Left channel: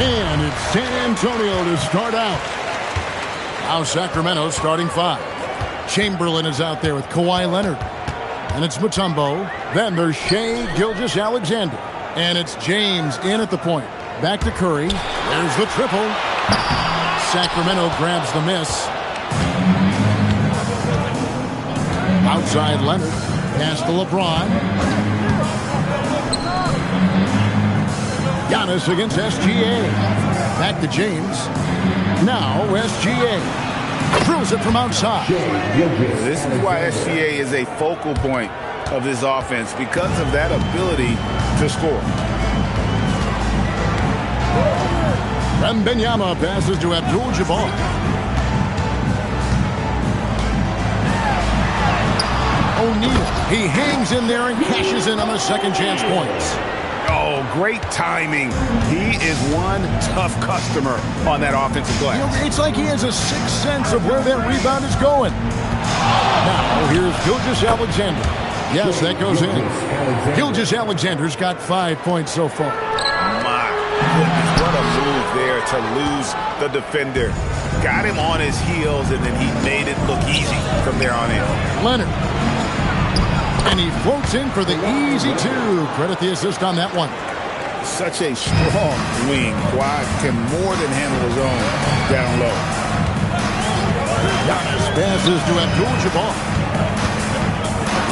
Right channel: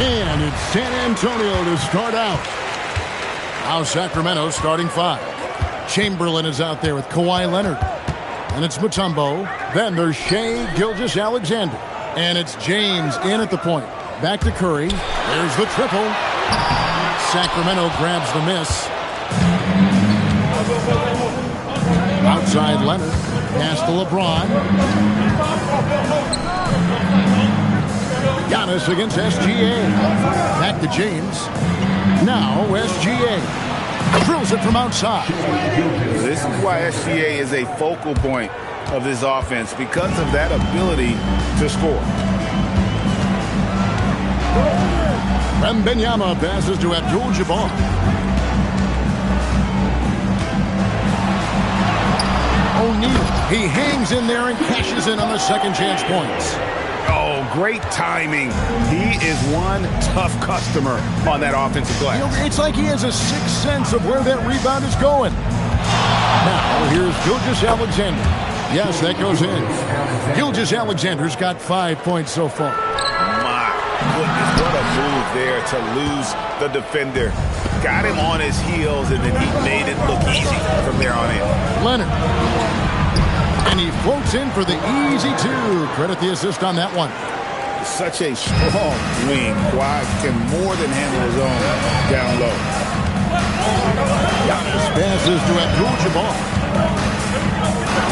And it's San Antonio to start out. Now Sacramento starting 5. Chamberlain is out there with Kawhi Leonard. And it's Mutombo. Then there's Shai Gilgeous-Alexander. And it's James in at the point. Back to Curry. There's the triple. Sacramento grabs the miss. Outside Leonard. Pass to LeBron. Giannis against SGA. Back to James. Now SGA. Drills it from outside. This is why SGA is a focal point of this offense, because of that ability to score. Wembanyama passes to Abdul-Jabbar. O'Neal. He hangs in there and cashes in on the second chance points. Oh, great timing. He is one tough customer on that offensive glass. You know, it's like he has a sixth sense of where that rebound is going. Now, here's Gilgeous-Alexander. Yes, that goes in. Gilgeous-Alexander's got 5 points so far. My goodness, what a move there to lose the defender. Got him on his heels, and then he made it look easy from there on in. Leonard. And he floats in for the easy 2. Credit the assist on that one. Such a strong wing. Kawhi can more than handle his own down low. Giannis passes to Abdul-Jabbar.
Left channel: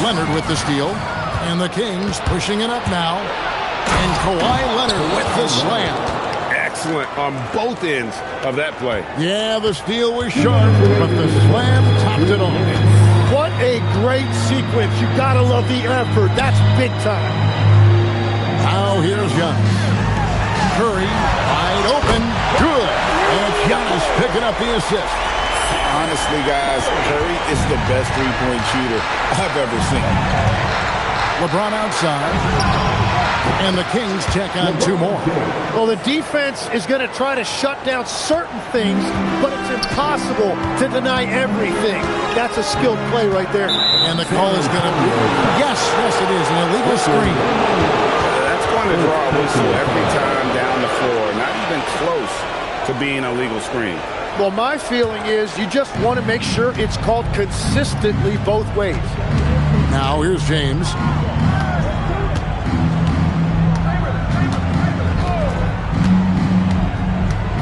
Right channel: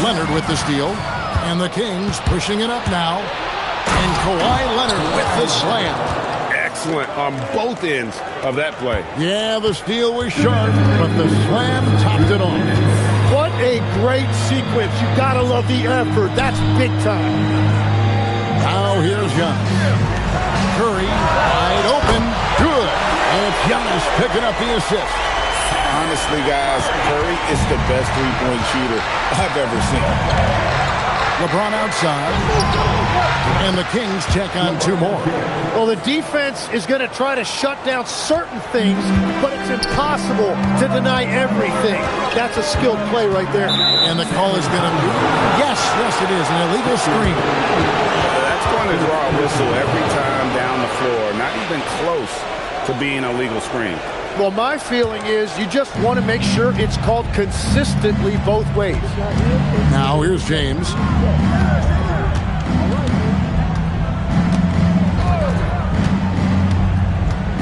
Leonard with the steal. And the Kings pushing it up now. And Kawhi Leonard with the slam. Excellent on both ends of that play. Yeah, the steal was sharp, but the slam topped it off. What a great sequence. You gotta love the effort. That's big time. Now here's Giannis. Curry, wide open. Good. And it's Giannis picking up the assist. Honestly, guys, Curry is the best three-point shooter I've ever seen. LeBron outside. And the Kings check on 2 more. Well, the defense is going to try to shut down certain things, but it's impossible to deny everything. That's a skilled play right there. And the call is going to be, yes, it is, an illegal screen. That's going to draw a whistle every time down the floor. Not even close to being a legal screen. Well, my feeling is you just want to make sure it's called consistently both ways. Now here's James.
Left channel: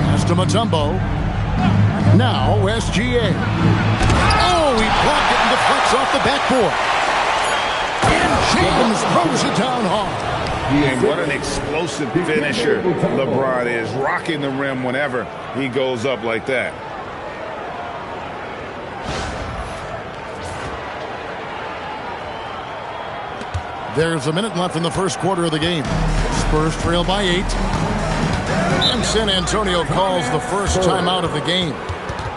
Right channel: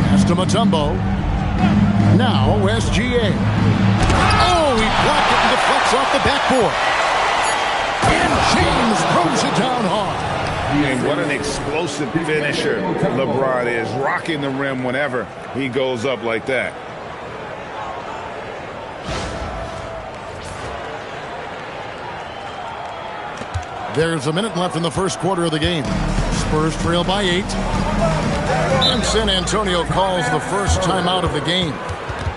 Pass to Mutombo. Now SGA. Oh, he blocked it and deflects off the backboard. And James throws it down hard. And what an explosive finisher LeBron is, rocking the rim whenever he goes up like that. There's a minute left in the first quarter of the game. Spurs trail by 8. And San Antonio calls the first timeout of the game.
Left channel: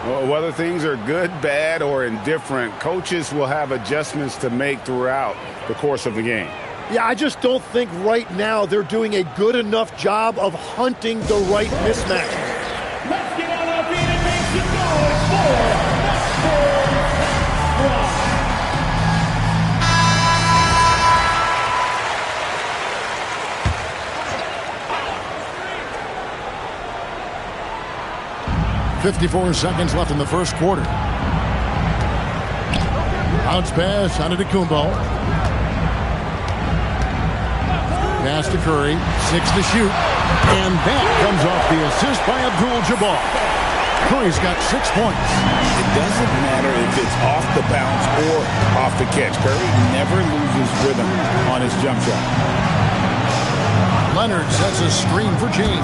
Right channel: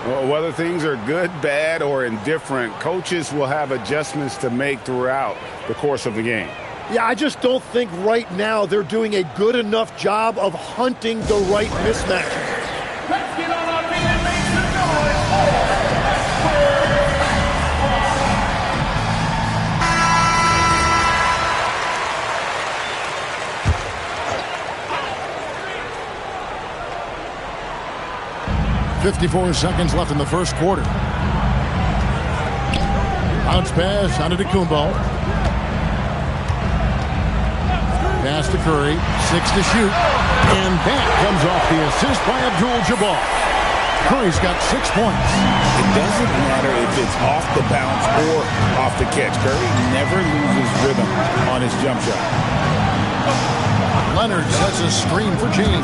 Well, whether things are good, bad, or indifferent, coaches will have adjustments to make throughout the course of the game. Yeah, I just don't think right now they're doing a good enough job of hunting the right mismatches. Let's get on our feet and make some noise for the Spurs. 54 seconds left in the first quarter. Bounce pass on Antetokounmpo. Pass to Curry, 6 to shoot, and that comes off the assist by Abdul-Jabbar. Curry's got 6 points. It doesn't matter if it's off the bounce or off the catch. Curry never loses rhythm on his jump shot. Leonard sets a screen for James.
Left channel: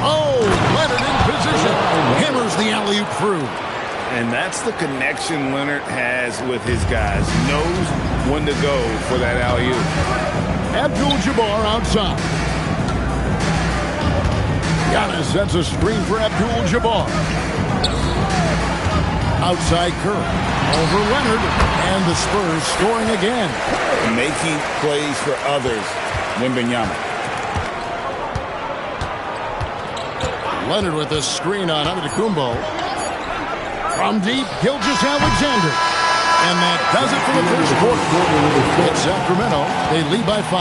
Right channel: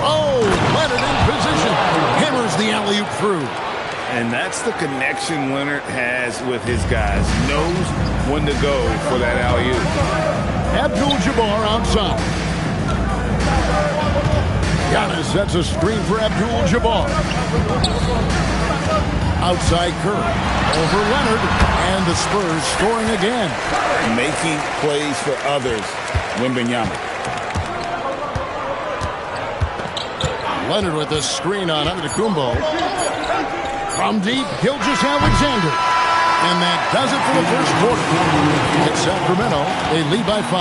Oh, Leonard in position. Hammers the alley-oop through. And that's the connection Leonard has with his guys. Knows when to go for that alley-oop. Abdul-Jabbar outside. Giannis sets a screen for Abdul-Jabbar. Outside Curry. Over Leonard. And the Spurs scoring again. Making plays for others. Wembanyama. Leonard with a screen on Antetokounmpo. From deep, Gilgeous-Alexander. And that does it for the first quarter. It's Sacramento. They lead by 5.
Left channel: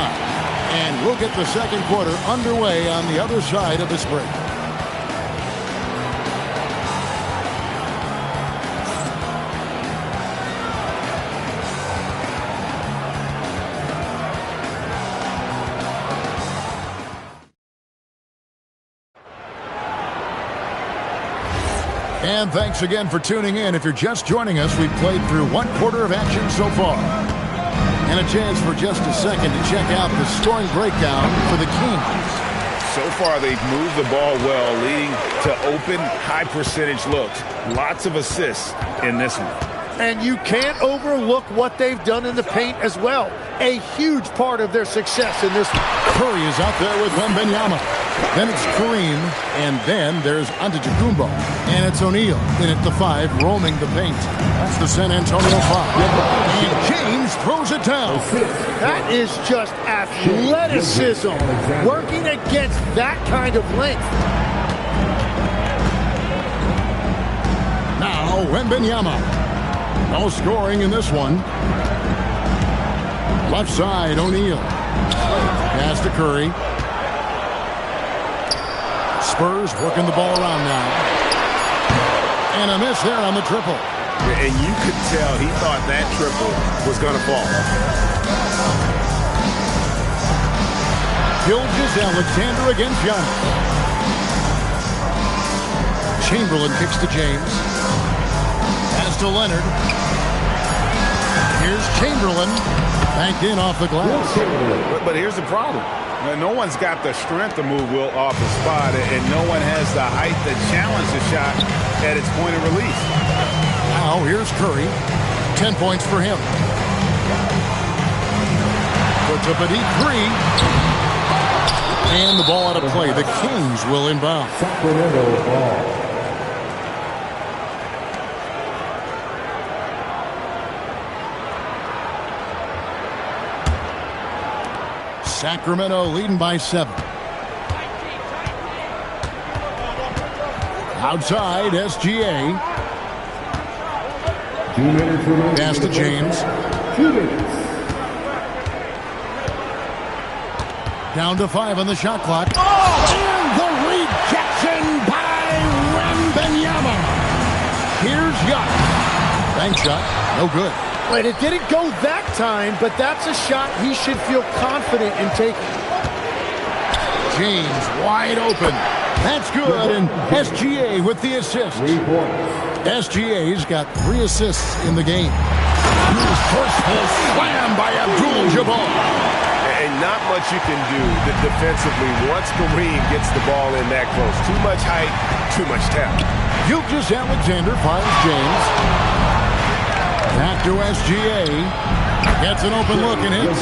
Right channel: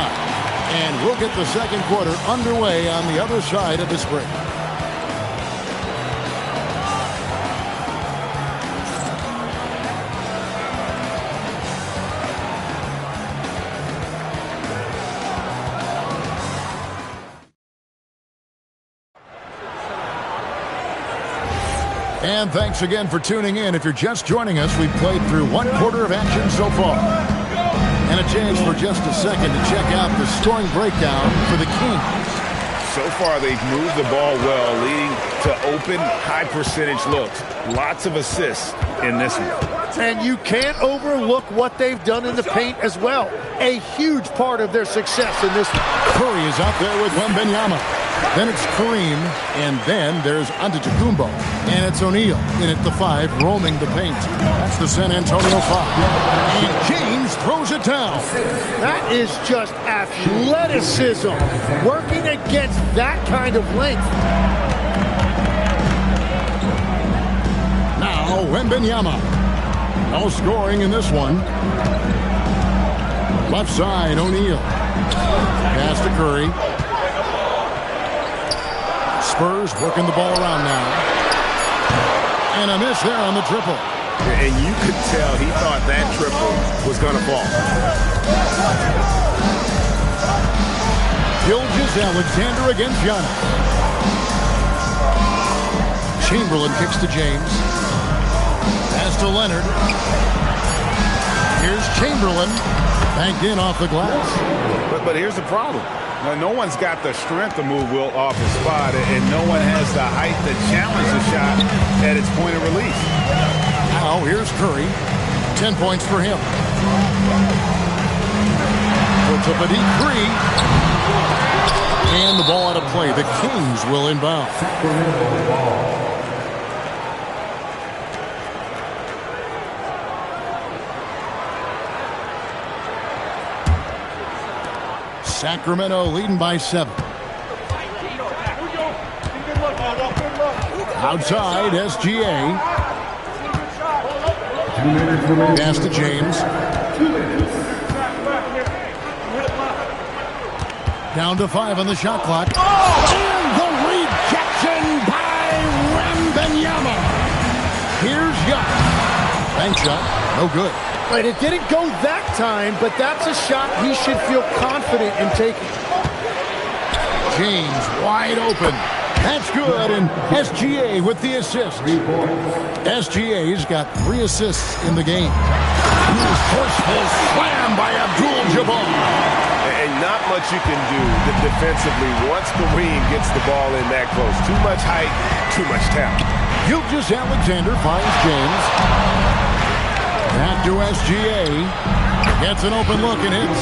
And we'll get the second quarter underway on the other side of this break. And thanks again for tuning in. If you're just joining us, we've played through one quarter of action so far. And a chance for just a second to check out the scoring breakdown for the Kings. So far, they've moved the ball well, leading to open, high-percentage looks. Lots of assists in this one. And you can't overlook what they've done in the paint as well. A huge part of their success in this one. Curry is out there with Wembanyama. Then it's Kareem, and then there's Antetokounmpo. And it's O'Neal in at the 5, roaming the paint. That's the San Antonio 5. And James throws it down. That is just athleticism, working against that kind of length. Now Wembanyama. No scoring in this one. Left side, O'Neal. Pass to Curry. Spurs working the ball around now. And a miss there on the triple. And you could tell he thought that triple was going to fall. Gilgeous-Alexander against Giannis. Chamberlain kicks to James. Pass to Leonard. Here's Chamberlain. Banked in off the glass. But here's the problem. Now, no one's got the strength to move Wilt off the spot, and no one has the height to challenge the shot at its point of release. Now here's Curry. 10 points for him. Puts up a deep 3. And the ball out of play. The Kings will inbound. Sacramento ball. Sacramento leading by 7. Outside, SGA. Pass to James. Down to 5 on the shot clock. And the rejection by Wembanyama. Here's Giannis. Bank shot, no good. But it didn't go that time, but that's a shot he should feel confident in taking. James wide open. That's good, and SGA with the assist. SGA's got 3 assists in the game. Forceful slam by Abdul-Jabbar. And not much you can do defensively once Kareem gets the ball in that close. Too much height, too much talent. Gilgeous-Alexander finds James. Back to SGA. Gets an open look and hits.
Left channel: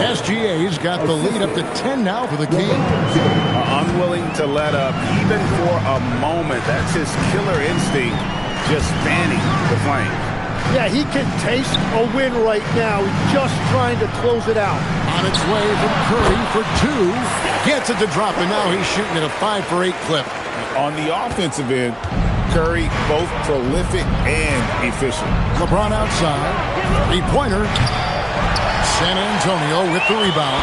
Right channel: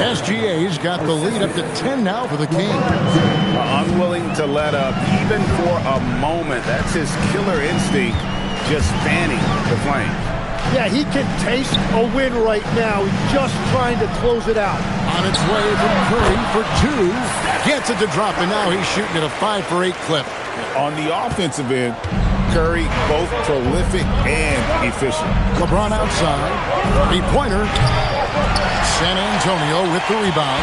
SGA's got the lead up to 10 now for the Kings. Unwilling to let up even for a moment. That's his killer instinct, just fanning the flames. Yeah, he can taste a win right now. He's just trying to close it out. On its way from Curry for 2. Gets it to drop, and now he's shooting at a 5 for 8 clip. On the offensive end, Curry both prolific and efficient. LeBron outside. 3-pointer. San Antonio with the rebound.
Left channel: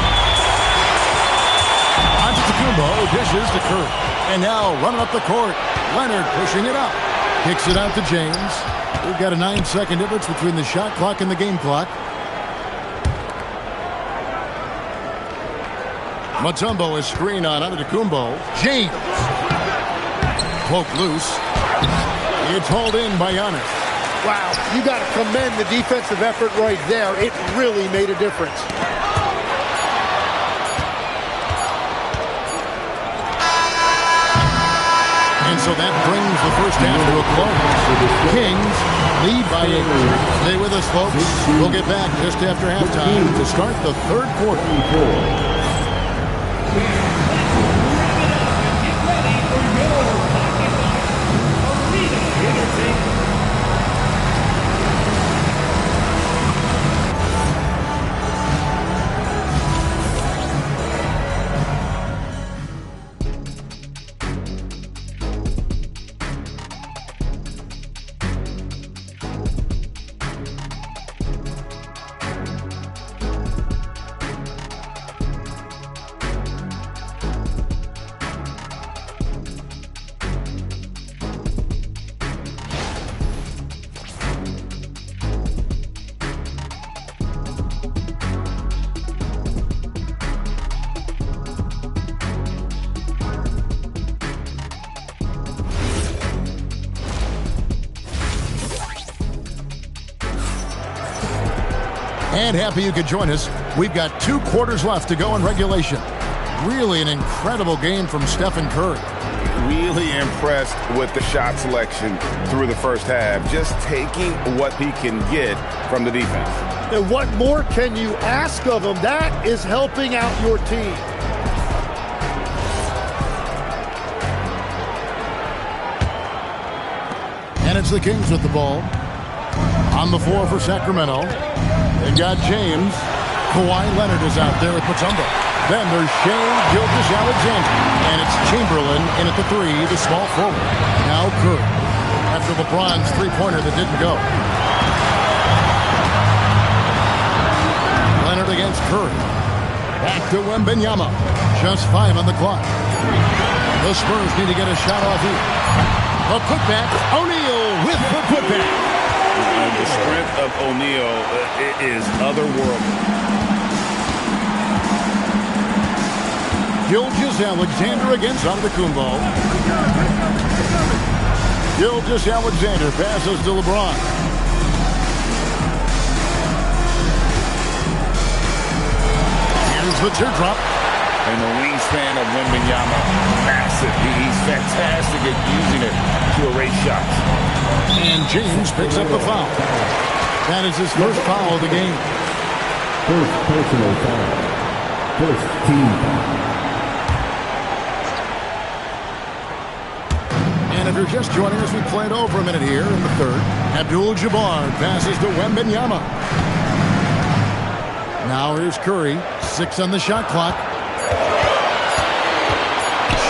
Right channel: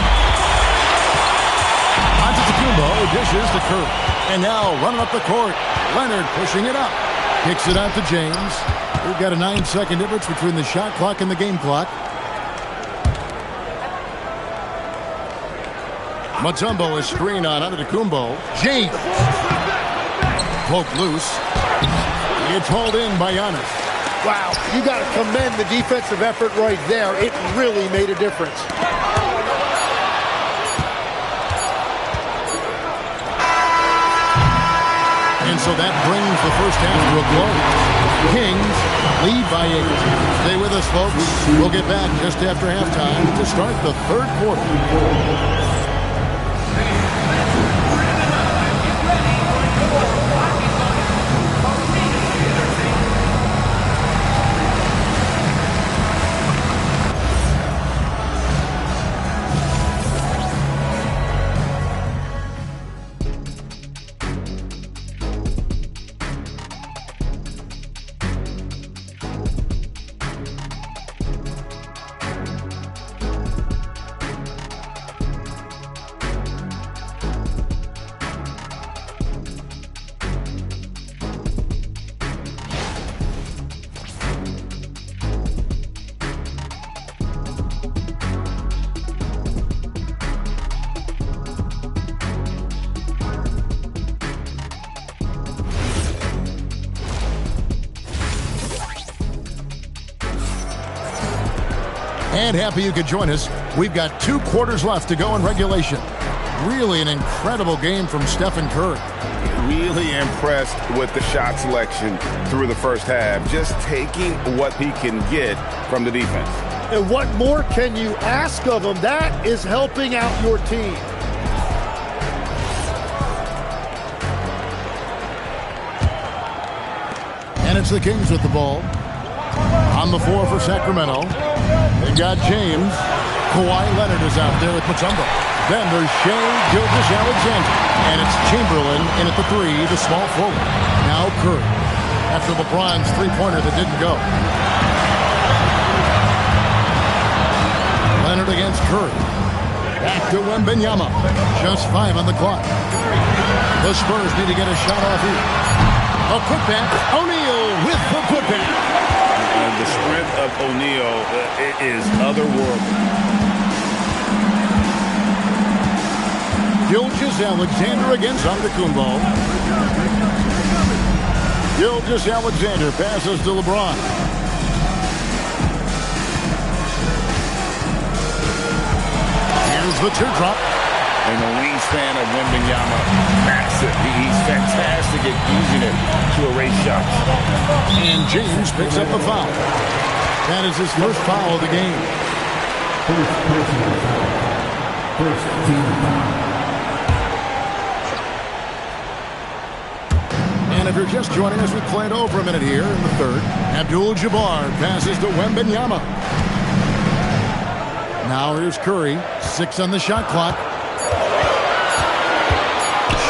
Antetokounmpo dishes to Curry. And now running up the court. Leonard pushing it up. Kicks it out to James. We've got a 9-second difference between the shot clock and the game clock. Mutombo is screened on Antetokounmpo. James. Poke loose. It's hauled in by Giannis. Wow, you got to commend the defensive effort right there. It really made a difference. And so that brings the first half to a close. Kings lead by 8. Stay with us, folks. We'll get back just after halftime to start the third quarter. And happy you could join us. We've got 2 quarters left to go in regulation. Really an incredible game from Stephen Curry. Really impressed with the shot selection through the first half. Just taking what he can get from the defense. And what more can you ask of him? That is helping out your team. And it's the Kings with the ball. On the floor for Sacramento. They've got James. Kawhi Leonard is out there with Mutombo. Then there's Shai Gilgeous-Alexander. And it's Chamberlain in at the 3, the small forward. Now Curry. After LeBron's three-pointer that didn't go. Leonard against Curry. Back to Wembanyama. Just 5 on the clock. The Spurs need to get a shot off here. A putback. O'Neal with the putback. The strength of O'Neal is otherworldly. Gilgeous-Alexander against Antetokounmpo. Gilgeous-Alexander passes to LeBron. Here's the teardrop. And the wingspan of Wembanyama, massive. He's fantastic at using it to erase shots. And James picks up the foul. That is his first foul of the game. First personal foul. First team foul. And if you're just joining us, we played over a minute here in the third. Abdul-Jabbar passes to Wembanyama. Now here's Curry. 6 on the shot clock.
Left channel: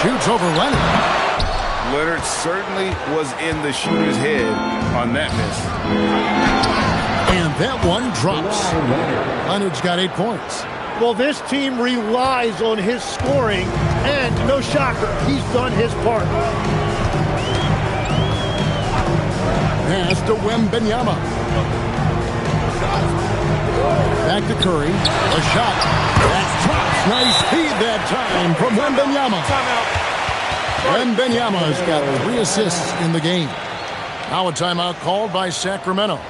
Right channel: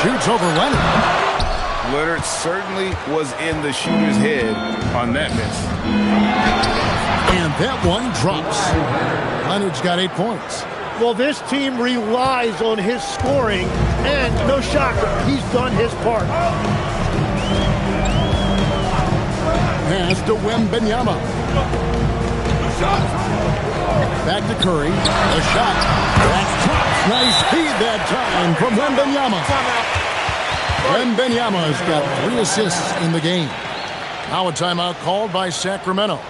Shoots over Leonard. Leonard certainly was in the shooter's head on that miss. And that one drops. Leonard's got 8 points. Well, this team relies on his scoring, and no shocker, he's done his part. Pass to Wembanyama. Back to Curry. A shot. That drops. Nice feed that time from Wembanyama. Wembanyama's got 3 assists in the game. Now a timeout called by Sacramento.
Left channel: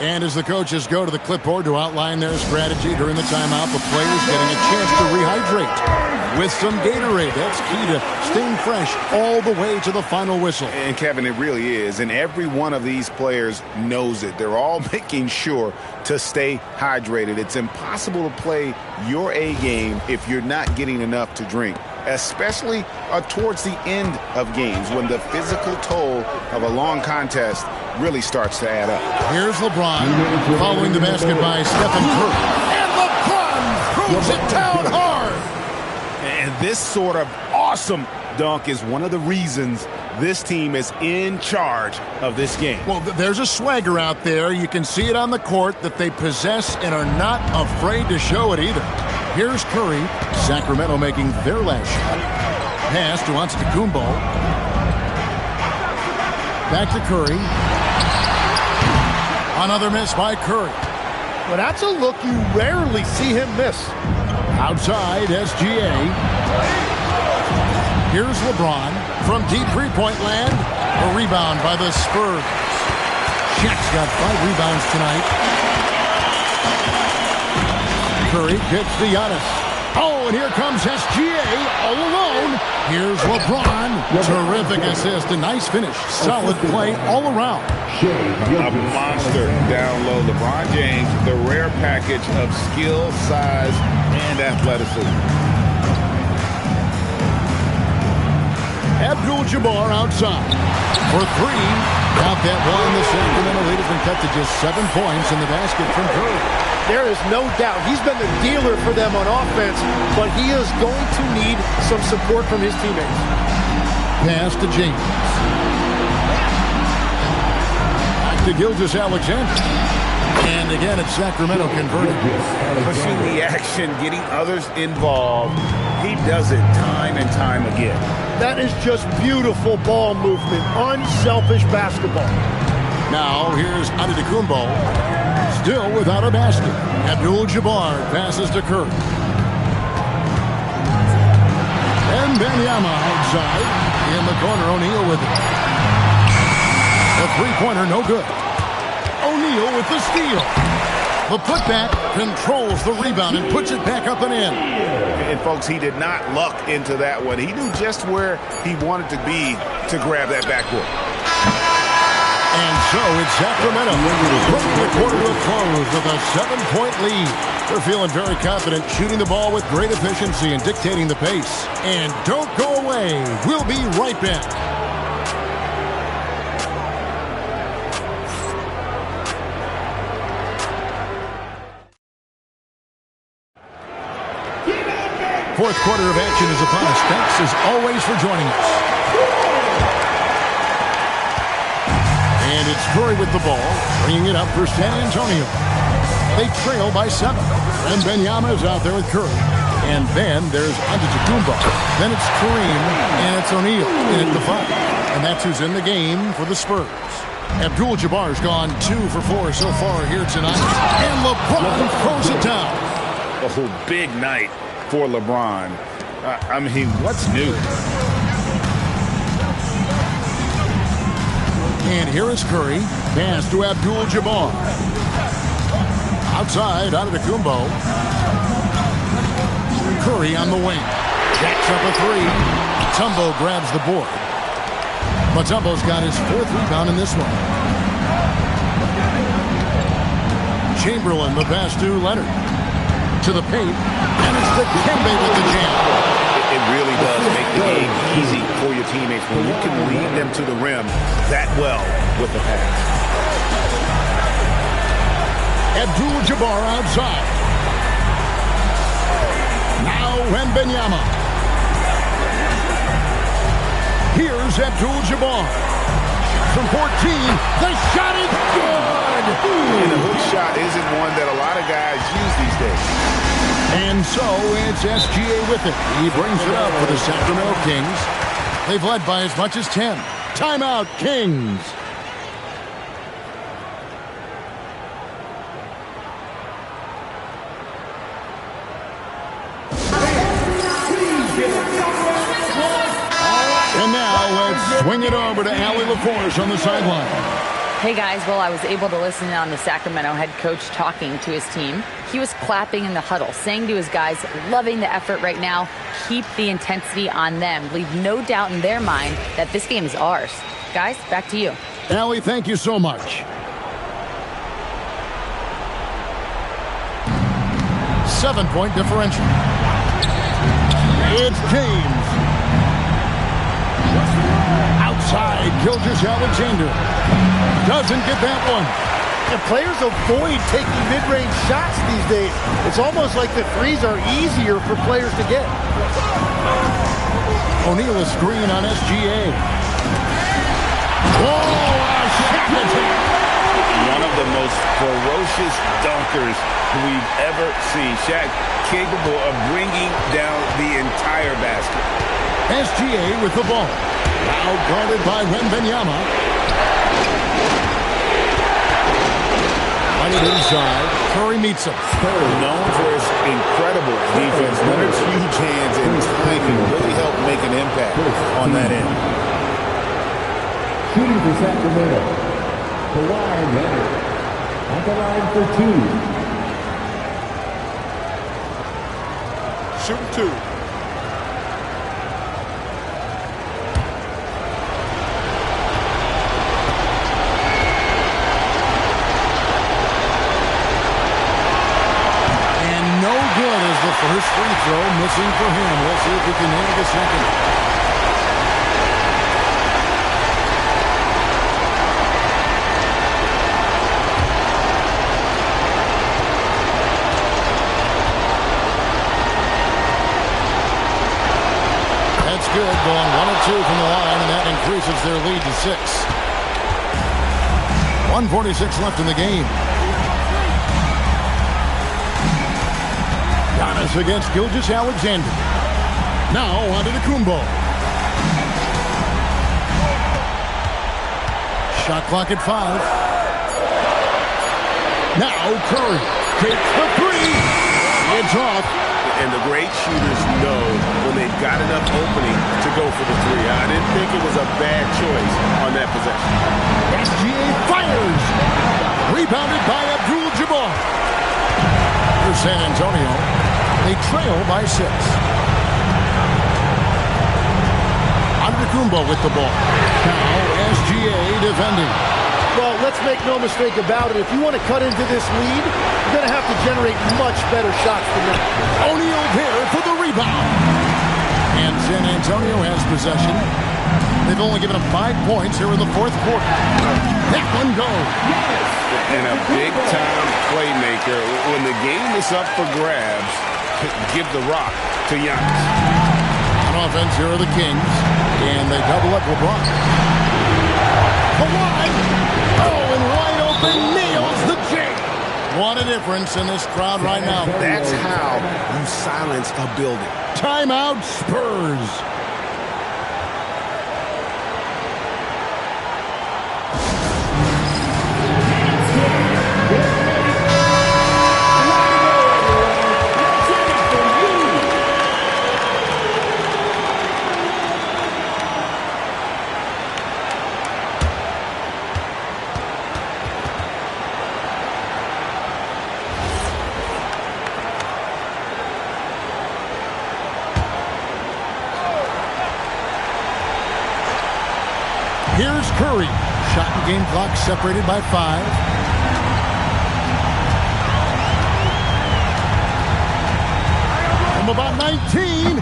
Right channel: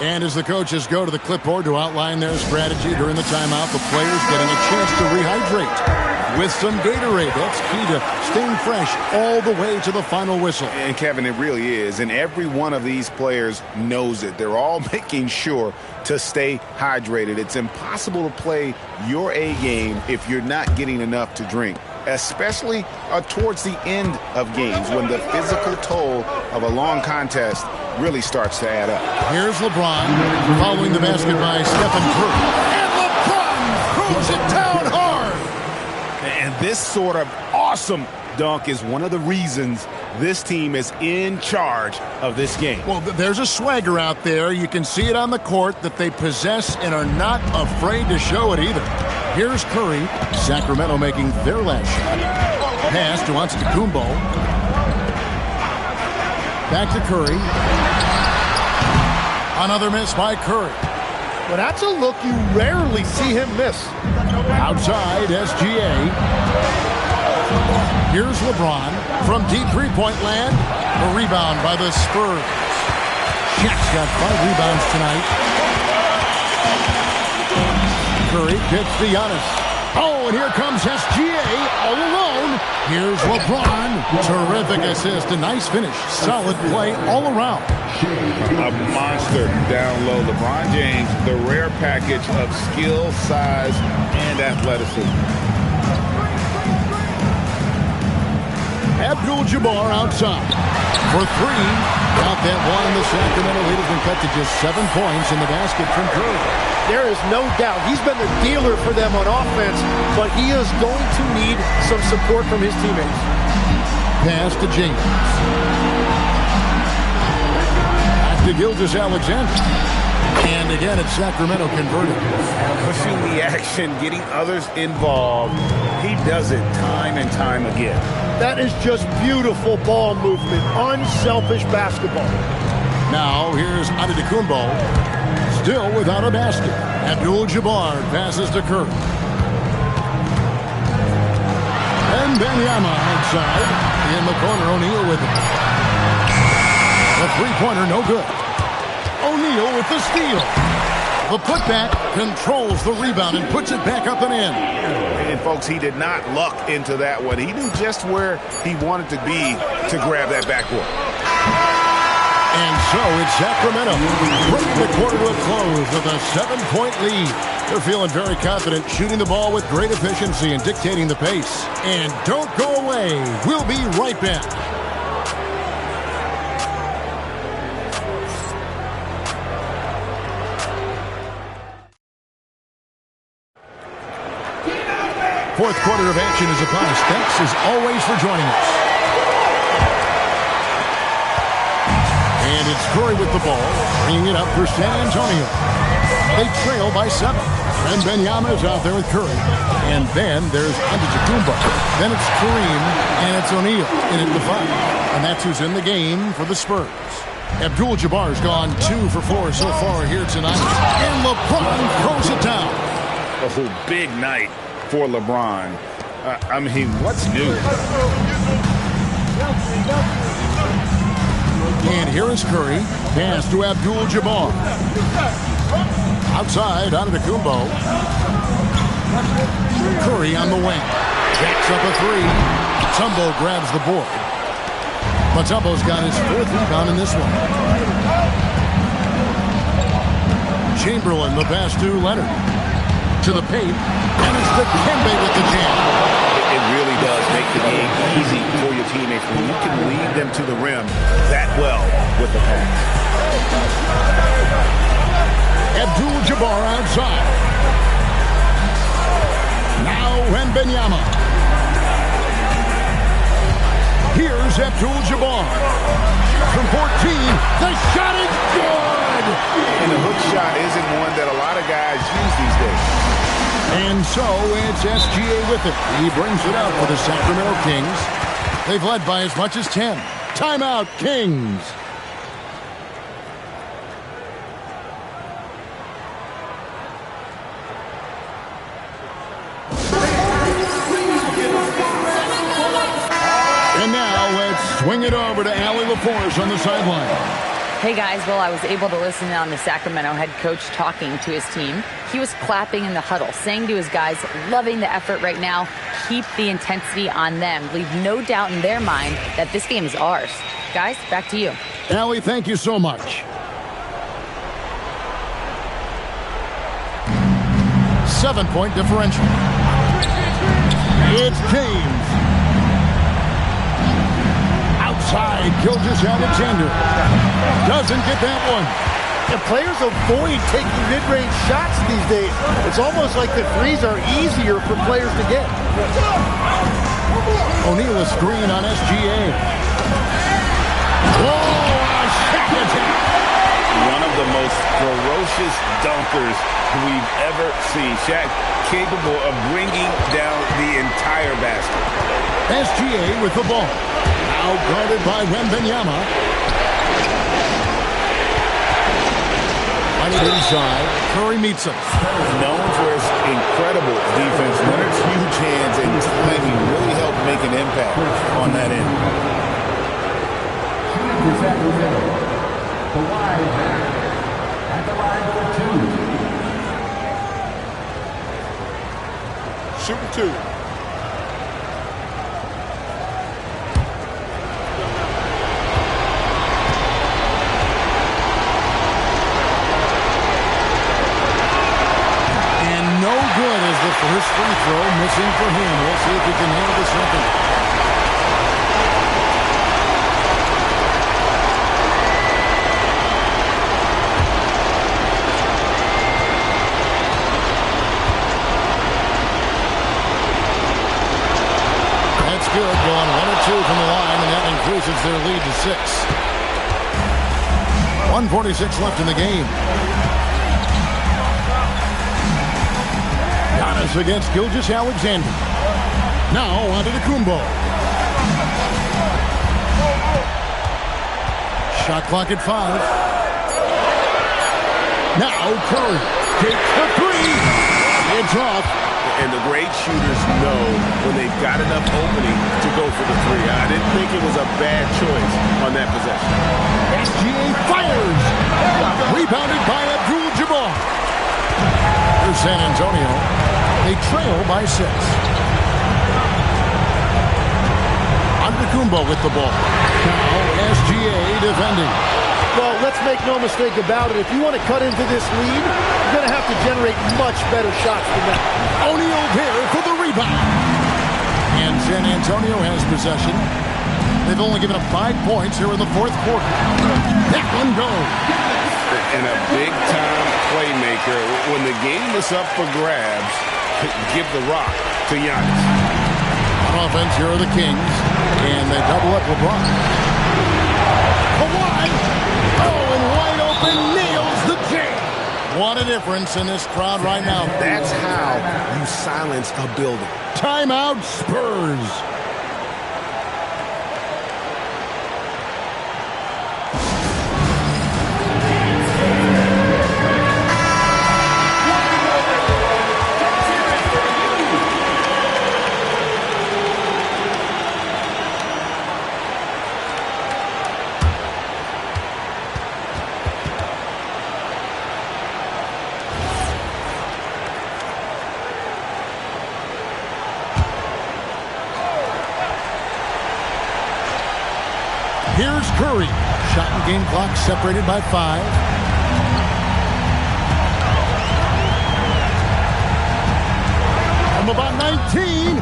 And as the coaches go to the clipboard to outline their strategy during the timeout, the players getting a chance to rehydrate with some Gatorade. That's key to staying fresh all the way to the final whistle. And Kevin, it really is. And every one of these players knows it. They're all making sure to stay hydrated. It's impossible to play your A game if you're not getting enough to drink, especially towards the end of games when the physical toll of a long contest really starts to add up. Here's LeBron following the basket by Stephen Curry. And LeBron throws it down hard. And this sort of awesome dunk is one of the reasons this team is in charge of this game. Well, there's a swagger out there. You can see it on the court that they possess and are not afraid to show it either. Here's Curry. Sacramento making their last shot. Pass to Antetokounmpo. Back to Curry. Another miss by Curry. Well, that's a look you rarely see him miss. Outside, SGA. Here's LeBron from deep three-point land. A rebound by the Spurs. Shaq's got 5 rebounds tonight. Curry gets to Giannis. Oh, and here comes SGA all alone. Here's LeBron. Terrific assist. A nice finish. Solid play all around. A monster down low. LeBron James, the rare package of skill, size, and athleticism. Abdul-Jabbar outside for 3. Count that one. The Sacramento lead has been cut to just 7 points in the basket from Curry. There is no doubt he's been the dealer for them on offense, but he is going to need some support from his teammates. Pass to James. Back to Gilgeous-Alexander. And again, it's Sacramento converted. Pushing the action, getting others involved. He does it time and time again. That is just beautiful ball movement, unselfish basketball. Now here's Antetokounmpo, still without a basket. Abdul-Jabbar passes to Curry. And Wembanyama outside. In the corner, O'Neal with it. The three-pointer, no good. O'Neal with the steal. The putback controls the rebound and puts it back up and in. And, folks, he did not luck into that one. He knew just where he wanted to be to grab that backboard. And so it's Sacramento bringing the quarter to a close with a 7-point lead. They're feeling very confident, shooting the ball with great efficiency and dictating the pace. And don't go away. We'll be right back. Fourth quarter of action is upon us. Thanks as always for joining us. And it's Curry with the ball, bringing it up for San Antonio. They trail by 7. And Wembanyama is out there with Curry. And then there's Antetokounmpo. Then it's Kareem, and it's O'Neal in at the 5. And that's who's in the game for the Spurs. Abdul-Jabbar's gone 2 for 4 so far here tonight. And LeBron throws it down. Oh, big night for LeBron. I mean, what's new? And here is Curry. Pass to Abdul-Jabbar. Outside, Antetokounmpo. Curry on the wing. Jacks up a 3. Mutombo grabs the board. Mutombo's got his 4th rebound in this one. Chamberlain, the pass to Leonard. To the paint. And it's Dikembe with the jam. It really does make the game easy for your teammates when you can lead them to the rim that well with the pass. Abdul-Jabbar outside. Now Wembanyama. Here's Abdul-Jabbar. From 14, the shot is good! And the hook shot isn't one that a lot of guys use these days. And so it's SGA with it. He brings it up for the Sacramento Kings. They've led by as much as 10. Timeout, Kings. And now let's swing it over to Allie LaForce on the sideline. Hey guys, well, I was able to listen on the Sacramento head coach talking to his team. He was clapping in the huddle, saying to his guys, loving the effort right now, keep the intensity on them. Leave no doubt in their mind that this game is ours. Guys, back to you. Allie, thank you so much. 7-point differential. It's James. Outside, Gilgeous-Alexander. Doesn't get that one. And players avoid taking mid-range shots these days. It's almost like the threes are easier for players to get. O'Neal a screen on SGA. Oh, a shot attack. One of the most ferocious dunkers we've ever seen. Shaq capable of bringing down the entire basket. SGA with the ball. Now guarded by Wembanyama. Right inside. Curry meets him. Known for his incredible defense. Leonard's huge hands and timing really helped make an impact on that end. Shooting for Sacramento, Kawhi Leonard at the line for 2. Shooting 2. No good as the first free throw missing for him. We'll see if he can nail the second. That's good, going 1 of 2 from the line, and that increases their lead to 6. 1:46 left in the game. Giannis against Gilgeous-Alexander. Now Antetokounmpo. Shot clock at 5. Now Curry takes the 3. It's off. And the great shooters know when they've got enough opening to go for the 3. I didn't think it was a bad choice on that possession. SGA fires. Rebounded by Abdul-Jabbar. For San Antonio, they trail by 6. Antetokounmpo with the ball. Now SGA defending. Well, let's make no mistake about it. If you want to cut into this lead, you're going to have to generate much better shots than that. O'Neal there for the rebound. And San Antonio has possession. They've only given up 5 points here in the fourth quarter. That one goes. And a big-time playmaker. When the game is up for grabs, give the rock to Giannis. On offense, here are the Kings. And they double up LeBron. Kawhi. Oh, and wide open, nails the J. What a difference in this crowd right now. That's how you silence a building. Timeout, Spurs. Here's Curry. Shot and game clock separated by 5. From about 19.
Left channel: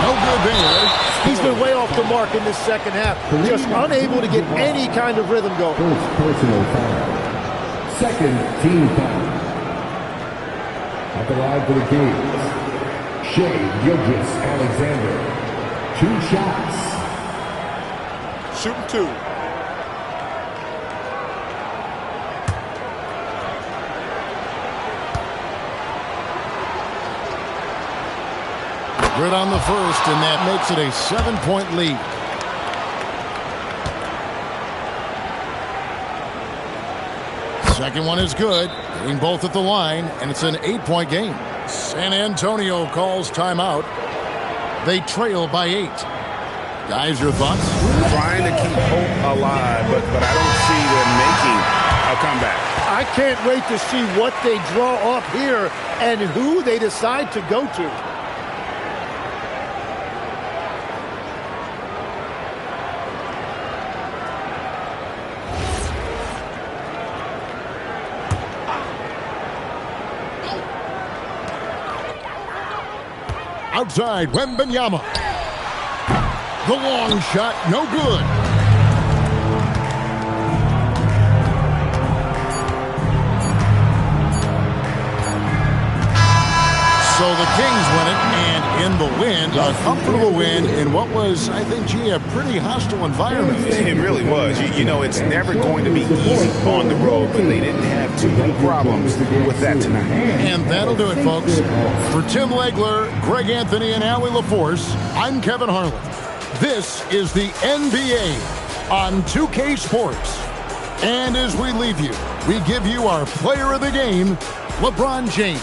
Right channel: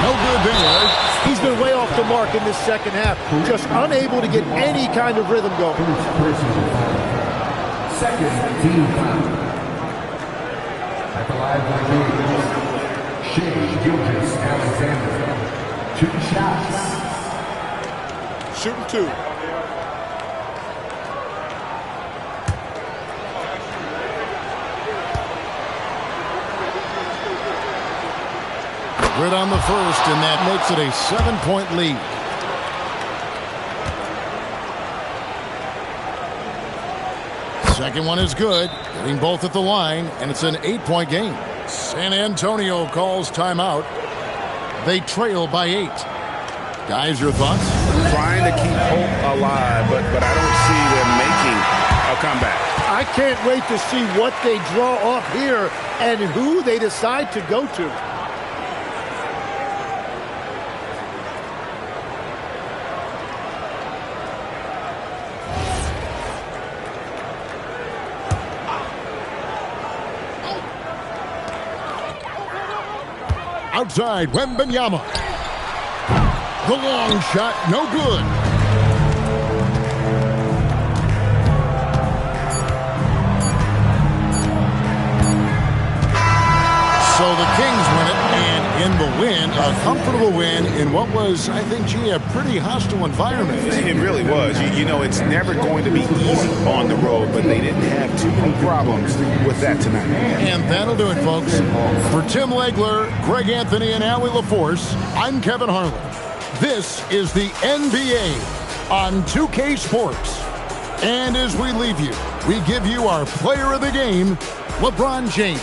No good there. He's been way off the mark in this second half. Just unable to get any kind of rhythm going. First personal foul. Second team foul. At the line for the Kings, Shai Gilgeous-Alexander. 2 shots. Shooting 2. Good on the first, and that makes it a 7-point lead. Second one is good, getting both at the line, and it's an 8-point game. San Antonio calls timeout. They trail by 8. Guys, your thoughts? Trying to keep hope alive, but I don't see them making a comeback. I can't wait to see what they draw up here and who they decide to go to. Outside, Wembanyama. The long shot, no good. So the Kings win it, and in the win, a comfortable win in what was, I think, gee, a pretty hostile environment. It really was. You know, it's never going to be easy on the road, but they didn't have too many problems with that tonight. And that'll do it, folks. For Tim Legler, Greg Anthony, and Allie LaForce, I'm Kevin Harlan. This is the NBA on 2K Sports. And as we leave you, we give you our player of the game, LeBron James.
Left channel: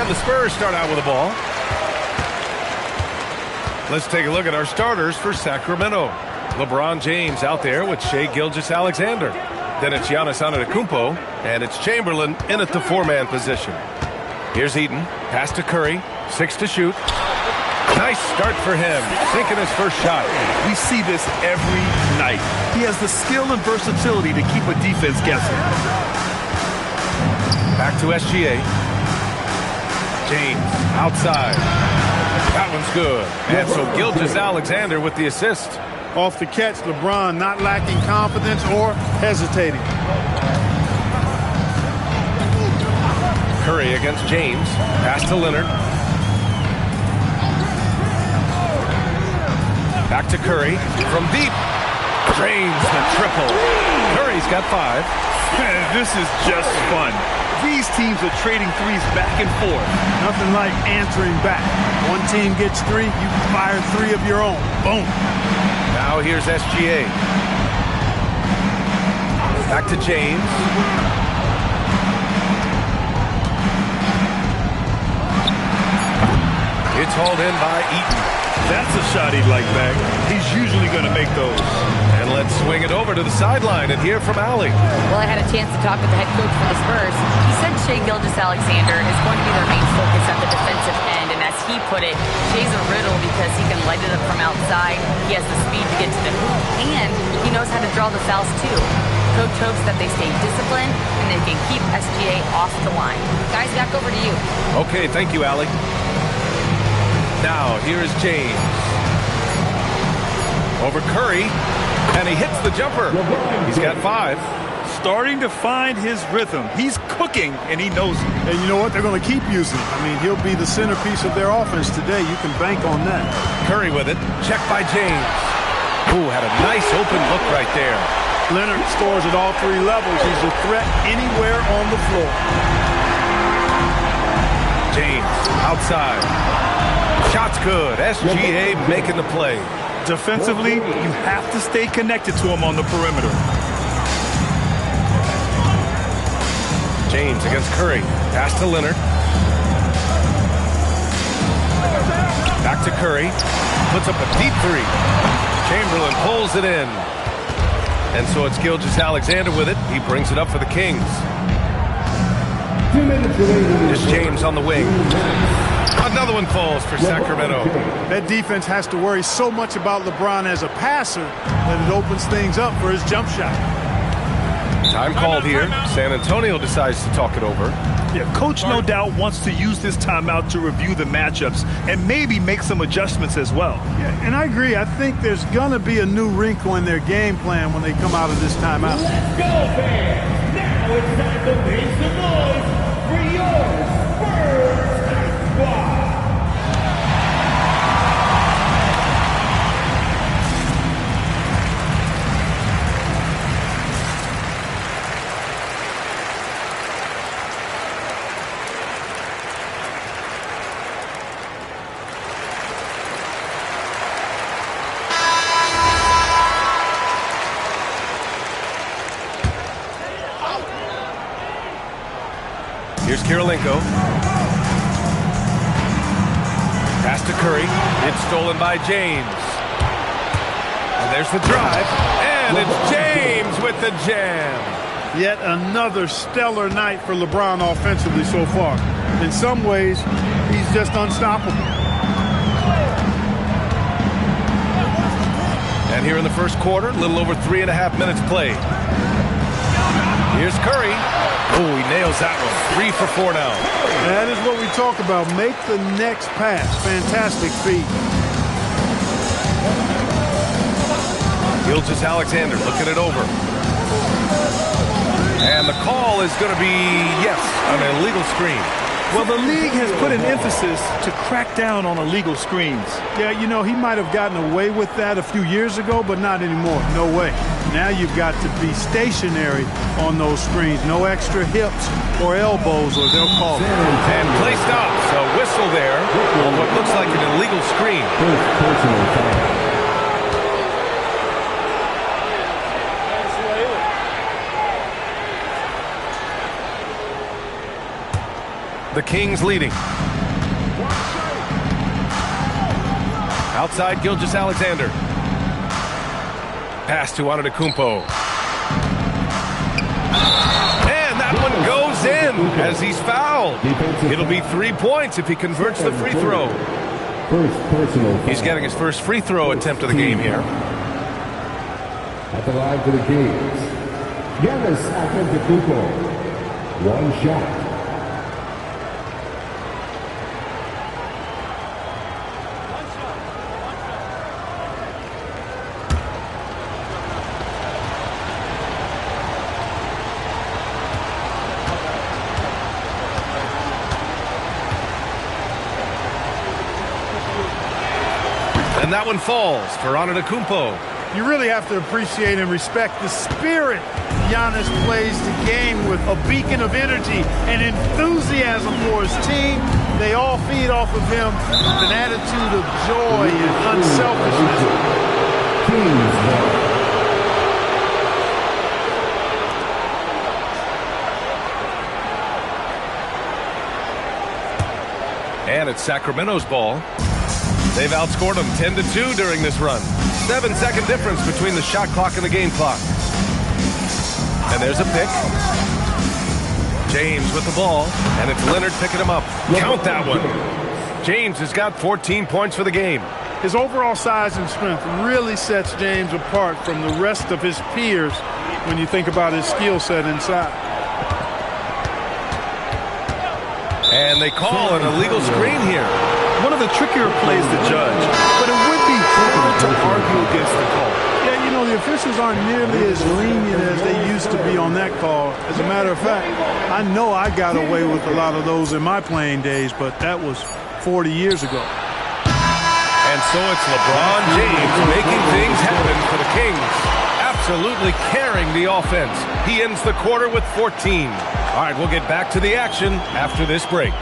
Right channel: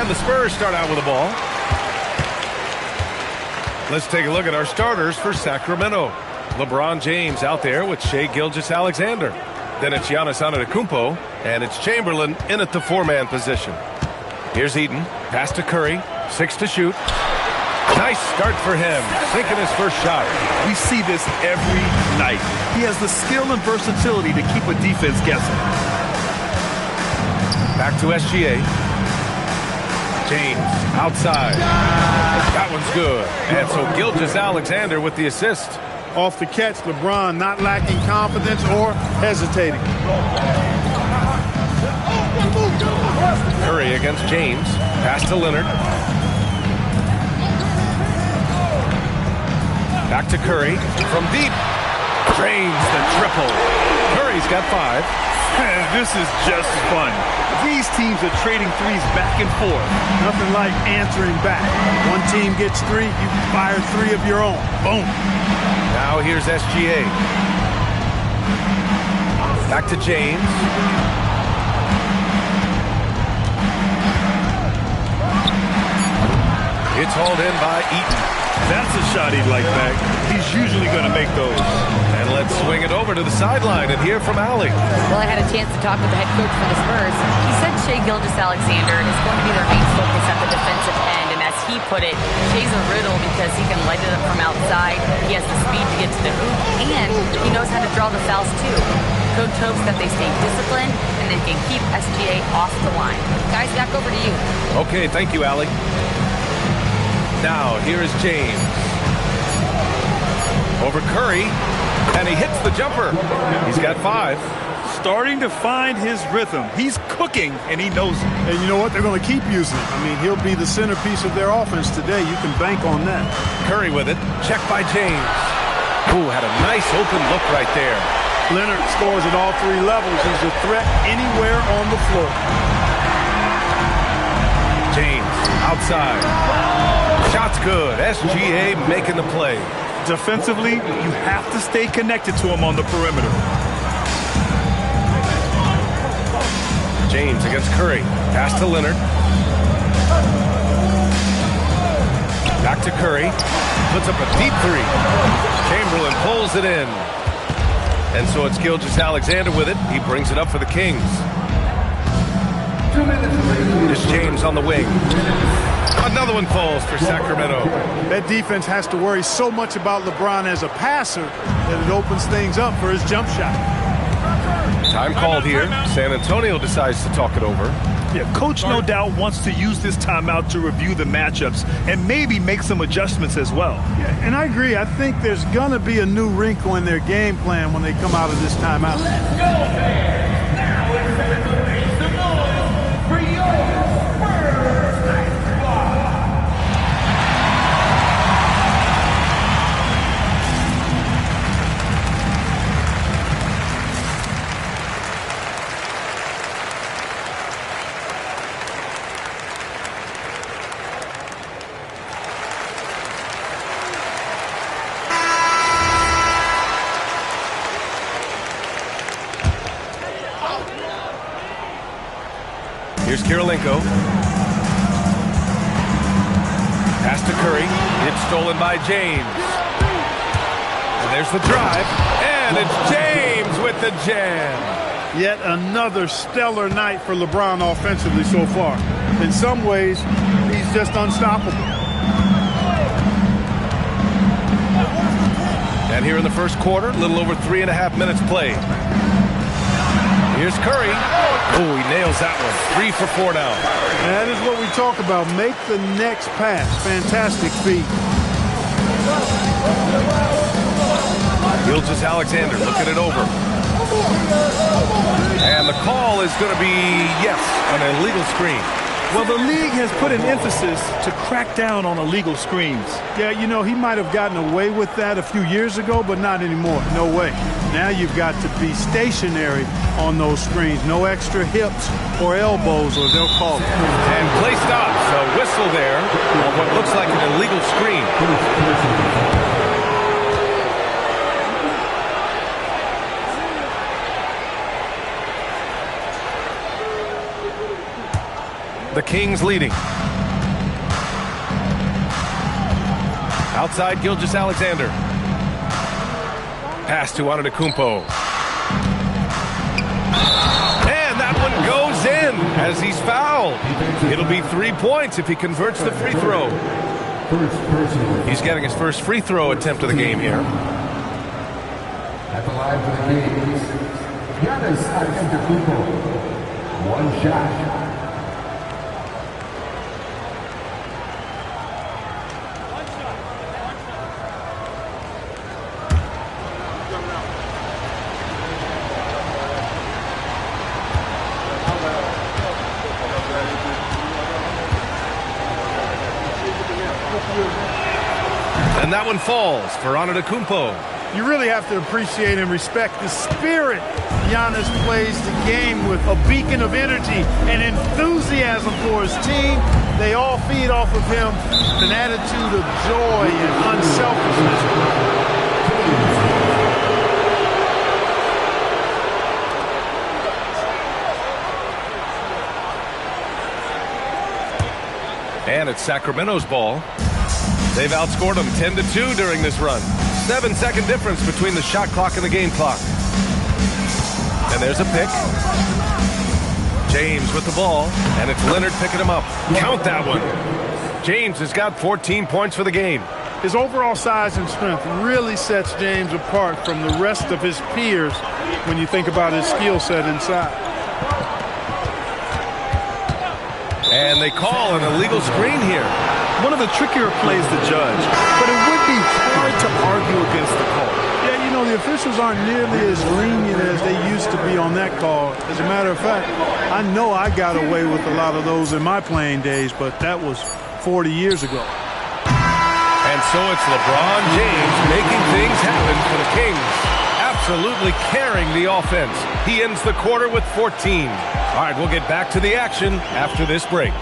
And the Spurs start out with the ball. Let's take a look at our starters for Sacramento. LeBron James out there with Shai Gilgeous-Alexander. Then it's Giannis Antetokounmpo, and it's Chamberlain in at the four-man position. Here's Eaton, pass to Curry, 6 to shoot. Nice start for him, sinking his first shot. We see this every night. He has the skill and versatility to keep a defense guessing. Back to SGA. James outside. That one's good. And so Gilgeous-Alexander with the assist. Off the catch, LeBron not lacking confidence or hesitating. Curry against James. Pass to Leonard. Back to Curry. From deep. Drains the triple. Curry's got 5. This is just fun. These teams are trading threes back and forth. Nothing like answering back. One team gets 3, you fire 3 of your own. Boom. Now here's SGA. Back to James. It's hauled in by Eaton. That's a shot he'd like back. He's usually going to make those. And let's swing it over to the sideline and hear from Allie. Well, I had a chance to talk with the head coach for the Spurs. He said Shai Gilgeous-Alexander is going to be their main focus at the defensive end. And as he put it, Shai's a riddle because he can light it up from outside. He has the speed to get to the hoop, and he knows how to draw the fouls too. Coach hopes that they stay disciplined and they can keep SGA off the line. Guys, back over to you. Okay, thank you, Allie. Now, here is James. Over Curry, and he hits the jumper. He's got 5. Starting to find his rhythm. He's cooking, and he knows it. And you know what? They're going to keep using him. I mean, he'll be the centerpiece of their offense today. You can bank on that. Curry with it. Checked by James. Ooh, had a nice open look right there. Leonard scores at all 3 levels. He's a threat anywhere on the floor. James outside. Shot's good. SGA making the play. Defensively, you have to stay connected to him on the perimeter. James against Curry. Pass to Leonard. Back to Curry. Puts up a deep 3. Chamberlain pulls it in. And so it's Gilgeous-Alexander with it. He brings it up for the Kings. It's James on the wing. Another one falls for Sacramento. That defense has to worry so much about LeBron as a passer that it opens things up for his jump shot. Time called here. San Antonio decides to talk it over. Yeah, coach no doubt wants to use this timeout to review the matchups and maybe make some adjustments as well. Yeah, and I agree. I think there's going to be a new wrinkle in their game plan when they come out of this timeout. Let's go, fans. Now it's time to make some noise for your Spurs Night Squad. Here's Kirilenko. Pass to Curry. It's stolen by James. And there's the drive. And it's James with the jam. Yet another stellar night for LeBron offensively so far. In some ways, he's just unstoppable. And here in the first quarter, a little over 3.5 minutes played. Here's Curry. Oh, he nails that one. 3 for 4 now. That is what we talk about. Make the next pass. Fantastic feat. Gilgeous-Alexander looking it over. And the call is going to be, yes, an illegal screen. Well, the league has put an emphasis to crack down on illegal screens. Yeah, you know, he might have gotten away with that a few years ago, but not anymore. No way. Now you've got to be stationary on those screens. No extra hips or elbows, or they'll call it. And play stops. A whistle there on what looks like an illegal screen. The The Kings leading. Outside Gilgeous-Alexander. Pass to Antetokounmpo. And that one goes in as he's fouled. It'll be 3 points if he converts the free throw. He's getting his first free throw attempt of the game here. At the line for the Kings, Giannis Antetokounmpo. One shot. And that one falls for Antetokounmpo. You really have to appreciate and respect the spirit Giannis plays the game with, a beacon of energy and enthusiasm for his team. They all feed off of him with an attitude of joy and unselfishness. And it's Sacramento's ball. They've outscored them 10-2 during this run. 7-second difference between the shot clock and the game clock. And there's a pick. James with the ball, and it's Leonard picking him up. Count that one. James has got 14 points for the game. His overall size and strength really sets James apart from the rest of his peers when you think about his skill set inside. And they call an illegal screen here. One of the trickier plays to judge, but it would be hard to argue against the call. Yeah, you know, the officials aren't nearly as lenient as they used to be on that call. As a matter of fact, I know I got away with a lot of those in my playing days, but that was 40 years ago. And so it's LeBron James making things happen for the Kings. Absolutely carrying the offense. He ends the quarter with 14. All right, we'll get back to the action after this break.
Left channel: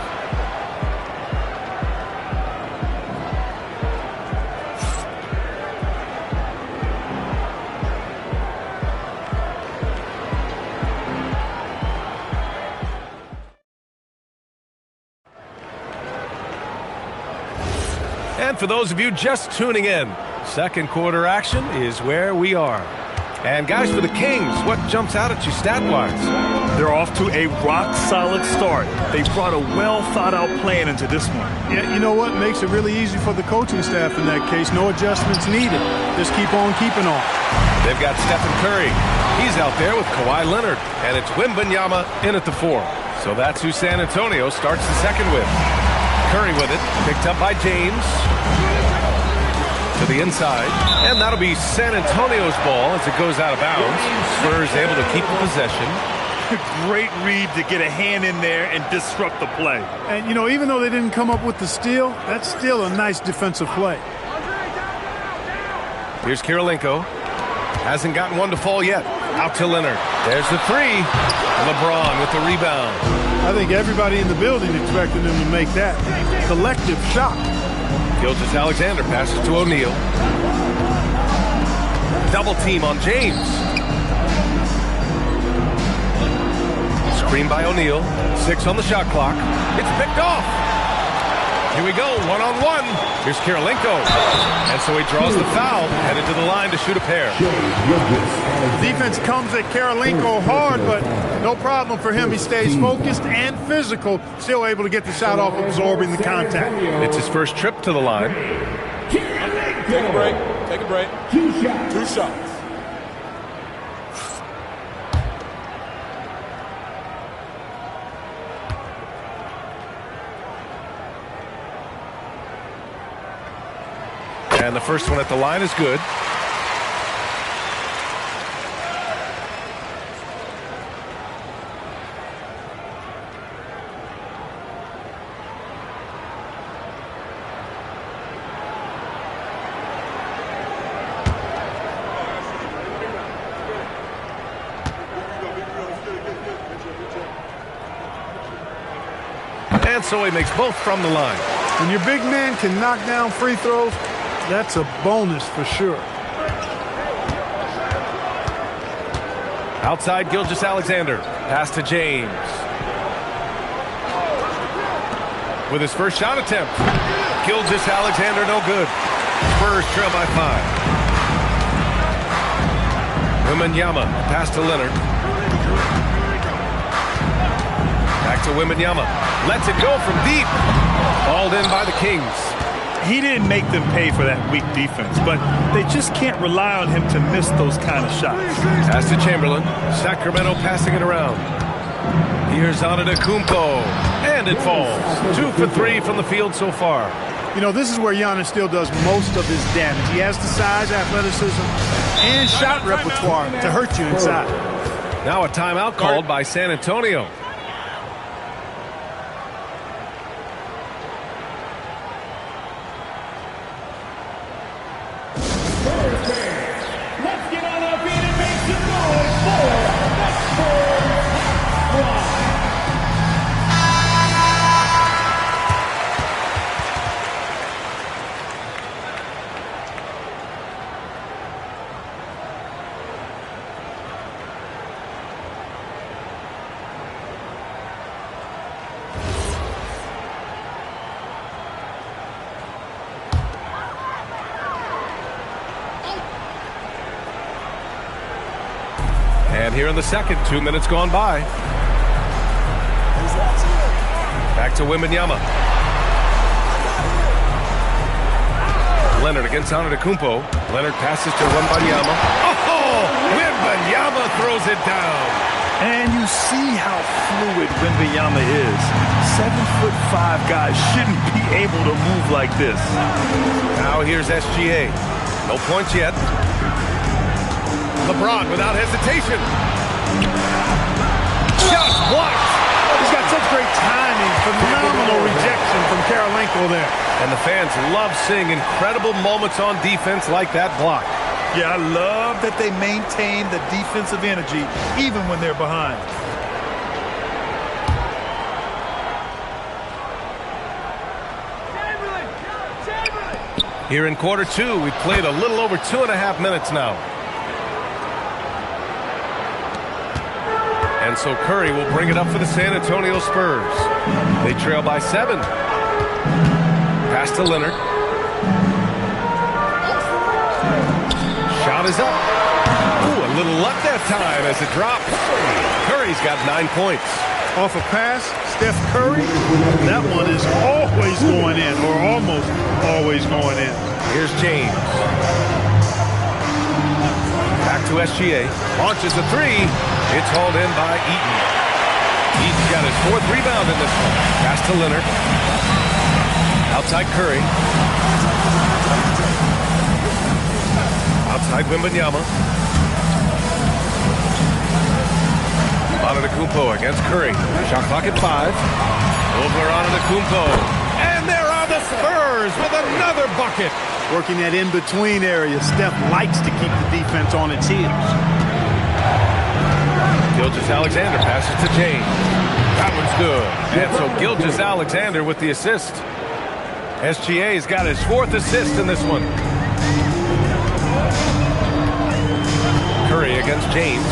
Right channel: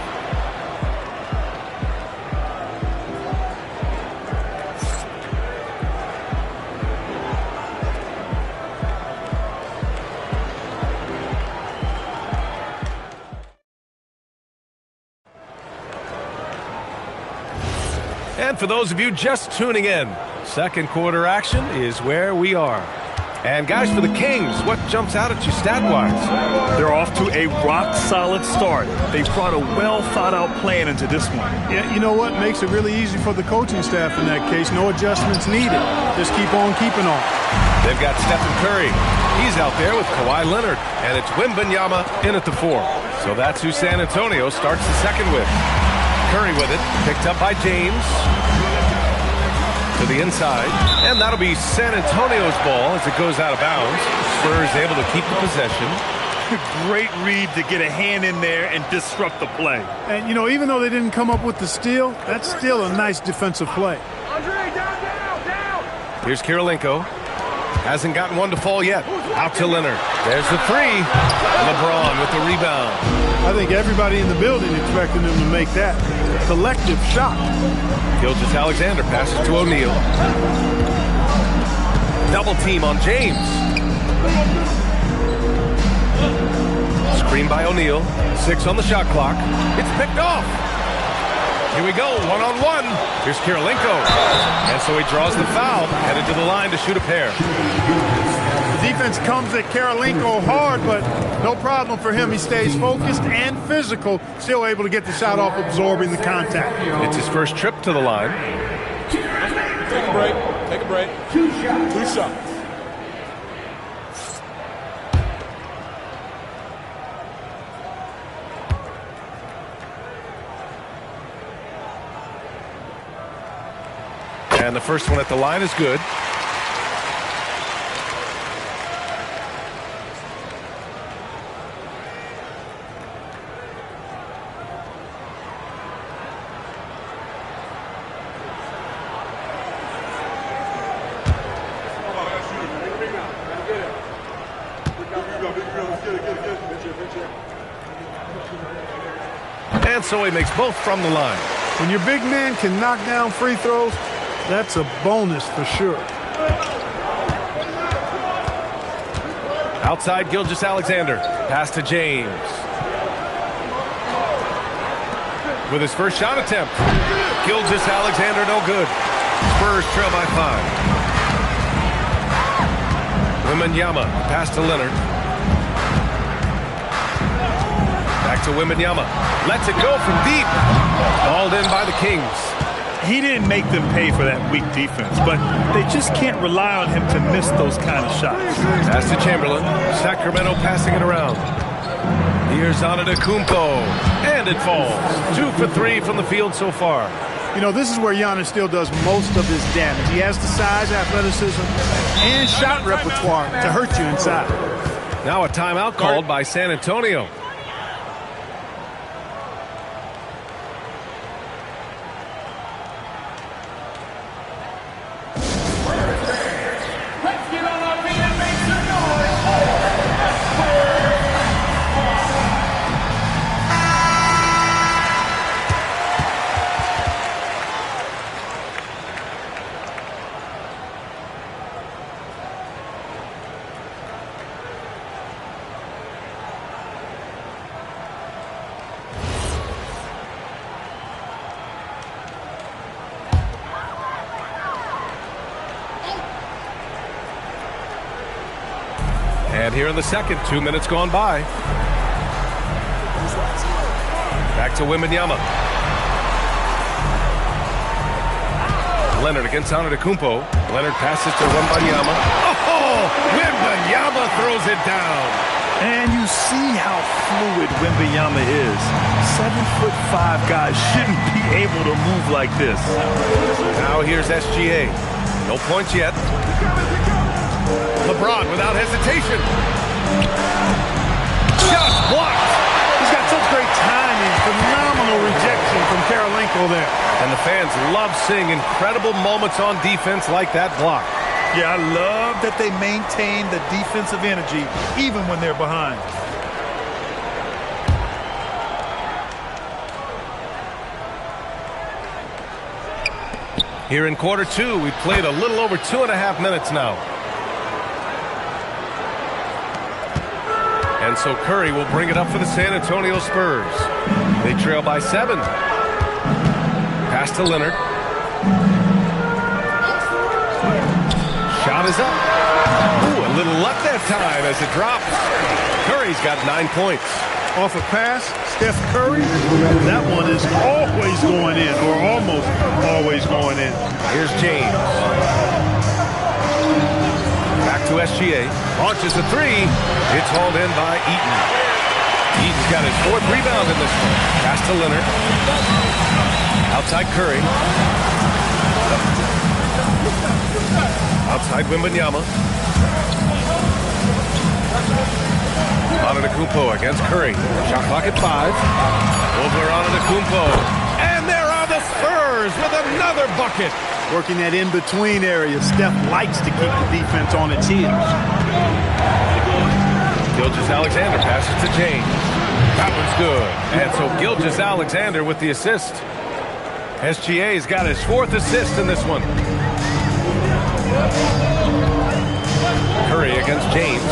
And for those of you just tuning in, second quarter action is where we are. And guys, for the Kings, what jumps out at you stat-wise? They're off to a rock-solid start. They brought a well-thought-out plan into this one. Yeah, you know what makes it really easy for the coaching staff in that case? No adjustments needed. Just keep on keeping on. They've got Stephen Curry. He's out there with Kawhi Leonard. And it's Wembanyama in at the 4. So that's who San Antonio starts the second with. Curry with it, picked up by James. To the inside, and that'll be San Antonio's ball as it goes out of bounds. Spurs able to keep the possession. Great read to get a hand in there and disrupt the play. And, you know, even though they didn't come up with the steal, that's still a nice defensive play. Here's Kirilenko. Hasn't gotten one to fall yet. Out to Leonard. There's the 3. LeBron with the rebound. I think everybody in the building expected him to make that. Collective shot. Gilgeous-Alexander passes to O'Neal. Double team on James. Screen by O'Neal. 6 on the shot clock. It's picked off. Here we go, one-on-one. Here's Kirilenko. And so he draws the foul, headed to the line to shoot a pair. The defense comes at Kirilenko hard, but no problem for him. He stays focused and physical, still able to get the shot off, absorbing the contact. It's his first trip to the line. Take a break. Take a break. 2 shots. 2 shots. And the first one at the line is good. And so he makes both from the line. When your big man can knock down free throws, that's a bonus for sure. Outside Gilgeous-Alexander. Pass to James. with his first shot attempt. Gilgeous-Alexander, no good. Spurs trail by 5. Wembanyama, pass to Leonard. Back to Wembanyama. Lets it go from deep. Hauled in by the Kings. He didn't make them pay for that weak defense, but they just can't rely on him to miss those kind of shots. Pass to Chamberlain. Sacramento passing it around. Here's Antetokounmpo, and it falls. 2 for 3 from the field so far. You know, this is where Giannis still does most of his damage. He has the size, athleticism, and shot repertoire to hurt you inside. Now a timeout called by San Antonio. Let's get on our feet and make some noise for the Spurs Squad. And here in the second, 2 minutes gone by. Back to Wembanyama. Leonard against Antetokounmpo. Leonard passes to Wembanyama. Oh, Wembanyama throws it down. And you see how fluid Wembanyama is. 7'5" guys shouldn't be able to move like this. Now here's SGA. No points yet. LeBron without hesitation. Just blocked. He's got such great timing. Phenomenal rejection from Karolinko there. And the fans love seeing incredible moments on defense like that block. Yeah, I love that they maintain the defensive energy even when they're behind. Here in quarter 2, we've played a little over 2.5 minutes now. And so Curry will bring it up for the San Antonio Spurs. They trail by 7. Pass to Leonard. Shot is up. Ooh, a little luck that time as it drops. Curry's got 9 points. Off a pass, Steph Curry, that one is always going in, or almost always going in. Here's James. Back to SGA. Launches a 3. It's hauled in by Eaton. Eaton's got his 4th rebound in this one. Pass to Leonard. Outside Curry. Outside Wembanyama. Antetokounmpo against Curry. Shot clock at 5. Over Antetokounmpo. And there are the Spurs with another bucket. Working that in-between area. Steph likes to keep the defense on its heels. Gilgeous-Alexander passes to James. That one's good. And so Gilgeous-Alexander with the assist. SGA's got his 4th assist in this one. Curry against James.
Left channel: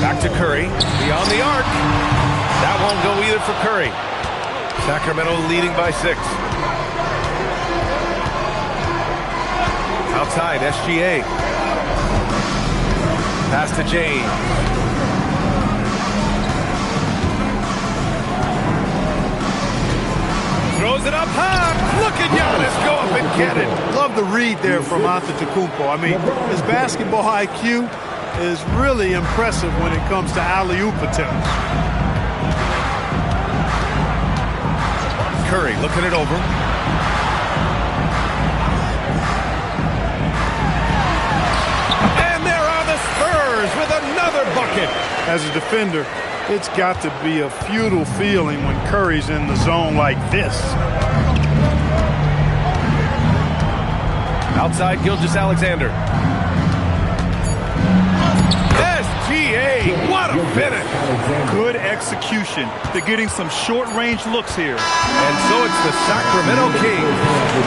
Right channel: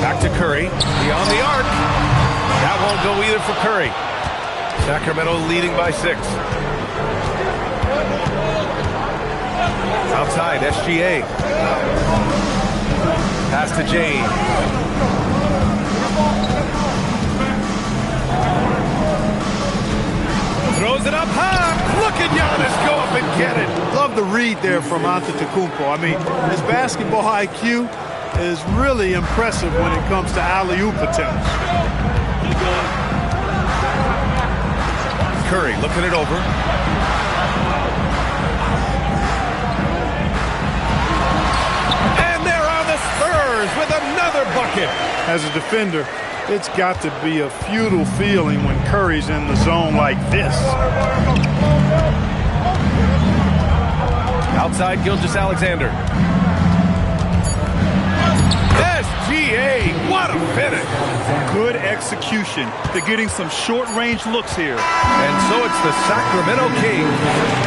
Back to Curry. Beyond the arc. That won't go either for Curry. Sacramento leading by 6. Outside, SGA. Pass to James. Throws it up high. Look at Giannis go up and get it. Love the read there from Antetokounmpo. I mean, his basketball IQ is really impressive when it comes to alley-oop attempts. Curry looking it over. And there are the Spurs with another bucket. As a defender, it's got to be a futile feeling when Curry's in the zone like this. Outside Gilgeous-Alexander. SGA, what a finish. Good execution. They're getting some short-range looks here. And so it's the Sacramento Kings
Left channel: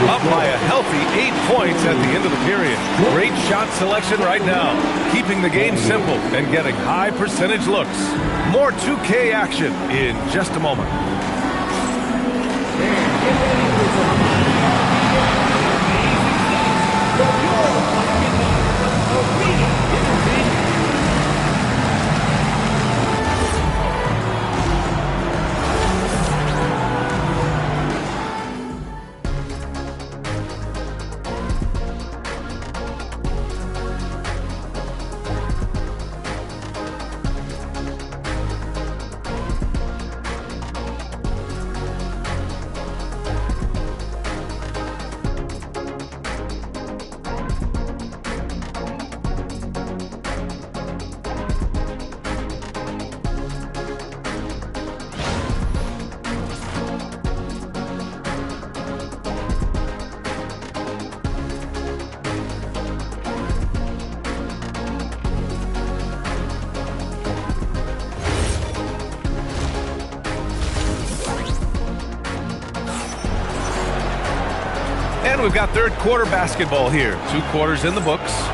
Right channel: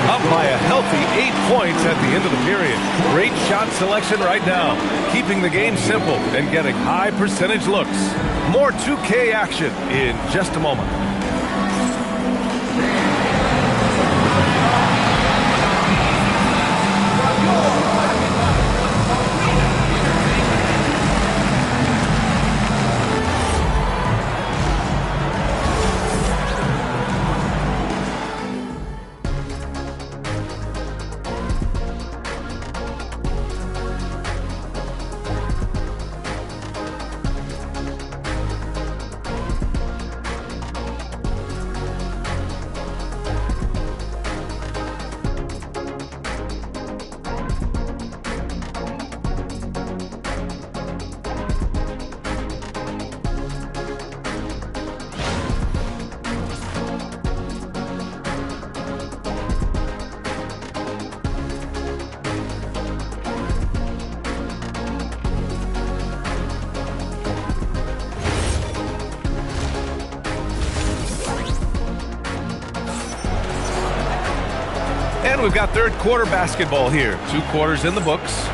up by a healthy 8 points at the end of the period. Great shot selection right now, keeping the game simple and getting high percentage looks. More 2K action in just a moment. And we've got third quarter basketball here. 2 quarters in the books.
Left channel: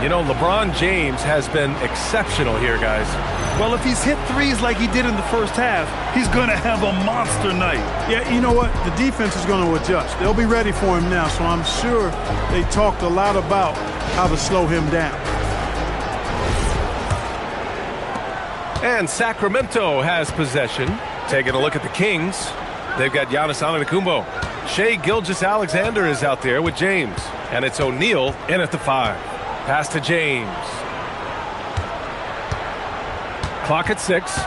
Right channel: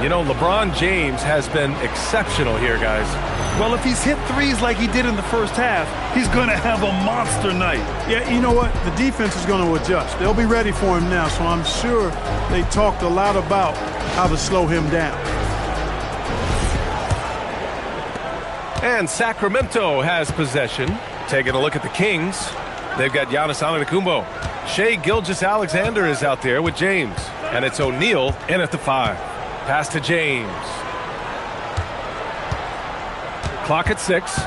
You know, LeBron James has been exceptional here, guys. Well, if he's hit threes like he did in the first half, he's going to have a monster night. Yeah, you know what? The defense is going to adjust. They'll be ready for him now, so I'm sure they talked a lot about how to slow him down. And Sacramento has possession. Taking a look at the Kings. They've got Giannis Antetokounmpo. Shai Gilgeous-Alexander is out there with James. And it's O'Neal in at the 5. Pass to James. Clock at 6.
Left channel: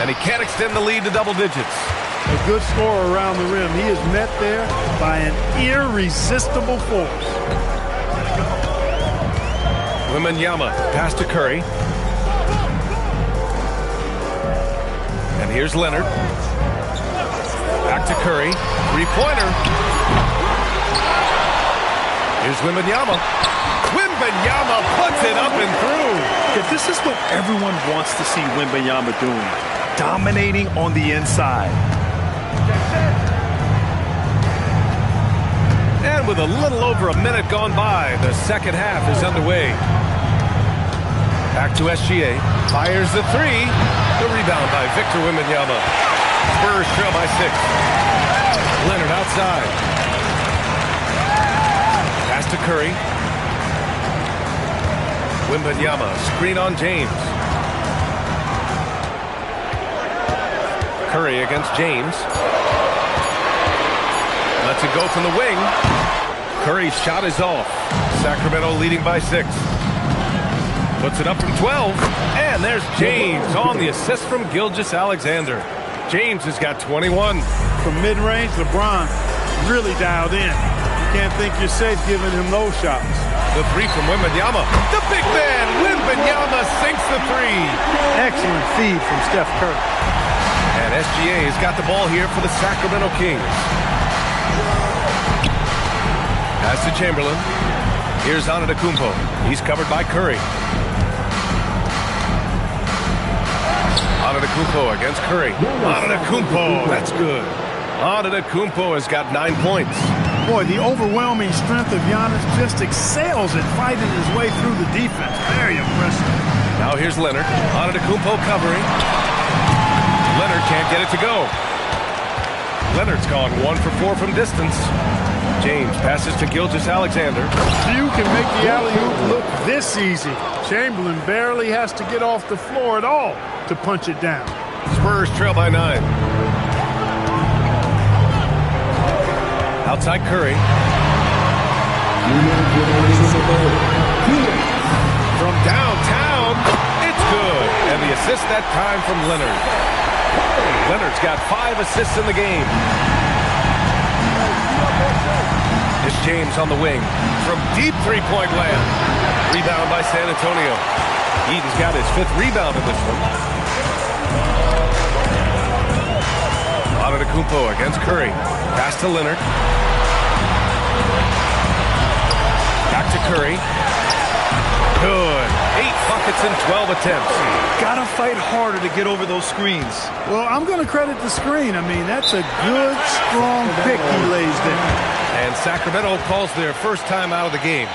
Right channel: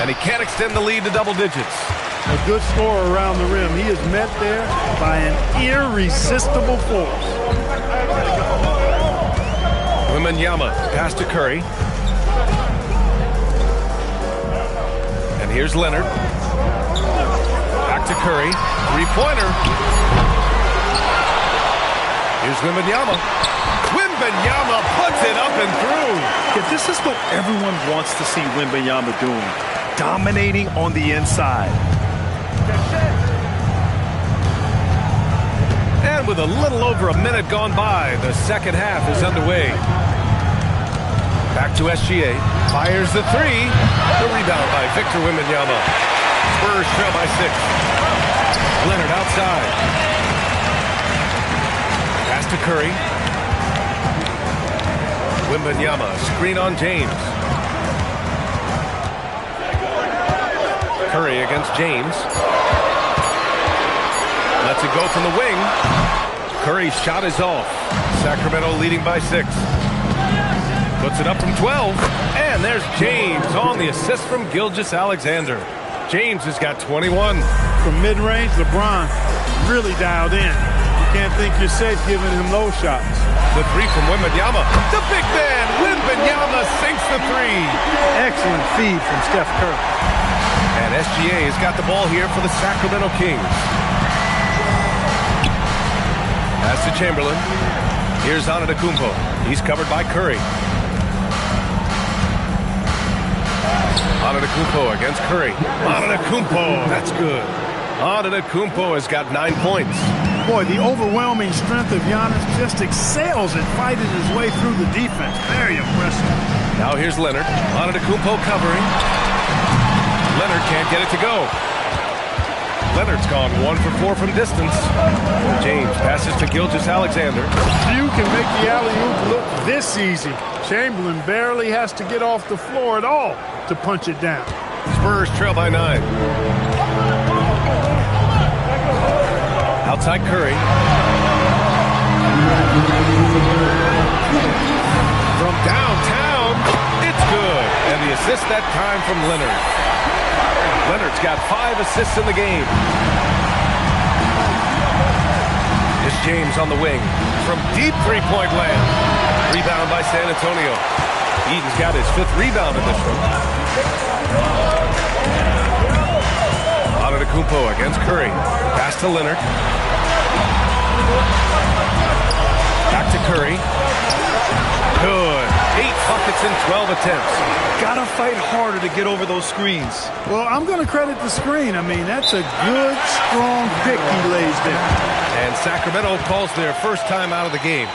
And he can't extend the lead to double digits. A good scorer around the rim. He is met there by an irresistible force. Wembanyama, pass to Curry. And here's Leonard. Back to Curry. Three-pointer. Here's Wembanyama. Wembanyama puts it up and through. Yeah, this is what everyone wants to see Wembanyama doing. Dominating on the inside. And with a little over a minute gone by, the second half is underway. Back to SGA. Fires the 3. The rebound by Victor Wembanyama. Spurs trail by 6. Leonard outside. Pass to Curry. Wembanyama, screen on James. Curry against James. Lets it go from the wing. Curry's shot is off. Sacramento leading by 6. Puts it up from 12. And there's James on the assist from Gilgeous-Alexander. James has got 21. From mid-range, LeBron really dialed in. You can't think you're safe giving him those shots. The 3 from Wembanyama. The big man, Wembanyama, sinks the 3. Excellent feed from Steph Curry. And SGA has got the ball here for the Sacramento Kings. Pass to Chamberlain. Here's Antetokounmpo. He's covered by Curry. Antetokounmpo against Curry. Antetokounmpo, that's good. Antetokounmpo has got 9 points. Boy, the overwhelming strength of Giannis just excels at fighting his way through the defense. Very impressive. Now here's Leonard. Antetokounmpo covering. Leonard can't get it to go. Leonard's gone 1 for 4 from distance. James passes to Gilgeous-Alexander. Few can make the alley-oop look this easy. Chamberlain barely has to get off the floor at all to punch it down. Spurs trail by 9. Outside Curry. From downtown, it's good. And the assist that time from Leonard. Leonard's got 5 assists in the game. It's James on the wing. From deep three-point land. Rebound by San Antonio. Eden's got his 5th rebound in this one. Antetokounmpo against Curry. Pass to Leonard. Back to Curry. Good. 8 buckets in 12 attempts. Gotta fight harder to get over those screens. Well, I'm going to credit the screen. I mean, that's a good, strong pick he lays there. And Sacramento calls their first time out of the game.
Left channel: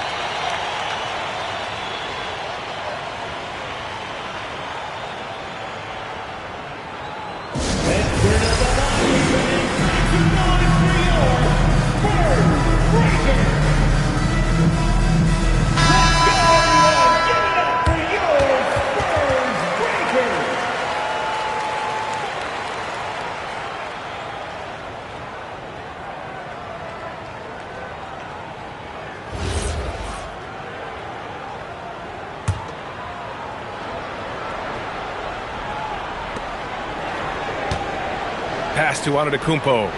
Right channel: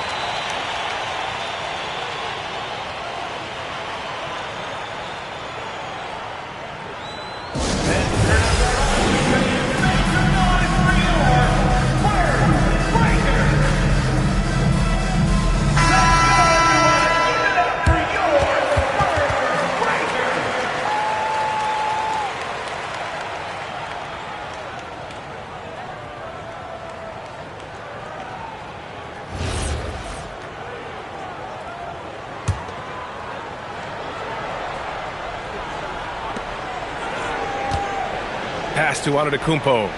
Pass to Antetokounmpo.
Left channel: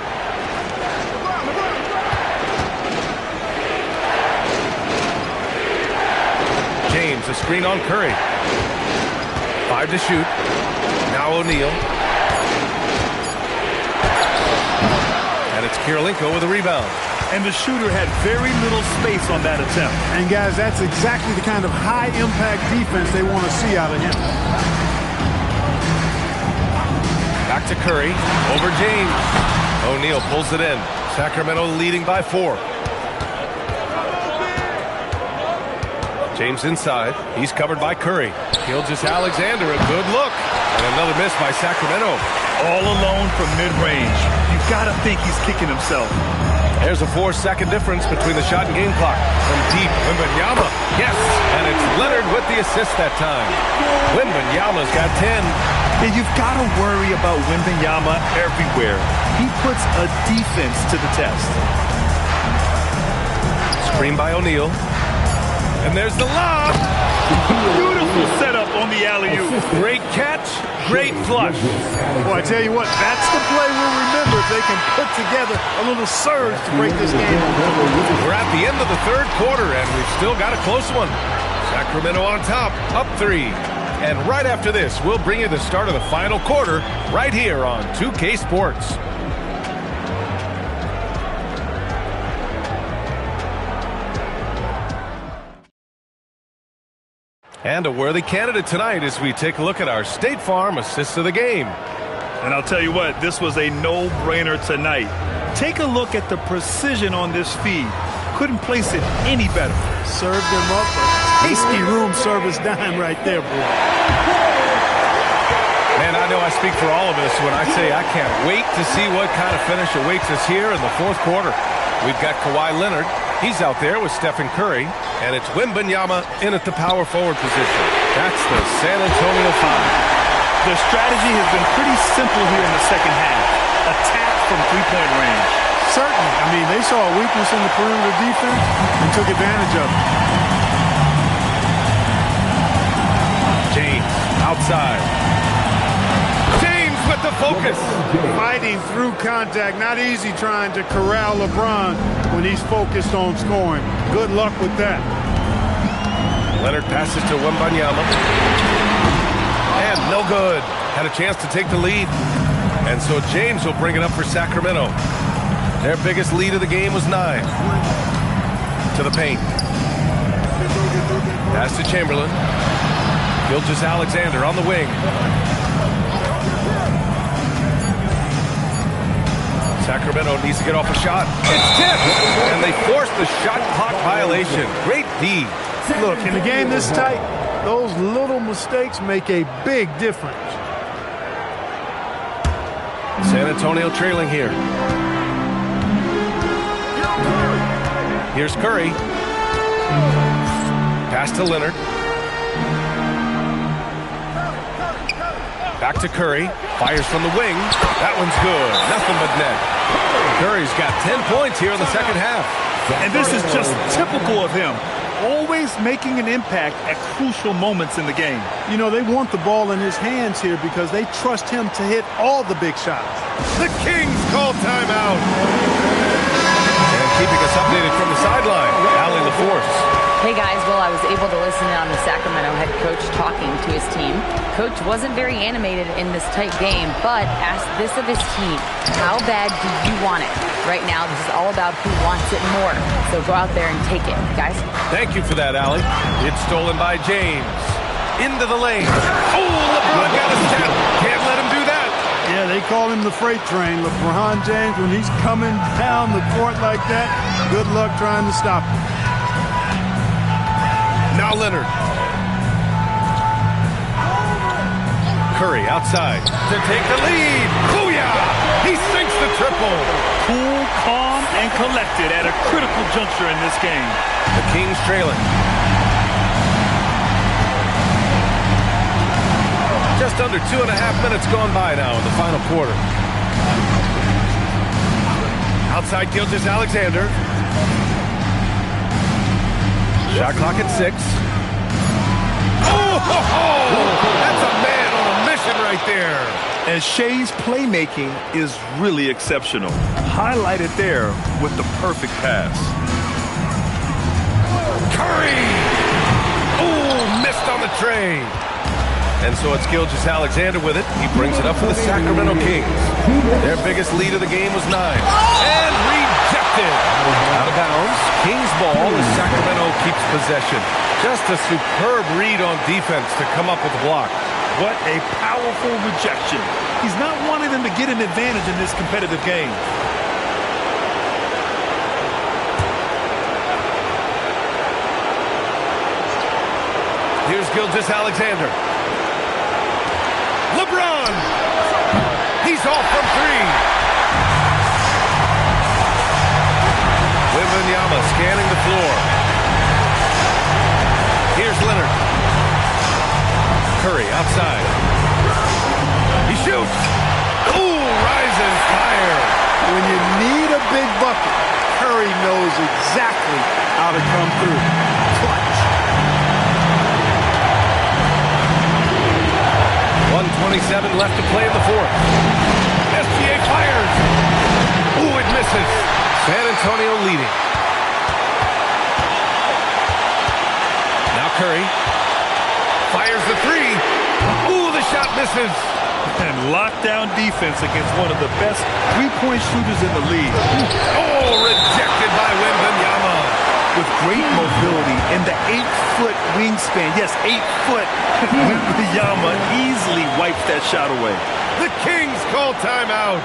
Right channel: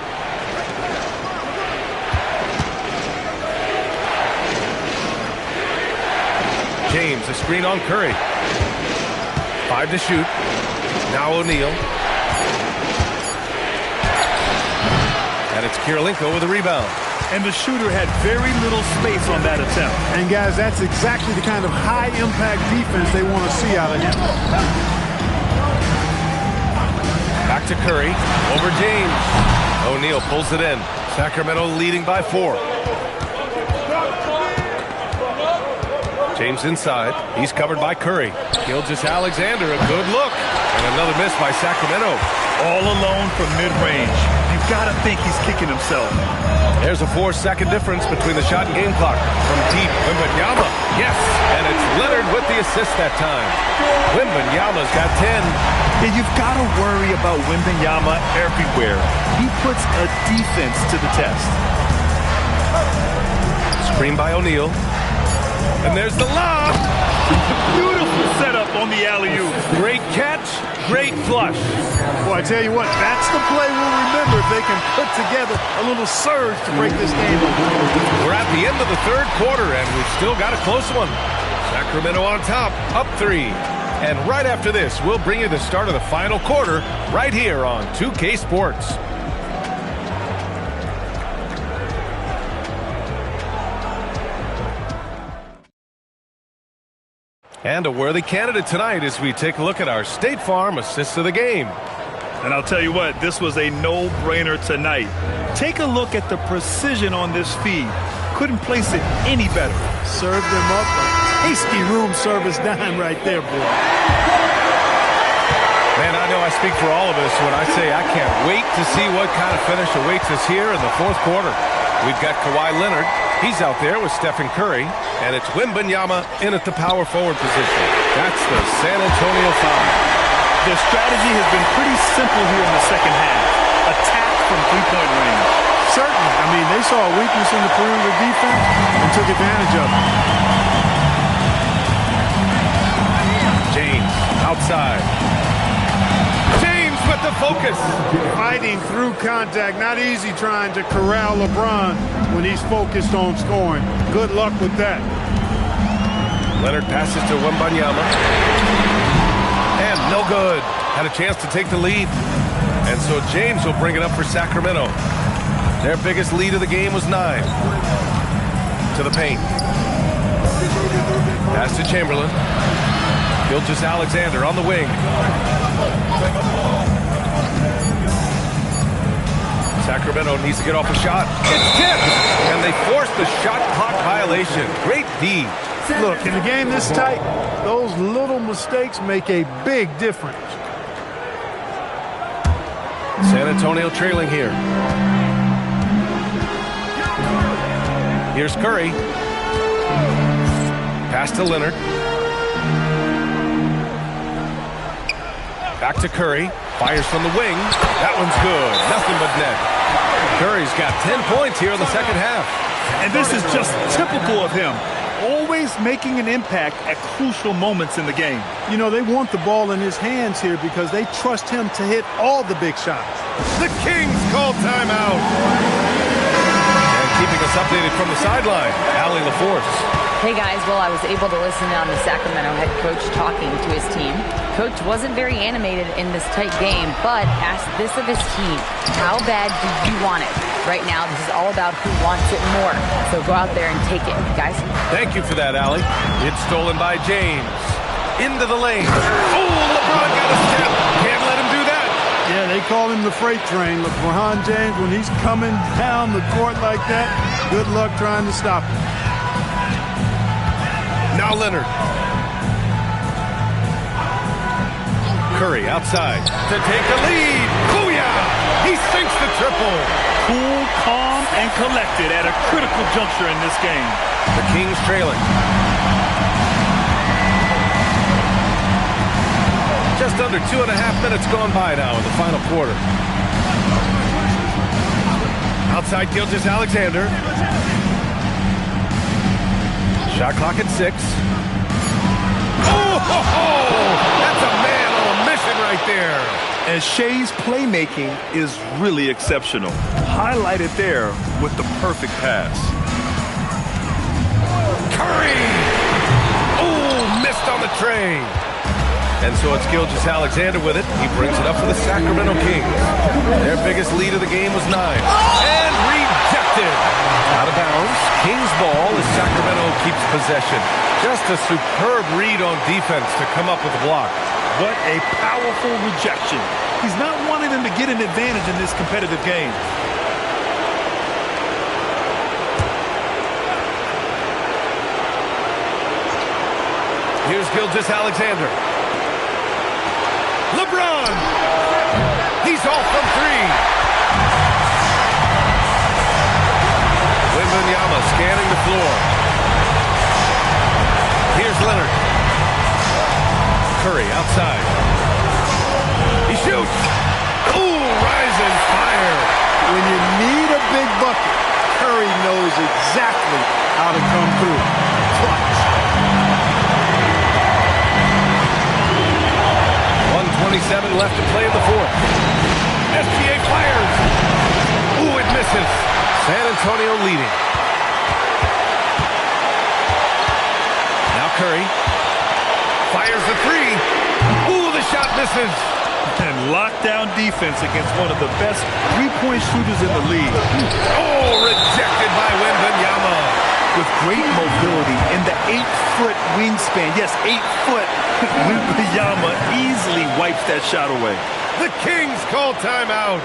James, a screen on Curry. 5 to shoot. Now O'Neal. And it's Kirilenko with a rebound. And the shooter had very little space on that attempt. And, guys, that's exactly the kind of high-impact defense they want to see out of him. Back to Curry. Over James. O'Neal pulls it in. Sacramento leading by 4. James inside. He's covered by Curry. Gilgeous-Alexander, a good look. And another miss by Sacramento. All alone from mid-range. You've got to think he's kicking himself. There's a 4-second difference between the shot and game clock. From deep, Wembanyama. Yes, and it's Leonard with the assist that time. Wembanyama's got 10. Yeah, you've got to worry about Wembanyama everywhere. He puts a defense to the test. Screen by O'Neal. And there's the lob. Beautiful setup on the alley-oop. Great catch, great flush. Boy, I tell you what, that's the play we'll remember if they can put together a little surge to break this game open. We're at the end of the third quarter, and we've still got a close one. Sacramento on top, up 3. And right after this, we'll bring you the start of the final quarter right here on 2K Sports. And a worthy candidate tonight as we take a look at our State Farm assist of the game. And I'll tell you what, this was a no-brainer tonight. Take a look at the precision on this feed. Couldn't place it any better. Served them up a tasty room service dime right there, boy. Man, I know I speak for all of us when I say I can't wait to see what kind of finish awaits us here in the fourth quarter. We've got Kawhi Leonard. He's out there with Stephen Curry, and it's Wembanyama in at the power forward position. That's the San Antonio 5. Their strategy has been pretty simple here in the second half. Attack from three-point range. Certainly. I mean, they saw a weakness in the perimeter defense and took advantage of it. James outside. James with the focus. Fighting through contact. Not easy trying to corral LeBron when he's focused on scoring. Good luck with that. Leonard passes to Wembanyama. And no good. Had a chance to take the lead. And so James will bring it up for Sacramento. Their biggest lead of the game was 9. To the paint. Pass to Chamberlain. Gilgeous-Alexander on the wing. Sacramento needs to get off a shot. It's tipped! And they force the shot clock violation. Great D. Look, in a game this tight, those little mistakes make a big difference. San Antonio trailing here. Here's Curry. Pass to Leonard. Back to Curry. Fires from the wing. That one's good. Nothing but net. Curry's got 10 points here in the second half. And this is just typical of him. Always making an impact at crucial moments in the game. You know, they want the ball in his hands here because they trust him to hit all the big shots. The Kings call timeout. And keeping us updated from the sideline, Allie LaForce. Hey guys, well, I was able to listen in on the Sacramento head coach talking to his team. Coach wasn't very animated in this tight game, but asked this of his team. How bad do you want it? Right now, this is all about who wants it more. So go out there and take it, guys. Thank you for that, Allie. It's stolen by James. Into the lane. Oh, LeBron got a step. Can't let him do that. Yeah, they call him the freight train. LeBron James, when he's coming down the court like that, good luck trying to stop him. Now Leonard. Curry outside to take the lead. Booyah! He sinks the triple. Cool, calm, and collected at a critical juncture in this game. The Kings trailing. Just under 2.5 minutes gone by now in the final quarter. Outside Gilgeous-Alexander. Shot clock at 6. Oh, ho, ho! That's a man on a mission right there. And Shea's playmaking is really exceptional. Highlighted there with the perfect pass. Curry! Oh, missed on the tray. And so it's Gilgeous-Alexander with it. He brings it up for the Sacramento Kings. Their biggest lead of the game was 9. And rejected. Out of bounds. Kings ball as Sacramento keeps possession. Just a superb read on defense to come up with the block. What a powerful rejection. He's not wanting them to get an advantage in this competitive game. Here's Gilgeous-Alexander. LeBron! He's off from 3. Wembanyama scanning the floor. Here's Leonard. Curry outside. He shoots. Ooh, rise and fire. When you need a big bucket, Curry knows exactly how to come through. Clutch. 1:27 left to play in the 4th. SGA fires. Ooh, it misses. San Antonio leading. Now Curry fires the 3. Ooh, the shot misses. And lockdown defense against one of the best three-point shooters in the league. Oh, rejected by Wembanyama. With great mobility in the 8-foot wingspan. Yes, 8 foot. Wembanyama easily wipes that shot away. The Kings call timeout.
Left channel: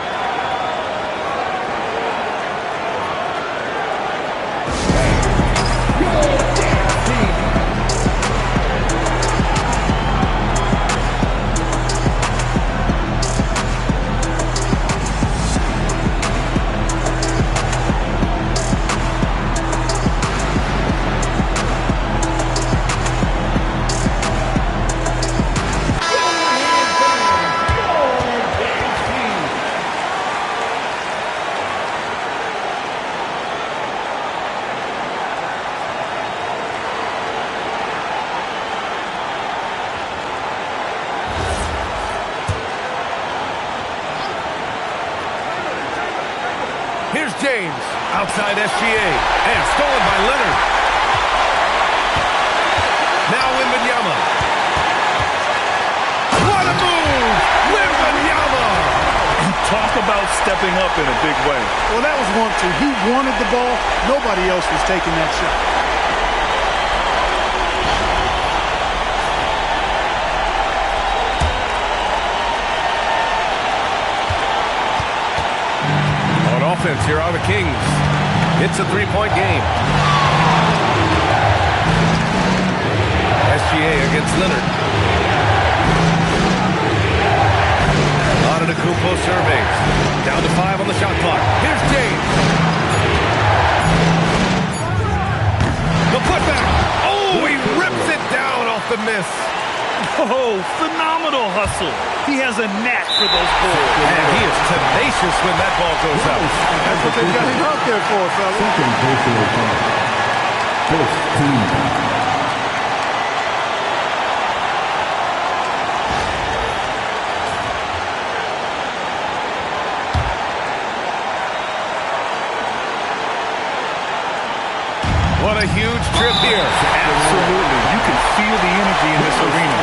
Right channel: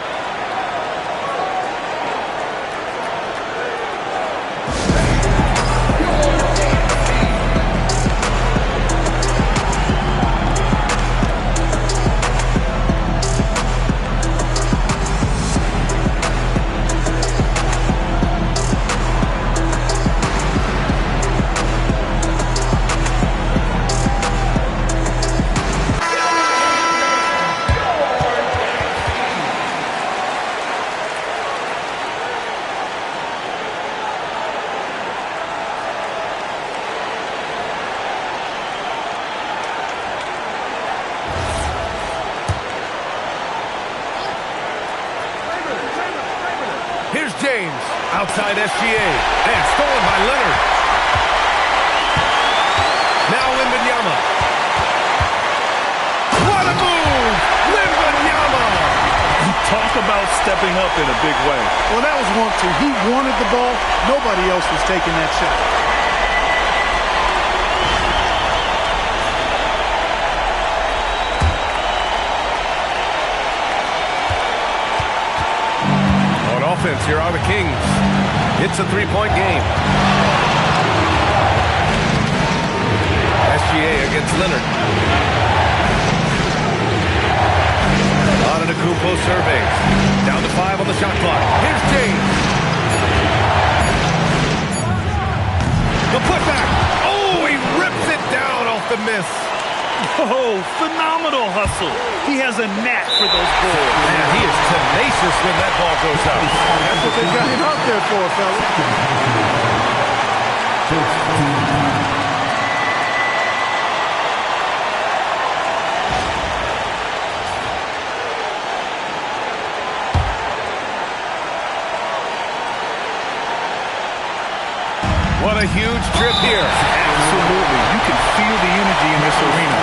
Here's James, outside SGA, and stolen by Leonard. Now Wembanyama. What a move! Wembanyama! Talk about stepping up in a big way. Well, that was 1-2. He wanted the ball. Nobody else was taking that shot. On offense, here are the Kings. It's a three-point game. SGA against Leonard. Antetokounmpo surveys. Down to 5 on the shot clock. Here's James. The putback. Oh, he rips it down off the miss. Oh, phenomenal hustle. He has a knack for those balls. Man, he is tenacious when that ball goes up. That's what they got him out there for, fellas. What a huge trip here. Absolutely. You can feel the energy in this arena.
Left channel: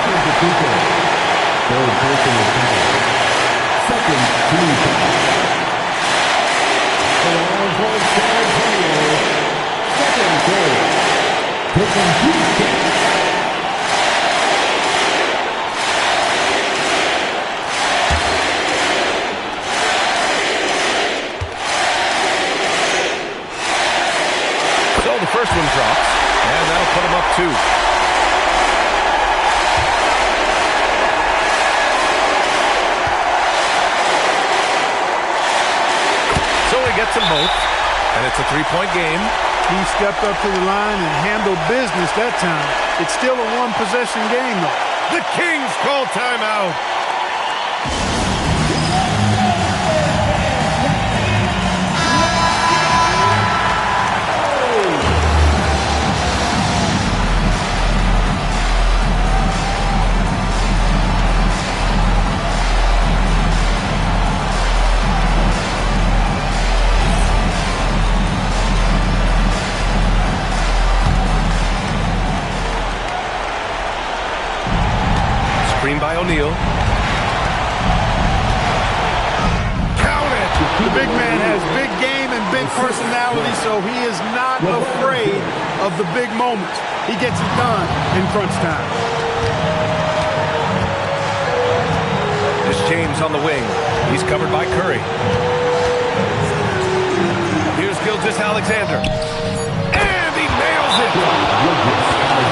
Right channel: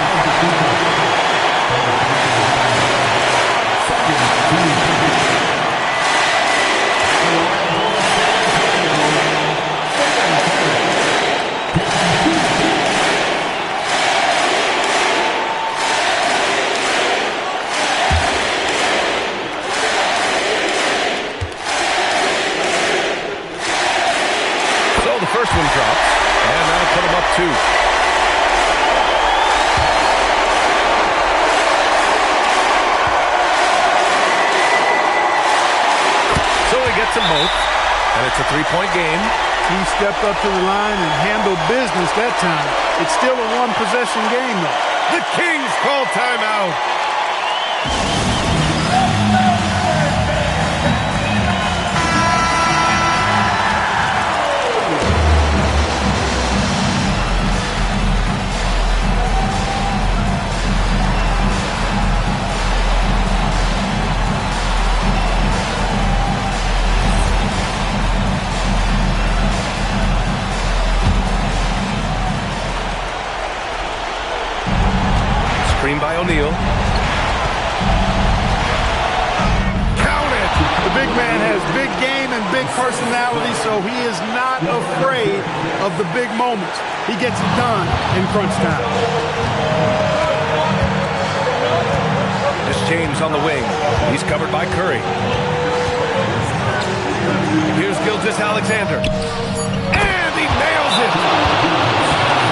So the first one drops, and that'll put him up 2. So he gets them both, and it's a three-point game. He stepped up to the line and handled business that time. It's still a one-possession game, though. The Kings call timeout. Screen by O'Neal. Count it! The big man has big game and big personality, so he is not afraid of the big moments. He gets it done in crunch time. This James on the wing. He's covered by Curry. Here's Gilgeous-Alexander. And he nails it!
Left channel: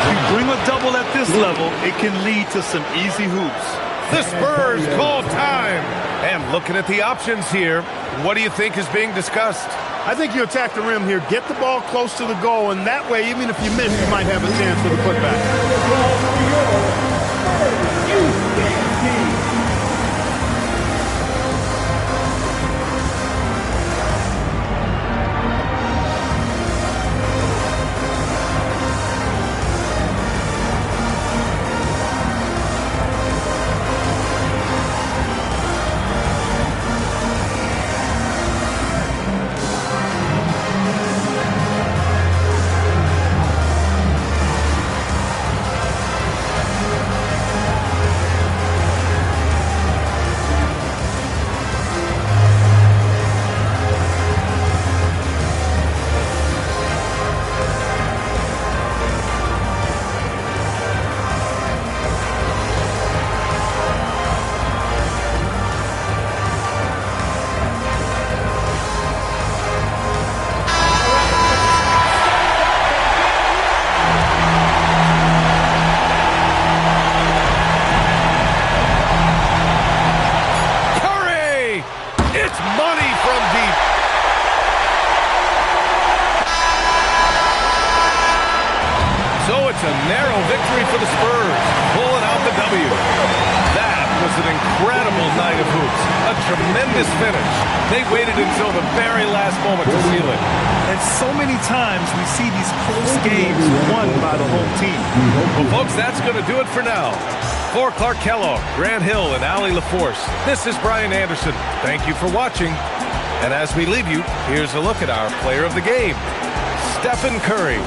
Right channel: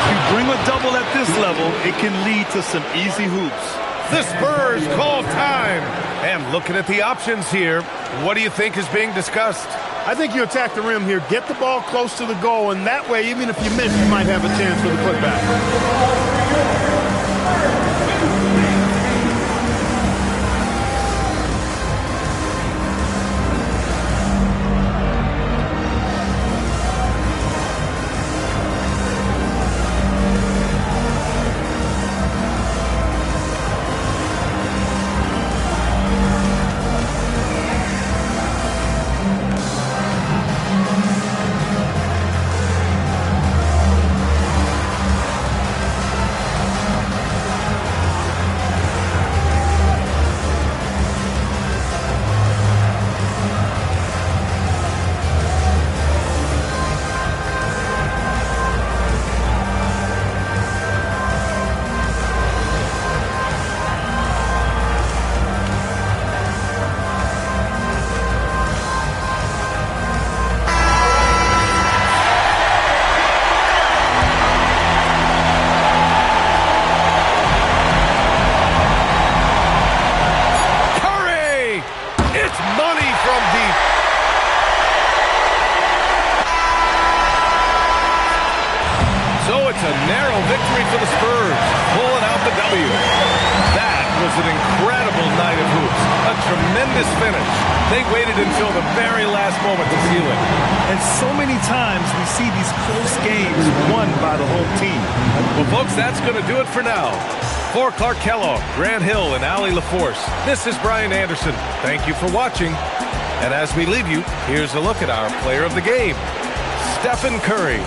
If you bring a double at this level, it can lead to some easy hoops. The Spurs call time. And looking at the options here, what do you think is being discussed? I think you attack the rim here, get the ball close to the goal, and that way, even if you miss, you might have a chance for the putback. Money from deep. So it's a narrow victory for the Spurs, pulling out the W. That was an incredible night of hoops. A tremendous finish. They waited until the very last moment to seal it. And so many times we see these close games won by the home team. Well, folks, that's going to do it for now. For Clark Kellogg, Grant Hill, and Allie LaForce, this is Brian Anderson. Thank you for watching. And as we leave you, here's a look at our player of the game, Stephen Curry.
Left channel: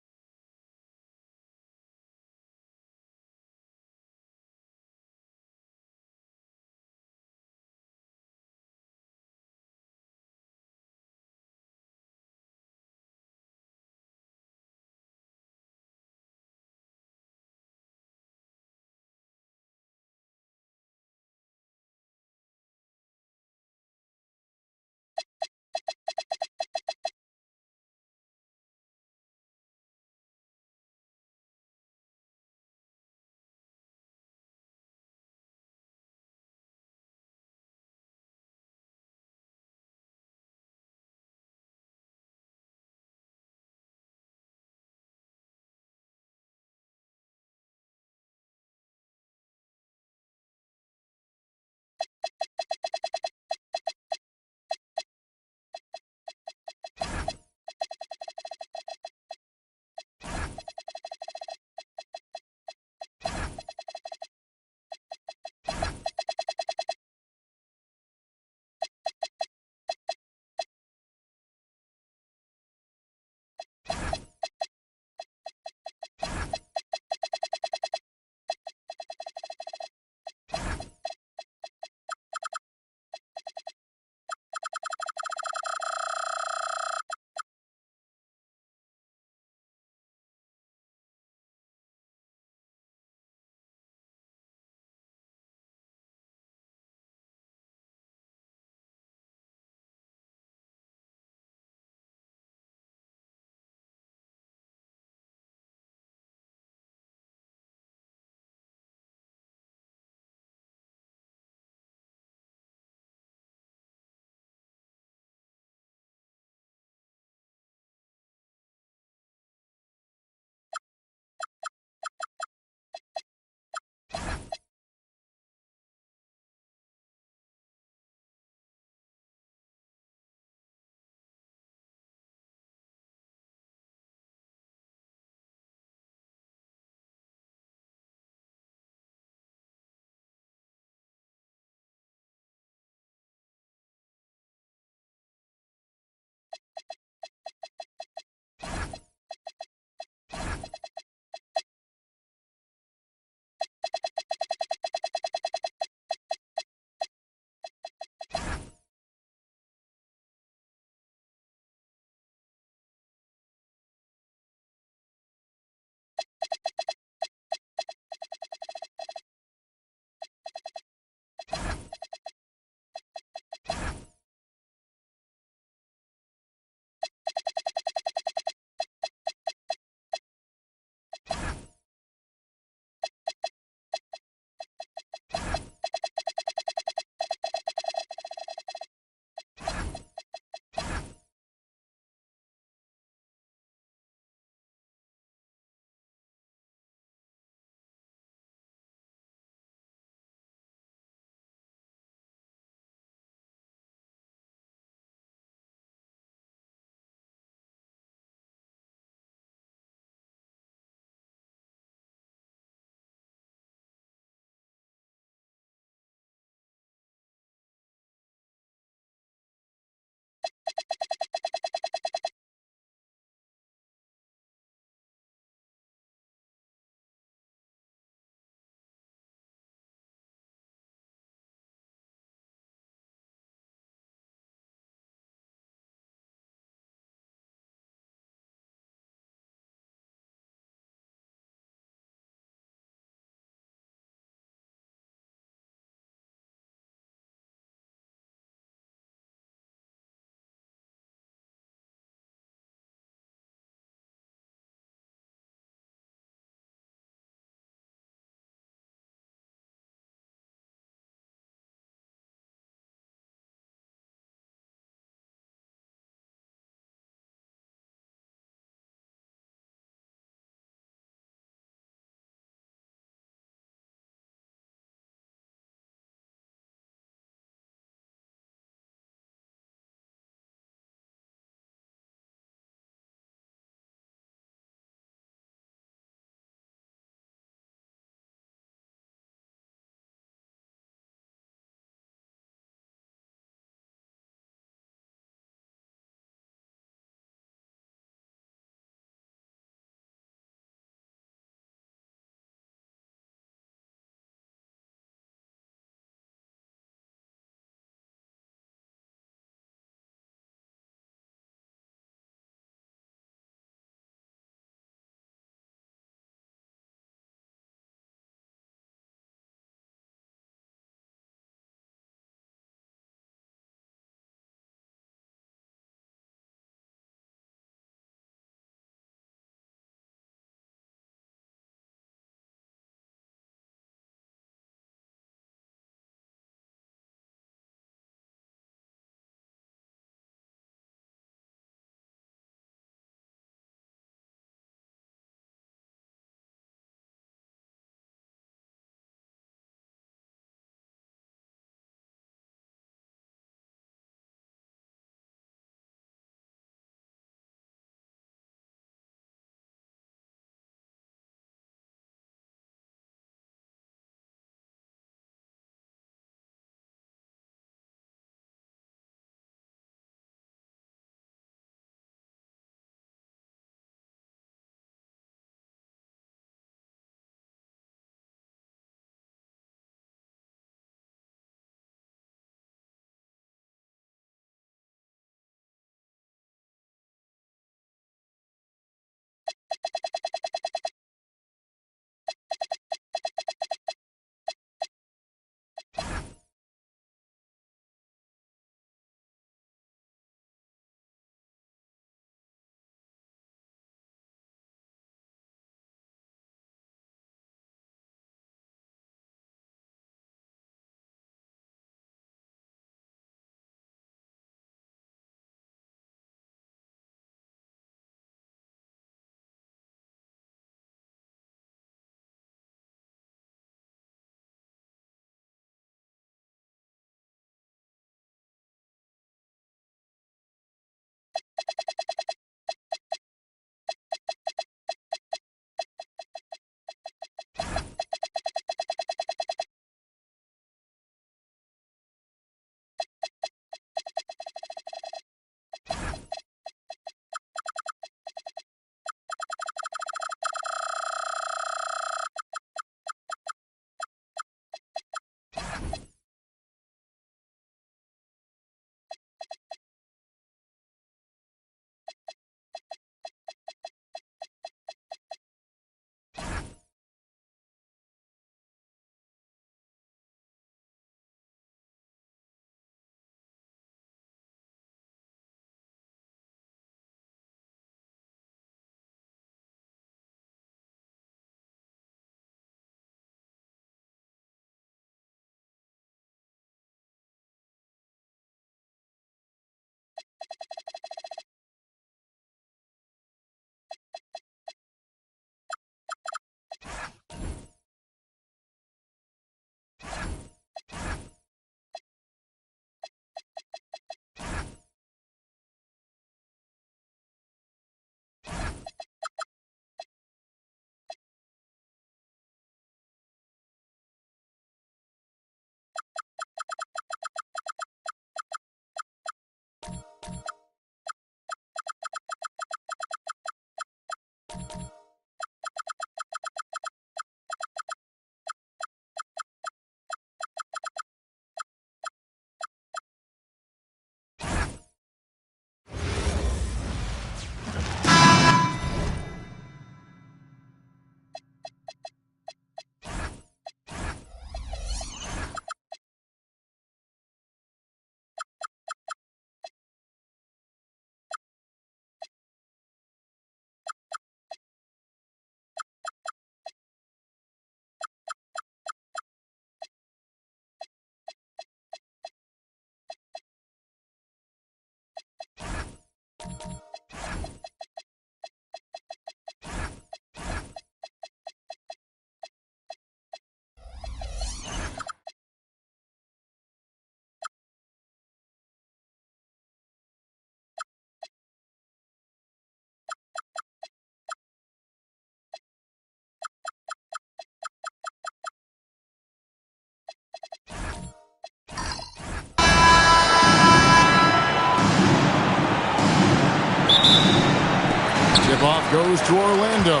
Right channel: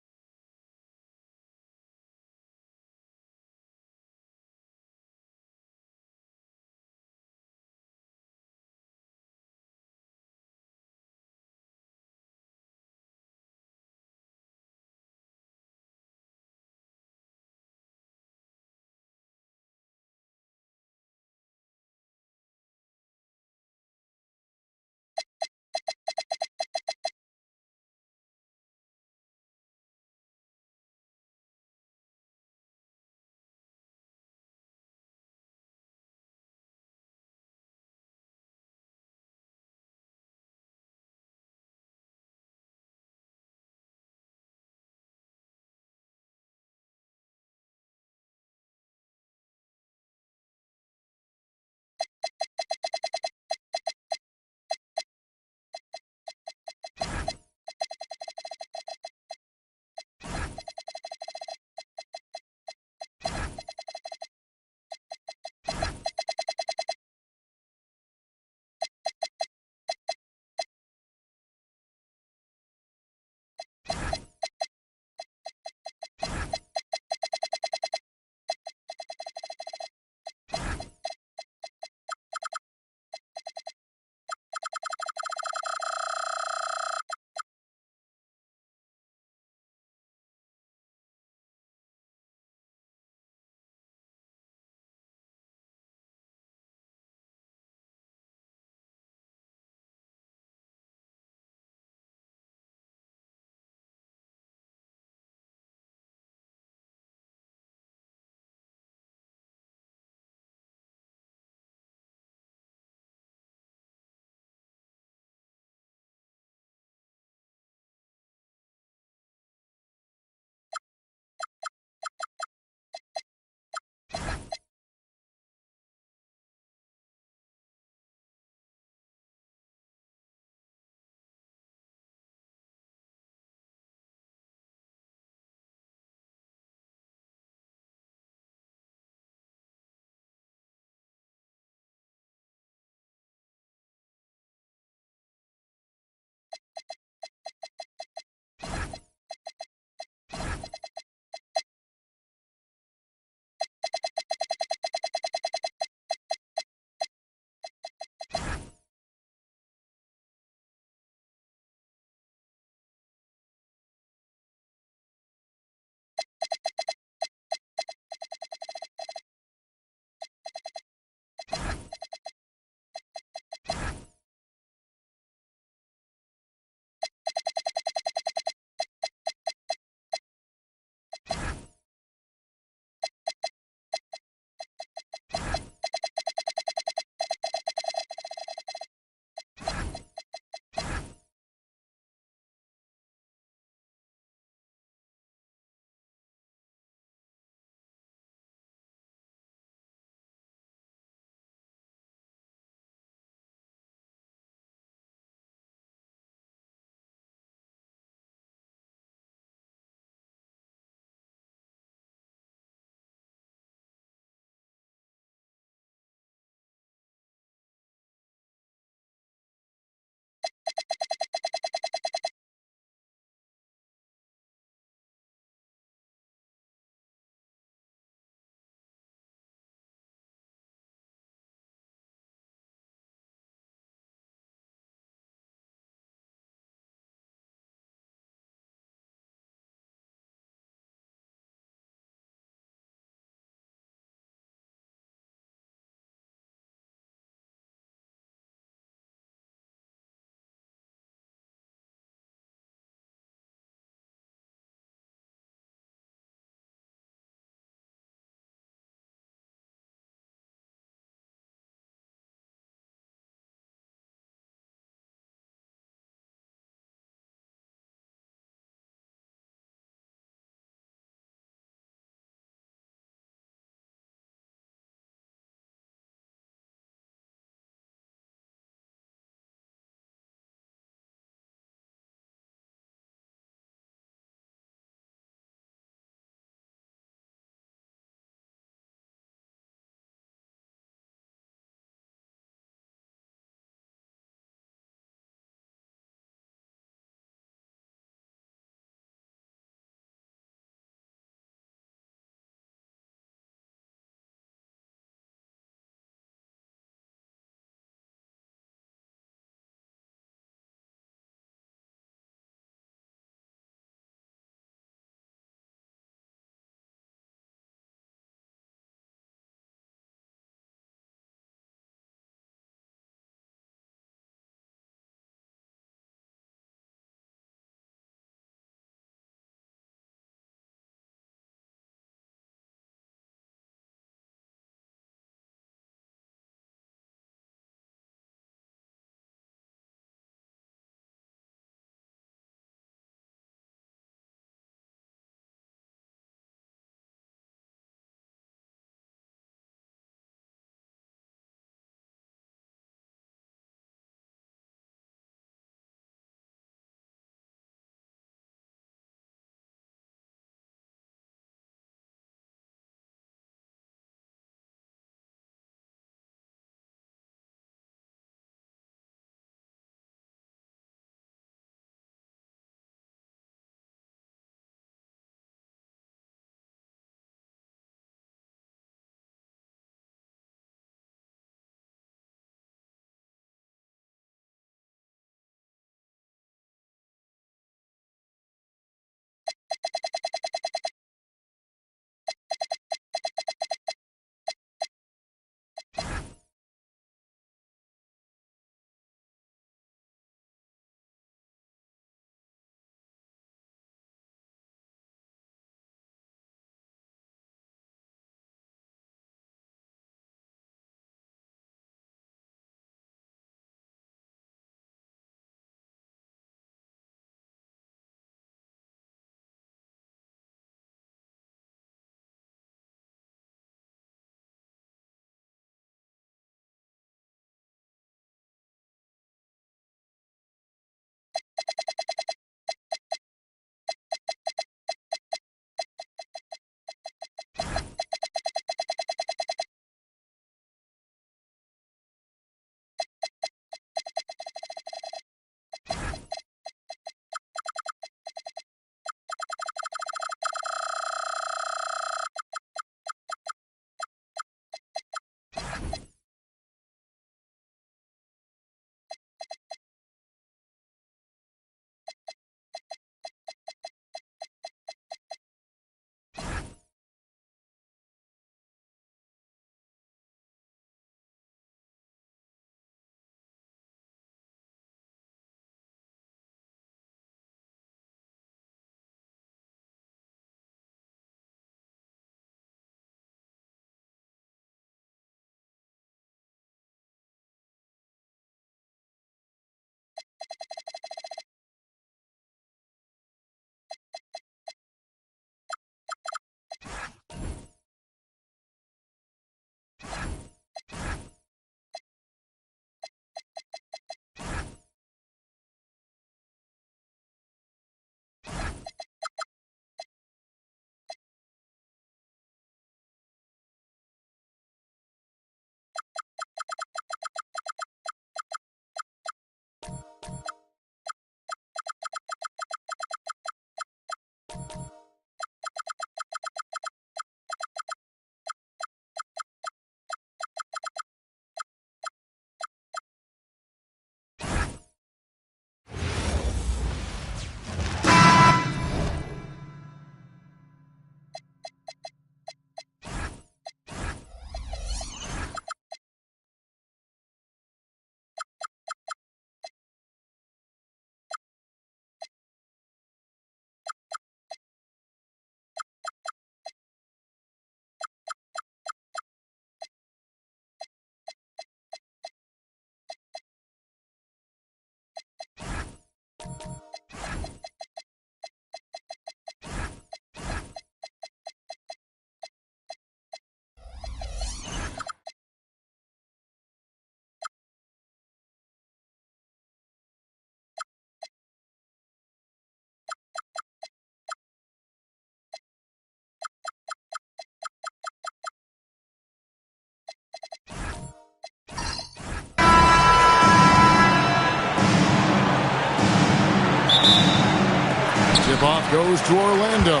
Tip-off goes to Orlando.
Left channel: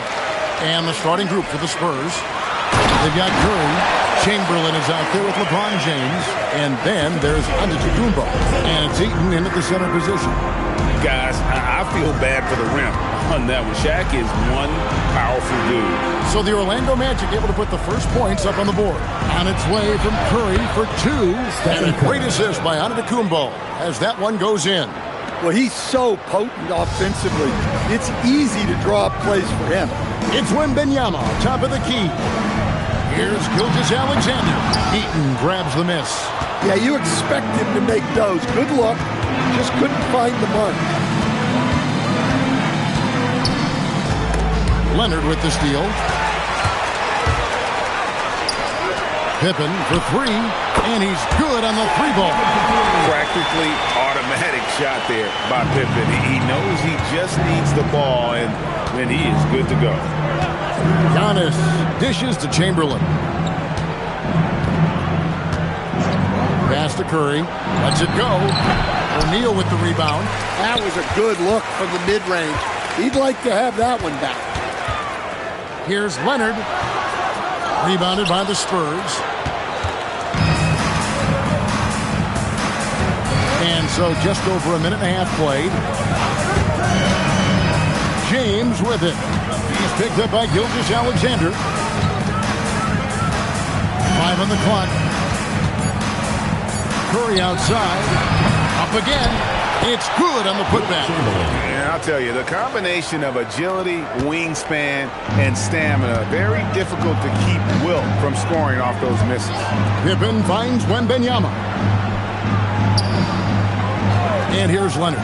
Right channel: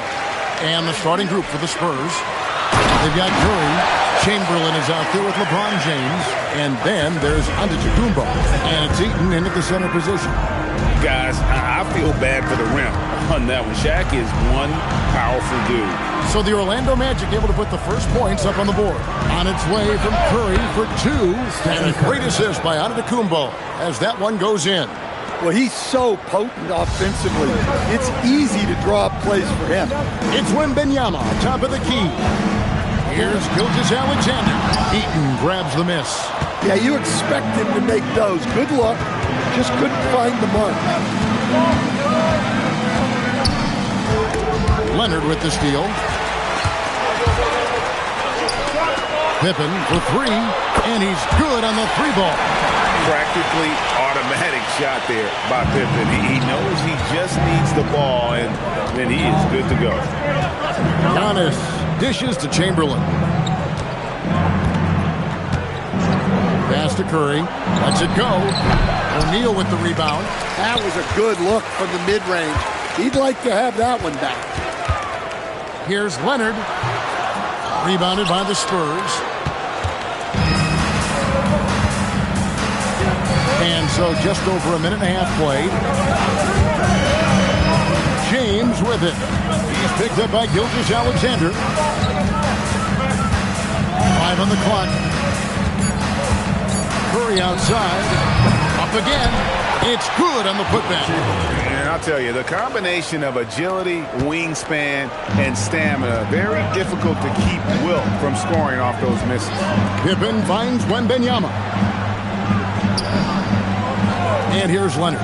And the starting group for the Spurs. They've got Curry. Chamberlain is out there with LeBron James. And then there's Antetokounmpo. And it's Eaton in at the center position. Guys, I feel bad for the rim on that one. Shaq is one powerful dude. So the Orlando Magic able to put the first points up on the board. On its way from Curry for 2. And a great assist by Antetokounmpo as that one goes in. Well, he's so potent offensively. It's easy to draw up plays for him. It's Wembanyama, top of the key. Here's Gilgeous-Alexander. Eaton grabs the miss. Yeah, you expect him to make those. Good luck. Just couldn't find the mark. Leonard with the steal. Pippen for 3, and he's good on the 3-ball. Practically automatic shot there by Pippen. He knows he just needs the ball, and then he is good to go. Giannis dishes to Chamberlain. Pass to Curry. Lets it go. O'Neal with the rebound. That was a good look from the mid-range. He'd like to have that one back. Here's Leonard. Rebounded by the Spurs. And so just over a minute and a half played. James with it. He's picked up by Gilgeous-Alexander. 5 on the clock. Curry outside. Up again. It's good on the putback. And I'll tell you, the combination of agility, wingspan, and stamina, very difficult to keep Wilt from scoring off those misses. Pippen finds Wembanyama. And here's Leonard.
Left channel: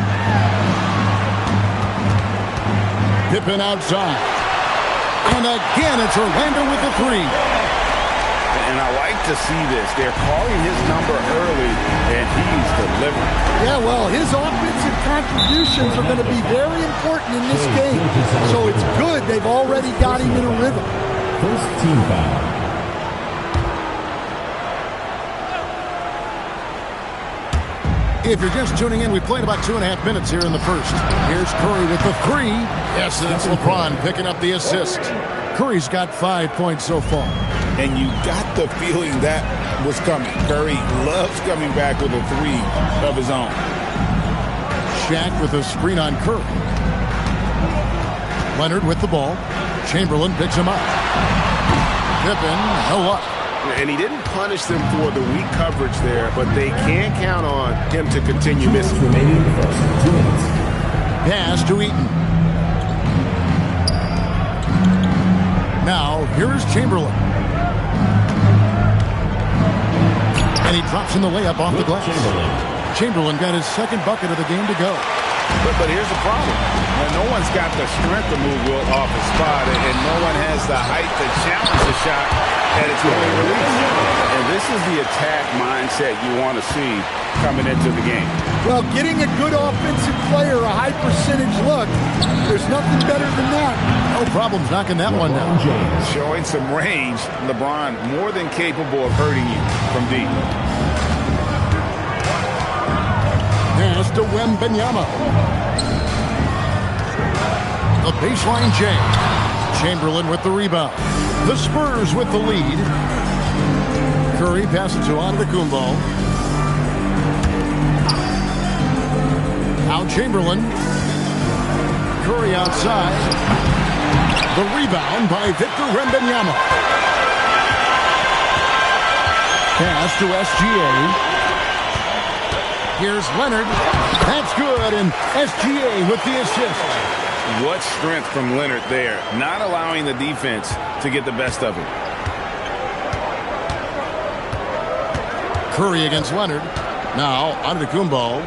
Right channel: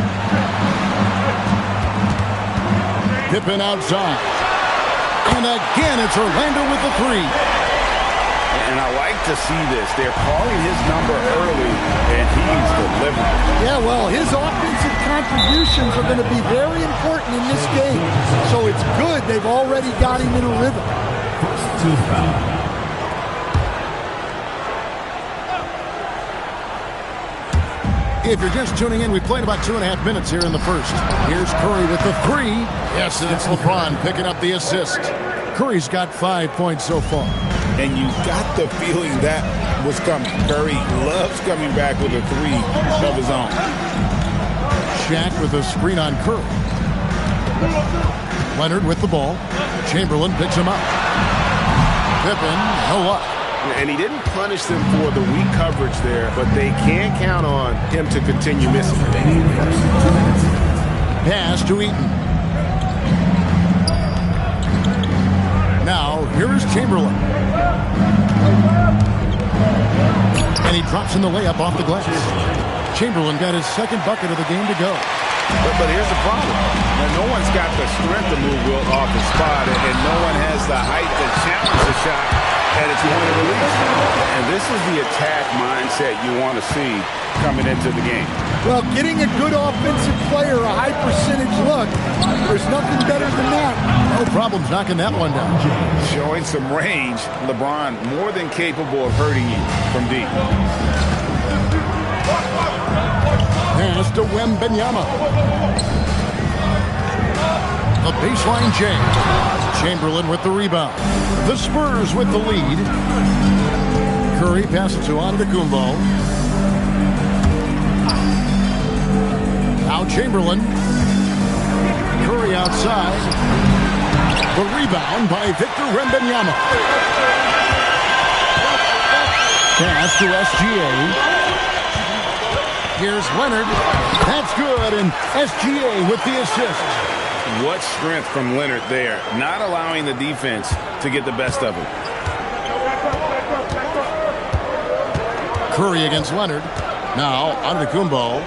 Pippen outside. And again, it's Orlando with the 3. And I like to see this. They're calling his number early, and he's delivering. Yeah, well, his offensive contributions are going to be very important in this game. So it's good they've already got him in a rhythm. First team foul. If you're just tuning in, we played about 2.5 minutes here in the first. Here's Curry with the 3. Yes, and it's LeBron picking up the assist. Curry's got 5 points so far. And you got the feeling that was coming. Curry loves coming back with a 3 of his own. Shaq with a screen on Curry. Leonard with the ball. Chamberlain picks him up. Pippen, no luck. And he didn't punish them for the weak coverage there, but they can't count on him to continue missing. Remaining first 2 minutes. Pass to Eaton. Now, here's Chamberlain. And he drops in the layup off the glass. Chamberlain got his second bucket of the game to go. But here's the problem. Now, no one's got the strength to move Wilt off his spot, and no one has the height to challenge the shot at its point of release. And this is the attack mindset you want to see coming into the game. Well, getting a good offensive player a high percentage look, there's nothing better than that. No problems knocking that one down. Showing some range, LeBron more than capable of hurting you from deep. Pass to Wembanyama. The baseline J. Chamberlain with the rebound. The Spurs with the lead. Curry passes to Antetokounmpo. Now Chamberlain. Curry outside. The rebound by Victor Wembanyama. Pass to SGA. Here's Leonard. That's good, and SGA with the assist. What strength from Leonard there, not allowing the defense to get the best of him. Curry against Leonard. Now, Antetokounmpo.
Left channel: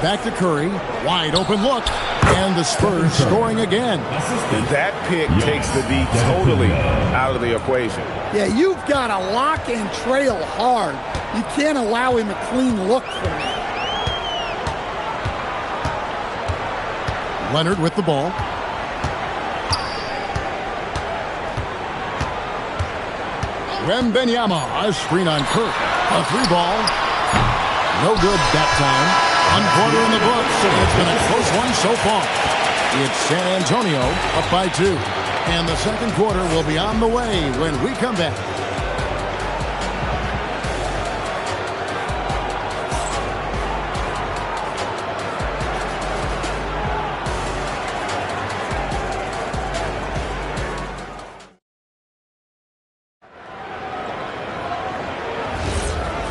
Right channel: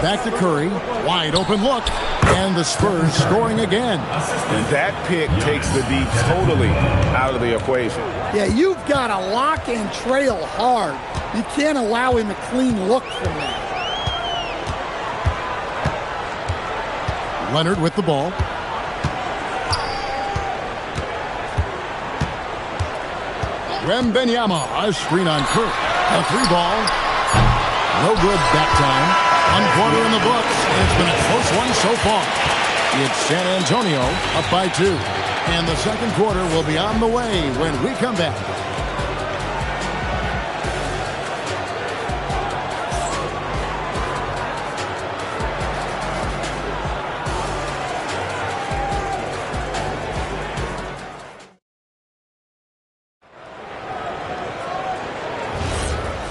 Back to Curry. Wide open look. And the Spurs scoring again. That pick takes the D totally out of the equation. Yeah, you've got to lock and trail hard. You can't allow him a clean look from that. Leonard with the ball. Wembanyama, a screen on Curry. A 3-ball. No good that time. One quarter in the books, and it's been a close one so far. It's San Antonio up by 2. And the second quarter will be on the way when we come back.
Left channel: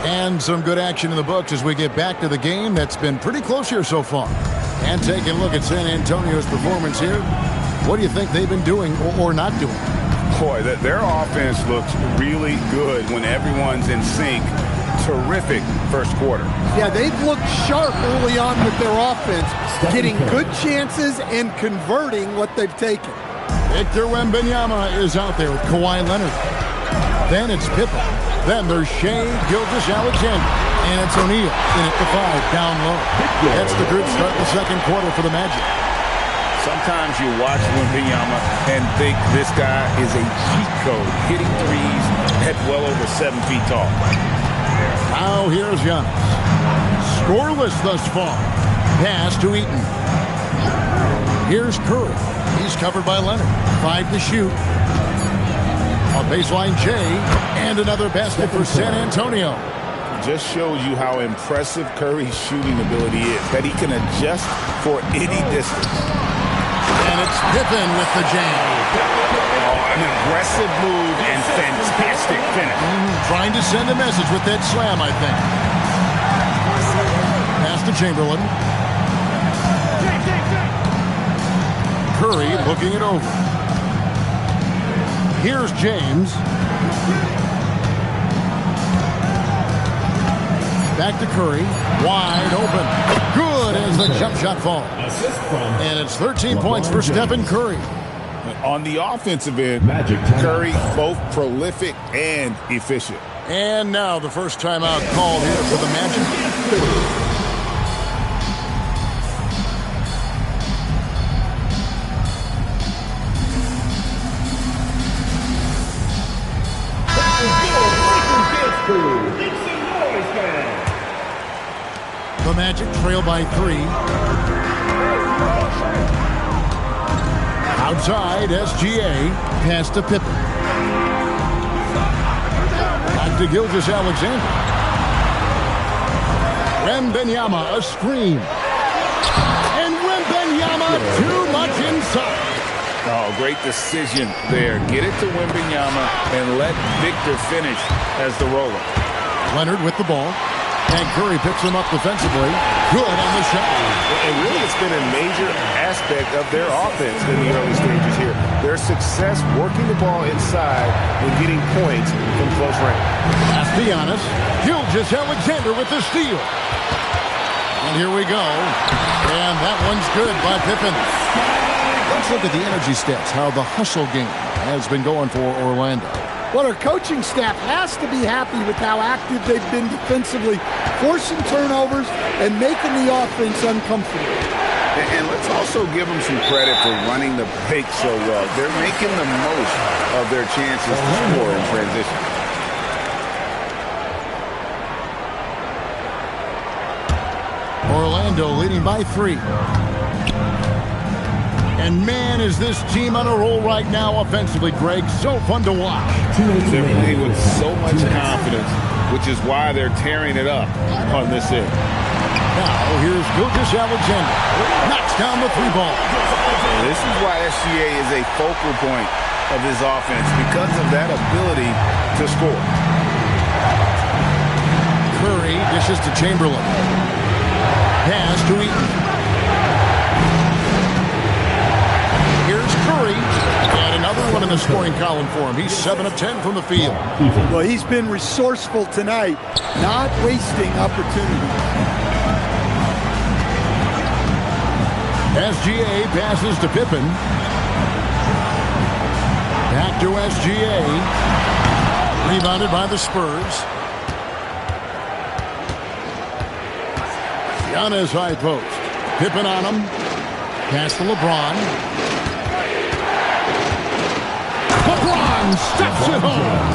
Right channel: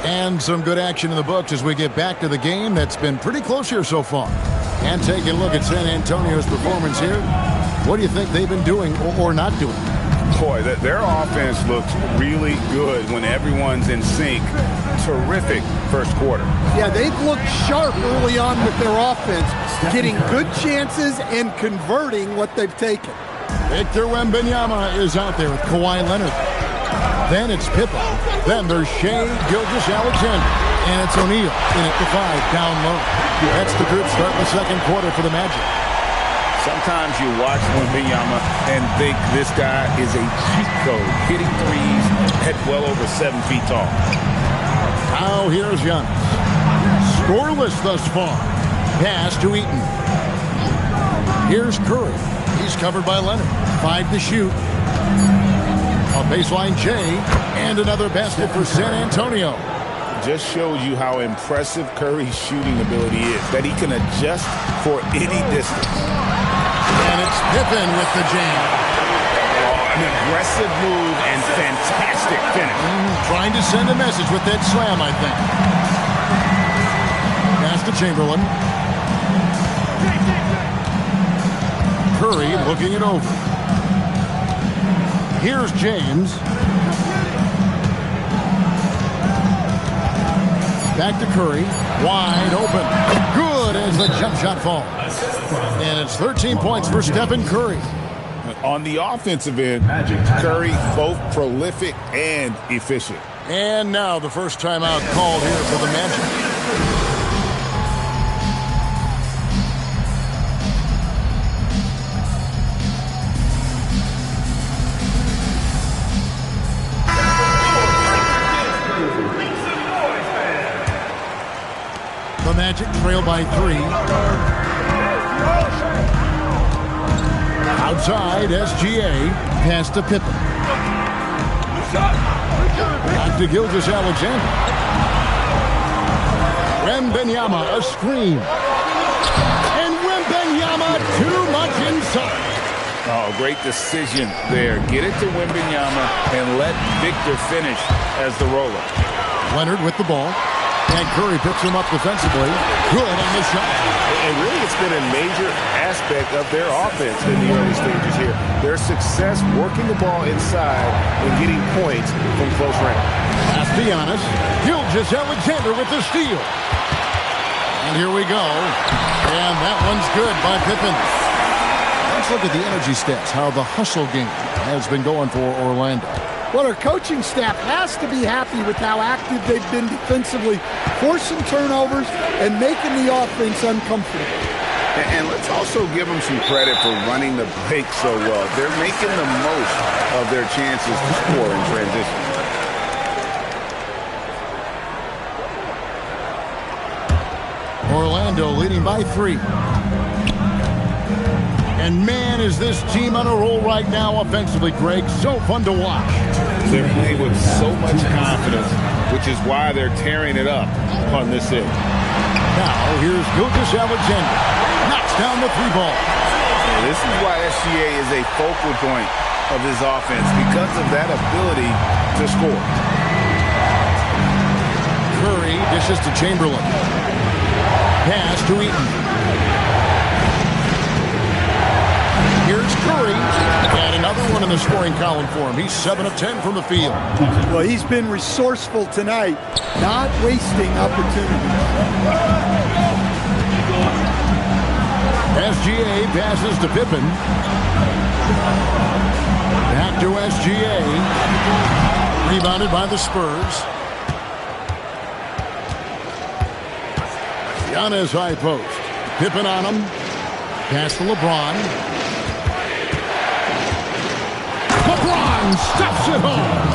And some good action in the books as we get back to the game that's been pretty close here so far. And taking a look at San Antonio's performance here. What do you think they've been doing or not doing? Boy, their offense looks really good when everyone's in sync. Terrific first quarter. Yeah, they've looked sharp early on with their offense, getting good chances and converting what they've taken. Victor Wembanyama is out there with Kawhi Leonard. Then it's Pippen. Then there's Shai Gilgeous-Alexander. And it's O'Neal in at the 5, down low. That's the group starting the second quarter for the Magic. Sometimes you watch Wembanyama and think this guy is a cheat code, hitting threes at well over 7 feet tall. Now here's Giannis. Scoreless thus far. Pass to Eaton. Here's Curry. He's covered by Leonard. 5 to shoot. A baseline J, and another basket for San Antonio. Just shows you how impressive Curry's shooting ability is, that he can adjust for any distance. And it's Pippen with the jam. Oh, an aggressive move and fantastic finish. Trying to send a message with that slam, I think. Pass to Chamberlain. Curry looking it over. Here's James. Back to Curry. Wide open. Good as the jump shot falls. And it's 13 points for Stephen Curry. On the offensive end, Curry both prolific and efficient. And now the first timeout called here for the Magic. The Magic trail by 3. Outside, SGA. Pass to Pippen. Back to Gilgeous-Alexander. Wembanyama, a screen. And Wembanyama, too much inside. Oh, great decision there. Get it to Wembanyama and let Victor finish as the roller. Leonard with the ball. And Curry picks him up defensively. Good on the shot. And really, it's been a major aspect of their offense in the early stages here. Their success working the ball inside and getting points from close range. Pass to Giannis. Gilgeous-Alexander with the steal. And here we go. And that one's good by Pippen. Let's look at the energy stats, how the hustle game has been going for Orlando. Well, our coaching staff has to be happy with how active they've been defensively, forcing turnovers and making the offense uncomfortable. And let's also give them some credit for running the break so well. They're making the most of their chances to score in transition. Orlando leading by 3. And man, is this team on a roll right now offensively, Greg. So fun to watch. They're playing with so much confidence, which is why they're tearing it up on this end. Now, here's Gilgeous-Alexander. Knocks down the 3 ball. And this is why SGA is a focal point of his offense, because of that ability to score. Curry dishes to Chamberlain. Pass to Eaton. Here's Curry, and another one in the scoring column for him. He's 7 of 10 from the field. Well, he's been resourceful tonight, not wasting opportunities. SGA passes to Pippen. Back to SGA. Rebounded by the Spurs. Giannis high post. Pippen on him. Pass to LeBron. LeBron stuffs it home.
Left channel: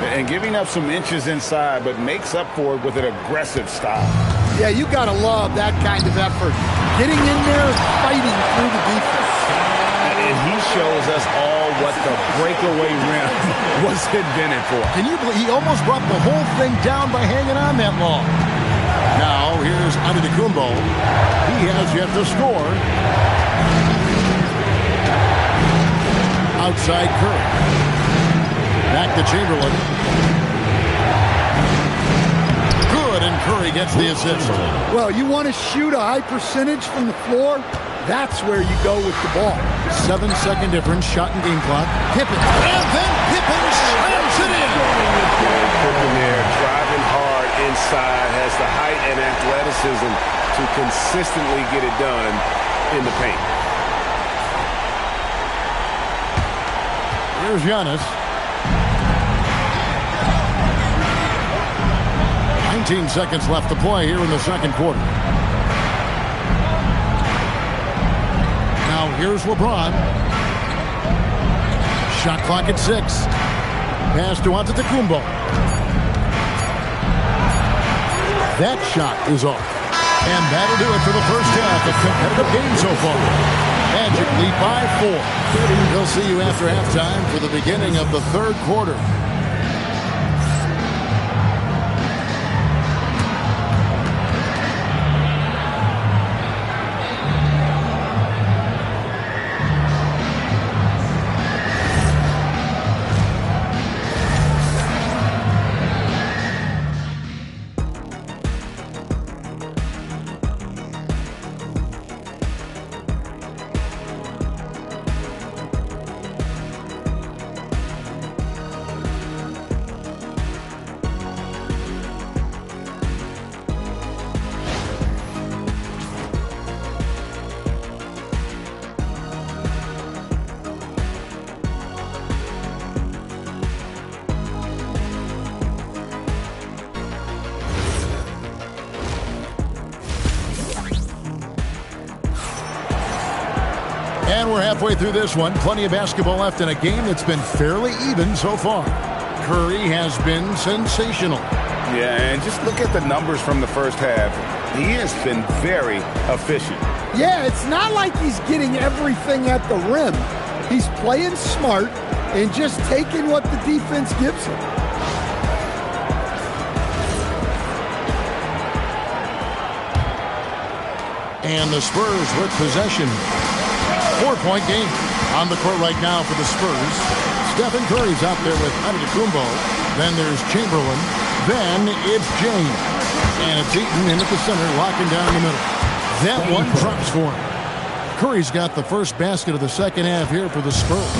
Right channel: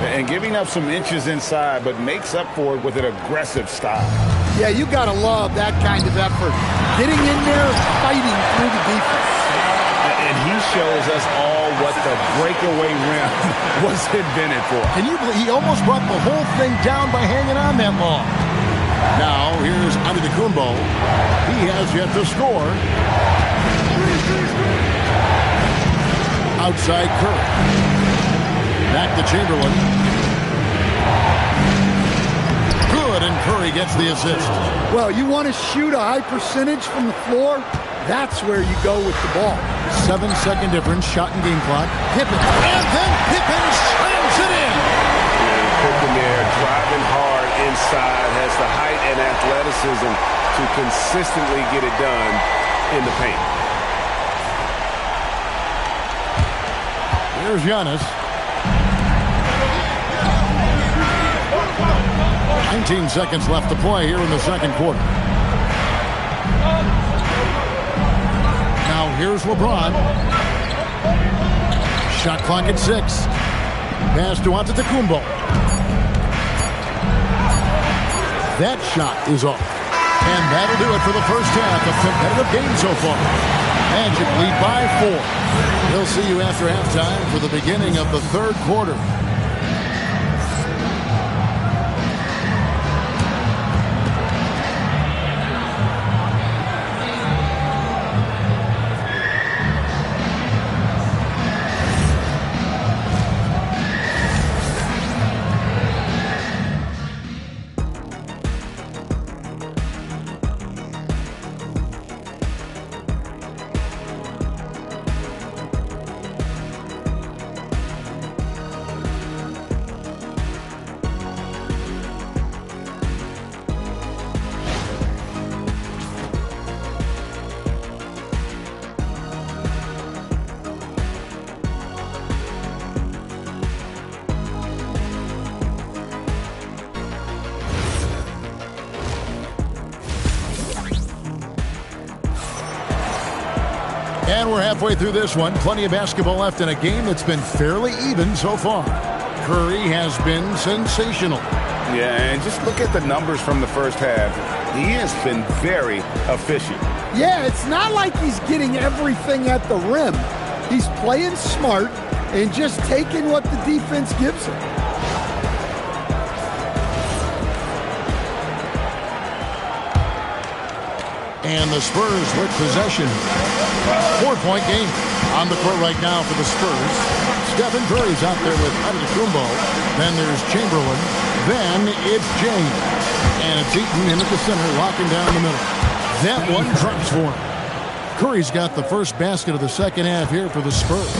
And giving up some inches inside, but makes up for it with an aggressive style. Yeah, you got to love that kind of effort. Getting in there, fighting through the defense. And he shows us all what the breakaway rim was invented for. Can you believe he almost brought the whole thing down by hanging on that long? Now, here's Antetokounmpo. He has yet to score. Outside Curry. Back to Chamberlain. Good, and Curry gets the assist. Well, you want to shoot a high percentage from the floor? That's where you go with the ball. 7-second difference, shot and game clock. Pippen. And then Pippen slams it in. And Pippen there driving hard inside, has the height and athleticism to consistently get it done in the paint. Here's Giannis. 19 seconds left to play here in the second quarter. Now here's LeBron. Shot clock at 6. Pass to Antetokounmpo. That shot is off. And that'll do it for the first half of competitive game so far. Magic lead by 4. We'll see you after halftime for the beginning of the third quarter. And we're halfway through this one. Plenty of basketball left in a game that's been fairly even so far. Curry has been sensational. Yeah, and just look at the numbers from the first half. He has been very efficient. Yeah, it's not like he's getting everything at the rim. He's playing smart and just taking what the defense gives him. And the Spurs with possession. 4-point game on the court right now for the Spurs. Stephen Curry's out there with Antetokounmpo. Then there's Chamberlain. Then it's James. And it's Eaton in at the center, locking down the middle. That one drops for him. Curry's got the first basket of the second half here for the Spurs.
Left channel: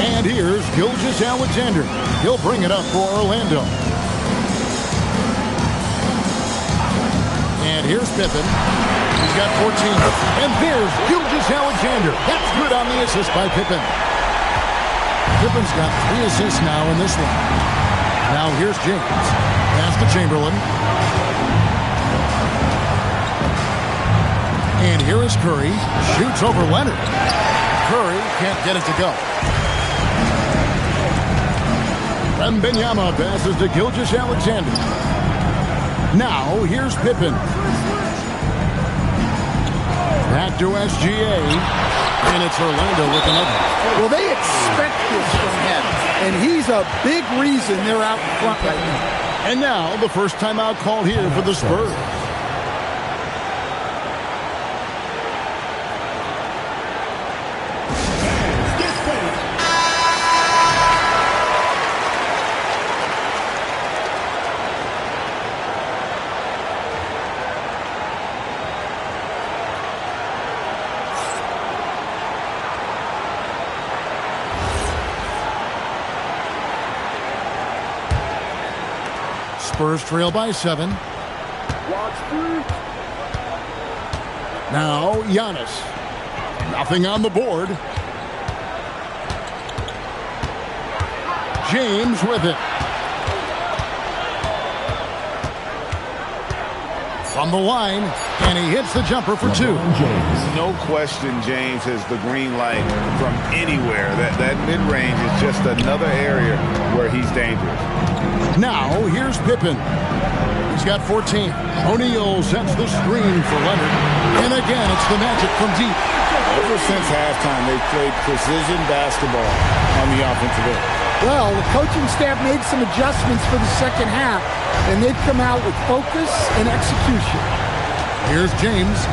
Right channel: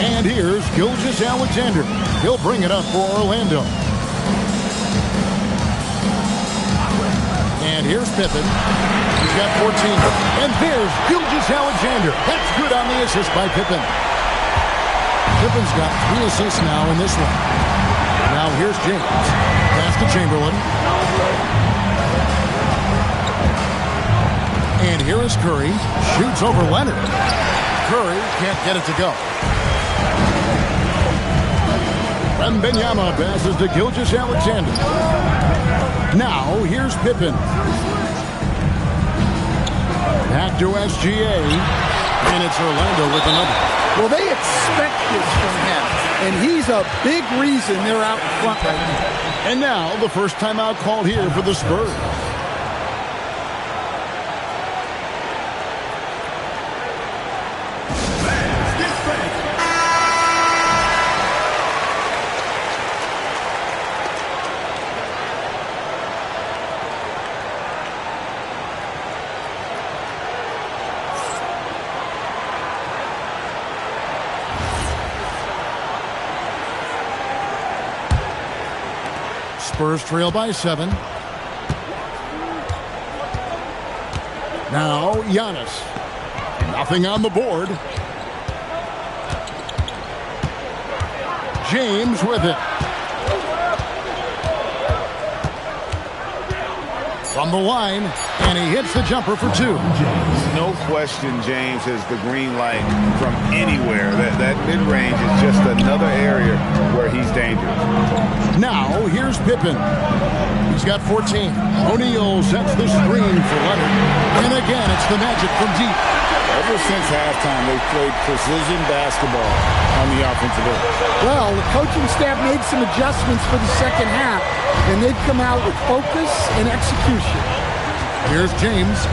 And here's Gilgeous-Alexander. He'll bring it up for Orlando. And here's Pippen. He's got 14. And there's Gilgeous-Alexander. That's good on the assist by Pippen. Pippen's got 3 assists now in this one. Now here's James. Pass to Chamberlain. And here is Curry. Shoots over Leonard. Curry can't get it to go. Wembanyama passes to Gilgeous-Alexander. Now here's Pippen. Back to SGA, and it's Orlando with another. Well, they expect this from him, and he's a big reason they're out in front right now. And now the first timeout called here for the Spurs. Spurs trail by 7. Now Giannis. Nothing on the board. James with it. From the line, and he hits the jumper for two. No question, James has the green light from anywhere. That mid-range is just another area where he's dangerous. Now, here's Pippen. He's got 14. O'Neal sets the screen for Leonard. And again, it's the Magic from deep. Ever since halftime, they've played precision basketball on the offensive end. Well, the coaching staff made some adjustments for the second half, and they've come out with focus and execution. Here's James.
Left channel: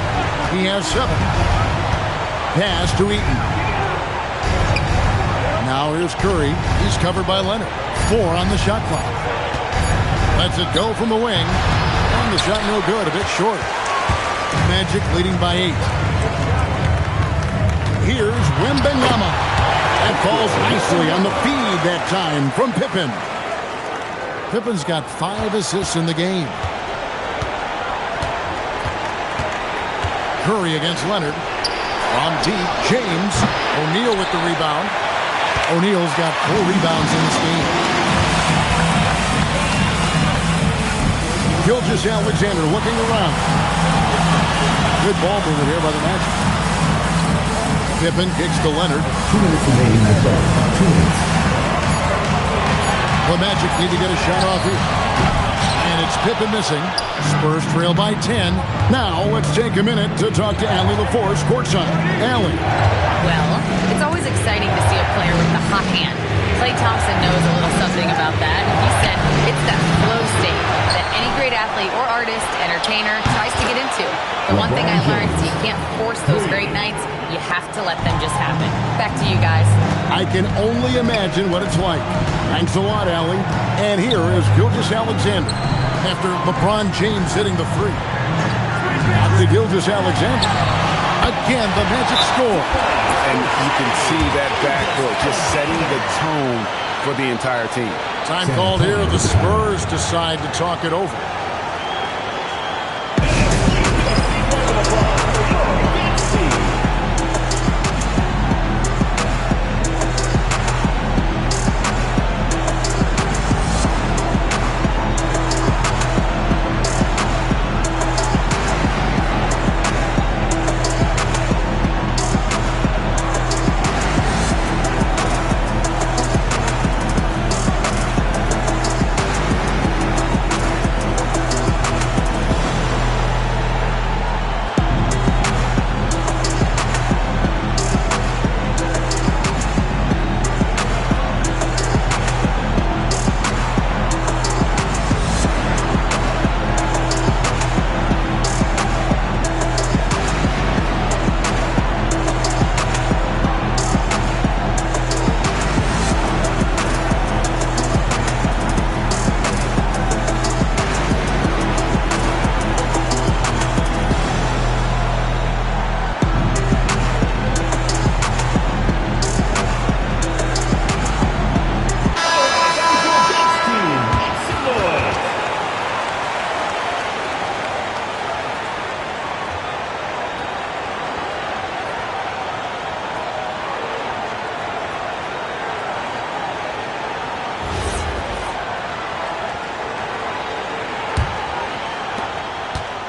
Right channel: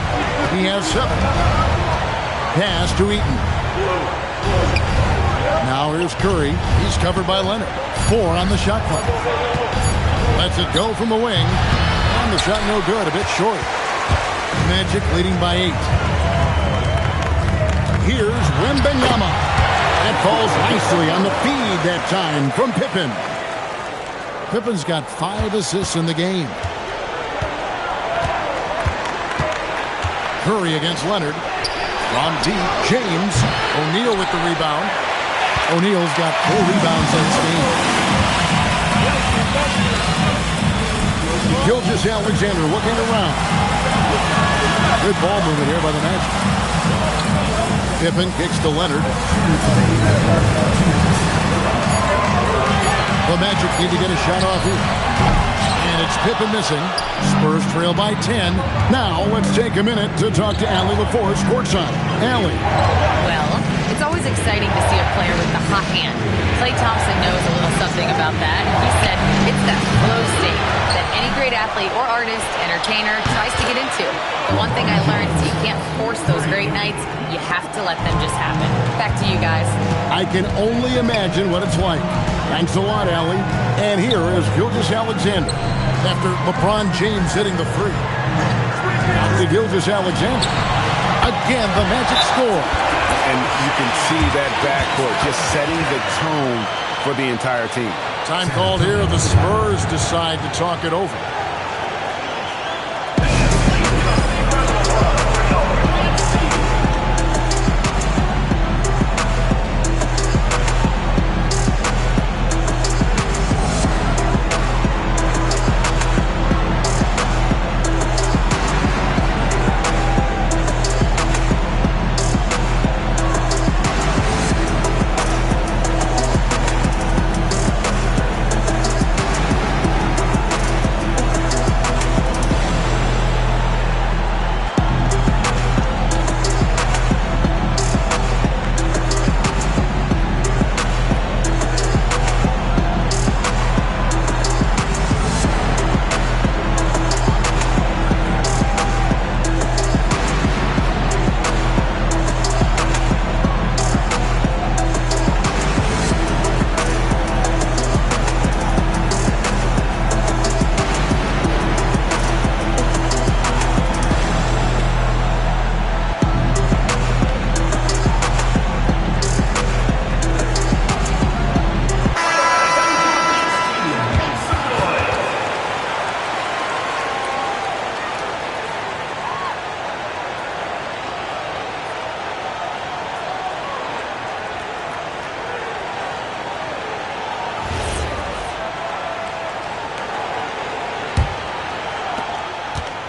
He has 7. Pass to Eaton. Now here's Curry. He's covered by Leonard. 4 on the shot clock. Lets it go from the wing. And the shot no good, a bit short. Magic leading by 8. Here's Wembanyama. That falls nicely on the feed that time from Pippen. Pippen's got 5 assists in the game. Curry against Leonard. From deep, James. O'Neal with the rebound. O'Neal's got 4 rebounds in this game. Gilgeous-Alexander looking around. Good ball movement here by the Magic. Pippen kicks to Leonard. The Magic need to get a shot off here. And it's Pippen missing. Spurs trail by 10. Now let's take a minute to talk to Allie LaForce courtside. Allie. Well, it's always exciting to see a player with the hot hand. Klay Thompson knows a little something about that. He said it's that flow state that any great athlete or artist, entertainer tries to get into. The one thing I learned is you can't force those great nights. You have to let them just happen. Back to you guys. I can only imagine what it's like. Thanks a lot, Allie. And here is Gilgeous-Alexander after LeBron James hitting the 3. Out to Gilgeous-Alexander. Again, the Magic score. And you can see that backcourt just setting the tone for the entire team. Time called here. The Spurs decide to talk it over.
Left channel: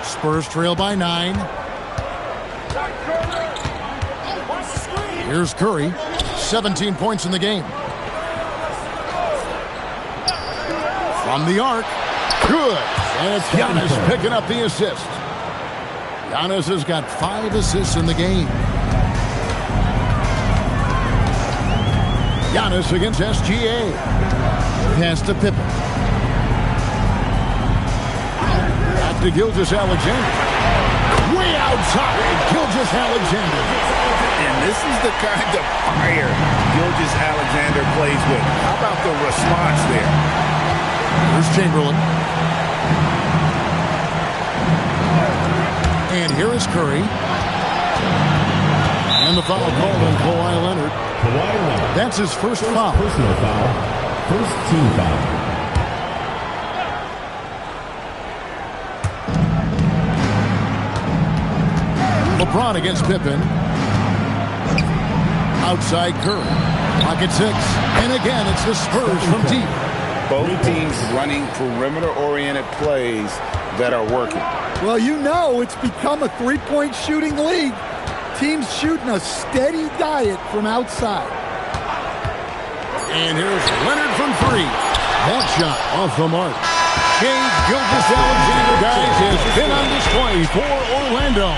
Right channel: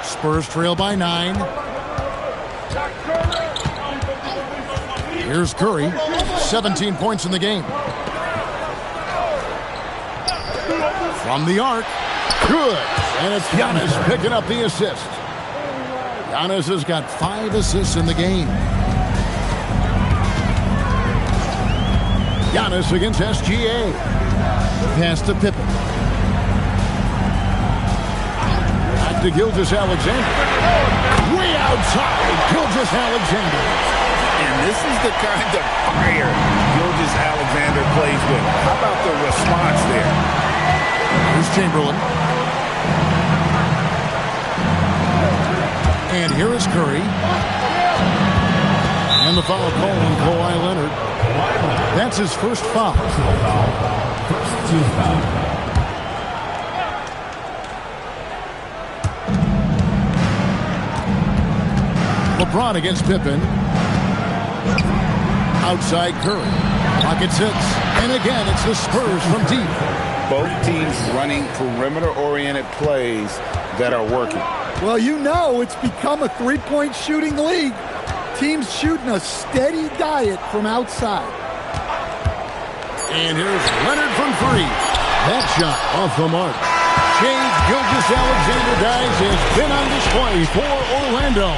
Spurs trail by 9. Here's Curry. 17 points in the game. From the arc. Good. And it's Giannis picking up the assist. Giannis has got 5 assists in the game. Giannis against SGA. Pass to Pippen. Back to Gilgeous-Alexander. Way outside, Gilgeous-Alexander. And this is the kind of fire Gilgeous-Alexander plays with. How about the response there? Here's Chamberlain. And here is Curry. And the foul called on Kawhi Leonard. That's his first foul. Personal foul. First team foul. LeBron against Pippen. Outside Curry. Pocket 6. And again, it's the Spurs from deep. Both teams running perimeter-oriented plays that are working. Well, you know it's become a three-point shooting league. Teams shooting a steady diet from outside. And here's Leonard from three. That shot off the mark. Shai Gilgeous-Alexander, guys, has been on display for Orlando.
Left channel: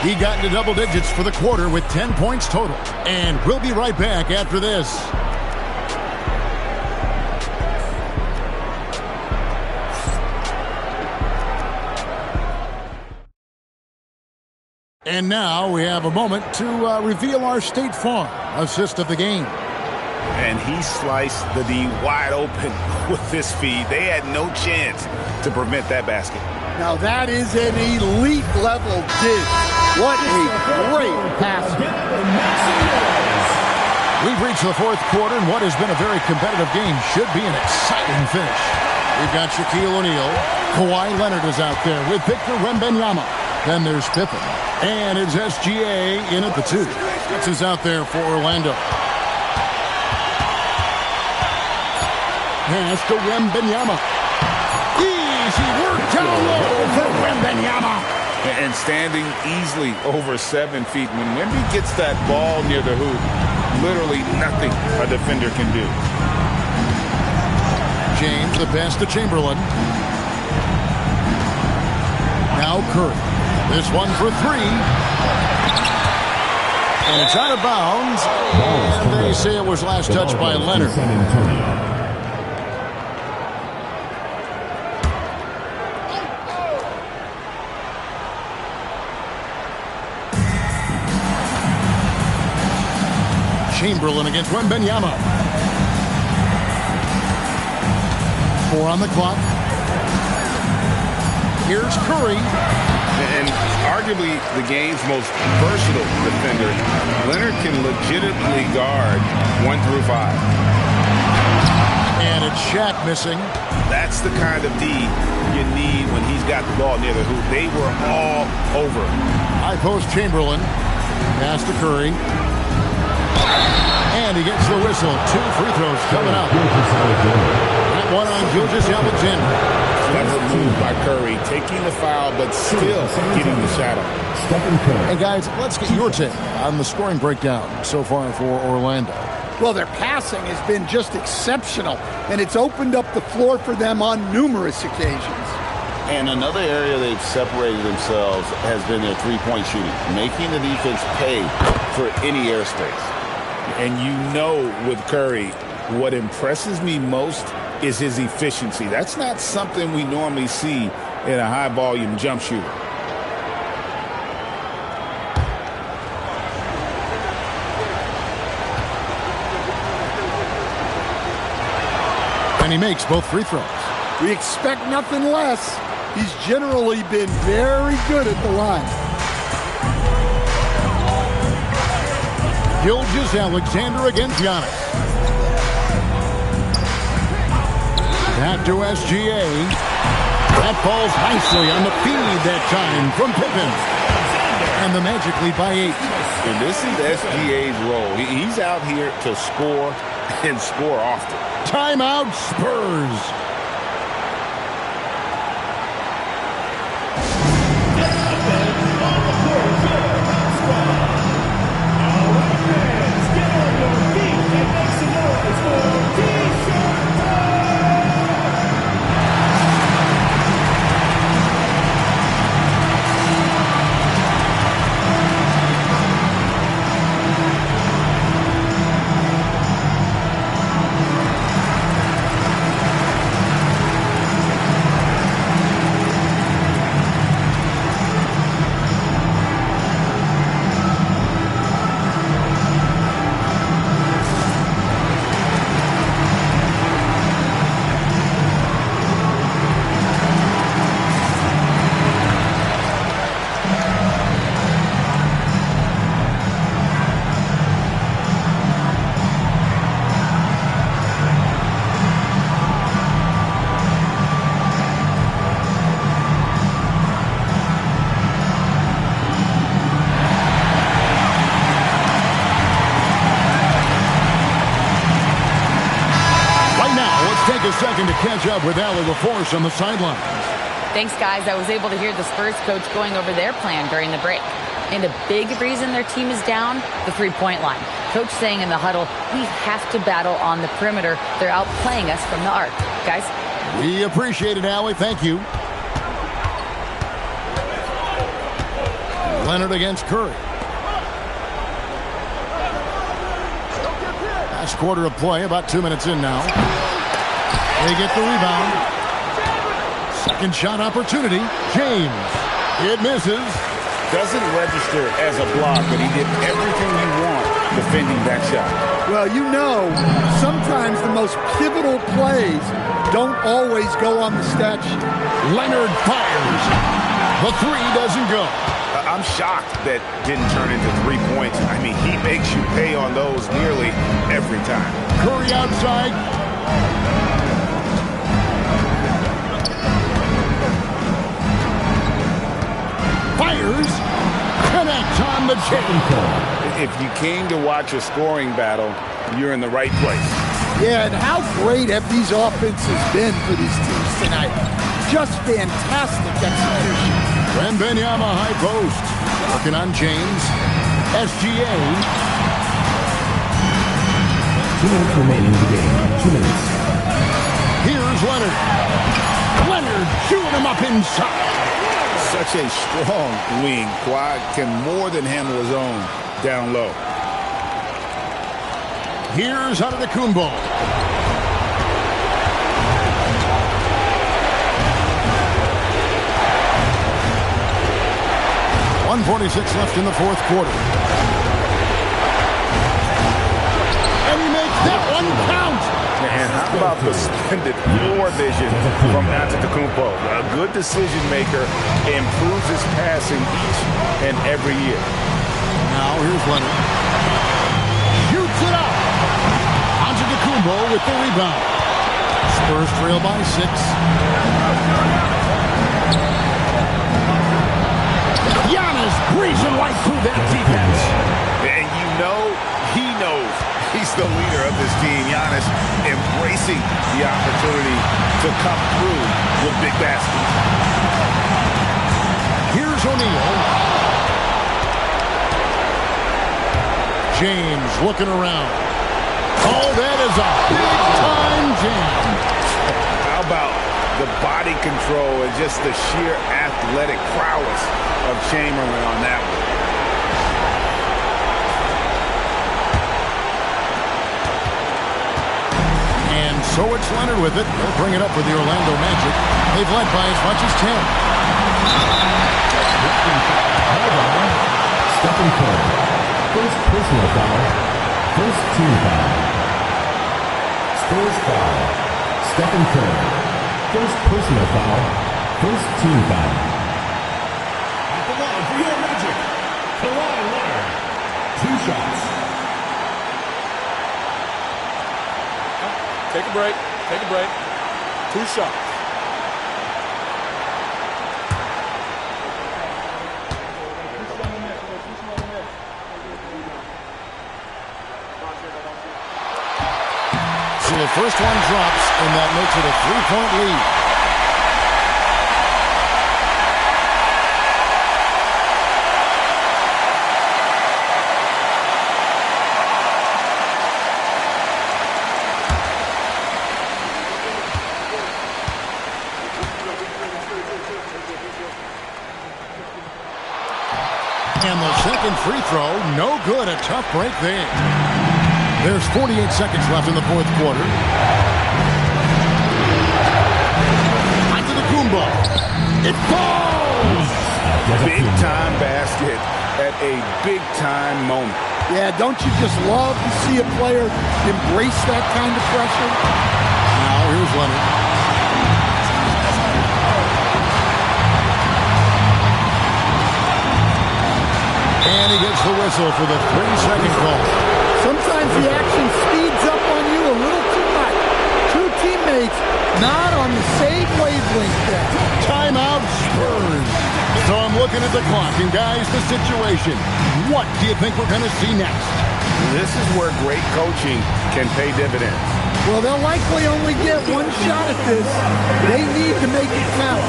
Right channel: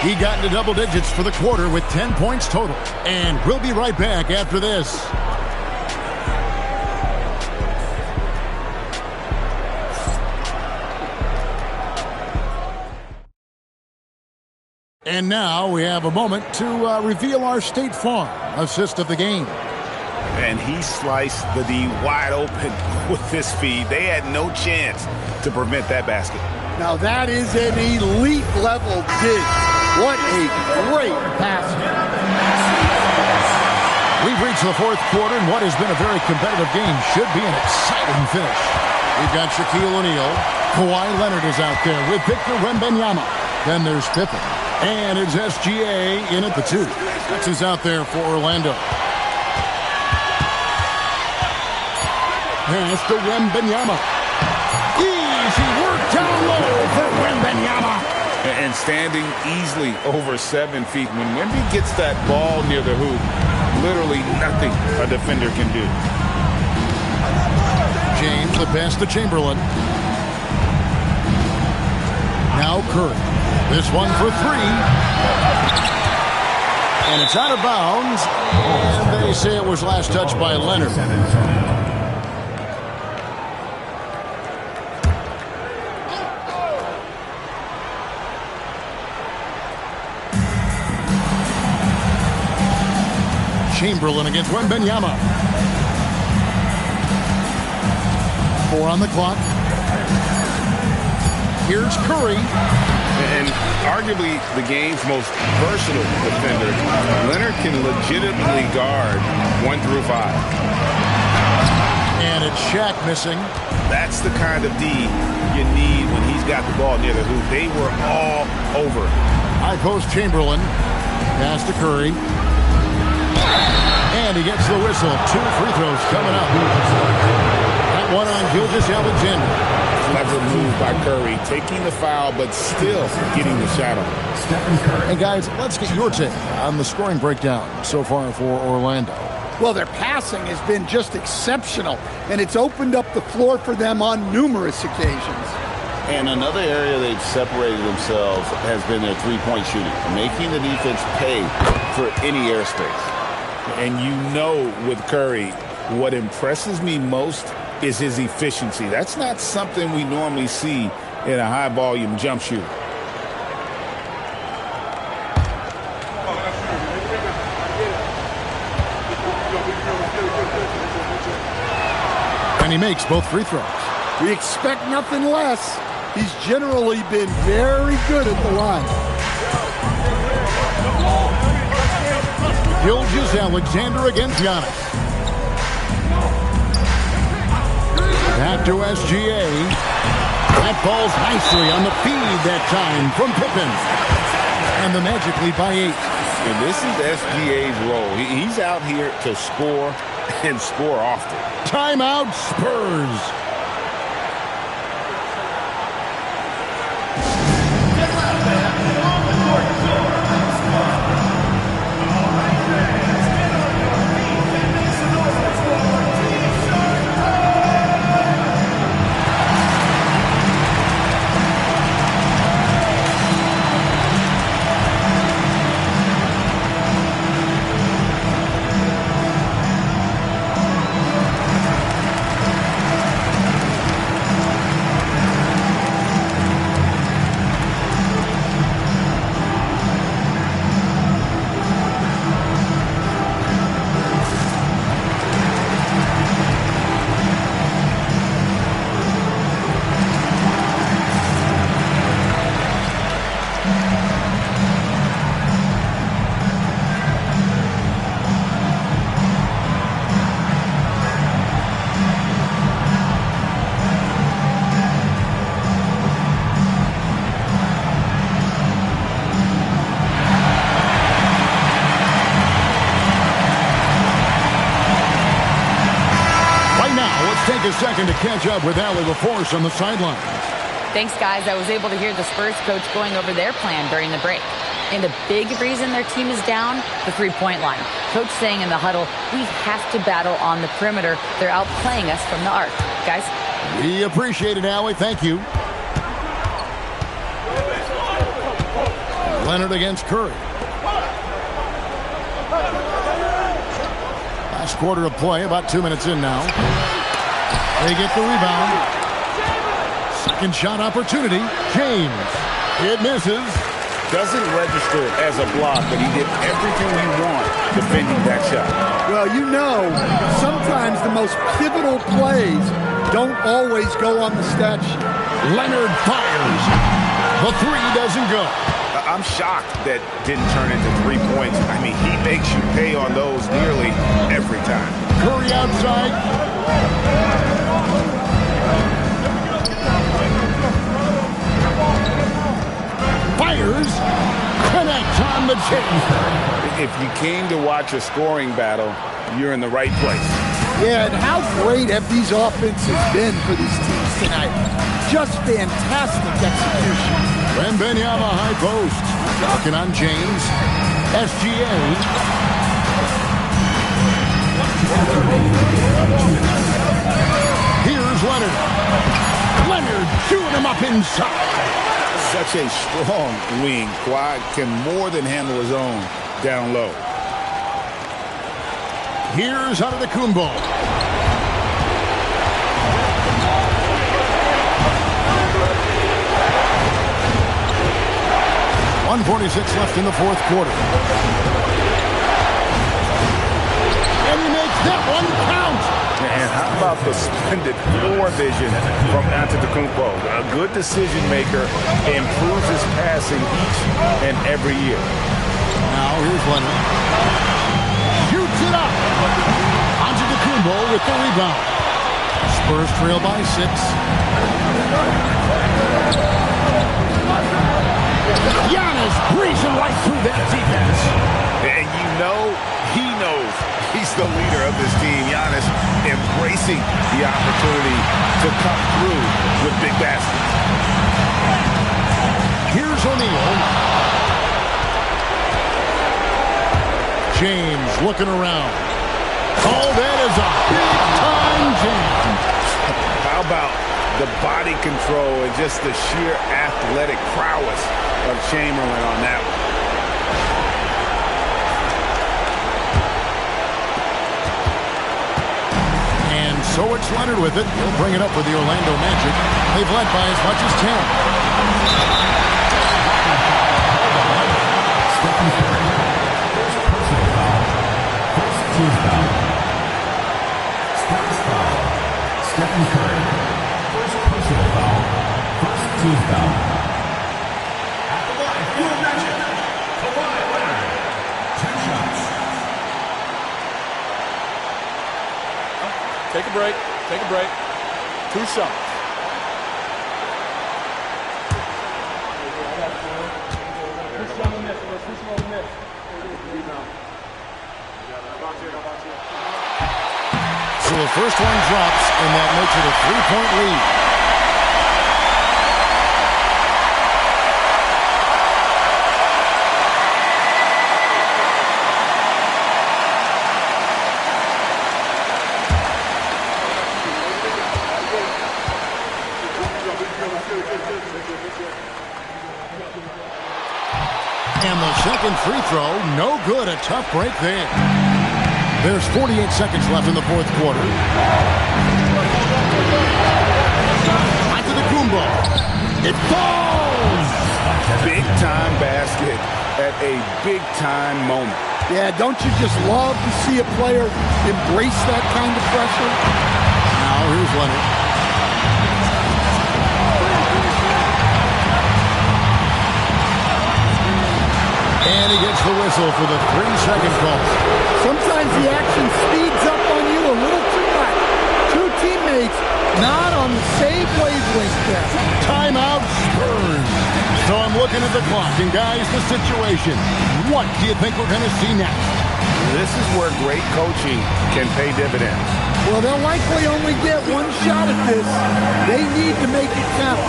He got into double digits for the quarter with 10 points total. And we'll be right back after this. And now we have a moment to reveal our State Farm assist of the game. And he sliced the D wide open with this feed. They had no chance to prevent that basket. Now that is an elite level dig. What a great pass. We've reached the fourth quarter, and what has been a very competitive game should be an exciting finish. We've got Shaquille O'Neal. Kawhi Leonard is out there with Victor Wembanyama. Then there's Pippen. And it's SGA in at the two. That's who's out there for Orlando. Pass to Wembanyama. Easy work down low for Wembanyama. And standing easily over 7 feet. When Wemby gets that ball near the hoop, literally nothing a defender can do. James, the pass to Chamberlain. Now Curry. This one for three. And it's out of bounds. And they say it was last touched by Leonard. Chamberlain against Wembanyama. 4 on the clock. Here's Curry. And arguably the game's most versatile defender, Leonard can legitimately guard 1 through 5. And it's Shaq missing. That's the kind of D you need when he's got the ball near the hoop. They were all over. High post Chamberlain. Pass to Curry. And he gets the whistle. 2 free throws coming up. That one on Gilgeous-Alexander. Clever move by Curry, taking the foul, but still getting the shot on. Hey, guys, let's get your take on the scoring breakdown so far for Orlando. Well, their passing has been just exceptional, and it's opened up the floor for them on numerous occasions. And another area they've separated themselves has been their three-point shooting, making the defense pay for any airspace. And you know with Curry, what impresses me most is his efficiency. That's not something we normally see in a high-volume jump shooter. And he makes both free throws. We expect nothing less. He's generally been very good at the line. Gilgeous-Alexander against Giannis. Back to SGA. That falls nicely on the feed that time from Pippen. And the Magic lead by 8. And this is SGA's role. He's out here to score and score often. Timeout Spurs. Now, let's take a second to catch up with Allie LaForce on the sidelines. Thanks, guys. I was able to hear the Spurs coach going over their plan during the break. And a big reason their team is down, the three-point line. Coach saying in the huddle, we have to battle on the perimeter. They're outplaying us from the arc. Guys? We appreciate it, Allie. Thank you. Leonard against Curry. Last quarter of play, about 2 minutes in now. They get the rebound. Second shot opportunity. James. It misses. Doesn't register as a block, but he did everything you want defending that shot. Well, you know, sometimes the most pivotal plays don't always go on the stat sheet. Leonard fires. The three doesn't go. I'm shocked that didn't turn into 3 points. I mean, he makes you pay on those nearly every time. Curry outside. Fires. Connects on the chain. If you came to watch a scoring battle, you're in the right place. Yeah, and how great have these offenses been for these teams tonight? Just fantastic execution. Wembanyama high post. Working on James. SGA. 2 minutes remaining in the game. 2 minutes. Here's Leonard. Leonard chewing him up inside. Such a strong wing. Kawhi can more than handle his own down low. Here's Antetokounmpo. .146 left in the fourth quarter. And he makes that one count. And how about the splendid floor vision from Antetokounmpo? A good decision maker, improves his passing each and every year. Now here's Leonard. Shoots it up. Antetokounmpo with the rebound. Spurs trail by 6. Giannis breezing right through that defense. And you know he knows he's the leader of this team. Giannis embracing the opportunity to come through with big baskets. Here's O'Neal. James looking around. Oh, that is a big-time jam. How about the body control and just the sheer athletic prowess of Chamberlain on that one? And so it's Leonard with it. He'll bring it up for the Orlando Magic. They've led by as much as 10. Stephen Curry. First personal foul. First team foul. Spurs foul. Stephen Curry. First personal foul. First team foul. At the line for your Magic, Kawhi Leonard. 2 shots. Take a break. Take a break. 2 shots. So the first one drops, and that makes it a 3-point lead. And the second free throw, no good. A tough break there. There's 48 seconds left in the fourth quarter. Antetokounmpo. It falls! Big-time basket at a big-time moment. Yeah, don't you just love to see a player embrace that kind of pressure? Now here's Leonard. And he gets the whistle for the 3-second call. Sometimes the action speeds up on you a little too much. 2 teammates not on the same wavelength there. Timeout Spurs. So I'm looking at the clock, and guys, the situation. What do you think we're going to see next? This is where great coaching can pay dividends. Well, they'll likely only get 1 shot at this. They need to make it count.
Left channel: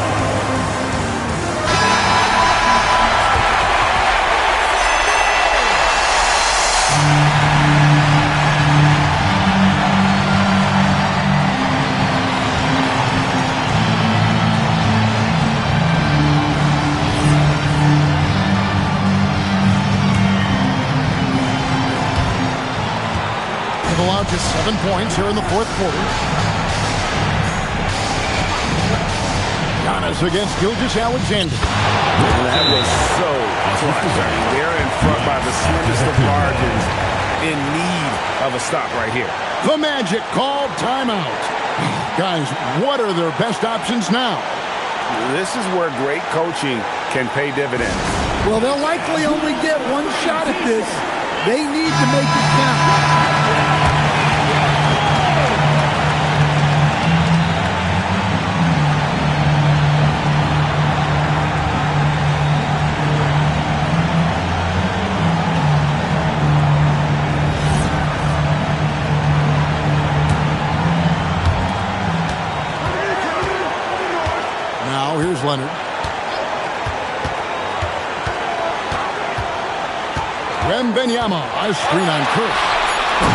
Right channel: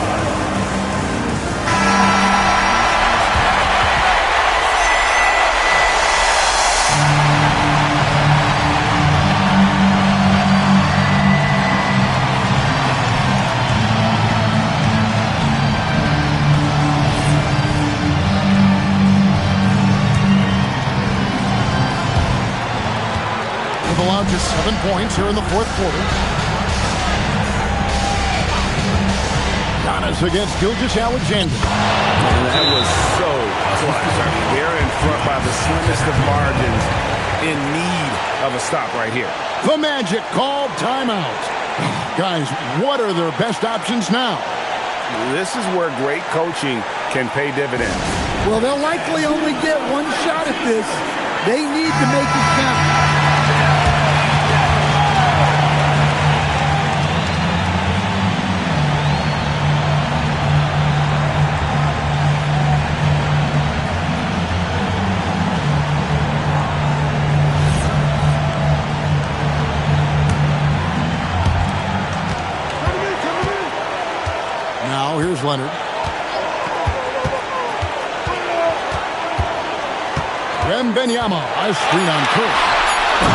allowed just 7 points here in the fourth quarter. Giannis against Gilgeous-Alexander. That was so clutch. I mean, they're in front by the slimmest of margins, in need of a stop right here. The Magic called timeout. Guys, what are their best options now? This is where great coaching can pay dividends. Well, they'll likely only get one shot at this. They need to make it count. Now here's Leonard. Wembanyama, a screen on Curry.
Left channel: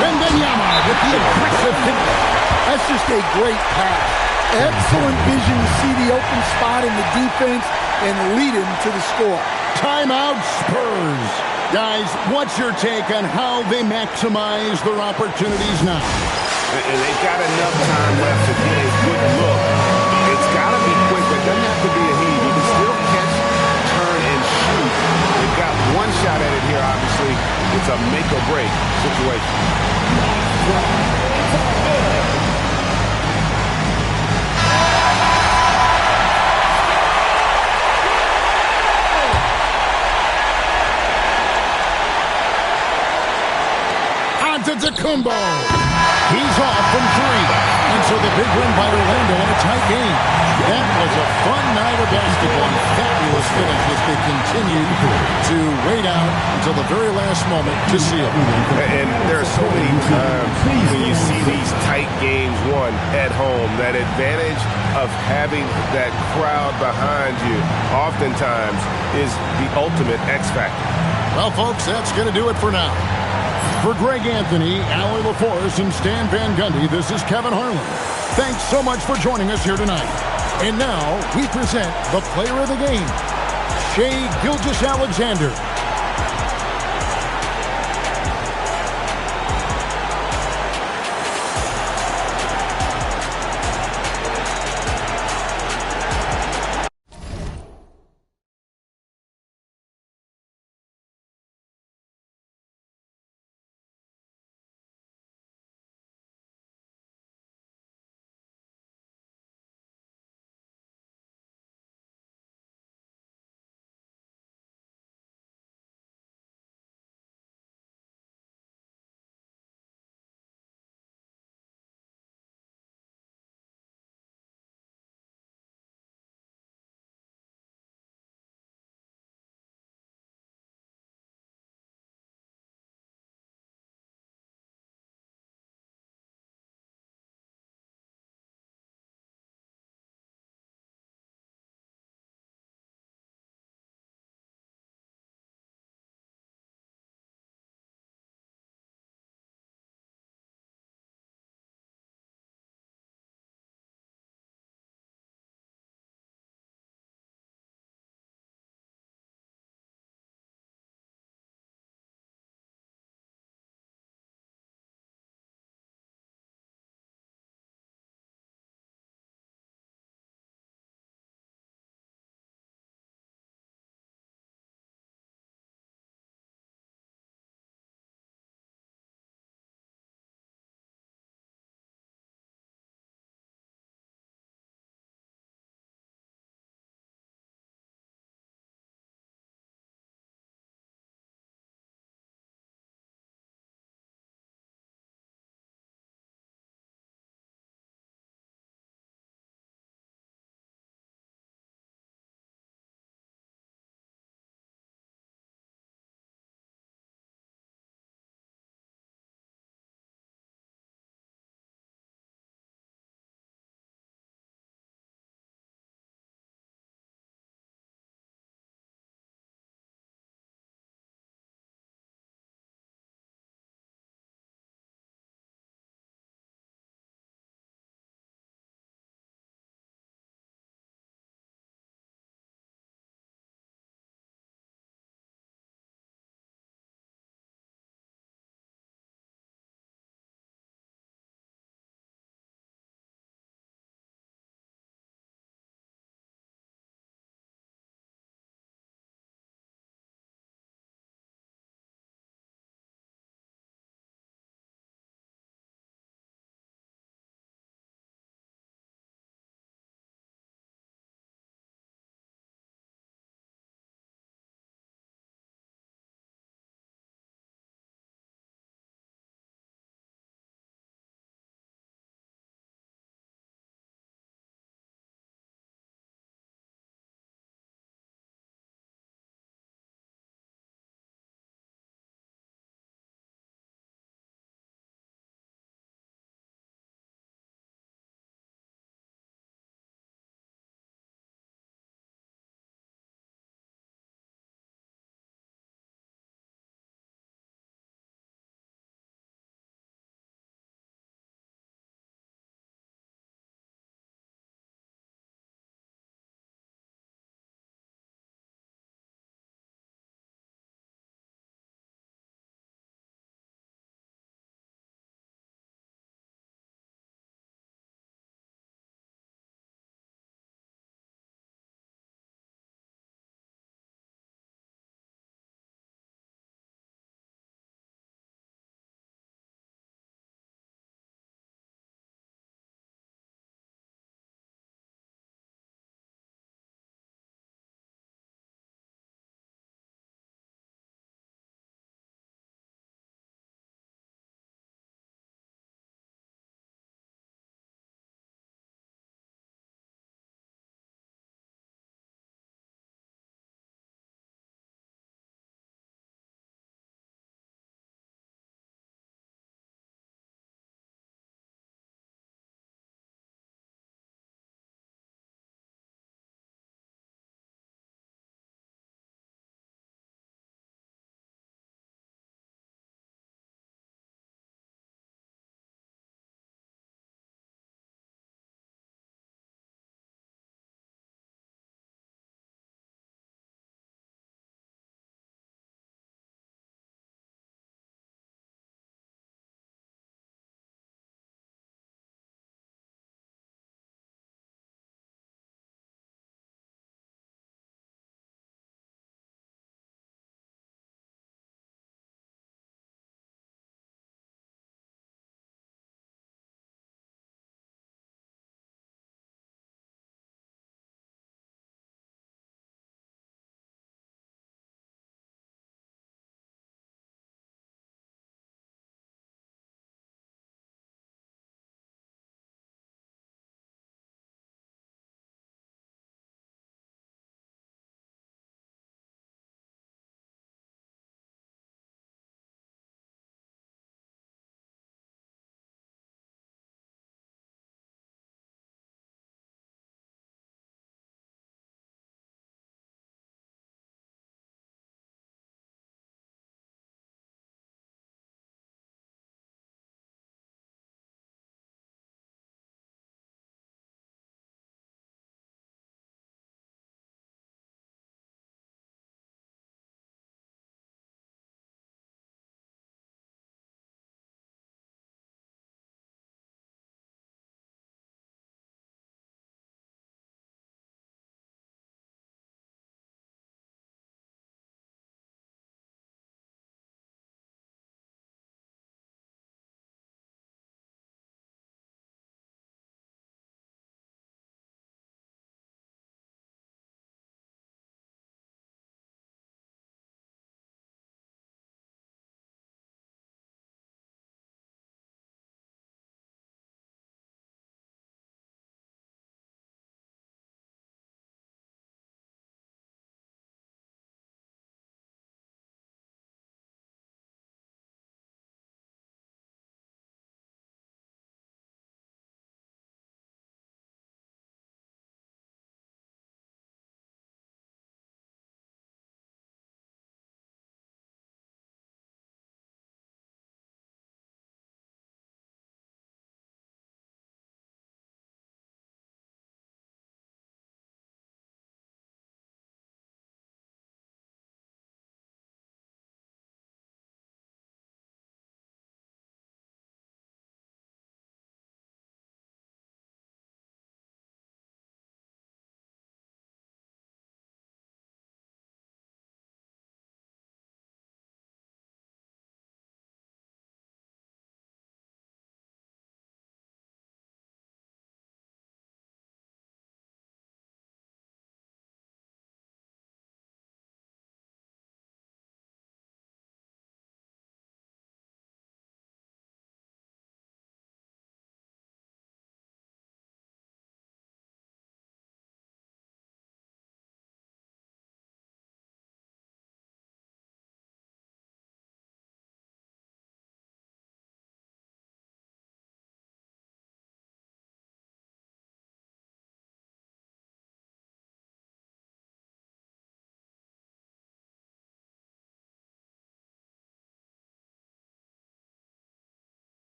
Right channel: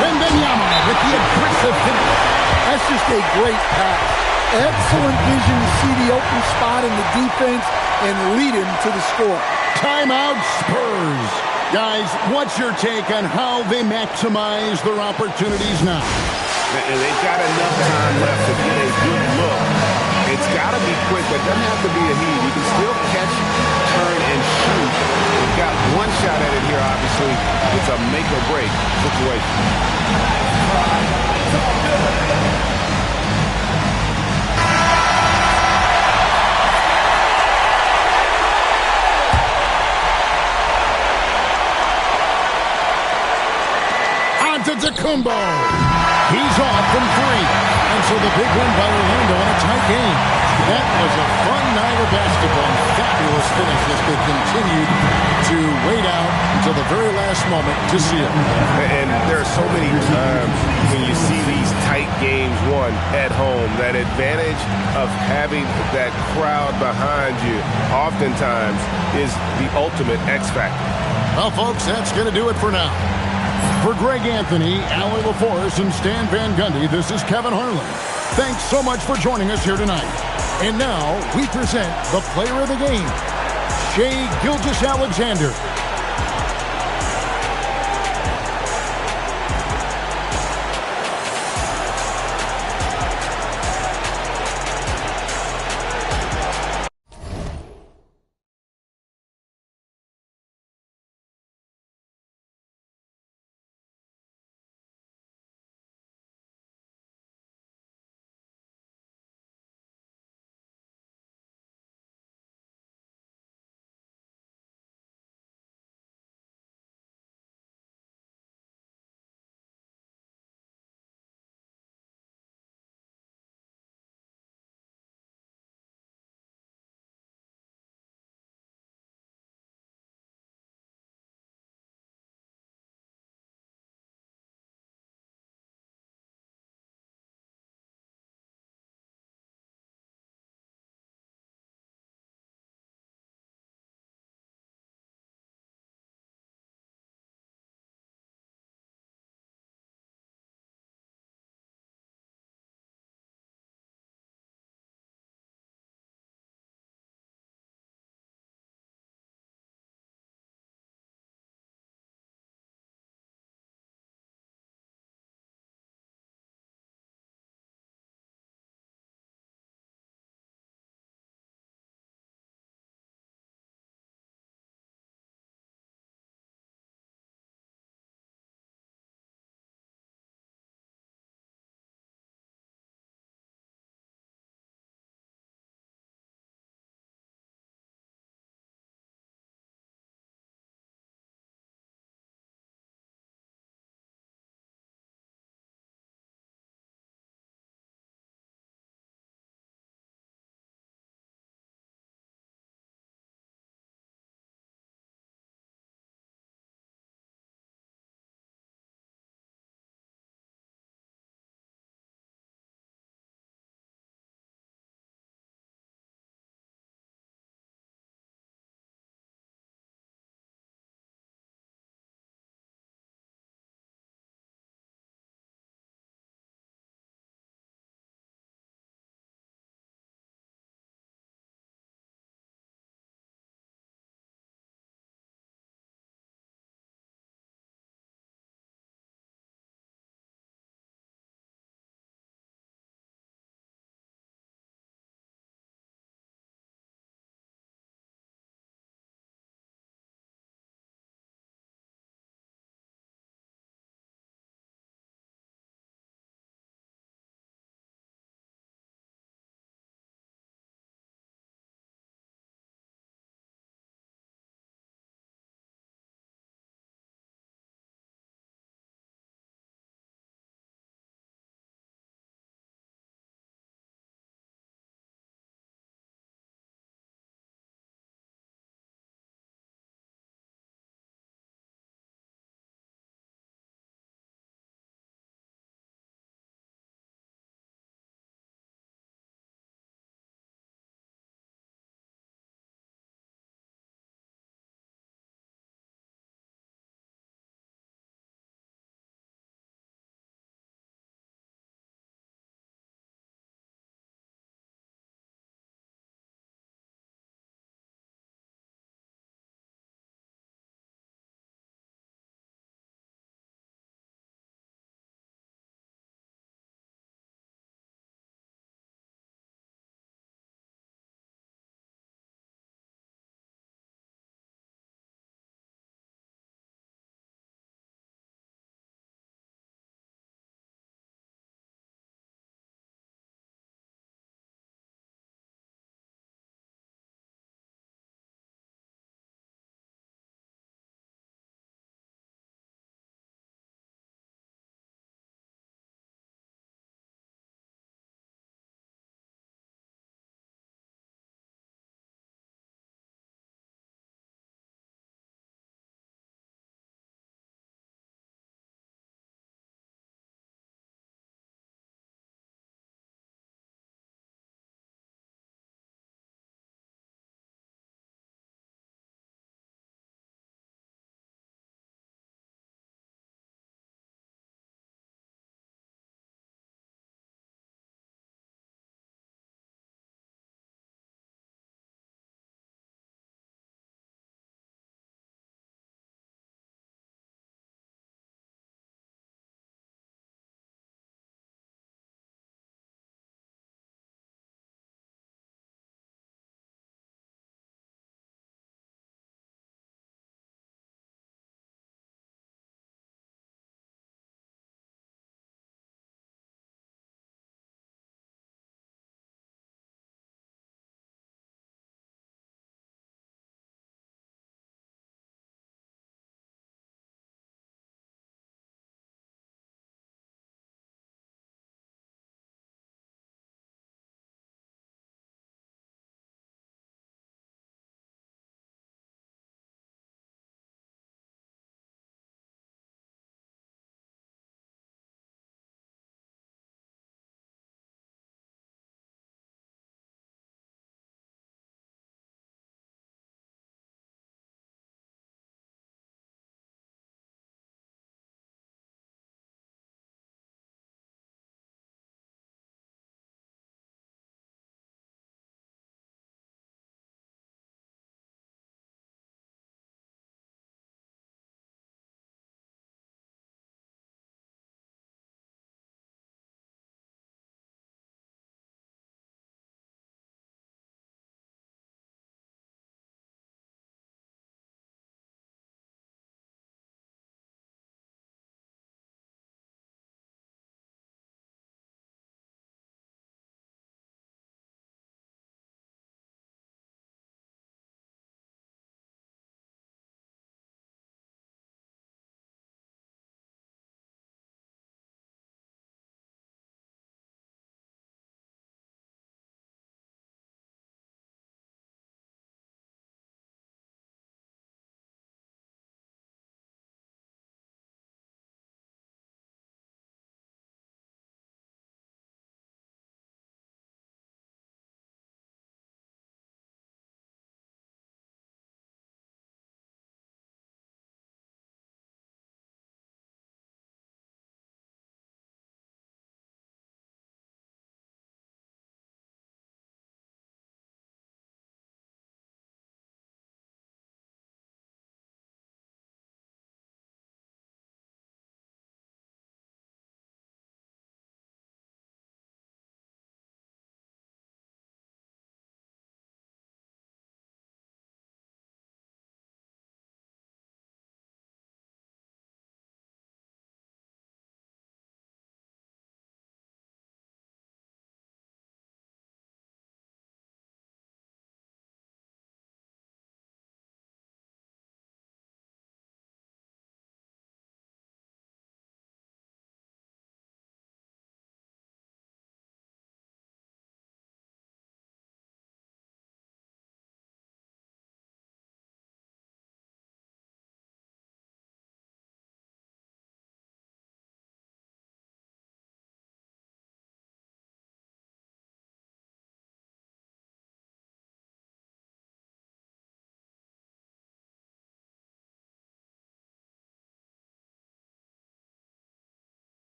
Wembanyama with the aggressive finish. That's just a great pass. Excellent vision to see the open spot in the defense and lead him to the score. Timeout Spurs. Guys, what's your take on how they maximize their opportunities now? And they've got enough time left to get a good look. It's got to be quick, but it doesn't have to be a heave. You can still catch, turn, and shoot. They've got one shot at it here, obviously. It's a make-or-break situation. Antetokounmpo. He's off from 3. And so the big win by Orlando in a tight game. That was a fun night of basketball and fabulous finish as they continued to wait out until the very last moment to seal. And there are so many times when you see these tight games won at home, that advantage of having that crowd behind you oftentimes is the ultimate X factor. Well, folks, that's going to do it for now. For Greg Anthony, Allie LaForce, and Stan Van Gundy, this is Kevin Harlan. Thanks so much for joining us here tonight. And now we present the player of the game, Shai Gilgeous-Alexander.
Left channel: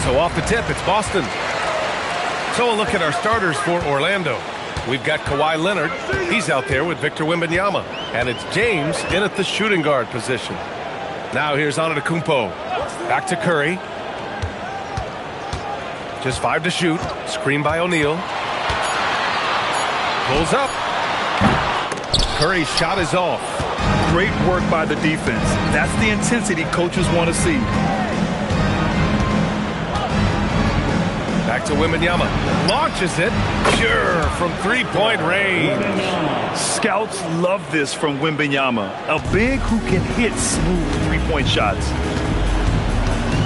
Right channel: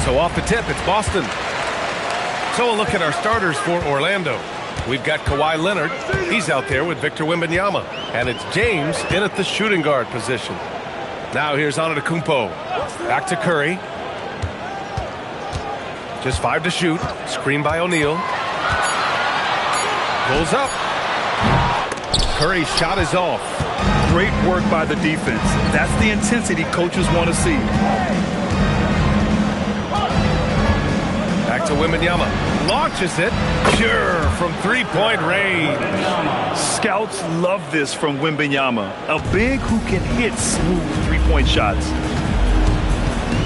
And so off the tip, it's Boston. So a look at our starters for Orlando. We've got Kawhi Leonard. He's out there with Victor Wembanyama. And it's James in at the shooting guard position. Now here's Antetokounmpo. Back to Curry. Just 5 to shoot. Screen by O'Neal. Pulls up. Curry's shot is off. Great work by the defense. That's the intensity coaches want to see. Back to Wembanyama. Launches it. Pure from three-point range. Scouts love this from Wembanyama. A big who can hit smooth three-point shots.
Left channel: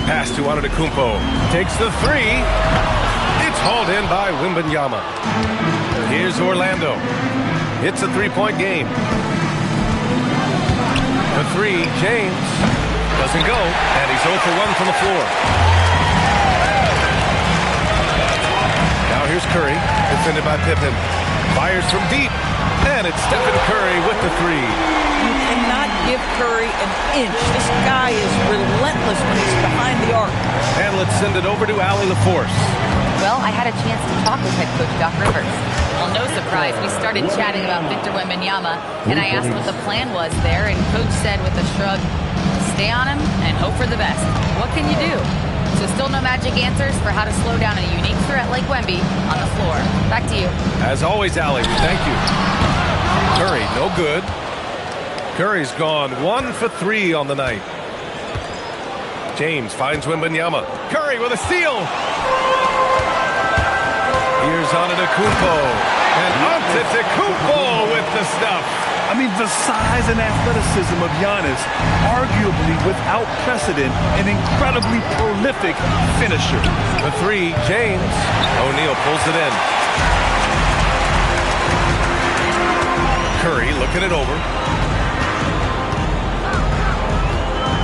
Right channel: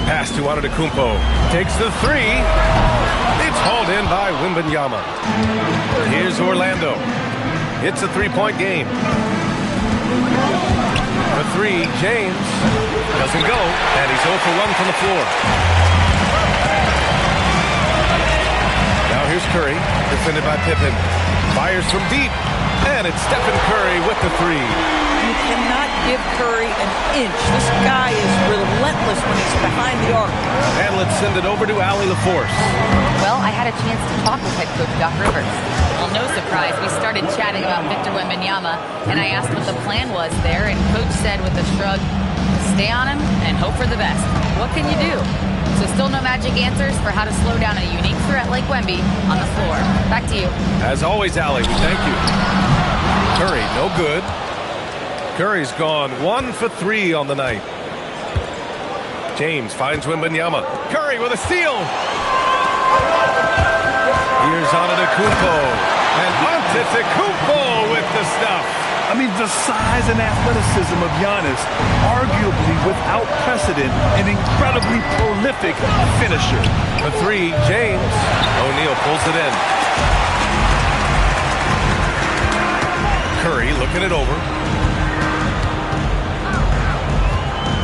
Pass to Antetokounmpo. Takes the three. It's hauled in by Wembanyama. Here's Orlando. It's a three-point game. The three, James. Doesn't go, and he's 0 for 1 from the floor. Now here's Curry, defended by Pippen. Fires from deep, and it's Stephen Curry with the three. You cannot give Curry an inch. This guy is relentless when he's behind the arc. And let's send it over to Allie LaForce. Well, I had a chance to talk with head coach Doc Rivers. Well, no surprise, we started chatting about Victor Wembanyama, and I asked what the plan was there, and coach said with a shrug, stay on him and hope for the best. What can you do? So still no magic answers for how to slow down a unique threat like Wemby on the floor. Back to you. As always, Allie, we thank you. Curry, no good. Curry's gone 1 for 3 on the night. James finds Wembanyama. Curry with a steal. Here's Antetokounmpo. And Antetokounmpo with the stuff. I mean, the size and athleticism of Giannis, arguably without precedent, an incredibly prolific finisher. The three, James. O'Neal pulls it in. Curry looking it over.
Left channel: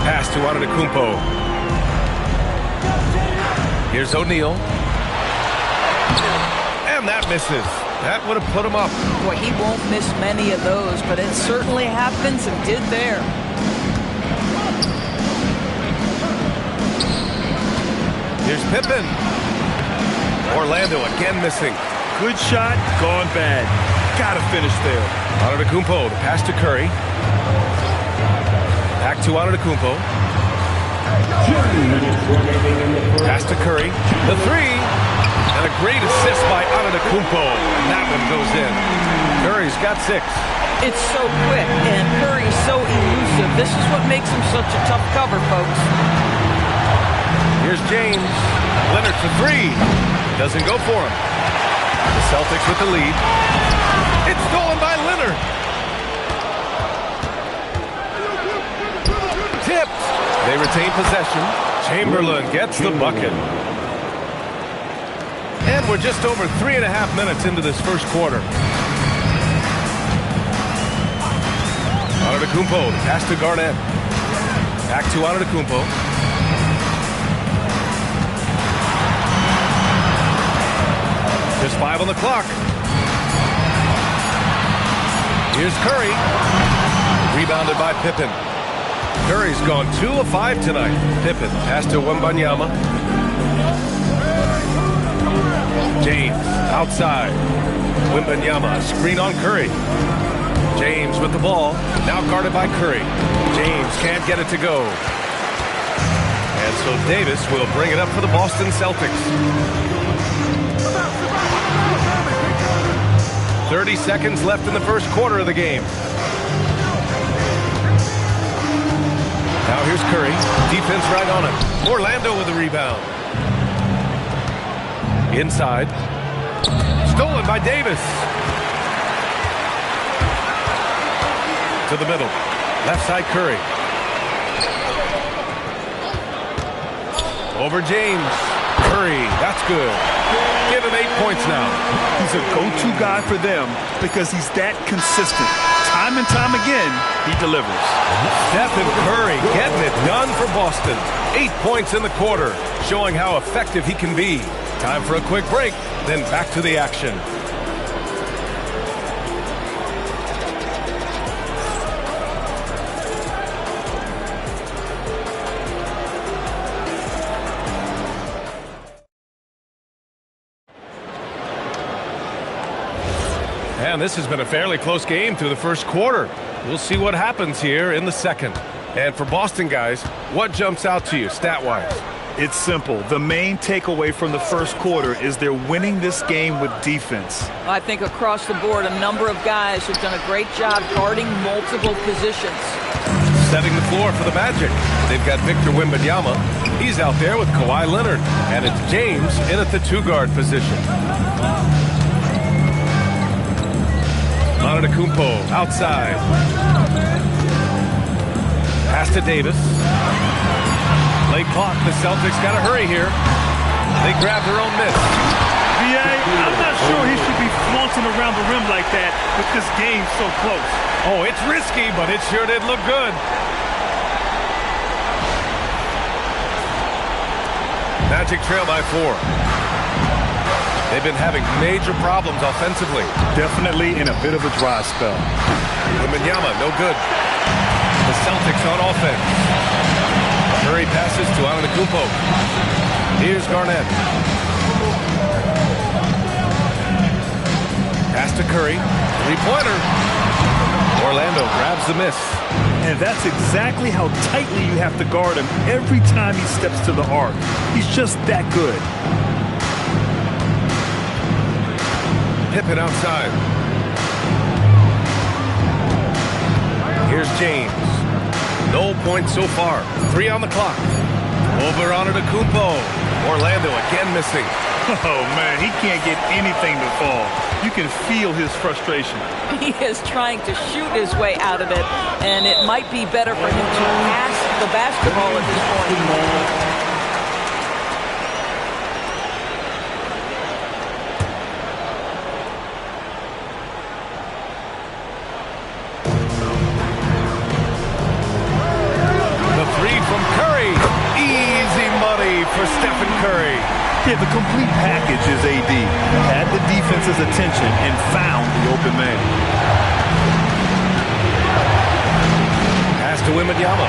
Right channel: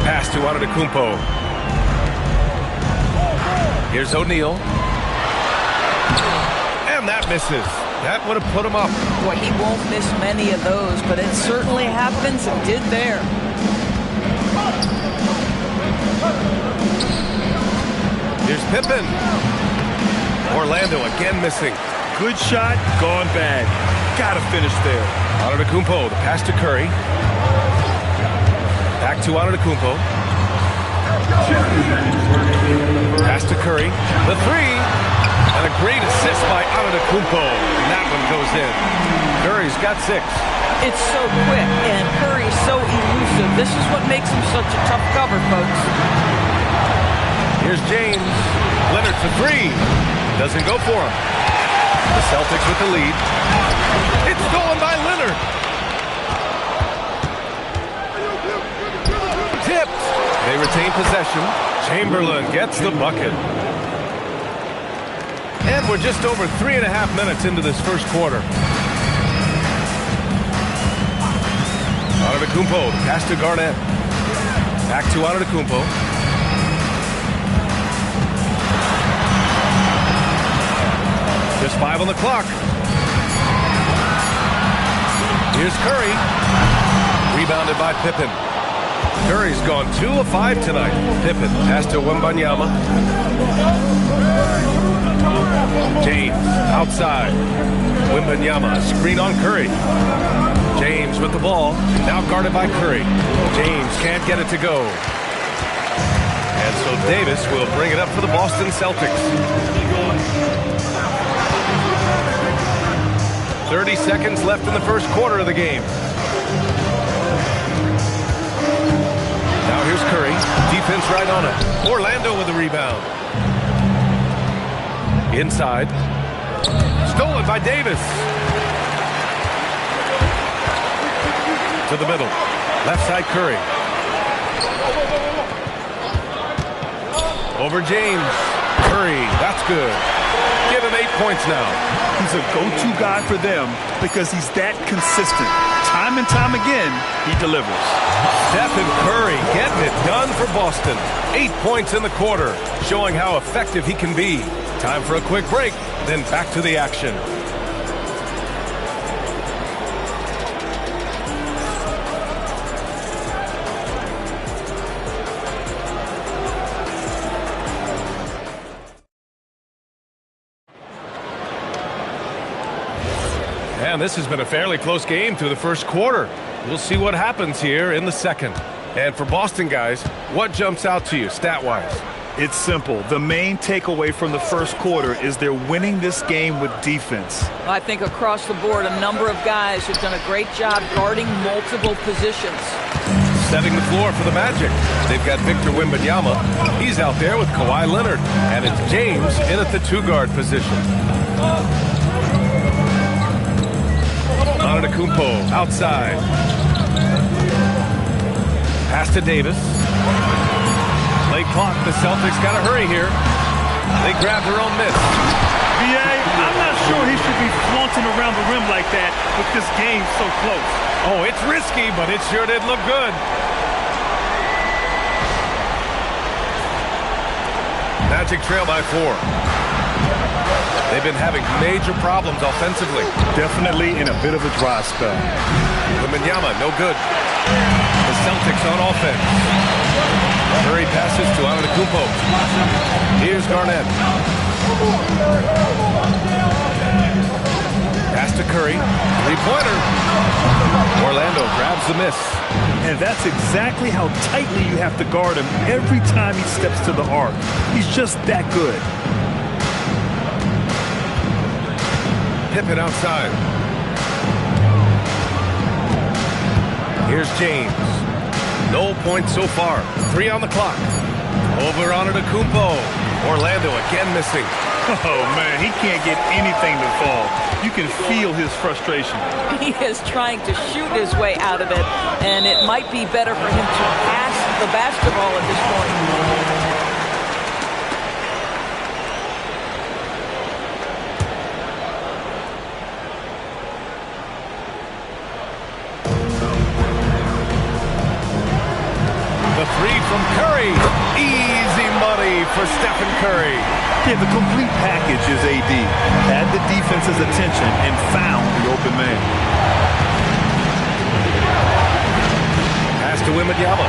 Pass to Antetokounmpo. Here's O'Neal. And that misses. That would have put him up. Boy, he won't miss many of those, but it certainly happens and did there. Here's Pippen. Orlando again missing. Good shot, gone bad. Gotta finish there. Antetokounmpo, the pass to Curry. Back to Antetokounmpo. Pass to Curry. The three. And a great assist by Antetokounmpo. And that one goes in. Curry's got 6. It's so quick, and Curry's so elusive. This is what makes him such a tough cover, folks. Here's James. Leonard for 3. Doesn't go for him. The Celtics with the lead. It's stolen by Leonard. Tipped. They retain possession. Chamberlain gets the bucket. And we're just over 3.5 minutes into this first quarter. Antetokounmpo, the pass to Garnett. Back to Antetokounmpo. Just 5 on the clock. Here's Curry. Rebounded by Pippen. Curry's gone 2 of 5 tonight. Pippen, pass to Wembanyama. James, outside. Wembanyama, screen on Curry. James with the ball, now guarded by Curry. James can't get it to go. And so Davis will bring it up for the Boston Celtics. 30 seconds left in the first quarter of the game. Now here's Curry. Defense right on it. Orlando with the rebound. Inside. Stolen by Davis. To the middle. Left side Curry. Over James. Curry. That's good. Give him 8 points now. He's a go-to guy for them because he's that consistent. Time and time again, he delivers. Stephen Curry getting it done for Boston. 8 points in the quarter, showing how effective he can be. Time for a quick break, then back to the action. And this has been a fairly close game through the first quarter. We'll see what happens here in the second. And for Boston guys, what jumps out to you stat-wise? It's simple. The main takeaway from the first quarter is they're winning this game with defense. I think across the board, a number of guys have done a great job guarding multiple positions. Setting the floor for the Magic. They've got Victor Wembanyama. He's out there with Kawhi Leonard. And it's James in at the 2-guard position. Antetokounmpo outside. Pass to Davis. Late clock. The Celtics got to hurry here. They grab their own miss. VA, I'm not sure he should be flaunting around the rim like that with this game so close. Oh, it's risky, but it sure did look good. Magic trail by 4. They've been having major problems offensively. Definitely in a bit of a dry spell. Wembanyama, no good. The Celtics on offense. Curry passes to Antetokounmpo. Here's Garnett. Pass to Curry. 3-pointer. Orlando grabs the miss. And that's exactly how tightly you have to guard him every time he steps to the arc. He's just that good. Pippen outside. Here's James. No points so far. 3 on the clock. Over Antetokounmpo. Orlando again missing. Oh, man, he can't get anything to fall. You can feel his frustration. He is trying to shoot his way out of it, and it might be better for him to pass the basketball at this point. The 3 from Curry. Easy money for Stephen Curry. Yeah, the complete package is AD. Had the defense's attention and found the open man. Pass to Wembanyama.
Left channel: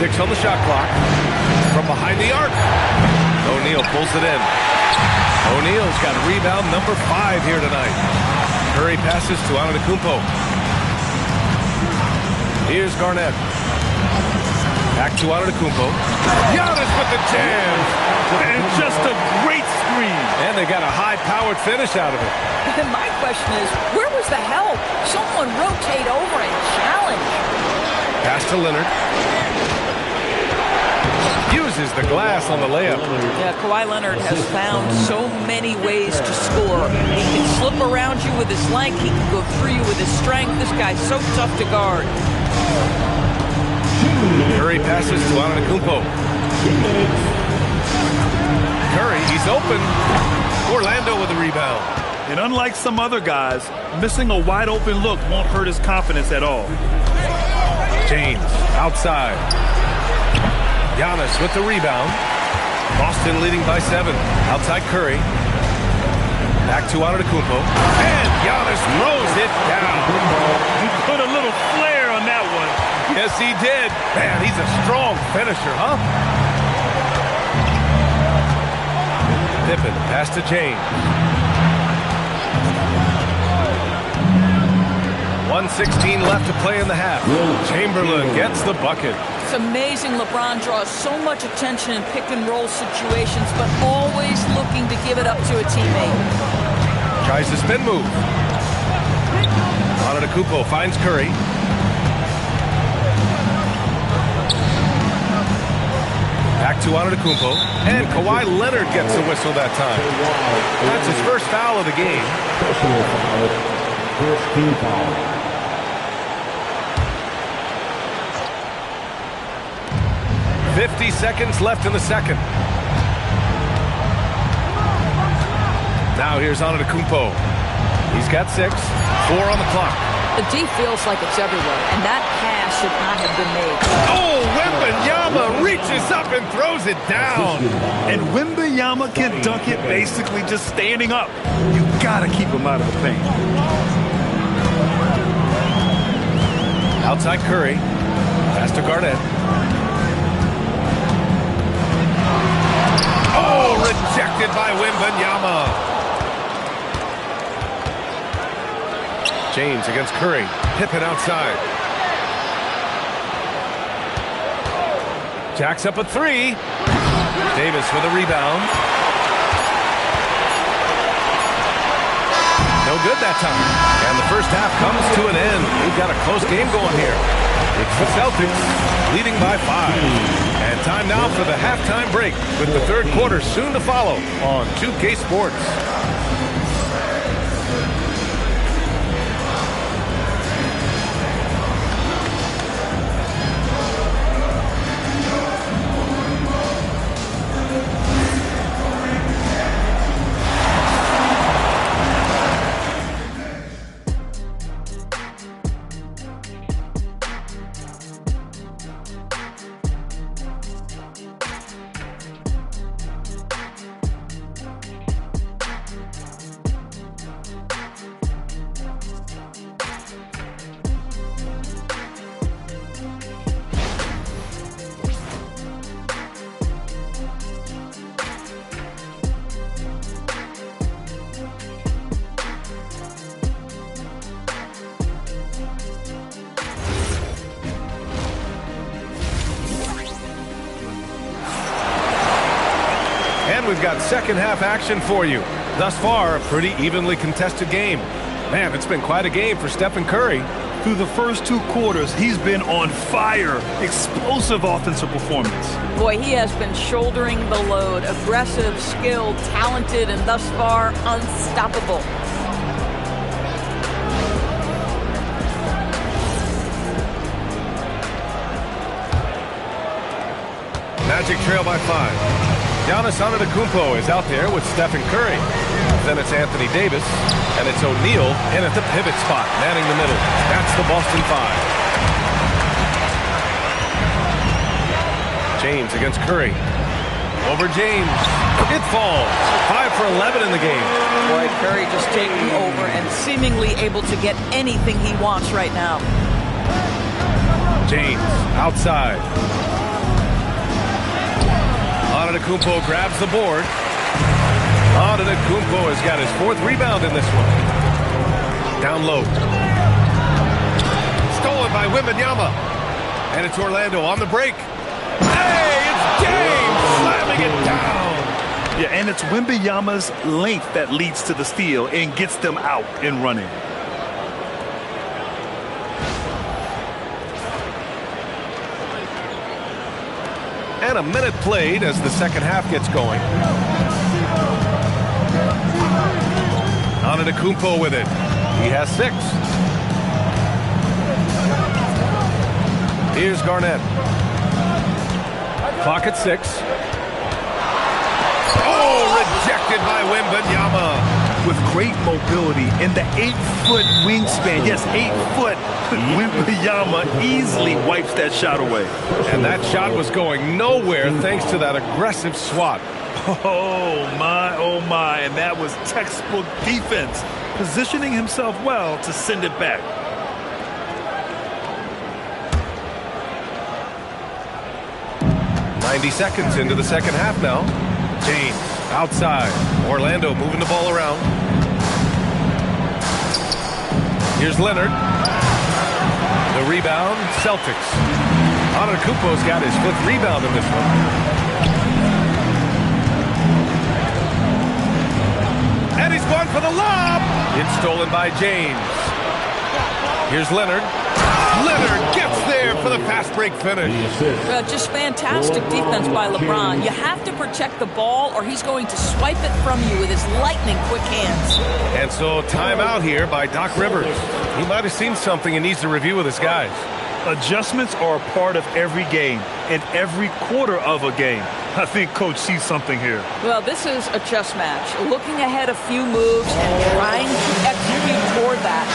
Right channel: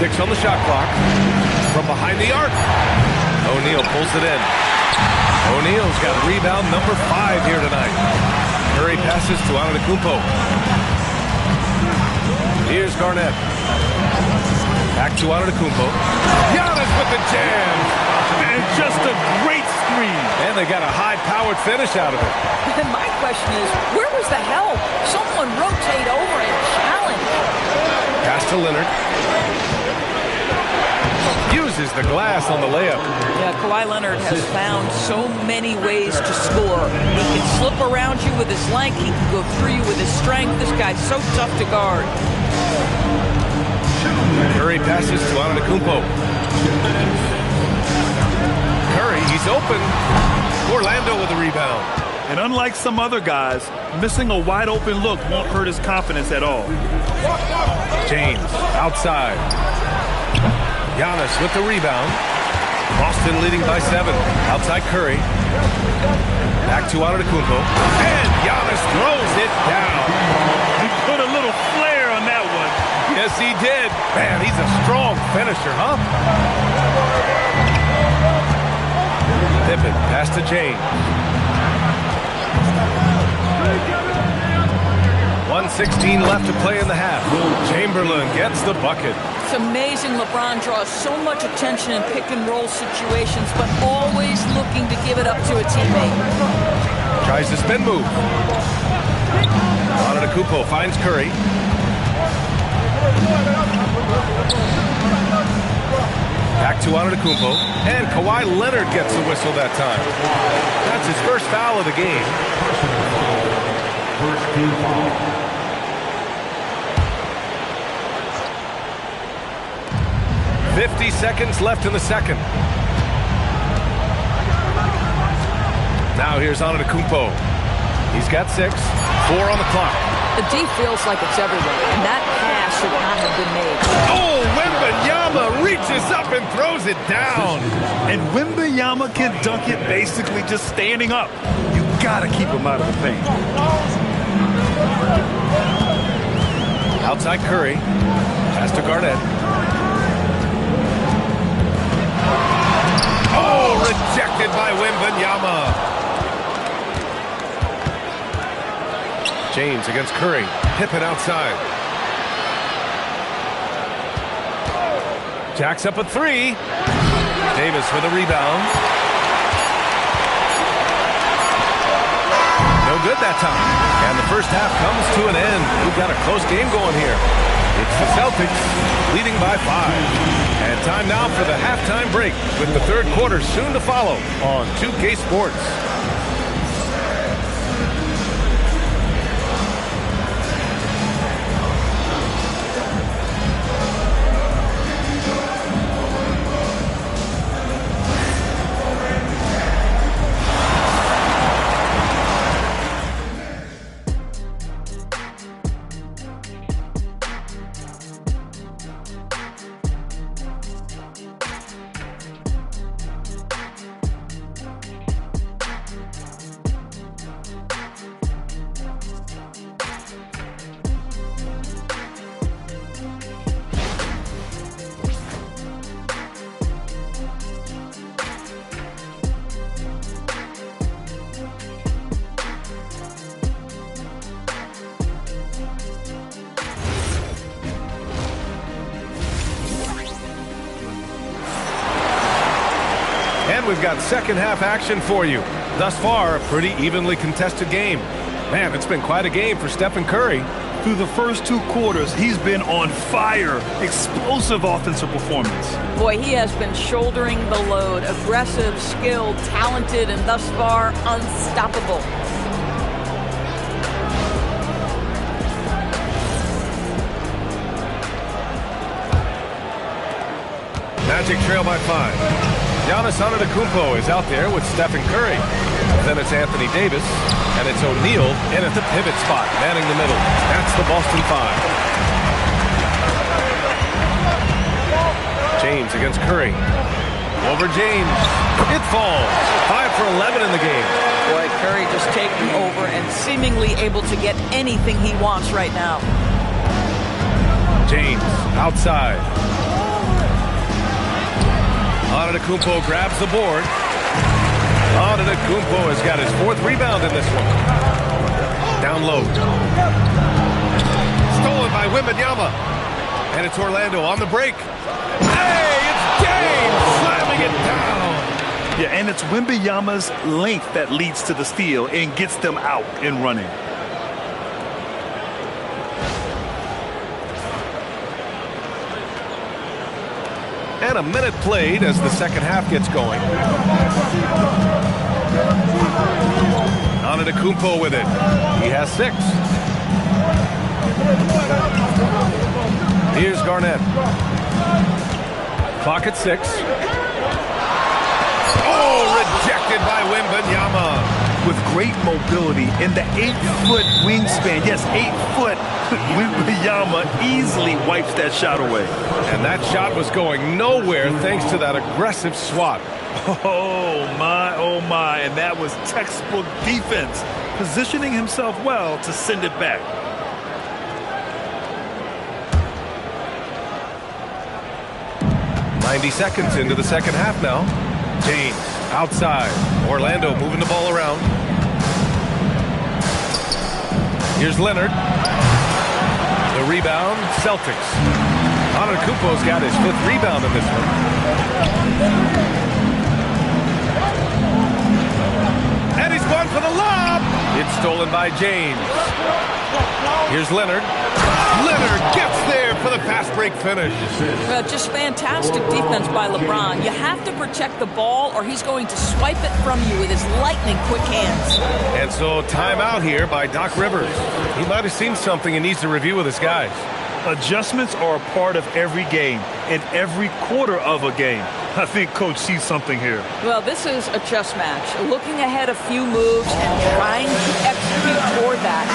Six on the shot clock. From behind the arc. O'Neal pulls it in. O'Neal's got rebound number 5 here tonight. Curry passes to Antetokounmpo. Here's Garnett. Back to Antetokounmpo. Giannis with the jam. And just a great screen. And they got a high-powered finish out of it. And my question is, where was the help? Someone rotate over and challenge. Pass to Leonard. Uses the glass on the layup. Yeah, Kawhi Leonard has found so many ways to score. He can slip around you with his length. He can go through you with his strength. This guy's so tough to guard. Curry passes to Antetokounmpo. Curry, he's open. Orlando with the rebound. And unlike some other guys, missing a wide open look won't hurt his confidence at all. James outside. Giannis with the rebound. Boston leading by 7. Outside Curry. Back to Antetokounmpo. And Giannis throws it down. He put a little flair on that one. Yes, he did. Man, he's a strong finisher, huh? Pippen, pass to James. 1:16 left to play in the half. Chamberlain gets the bucket. It's amazing LeBron draws so much attention in pick-and-roll situations, but always looking to give it up to a teammate. Tries the spin move. Antetokounmpo finds Curry. Back to Antetokounmpo. And Kawhi Leonard gets the whistle that time. That's his first foul of the game. Personal foul. First team foul. 50 seconds left in the second. Now here's Antetokounmpo. He's got 6. 4 on the clock. The D feels like it's everywhere, and that pass should not have been made. Oh, Wembanyama reaches up and throws it down. And Wembanyama can dunk it basically just standing up. You gotta keep him out of the paint. Outside Curry. Pass to Garnett. Oh, rejected by Wembanyama. James against Curry. Pippen outside. Jacks up a three. Davis with a rebound. No good that time. And the first half comes to an end. We've got a close game going here. It's the Celtics leading by 5. And time now for the halftime break with the third quarter soon to follow on 2K Sports. And we've got second half action for you. Thus far, a pretty evenly contested game. Man, it's been quite a game for Stephen Curry. Through the first 2 quarters, he's been on fire. Explosive offensive performance. Boy, he has been shouldering the load. Aggressive, skilled, talented, and thus far, unstoppable. Magic trail by 5. Giannis Antetokounmpo is out there with Stephen Curry. Then it's Anthony Davis, and it's O'Neal in at the pivot spot, manning the middle. That's the Boston 5. James against Curry. Over James. It falls. 5 for 11 in the game. Boy, Curry just taking over and seemingly able to get anything he wants right now. James outside. Antetokounmpo grabs the board. Antetokounmpo has got his 4th rebound in this one. Down low. Stolen by Wembanyama. And it's Orlando on the break. Hey, it's James slamming it down. Yeah, and it's Wembanyama's length that leads to the steal and gets them out and running. And a minute played as the second half gets going. Antetokounmpo with it. He has 6. Here's Garnett. Clock at 6. Oh, rejected by Wembanyama. With great mobility and the 8-foot wingspan. Yes, 8 foot. Wembanyama easily wipes that shot away. And that shot was going nowhere thanks to that aggressive swat. Oh, my. And that was textbook defense. Positioning himself well to send it back. .90 seconds into the second half now. James outside. Orlando moving the ball around. Here's Leonard. The rebound, Celtics. Antetokounmpo's got his 5th rebound in this one. And he's going for the lob. It's stolen by James. Here's Leonard. Leonard gets there for the fast break finish. Well, just fantastic defense by LeBron. You have to protect the ball or he's going to swipe it from you with his lightning quick hands. And so timeout here by Doc Rivers. He might have seen something and needs to review with his guys. Adjustments are a part of every game and every quarter of a game. I think Coach sees something here. Well, this is a chess match. Looking ahead a few moves and trying to execute toward that.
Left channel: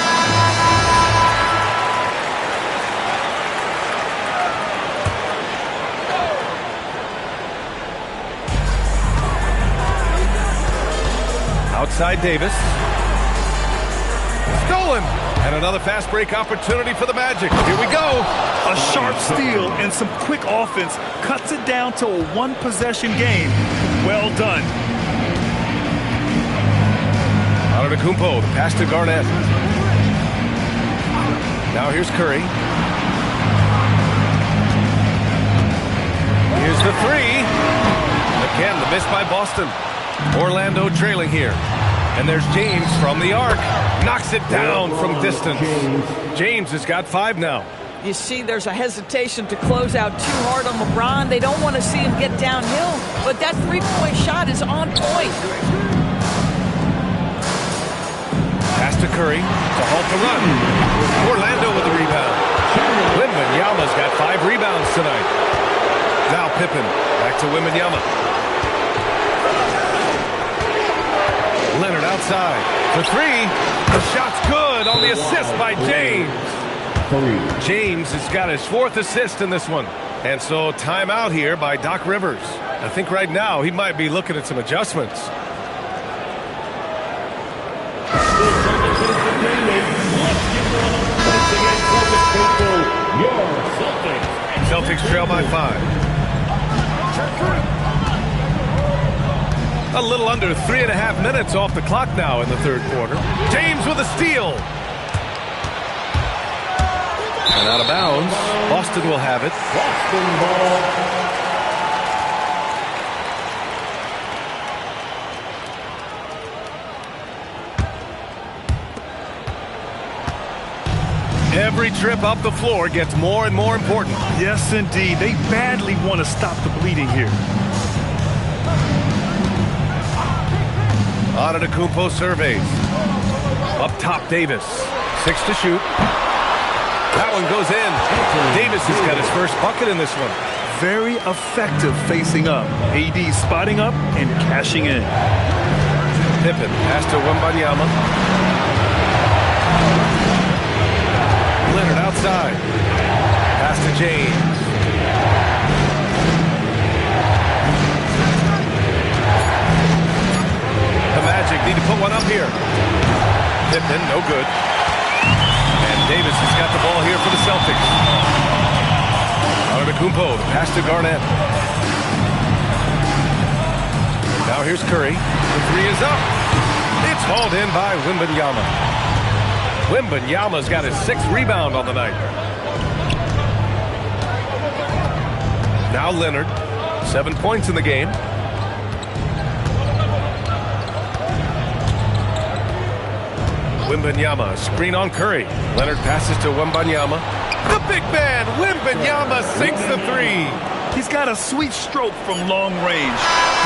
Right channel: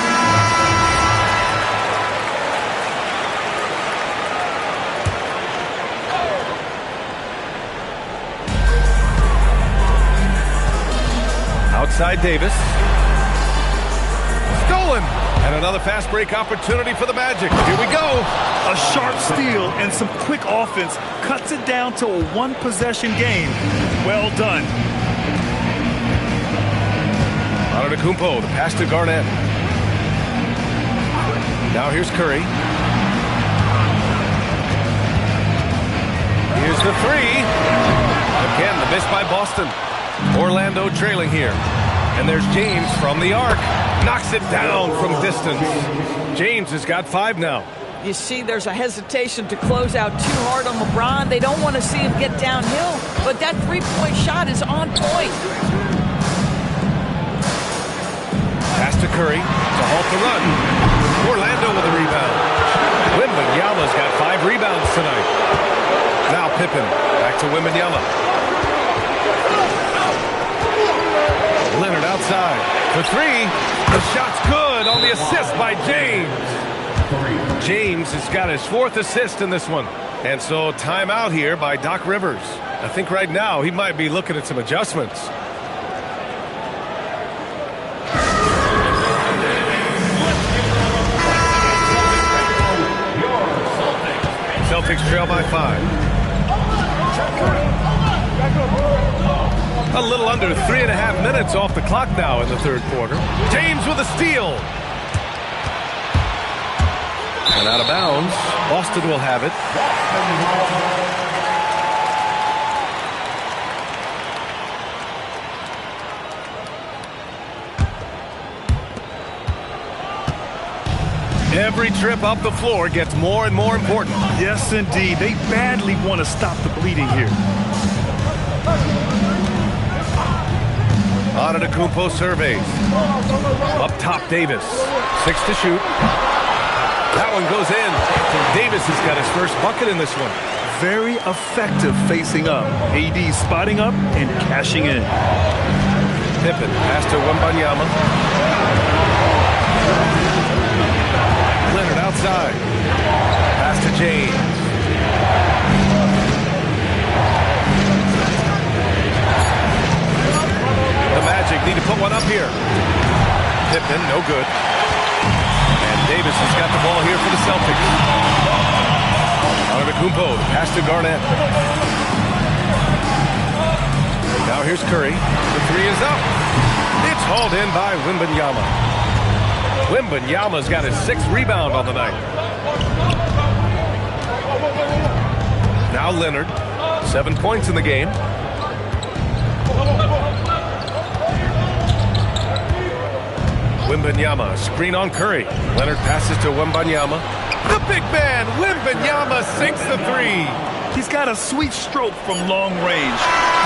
Outside Davis. Stolen. And another fast break opportunity for the Magic. Here we go. A sharp steal and some quick offense cuts it down to a 1-possession game. Well done. Antetokounmpo, the pass to Garnett. Now here's Curry. Here's the three. Again, the miss by Boston. Orlando trailing here. And there's James from the arc. Knocks it down from distance. James has got 5 now. You see, there's a hesitation to close out too hard on LeBron. They don't want to see him get downhill, but that three-point shot is on point. Pass to Curry to halt the run. Orlando with the rebound. Wembanyama's got 5 rebounds tonight. Now Pippen back to Wembanyama. Leonard outside for 3. The shot's good on the assist by James. James has got his 4th assist in this one. And so timeout here by Doc Rivers. I think right now he might be looking at some adjustments. Celtics trail by 5. A little under 3.5 minutes off the clock now in the third quarter. James with a steal. And out of bounds. Boston will have it. Every trip up the floor gets more and more important. Yes, indeed. They badly want to stop the bleeding here. Antetokounmpo surveys. Up top, Davis. 6 to shoot. That one goes in. Davis has got his first bucket in this one. Very effective facing up. AD spotting up and cashing in. Pippen pass to Wembanyama. Leonard outside. Pass to James. The Magic need to put one up here. Pippen, no good. And Davis has got the ball here for the Celtics. Antetokounmpo, the pass to Garnett. Now here's Curry. The 3 is up. It's hauled in by Wembanyama. Wembanyama's got his 6th rebound on the night. Now Leonard, 7 points in the game. Wembanyama, screen on Curry. Leonard passes to Wembanyama. The big man, Wembanyama, sinks the 3. He's got a sweet stroke from long range.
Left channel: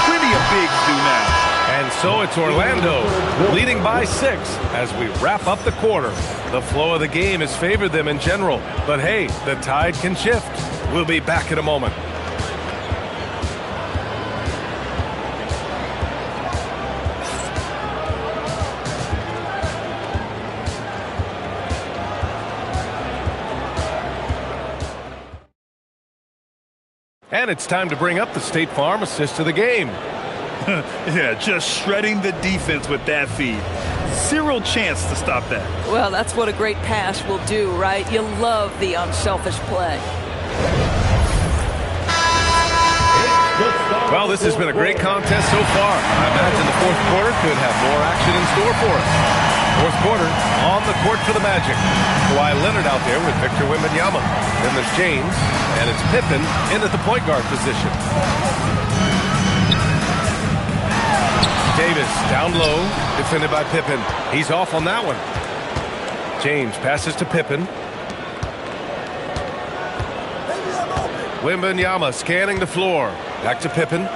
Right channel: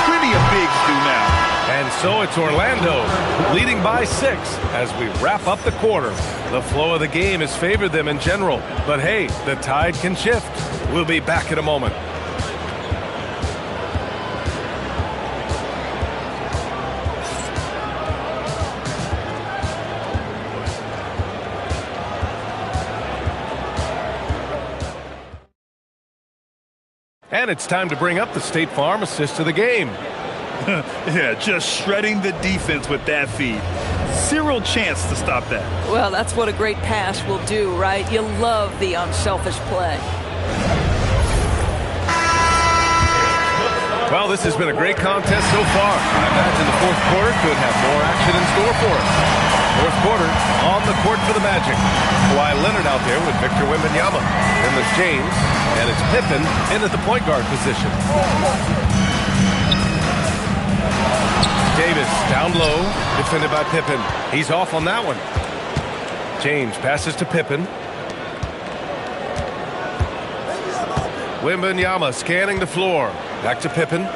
Plenty of bigs do now. And so it's Orlando leading by 6 as we wrap up the quarter. The flow of the game has favored them in general. But hey, the tide can shift. We'll be back in a moment. And it's time to bring up the State Farm assist of the game. Yeah, just shredding the defense with that feed. Zero chance to stop that. Well, that's what a great pass will do, right? You love the unselfish play. Well, this has been a great contest so far. I imagine the fourth quarter could have more action in store for us. Fourth quarter, on the court for the Magic. Kawhi Leonard out there with Victor Wembanyama. Then there's James, and it's Pippen in at the point guard position. Davis down low, defended by Pippen. He's off on that one. James passes to Pippen. Wembanyama scanning the floor. Back to Pippen.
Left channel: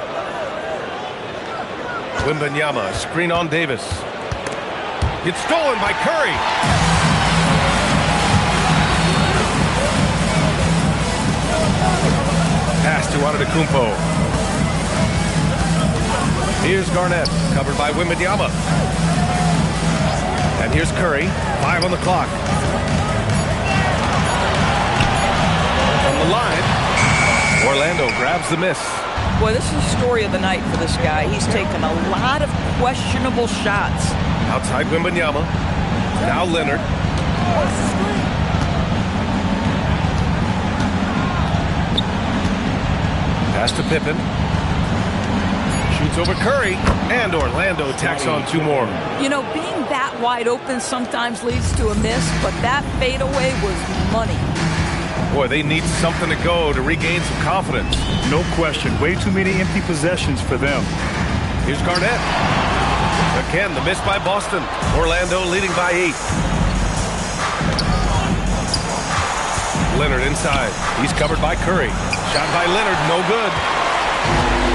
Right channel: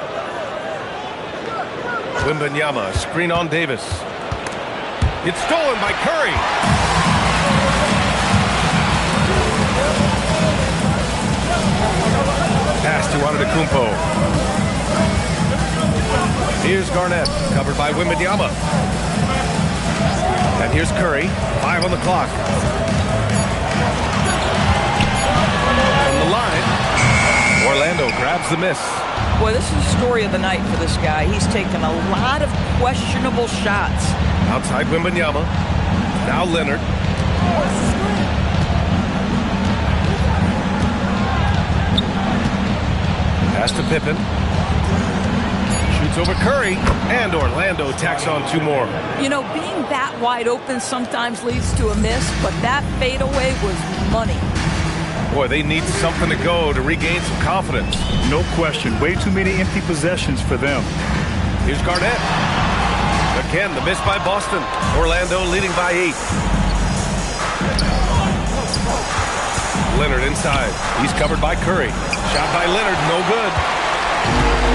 Wembanyama, screen on Davis. It's stolen by Curry. Pass to Antetokounmpo. Here's Garnett, covered by Wembanyama. And here's Curry, 5 on the clock. From the line, Orlando grabs the miss. Boy, this is the story of the night for this guy. He's taken a lot of questionable shots. Outside Wembanyama. Now Leonard. Pass to Pippen. Shoots over Curry, and Orlando tacks on 2 more. You know, being that wide open sometimes leads to a miss, but that fadeaway was money. Boy, they need something to go to regain some confidence. No question. Way too many empty possessions for them. Here's Garnett. Again, the miss by Boston. Orlando leading by 8. Leonard inside. He's covered by Curry. Shot by Leonard, no good.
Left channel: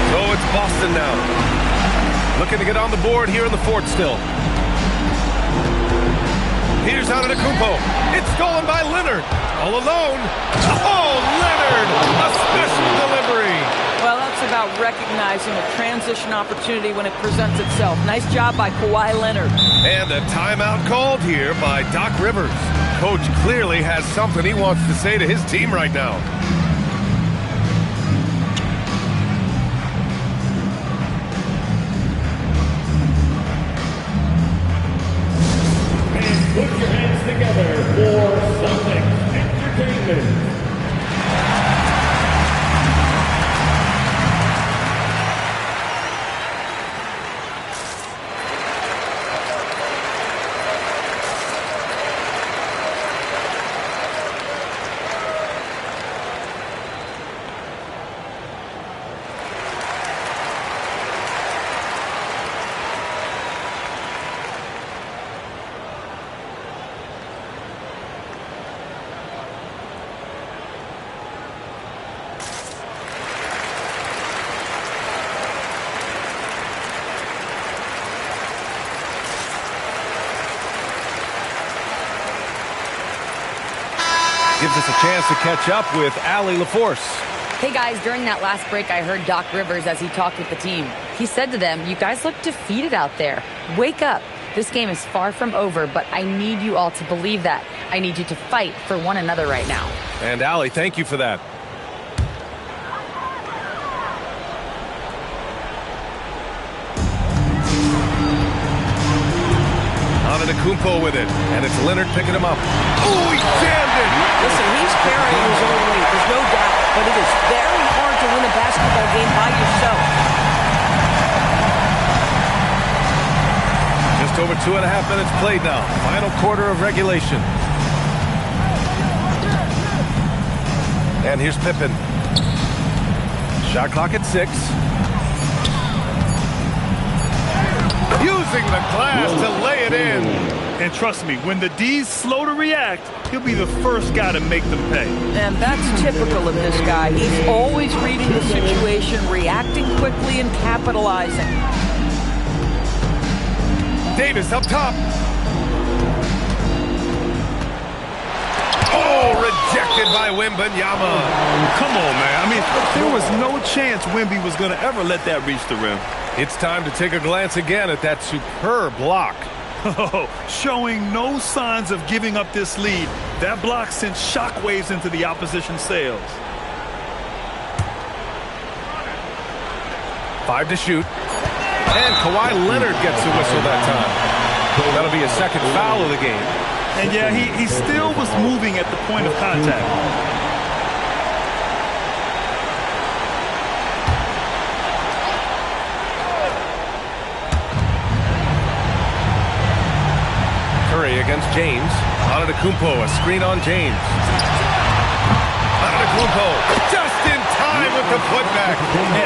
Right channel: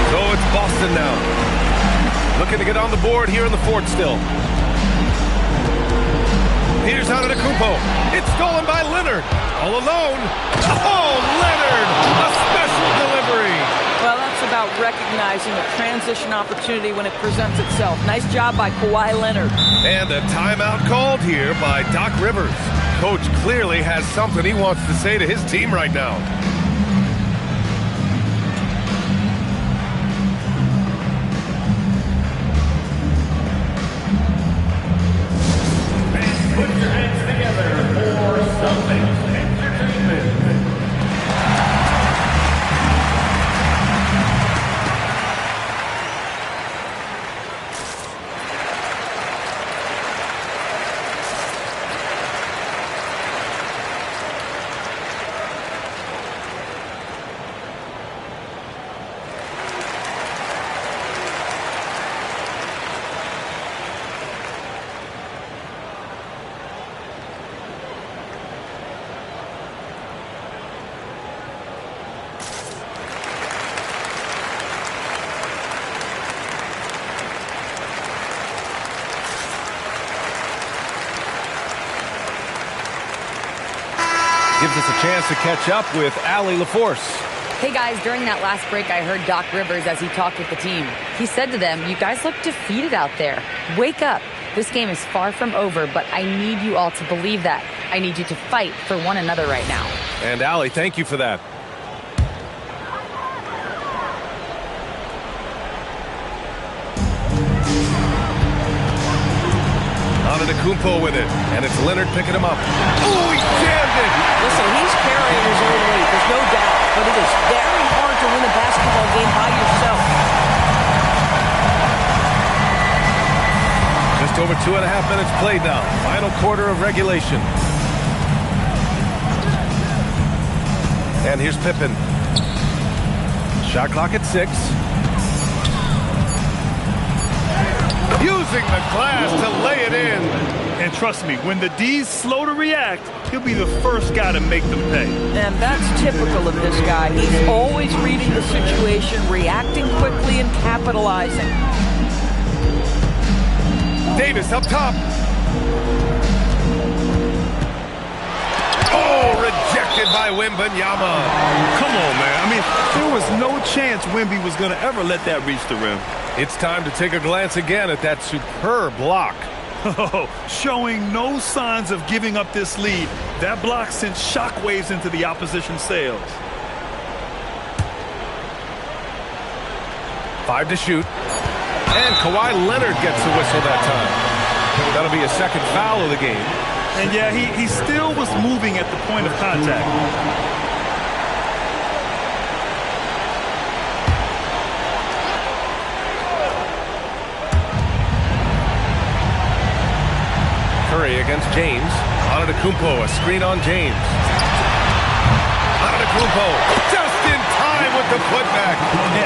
So it's Boston now. Looking to get on the board here in the fourth still. Here's Antetokounmpo. It's stolen by Leonard. All alone. Oh, Leonard! A special delivery. Well, that's about recognizing a transition opportunity when it presents itself. Nice job by Kawhi Leonard. And a timeout called here by Doc Rivers. Coach clearly has something he wants to say to his team right now. Put your hands together for Celtics Entertainment. Gives us a chance to catch up with Allie LaForce. Hey guys, during that last break, I heard Doc Rivers as he talked with the team. He said to them, "You guys look defeated out there. Wake up. This game is far from over, but I need you all to believe that. I need you to fight for one another right now." And Allie, thank you for that. Antetokounmpo with it, and it's Leonard picking him up. Oh, he jammed it! Listen, he's carrying his own weight, there's no doubt, but it is very hard to win a basketball game by yourself. Just over 2.5 minutes played now. Final quarter of regulation. And here's Pippen. Shot clock at 6. Using the glass to lay it in. And trust me, when the D's slow to react, he'll be the first guy to make them pay. And that's typical of this guy. He's always reading the situation, reacting quickly, and capitalizing. Davis up top. Oh, rejected by Wembanyama. Come on, man. I mean, there was no chance Wemby was going to ever let that reach the rim. It's time to take a glance again at that superb block. Showing no signs of giving up this lead. That block sent shockwaves into the opposition sails. 5 to shoot. And Kawhi Leonard gets a whistle that time. That'll be a second foul of the game. And yeah, he still was moving at the point of contact. Curry against James. Antetokounmpo, a screen on James. Antetokounmpo just in time with the putback.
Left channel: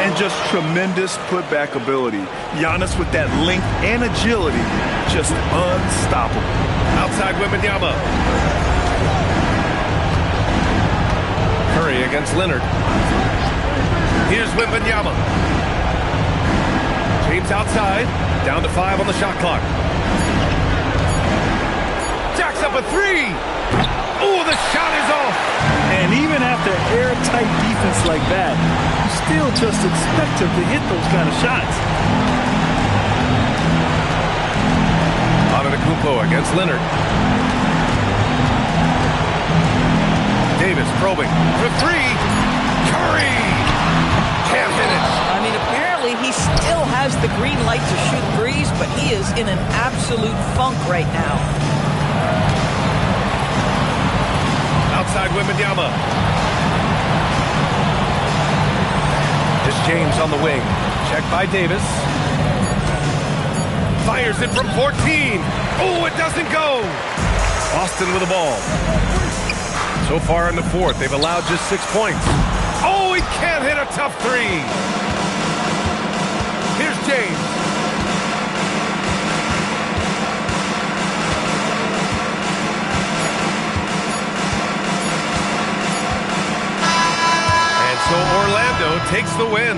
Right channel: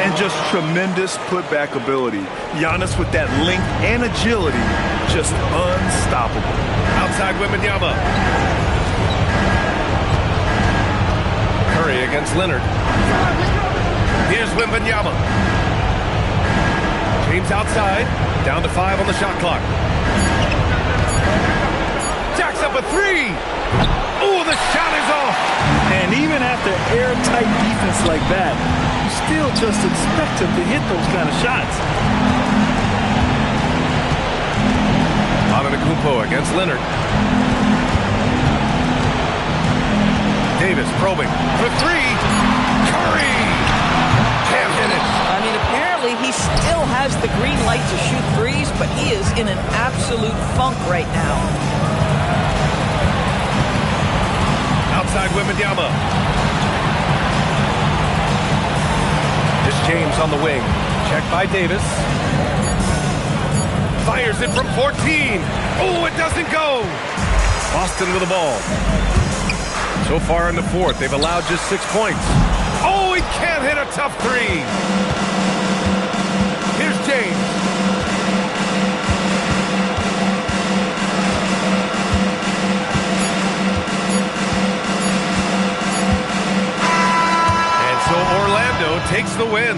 And just tremendous putback ability. Giannis with that length and agility, just unstoppable. Outside Wembanyama. Curry against Leonard. Here's Wembanyama. James outside. Down to 5 on the shot clock. Jacks up a 3. Oh, the shot is off. And even after airtight defense like that, you still just expect him to hit those kind of shots. Antetokounmpo against Leonard. Davis probing for 3. Curry can't hit it. I mean, apparently he still has the green light to shoot threes, but he is in an absolute funk right now. Outside Wembanyama. This James on the wing. Check by Davis. Fires it from 14. Oh, it doesn't go. Boston with the ball. So far in the fourth, they've allowed just 6 points. Oh, he can't hit a tough three. Here's James. And so Orlando takes the win.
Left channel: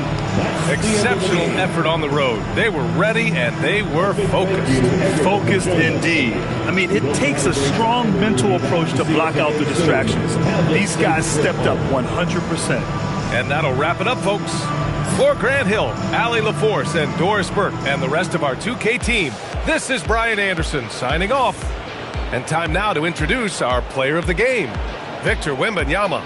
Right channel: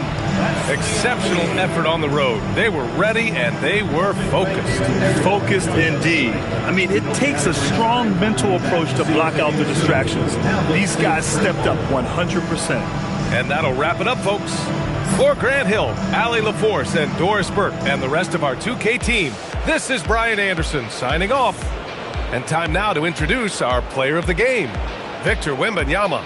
Exceptional effort on the road. They were ready and they were focused. Focused indeed. I mean, it takes a strong mental approach to block out the distractions. These guys stepped up 100%. And that'll wrap it up, folks. For Grant Hill, Allie LaForce, and Doris Burke, and the rest of our 2K team, this is Brian Anderson signing off. And time now to introduce our player of the game, Victor Wembanyama.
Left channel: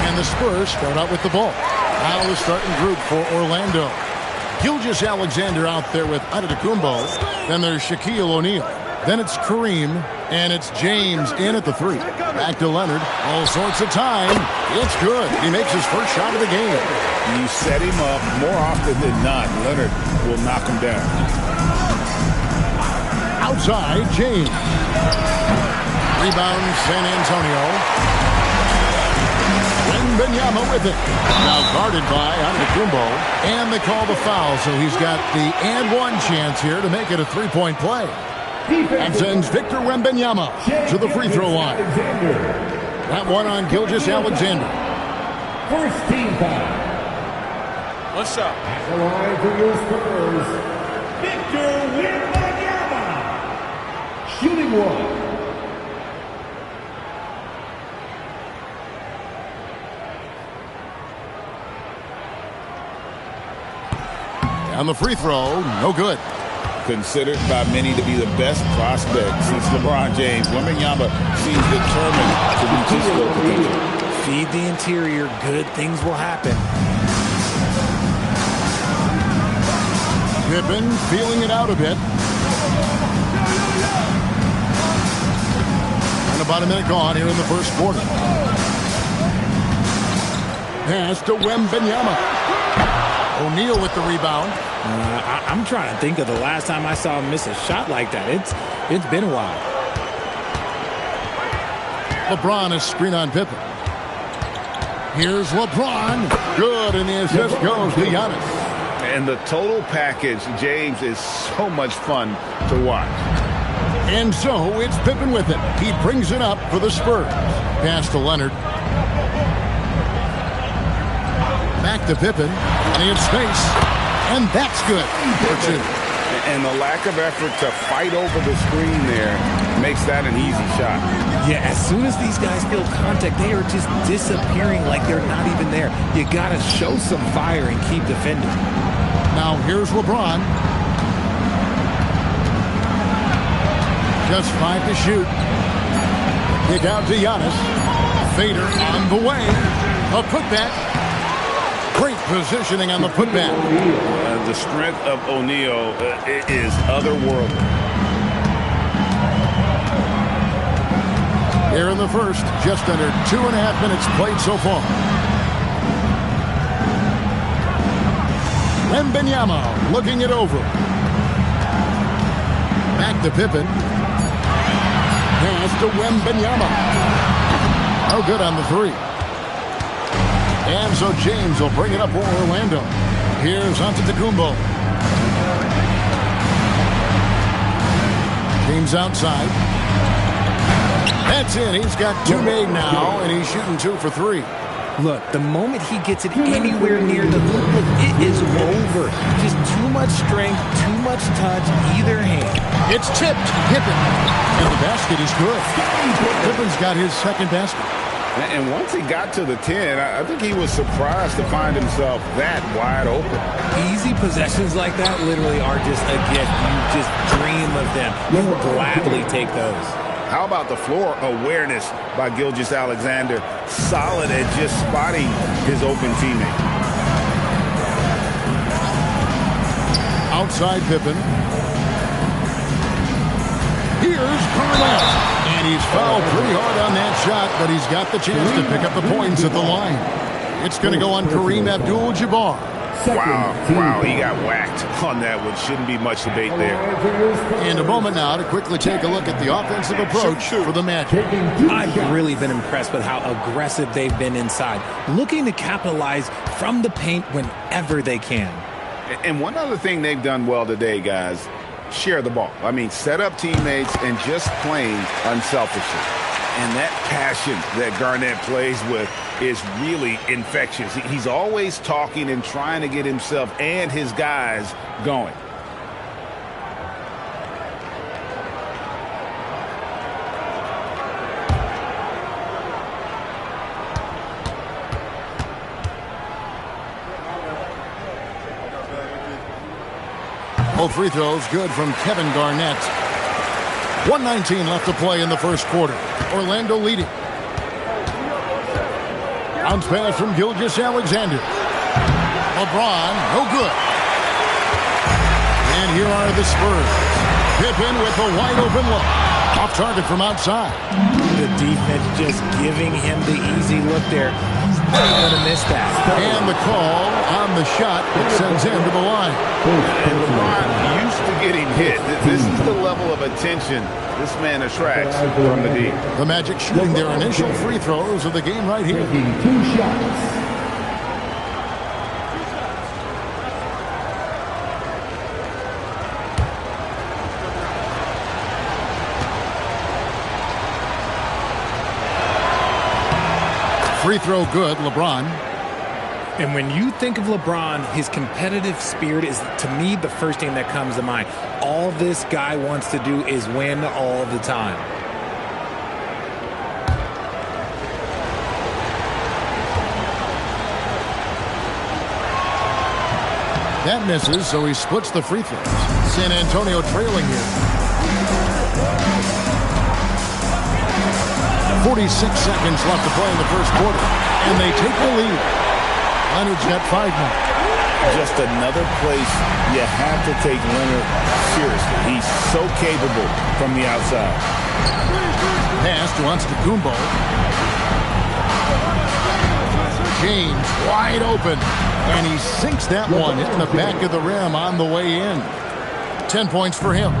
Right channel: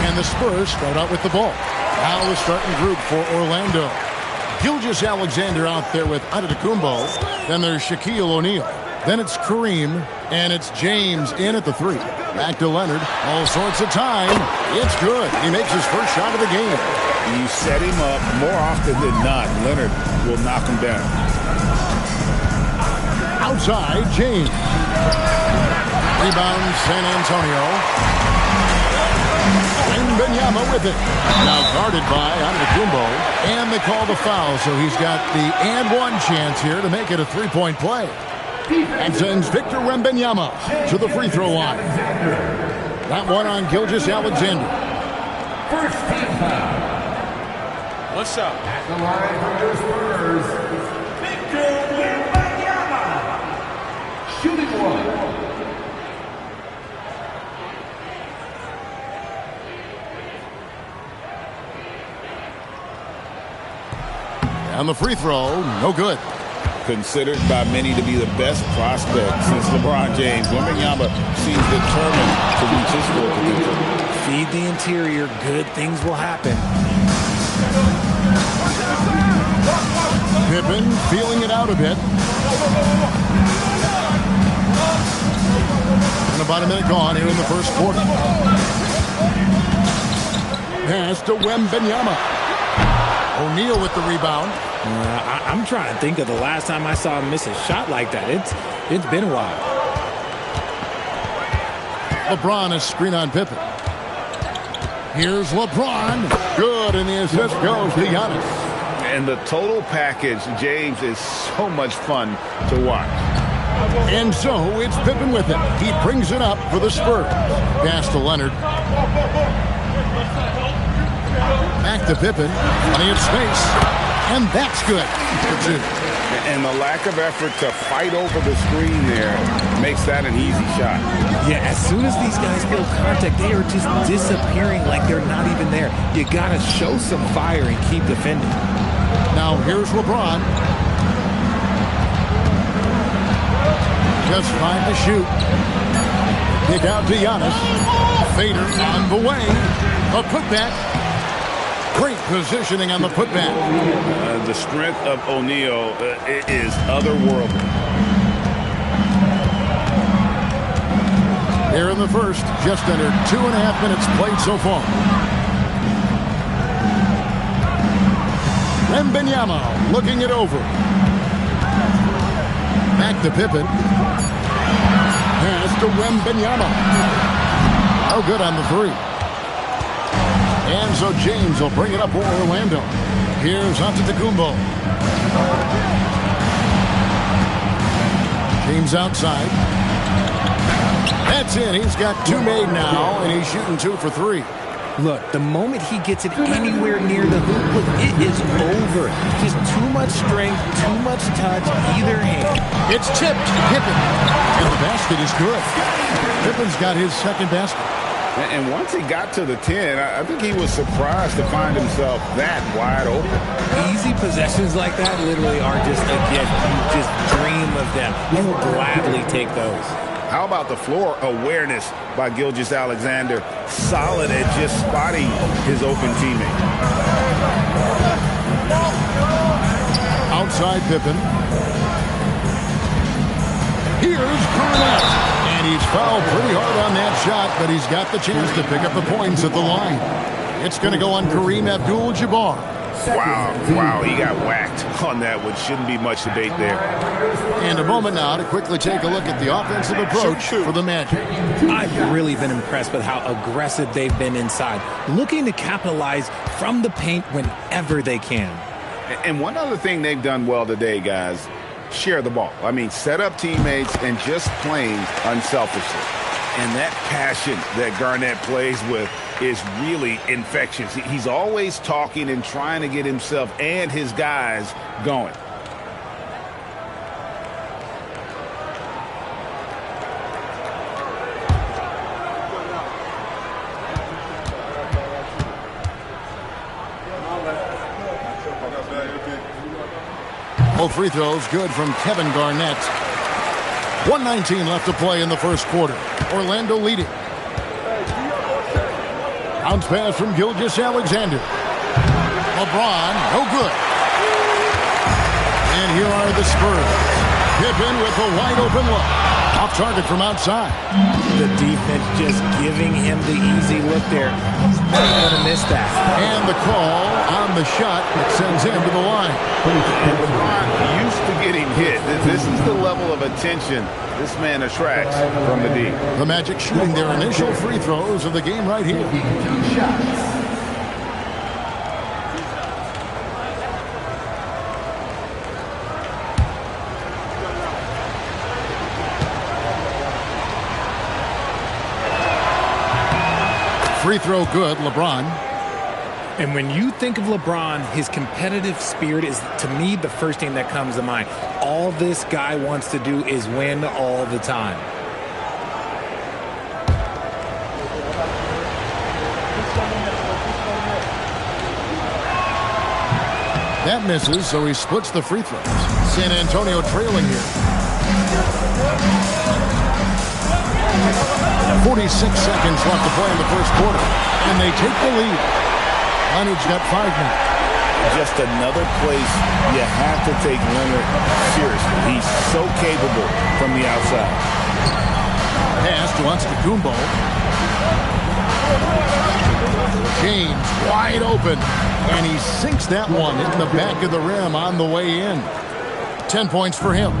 And the Spurs start out with the ball. Now the starting group for Orlando. Gilgeous-Alexander out there with Antetokounmpo. Then there's Shaquille O'Neal. Then it's Kareem. And it's James in at the 3. Back to Leonard. All sorts of time. It's good. He makes his first shot of the game. You set him up more often than not. Leonard will knock him down. Outside, James. Rebound, San Antonio. Wembanyama with it. Now guarded by Antetokounmpo. And they call the foul, so he's got the and one chance here to make it a three-point play. And sends Victor Wembanyama to the free throw line. That one on Gilgeous-Alexander. First team foul. One shot. At the line for your Spurs, Victor Wembanyama. shooting one. And the free throw, no good. Considered by many to be the best prospect since LeBron James. Wembanyama seems determined to reach his full potential. Feed the interior, good things will happen. Pippen feeling it out a bit. And about a minute gone here in the first quarter. Pass to Wembanyama. O'Neal with the rebound. I'm trying to think of the last time I saw him miss a shot like that. It's been a while. LeBron is screen on Pippen. Here's LeBron. Good, and the assist goes to Giannis. And the total package, James, is so much fun to watch. And so it's Pippen with it. He brings it up for the Spurs. Pass to Leonard. Back to Pippen. Plenty of space. And that's good for 2. And the lack of effort to fight over the screen there makes that an easy shot. Yeah, as soon as these guys feel contact, they are just disappearing like they're not even there. You got to show some fire and keep defending. Now here's LeBron. Just 5 to shoot. Kick out to Giannis. Fader on the way. A putback. Great positioning on the putback. The strength of O'Neal is otherworldly. Here in the first, just under 2.5 minutes played so far. Wembanyama looking it over. Back to Pippen. Pass to Wembanyama. No good on the 3. And so James will bring it up for Orlando. Here's Antetokounmpo. James outside. That's in. He's got 2 made now, and he's shooting 2 for 3. Look, the moment he gets it anywhere near the hoop, look, it is over. Just too much strength, too much touch, either hand. It's tipped. Pippen. And the basket is good. Pippen's got his second basket. And once he got to the 10, I think he was surprised to find himself that wide open. Easy possessions like that literally are just a gift. You just dream of them. You will gladly take those. How about the floor awareness by Gilgeous-Alexander? Solid at just spotting his open teammate. Outside Pippen. Here's Garnett. And he's fouled pretty hard on that shot, but he's got the chance to pick up the points at the line. It's going to go on Kareem Abdul-Jabbar. Wow, he got whacked on that one. Shouldn't be much debate there. And a moment now to quickly take a look at the offensive approach for the Magic. I've really been impressed with how aggressive they've been inside, looking to capitalize from the paint whenever they can. And one other thing they've done well today, guys, share the ball. I mean, set up teammates and just playing unselfishly. And that passion that Garnett plays with is really infectious. He's always talking and trying to get himself and his guys going. Both free throws good from Kevin Garnett. 1:19 left to play in the first quarter. Orlando leading. Bounce pass from Gilgeous-Alexander. LeBron, no good. And here are the Spurs. Pippen with a wide open look. Off target from outside. The defense just giving him the easy look there. He's not going to miss that. And the call on the shot that sends him to the line. And LeBron used to getting hit. This is the level of attention this man attracts from the D. The Magic shooting their initial free throws of the game right here. 2 shots. Free throw good, LeBron. And when you think of LeBron, his competitive spirit is, to me, the first thing that comes to mind. All this guy wants to do is win all the time. That misses, so he splits the free throws. San Antonio trailing here. 46 seconds left to play in the first quarter, and they take the lead. Leonard's got 5 now. Just another place you have to take Leonard seriously. He's so capable from the outside. Pass to Antetokounmpo. James wide open, and he sinks that one, hitting the back of the rim on the way in. 10 points for him.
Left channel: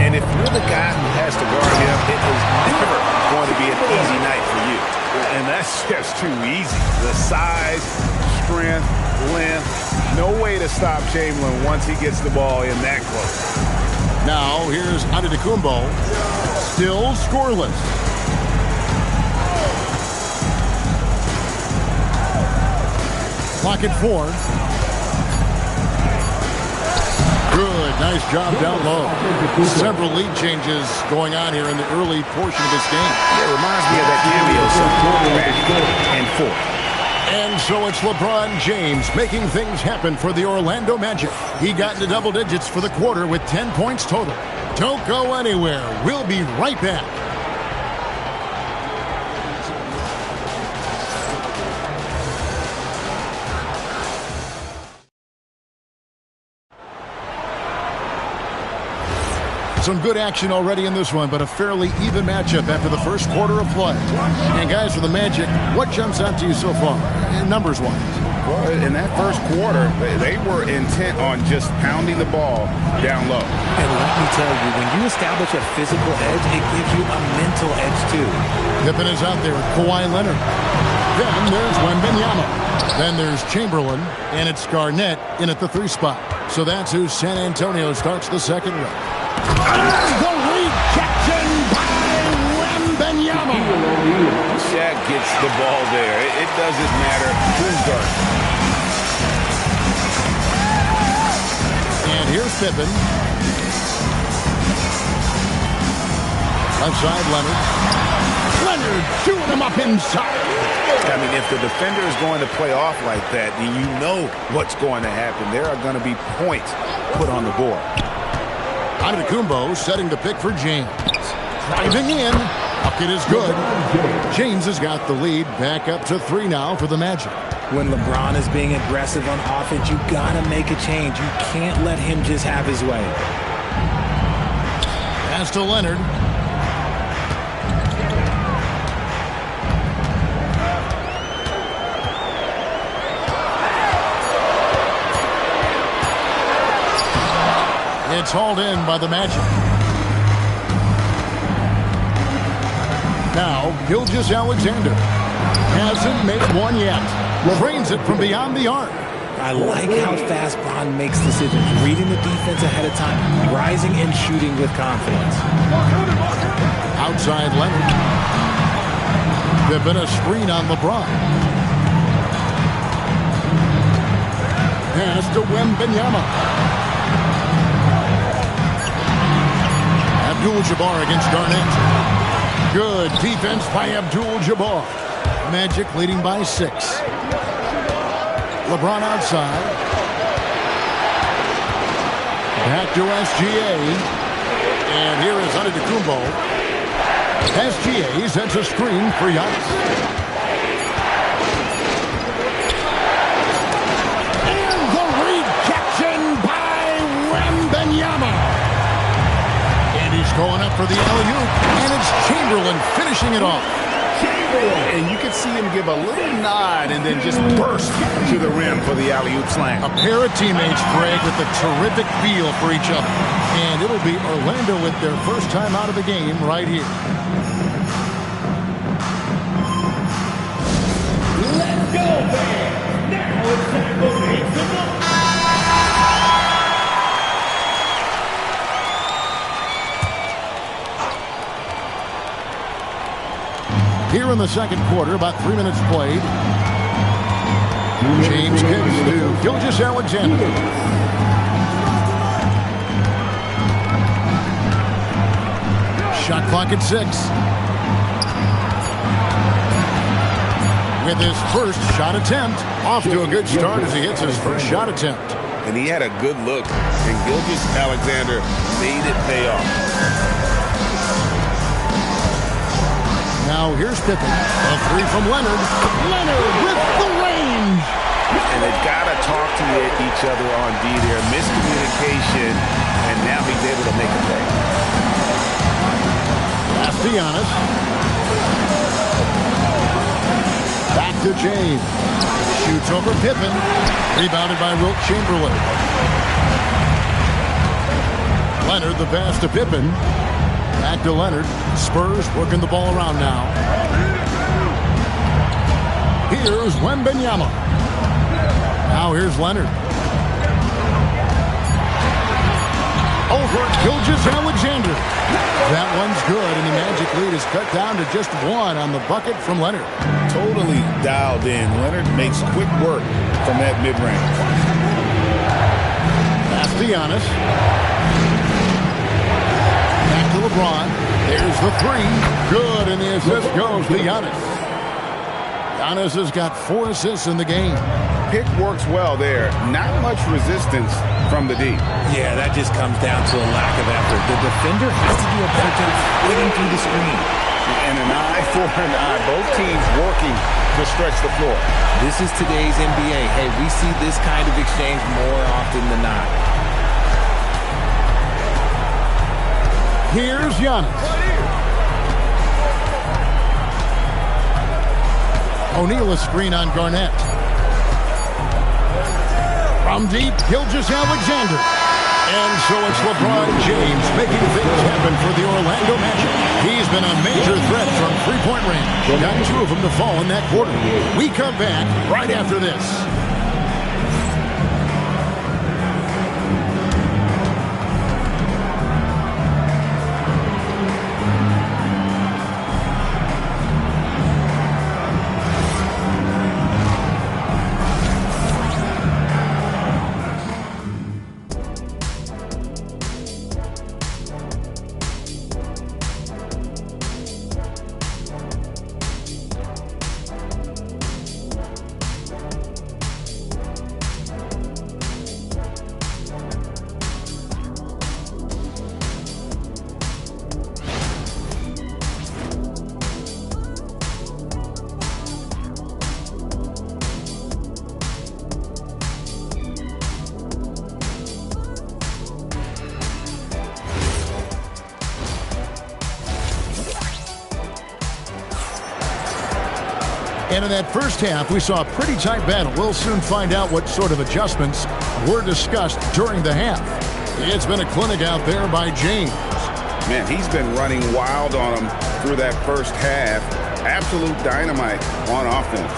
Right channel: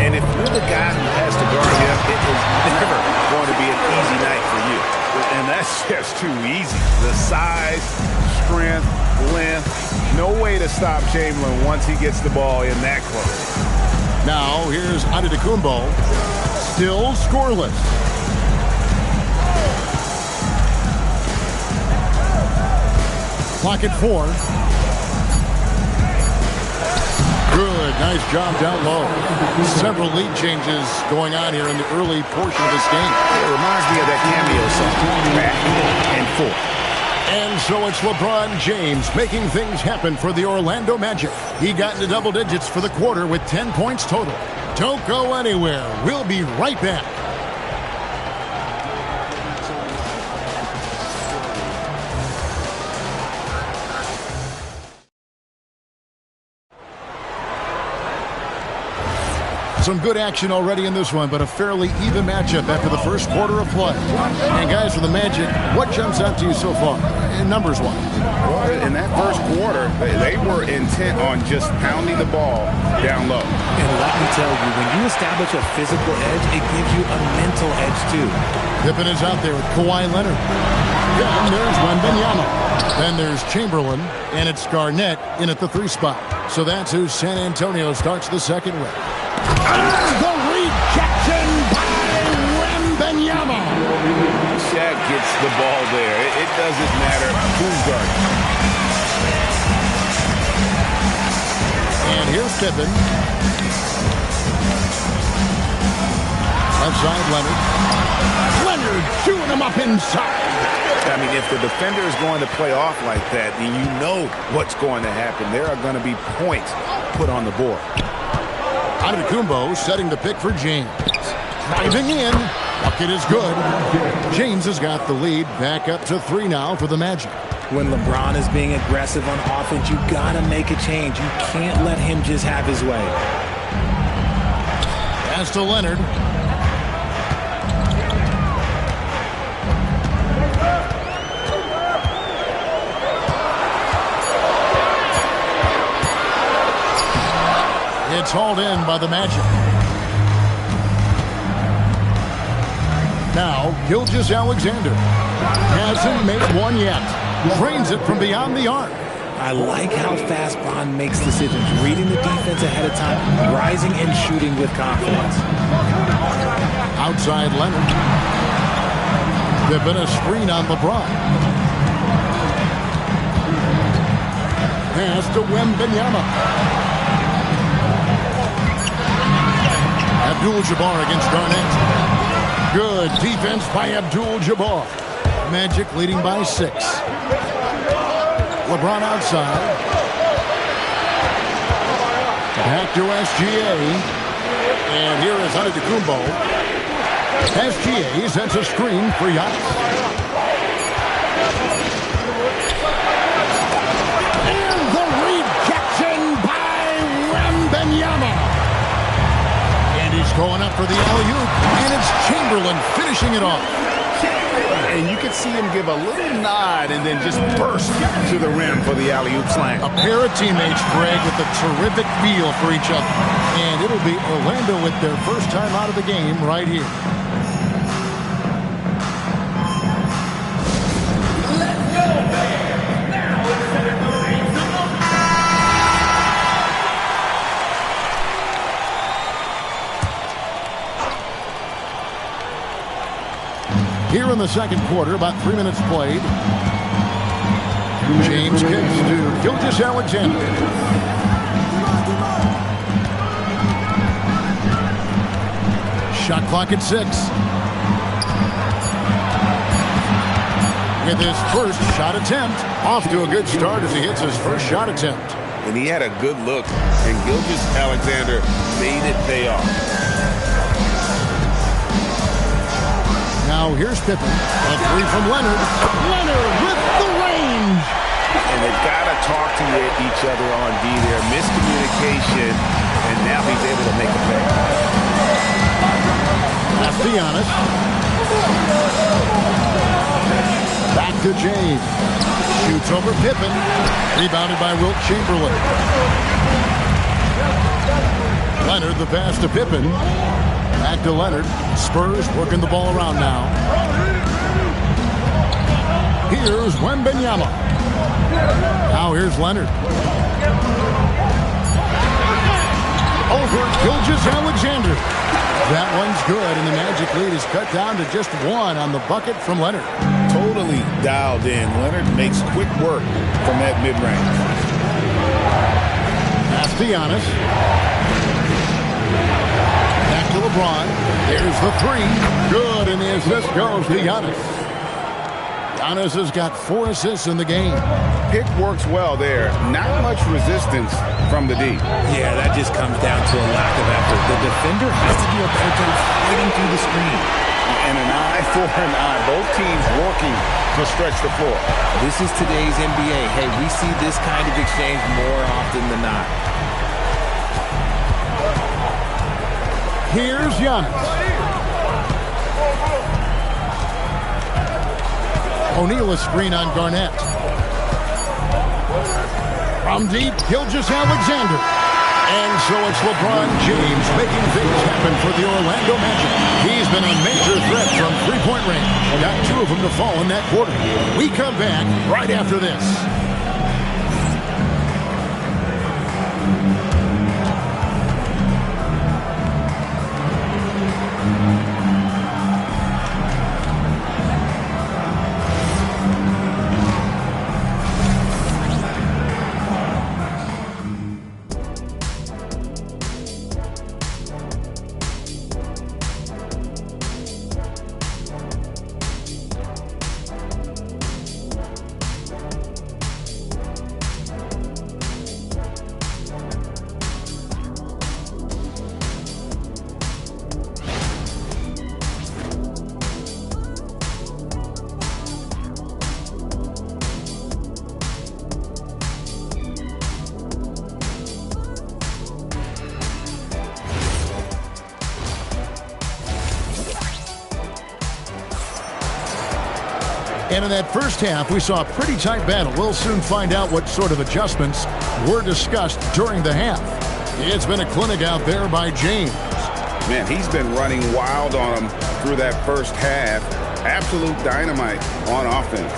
And if you're the guy who has to guard him, it is never going to be an easy night for you. And that's just too easy. The size, strength, length, no way to stop Chamberlain once he gets the ball in that close. Now here's Antetokounmpo, still scoreless. Clock at 4. Good, nice job down low. Several lead changes going on here in the early portion of this game. It reminds me of that cameo song, back and forth. And so it's LeBron James making things happen for the Orlando Magic. He got into double digits for the quarter with 10 points total. Don't go anywhere. We'll be right back. Some good action already in this one, but a fairly even matchup after the first quarter of play. And guys, for the Magic, what jumps out to you so far, numbers-wise? Well, in that first quarter, they were intent on just pounding the ball down low. And let me tell you, when you establish a physical edge, it gives you a mental edge, too. Pippen is out there with Kawhi Leonard. Then there's Wembanyama. Then there's Chamberlain, and it's Garnett in at the 3 spot. So that's who San Antonio starts the second with. The rejection by Wembanyama. Shaq gets the ball there. It doesn't matter who's guarding. And here's Pippen. Left side, Leonard. Leonard chewing him up inside. I mean, if the defender is going to play off like that, then you know what's going to happen. There are going to be points put on the board. Antetokounmpo setting the pick for James. Driving in. Bucket is good. James has got the lead back up to 3 now for the Magic. When LeBron is being aggressive on offense, you got to make a change. You can't let him just have his way. Pass to Leonard. It's hauled in by the Magic. Now, Gilgeous-Alexander hasn't made one yet. Drains it from beyond the arc. I like how fast Bron makes decisions, reading the defense ahead of time, rising and shooting with confidence. Outside Leonard. There's been a screen on LeBron. Pass to Wembanyama. Abdul-Jabbar against Garnett. Good defense by Abdul-Jabbar. Magic leading by 6. LeBron outside. Back to SGA. And here is Antetokounmpo. SGA sets a screen for Giannis. And the rejection by Wembanyama. And he's going up for the alley-oop, and it's Chamberlain finishing it off. And you could see him give a little nod and then just burst to the rim for the alley-oop slam. A pair of teammates, Greg, with a terrific feel for each other. And it'll be Orlando with their first time out of the game right here. Let's go, fans. Now it's time to make some noise. Here in the second quarter, about 3 minutes played. James kicks to Gilgeous-Alexander. Shot clock at 6. With his first shot attempt. Off to a good start as he hits his first shot attempt. And he had a good look, and Gilgeous-Alexander made it pay off. Now here's Pippen. A 3 from Leonard. Leonard with the range. And they've got to talk to each other on D there. Miscommunication, and now he's able to make a pay. Pass to Giannis. Back to James. Shoots over Pippen. Rebounded by Wilt Chamberlain. Leonard the pass to Pippen. Back to Leonard. Spurs working the ball around now. Here's Wembanyama. Now here's Leonard. Over Gilgeous-Alexander. That one's good, and the Magic lead is cut down to just 1 on the bucket from Leonard. Totally dialed in. Leonard makes quick work from that mid-range. Pass to Giannis. Back to LeBron. There's the 3. Good, and the assist goes to Giannis. Giannis has got 4 assists in the game. Pick works well there. Not much resistance from the D. Yeah, that just comes down to a lack of effort. The defender has to do a better job fighting through the screen. And an eye for an eye. Both teams working to stretch the floor. This is today's NBA. Hey, we see this kind of exchange more often than not. Here's Giannis. O'Neal a screen on Garnett. From deep, Gilgeous-Alexander. And so it's LeBron James making things happen for the Orlando Magic. He's been a major threat from three-point range. Got 2 of them to fall in that quarter. We come back right after this. And in that first half, we saw a pretty tight battle. We'll soon find out what sort of adjustments were discussed during the half. It's been a clinic out there by James. Man, he's been running wild on him through that first half. Absolute dynamite on offense.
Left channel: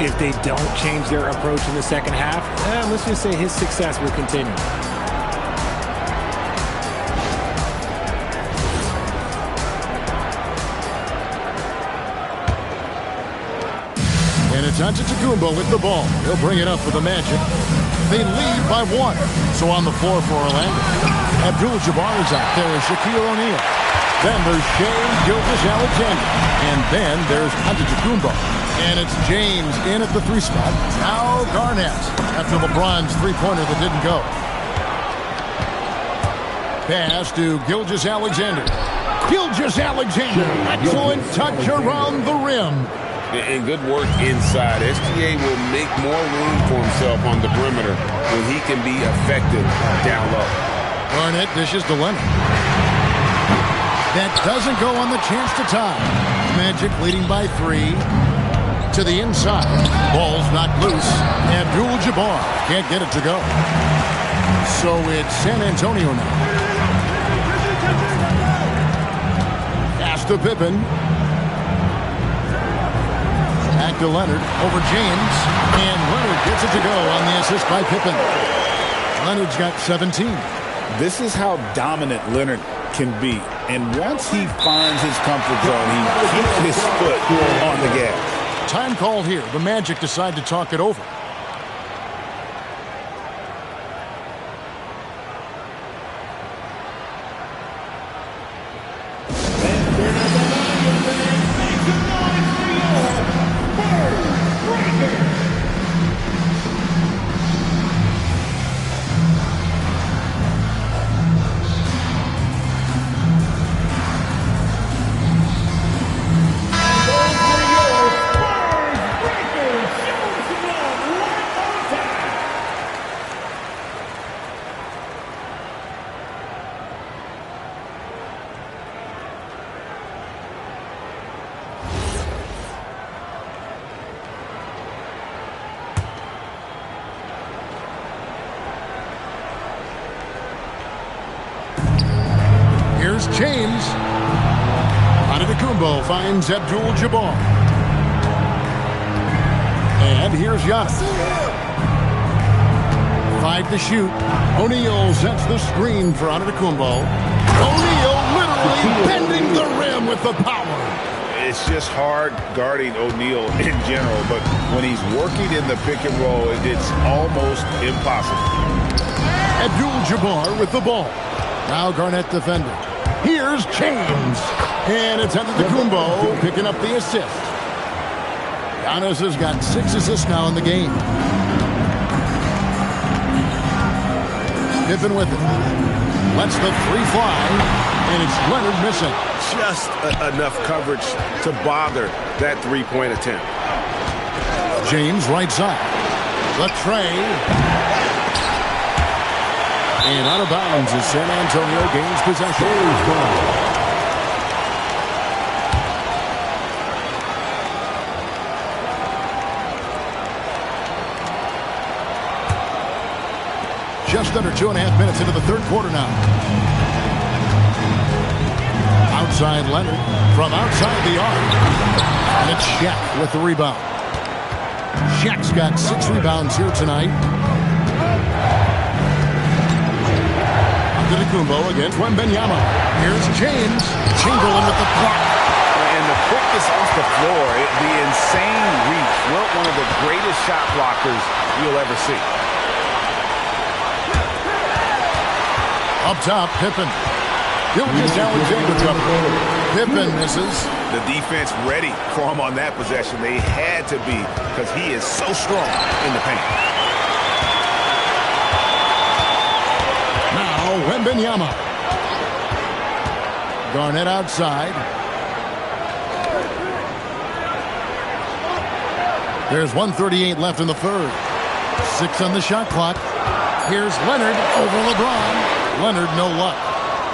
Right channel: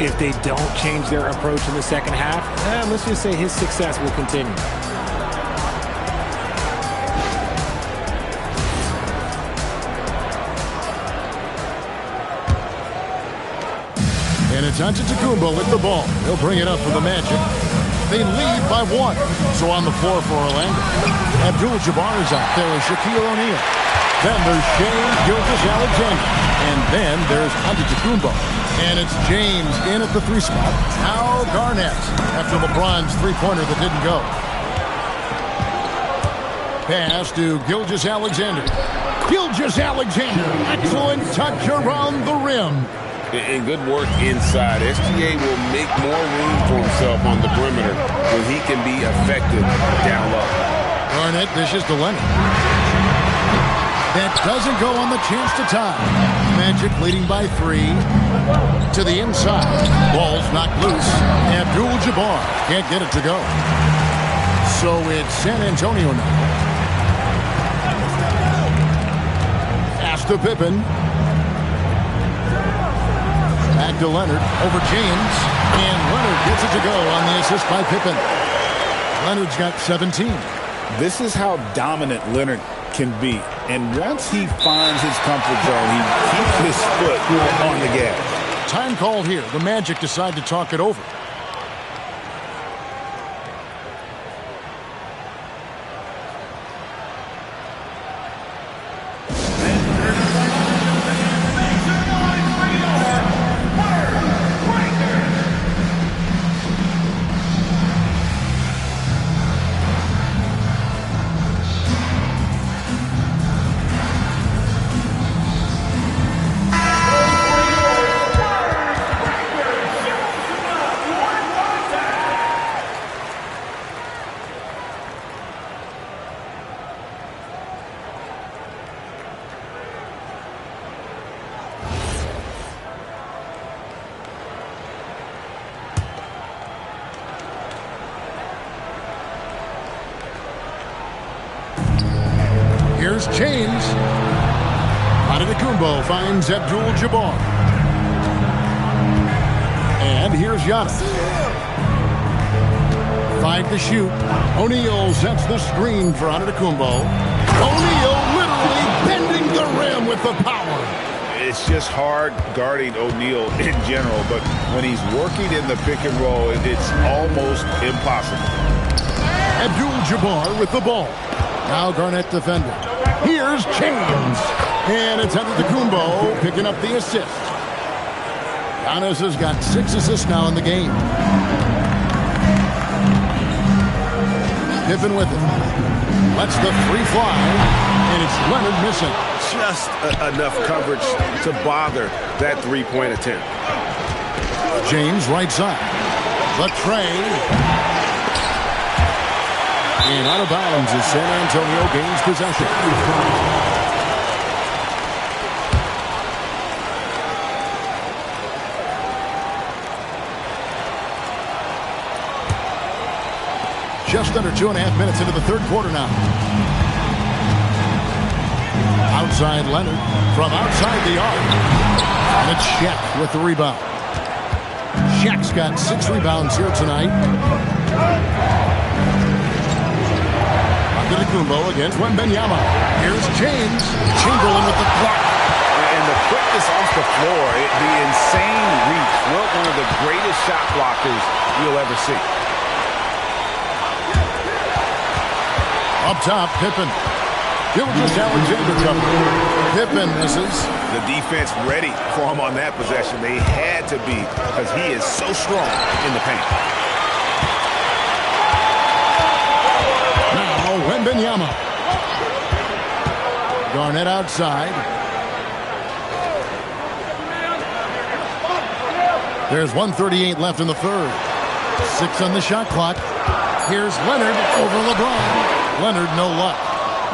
If they don't change their approach in the second half, let's just say his success will continue. And it's Antetokounmpo with the ball. He'll bring it up for the Magic. They lead by 1. So on the floor for Orlando. Abdul-Jabbar is out there with Shaquille O'Neal. Then there's Shai Gilgeous-Alexander. And then there's Antetokounmpo. And it's James in at the 3 spot. Now Garnett after LeBron's three-pointer that didn't go. Pass to Gilgeous-Alexander. Gilgeous-Alexander. Excellent touch around the rim. And good work inside. SGA will make more room for himself on the perimeter when he can be effective down low. Garnett dishes to Leonard. That doesn't go on the chance to tie. Magic leading by 3. To the inside. Ball's knocked loose. Abdul-Jabbar can't get it to go. So it's San Antonio now. Pass to Pippen. Back to Leonard, over James, and Leonard gets it to go on the assist by Pippen. Leonard's got 17. This is how dominant Leonard can be. And once he finds his comfort zone, he keeps his foot on the gas. Time call here. The Magic decide to talk it over. Here's James. Antetokounmpo finds Abdul-Jabbar. And here's Giannis. 5 to shoot. O'Neal sets the screen for Antetokounmpo. O'Neal literally bending the rim with the power. It's just hard guarding O'Neal in general, but when he's working in the pick and roll, it's almost impossible. Abdul-Jabbar with the ball. Now Garnett defending. Here's James. And it's Antetokounmpo picking up the assist. Giannis has got 6 assists now in the game. Pippen with it. Lets the 3 fly. And it's Leonard missing. Just enough coverage to bother that 3-point attempt. James right side. The tray. And out of bounds as San Antonio gains possession. Just under 2.5 minutes into the third quarter now. Outside Leonard from outside the arc. And it's Shaq with the rebound. Shaq's got 6 rebounds here tonight. Antetokounmpo against Wembanyama. Here's James. Chamberlain with the block. And the quickness off the floor, the insane reach. Well, one of the greatest shot blockers you'll ever see. Up top, Pippen. Gilgeous-Alexander cover. Pippen misses. The defense ready for him on that possession. They had to be because he is so strong in the paint. Now Wembanyama. Garnett outside. There's 1:38 left in the third. 6 on the shot clock. Here's Leonard over LeBron. Leonard, no luck.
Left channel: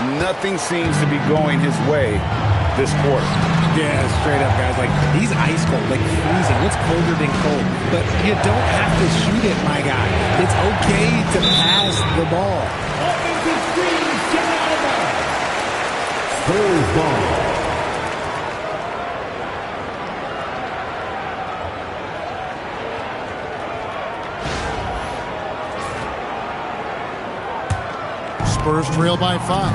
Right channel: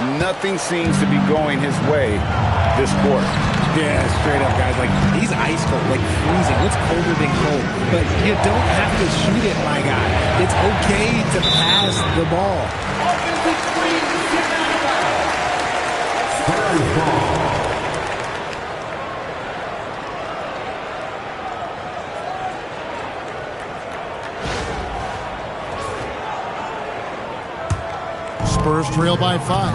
Nothing seems to be going his way this quarter. Yeah, straight up, guys. Like, he's ice cold, like freezing. What's colder than cold? But you don't have to shoot it, my guy. It's okay to pass the ball. Spurs ball. Spurs trail by 5.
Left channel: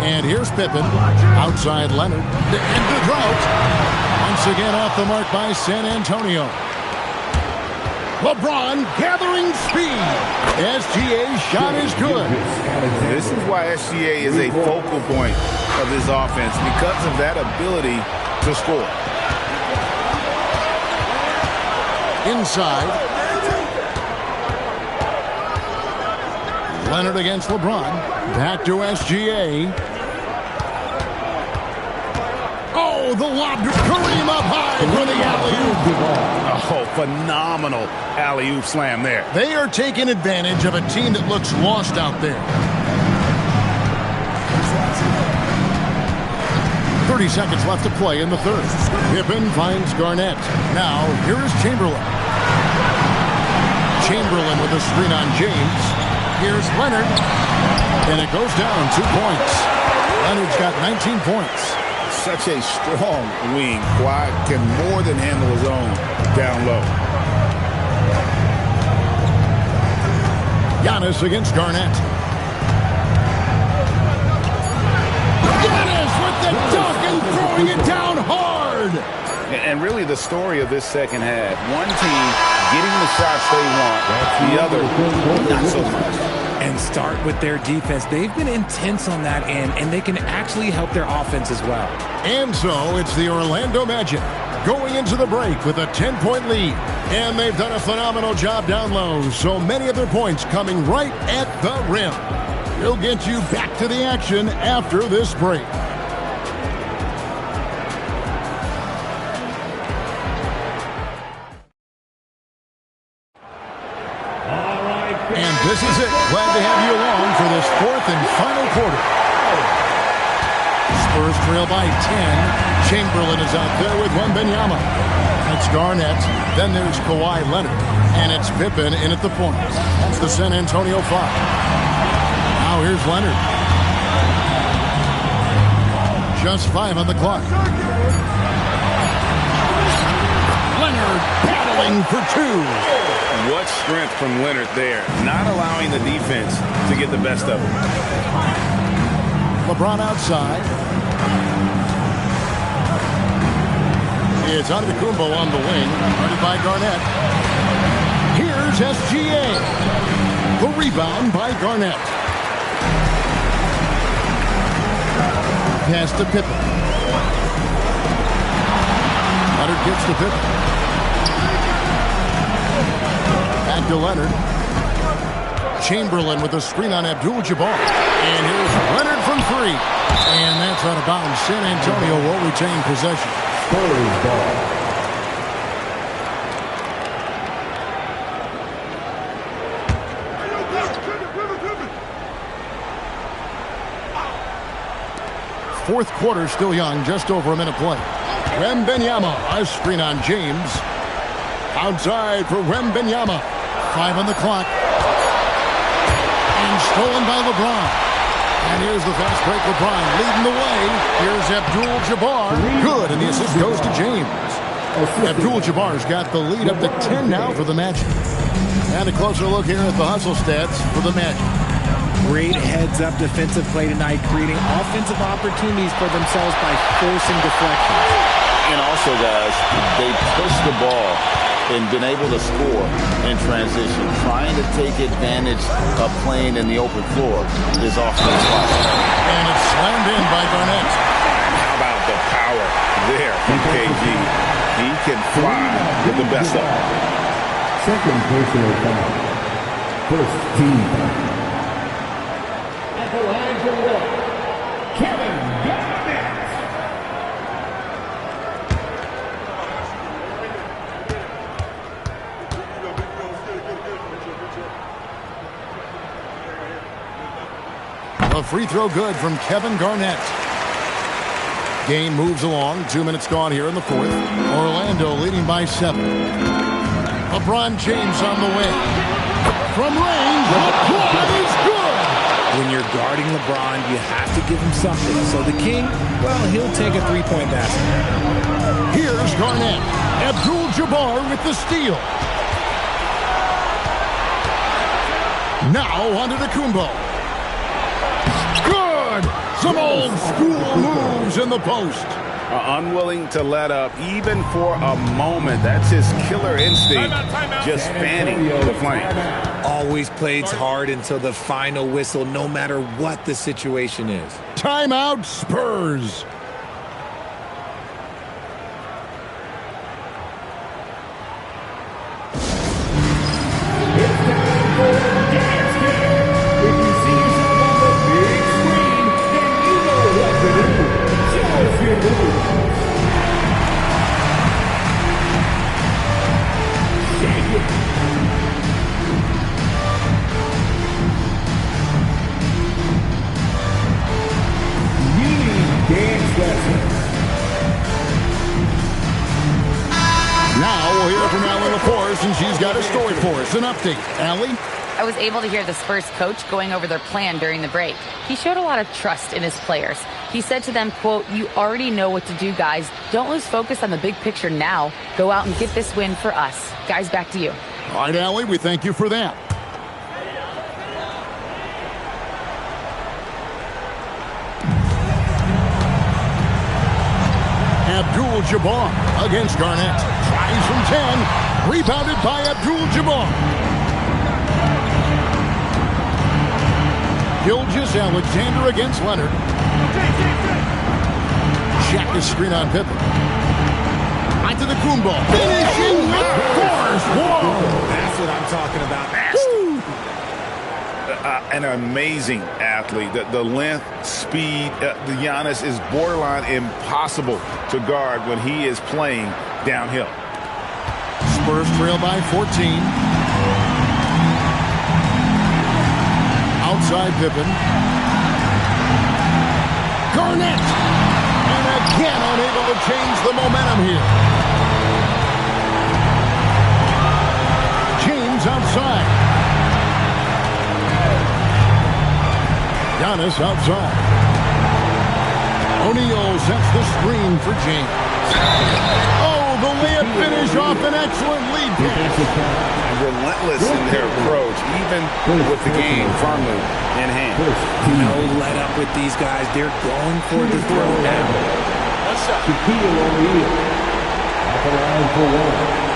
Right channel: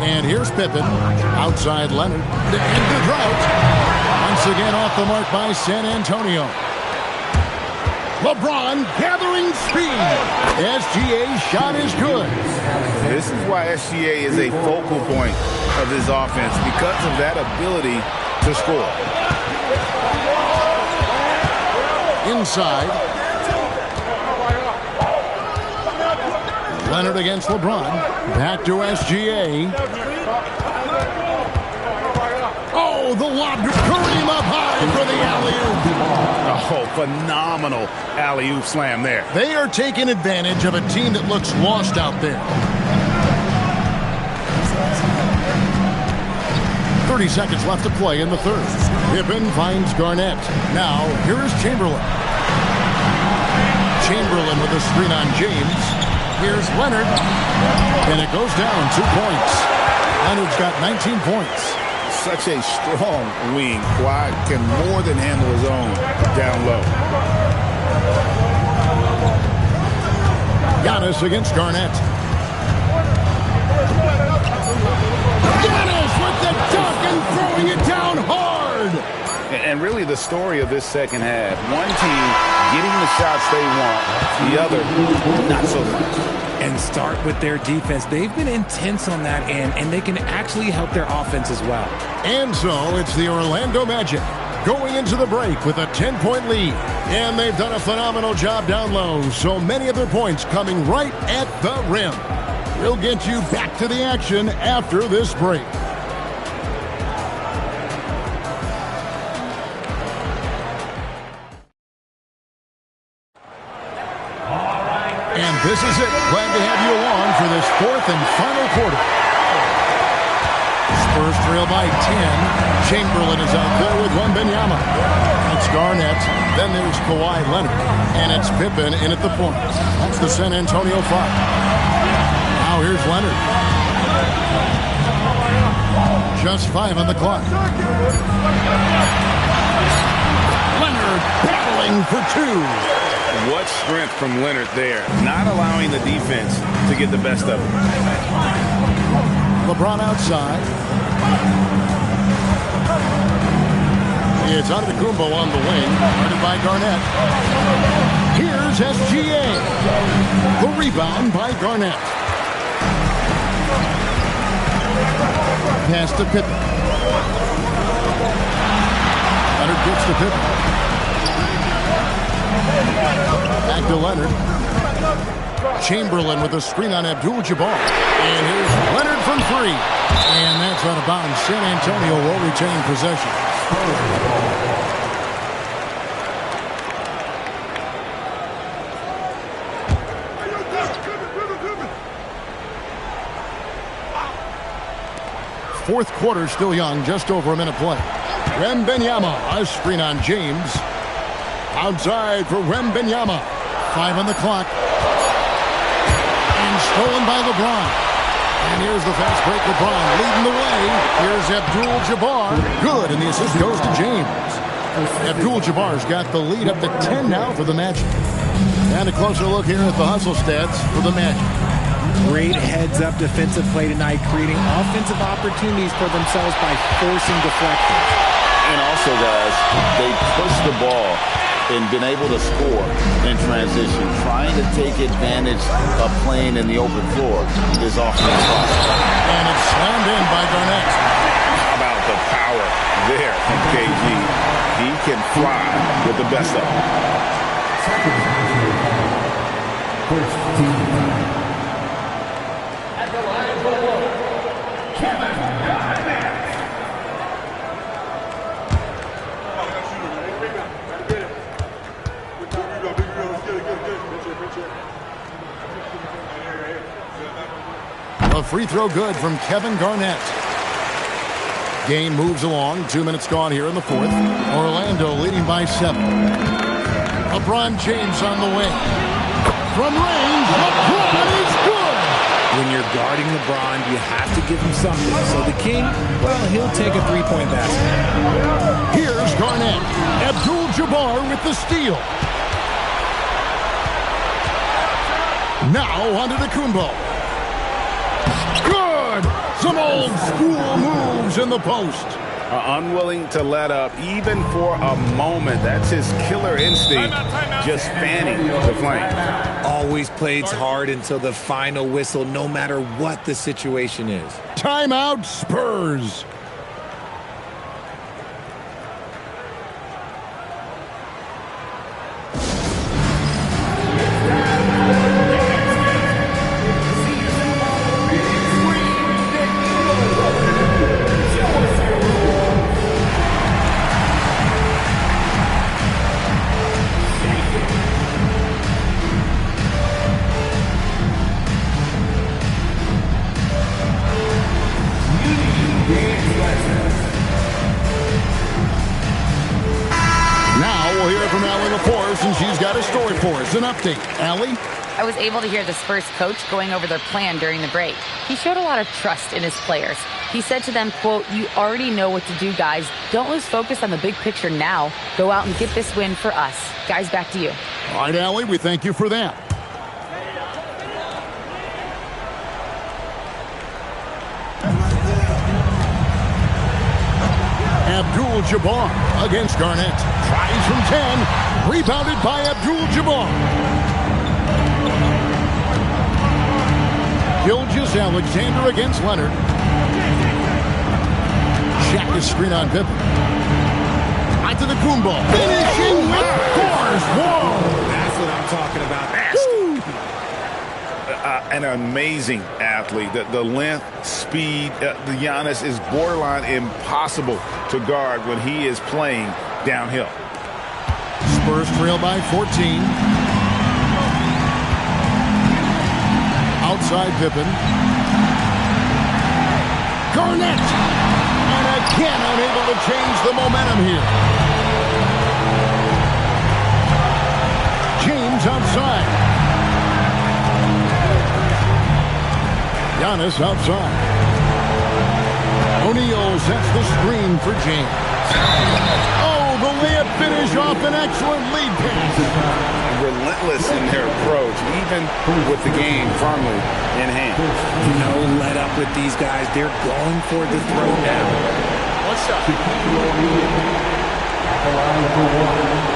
And here's Pippen. Outside Leonard. To end the drought. Once again off the mark by San Antonio. LeBron gathering speed. SGA's shot is good. This is why SGA is a focal point of this offense, because of that ability to score. Inside. Leonard against LeBron. Back to SGA. Oh, the lob to Kareem up high for the alley-oop. Oh, phenomenal alley-oop slam there. They are taking advantage of a team that looks lost out there. 30 seconds left to play in the third. Pippen finds Garnett. Now, here is Chamberlain. Chamberlain with a screen on James. Here's Leonard. And it goes down 2 points. Leonard's got 19 points. Such a strong wing. Kawhi can more than handle his own down low. Giannis against Garnett. Giannis with the dunk and throwing it down hard. And really the story of this second half. One team getting the shots they want, the other not so much. And start with their defense. They've been intense on that end, and they can actually help their offense as well. And so it's the Orlando Magic going into the break with a 10-point lead. And they've done a phenomenal job down low, so many of their points coming right at the rim. We'll get you back to the action after this break. And this is it. Glad to have you along for this fourth and final quarter. Spurs trail by 10. Chamberlain is out there with Wembanyama. It's Garnett. Then there's Kawhi Leonard. And it's Pippen in at the point. That's the San Antonio 5. Now here's Leonard. Just 5 on the clock. Leonard battling for 2. What strength from Leonard there, not allowing the defense to get the best of him. LeBron outside. It's Antetokounmpo on the wing, guarded by Garnett. Here's SGA. The rebound by Garnett. Pass to Pippen. Leonard gets to Pippen. Back to Leonard. Chamberlain with a screen on Abdul-Jabbar. And here's Leonard from 3. And that's out of bounds. San Antonio will retain possession. Fourth quarter still young, just over a minute play. Wembanyama, a screen on James. Outside for Wembanyama. 5 on the clock. And stolen by LeBron. And here's the fast break. LeBron leading the way. Here's Abdul-Jabbar. Good, and the assist goes to James. Abdul-Jabbar's got the lead up to 10 now for the Magic. And a closer look here at the hustle stats for the Magic. Great heads-up defensive play tonight, creating offensive opportunities for themselves by forcing deflections. And also, guys, they push the ball and been able to score in transition. Trying to take advantage of playing in the open floor is often impossible. And it's slammed in by Garnett. How about the power there from KG? He can fly with the best of them. Second personal foul. First team foul. At the line for one, Kevin Garnett. The free throw good from Kevin Garnett. Game moves along. 2 minutes gone here in the fourth. Orlando leading by 7. LeBron James on the way. From range, LeBron is good. When you're guarding LeBron, you have to give him something. So the King, well, he'll take a three-point basket. Here's Garnett. Abdul-Jabbar with the steal. Now onto Kumbo. Good! Some old school moves in the post. Unwilling to let up even for a moment. That's his killer instinct. Just fanning the flames. Always plays hard until the final whistle, no matter what the situation is. Timeout Spurs. Now we'll hear from Allie LaForce, and she's got a story for us. An update. Allie? I was able to hear the Spurs coach going over their plan during the break. He showed a lot of trust in his players. He said to them, quote, "You already know what to do, guys. Don't lose focus on the big picture now. Go out and get this win for us." Guys, back to you. All right, Allie, we thank you for that. Abdul-Jabbar against Garnett. Tries from 10. Rebounded by Abdul-Jabbar. Gilgeous-Alexander against Leonard. Check his screen on Pippen. Onto the Kumbo. Finishing with force. Whoa! That's what I'm talking about. An amazing athlete. The length, speed, the Giannis is borderline impossible to guard when he is playing downhill. Spurs trail by 14. Outside Pippen. Garnett! And again unable to change the momentum here. James outside. Giannis outside. O'Neal sets the screen for James. Oh, the layup finish off an excellent lead pass. Relentless in their approach, even with the game firmly in hand. No let up with these guys. They're going for the throw now. One shot. Shaquille O'Neal at the line for one.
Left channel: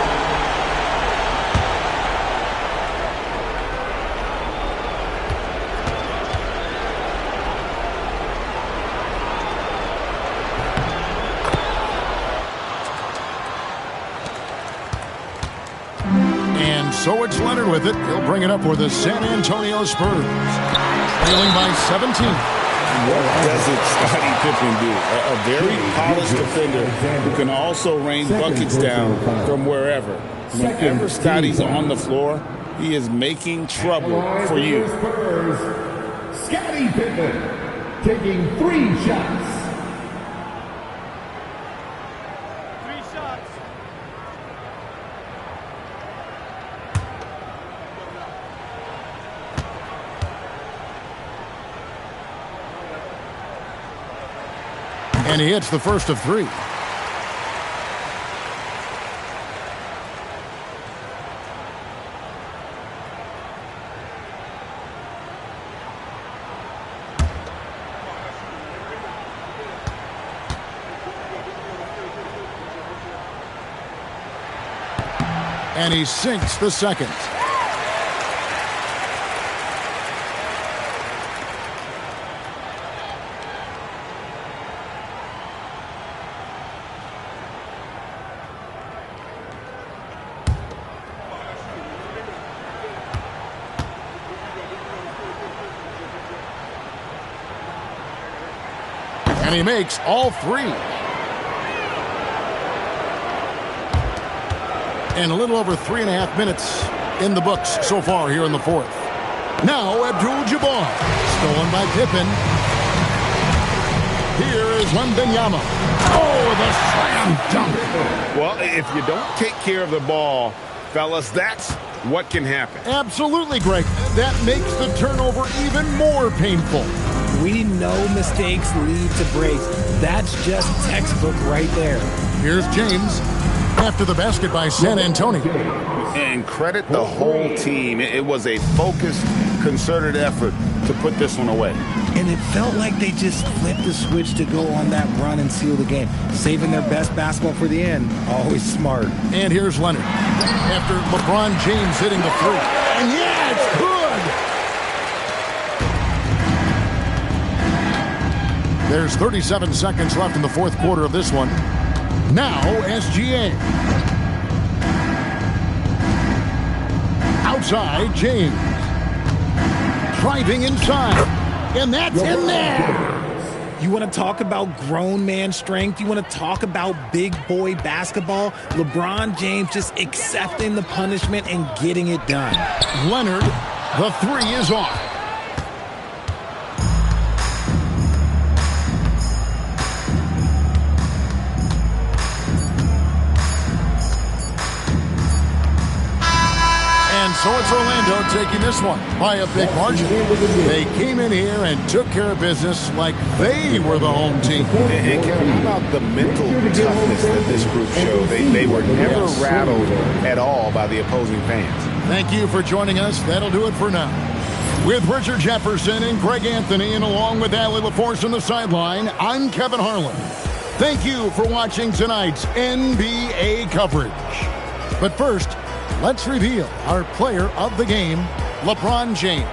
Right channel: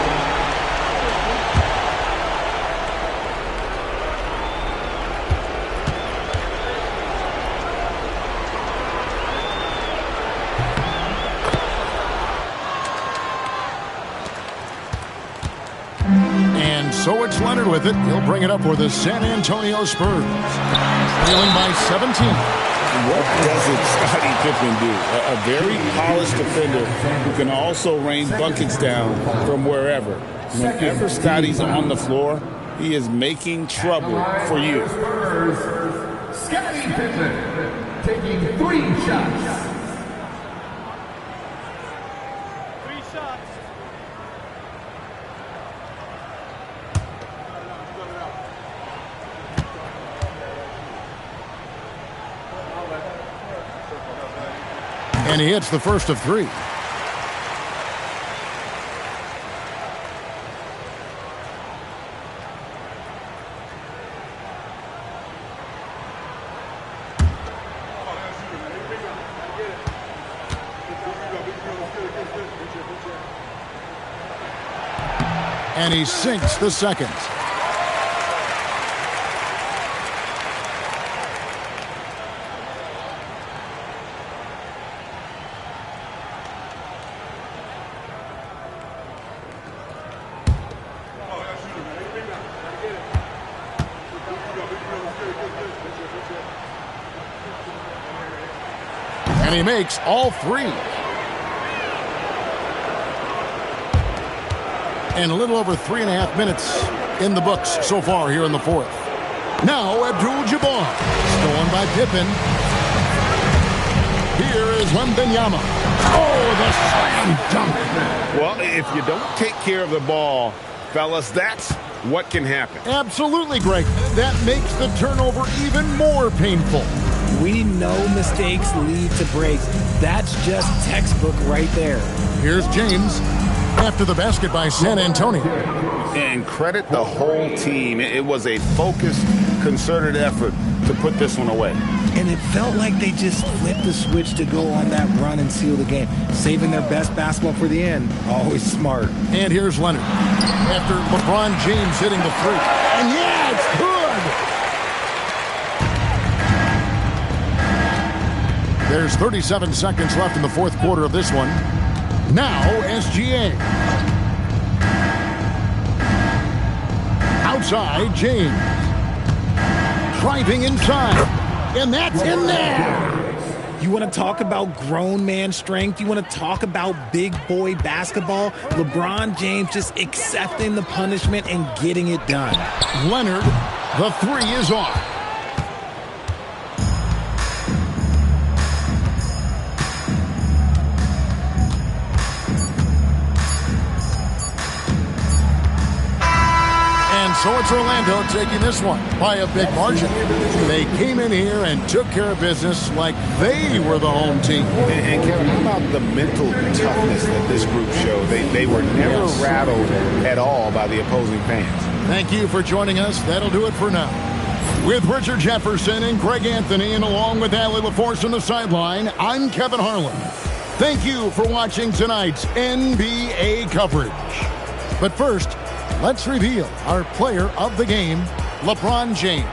So it's Leonard with it. He'll bring it up for the San Antonio Spurs. Trailing by 17. What doesn't Scottie Pippen do? A very polished defender who can also rain buckets down from wherever. Whenever Scottie's on the floor, he is making trouble for you. Scottie Pippen taking 3 shots. 3 shots. And he hits the first of 3. And he sinks the second. And he makes all 3. And a little over 3.5 minutes in the books so far here in the fourth. Now Abdul-Jabbar. Stolen by Pippen. Here is Wembanyama. Oh, the slam dunk. Well, if you don't take care of the ball, fellas, that's what can happen. Absolutely, Greg. That makes the turnover even more painful. We know mistakes lead to breaks. That's just textbook right there. Here's James after the basket by San Antonio. And credit the whole team. It was a focused, concerted effort to put this one away. And it felt like they just flipped the switch to go on that run and seal the game. Saving their best basketball for the end. Always smart. And here's Leonard after LeBron James hitting the three. And yeah, it's good. There's 37 seconds left in the fourth quarter of this one. Now SGA. Outside, James. Driving inside. And that's in there. You want to talk about grown man strength? You want to talk about big boy basketball? LeBron James just accepting the punishment and getting it done. Leonard, the three is off. And so it's Orlando taking this one by a big margin. They came in here and took care of business like they were the home team. And Kevin, how about the mental toughness that this group showed? They were never rattled at all by the opposing fans. Thank you for joining us. That'll do it for now. With Richard Jefferson and Greg Anthony, and along with Allie LaForce on the sideline, I'm Kevin Harlan. Thank you for watching tonight's NBA coverage. But first, let's reveal our player of the game, LeBron James.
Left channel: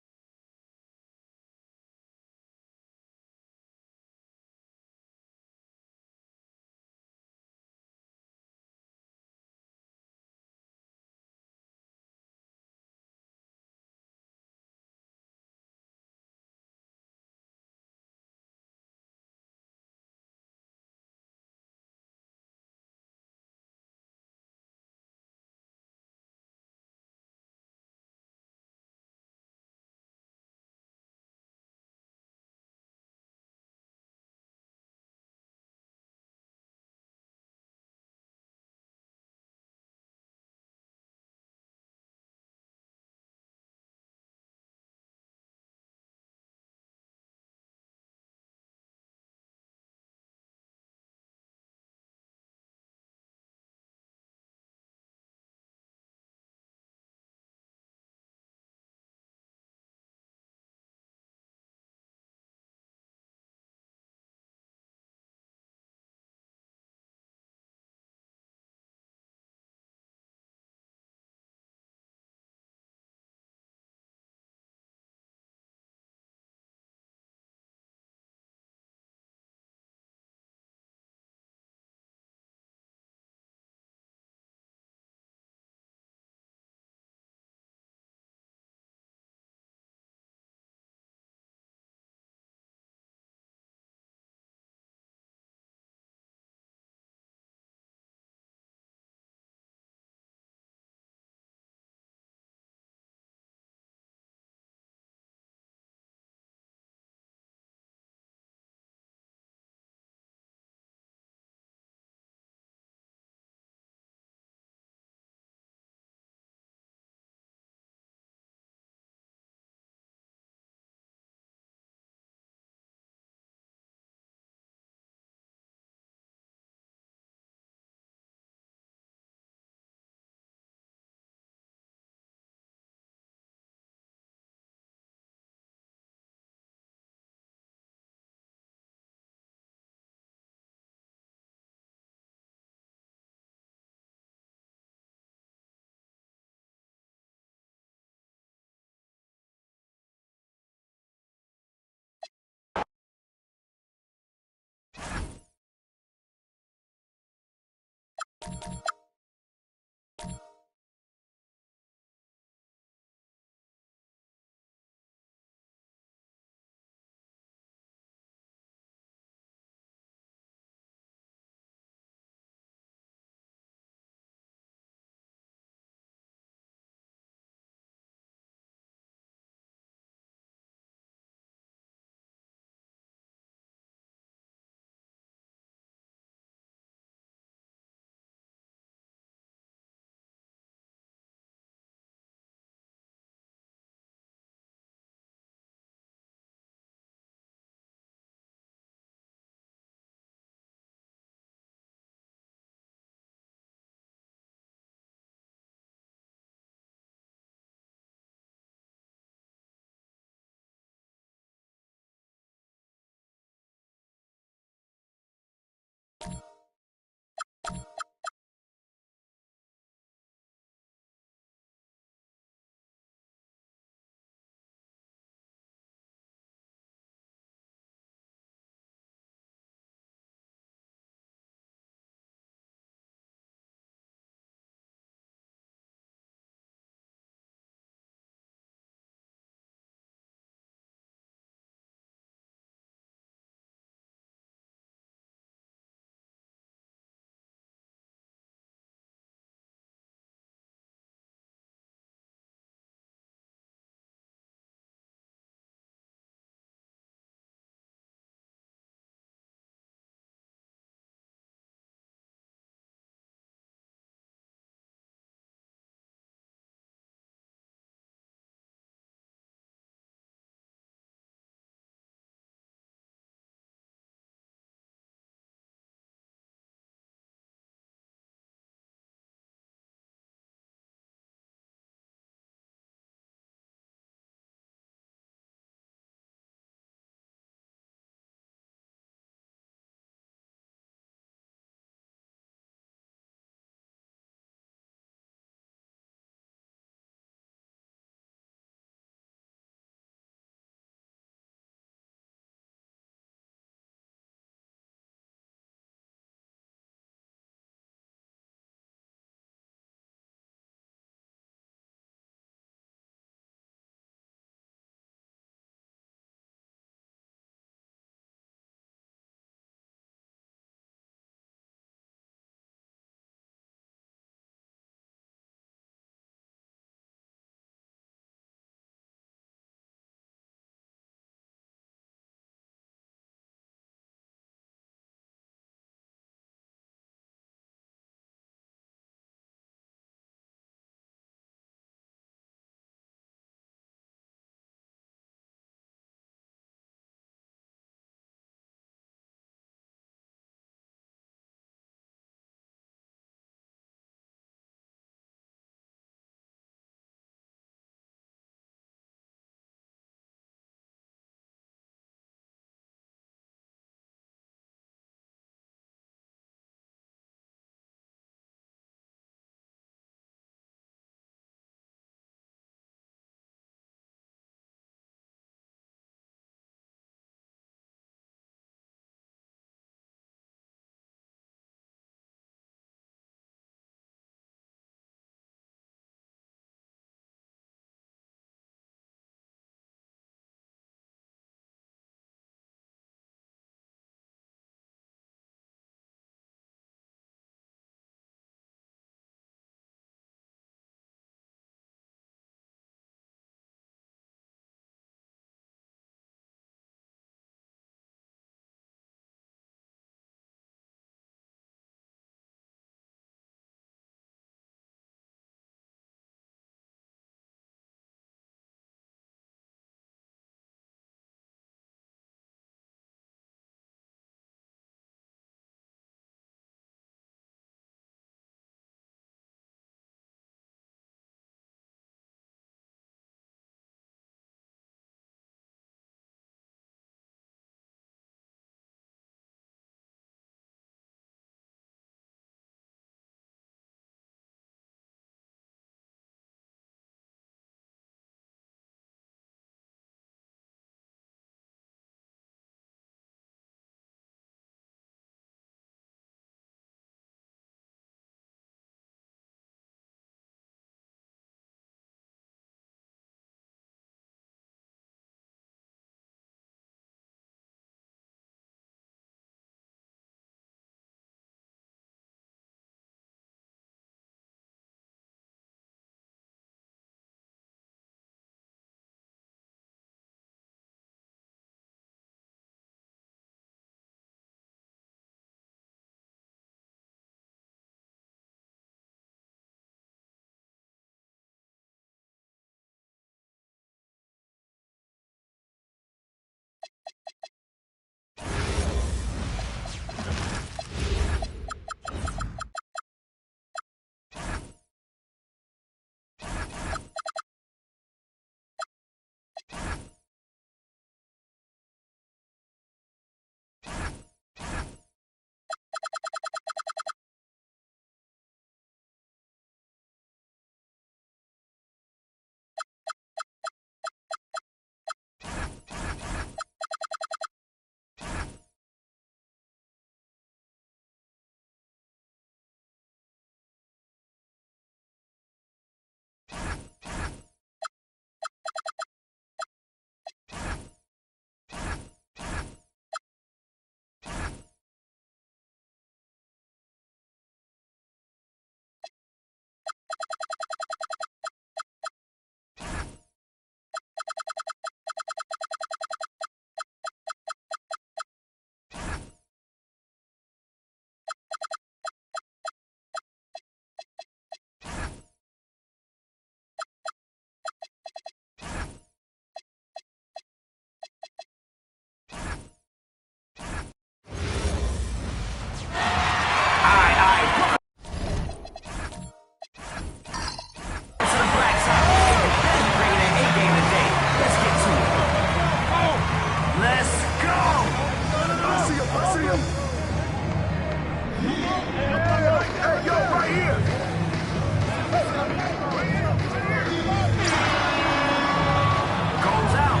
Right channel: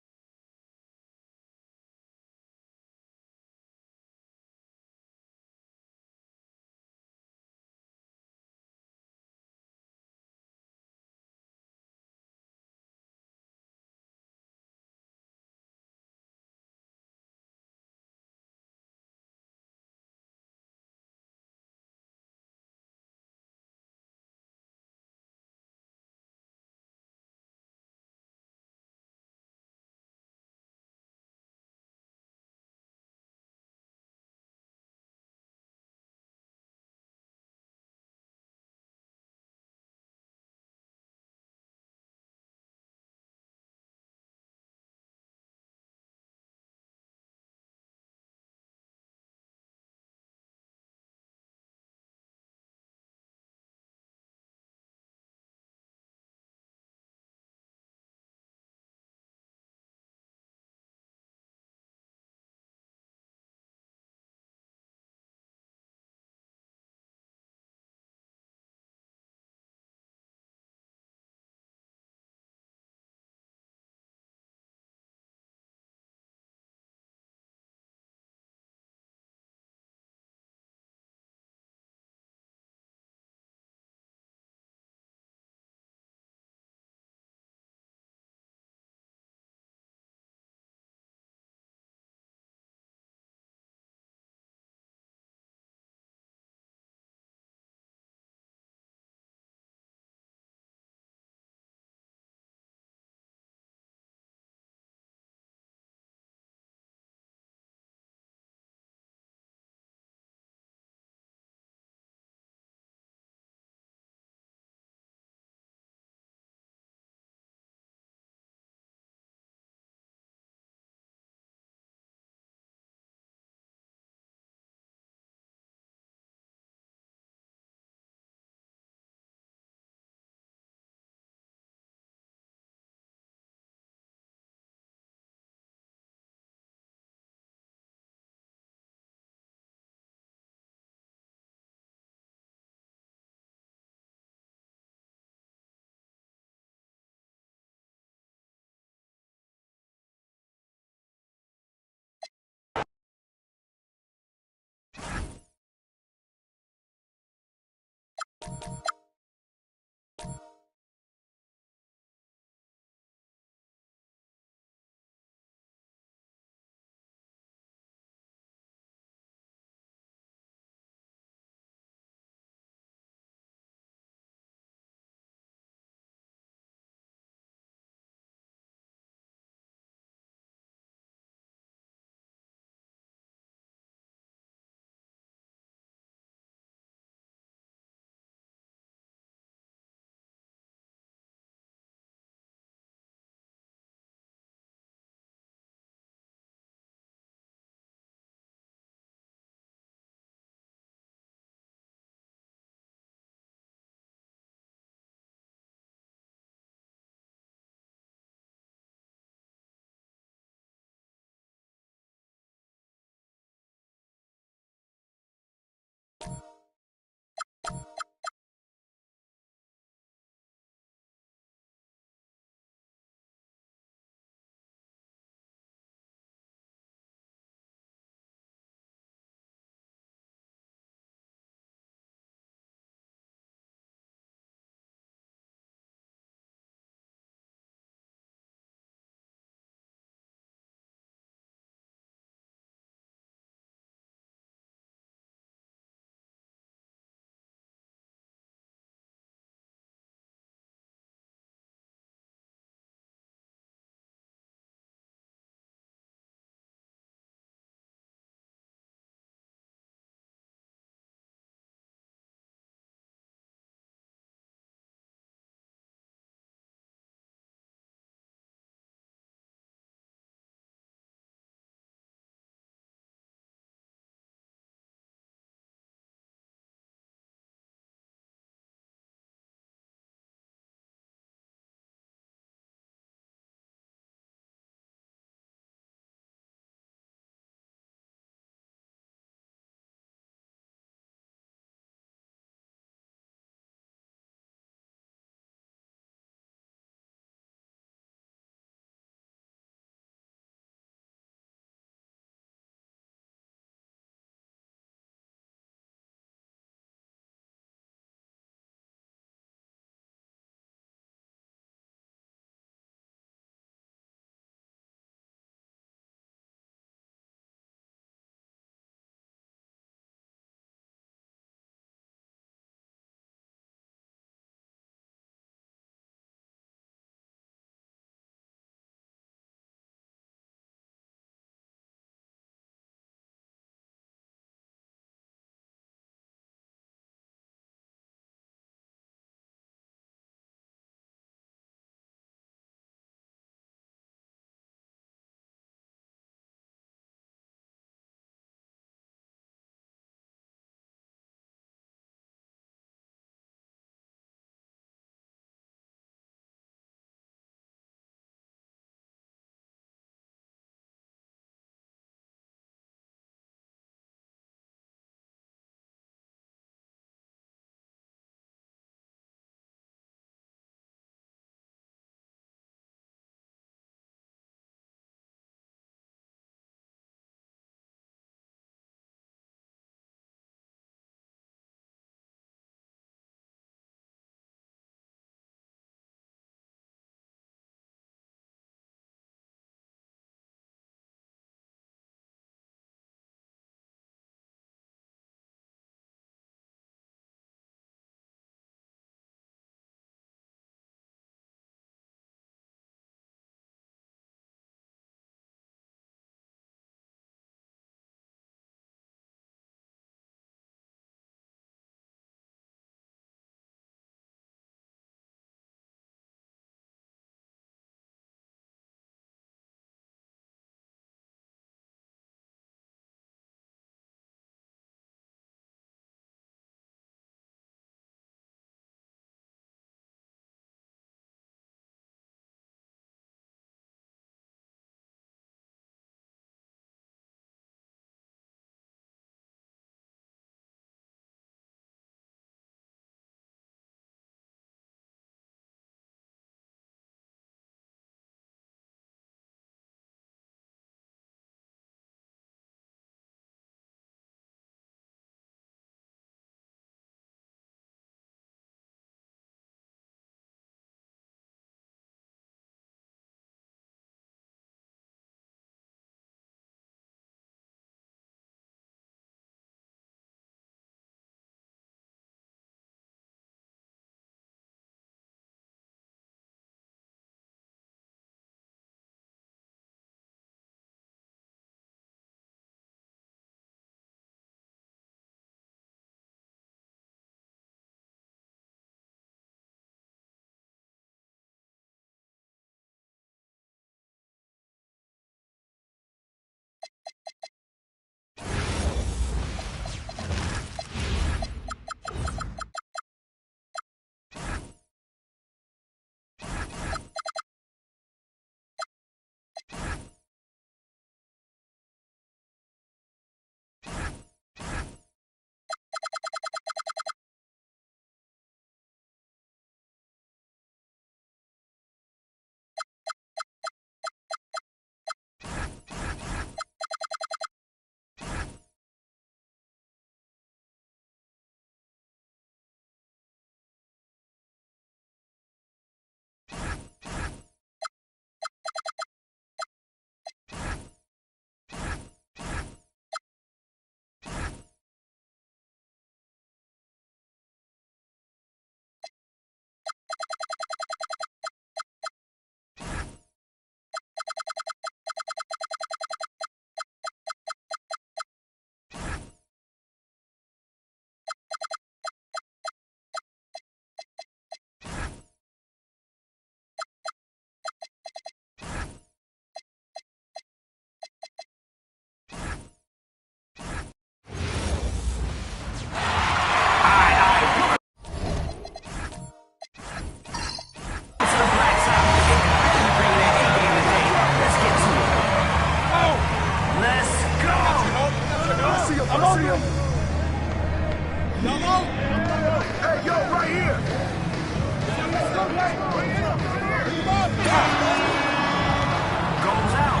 Goes out.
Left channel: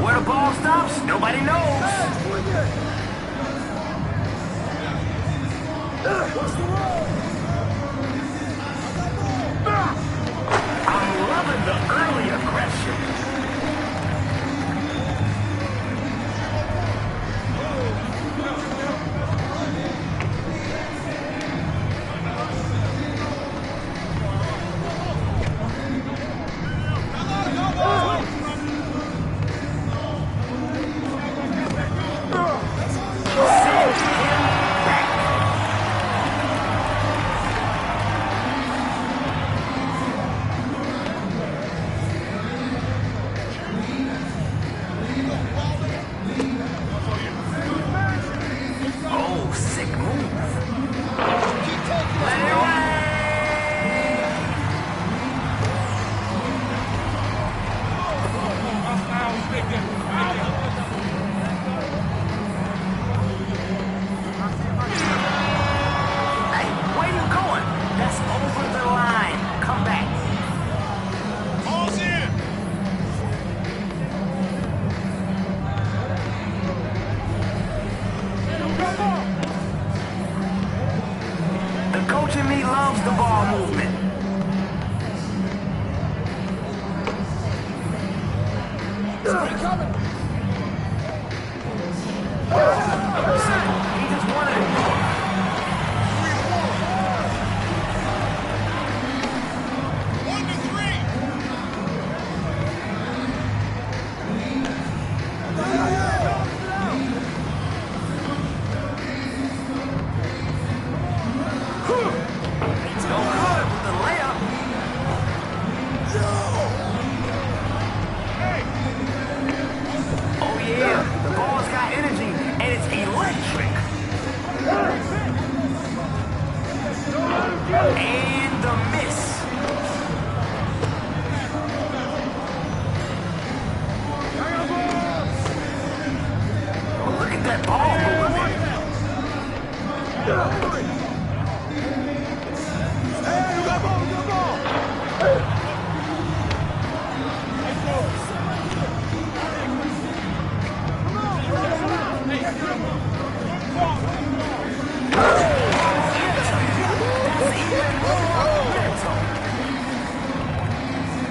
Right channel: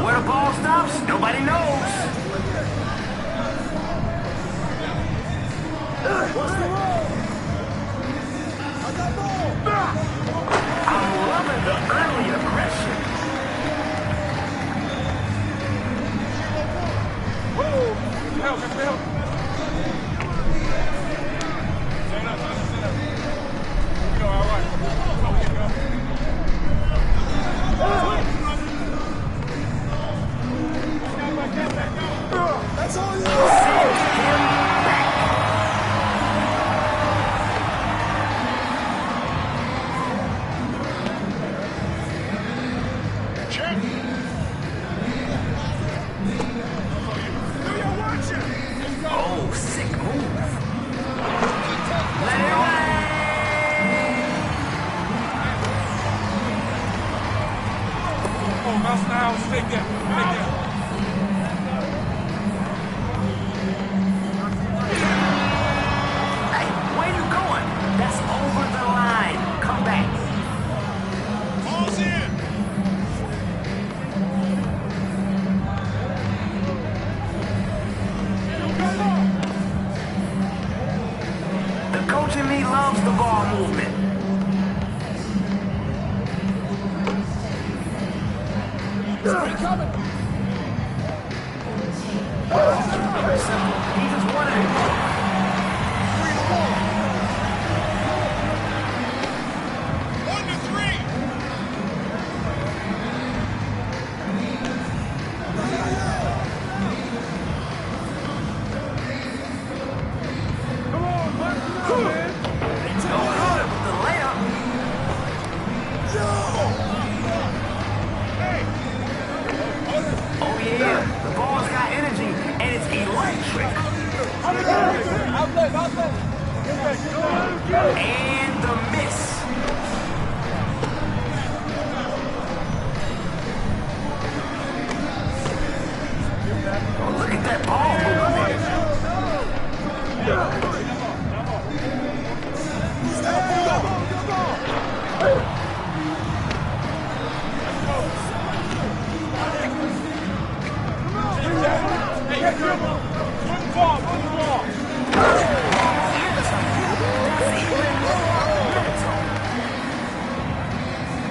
Where the ball stops, nobody knows. I'm loving the early aggression. Oh, sick move. Let it away. Oh, mouse now, stay there. Hey, where you going? That's over the line. Come back. Ball's in. The coach in me loves the ball movement. Simple. He just wanted it more. No good with the layup. Oh yeah, the ball's got energy and it's electric. And the miss. Oh, look at that ball movement.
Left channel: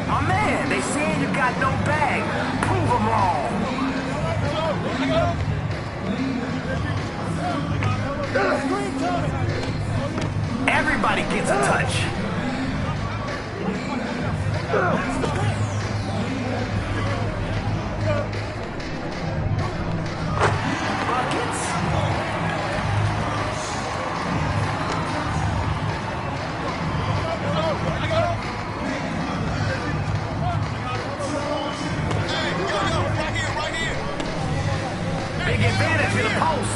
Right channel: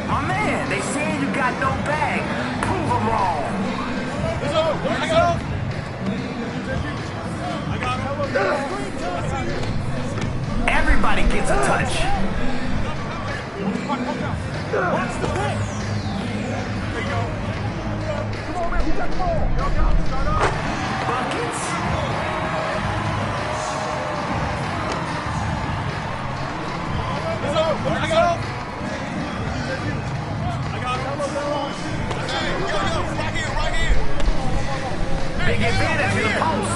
My man, they saying you got no bag. Prove them wrong. Everybody gets a touch. Buckets. Big advantage in the post.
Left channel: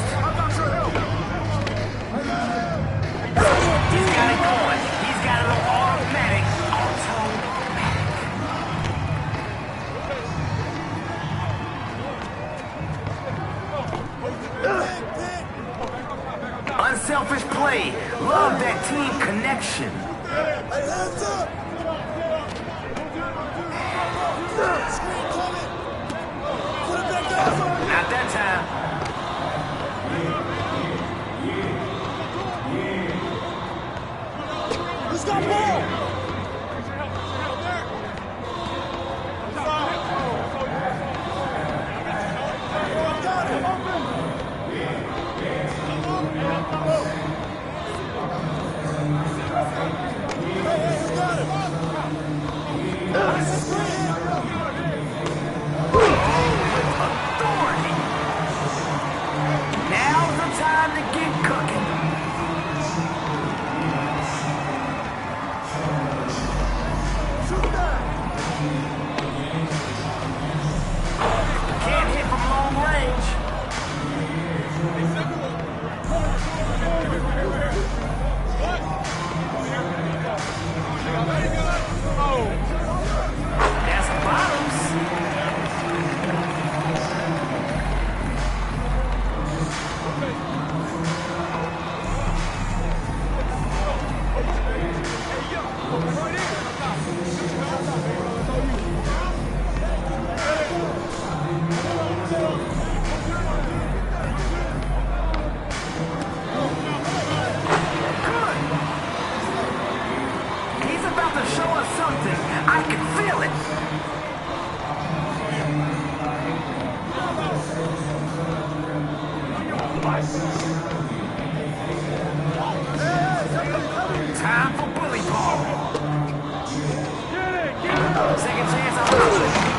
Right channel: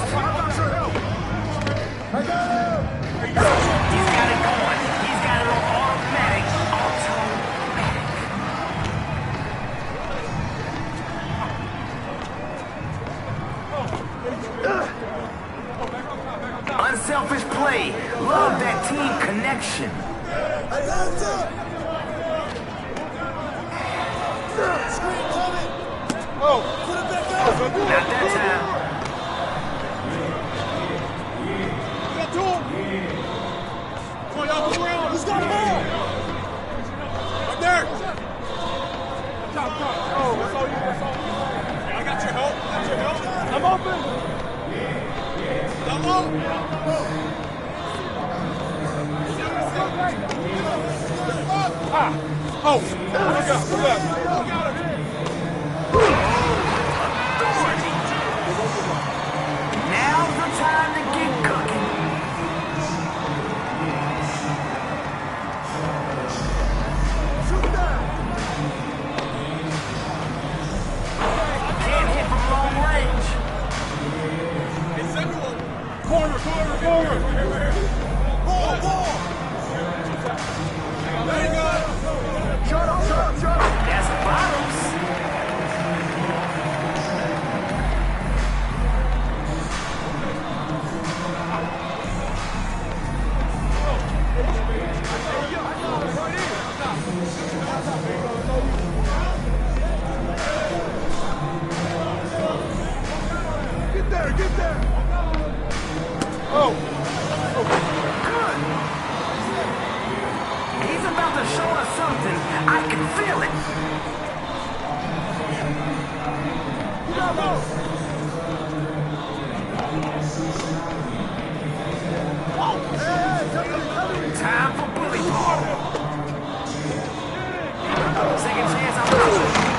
He's got it going. He's got it on automatic. Unselfish play. Love that team connection. Hands up! Screen coming! Put it back up! Not that time. Who's got the ball? Up there! Oh, that's all you. I got your help. Authority. Now's the time to get cooking. Can't hit from long range. Corner. There you go. feel it. Time for bully ball. Second chance, I'm out.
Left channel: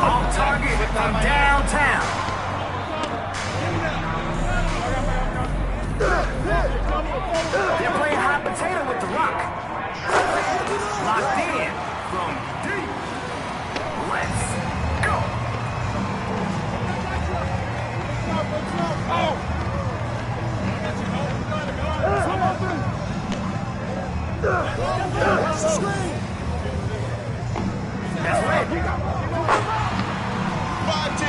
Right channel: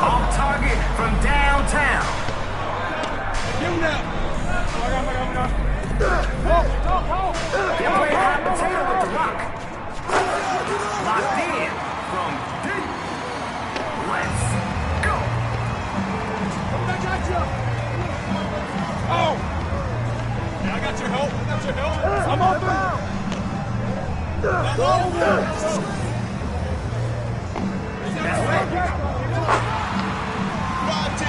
Off target from downtown. They're playing hot potato with the rock. Locked in from deep. Let's go. Oh! Yeah, I got your help. I got your help. That's right. 5-10.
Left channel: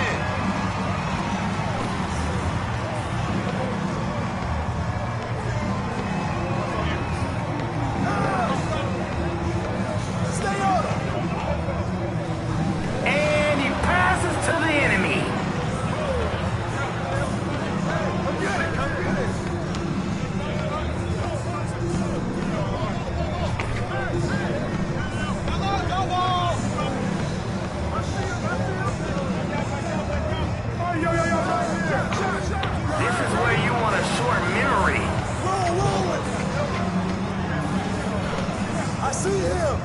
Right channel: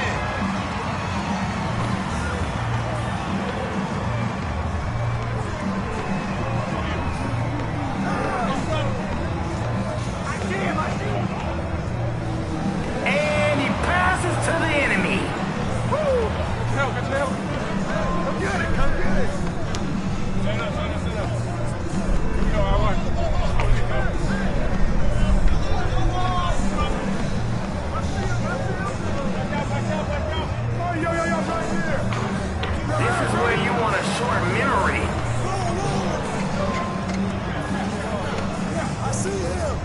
And he passes to the enemy. Come get it. Come get it. This is where you want a short memory. I see him.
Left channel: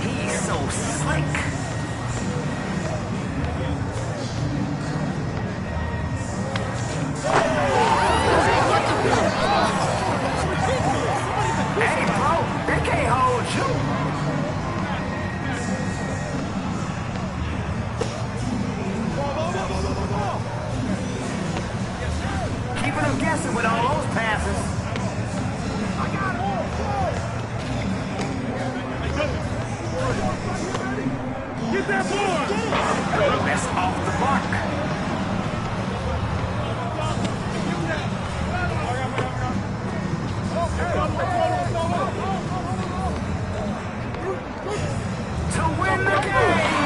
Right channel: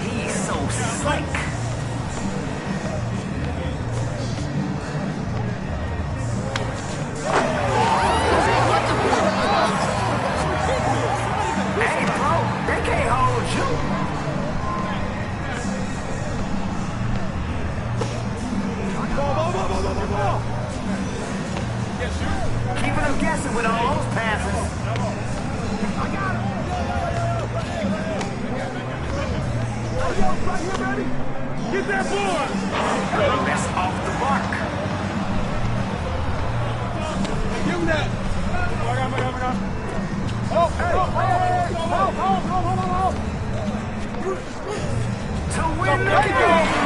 He's so slick. Hey, bro, they can't hold you. Keeping them guessing with all those passes. I got him. Get that board. That's off the mark. Give him that. Oh, hey. To win the game.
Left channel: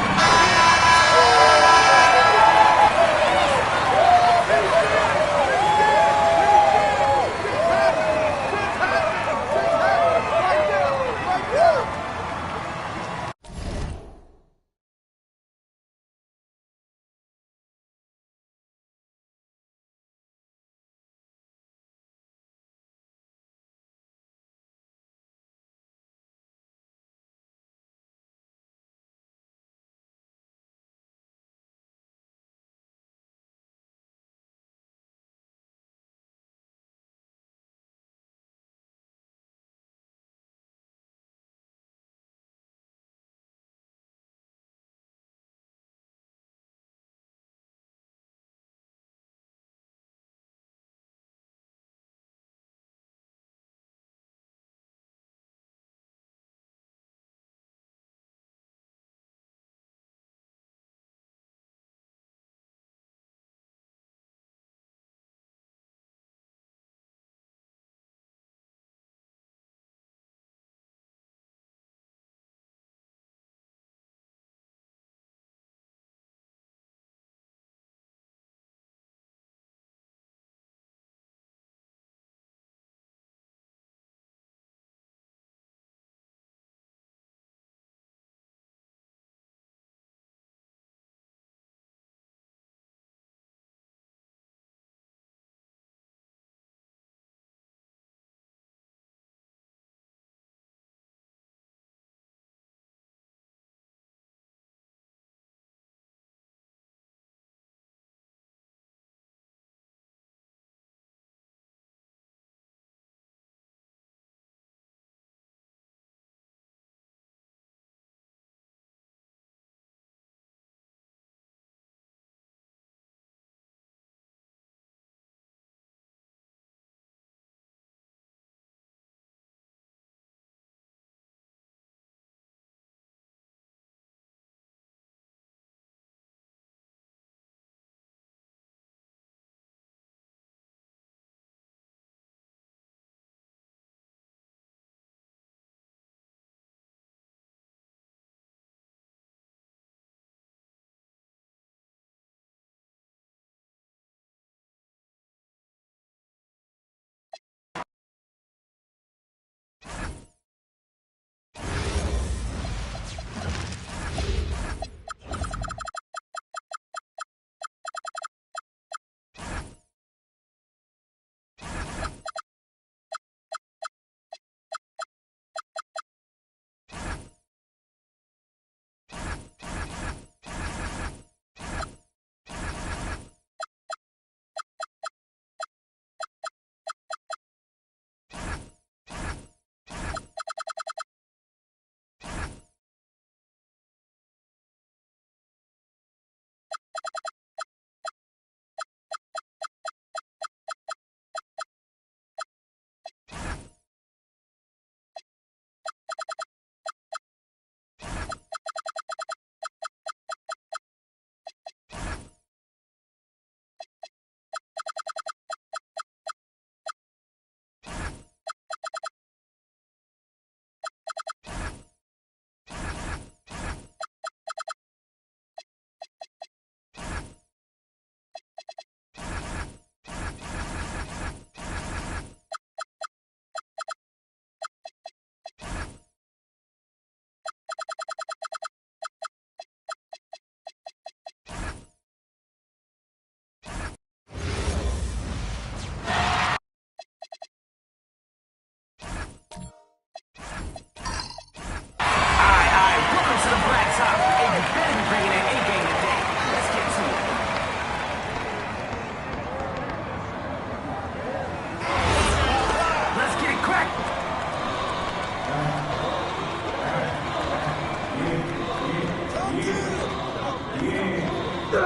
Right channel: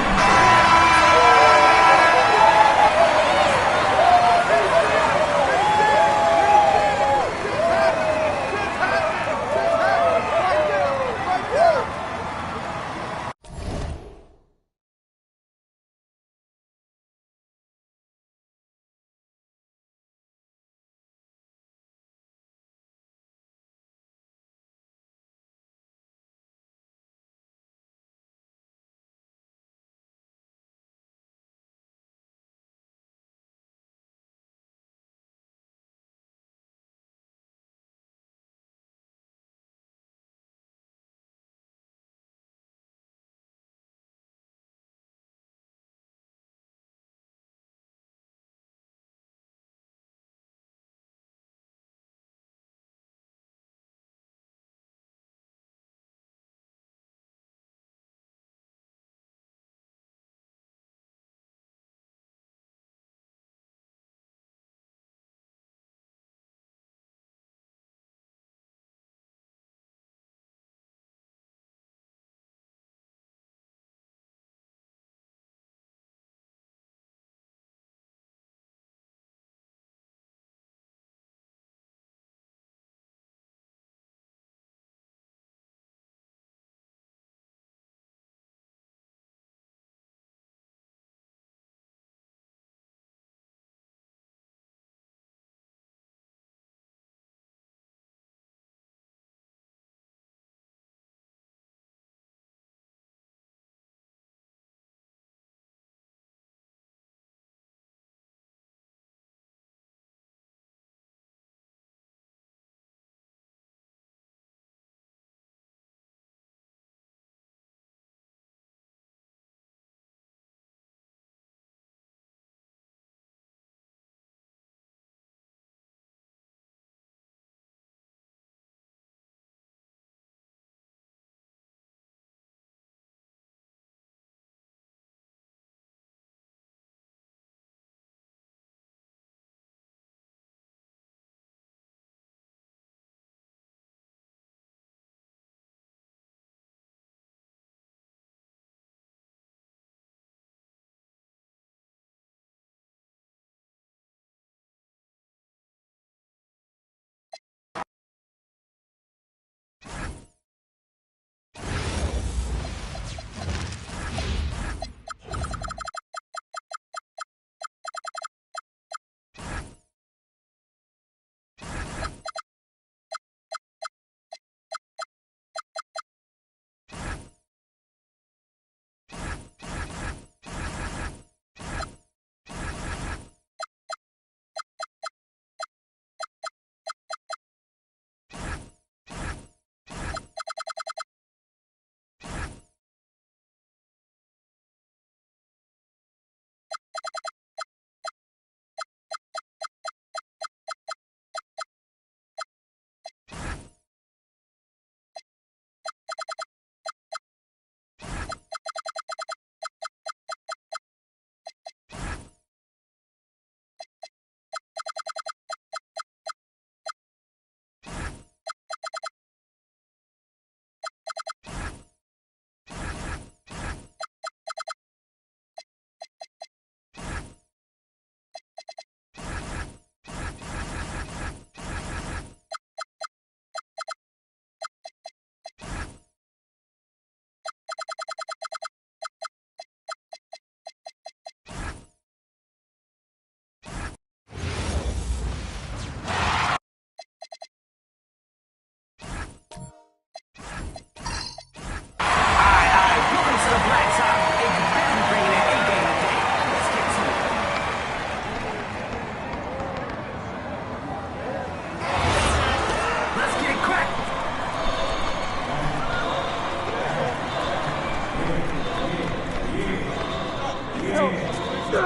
I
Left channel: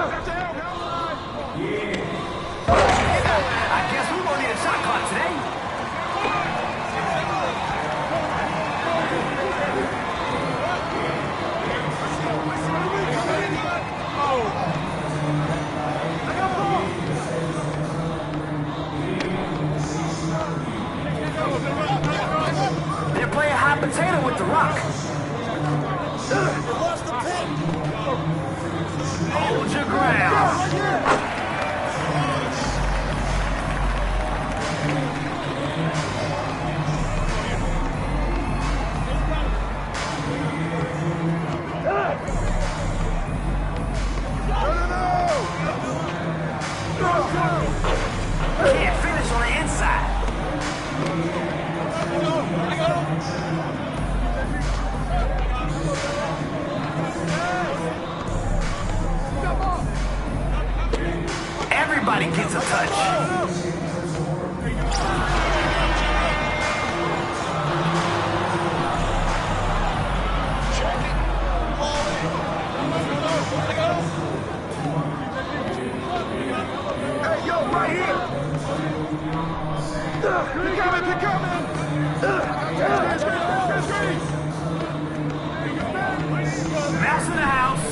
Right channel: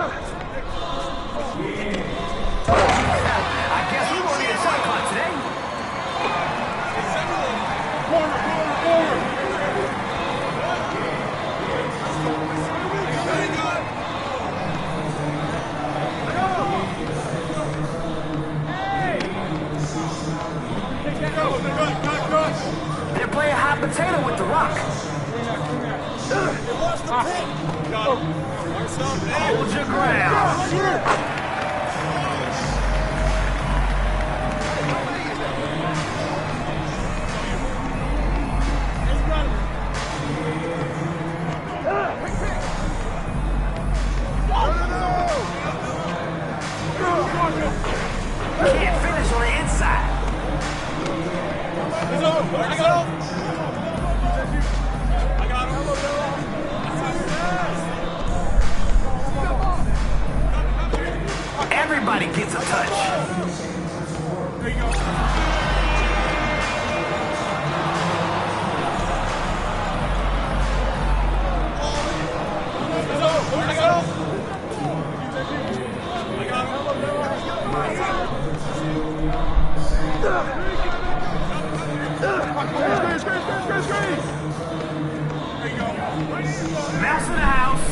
guess we won't need a shot clock today. They're playing hot potato with the rock. Hold your ground. Can't finish on the inside. Everybody gets a touch. Mouse in the house.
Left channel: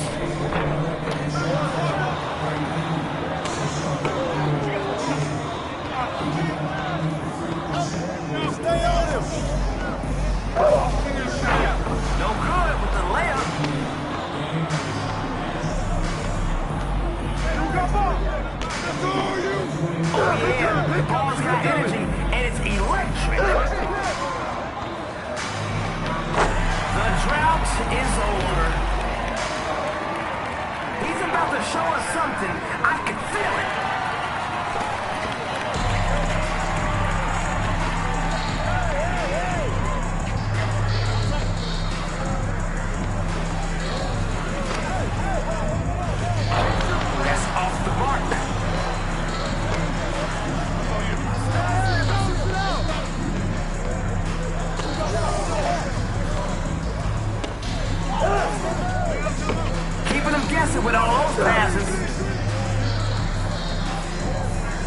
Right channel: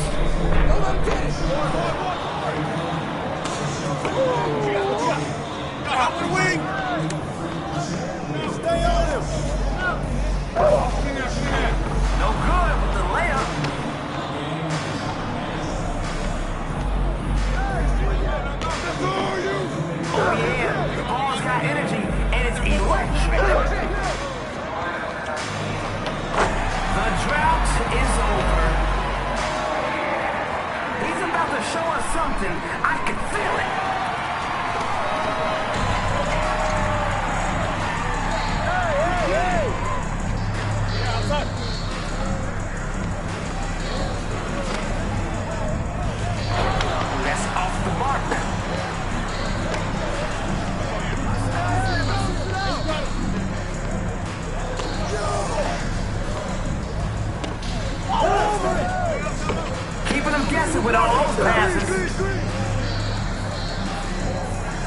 Stay on him. No good with the layup. Oh yeah, the ball's got energy and it's electric. The drought is over. He's about to show us something. I can feel it. That's off the mark. Keeping them guessing with all those passes.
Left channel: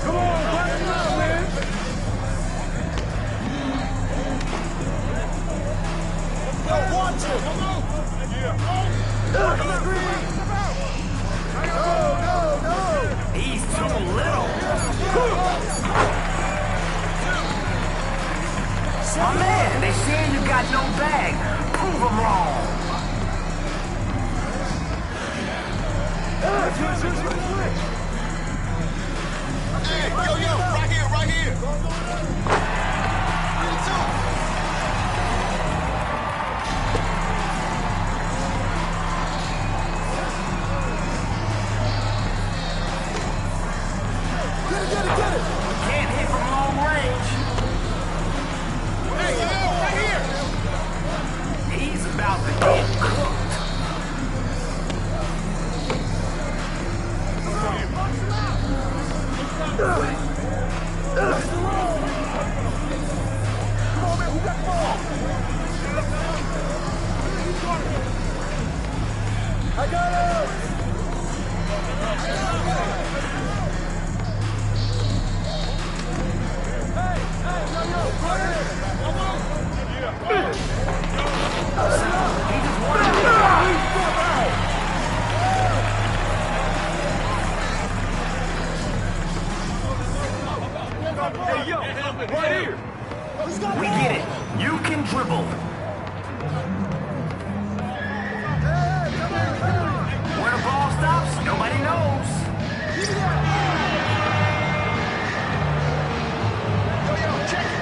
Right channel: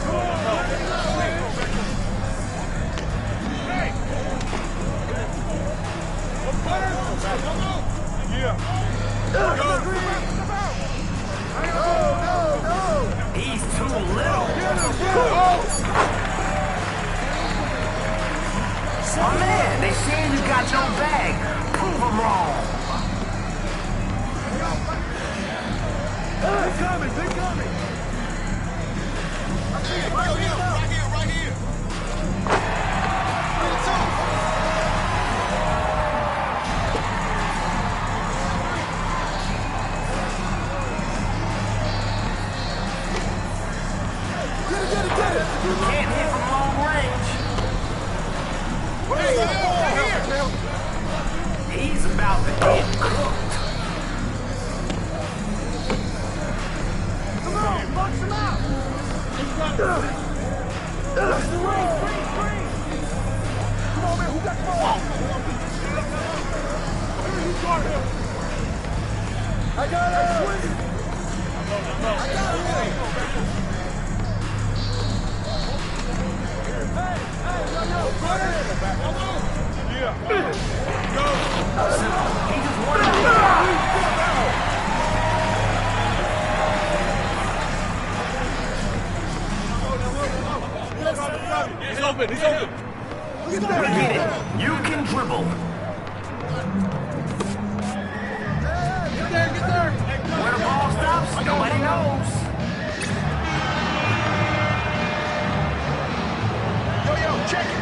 Come on, button up, man. He's too little. My man, they saying you got no bag. Prove them wrong. They're coming, they're coming. Hey, yo, right here, right here. Get it. Can't hit from long range. Hey, right here. He's about to get cooked. Box him out. Come on, man, who got the ball? I got it. He just wanted to We get it. You can dribble. Where the ball stops, nobody knows. Yo, check it.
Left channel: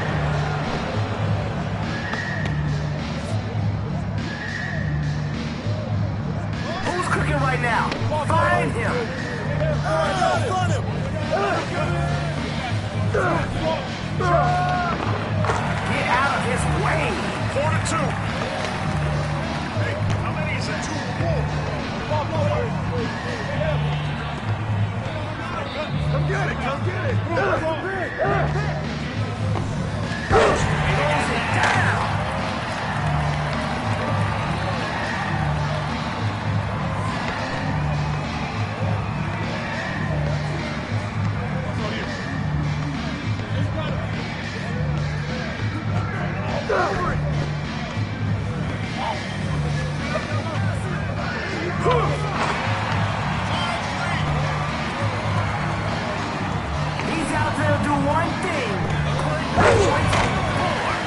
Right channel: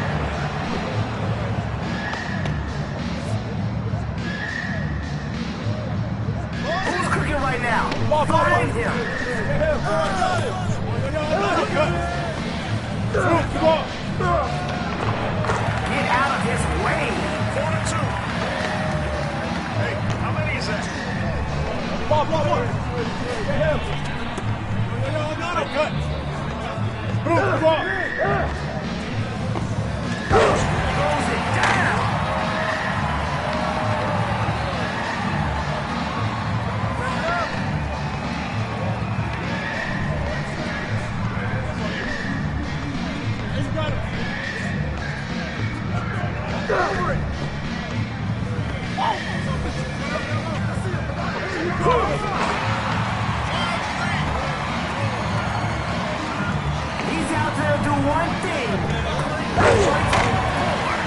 Who's cooking right now? Find him. Get out of his way. 4-2. Hey, how many is that? 2 more. Come get it. Throws it down. one thing. Put points on the board.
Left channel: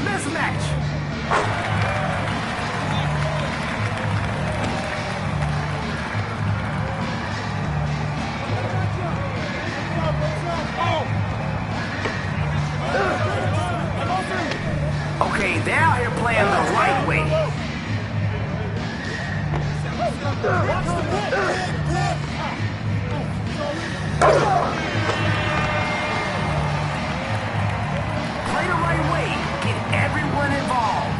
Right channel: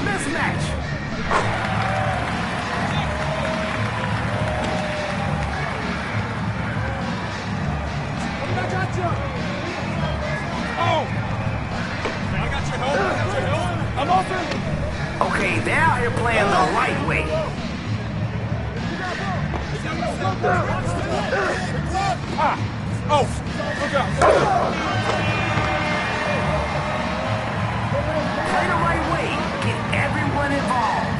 Mismatch. Okay, they're out here playing the right way. Play the right way. Get everyone involved.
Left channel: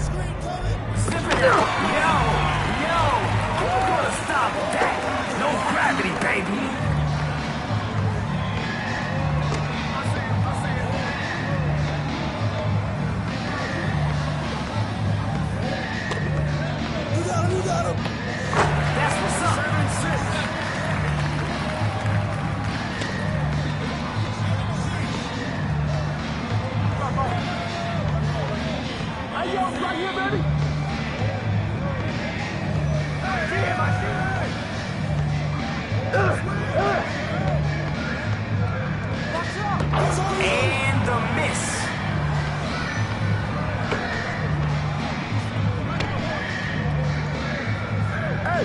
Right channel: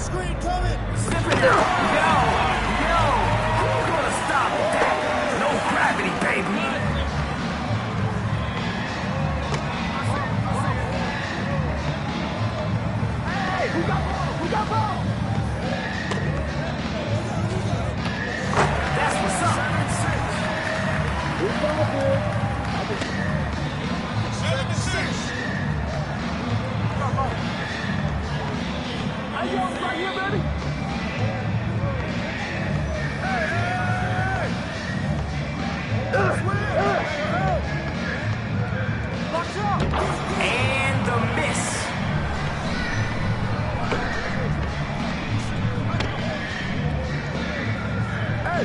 Screen coming. Zip it out. Yo. Who's gonna stop that? No gravity, baby. That's what's up. 7-6. Hey, yo, right here, baby. And the miss. Hey.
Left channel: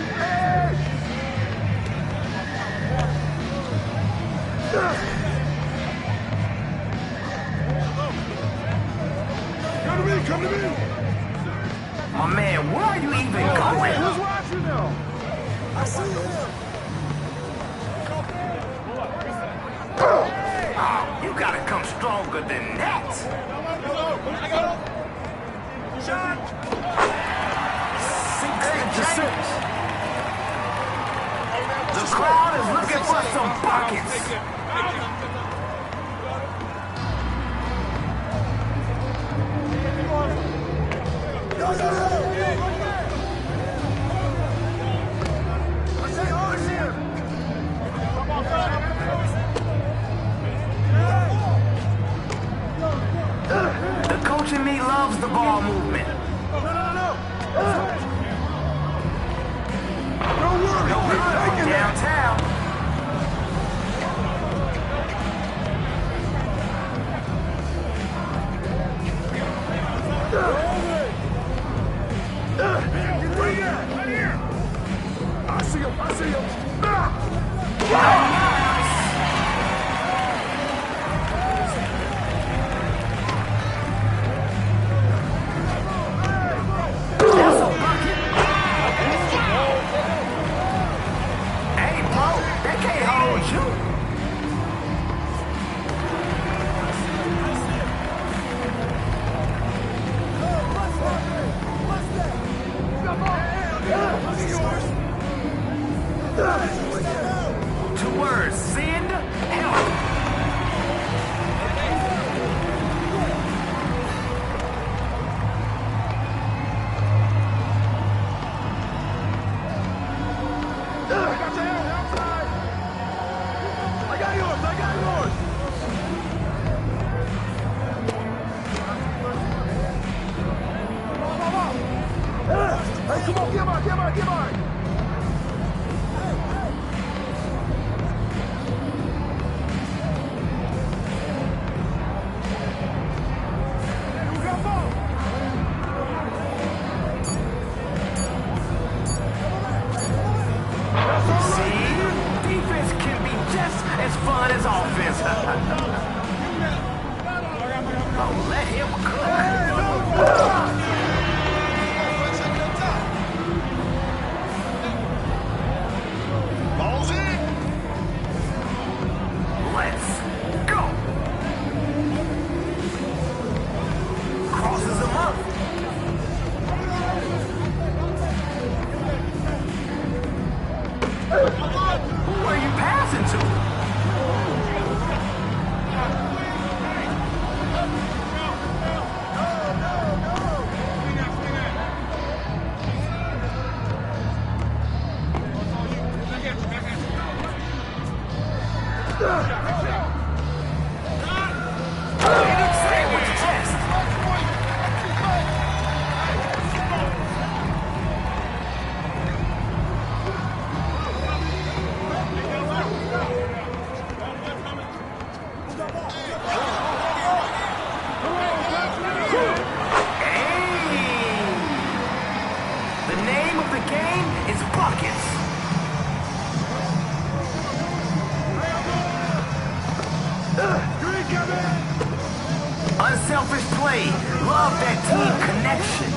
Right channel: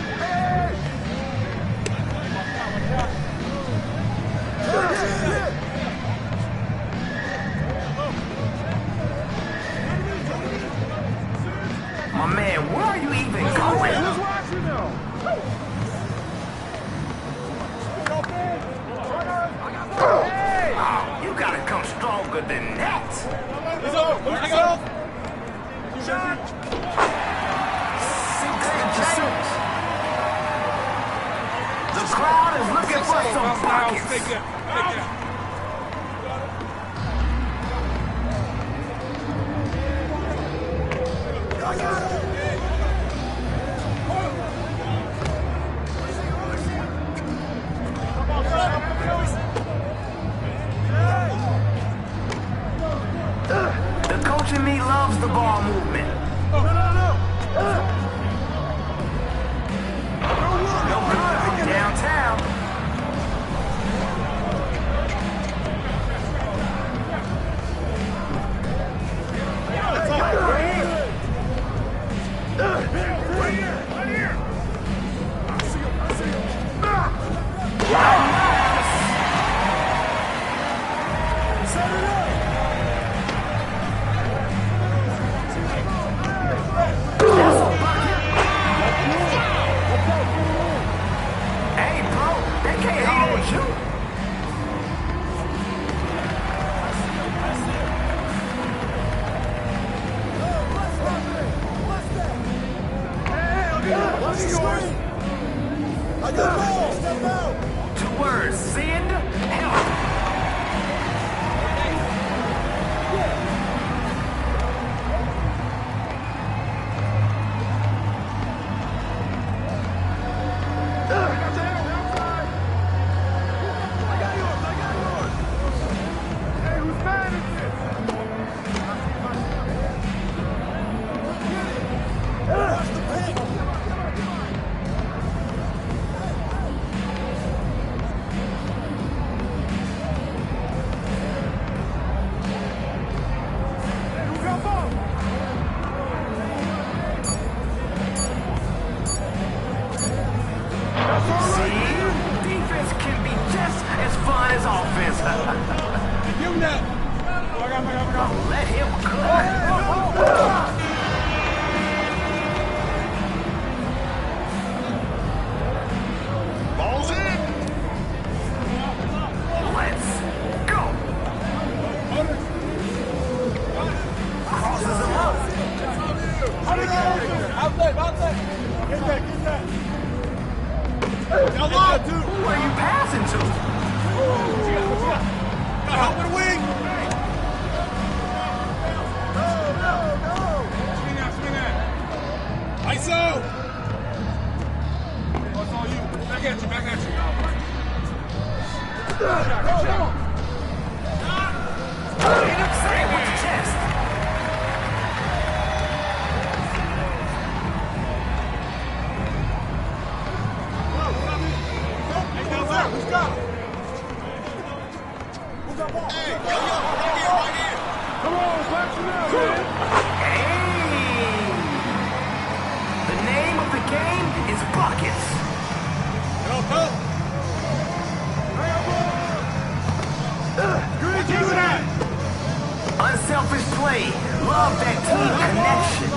Come to me. My man, where are you even going? Who's watching now? I see you. Oh, you gotta come stronger than that. He's over. I got him. Shot. 6-6. The crowd is looking for some buckets. The coach in me loves the ball movement. No good. Downtown. Right here. I see him. That's a bucket. Hey, bro, they can't hold you. Two words, send help. Come on. Defense can be just as fun as offense. Oh, let him cook. Ball's in. Let's go. Crosses him up. Who are you passing to? Say it with the chest. The name of the game is buckets. Unselfish play. Love that team connection.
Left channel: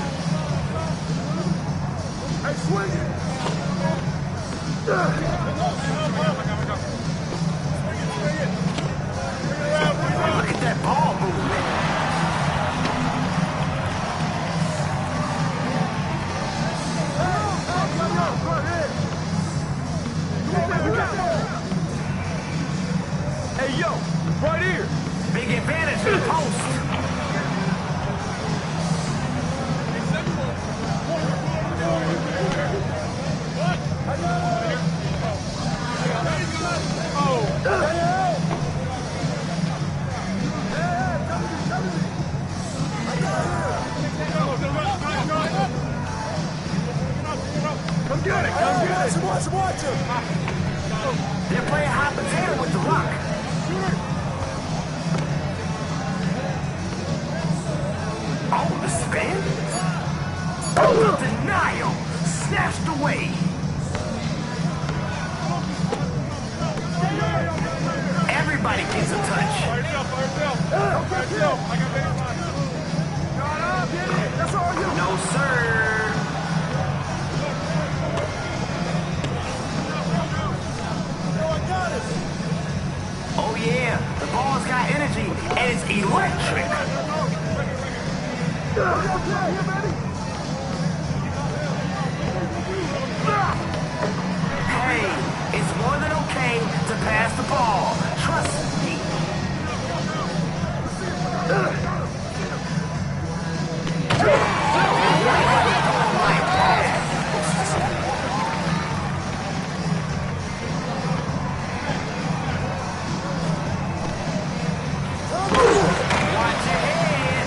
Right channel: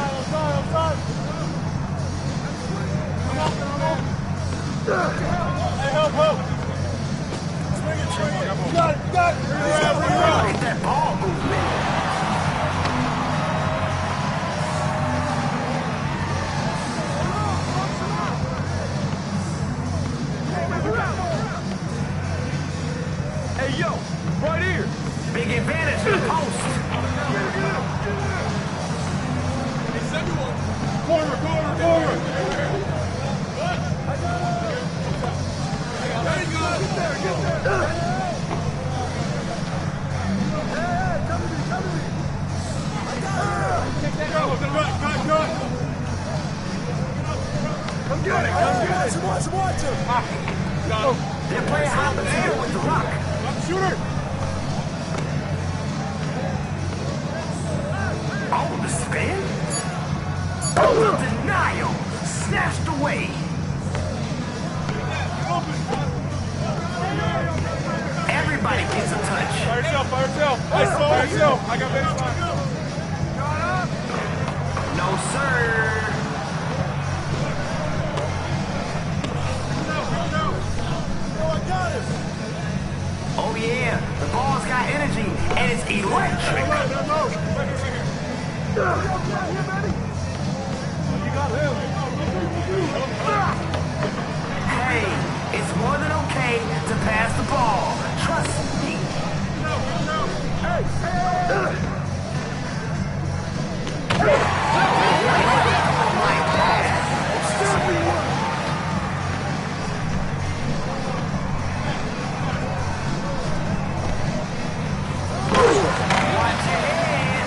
Look at that ball movement. Hey, yo, right here. Big advantage in the post. Come get it, come get it. Watch him. They're playing hot potato with the rock. Shooter. Oh, the spin? Oh, the denial. Snatched away. Everybody gets a touch. Fire yourself, fire yourself. Fire yourself. I got baseline. No, sir. Oh, yeah. The ball's got energy, and it's electric. Hey, it's more than okay to pass the ball. Trust me. Watch your head.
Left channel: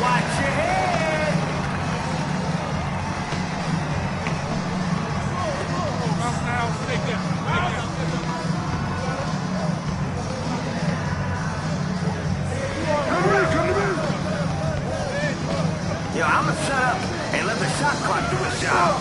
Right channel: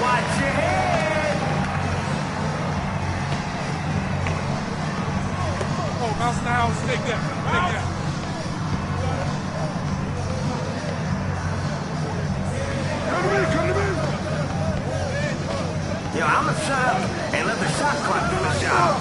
Watch your head. Oh, mouse in the house. Take that. Take that. Yo, I'm gonna shut up and let the shot clock do the job.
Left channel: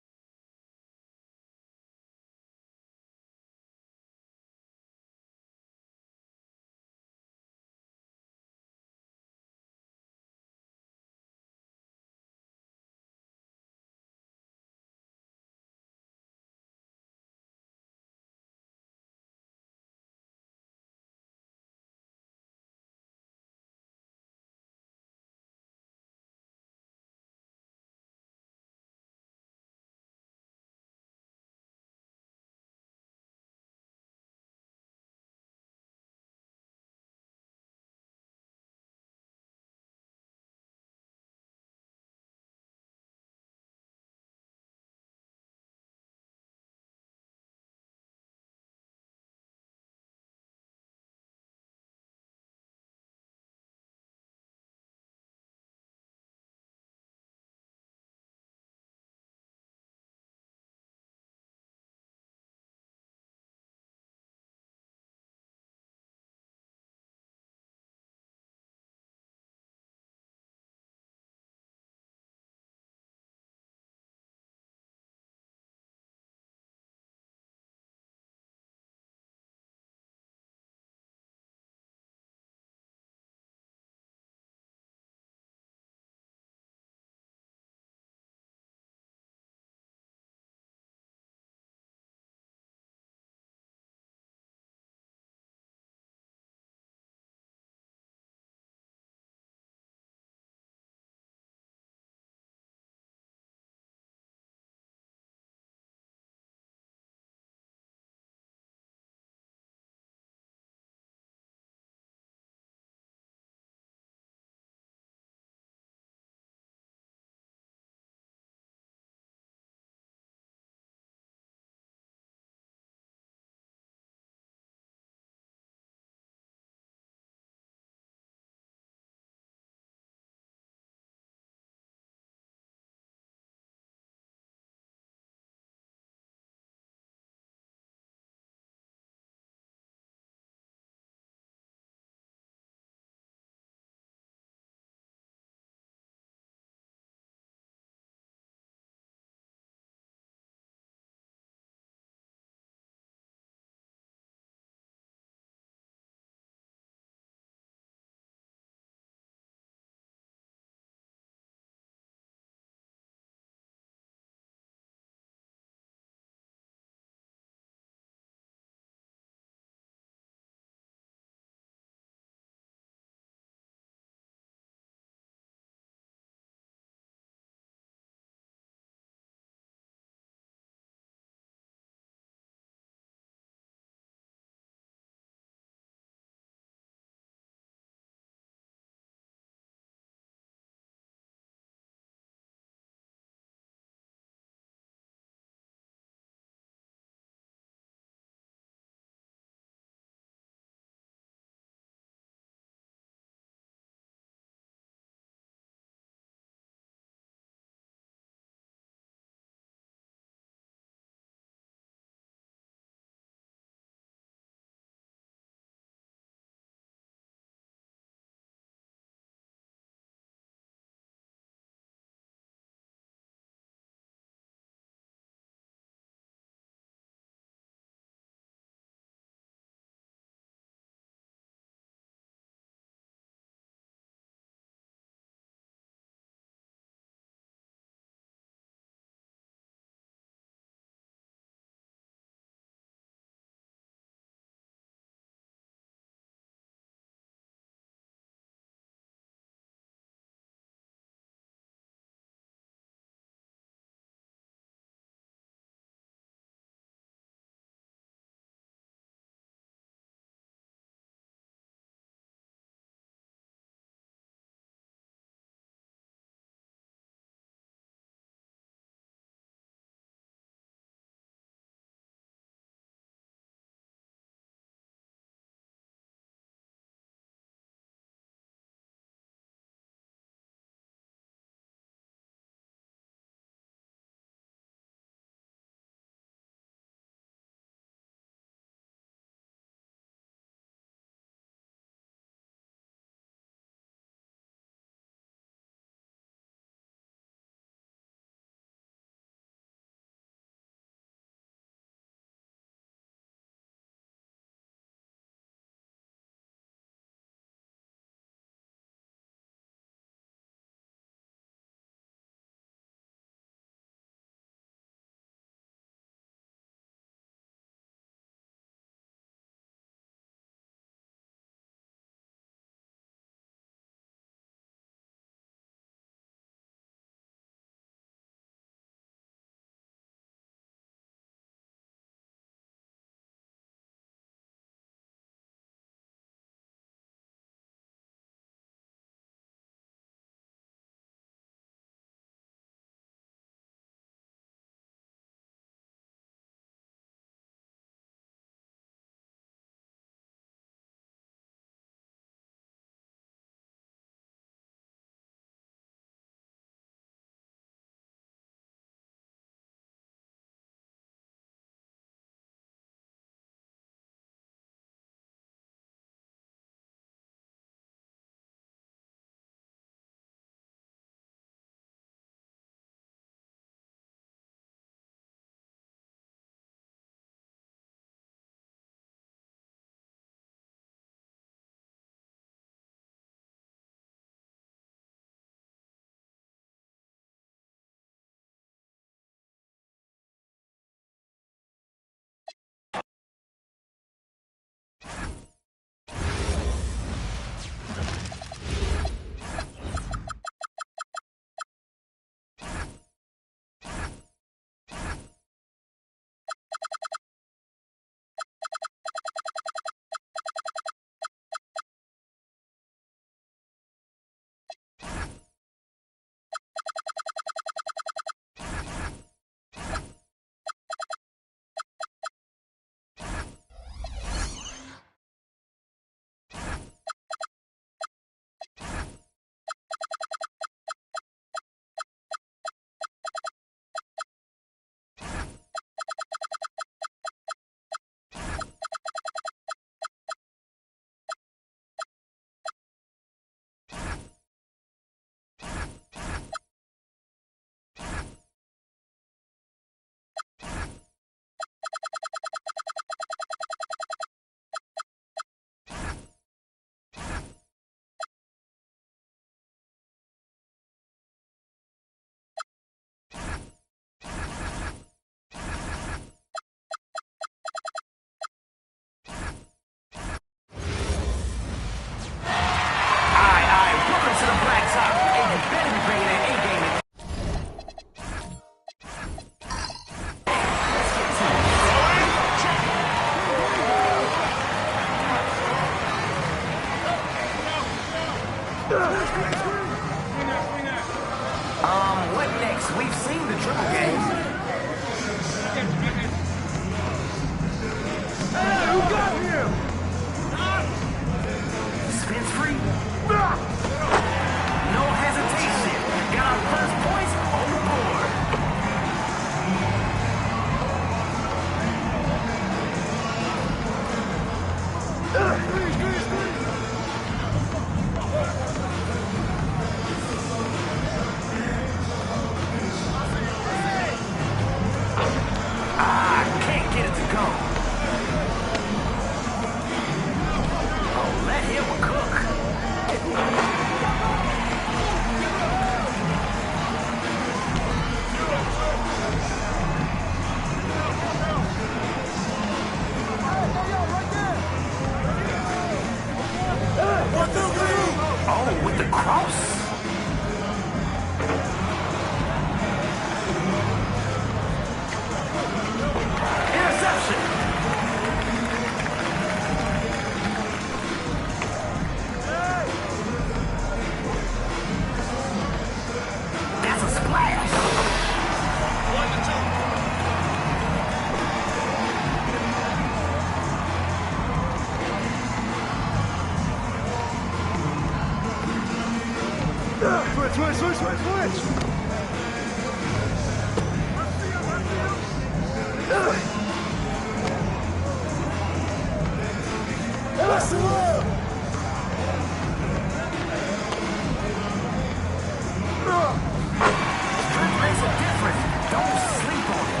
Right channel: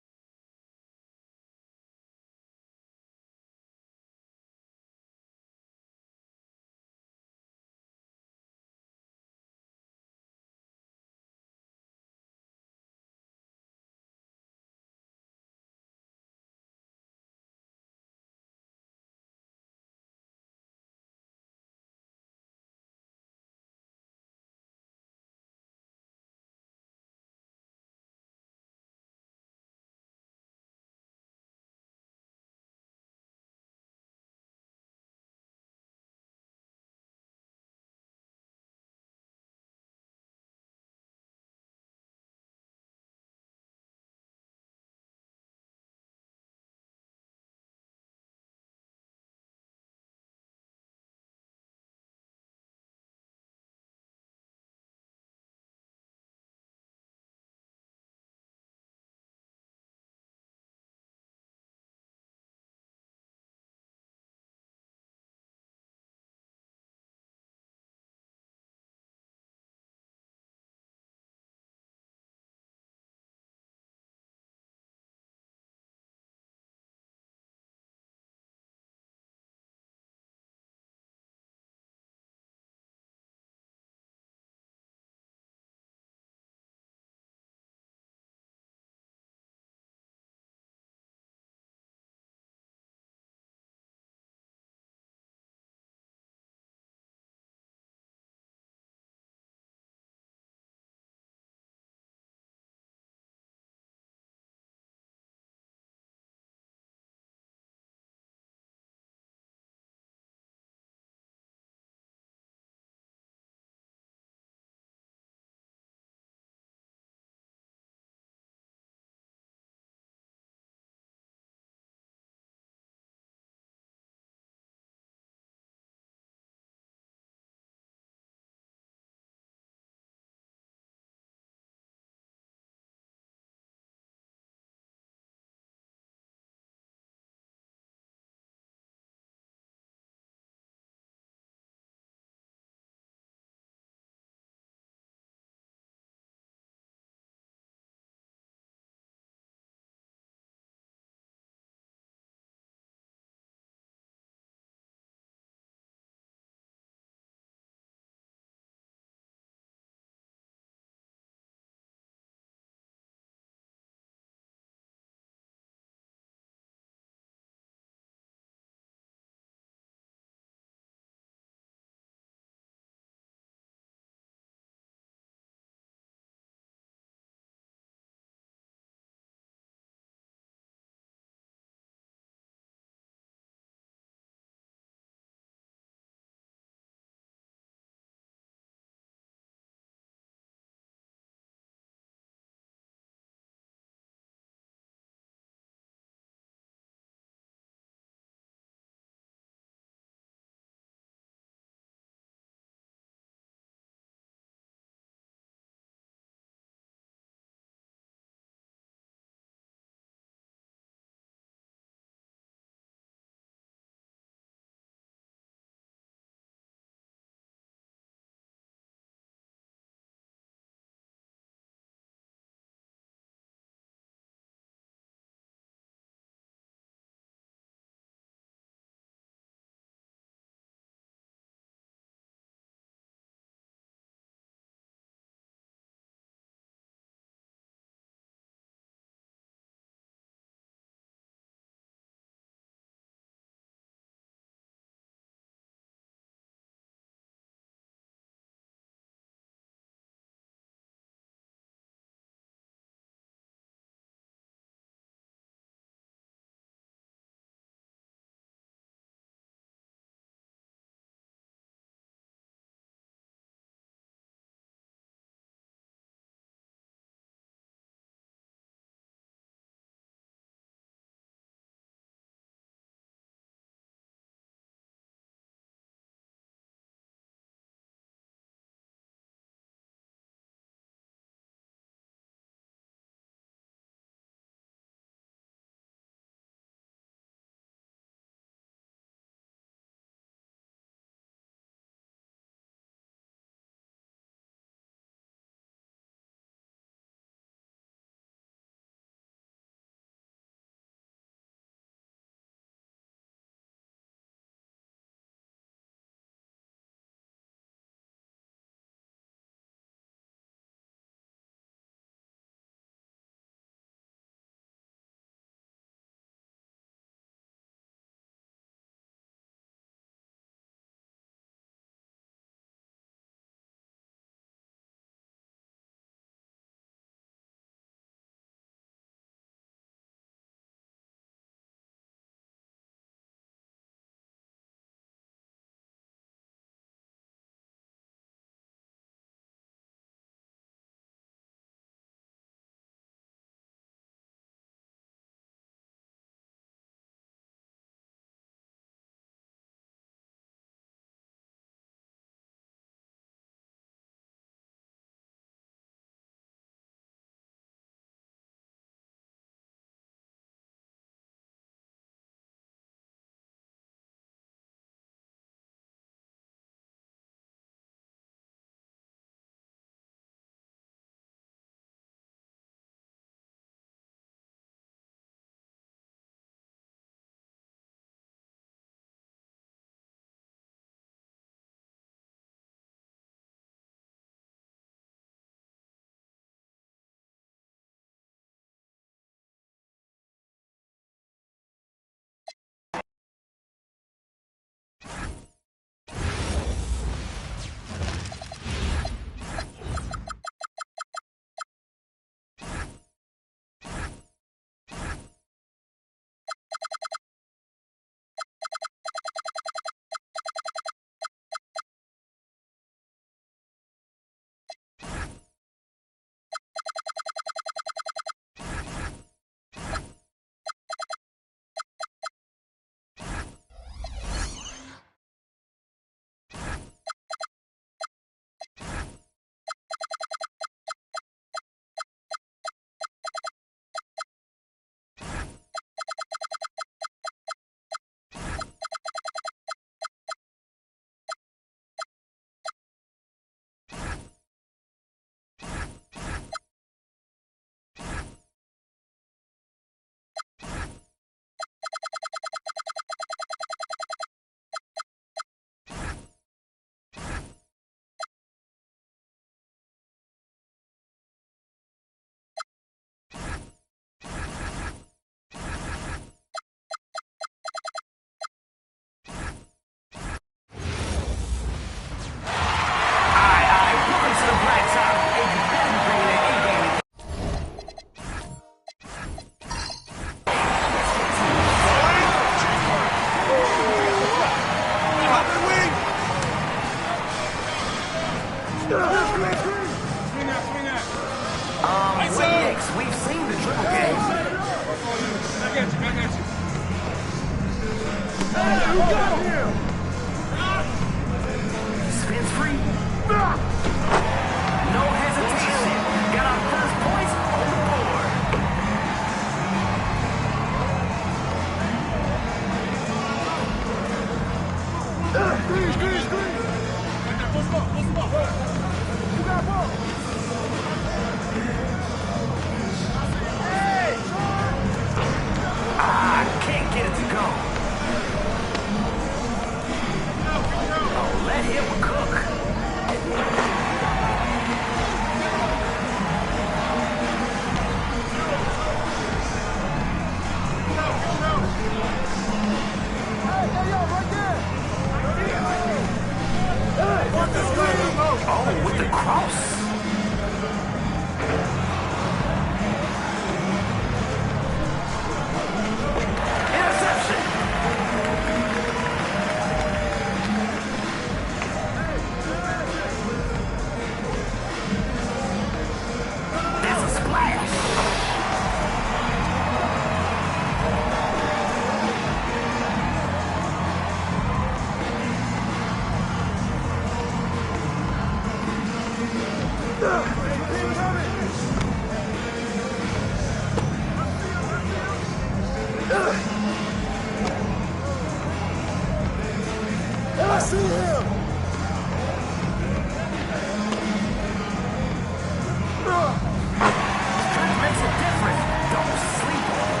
Don't sleep on it.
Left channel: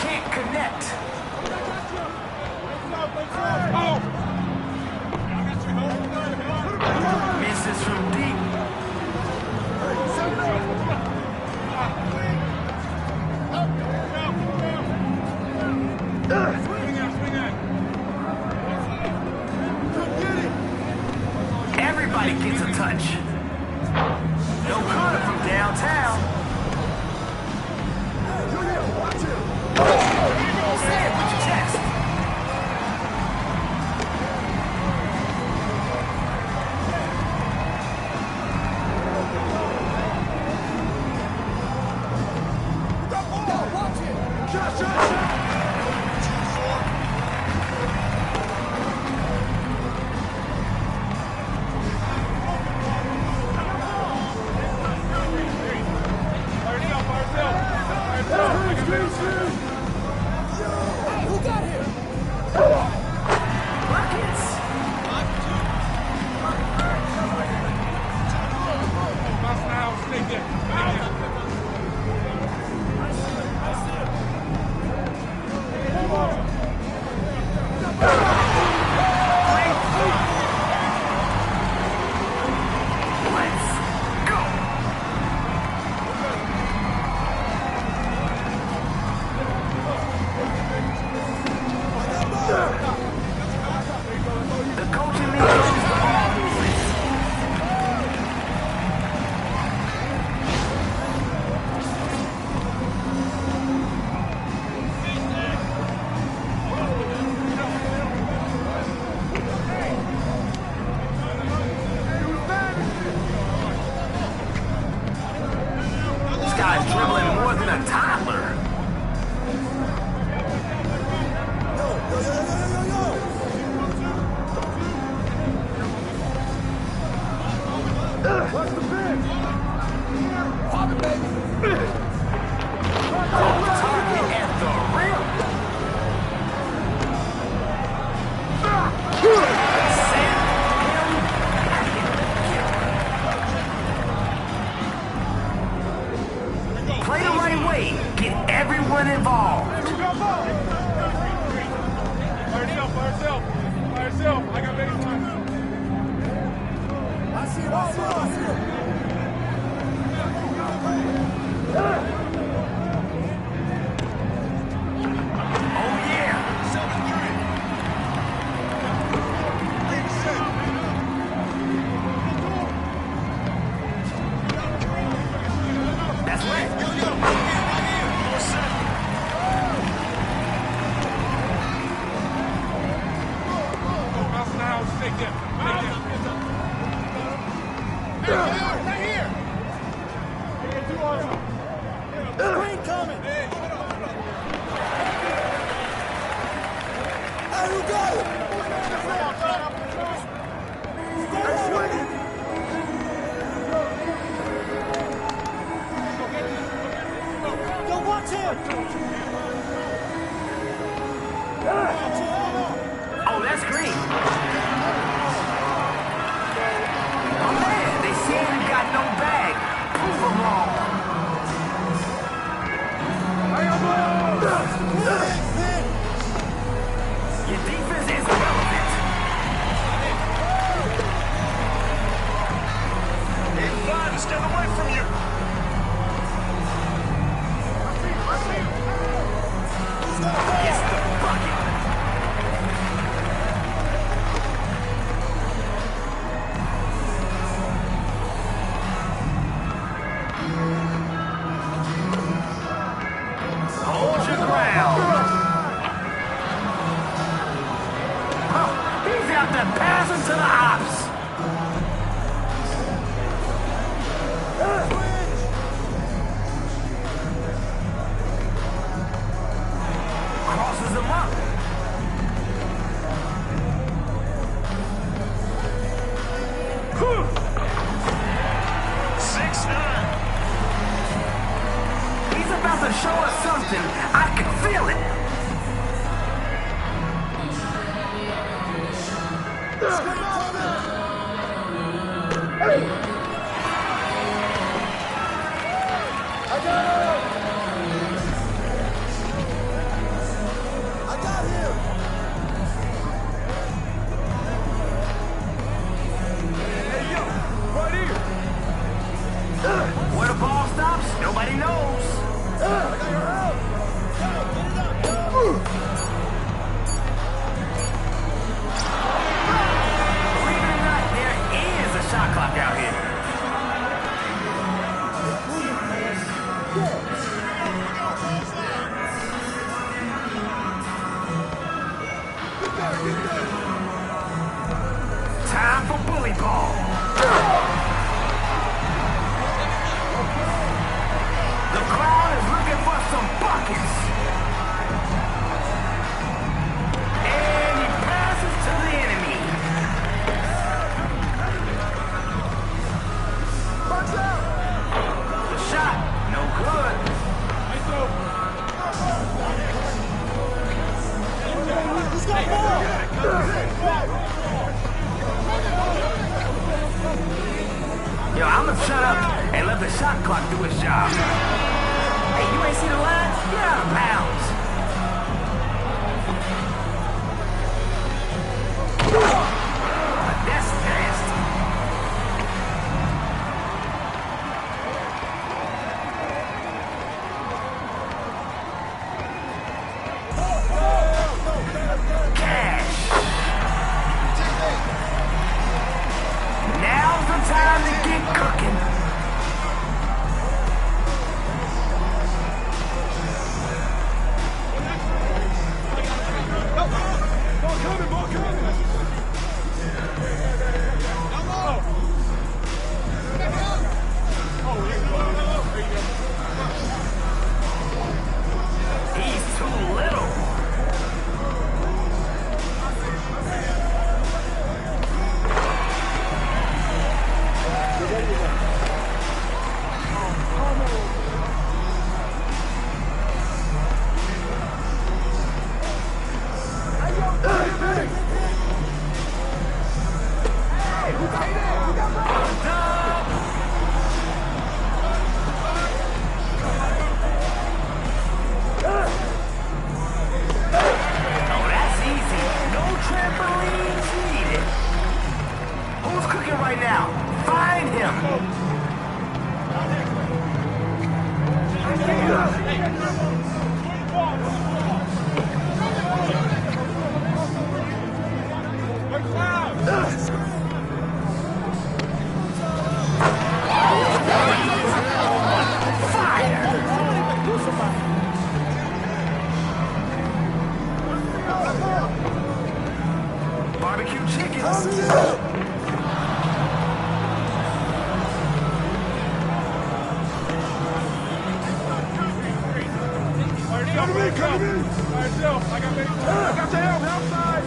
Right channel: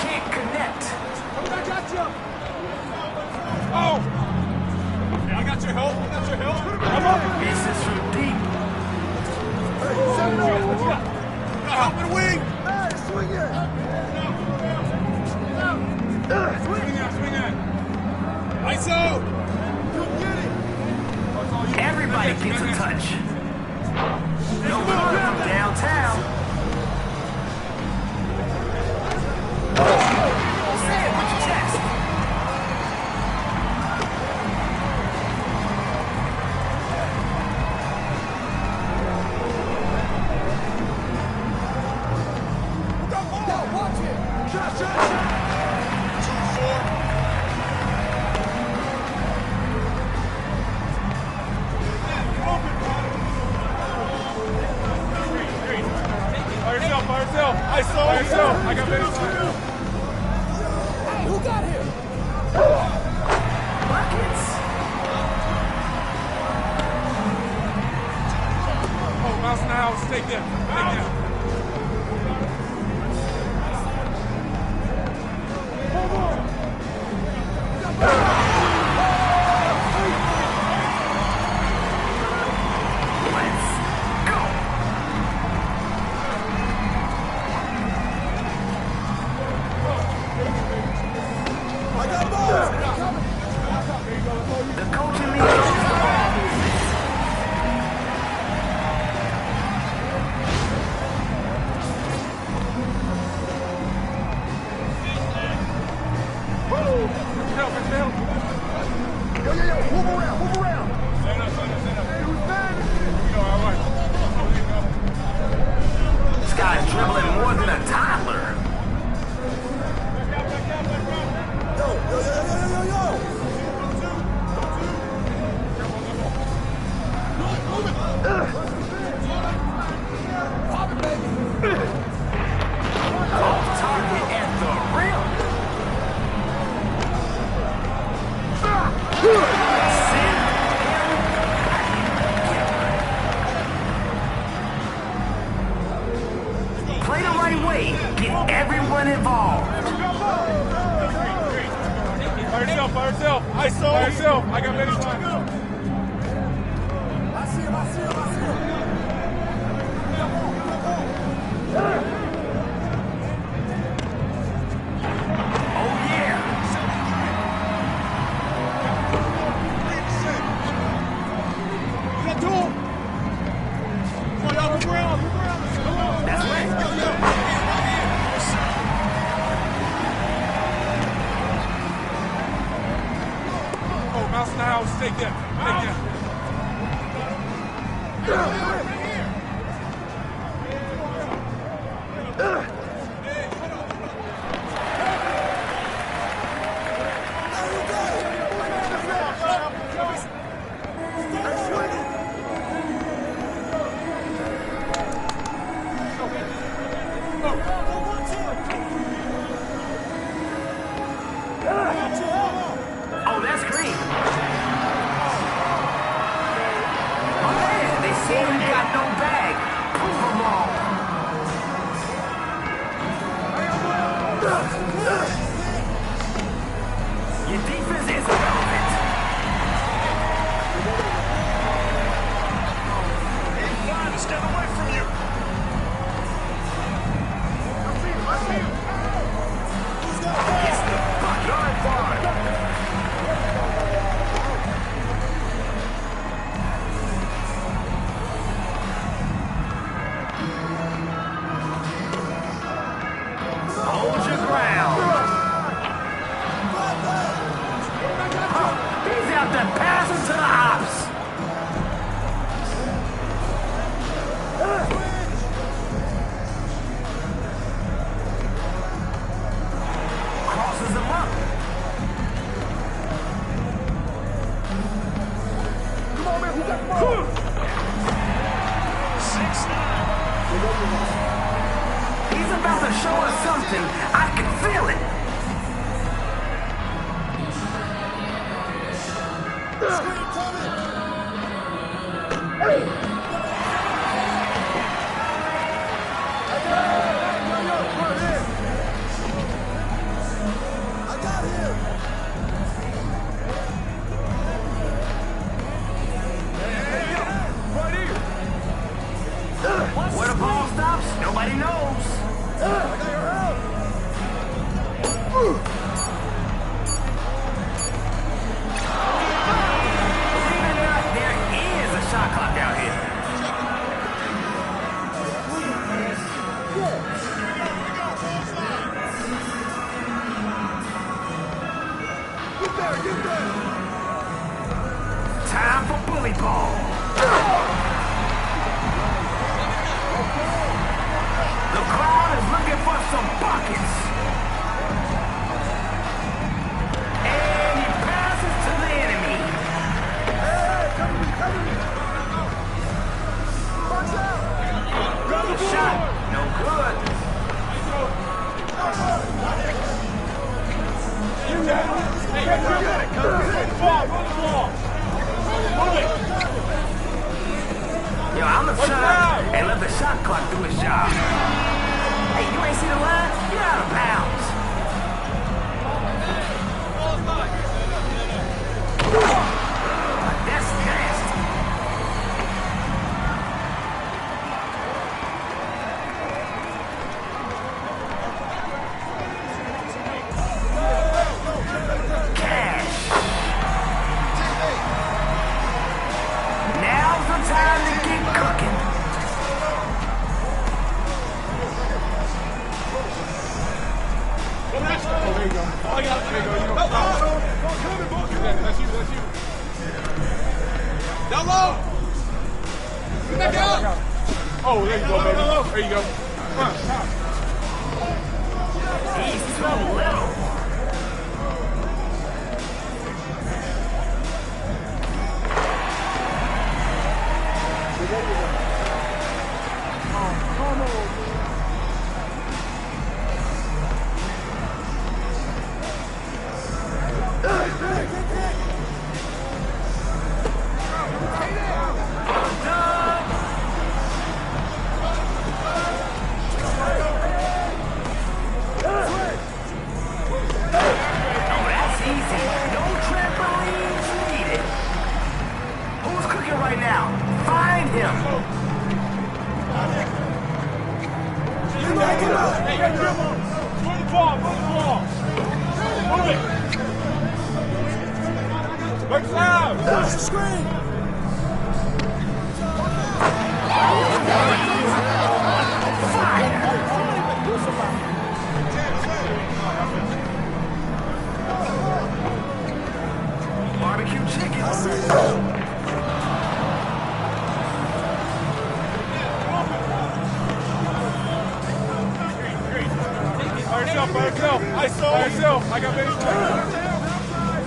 Can't connect. Oh! Hey, I got your help. I got your help. Misses from deep. Everybody gets a touch. No good from downtown. Say it with your chest. Watch it! Shot, shot, shot! 2-4. By yourself, by yourself. By yourself. I got many shots. Hey, who got here? Buckets. Oh, mouse in the house. Stay there. Stay there. Let's go. The coaching league is the ball movement. This guy's dribbling more than a toddler. Off target at the rim. Send him packing. Get him. Play the right way. Get everyone involved. By yourself, by yourself. By yourself. I got many shots. I see him, I see him, I see him. Oh, yeah. That's right. Oh, mouse in the house. Stay there. Stay there. Right here. Oh, that's green. My man, they say you got no bag. Prove them wrong. Your defense is irrelevant. Aim fine to stand away from you. I see him. It's the bucket. Hold your ground. He's out there passing to the ops. Crosses him up. He's about to show us something. I can feel Time for bully ball. The crowd is looking for some buckets. And he passes to the enemy. The shot, no good. Yo, I'm gonna shut up and let the shot clock do its job. Hey, you ain't see the line? You're out of bounds. That's nasty. Cash. Now's the time to get cooking. Down low. Back up. Oh, there you go, baby. There you go. He's too little. Oh, that's easy. No trampolines needed. Who's cooking right now? Find him. Barbecue chicken. By yourself. I got base. I got your help. Outside.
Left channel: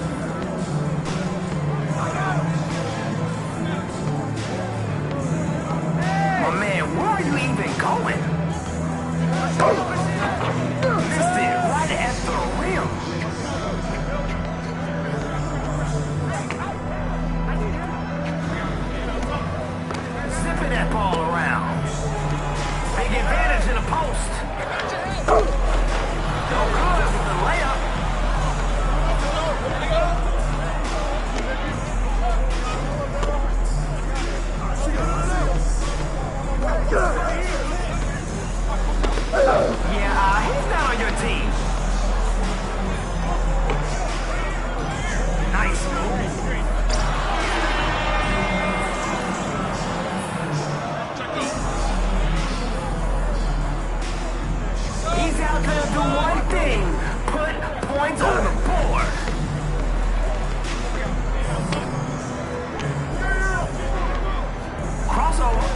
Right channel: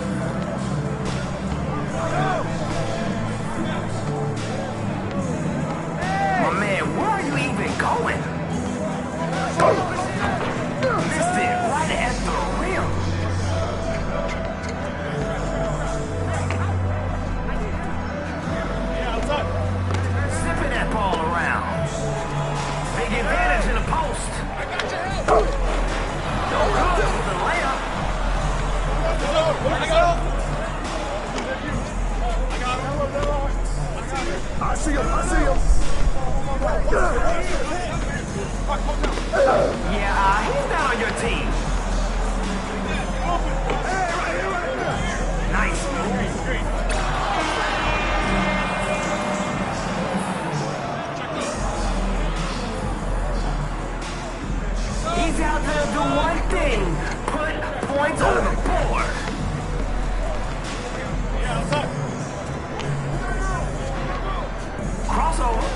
My man, where are you even going? Missed it right at the rim. Zipping that ball around. Big advantage in the post. No good with the layup. I see him. Yeah, he's not on your team. Nice move. He's out there to do one thing, put points on the board. Crossover.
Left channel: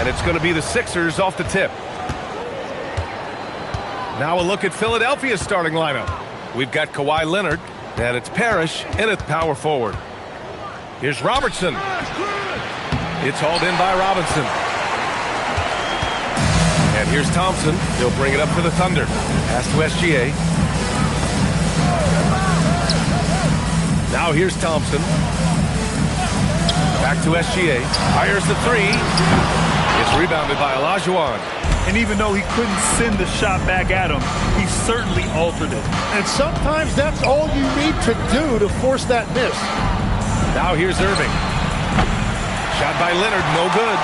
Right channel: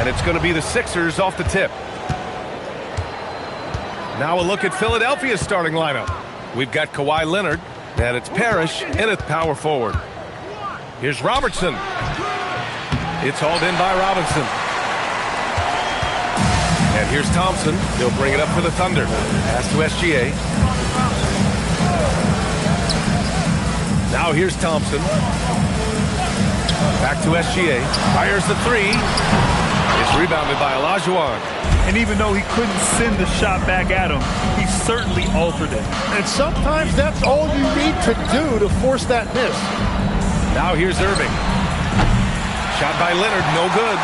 And it's going to be the Sixers off the tip. Now a look at Philadelphia's starting lineup. We've got Kawhi Leonard, and it's Parrish in at power forward. Here's Robertson. It's hauled in by Robinson. And here's Thompson. He'll bring it up for the Thunder. Pass to SGA. Now here's Thompson. Back to SGA. Fires the three. It's rebounded by Olajuwon. And even though he couldn't send the shot back at him, he certainly altered it. And sometimes that's all you need to do to force that miss. Now here's Irving. Shot by Leonard, no good.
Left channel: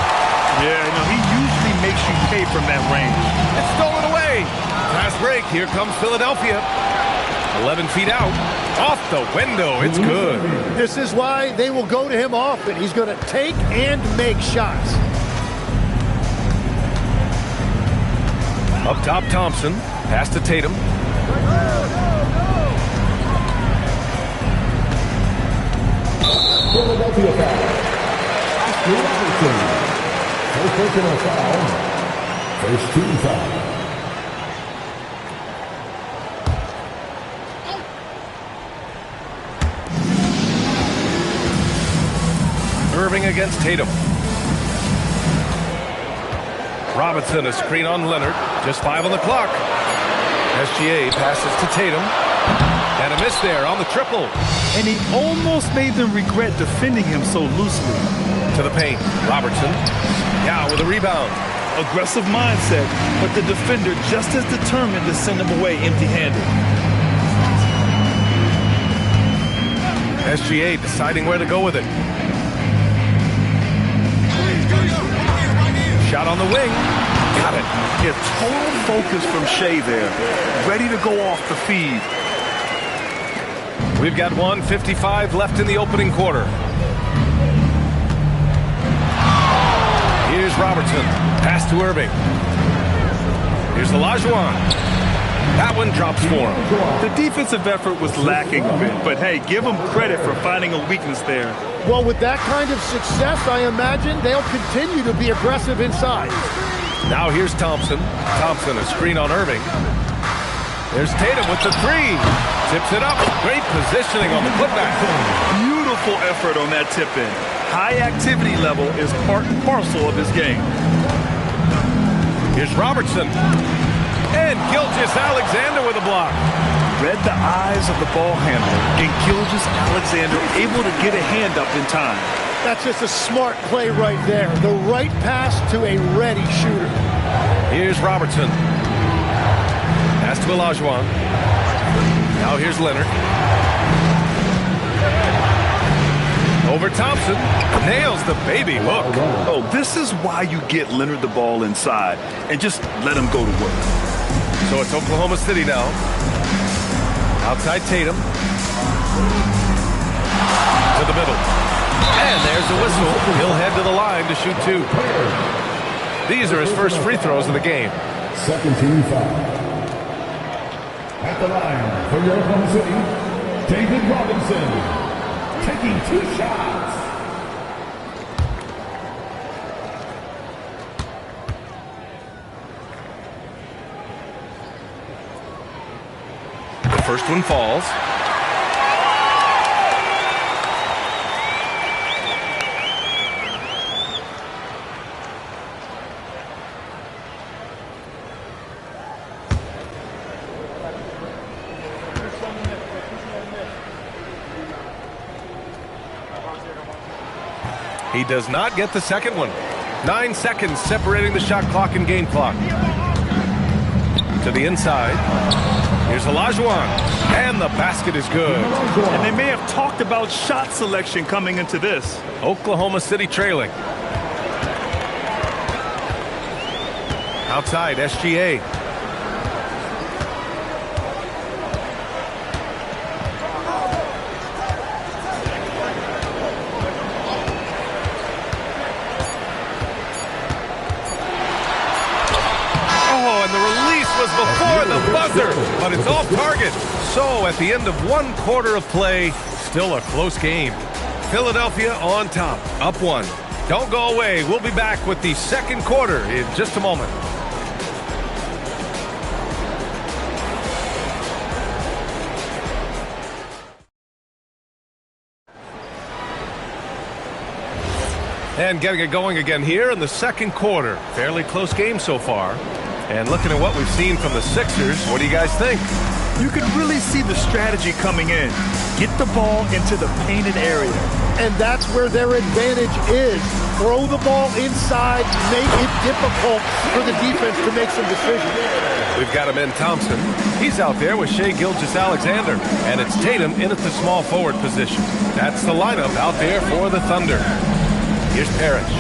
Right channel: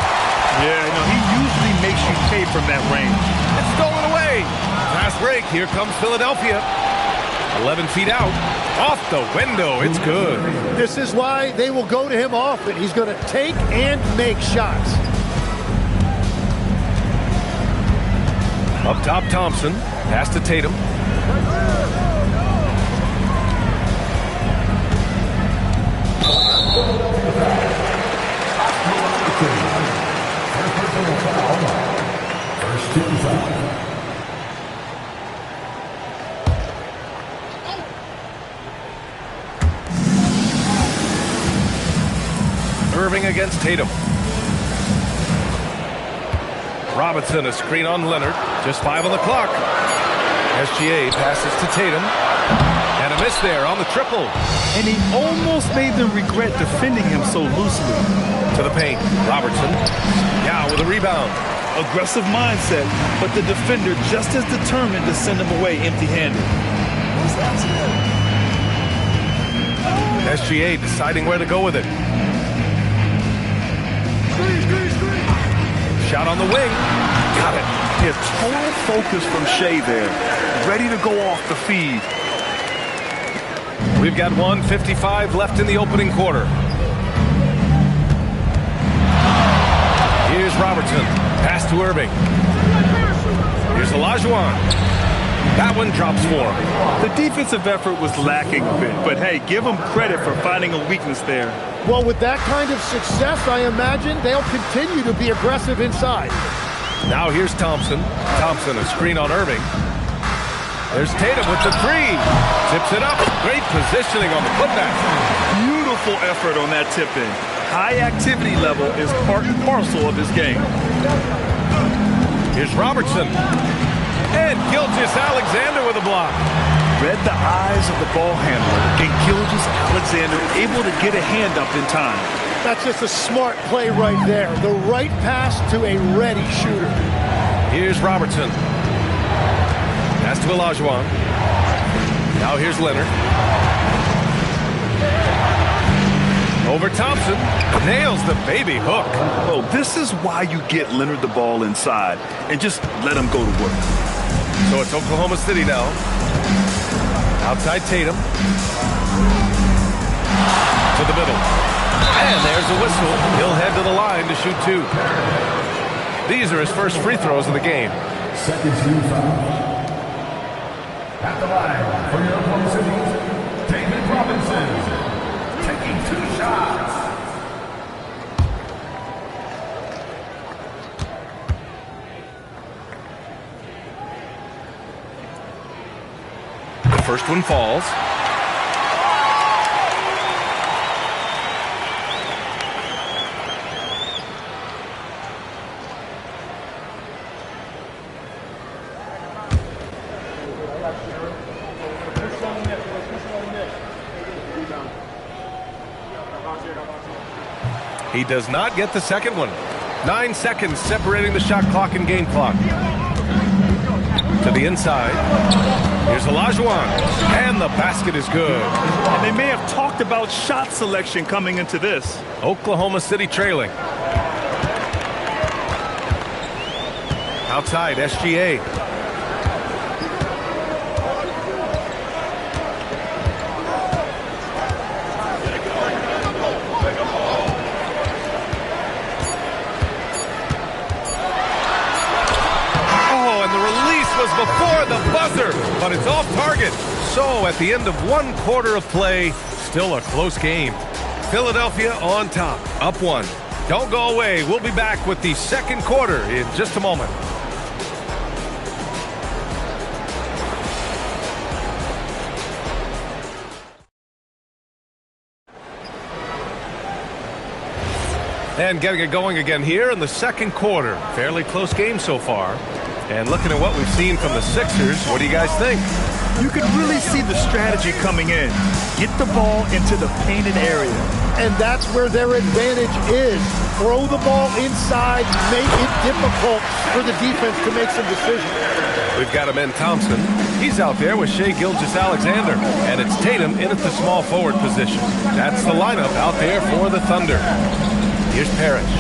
Yeah, no, he usually makes you pay from that range. It's stolen away. Fast break. Here comes Philadelphia. 11 feet out. Off the window. It's good. This is why they will go to him often. He's going to take and make shots. Up top, Thompson. Pass to Tatum. Philadelphia foul. Oscar Robertson. First personal foul. First team foul. Irving against Tatum. Robinson, a screen on Leonard. Just 5 on the clock. SGA passes to Tatum. And a miss there on the triple. And he almost made them regret defending him so loosely. To the paint. Robertson. Yeah, with a rebound. Aggressive mindset, but the defender just as determined to send him away empty-handed. SGA deciding where to go with it. Shot on the wing. Got it. Yeah, total focus from Shea there. Ready to go off the feed. We've got 1:55 left in the opening quarter. Here's Robertson. Pass to Irving. Here's Olajuwon. That one drops for him. The defensive effort was lacking a bit, but hey, give them credit for finding a weakness there. Well, with that kind of success, I imagine they'll continue to be aggressive inside. Now here's Thompson. Thompson, a screen on Irving. There's Tatum with the three. Tips it up. Great positioning on the putback. Beautiful effort on that tip-in. High activity level is part and parcel of his game. Here's Robertson. And Gilgeous-Alexander with a block. Read the eyes of the ball handler, and Gilgeous-Alexander able to get a hand up in time. That's just a smart play right there. The right pass to a ready shooter. Here's Robertson. Pass to Olajuwon. Now here's Leonard. Over Thompson. Nails the baby hook. Oh, this is why you get Leonard the ball inside and just let him go to work. So it's Oklahoma City now. Outside Tatum. To the middle. And there's a whistle. He'll head to the line to shoot 2. These are his first free throws of the game. Second team foul. At the line for your Oklahoma City, David Robinson. Taking 2 shots. The first one falls. He does not get the second one. 9 seconds separating the shot clock and game clock. To the inside. Here's Olajuwon. And the basket is good. And they may have talked about shot selection coming into this. Oklahoma City trailing. Outside, SGA. And the release was before the buzzer, but it's off target. So at the end of 1 quarter of play, still a close game. Philadelphia on top, up 1. Don't go away. We'll be back with the second quarter in just a moment. And getting it going again here in the second quarter. Fairly close game so far. And looking at what we've seen from the Sixers, what do you guys think? You can really see the strategy coming in. Get the ball into the painted area. And that's where their advantage is. Throw the ball inside, make it difficult for the defense to make some decisions. We've got him in Thompson. He's out there with Shai Gilgeous-Alexander. And it's Tatum in at the small forward position. That's the lineup out there for the Thunder. Here's Parrish.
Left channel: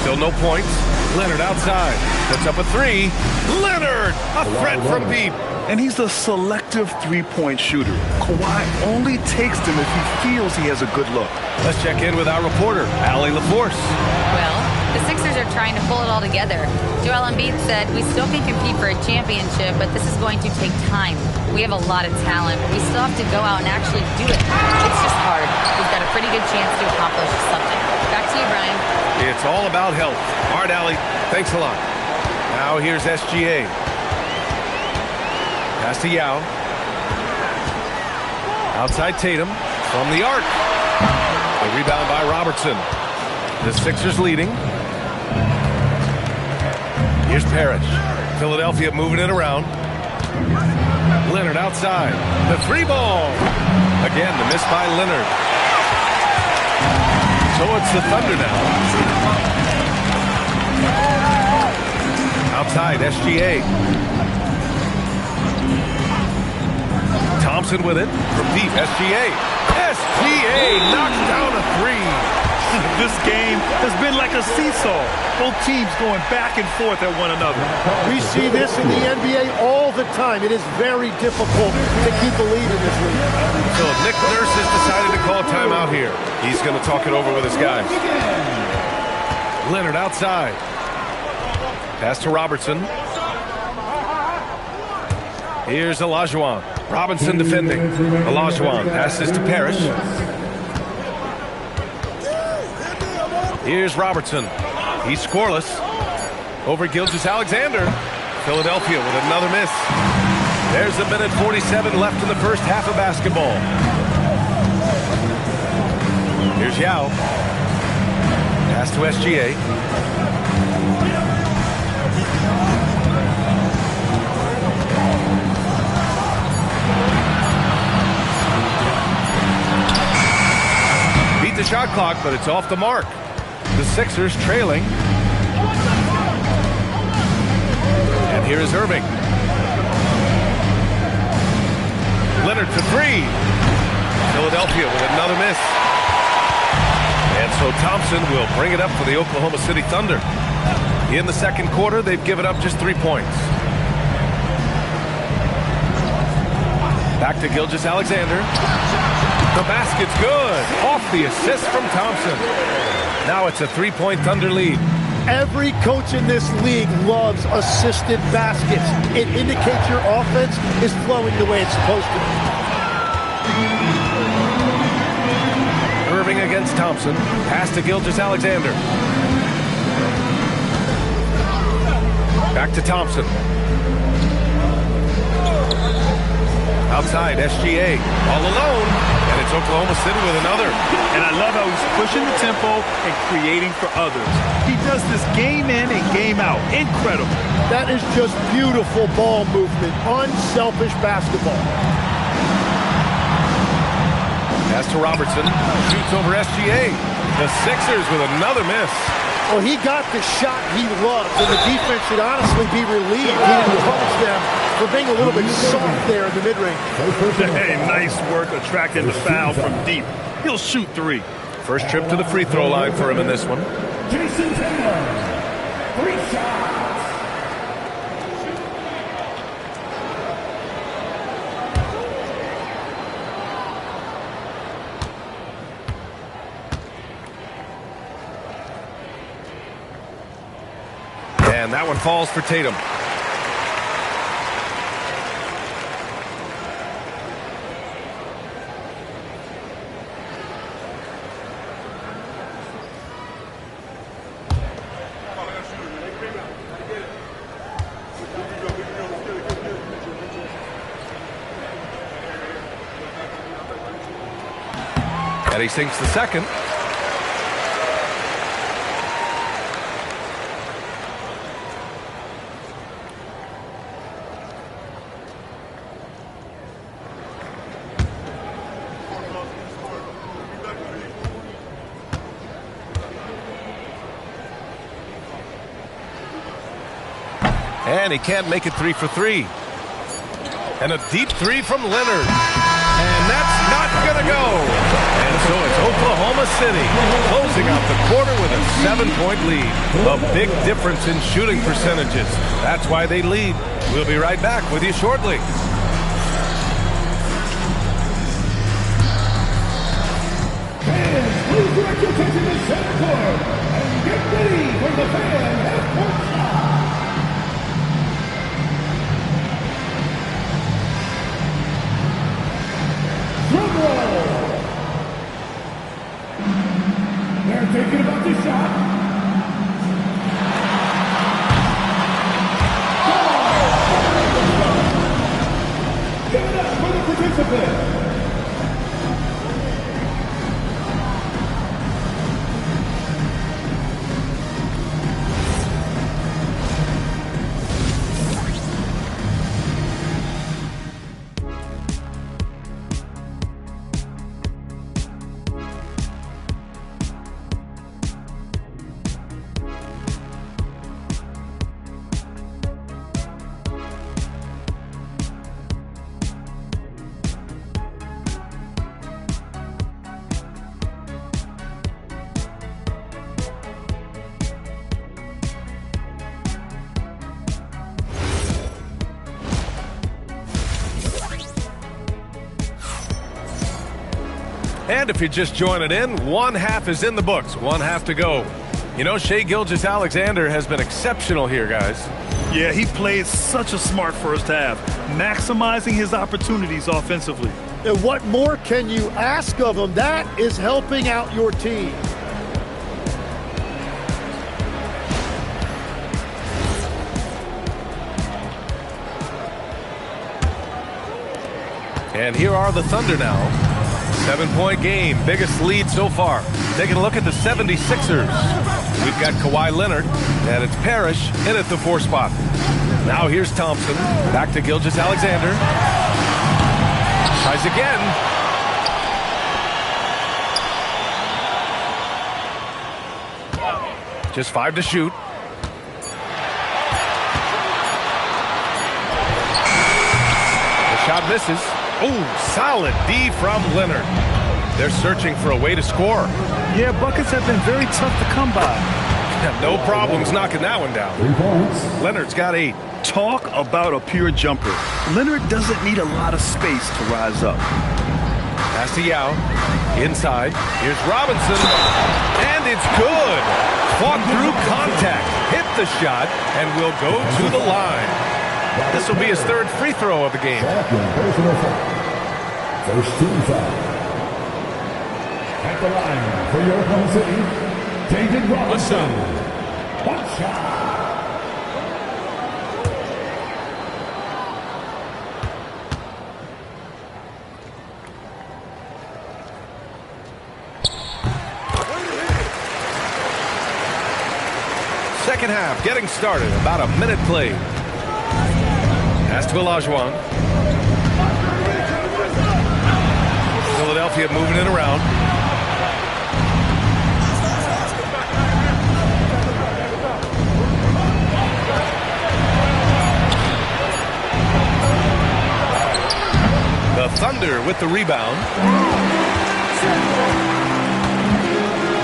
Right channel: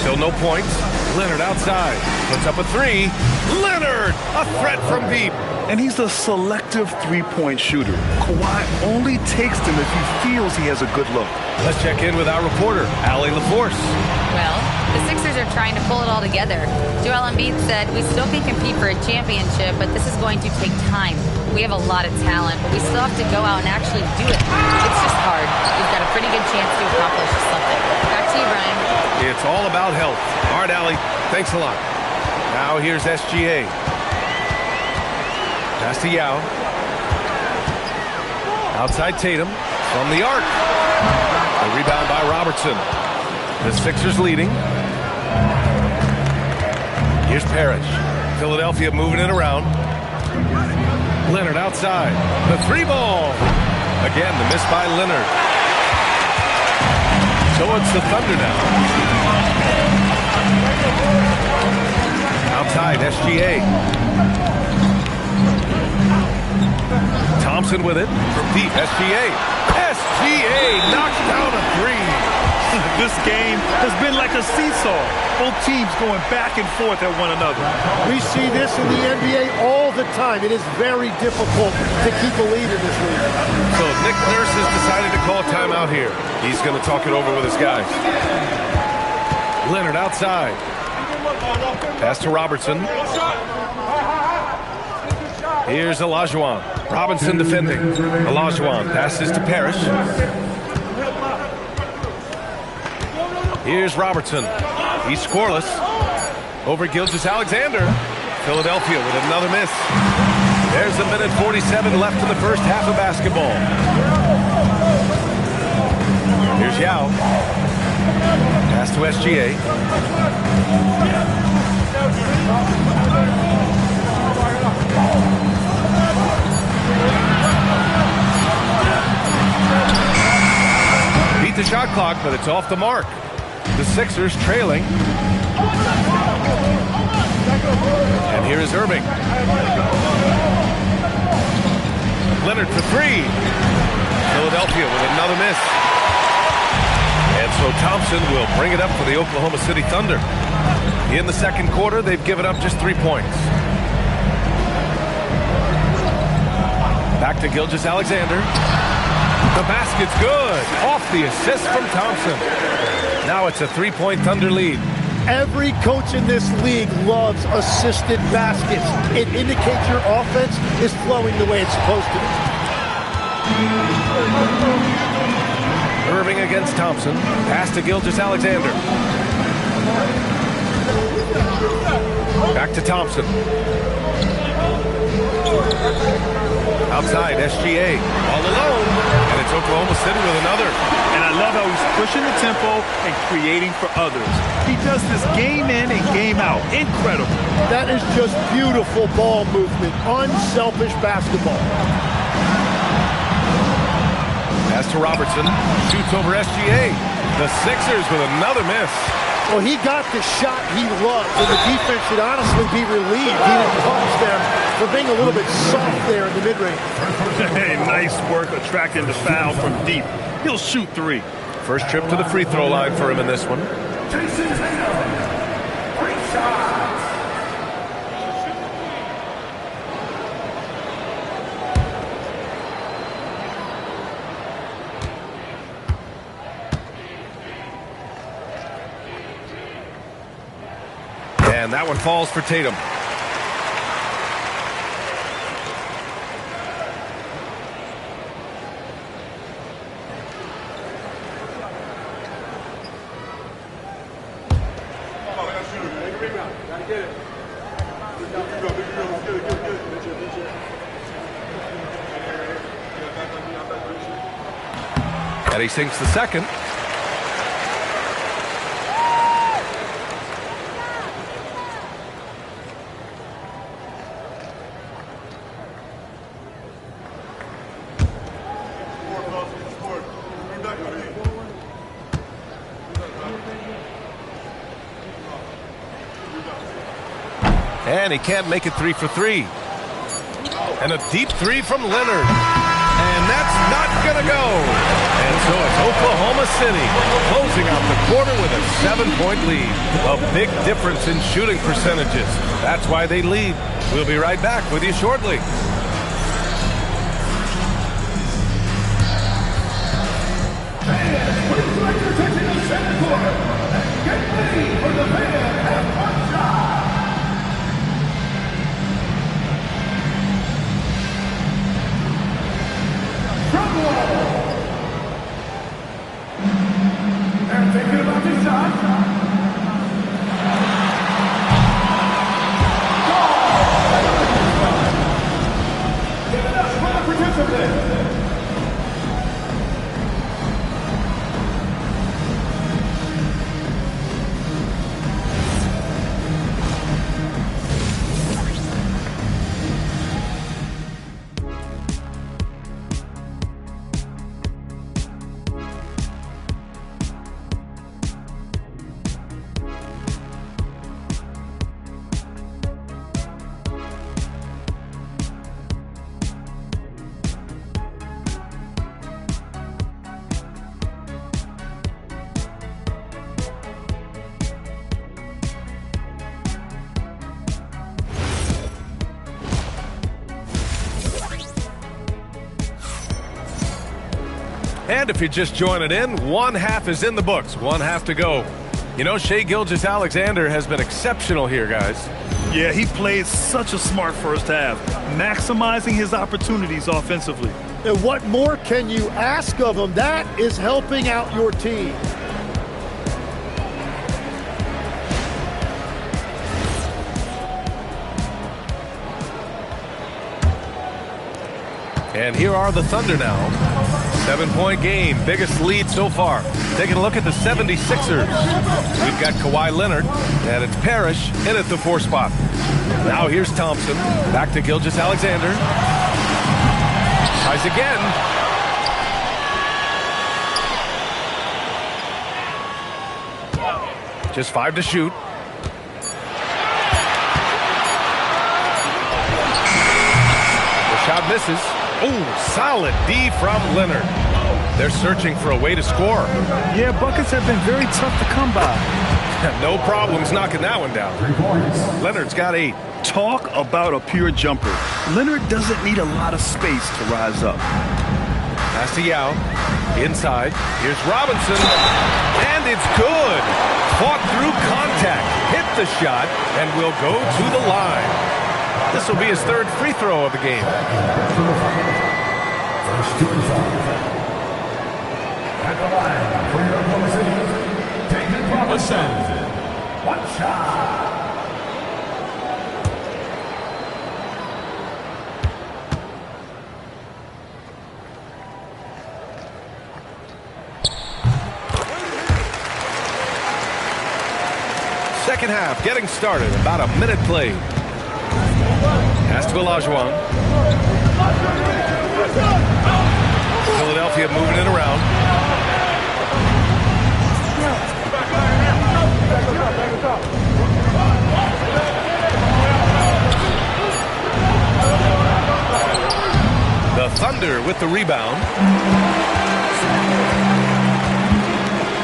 Still no points. Leonard outside. Puts up a three. Leonard! A threat from deep. And he's a selective three-point shooter. Kawhi only takes them if he feels he has a good look. Let's check in with our reporter, Allie LaForce. Well, the Sixers are trying to pull it all together. Joel Embiid said, we still can compete for a championship, but this is going to take time. We have a lot of talent, but we still have to go out and actually do it. It's just hard. We've got a pretty good chance to accomplish something. Back to you, Brian. It's all about health. All right, Allie, thanks a lot. Now here's SGA. Pass to Yao. Outside Tatum from the arc. The rebound by Robertson. The Sixers leading. Here's Parrish. Philadelphia moving it around. Leonard outside. The three ball. Again, the miss by Leonard. So it's the Thunder now. Outside, SGA. Thompson with it from deep. SGA knocks down a three. This game has been like a seesaw. Both teams going back and forth at one another. We see this in the NBA all the time. It is very difficult to keep a lead in this league. So Nick Nurse has decided to call a timeout here. He's going to talk it over with his guys. Leonard outside. Pass to Robertson. Here's Olajuwon. Robinson defending. Olajuwon passes to Parrish. Here's Robertson. He's scoreless. Over Gilgeous-Alexander. Philadelphia with another miss. There's a minute 47 left in the first half of basketball. Here's Yao. Pass to SGA. Beat the shot clock, but it's off the mark. The Sixers trailing. And here is Irving. Leonard for three. Philadelphia with another miss. And so Thompson will bring it up for the Oklahoma City Thunder. In the second quarter, they've given up just 3 points. Back to Gilgeous-Alexander. The basket's good. Off the assist from Thompson. Now it's a 3-point Thunder lead. Every coach in this league loves assisted baskets. It indicates your offense is flowing the way it's supposed to. Irving against Thompson. Pass to Gilgeous-Alexander. Back to Thompson. Outside, SGA. All alone. And it's Oklahoma City with another. And I love how he's pushing the tempo and creating for others. He does this game in and game out. Incredible. That is just beautiful ball movement. Unselfish basketball. Pass to Robertson. Shoots over SGA. The Sixers with another miss. Well, he got the shot he loves, and the defense should honestly be relieved. He didn't punish them for being a little bit soft there in the mid-range. Hey, nice work attracting the foul from deep. He'll shoot three. First trip to the free throw line for him in this one. Jason Tatum. 3 shots. And that one falls for Tatum. And he sinks the second. And he can't make it 3 for 3. And a deep three from Leonard. And that's not going to go. And so it's Oklahoma City closing out the quarter with a 7-point lead. A big difference in shooting percentages. That's why they lead. We'll be right back with you shortly. Fans, please direct your attention to center court and get ready for the fan half-court shot. They're thinking about the shot. Give it up for the participant. And if you're just joining in, one half is in the books, one half to go. You know, Shai Gilgeous-Alexander has been exceptional here, guys. Yeah, he played such a smart first half, maximizing his opportunities offensively. And what more can you ask of him? That is helping out your team. And here are the Thunder now. 7-point game, biggest lead so far. Taking a look at the 76ers. We've got Kawhi Leonard, and it's Parrish in at the 4 spot. Now here's Thompson, back to Gilgeous-Alexander. Tries again. Just 5 to shoot. The shot misses. Oh, solid D from Leonard. They're searching for a way to score. Yeah, buckets have been very tough to come by. No problems knocking that one down. 3 points. Leonard's got 8. Talk about a pure jumper. Leonard doesn't need a lot of space to rise up. Pass to Yao. Inside. Here's Robinson. And it's good. Fought through contact. Hit the shot and will go to the line. This will be his 3rd free throw of the game. Personal foul. First team foul. At the line for your Oklahoma City, David Robinson. One shot. Second half getting started. About a minute played. Pass to Olajuwon. Philadelphia moving it around. The Thunder with the rebound.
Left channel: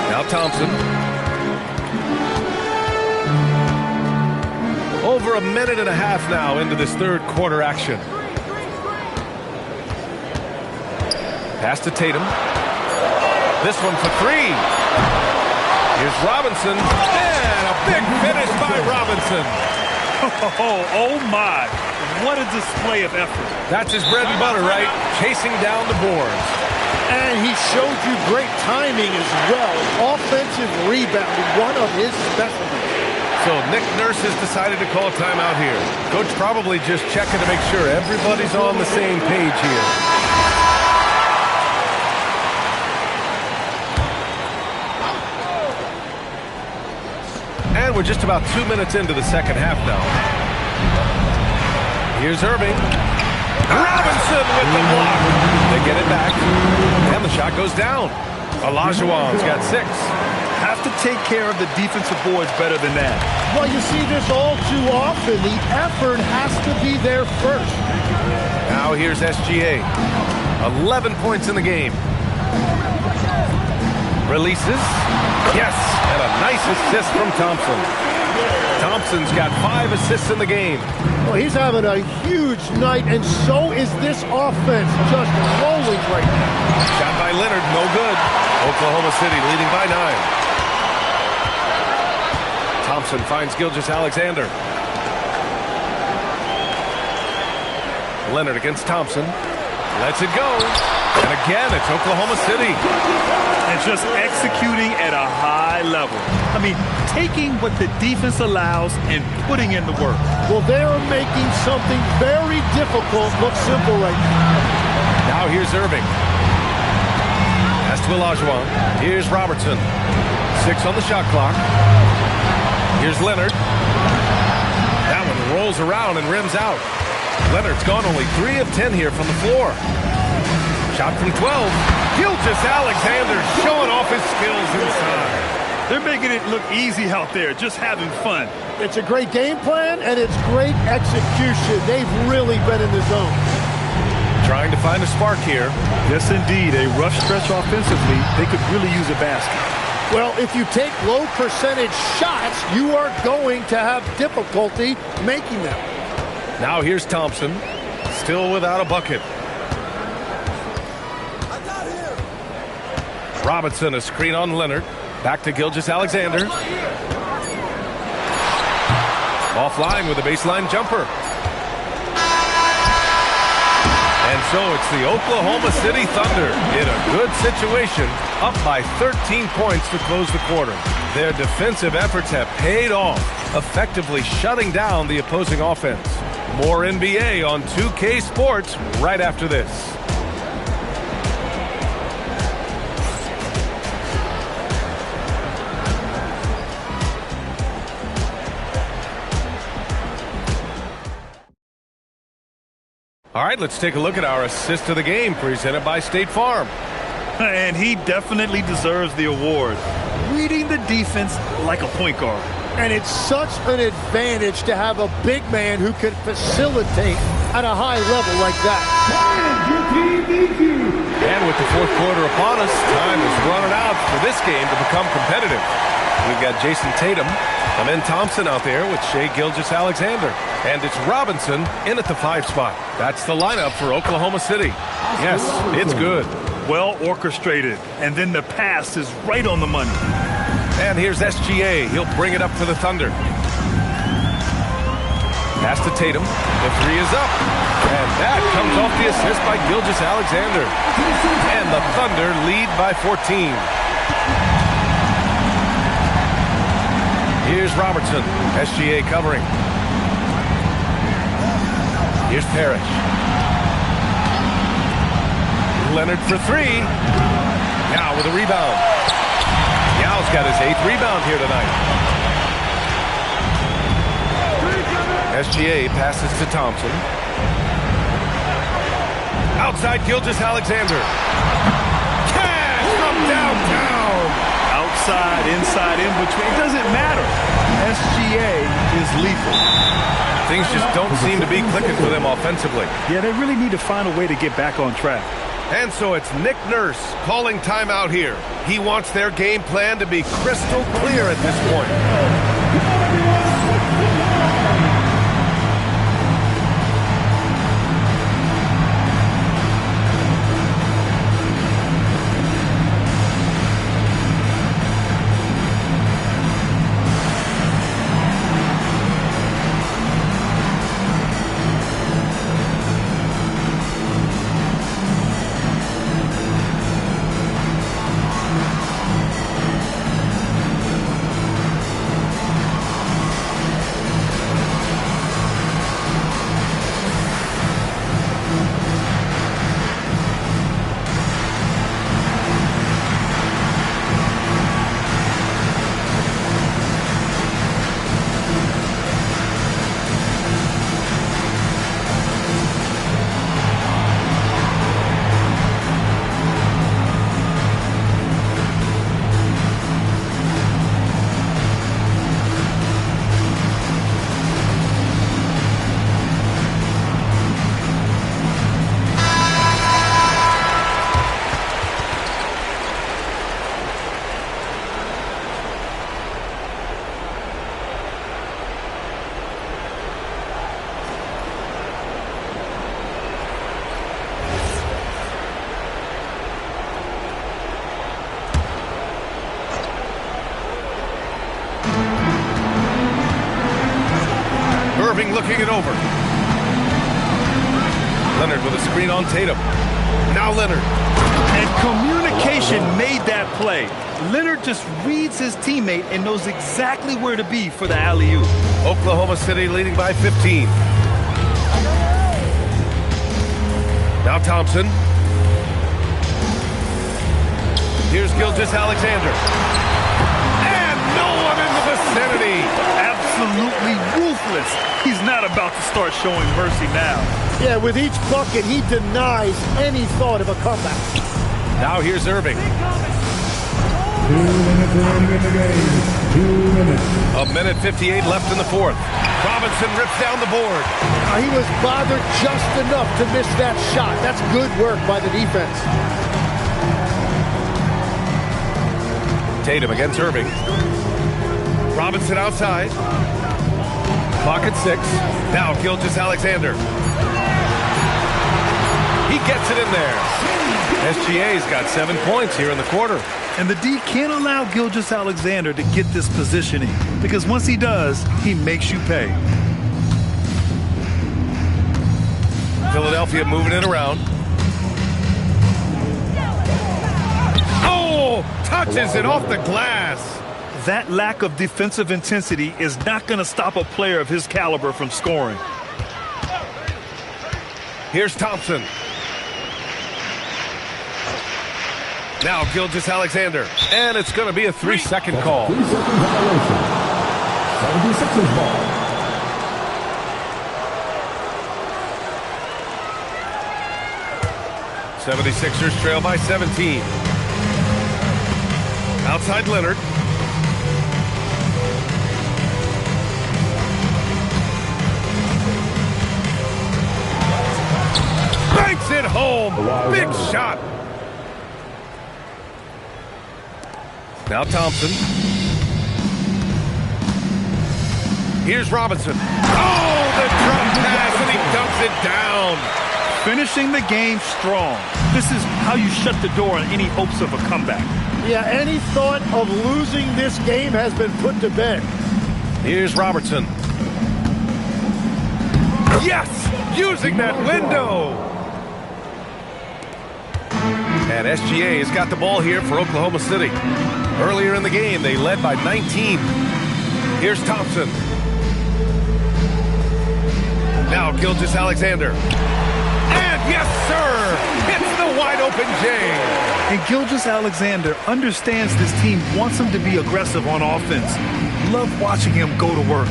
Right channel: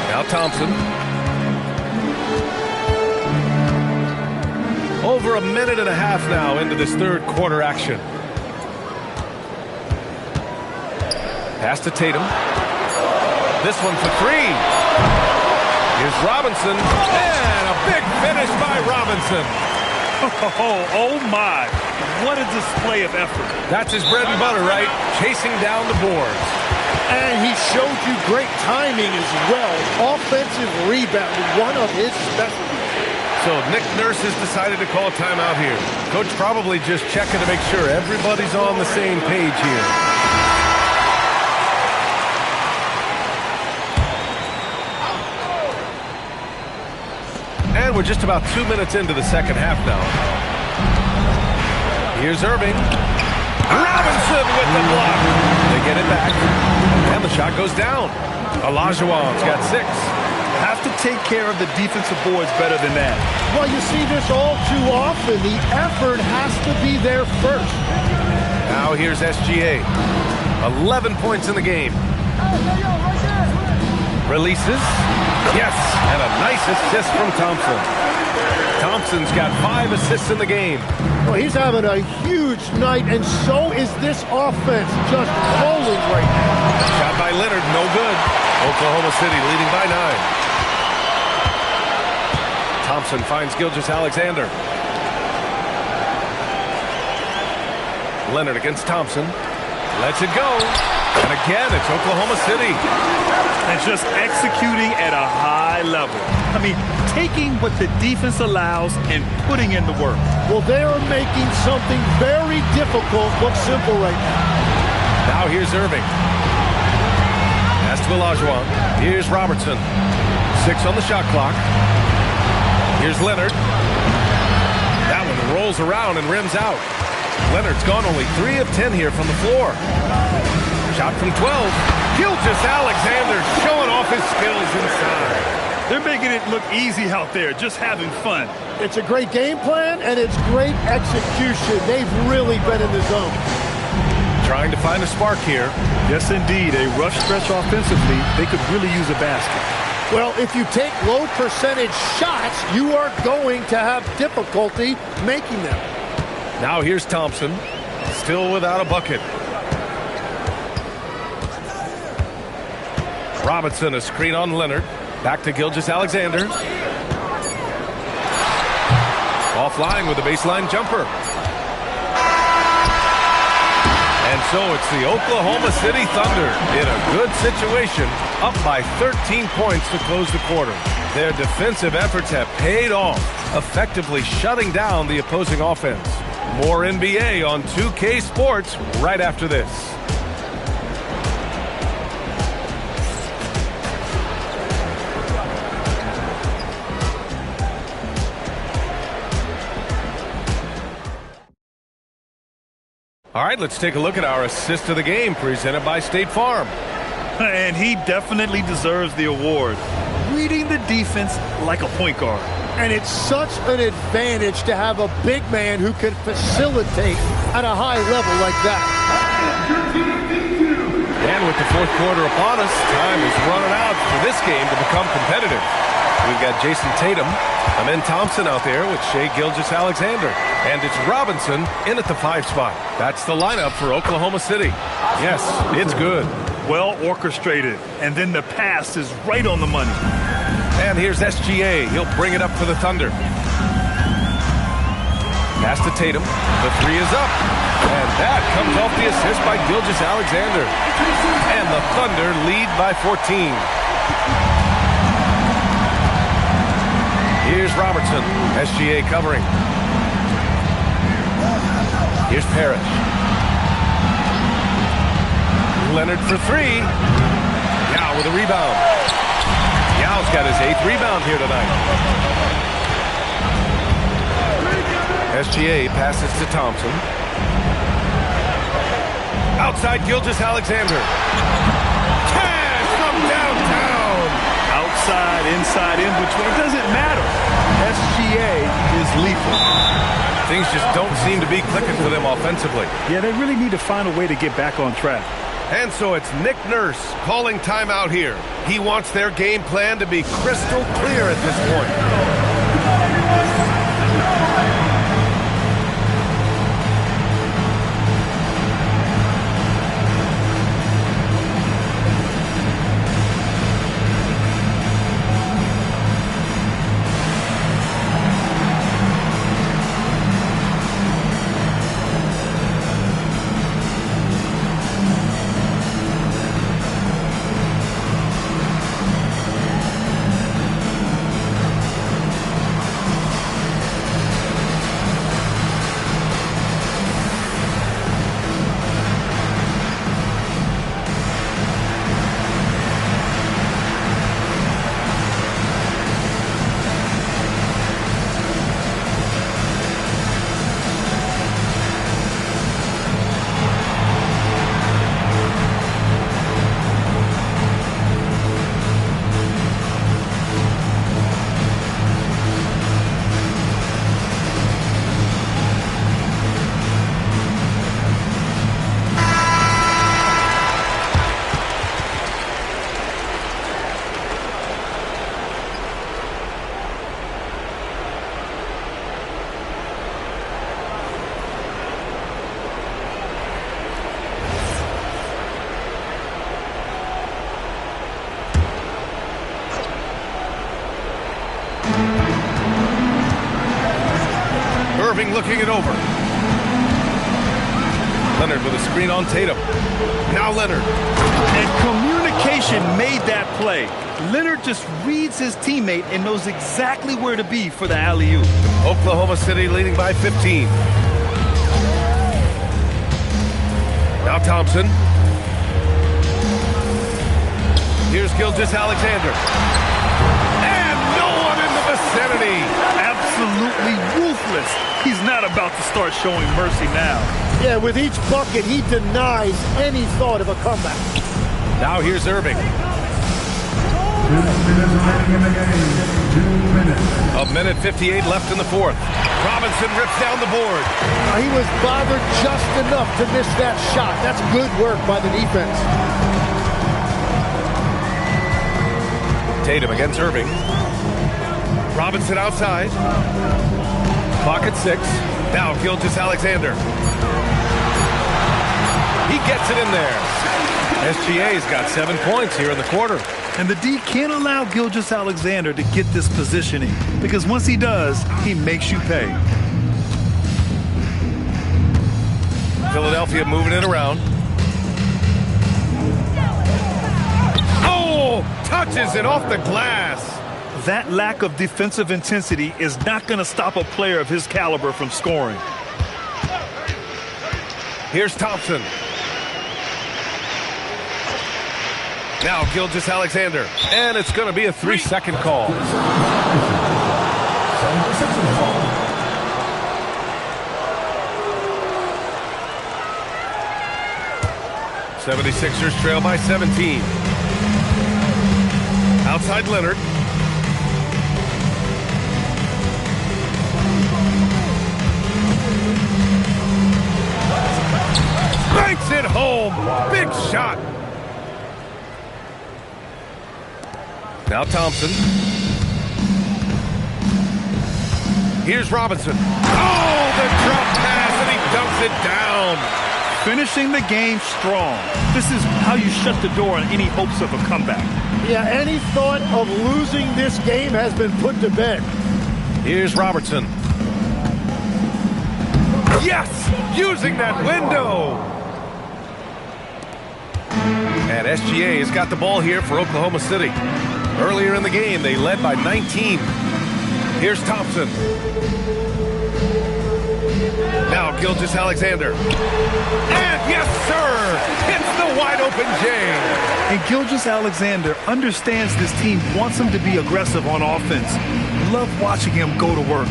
Now Thompson. Over a minute and a half now into this 3rd quarter action. Pass to Tatum. This one for 3. Here's Robinson. And a big finish by Robinson. Oh my. What a display of effort. That's his bread and butter, right? Chasing down the boards. And he showed you great timing as well. Offensive rebounding, one of his specialties. So Nick Nurse has decided to call a timeout here. Coach probably just checking to make sure everybody's on the same page here. And we're just about 2 minutes into the second half now. Here's Irving. Robinson with the block. They get it back. And the shot goes down. Olajuwon's got 6. Have to take care of the defensive boards better than that. Well, you see this all too often. The effort has to be there first. Now here's SGA. 11 points in the game. Releases. Yes, and a nice assist from Thompson. Thompson's got 5 assists in the game. Well, he's having a huge night, and so is this offense, just rolling right now. Shot by Leonard, no good. Oklahoma City leading by 9. Thompson finds Gilgeous-Alexander. Leonard against Thompson. Lets it go. And again, it's Oklahoma City. And just executing at a high level. I mean, taking what the defense allows and putting in the work. Well, they are making something very difficult look simple right now. Now here's Irving. Pass to Olajuwon. Here's Robertson. 6 on the shot clock. Here's Leonard. That one rolls around and rims out. Leonard's gone only 3 of 10 here from the floor. Shot from 12. Gilgeous-Alexander showing off his skills inside. They're making it look easy out there, just having fun. It's a great game plan, and it's great execution. They've really been in the zone. Trying to find a spark here. Yes, indeed. A rough stretch offensively. They could really use a basket. Well, if you take low percentage shots, you are going to have difficulty making them. Now here's Thompson. Still without a bucket. Robinson, a screen on Leonard. Back to Gilgeous-Alexander. Offline with a baseline jumper. And so it's the Oklahoma City Thunder in a good situation, up by 13 points to close the quarter. Their defensive efforts have paid off, effectively shutting down the opposing offense. More NBA on 2K Sports right after this. All right, let's take a look at our assist of the game presented by State Farm. And he definitely deserves the award. Reading the defense like a point guard. And it's such an advantage to have a big man who can facilitate at a high level like that. And with the fourth quarter upon us, time is running out for this game to become competitive. We've got Jason Tatum, Amen Thompson out there with Shai Gilgeous-Alexander. And it's Robinson in at the 5 spot. That's the lineup for Oklahoma City. Yes, it's good. Well orchestrated. And then the pass is right on the money. And here's SGA. He'll bring it up for the Thunder. Pass to Tatum. The 3 is up. And that comes off the assist by Gilgeous-Alexander. And the Thunder lead by 14. Here's Robertson. SGA covering. Here's Parrish. Leonard for 3. Yao with a rebound. Yao's got his 8th rebound here tonight. SGA passes to Thompson. Outside Gilgeous-Alexander. Cash from downtown. Outside, inside, in between. It doesn't matter. SGA is lethal. Things just don't seem to be clicking for them offensively. Yeah, they really need to find a way to get back on track. And so it's Nick Nurse calling timeout here. He wants their game plan to be crystal clear at this point. Irving looking it over. Leonard with a screen on Tatum. Now Leonard. And communication made that play. Leonard just reads his teammate and knows exactly where to be for the alley-oop. Oklahoma City leading by 15. Now Thompson. Here's Gilgeous-Alexander. And no one in the vicinity. Absolutely ruthless. He's not about to start showing mercy now. Yeah, with each bucket, he denies any thought of a comeback. Now here's Irving. 2 minutes remaining in the game. 2 minutes. A minute 58 left in the fourth. Robinson rips down the board. He was bothered just enough to miss that shot. That's good work by the defense. Tatum against Irving. Robinson outside. Clock at 6. Now Gilgeous-Alexander. He gets it in there. SGA's got 7 points here in the quarter. And the D can't allow Gilgeous-Alexander to get this positioning, because once he does, he makes you pay. Philadelphia moving it around. Oh, touches it off the glass. That lack of defensive intensity is not going to stop a player of his caliber from scoring. Here's Thompson. Now Gilgeous-Alexander. And it's going to be a 3-second call. 3-second violation. 76ers ball. '76ers trail by 17. Outside Leonard. Banks it home. Big shot. Now Thompson. Here's Robinson. Oh, the drop pass, and he dunks it down. Finishing the game strong. This is how you shut the door on any hopes of a comeback. Yeah, any thought of losing this game has been put to bed. Here's Robertson. Yes! Using that window! And SGA has got the ball here for Oklahoma City. Earlier in the game, they led by 19. Here's Thompson. Now Gilgeous-Alexander. And yes, sir! Hits the wide-open J. And Gilgeous-Alexander understands this team wants him to be aggressive on offense. Love watching him go to work.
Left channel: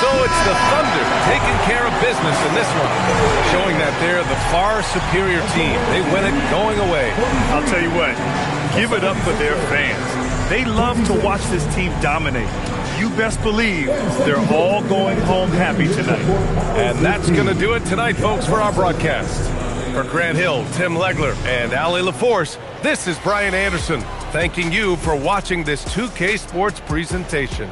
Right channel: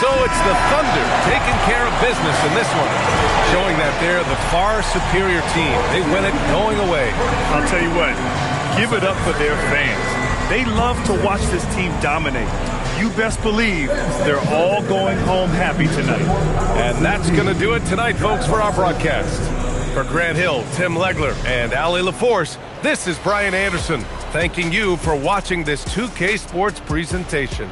So it's the Thunder taking care of business in this one, showing that they're the far superior team. They win it going away. I'll tell you what, give it up for their fans. They love to watch this team dominate. You best believe they're all going home happy tonight. And that's going to do it tonight, folks, for our broadcast. For Grant Hill, Tim Legler, and Allie LaForce, this is Brian Anderson, thanking you for watching this 2K Sports presentation.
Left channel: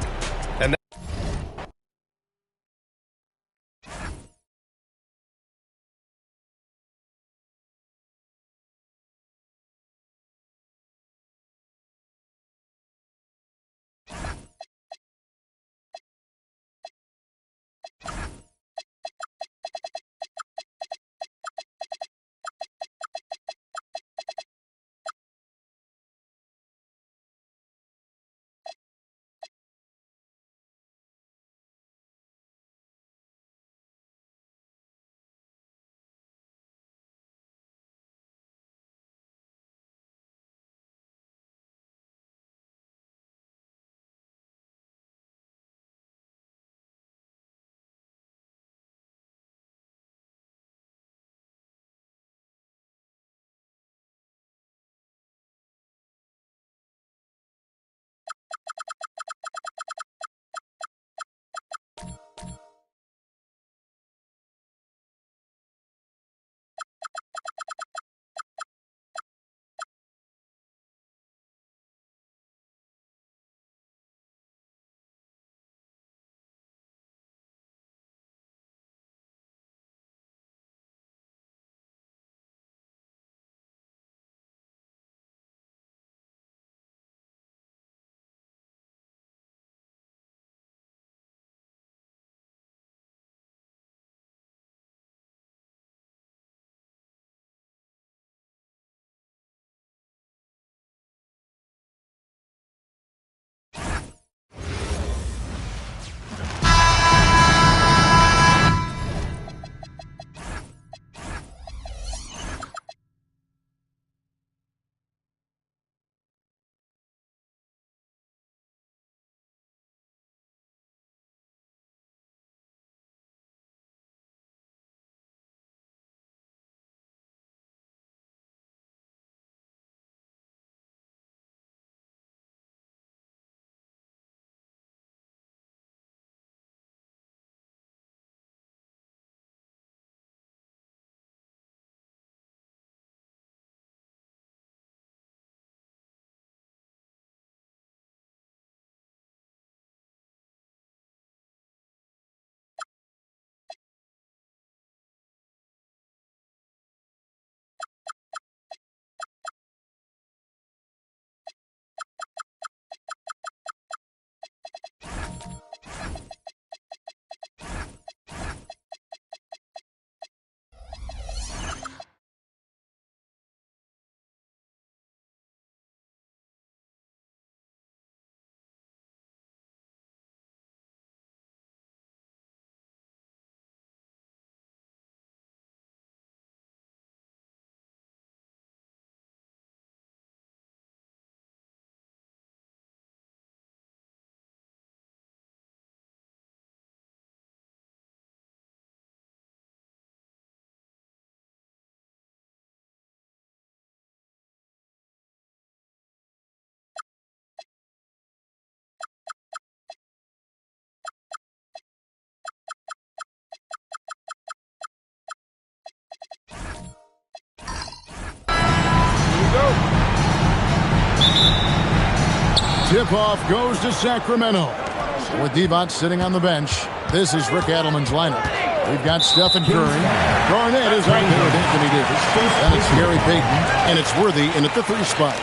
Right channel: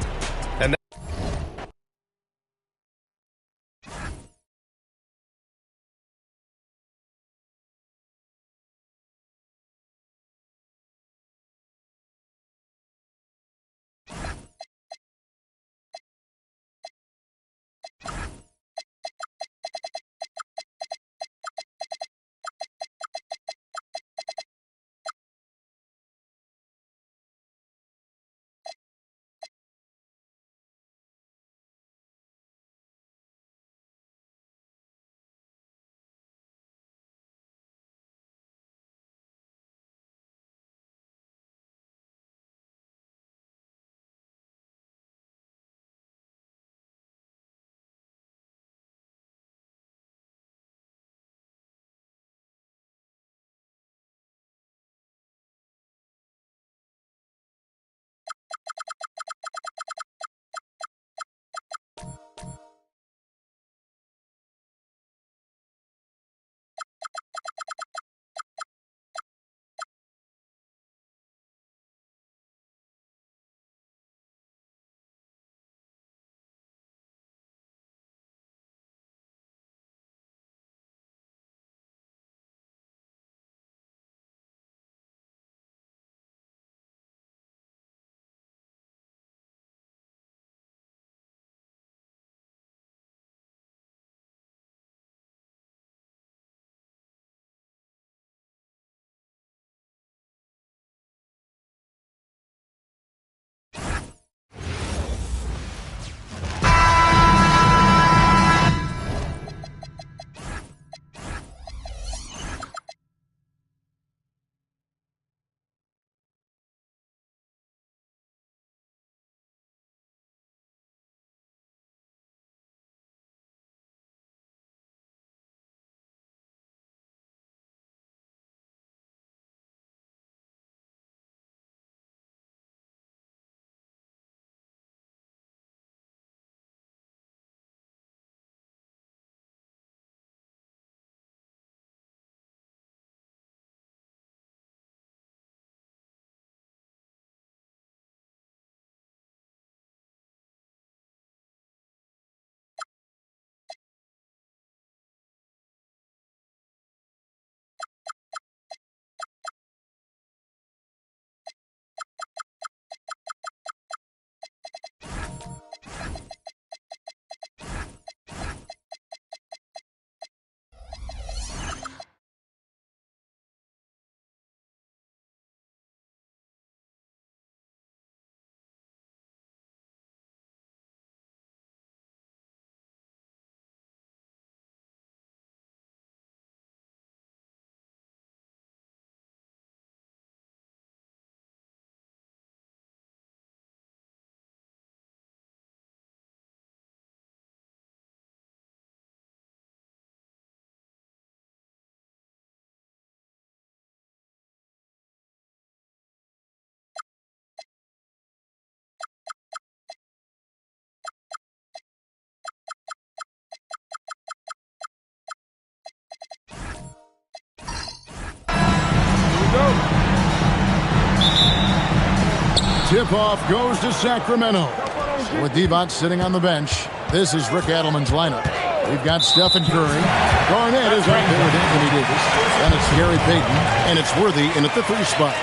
Tip-off goes to Sacramento. So with Devont sitting on the bench, this is Rick Adelman's lineup. We've got Stephen Curry. Garnett is out there with Anthony Davis. Then it's Gary Payton, and it's Worthy in at the 3 spot.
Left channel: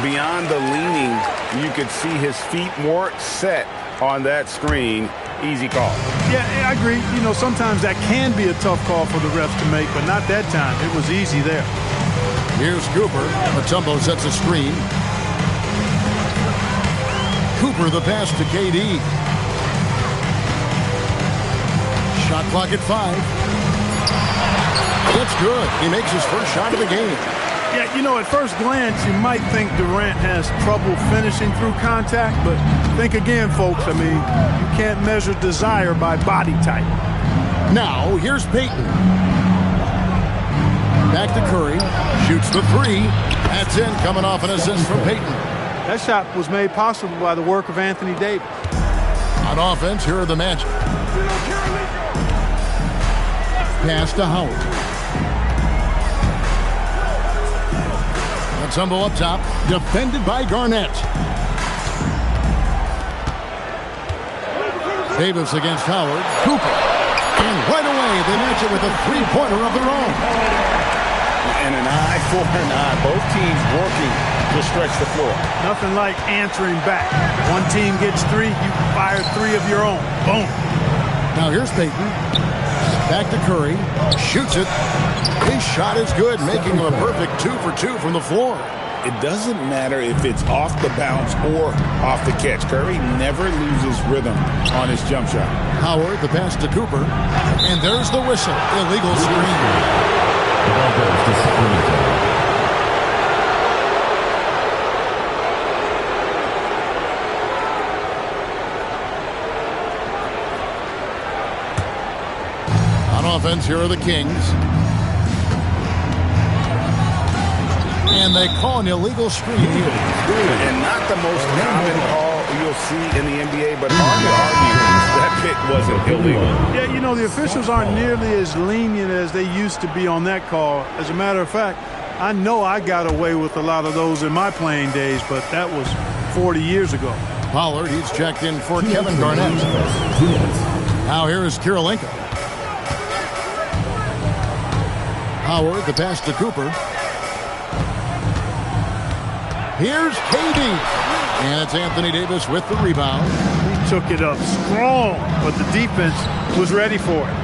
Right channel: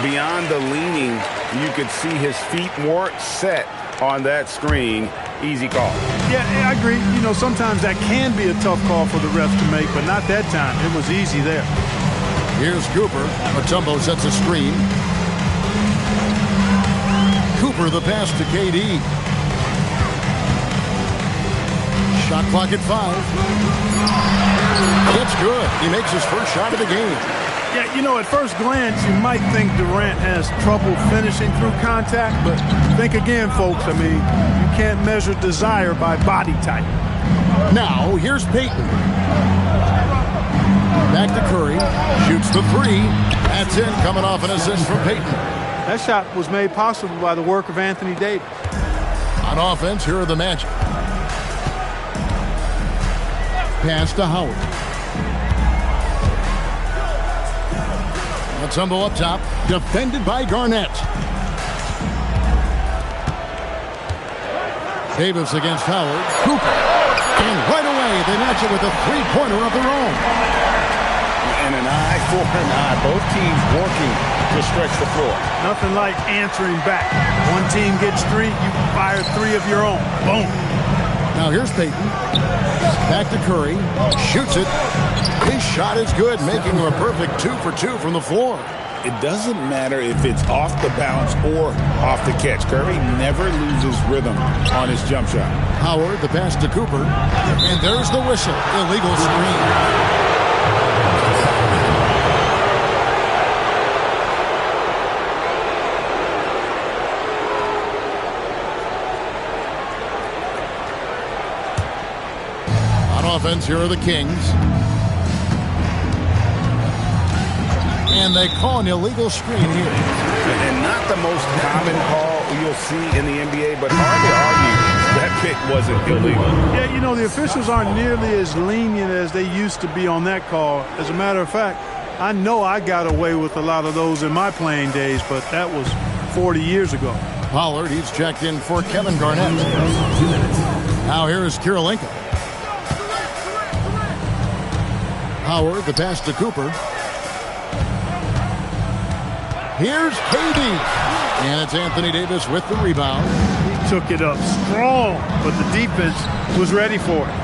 Beyond the leaning, you could see his feet more set on that screen. Easy call. Yeah, I agree. You know, sometimes that can be a tough call for the refs to make, but not that time. It was easy there. Here's Cooper. Mutombo sets a screen. Cooper the pass to KD. Shot clock at 5. It's good. He makes his first shot of the game. Yeah, you know, at first glance, you might think Durant has trouble finishing through contact, but think again, folks. I mean, you can't measure desire by body type. Now, here's Payton. Back to Curry. Shoots the 3. That's in, coming off an assist from Payton. That shot was made possible by the work of Anthony Davis. On offense, here are the Magic. Pass to Howard. Mutombo up top, defended by Garnett. Davis against Howard. Cooper. And right away, they match it with a 3-pointer of their own. And an eye for an eye. Both teams working to stretch the floor. Nothing like answering back. One team gets 3, you fire 3 of your own. Boom. Now here's Payton. Back to Curry. Shoots it. His shot is good, making him a perfect 2 for 2 from the floor. It doesn't matter if it's off the bounce or off the catch. Curry never loses rhythm on his jump shot. Howard, the pass to Cooper. And there's the whistle. Illegal screen. On offense, here are the Kings. And they call an illegal screen here. And not the most common call you'll see in the NBA, but hard to argue that pick wasn't illegal. Yeah, you know, the officials aren't nearly as lenient as they used to be on that call. As a matter of fact, I know I got away with a lot of those in my playing days, but that was 40 years ago. Pollard, he's checked in for Kevin Garnett. Now here is Kirilenko. Howard, the pass to Cooper. Here's KD. And it's Anthony Davis with the rebound. He took it up strong, but the defense was ready for it.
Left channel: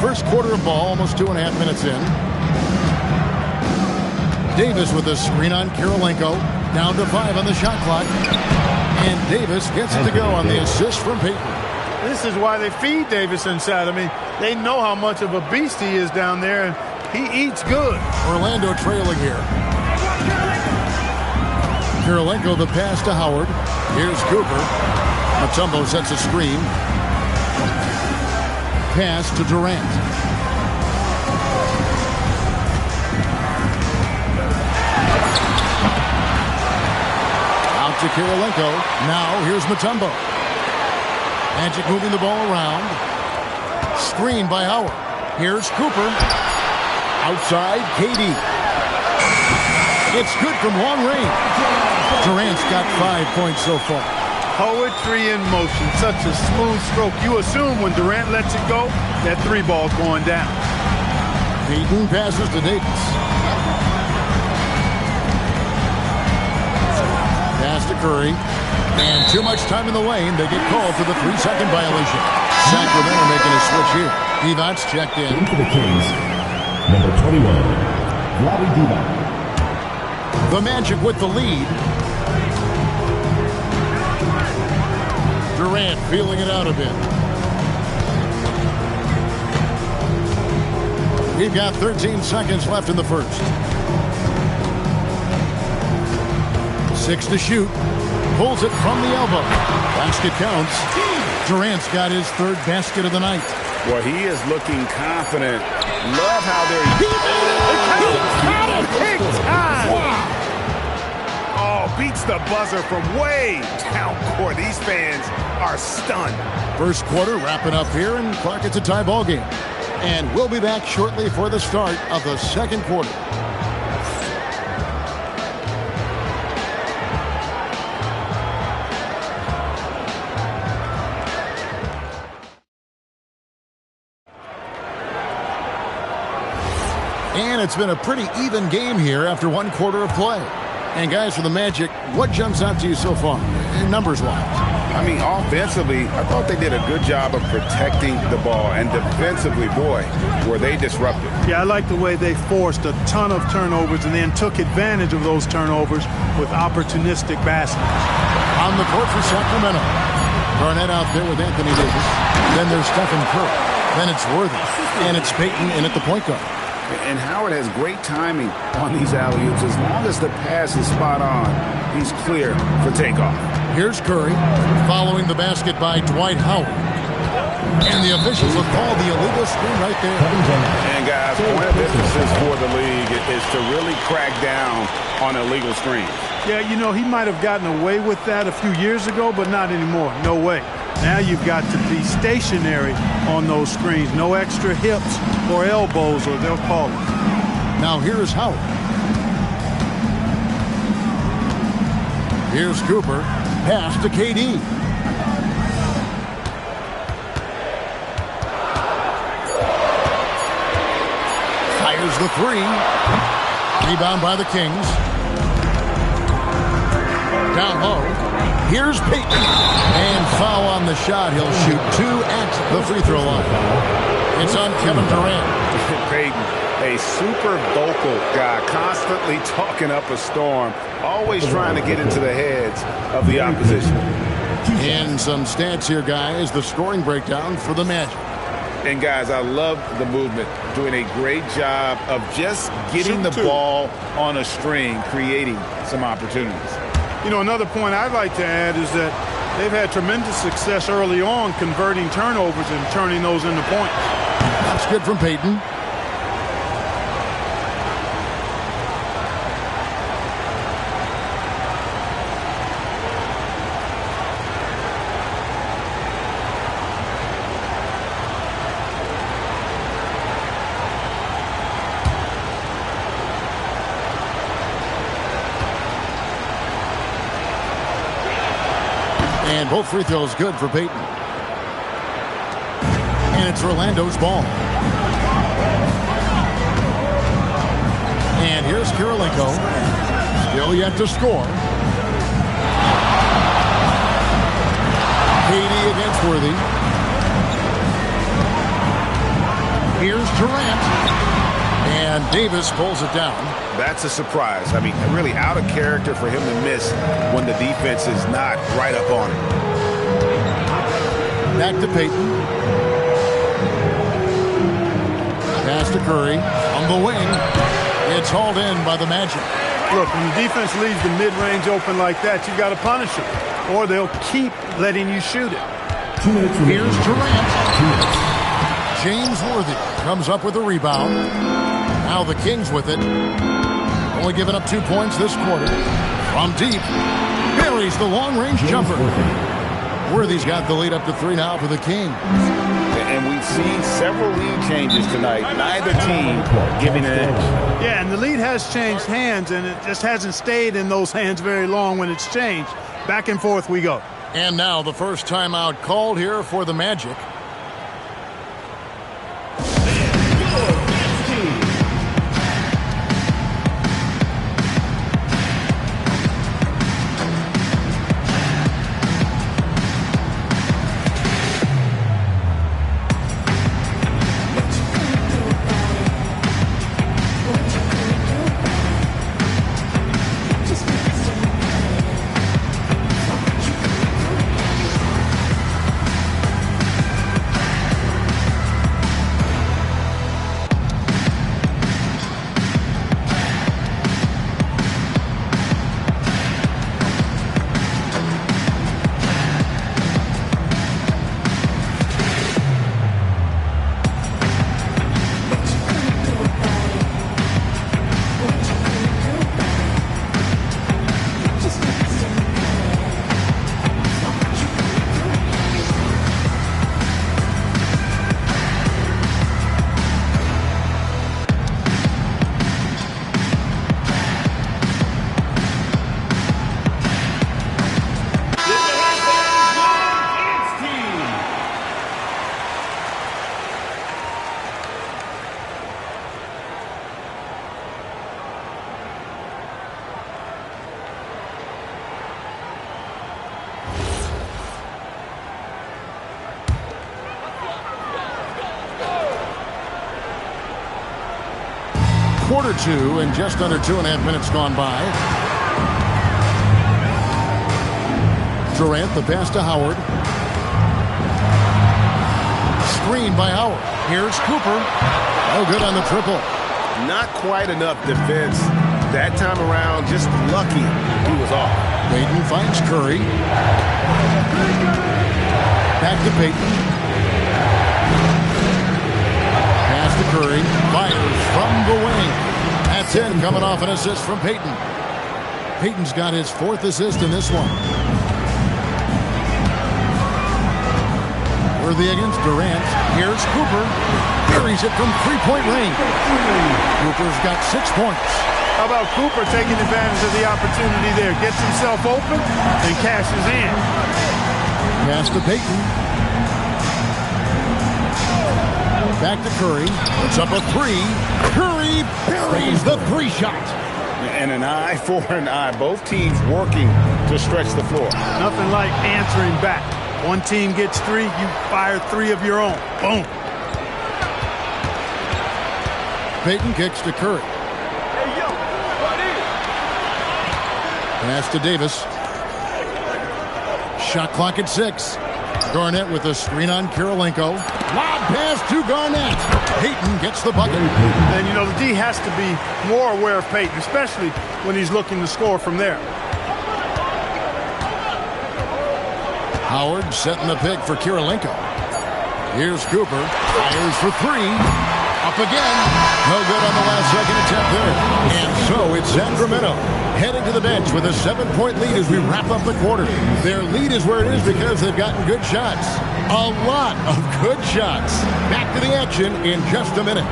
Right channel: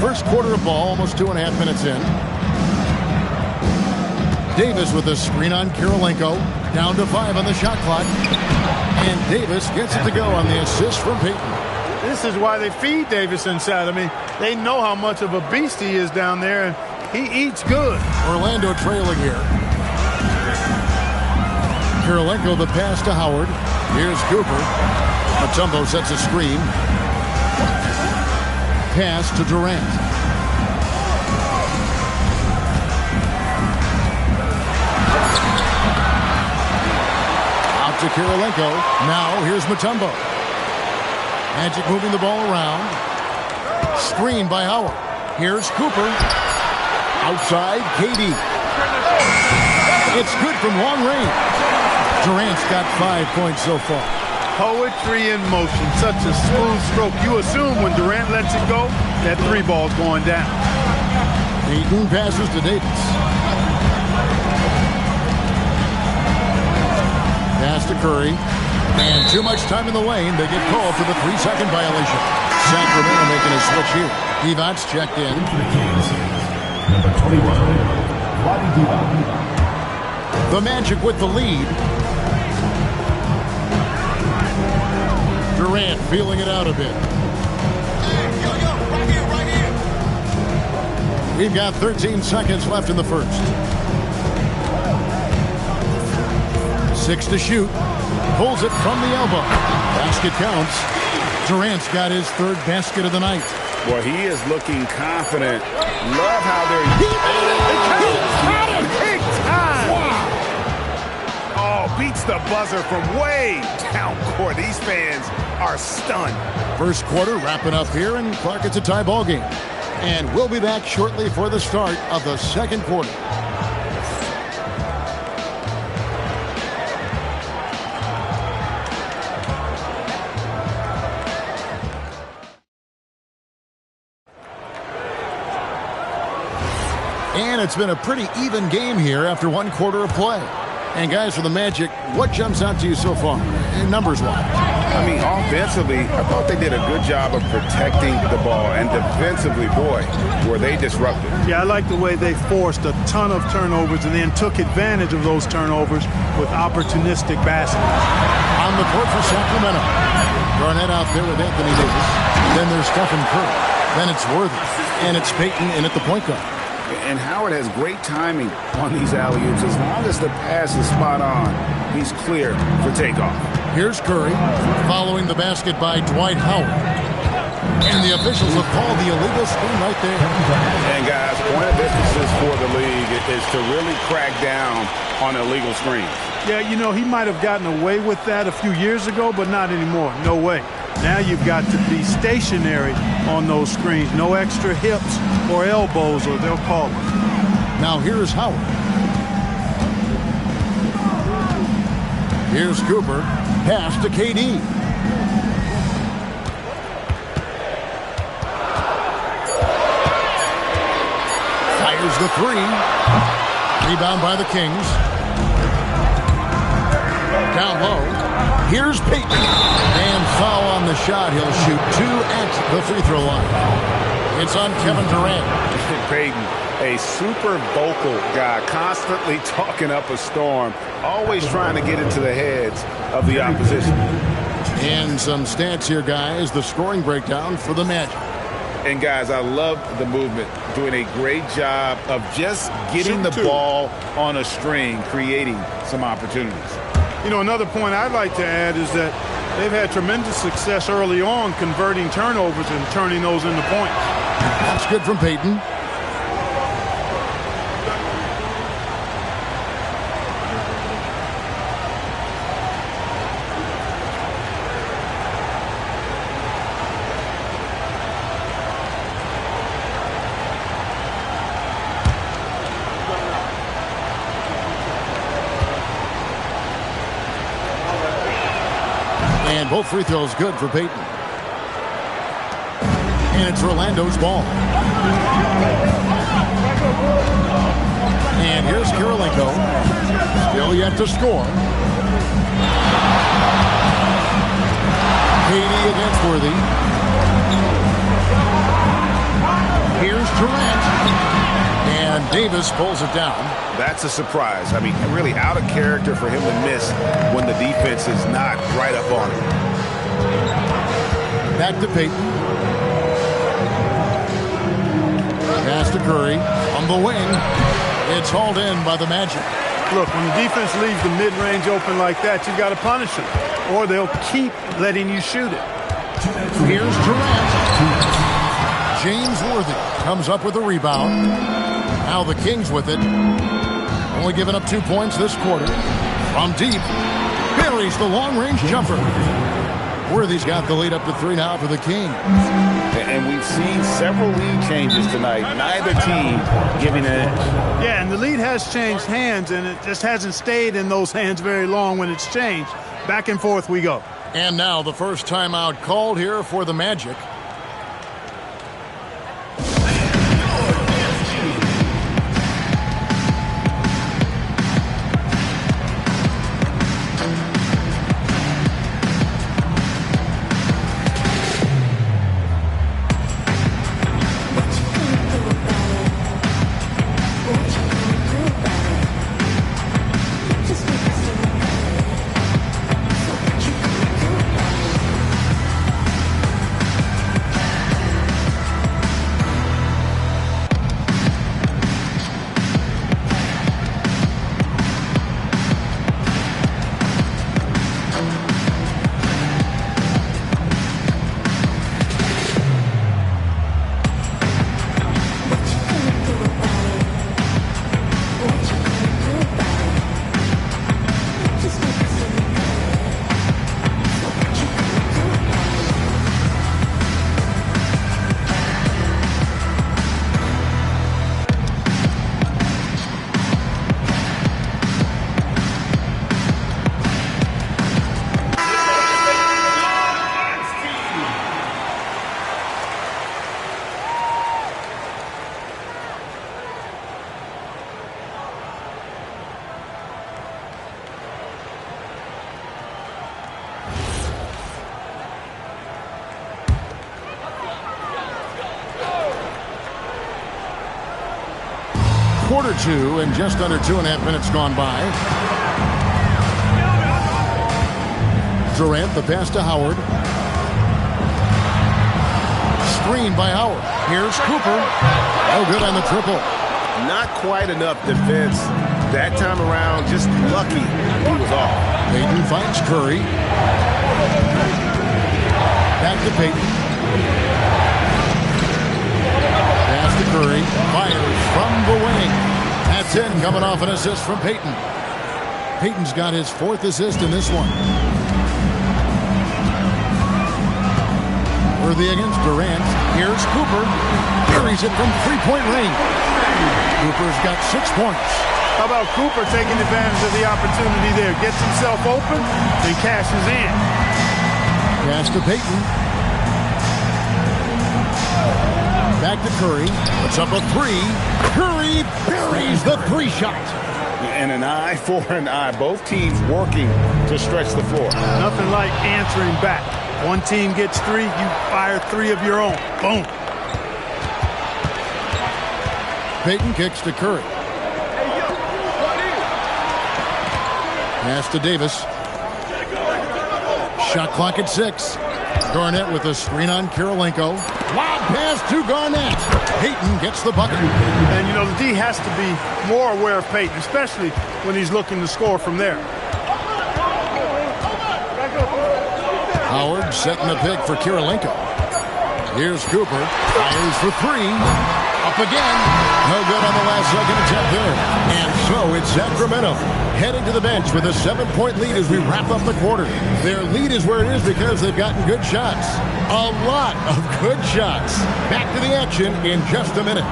First quarter of ball, almost 2.5 minutes in. Davis with a screen on Kirilenko. Down to 5 on the shot clock. And Davis gets it to go on the assist from Payton. This is why they feed Davis inside. I mean, they know how much of a beast he is down there, and he eats good. Orlando trailing here. Kirilenko the pass to Howard. Here's Cooper. Mutombo sets a screen. Pass to Durant. Out to Kirilenko. Now here's Mutombo. Magic moving the ball around. Screen by Howard. Here's Cooper. Outside, KD. It's good from long range. Durant's got 5 points so far. Poetry in motion. Such a smooth stroke. You assume when Durant lets it go, that 3 ball's going down. Payton passes to Davis. Pass to Curry. And too much time in the lane. They get called for the 3-second violation. Sacramento making a switch here. Devon's checked in. For the Kings, number 21, Vlade Divac. The Magic with the lead. Durant feeling it out a bit. We've got 13 seconds left in the first. 6 to shoot. Pulls it from the elbow. Basket counts. Durant's got his 3rd basket of the night. Well, he is looking confident. Love how they're... Big time! Wow! Oh, beats the buzzer from way down court. These fans are stunned. First quarter wrapping up here, and Clark, it's a tie ball game. And we'll be back shortly for the start of the second quarter. And it's been a pretty even game here after one quarter of play. And guys, for the Magic, what jumps out to you so far, numbers-wise? I mean, offensively, I thought they did a good job of protecting the ball. And defensively, boy, were they disruptive. Yeah, I like the way they forced a ton of turnovers and then took advantage of those turnovers with opportunistic baskets. On the court for Sacramento. Garnett out there with Anthony Davis. Then there's Stephen Curry. Then it's Worthy. And it's Payton in at the point guard. And Howard has great timing on these alley-oops. As long as the pass is spot on, he's clear for takeoff. Here's Curry, following the basket by Dwight Howard. And the officials have called the illegal screen right there. And guys, point of emphasis for the league is to really crack down on illegal screens. Yeah, you know, he might have gotten away with that a few years ago, but not anymore. No way. Now you've got to be stationary on those screens. No extra hips or elbows, or they'll call it. Now here's Howard. Here's Cooper. Pass to KD. Fires the three. Rebound by the Kings. Down low. Here's Payton. And foul on the shot. He'll shoot 2 at the free throw line. It's on Kevin Durant. Payton, a super vocal guy, constantly talking up a storm, always trying to get into the heads of the opposition. And some stats here, guys. The scoring breakdown for the Magic. And, guys, I love the movement, doing a great job of just getting the ball on a string, creating some opportunities. You know, another point I'd like to add is that they've had tremendous success early on converting turnovers and turning those into points. That's good from Payton. And both free throws good for Payton. And it's Orlando's ball. And here's Kirilenko. Still yet to score. KD against Worthy. Here's Durant. And Davis pulls it down. That's a surprise. I mean, really out of character for him to miss when the defense is not right up on him. Back to Payton. Pass to Curry on the wing. It's hauled in by the Magic. Look, when the defense leaves the mid-range open like that, you've got to punish them, or they'll keep letting you shoot it. Here's Durant. James Worthy comes up with a rebound. Now the Kings with it. Only giving up 2 points this quarter. From deep, buries the long-range jumper. Worthy's got the lead up to 3 now for the Kings. And we've seen several lead changes tonight. Neither team giving an edge. Yeah, and the lead has changed hands, and it just hasn't stayed in those hands very long when it's changed. Back and forth we go. And now the first timeout called here for the Magic. Quarter two and just under 2.5 minutes gone by. Durant, the pass to Howard. Screen by Howard. Here's Cooper. No good on the triple. Not quite enough defense that time around. Just lucky he was off. Payton finds Curry. Back to Payton. Pass to Curry. Fires from the wing. That's in, coming off an assist from Payton. Payton's got his 4th assist in this one. Worthy against Durant. Here's Cooper. Buries it from 3-point range. Cooper's got 6 points. How about Cooper taking advantage of the opportunity there? Gets himself open and cashes in. Pass to Payton. Back to Curry. Puts up a 3. Curry buries the 3-shot. And an eye for an eye. Both teams working to stretch the floor. Nothing like answering back. One team gets 3, you fire 3 of your own. Boom. Payton kicks to Curry. Hey, yo, right here. Pass to Davis. Shot clock at 6. Garnett with a screen on Kirilenko. Lob pass to Garnett. Payton gets the bucket. And, you know, the D has to be more aware of Payton, especially when he's looking to score from there. Howard setting the pick for Kirilenko. Here's Cooper. Fires for 3. Up again. No good on the last second attempt there. And so it's Sacramento heading to the bench with a 7-point lead as we wrap up the quarter. Their lead is where it is because they've gotten good shots. A lot of good shots. Back to the action in just a minute.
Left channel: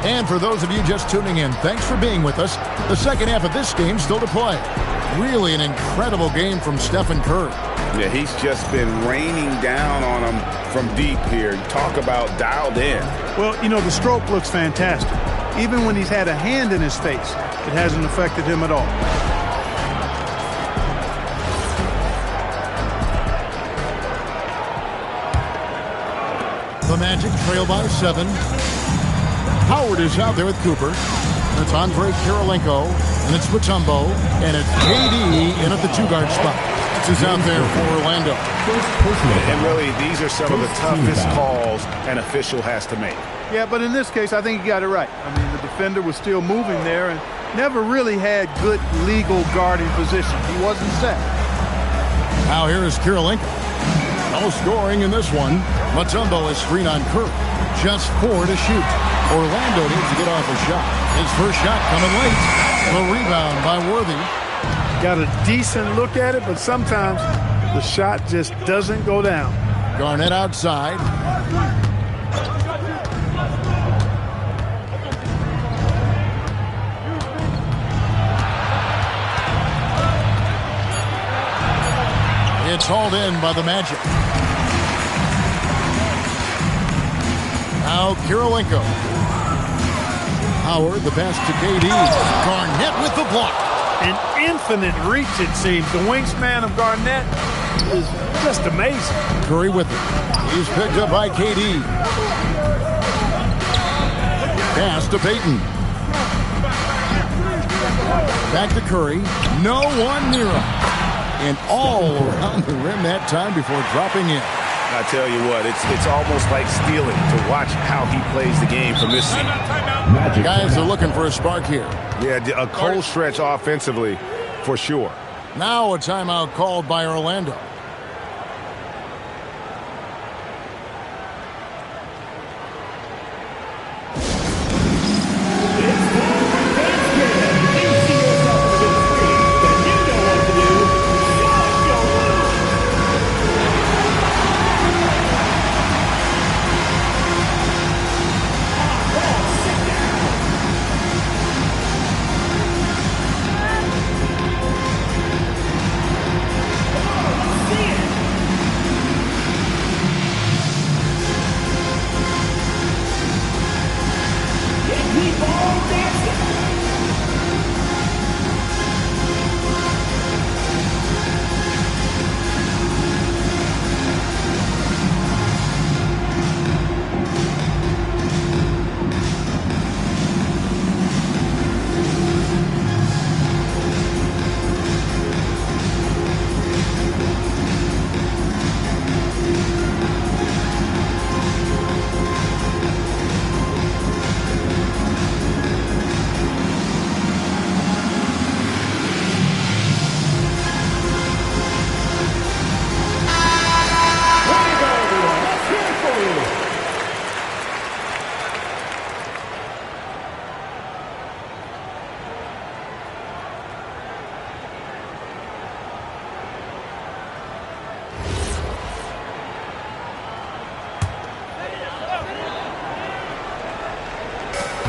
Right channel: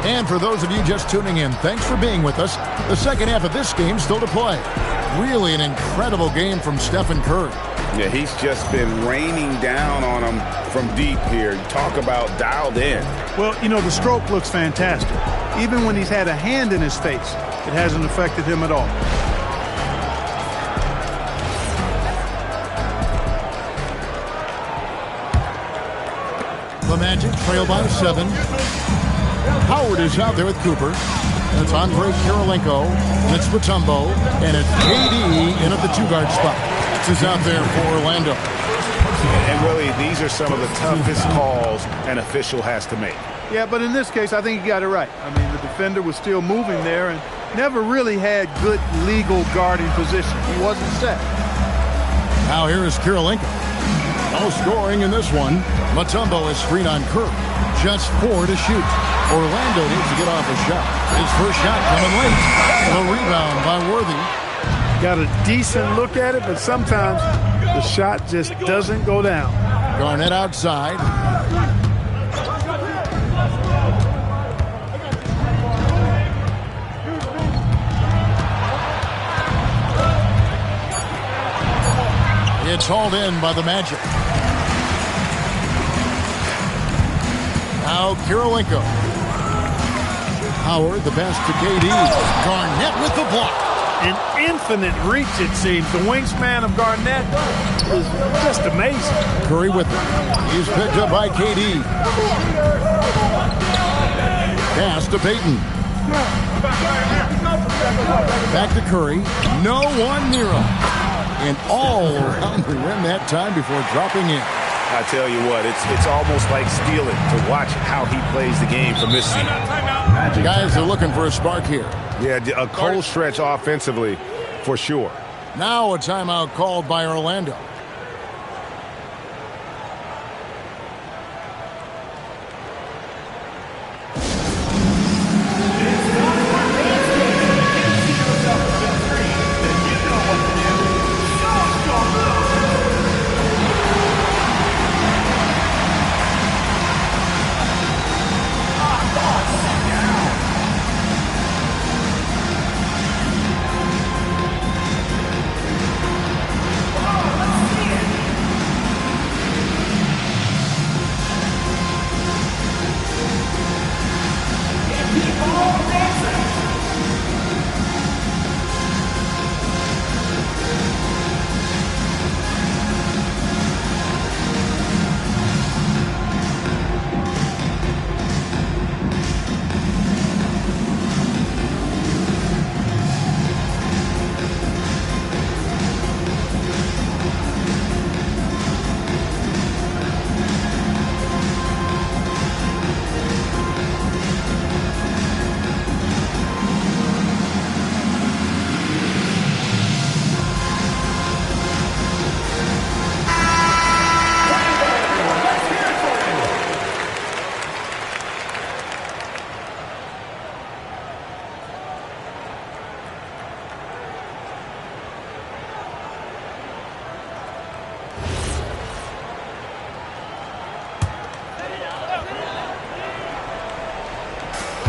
And for those of you just tuning in, thanks for being with us. The second half of this game still to play. Really an incredible game from Stephen Curry. Yeah, he's just been raining down on him from deep here. Talk about dialed in. Well, you know, the stroke looks fantastic. Even when he's had a hand in his face, it hasn't affected him at all. The Magic trail by 7. Howard is out there with Cooper. And it's Andre Kirilenko. And it's Mutombo. And it's KD in at the 2-guard spot. That's who's out there for Orlando. And really, these are some of the toughest calls an official has to make. Yeah, but in this case, I think he got it right. I mean, the defender was still moving there and never really had good legal guarding position. He wasn't set. Now here is Kirilenko. No scoring in this one. Mutombo is screen on Curry. Just 4 to shoot. Orlando needs to get off a shot. His first shot coming late. The rebound by Worthy. Got a decent look at it, but sometimes the shot just doesn't go down. Garnett outside. It's hauled in by the Magic. Now Kirilenko. Howard, the pass to KD. Garnett with the block. An infinite reach, it seems. The wingspan of Garnett is just amazing. Curry with it. He's picked up by KD. Pass to Payton. Back to Curry. No one near him. And all around the rim that time before dropping in. I tell you what, it's almost like stealing to watch how he plays the game from this seat. Guys are looking for a spark here. Yeah, a cold stretch offensively for sure. Now a timeout called by Orlando.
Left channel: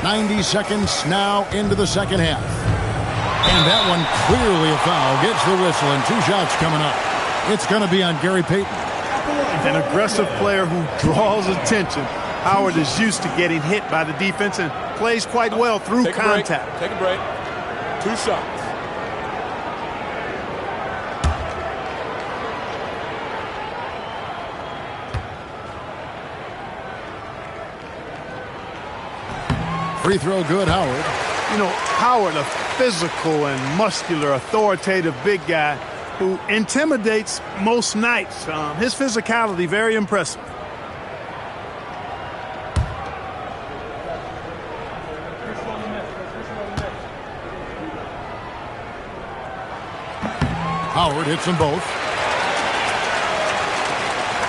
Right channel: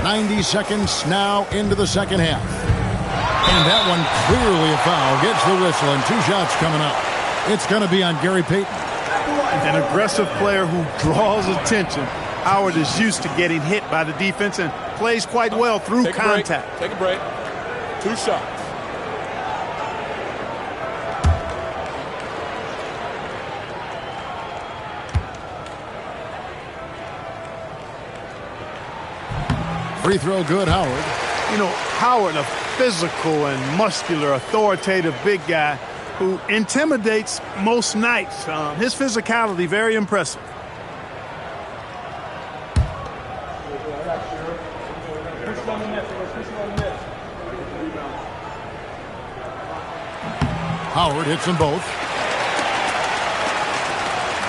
90 seconds now into the second half. And that one clearly a foul. Gets the whistle, and 2 shots coming up. It's going to be on Gary Payton. An aggressive player who draws attention. Howard is used to getting hit by the defense and plays quite well through contact. Take a break. 2 shots. Free throw good, Howard. You know, Howard, a physical and muscular, authoritative big guy who intimidates most nights. His physicality, very impressive. Howard hits them both.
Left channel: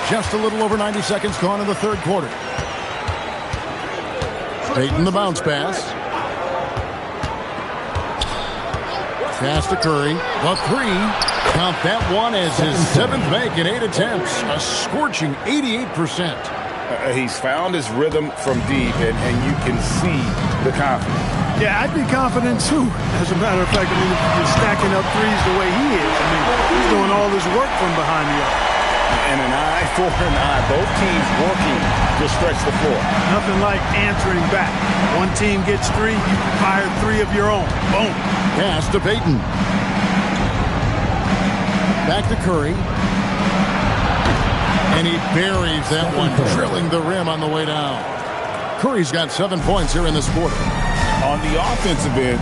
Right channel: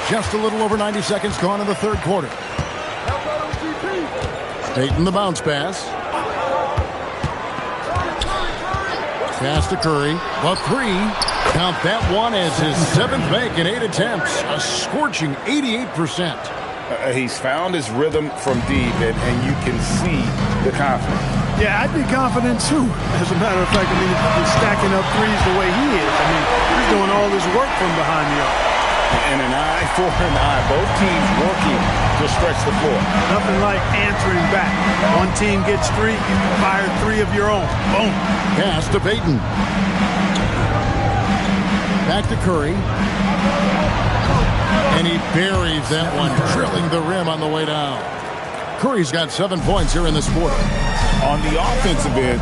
Just a little over 90 seconds gone in the third quarter. Payton the bounce pass. Pass to Curry. The 3. Count that one as his 7th make in 8 attempts. A scorching 88%. He's found his rhythm from deep, and you can see the confidence. Yeah, I'd be confident too. As a matter of fact, I mean, if you're stacking up threes the way he is, I mean, he's doing all this work from behind the arc. And an eye for an eye. Both teams working to stretch the floor. Nothing like answering back. One team gets 3, you fire 3 of your own. Boom. Pass to Payton. Back to Curry. And he buries that one, drilling the rim on the way down. Curry's got 7 points here in this quarter. On the offensive end,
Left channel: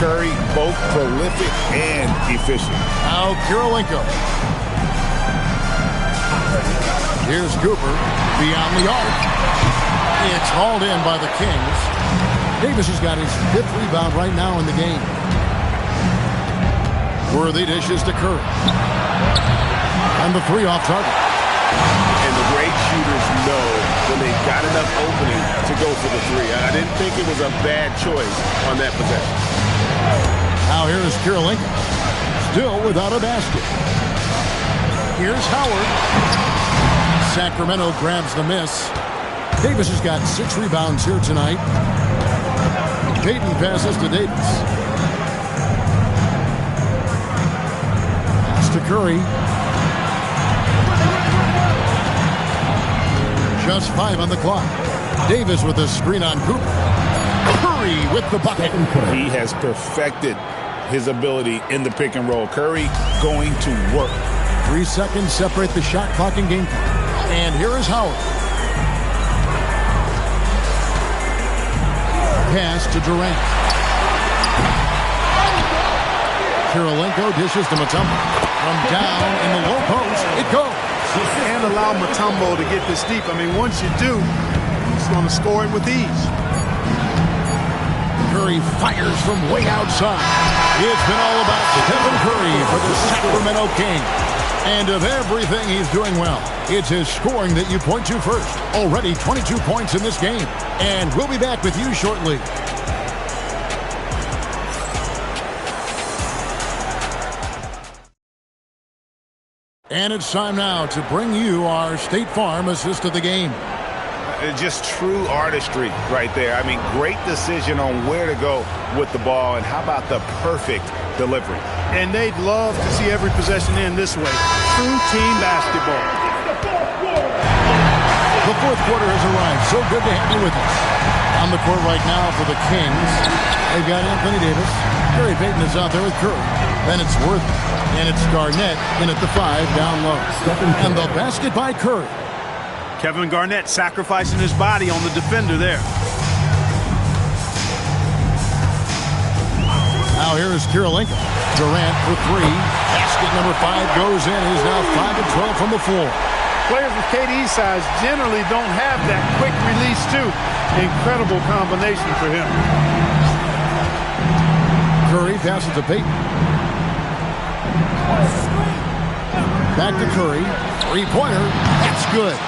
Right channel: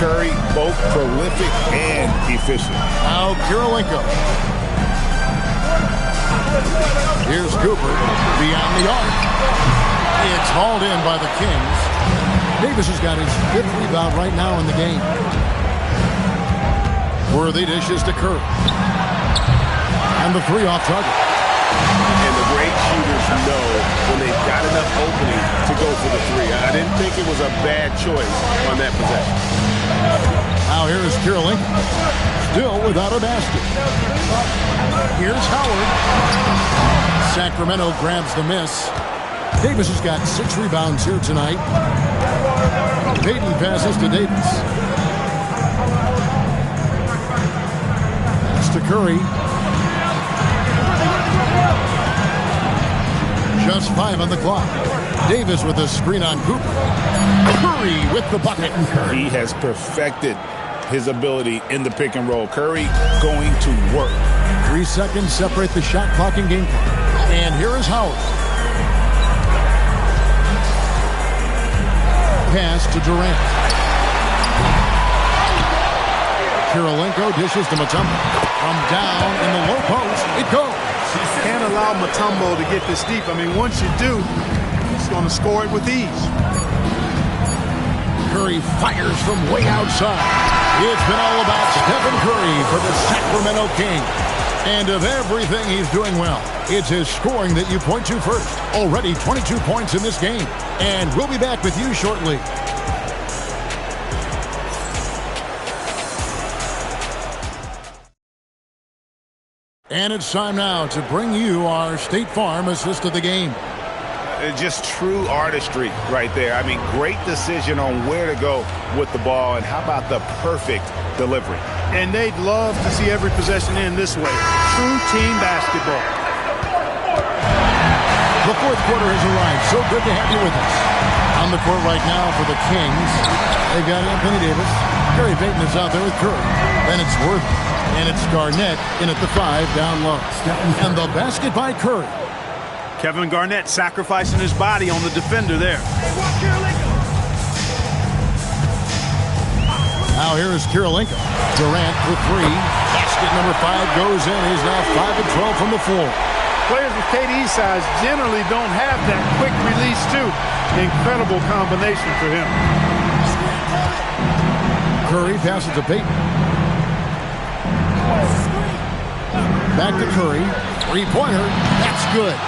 Curry both prolific and efficient. Now Kirilenko. Here's Cooper beyond the arc. It's hauled in by the Kings. Davis has got his 5th rebound right now in the game. Worthy dishes to Curry. And the 3 off target. And the great shooters know when they've got enough opening to go for the 3. I didn't think it was a bad choice on that possession. Now here's Kirilenko. Still without a basket. Here's Howard. Sacramento grabs the miss. Davis has got 6 rebounds here tonight. Payton passes to Davis. Pass to Curry. Just 5 on the clock. Davis with a screen on Cooper. Curry with the bucket. He has perfected his ability in the pick and roll. Curry going to work. 3 seconds separate the shot clock and game clock. And here is Howard. Pass to Durant. Kirilenko dishes to Mutombo. From down in the low post, it goes. Can't allow Mutombo to get this deep. I mean, once you do, he's going to score it with ease. Curry fires from way outside. It's been all about Stephen Curry for the Sacramento Kings. And of everything he's doing well, it's his scoring that you point to first. Already 22 points in this game. And we'll be back with you shortly. And it's time now to bring you our State Farm assist of the game. Just true artistry right there. I mean, great decision on where to go with the ball, and how about the perfect delivery? And they'd love to see every possession end this way. True team basketball. The fourth quarter has arrived. So good to have you with us. On the court right now for the Kings, they've got Anthony Davis. Gary Payton is out there with Curry. Then it's Worthy. And it's Garnett in at the 5 down low. And the basket by Curry. Kevin Garnett sacrificing his body on the defender there. Now here is Kirilenko. Durant for 3. Basket number 5 goes in. He's now 5 of 12 from the floor. Players with KD's size generally don't have that quick release too. Incredible combination for him. Curry passes to Payton. Back to Curry. 3-pointer. That's good.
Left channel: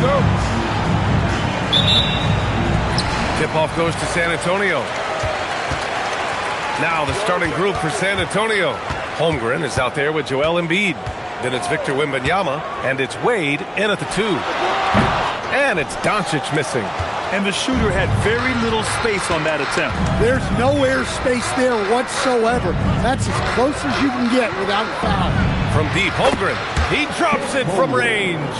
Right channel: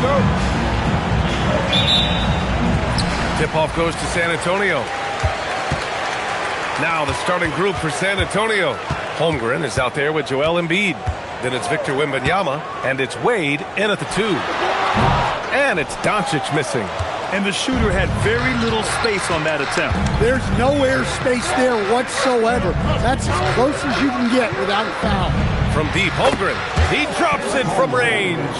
go. Tip-off goes to San Antonio. Now the starting group for San Antonio. Holmgren is out there with Joel Embiid. Then it's Victor Wembanyama, and it's Wade in at the 2. And it's Doncic missing. And the shooter had very little space on that attempt. There's no air space there whatsoever. That's as close as you can get without a foul. From deep, Holmgren. He drops it from range.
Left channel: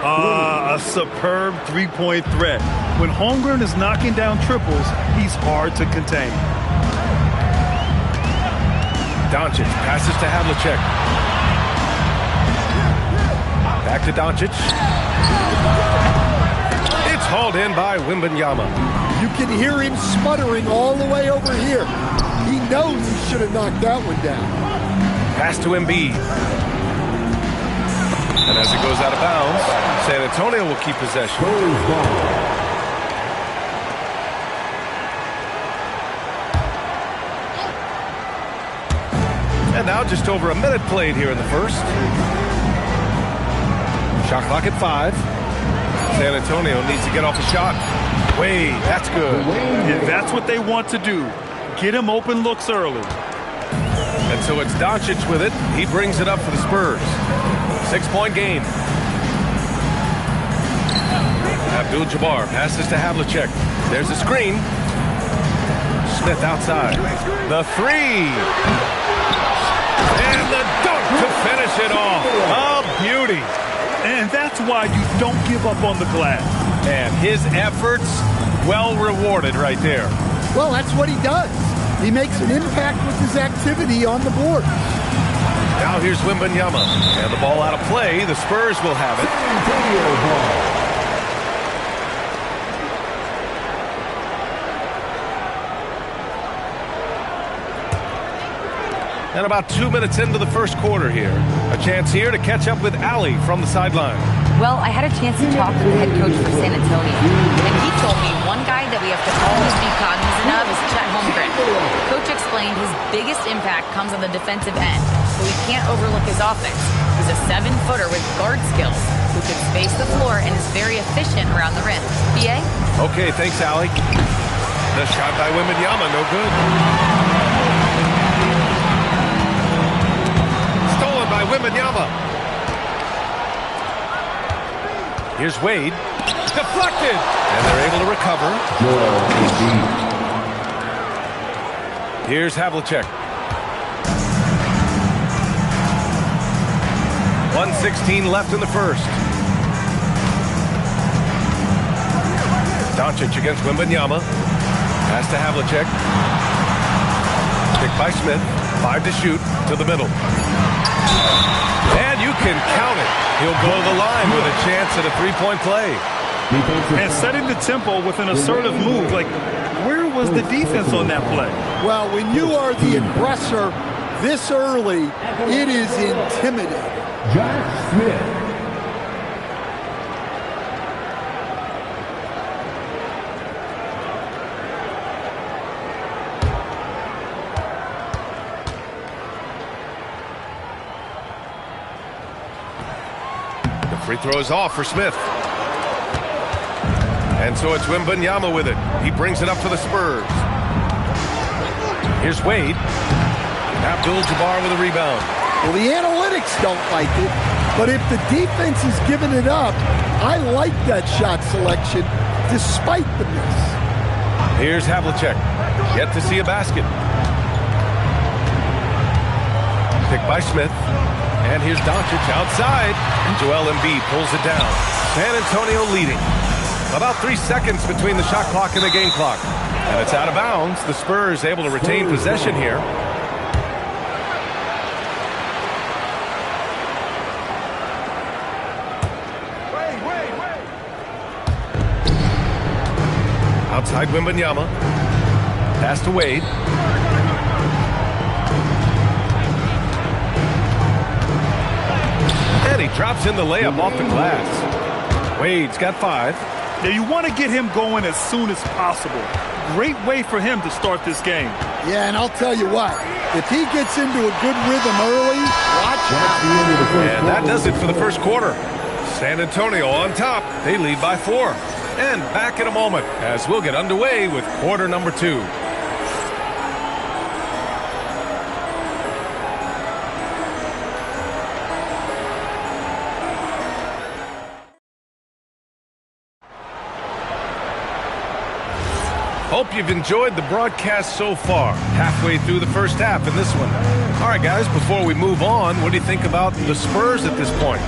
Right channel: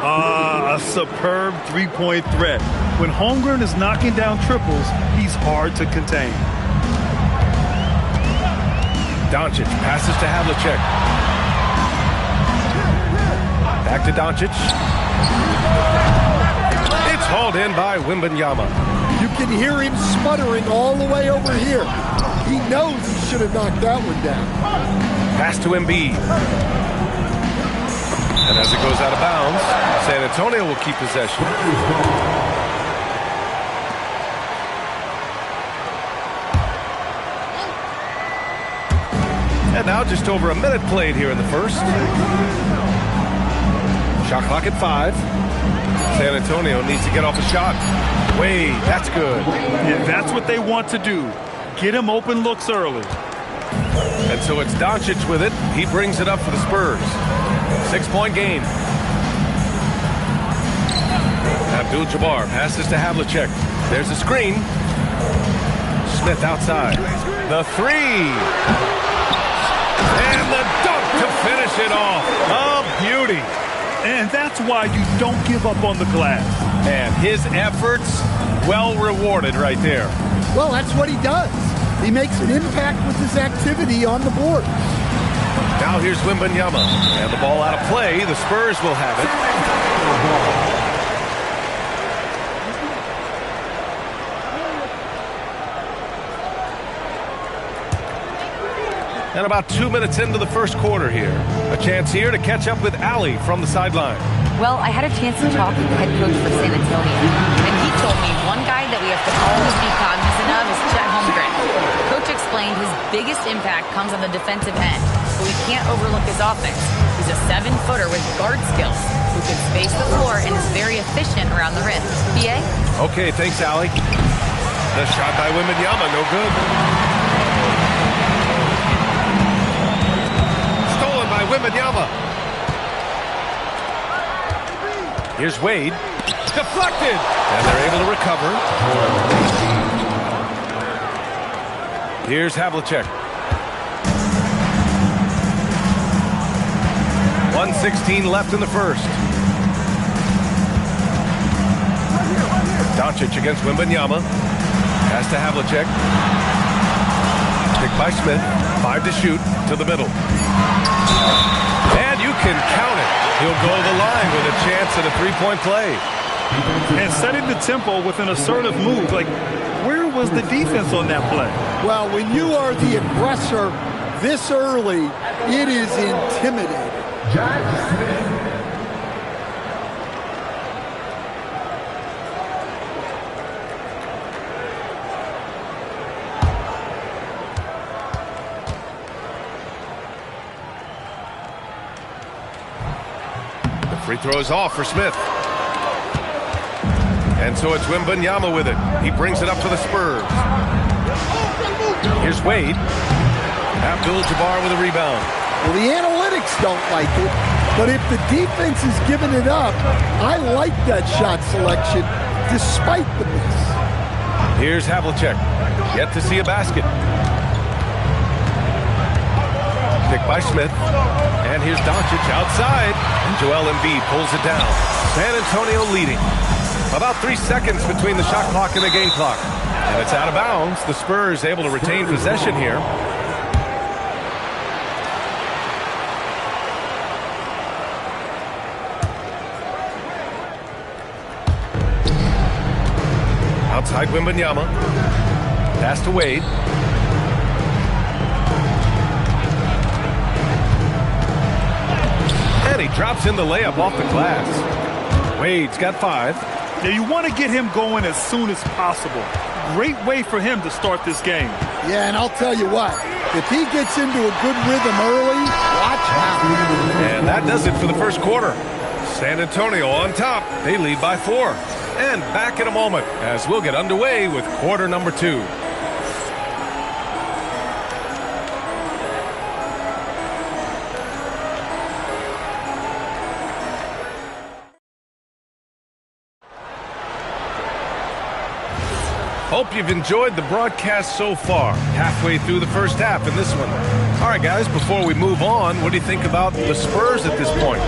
A superb three-point threat. When Holmgren is knocking down triples, he's hard to contain. Doncic passes to Havlicek. Back to Doncic. It's hauled in by Wembanyama. You can hear him sputtering all the way over here. He knows he should have knocked that one down. Pass to Embiid. And as it goes out of bounds, San Antonio will keep possession. And now just over a minute played here in the first. Shot clock at 5. San Antonio needs to get off a shot. Wade, that's good. And that's what they want to do. Get him open looks early. And so it's Doncic with it. He brings it up for the Spurs. 6-point game. Abdul-Jabbar passes to Havlicek. There's a screen. Smith outside. The 3. And the dunk to finish it off. A beauty. And that's why you don't give up on the glass. And his efforts well rewarded right there. Well, that's what he does. He makes an impact with his activity on the board. Now here's Wembanyama. And the ball out of play. The Spurs will have it. And about 2 minutes into the first quarter here. A chance here to catch up with Allie from the sideline. Well, I had a chance to talk with the head coach for San Antonio, and he told me one guy that we have to always be cognizant of is Chet Holmgren. Coach explained his biggest impact comes on the defensive end, but we can't overlook his offense. He's a 7-footer with guard skills who can space the floor and is very efficient around the rim. BA? Okay, thanks, Allie. The shot by Wembanyama, no good. Stolen by Wembanyama. Here's Wade. Deflected. And they're able to recover. Here's Havlicek. 1:16 left in the first. Doncic against Wembanyama. Pass to Havlicek. Picked by Smith. 5 to shoot. To the middle. And you can count it. He'll go to the line with a chance at a 3-point play. And setting the tempo with an assertive move. Like, where was the defense on that play? Well, when you are the aggressor this early, it is intimidating. Josh Smith. Free throw is off for Smith. And so it's Wembanyama with it. He brings it up for the Spurs. Here's Wade. Abdul-Jabbar with a rebound. Well, the analytics don't like it, but if the defense is giving it up, I like that shot selection despite the miss. Here's Havlicek. Yet to see a basket. Picked by Smith. And here's Doncic outside. And Joel Embiid pulls it down. San Antonio leading. About 3 seconds between the shot clock and the game clock. And it's out of bounds. The Spurs able to retain possession here. Outside Wembanyama. Pass to Wade. And he drops in the layup off the glass. Wade's got 5. Now you want to get him going as soon as possible. Great way for him to start this game. Yeah, and I'll tell you what, if he gets into a good rhythm early, watch out. And that does it for the first quarter. San Antonio on top. They lead by 4. And back in a moment as we'll get underway with quarter number 2. Hope you've enjoyed the broadcast so far. Halfway through the first half in this one. All right, guys, before we move on, what do you think about the Spurs at this point?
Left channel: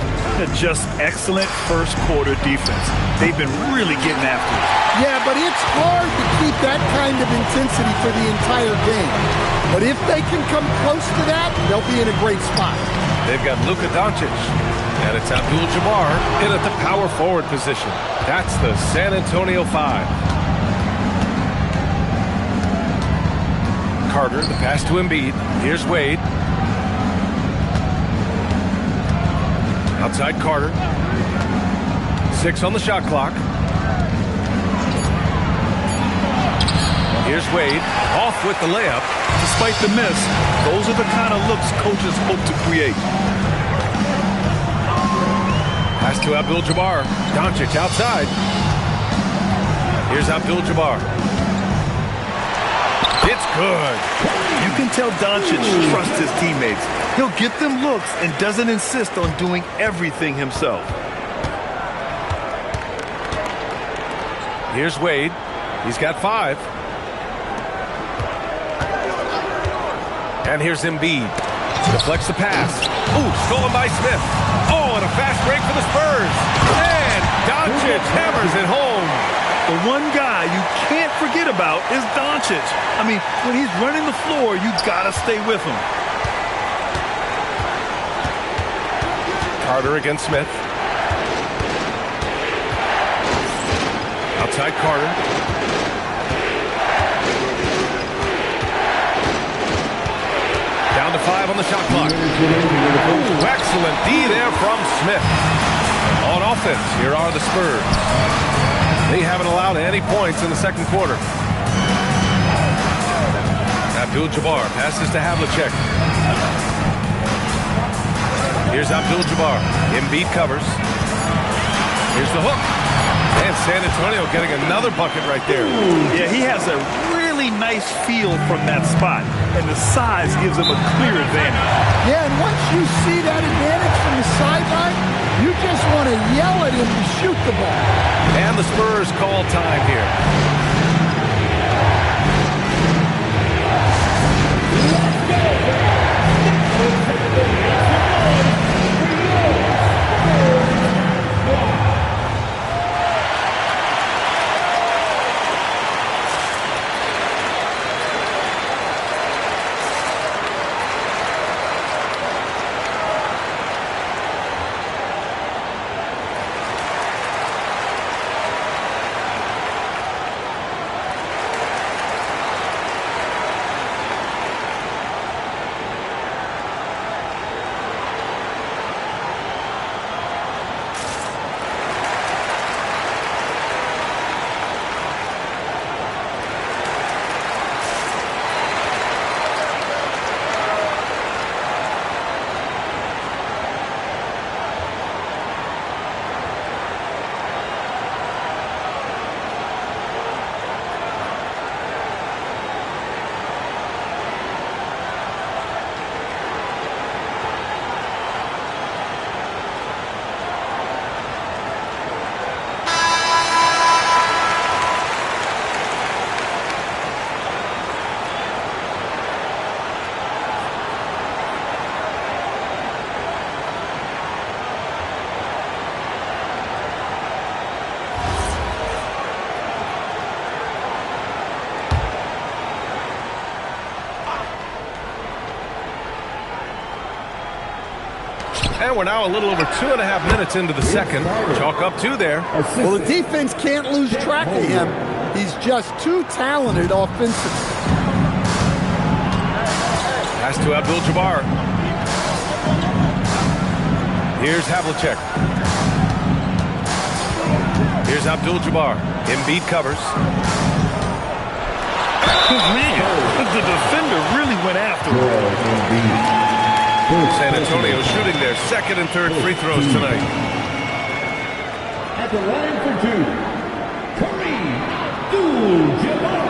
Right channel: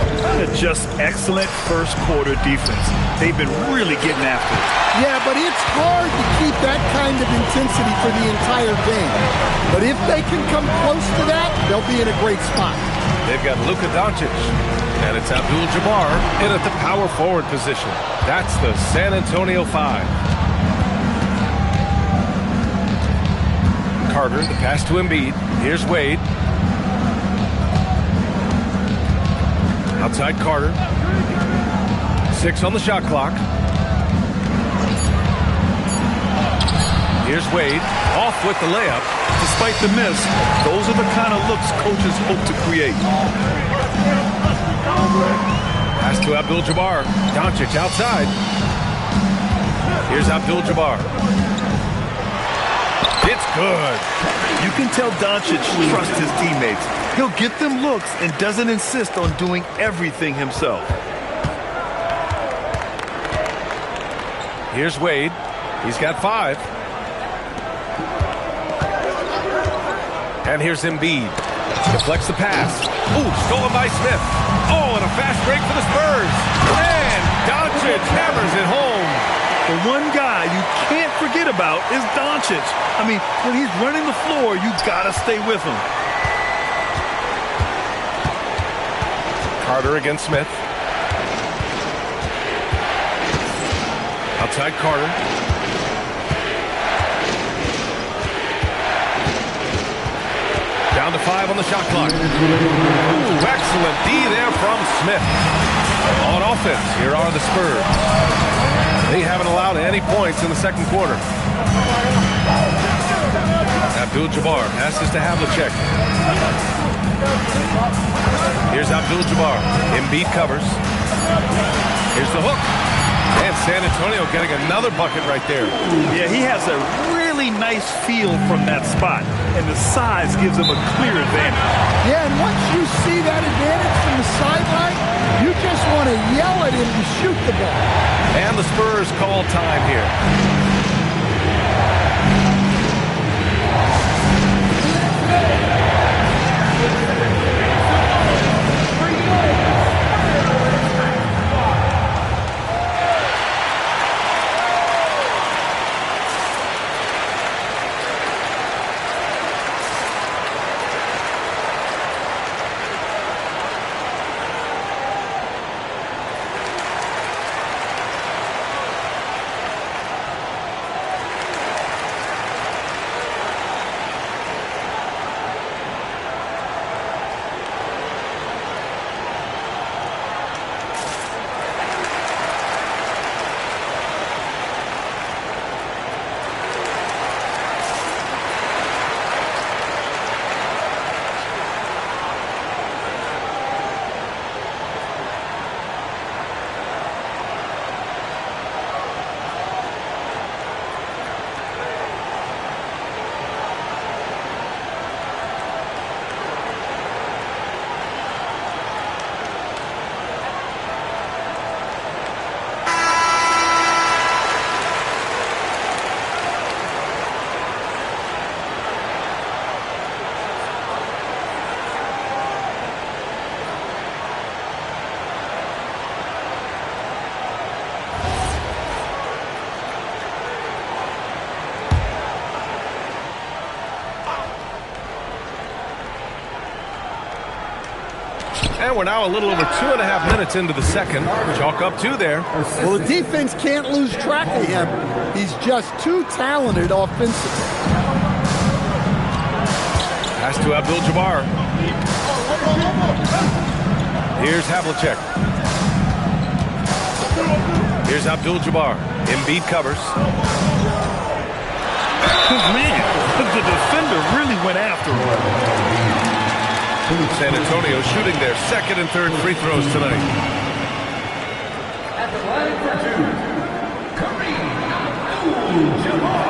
Just excellent first quarter defense. They've been really getting after it. Yeah, but it's hard to keep that kind of intensity for the entire game. But if they can come close to that, they'll be in a great spot. They've got Luka Doncic, and it's Abdul-Jabbar in at the power forward position. That's the San Antonio 5. Carter, the pass to Embiid. Here's Wade. Outside Carter. 6 on the shot clock. Here's Wade. Off with the layup. Despite the miss, those are the kind of looks coaches hope to create. Pass to Abdul-Jabbar. Doncic outside. Here's Abdul-Jabbar. It's good. You can tell Doncic trusts his teammates. He'll get them looks and doesn't insist on doing everything himself. Here's Wade. He's got 5. And here's Embiid. Deflects the pass. Ooh, stolen by Smith. Oh, and a fast break for the Spurs. And Doncic hammers it home. The one guy you can't forget about is Doncic. I mean, when he's running the floor, you gotta stay with him. Carter against Smith. Outside Carter. Down to 5 on the shot clock. Ooh, excellent D there from Smith. On offense, here are the Spurs. They haven't allowed any points in the second quarter. Abdul-Jabbar passes to Havlicek. Here's Abdul-Jabbar. Embiid covers. Here's the hook. And San Antonio getting another bucket right there. Yeah, he has a really nice feel from that spot. And the size gives him a clear advantage. Yeah, and once you see that advantage from the sideline, you just want to yell at him to shoot the ball. And the Spurs call time here. And we're now a little over 2.5 minutes into the second. Chalk up 2 there. Well, the defense can't lose track of him. He's just too talented offensively. Pass to Abdul-Jabbar. Here's Havlicek. Here's Abdul-Jabbar. Embiid covers. Man, the defender really went after him. San Antonio shooting their second and third free throws tonight. At the line for two, Kareem Abdul-Jabbar.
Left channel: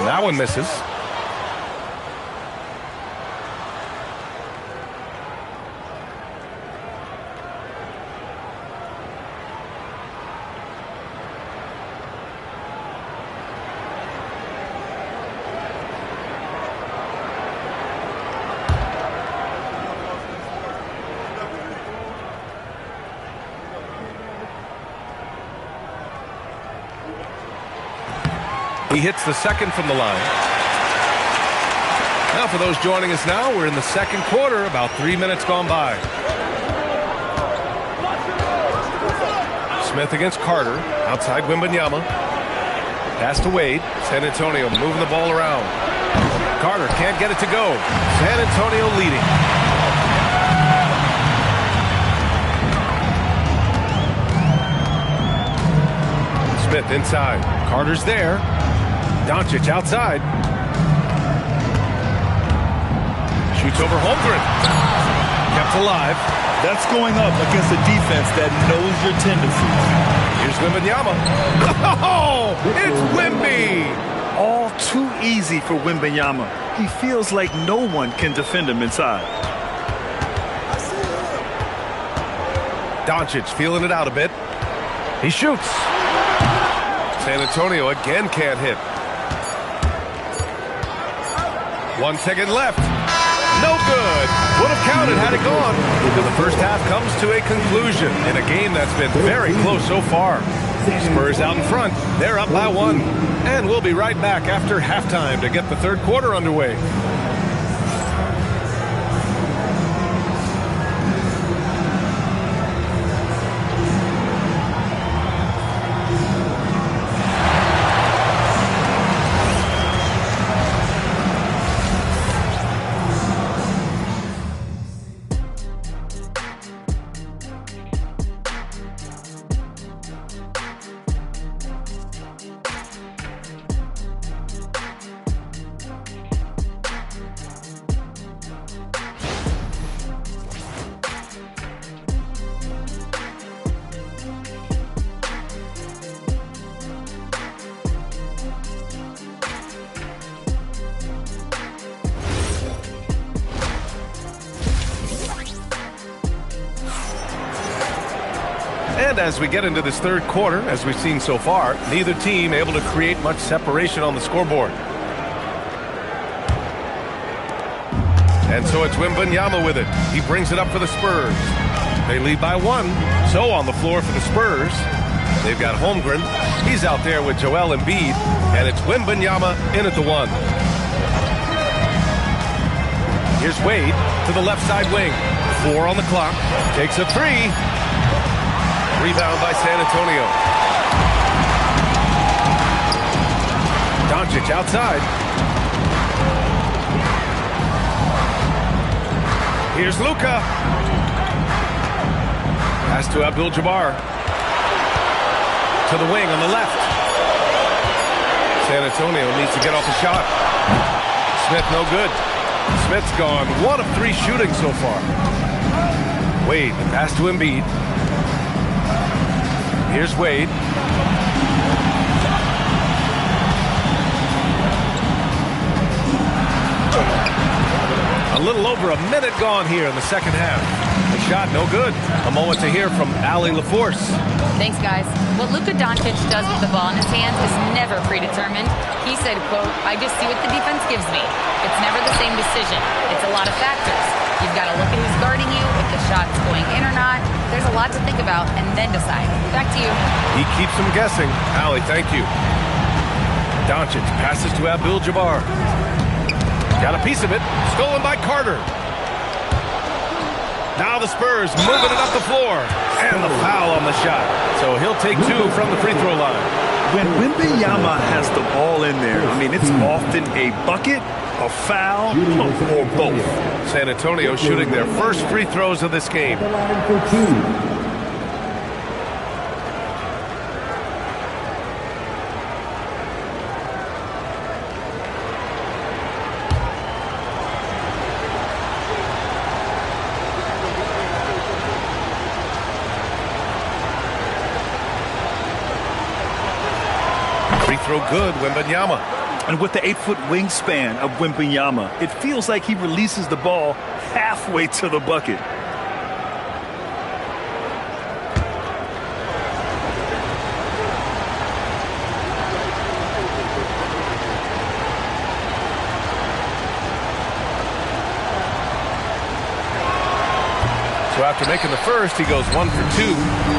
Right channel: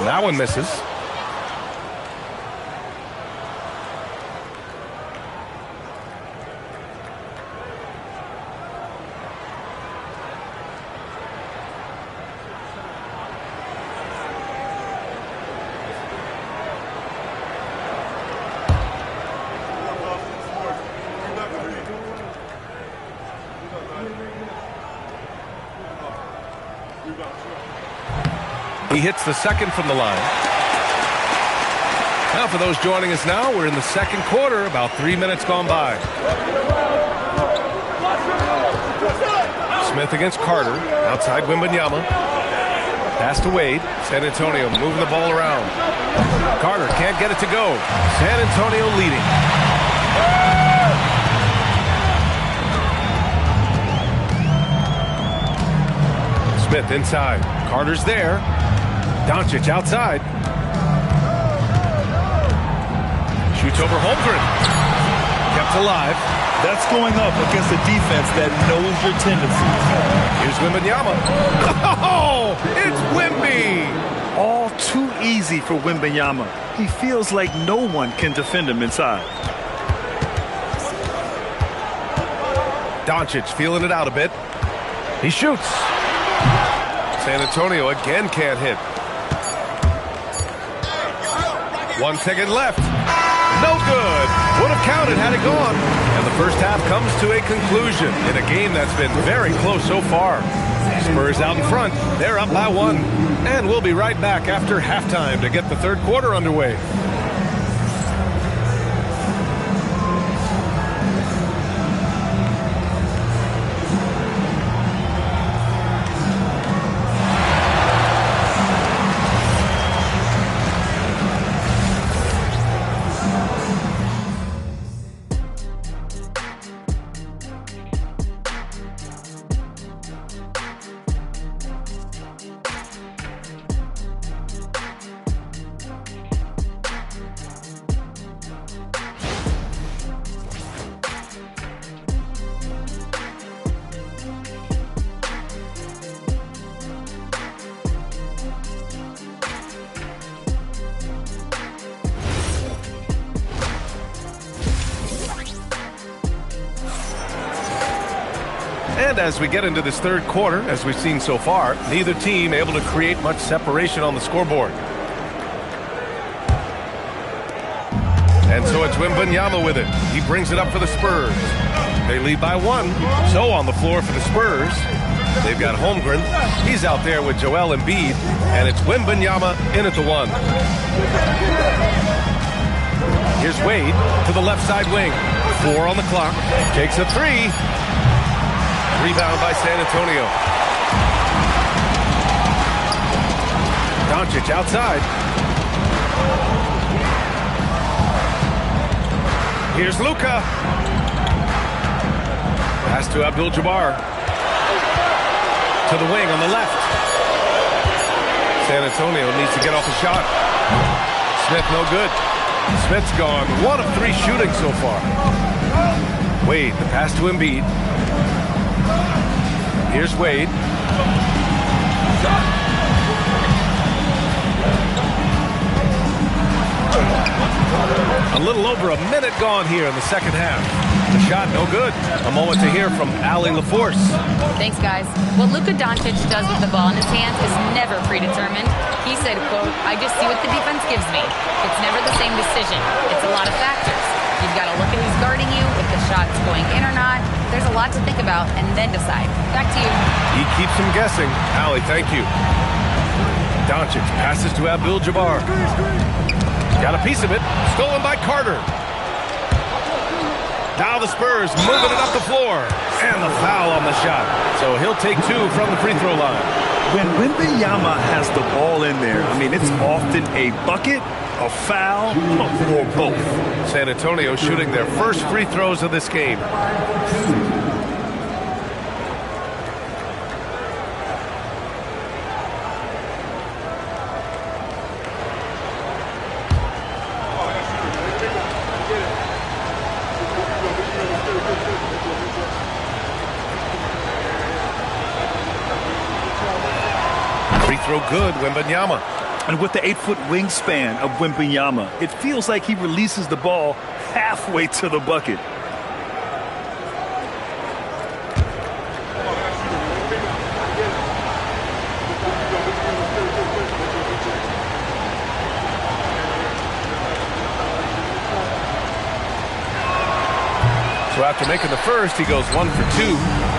That one misses. He hits the second from the line. Now for those joining us now, we're in the second quarter, about 3 minutes gone by. Smith against Carter, outside Wembanyama. Pass to Wade. San Antonio moving the ball around. Carter can't get it to go. San Antonio leading. Smith inside. Carter's there. Doncic outside. Shoots over Holmgren. Kept alive. That's going up against a defense that knows your tendencies. Here's Wembanyama. Oh, it's Wemby. All too easy for Wembanyama. He feels like no one can defend him inside. Doncic feeling it out a bit. He shoots. San Antonio again can't hit. 1 second left. No good. Would have counted had it gone. And the first half comes to a conclusion in a game that's been very close so far. Spurs out in front. They're up by 1. And we'll be right back after halftime to get the third quarter underway. And as we get into this third quarter, as we've seen so far, neither team able to create much separation on the scoreboard. And so it's Wembanyama with it. He brings it up for the Spurs. They lead by 1. So on the floor for the Spurs, they've got Holmgren. He's out there with Joel Embiid. And it's Wembanyama in at the 1. Here's Wade to the left side wing. 4 on the clock. Takes a 3. Rebound by San Antonio. Doncic outside. Here's Luka. Pass to Abdul-Jabbar. To the wing on the left. San Antonio needs to get off a shot. Smith no good. Smith's gone 1 of 3 shooting so far. Wade, the pass to Embiid. Here's Wade. A little over a minute gone here in the second half. The shot no good. A moment to hear from Allie LaForce. Thanks, guys. What Luka Doncic does with the ball in his hands is never predetermined. He said, quote, "I just see what the defense gives me. It's never the same decision. It's a lot of factors. You've got to look at who's guarding you, if the shot's going in or not. There's a lot to think about, and then decide." Back to you. He keeps them guessing. Allie, thank you. Doncic passes to Abdul-Jabbar. Got a piece of it. Stolen by Carter. Now the Spurs moving it up the floor. And the foul on the shot. So he'll take 2 from the free throw line. When Wembanyama has the ball in there, I mean, it's often a bucket, a foul, or both. San Antonio shooting their first free throws of this game. Free throw good, Wembanyama. And with the 8-foot wingspan of Wembanyama, it feels like he releases the ball halfway to the bucket. So after making the first, he goes 1 for 2.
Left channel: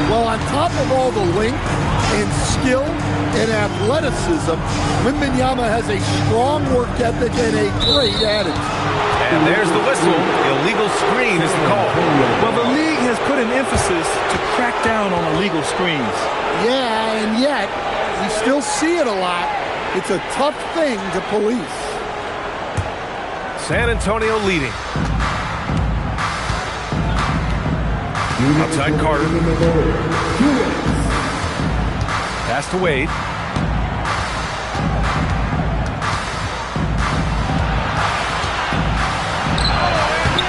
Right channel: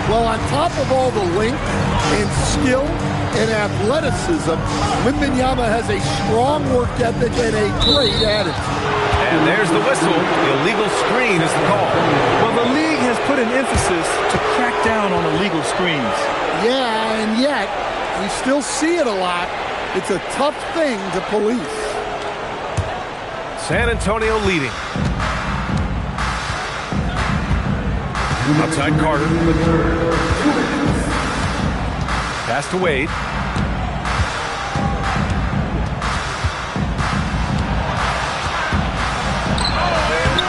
Well, on top of all the length and skill and athleticism, Wembanyama has a strong work ethic and a great attitude. And there's the whistle. Illegal screen is the call. Well, the league has put an emphasis to crack down on illegal screens. Yeah, and yet we still see it a lot. It's a tough thing to police. San Antonio leading. Outside Carter. Pass to Wade.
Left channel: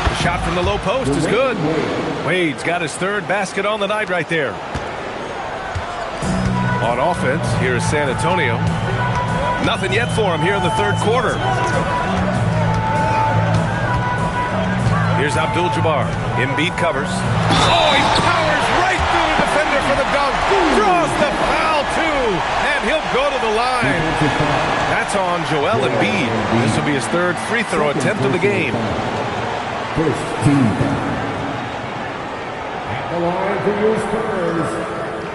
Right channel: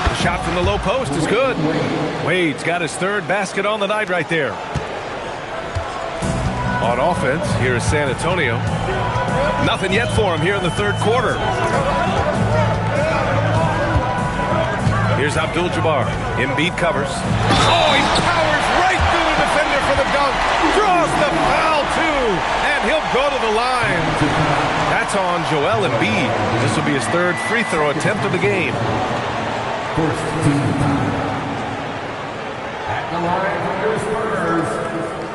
The shot from the low post is good. Wade's got his third basket on the night right there. On offense, here is San Antonio. Nothing yet for him here in the third quarter. Here's Abdul-Jabbar. Embiid covers. Oh, he powers right through the defender for the dunk. Draws the foul, too. And he'll go to the line. That's on Joel Embiid. This will be his third free throw attempt of the game. First team foul. At the line for your Spurs,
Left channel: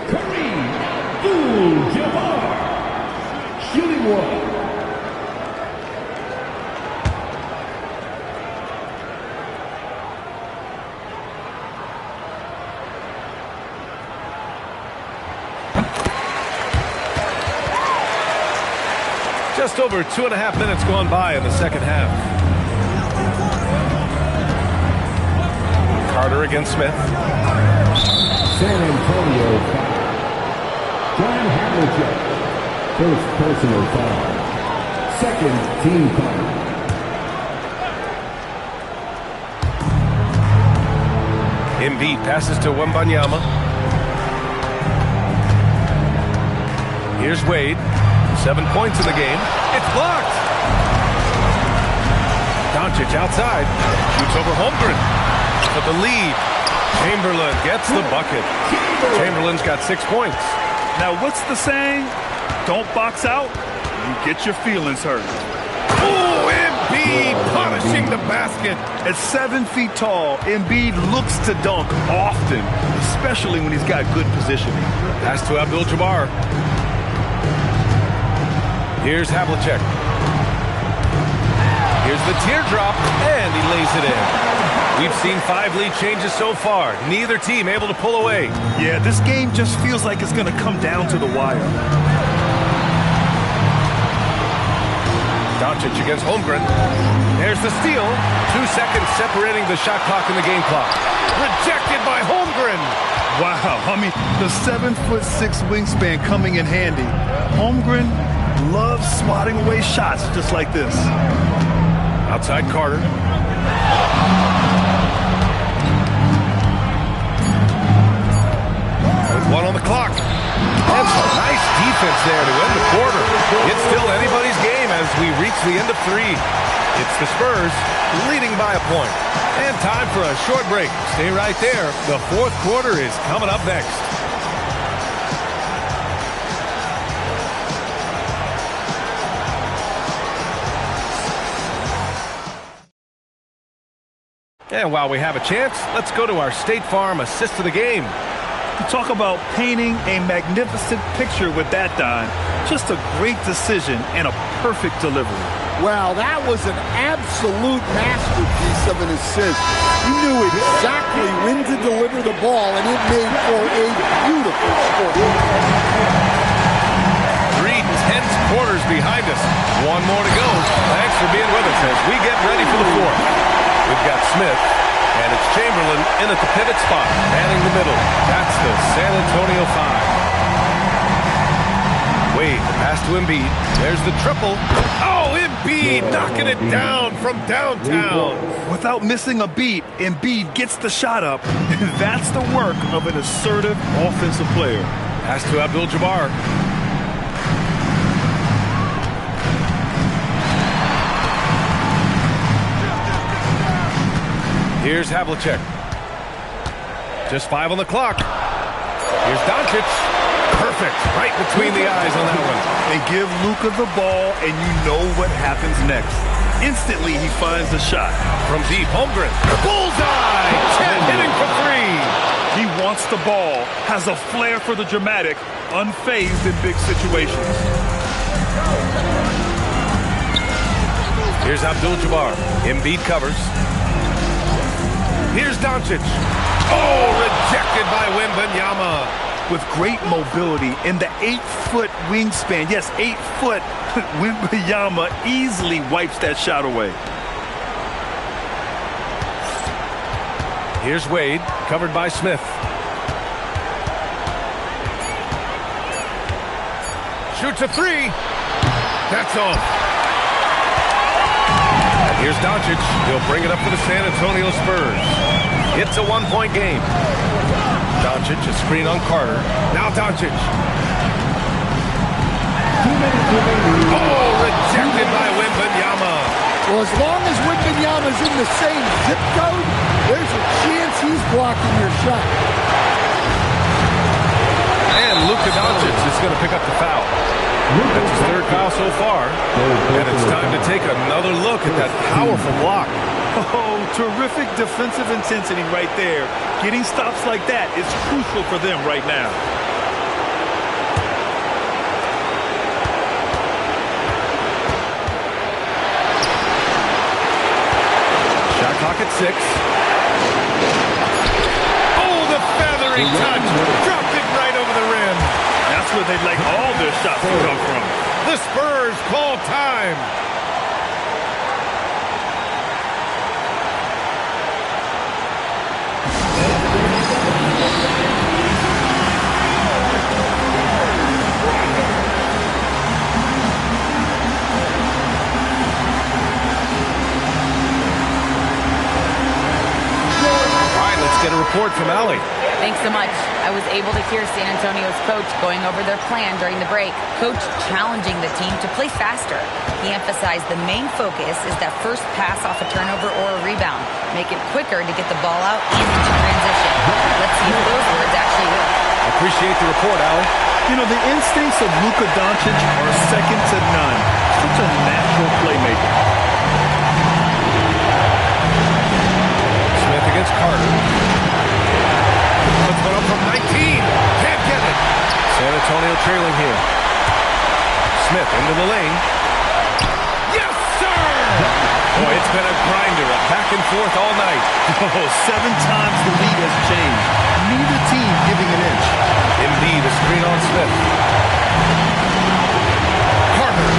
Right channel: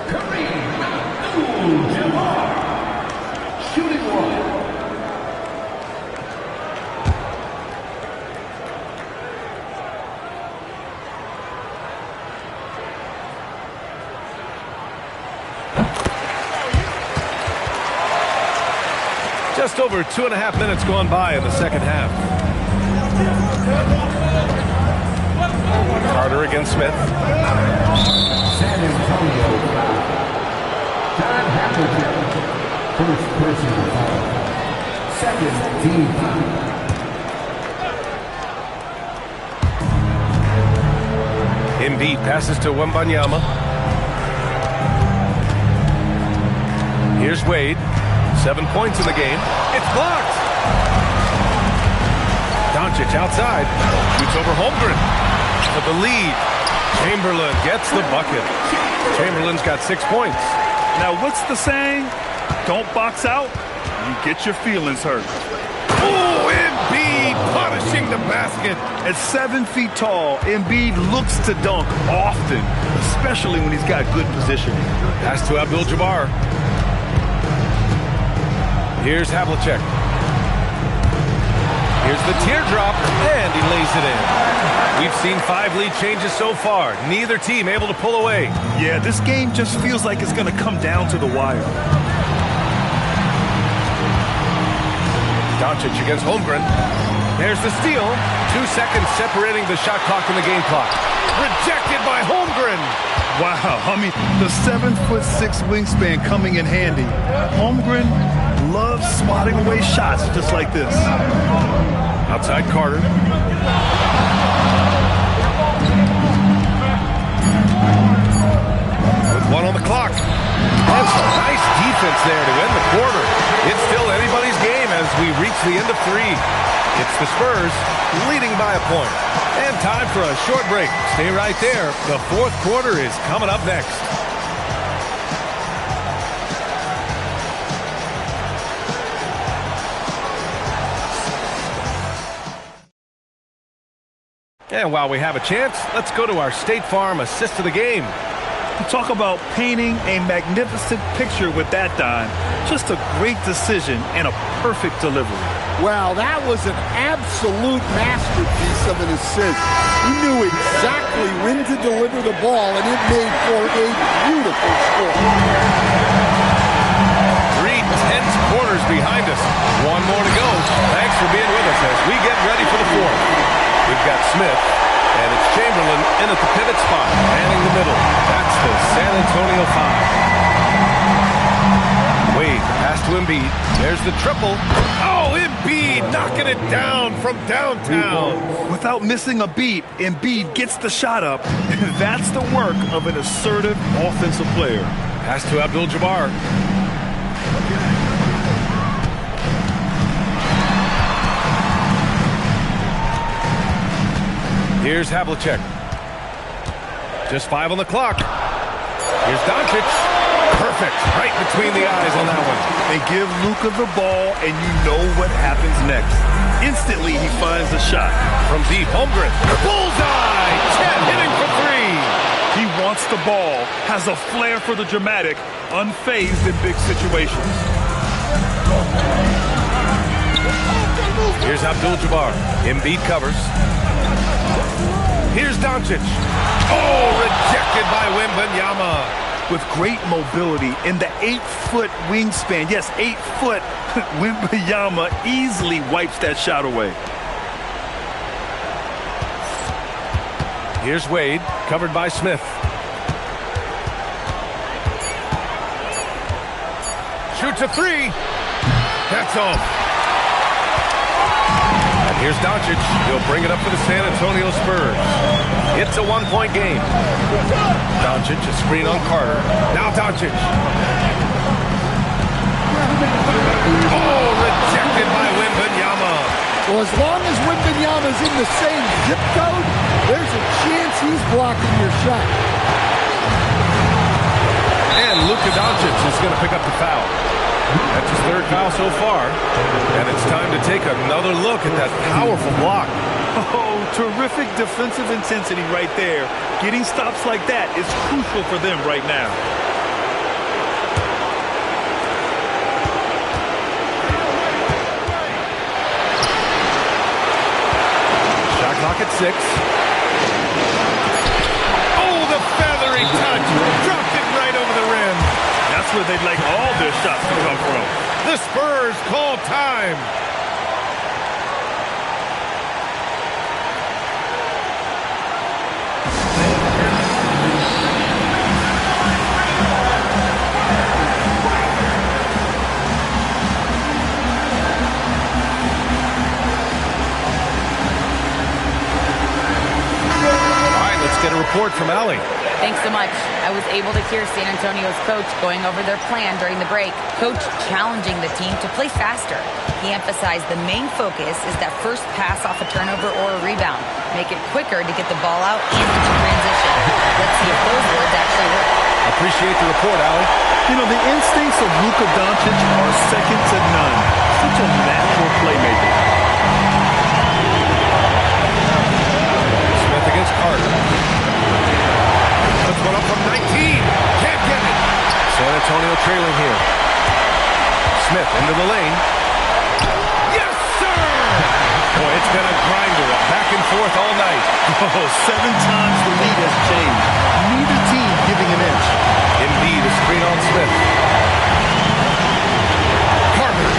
Kareem Abdul-Jabbar. Shooting one. Just over 2.5 minutes gone by in the second half. Carter against Smith. San Antonio foul. John Havlicek. First personal foul. Second team foul. Embiid passes to Wembanyama. Here's Wade. 7 points in the game. It's blocked. Doncic outside. Shoots over Holmgren. For the lead. Chamberlain gets the bucket. Chamberlain's got 6 points. Now, what's the saying? Don't box out, you get your feelings hurt. Oh, Embiid punishing the basket. At 7 feet tall, Embiid looks to dunk often, especially when he's got good positioning. Pass to Abdul-Jabbar. Here's Havlicek. Here's the teardrop, and he lays it in. We've seen 5 lead changes so far. Neither team able to pull away. Yeah, this game just feels like it's going to come down to the wire. Doncic against Holmgren. There's the steal. 2 seconds separating the shot clock and the game clock. Rejected by Holmgren. Wow, I mean, the 7'6" wingspan coming in handy. Holmgren loves swatting away shots just like this. Outside Carter. With 1 on the clock. And some nice defense there to end the quarter. It's still anybody's game as we reach the end of 3. It's the Spurs leading by a point. And time for a short break. Stay right there. The fourth quarter is coming up next. And while we have a chance, let's go to our State Farm assist of the game. Talk about painting a magnificent picture with that dime. Just a great decision and a perfect delivery. Well, that was an absolute masterpiece of an assist. He knew exactly when to deliver the ball, and it made for a beautiful score. 3 tense quarters behind us. 1 more to go. Thanks for being with us as we get ready for the fourth. We've got Smith, and it's Chamberlain in at the pivot spot, manning the middle. That's the San Antonio 5. Wade, the pass to Embiid. There's the triple. Oh, Embiid knocking it down from downtown. Without missing a beat, Embiid gets the shot up. That's the work of an assertive offensive player. Pass to Abdul-Jabbar. Here's Havlicek. Just 5 on the clock. Here's Doncic. Perfect. Right between the eyes on that one. They give Luka the ball, and you know what happens next. Instantly, he finds a shot. From deep, Holmgren. Bullseye! Chet hitting for 3. He wants the ball, has a flair for the dramatic, unfazed in big situations. Here's Abdul-Jabbar. Embiid covers. Here's Doncic. Oh, rejected by Wembanyama. With great mobility in the 8-foot wingspan. Yes, 8 foot. Wembanyama easily wipes that shot away. Here's Wade, covered by Smith. Shoots a 3. That's off. And here's Doncic. He'll bring it up for the San Antonio Spurs. It's a 1-point game. Doncic, a screen on Carter. Now Doncic. Oh, rejected by Wembanyama. Well, as long as Wembanyama's in the same zip code, there's a chance he's blocking your shot. And Luka Doncic is going to pick up the foul. That's his 3rd foul so far. And it's time to take another look at that powerful block. Oh, terrific defensive intensity right there. Getting stops like that is crucial for them right now. Shot clock at 6. Oh, the feathery touch. Dropped it right over the rim. That's where they'd like all their shots to come from. The Spurs call time. Get a report from Allie. Thanks so much. I was able to hear San Antonio's coach going over their plan during the break. Coach challenging the team to play faster. He emphasized the main focus is that first pass off a turnover or a rebound. Make it quicker to get the ball out and into transition. Let's see if those words actually work. Appreciate the report, Allie. You know, the instincts of Luka Doncic are second to none. Such a natural playmaker. Smith against Carter. Puts one up from 19. Can't get it. San Antonio trailing here. Smith into the lane. Yes, sir! Boy, it's been a grinder, back and forth all night. Oh, 7 times the lead has changed. Neither team giving an inch. Embiid, a screen on Smith. Carter.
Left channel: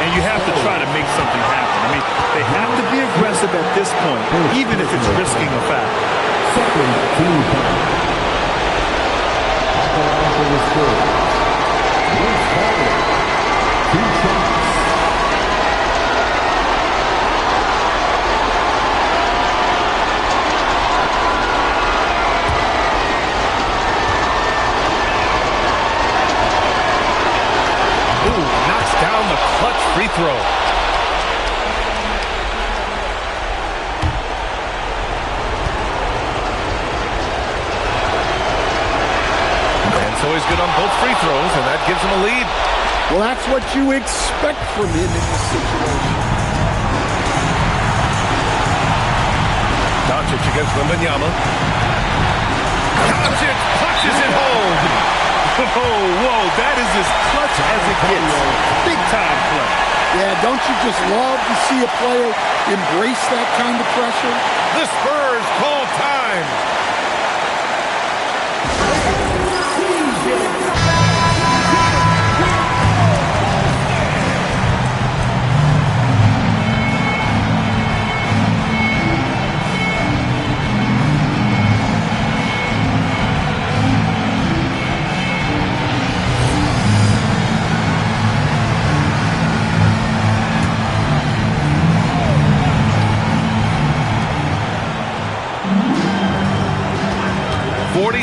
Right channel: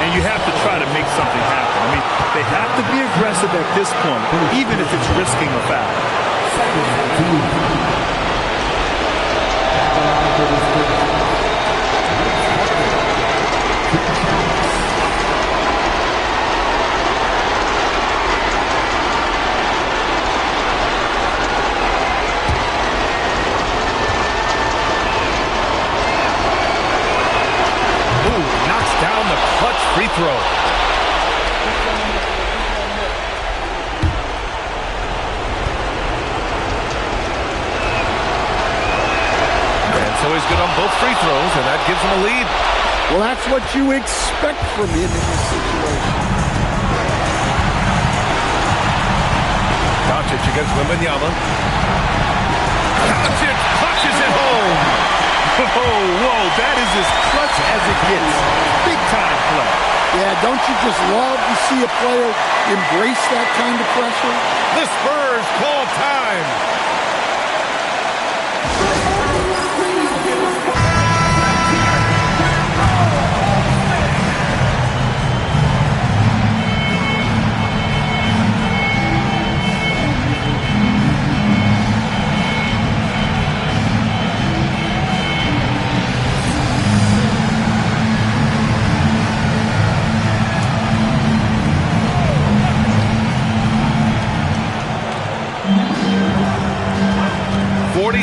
And you have to try to make something happen. I mean, they have to be aggressive at this point, even if it's risking a foul. Ooh, knocks down the clutch free throw. So he's good on both free throws, and that gives him a lead. Well, that's what you expect from him in this situation. Doncic against Wembanyama. Doncic punches it home. Whoa, that is as clutch as it gets. Big time play. Yeah, don't you just love to see a player embrace that kind of pressure? The Spurs call time.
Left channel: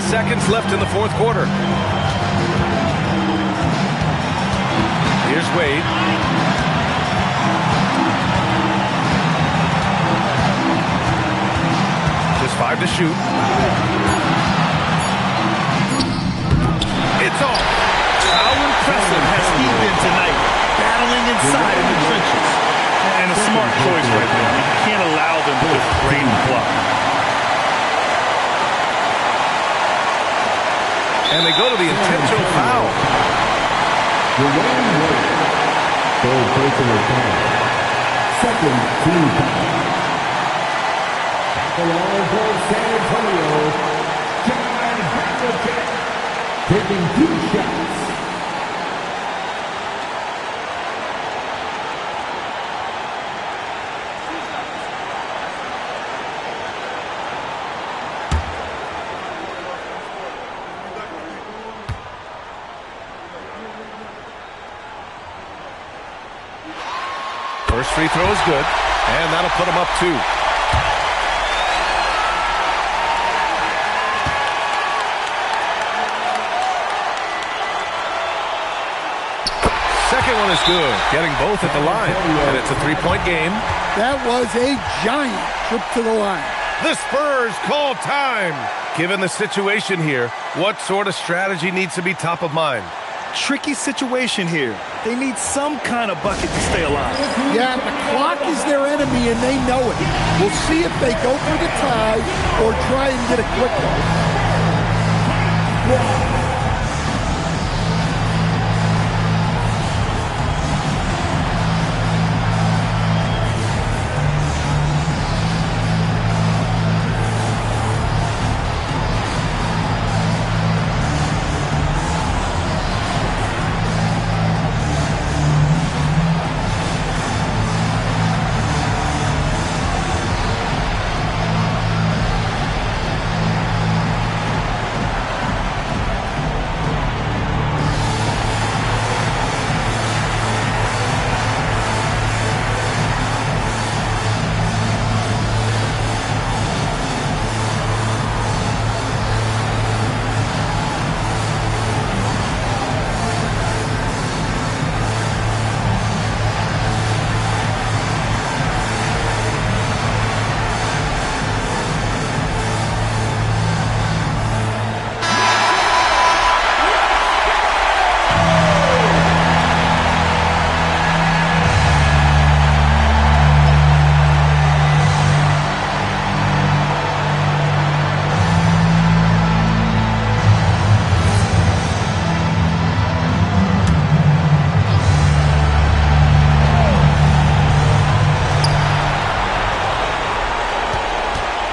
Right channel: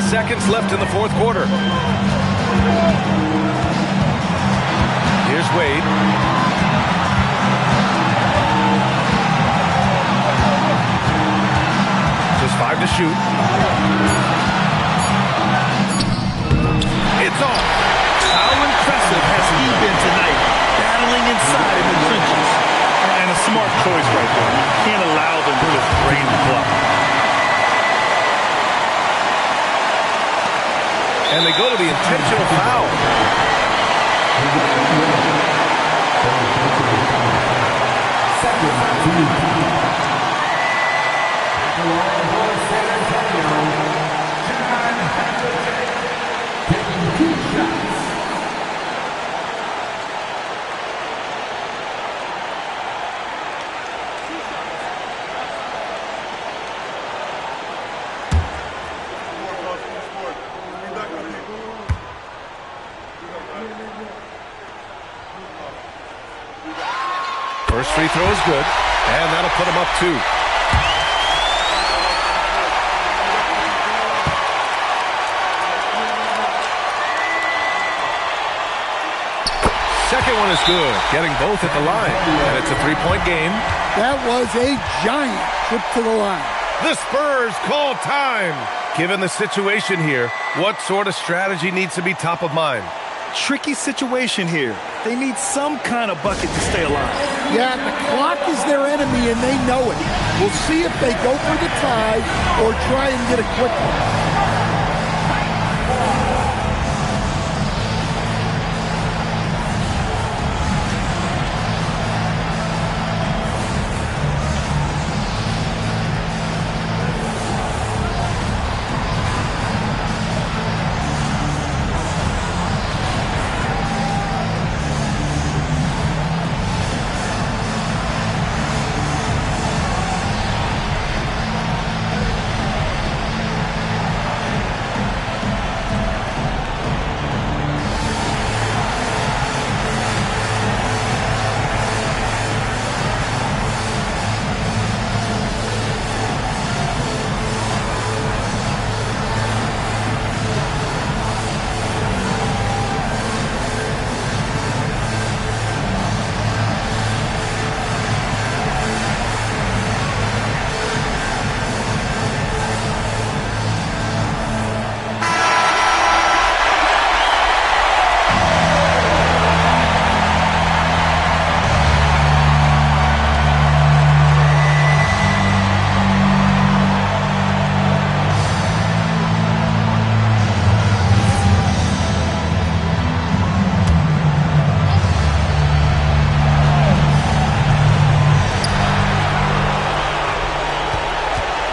Seconds left in the fourth quarter. Here's Wade. 5 to shoot. It's off. How impressive has he been tonight, battling inside in the trenches? And a smart choice right there. I mean, you can't allow them to just drain the clock. And they go to the intentional foul. Second team foul. At the line for San Antonio, John Havlicek taking 2 shots. First free throw is good, and that'll put him up 2. Second one is good, getting both at the line, and it's a 3-point game. That was a giant trip to the line. The Spurs call time. Given the situation here, what sort of strategy needs to be top of mind? Tricky situation here. They need some kind of bucket to stay alive. Yeah, the clock is their enemy, and they know it. We'll see if they go for the tie or try and get a quick one.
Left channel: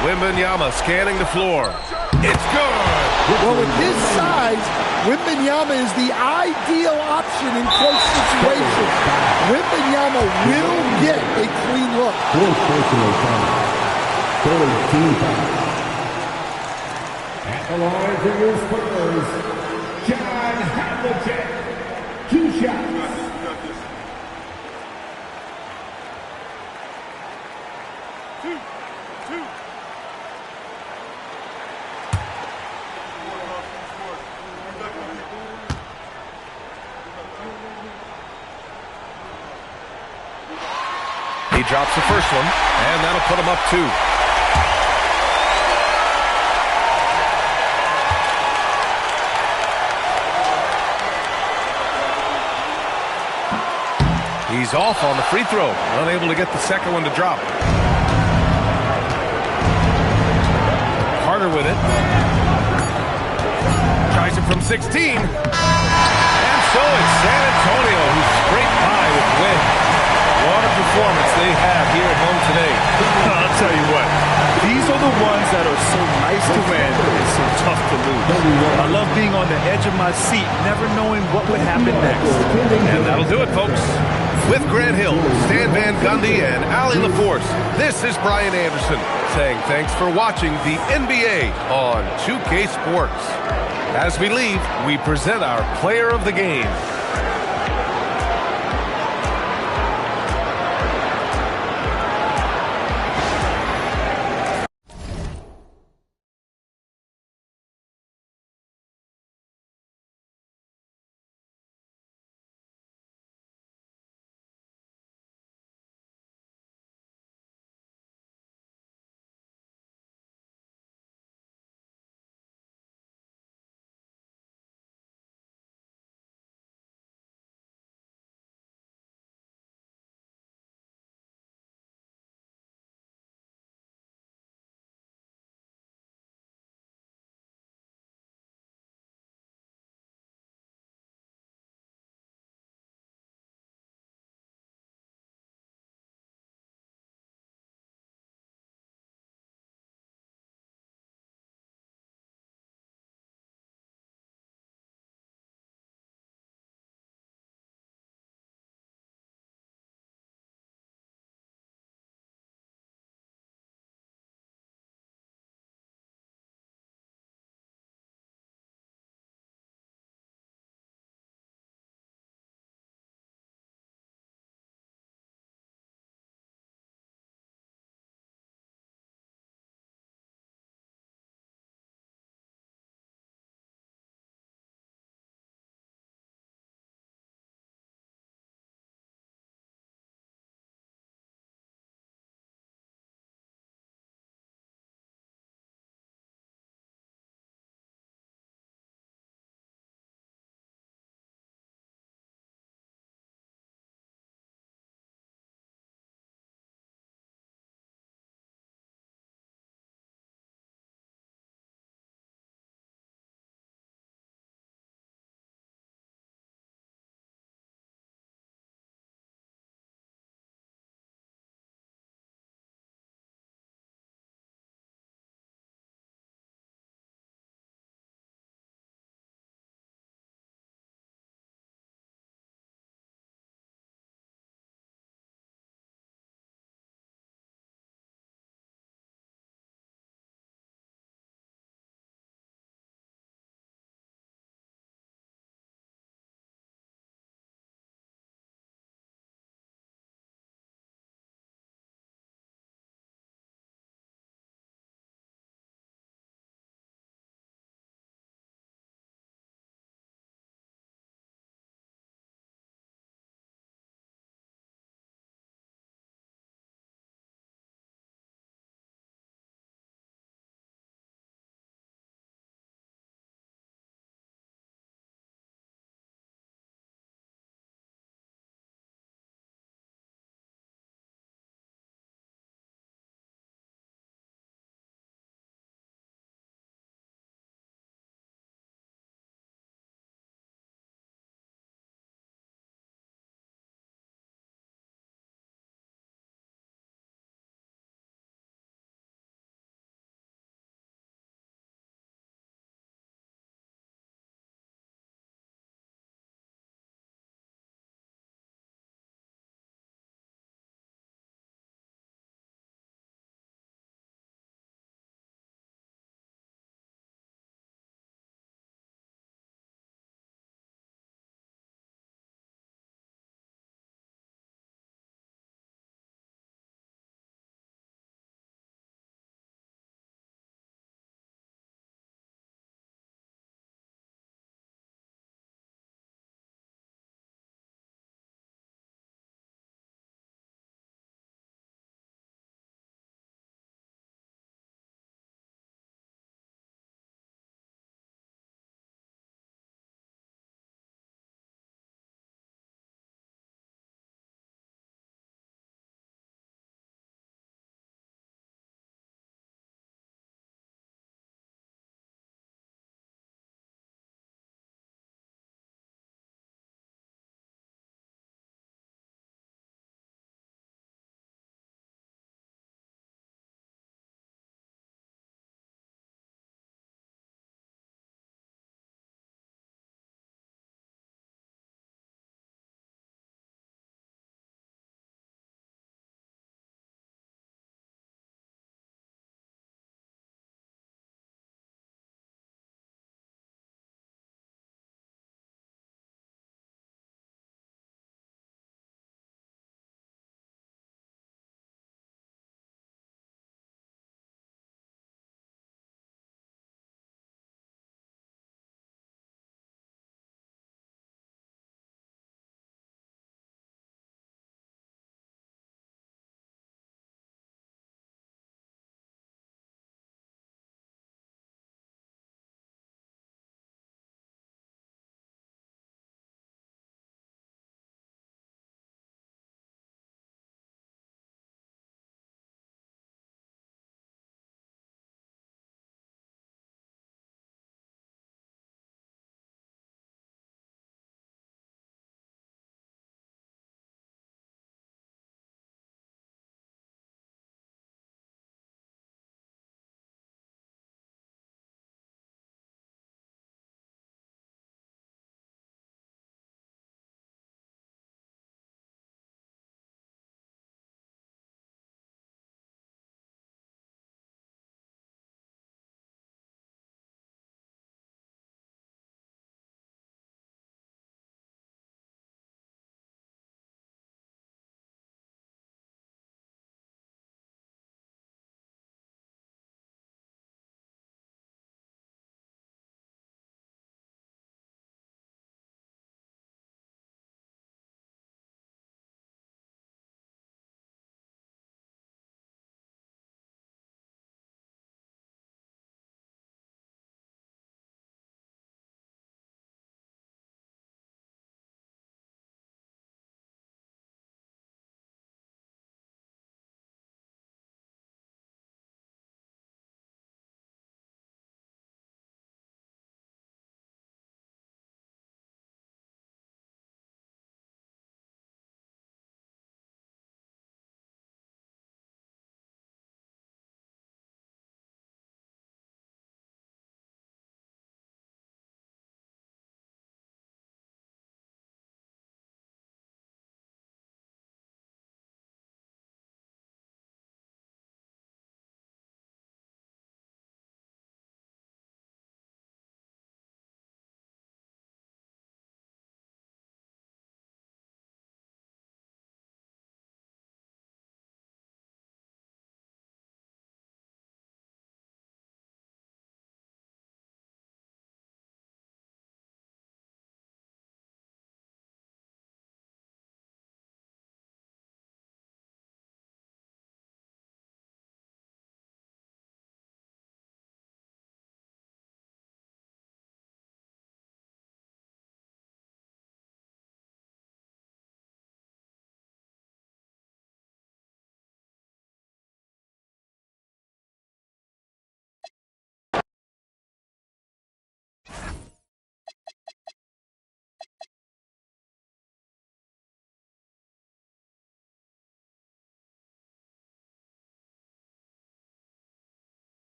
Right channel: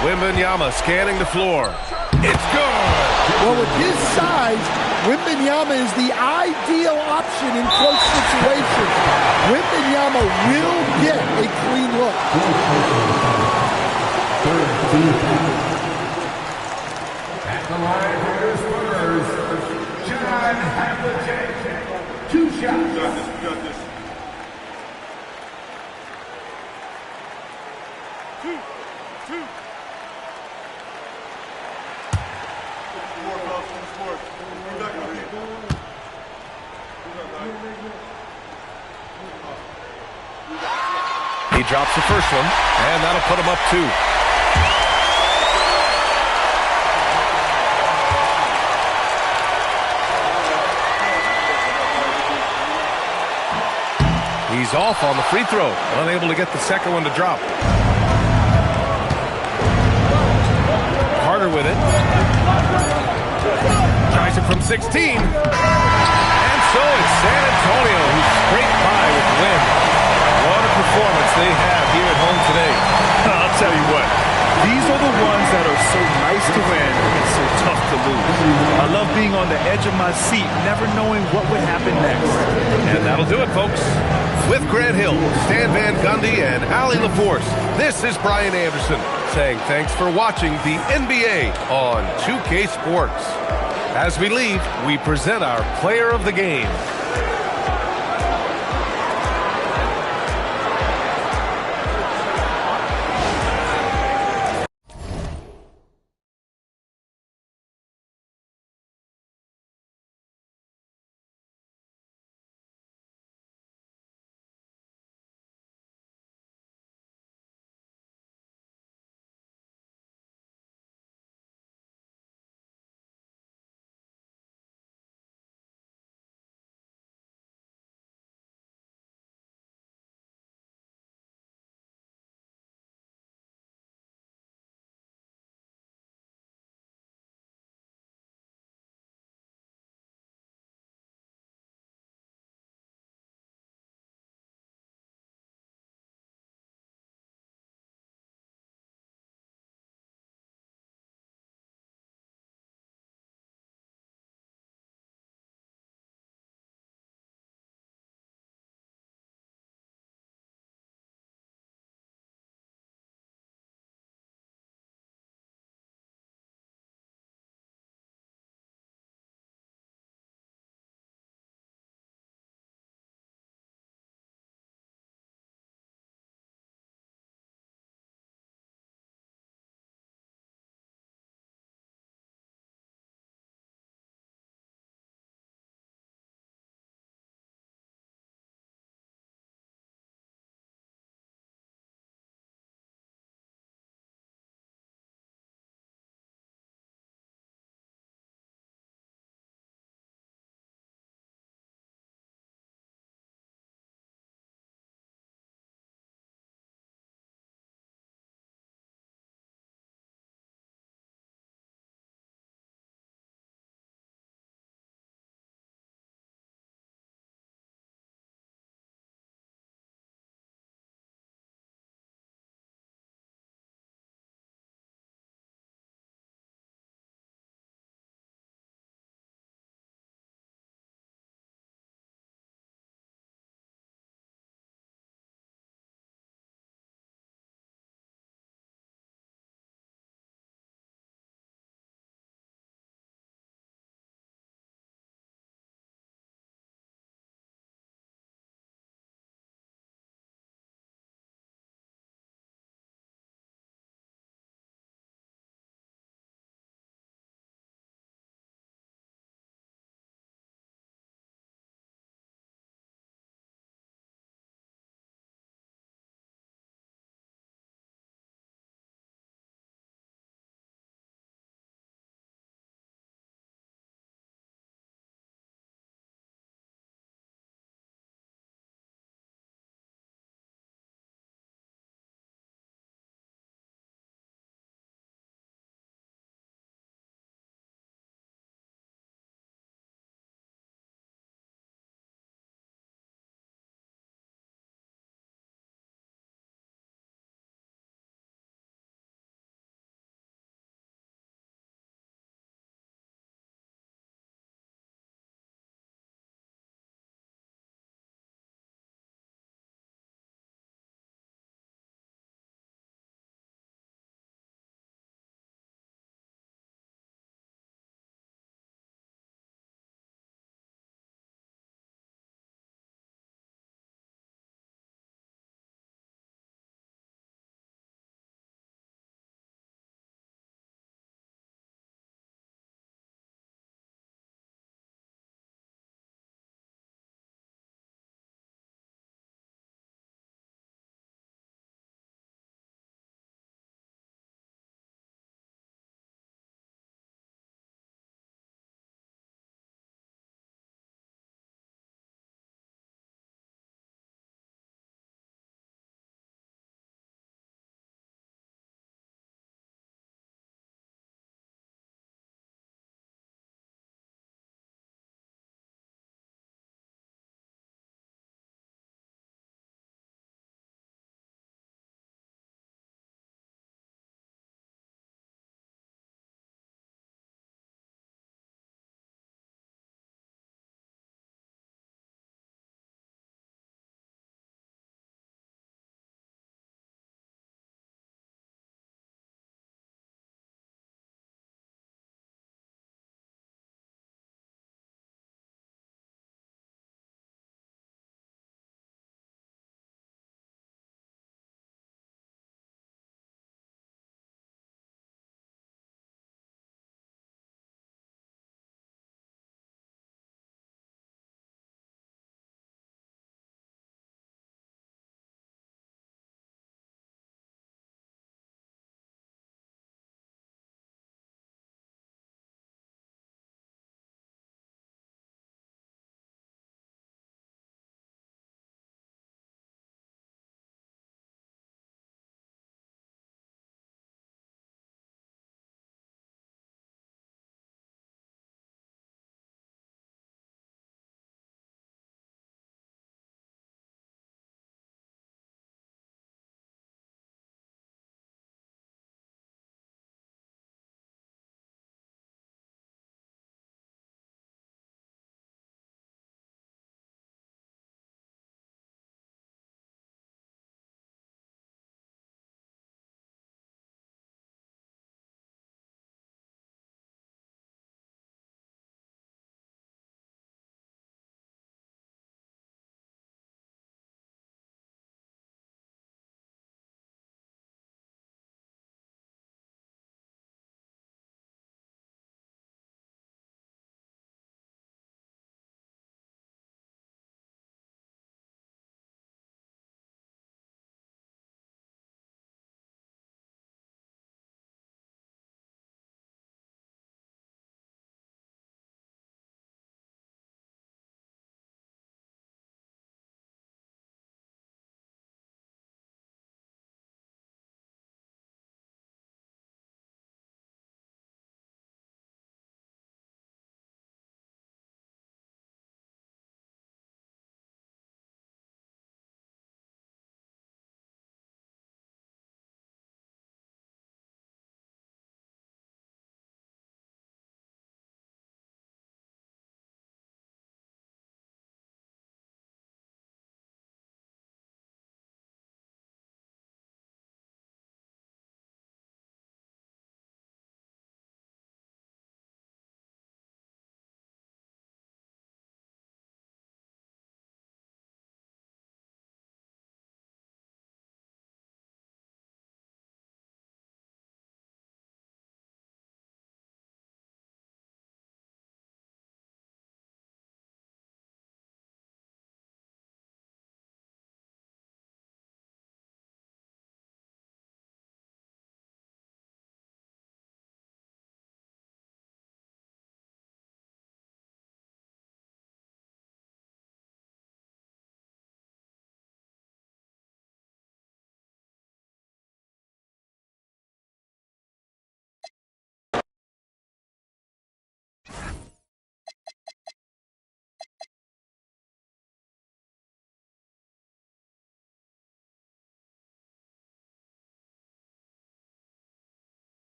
Wembanyama scanning the floor. It's good. Well, with his size, Wembanyama is the ideal option in close situations. Wembanyama will get a clean look. At the line for your Spurs, John Havlicek. 2 shots. You got this. 2. He drops the first one, and that'll put him up 2. He's off on the free throw, unable to get the second one to drop. Carter with it. Tries it from 16. And so it's San Antonio who scraped by with the win. What a performance they have here at home today. I'll tell you what. These are the ones that are so nice to win and so tough to lose. I love being on the edge of my seat, never knowing what would happen next. And that'll do it, folks. With Grant Hill, Stan Van Gundy, and Allie LaForce, this is Brian Anderson saying thanks for watching the NBA on 2K Sports. As we leave, we present our player of the game.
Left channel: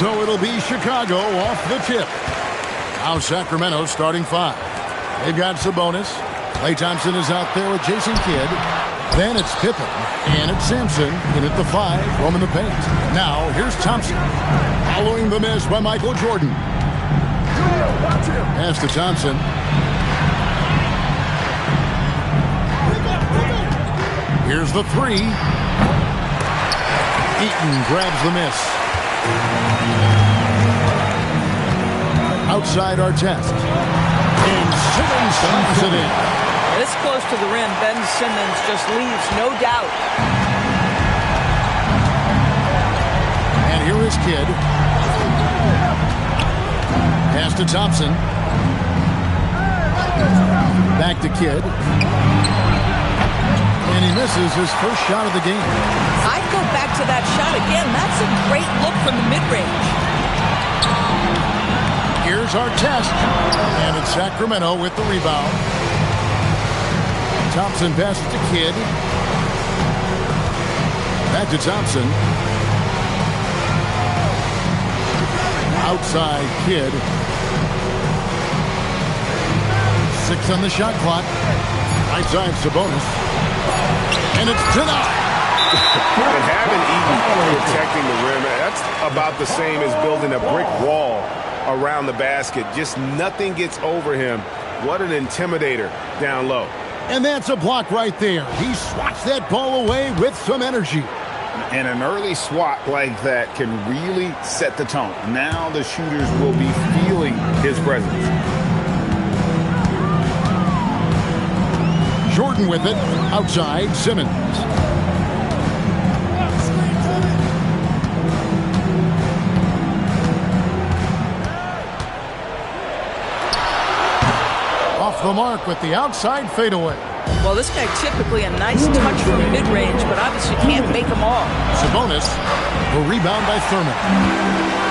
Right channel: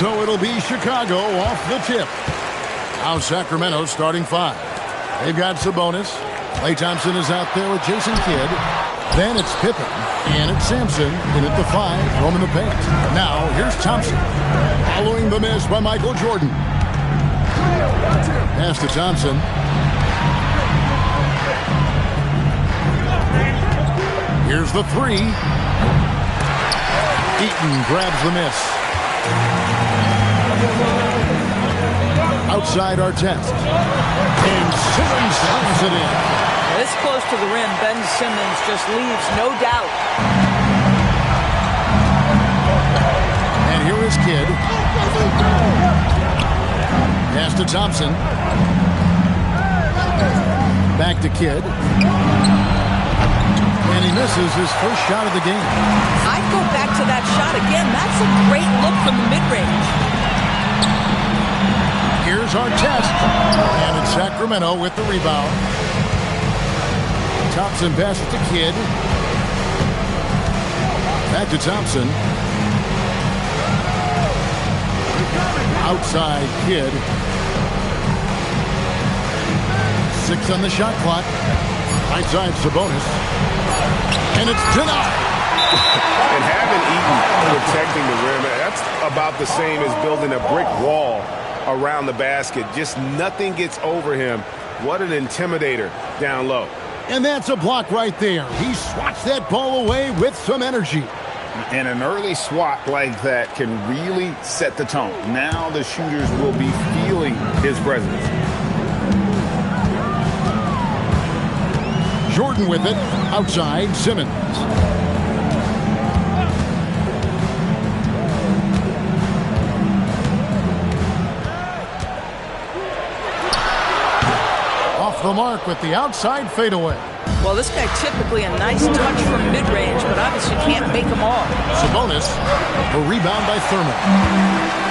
So it'll be Chicago off the tip. Now Sacramento starting 5. They've got Sabonis. Klay Thompson is out there with Jason Kidd. Then it's Pippen. And it's Sampson in at the 5, roaming the paint. Now here's Thompson. Following the miss by Michael Jordan. Pass to Thompson. Here's the 3. Eaton grabs the miss. Outside Artest. And Simmons slams it in. This close to the rim, Ben Simmons just leaves no doubt. And here is Kidd. Pass to Thompson. Back to Kidd. And he misses his first shot of the game. I'd go back to that shot again. That's a great look from the mid-range. Here's Artest. And it's Sacramento with the rebound. Thompson passes to Kidd. Back to Thompson. Outside Kidd. 6 on the shot clock. Right side Sabonis. And it's denied. And having Eaton protecting the rim, that's about the same as building a brick wall around the basket. Just nothing gets over him. What an intimidator down low. And that's a block right there. He swats that ball away with some energy. And an early swat like that can really set the tone. Now the shooters will be feeling his presence. Jordan with it. Outside Simmons. Off the mark with the outside fadeaway. Well, this guy typically a nice touch from mid-range, but obviously can't make them all. Sabonis, the rebound by Thurman.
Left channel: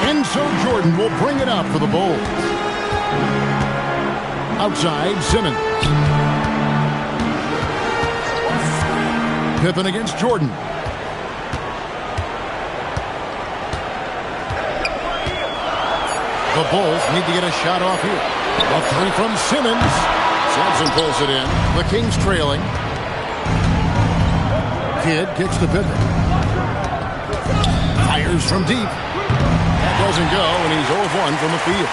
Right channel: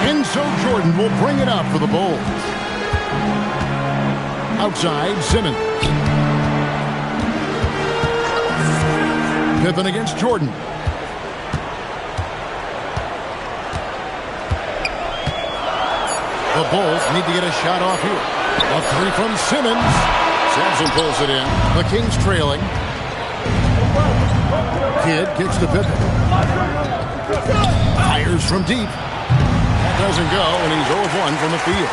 And so Jordan will bring it up for the Bulls. Outside Simmons. Pippen against Jordan. The Bulls need to get a shot off here. A 3 from Simmons. Sampson pulls it in. The Kings trailing. Kidd kicks to Pippen. Fires from deep. That doesn't go, and he's 0 of 1 from the field.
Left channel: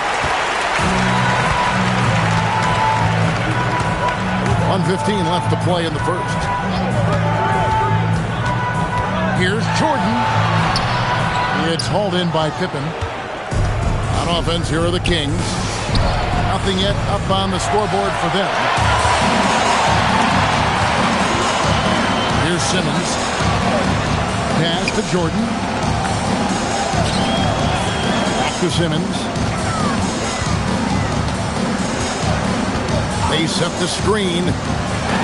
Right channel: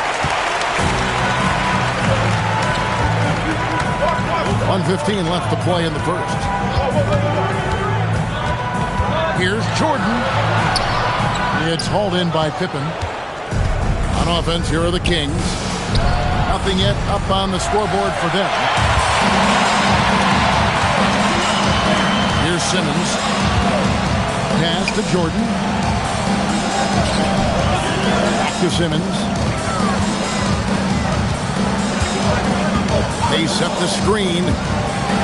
1:15 left to play in the first. Here's Jordan. It's hauled in by Pippen. On offense, here are the Kings. Nothing yet up on the scoreboard for them. Here's Simmons. Pass to Jordan. Back to Simmons. They set the screen.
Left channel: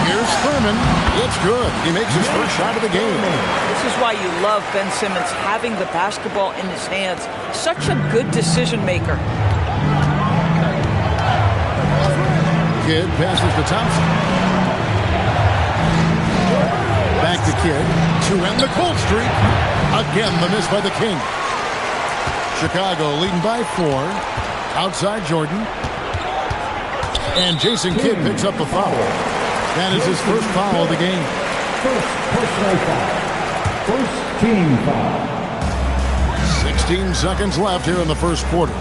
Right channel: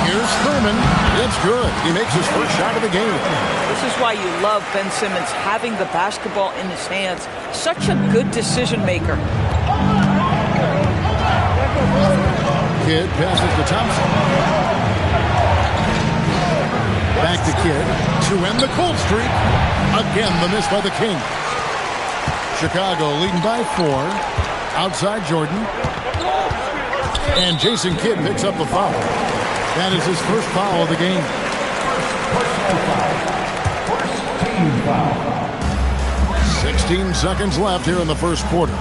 Here's Thurman. It's good. He makes his first shot of the game. This is why you love Ben Simmons having the basketball in his hands. Such a good decision maker. Kidd passes to Thompson. Back to Kidd to end the cold streak. Again, the miss by the Kings. Chicago leading by 4. Outside Jordan. And Jason Kidd picks up the foul. That is his first foul of the game. First team foul. 16 seconds left here in the first quarter.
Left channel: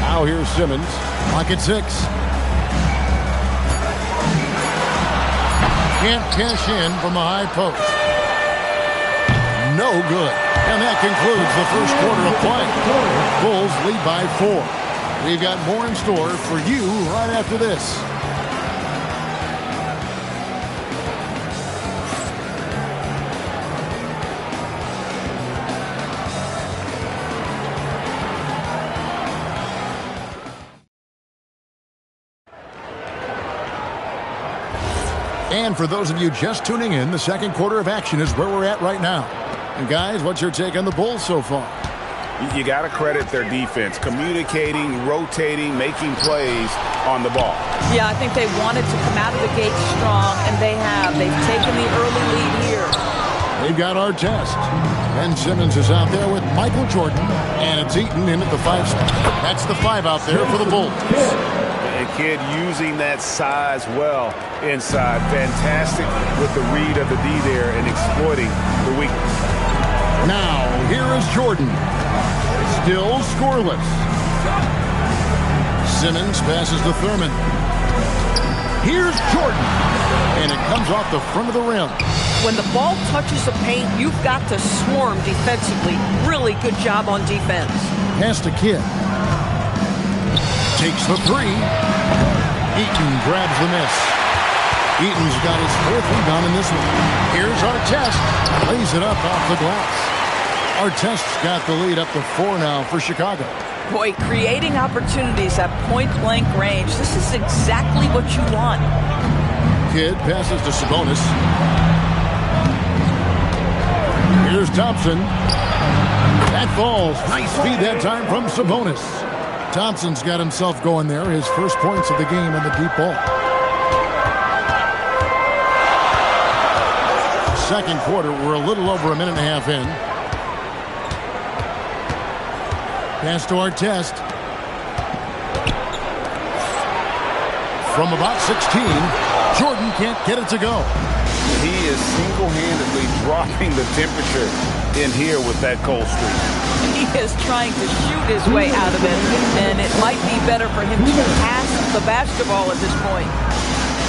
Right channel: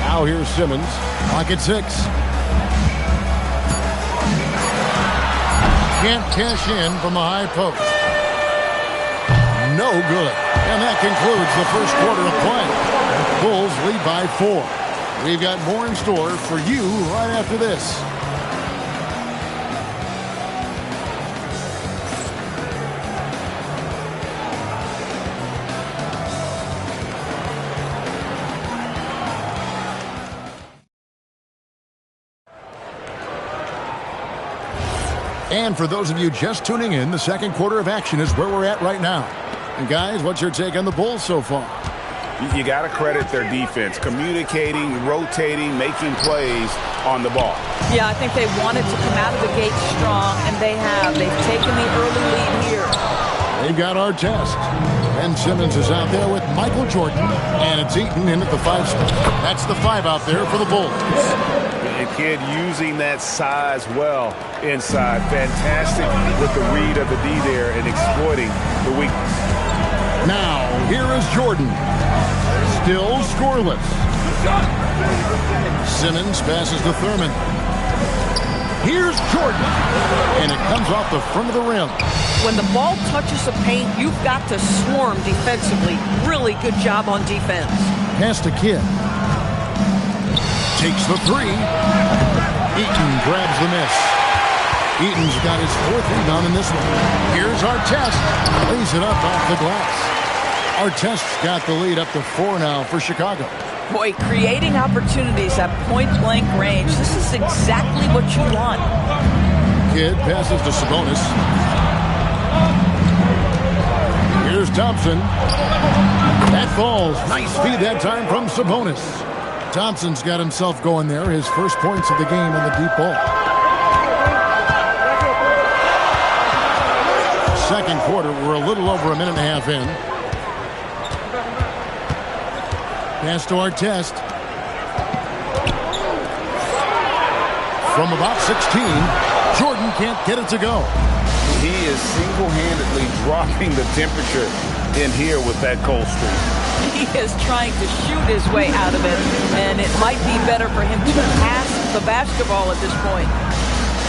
Now here's Simmons. Clock at 6. Can't cash in from the high post. No good. And that concludes the first quarter of play. Bulls lead by 4. We've got more in store for you right after this. And for those of you just tuning in, the second quarter of action is where we're at right now. And guys, what's your take on the Bulls so far? You got to credit their defense, communicating, rotating, making plays on the ball. Yeah, I think they wanted to come out of the gate strong, and they have. They've taken the early lead here. They've got Artest. Ben Simmons is out there with Michael Jordan, and it's Eaton in at the 5 spot. That's the 5 out there for the Bulls. And Kidd using that size well inside. Fantastic with the read of the D there and exploiting the weakness. Now, here is Jordan. Still scoreless. Simmons passes to Thurman. Here's Jordan. And it comes off the front of the rim. When the ball touches the paint, you've got to swarm defensively. Really good job on defense. Pass to Kidd. Takes the 3. Eaton grabs the miss. Eaton's got his 4th rebound in this one. Here's Artest. Lays it up off the glass. Artest's got the lead up to 4 now for Chicago. Boy, creating opportunities at point-blank range. This is exactly what you want. Kidd passes to Sabonis. Here's Thompson. That falls. Nice feed that time from Sabonis. Thompson's got himself going there. His first points of the game on the deep ball. Second quarter, we're a little over a minute and a half in. Pass to Artest. From about 16, Jordan can't get it to go. He is single-handedly dropping the temperature in here with that cold streak. He is trying to shoot his way out of it, and it might be better for him to pass the basketball at this point.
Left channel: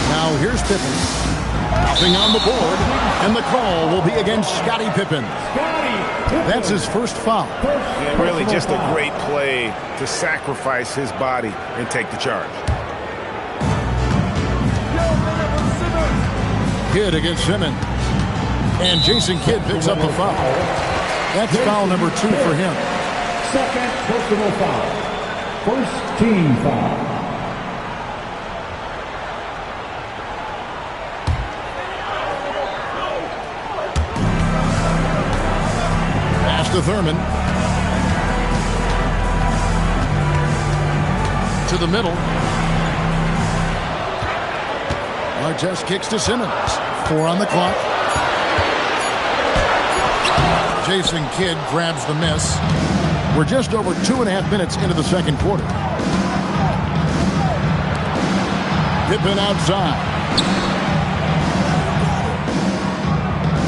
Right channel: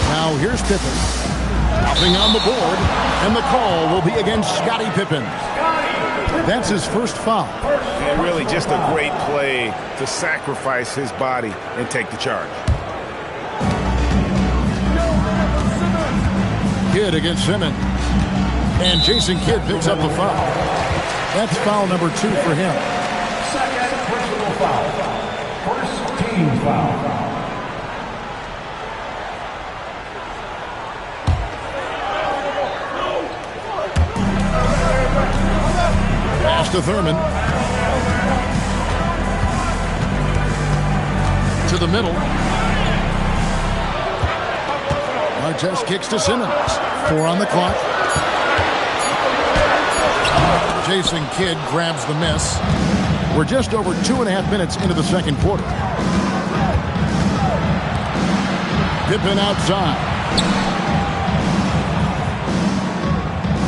Now here's Pippen. Nothing on the board, and the call will be against Scottie Pippen. That's his first foul. And really just a great play to sacrifice his body and take the charge. Kidd against Simmons. And Jason Kidd picks up the foul. That's foul number 2 for him. Second personal foul. First team foul. Pass to Thurman. To the middle. Artest kicks to Simmons. 4 on the clock. Jason Kidd grabs the miss. We're just over 2.5 minutes into the second quarter. Pippen outside.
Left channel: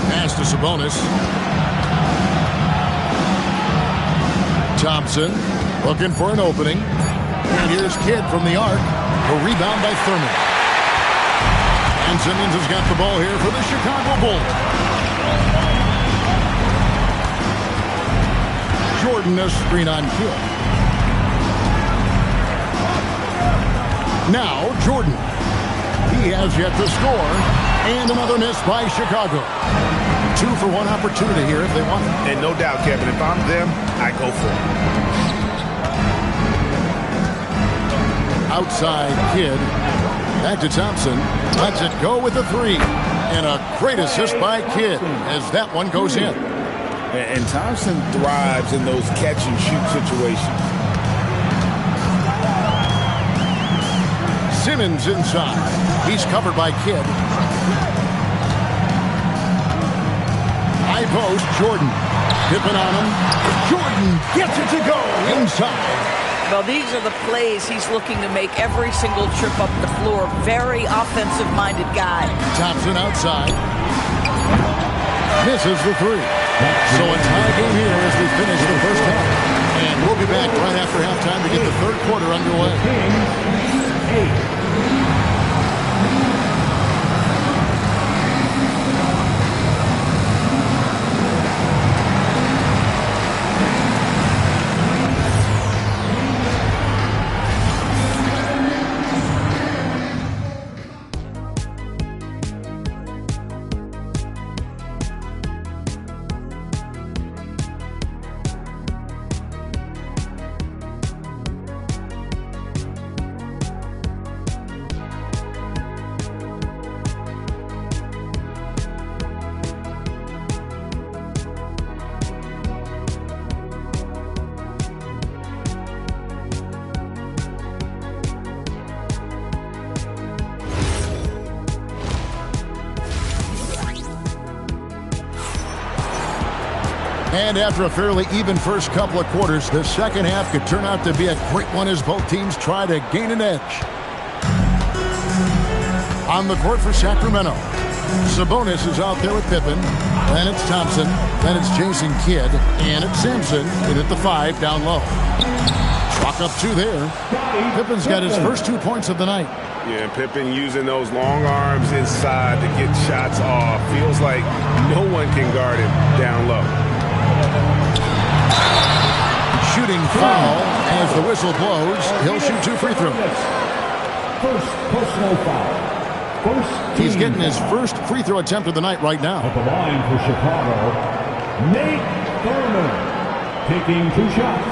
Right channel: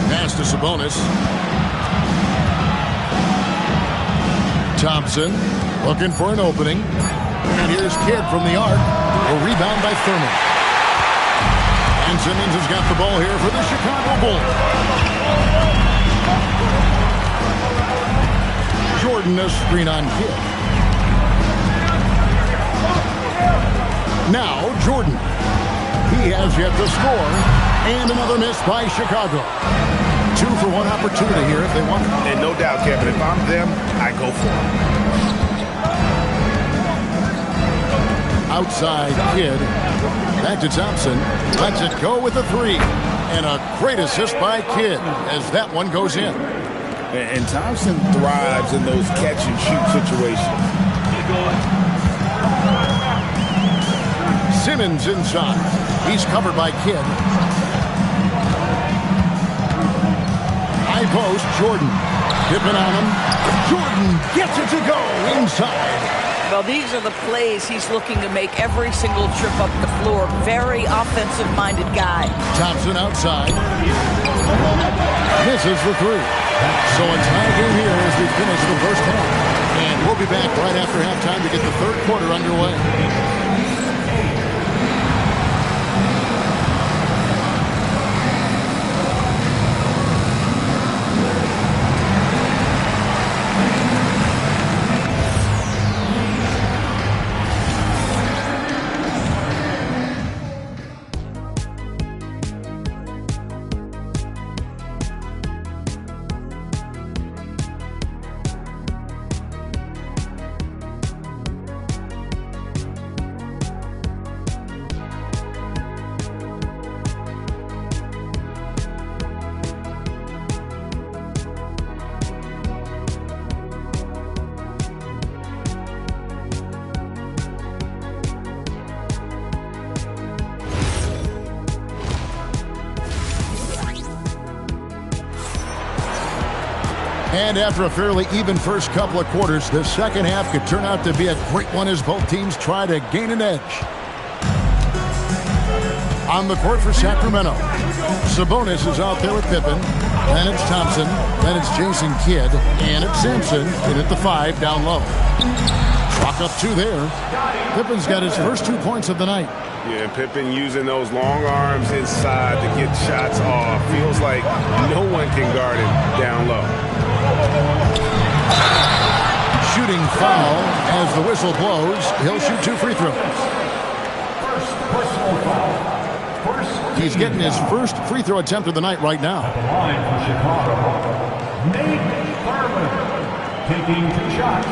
Pass to Sabonis. Thompson looking for an opening. And here's Kidd from the arc. A rebound by Thurman. And Simmons has got the ball here for the Chicago Bulls. Jordan a screen on Kidd. Now Jordan. He has yet to score. And another miss by Chicago. 2 for 1 opportunity here if they want it. And no doubt, Kevin, if I'm them, I go for it. Outside Kidd. Back to Thompson. Lets it go with the 3. And a great assist by Kidd as that one goes in. And Thompson thrives in those catch-and-shoot situations. Simmons inside. He's covered by Kidd. High post, Jordan. Pippen on him. Jordan gets it to go inside. Well, these are the plays he's looking to make every single trip up the floor. Very offensive-minded guy. Thompson outside. Misses the 3. So a tie game here as we finish the first half. And we'll be back right after halftime to get the third quarter underway. And after a fairly even first couple of quarters, the second half could turn out to be a great one as both teams try to gain an edge. On the court for Sacramento, Sabonis is out there with Pippen. Then it's Thompson. Then it's Jason Kidd. And it's Sampson in at the 5 down low. Clock up 2 there. Pippen's got his first 2 points of the night. Yeah, and Pippen using those long arms inside to get shots off. Feels like no one can guard him down low. Shooting foul as the whistle blows. He'll shoot 2 free throws. First personal foul. He's getting his first free throw attempt of the night right now. At the line for Chicago, Nate Thurman taking 2 shots.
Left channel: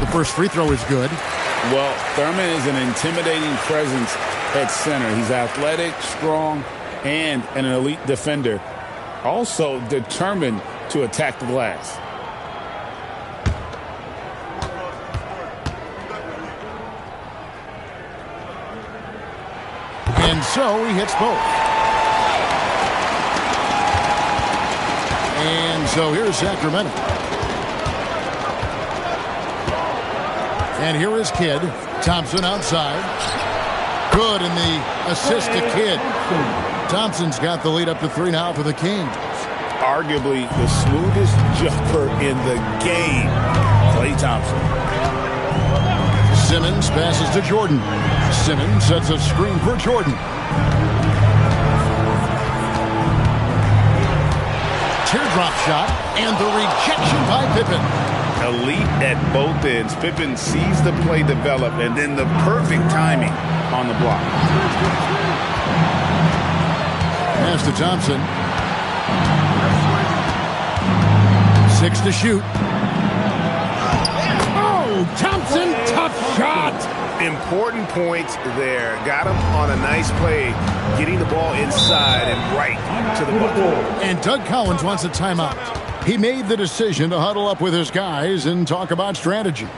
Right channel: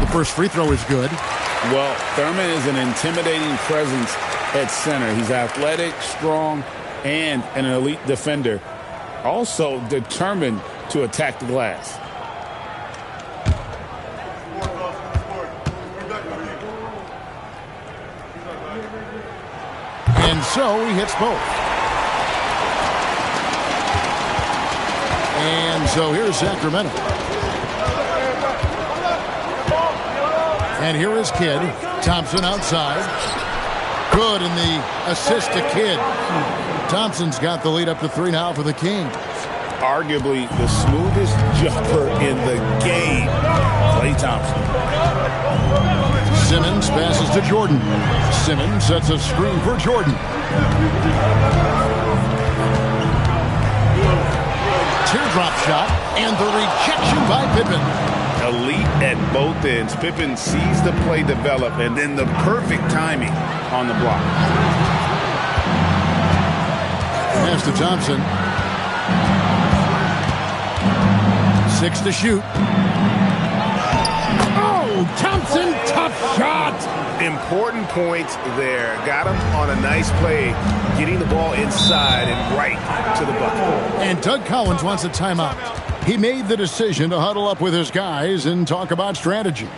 The first free throw is good. Well, Thurman is an intimidating presence at center. He's athletic, strong, and an elite defender. Also determined to attack the glass. And so he hits both. And so here's Sacramento. And here is Kidd. Thompson outside. Good in the assist to Kidd. Thompson's got the lead up to 3 now for the Kings. Arguably the smoothest jumper in the game, Klay Thompson. Simmons passes to Jordan. Simmons sets a screen for Jordan. Teardrop shot and the rejection by Pippen. Elite at both ends. Pippen sees the play develop and then the perfect timing on the block. Pass to Thompson. 6 to shoot. Oh, Thompson, tough shot. Important points there. Got him on a nice play, getting the ball inside and right to the bucket. And Doug Collins wants a timeout. He made the decision to huddle up with his guys and talk about strategy.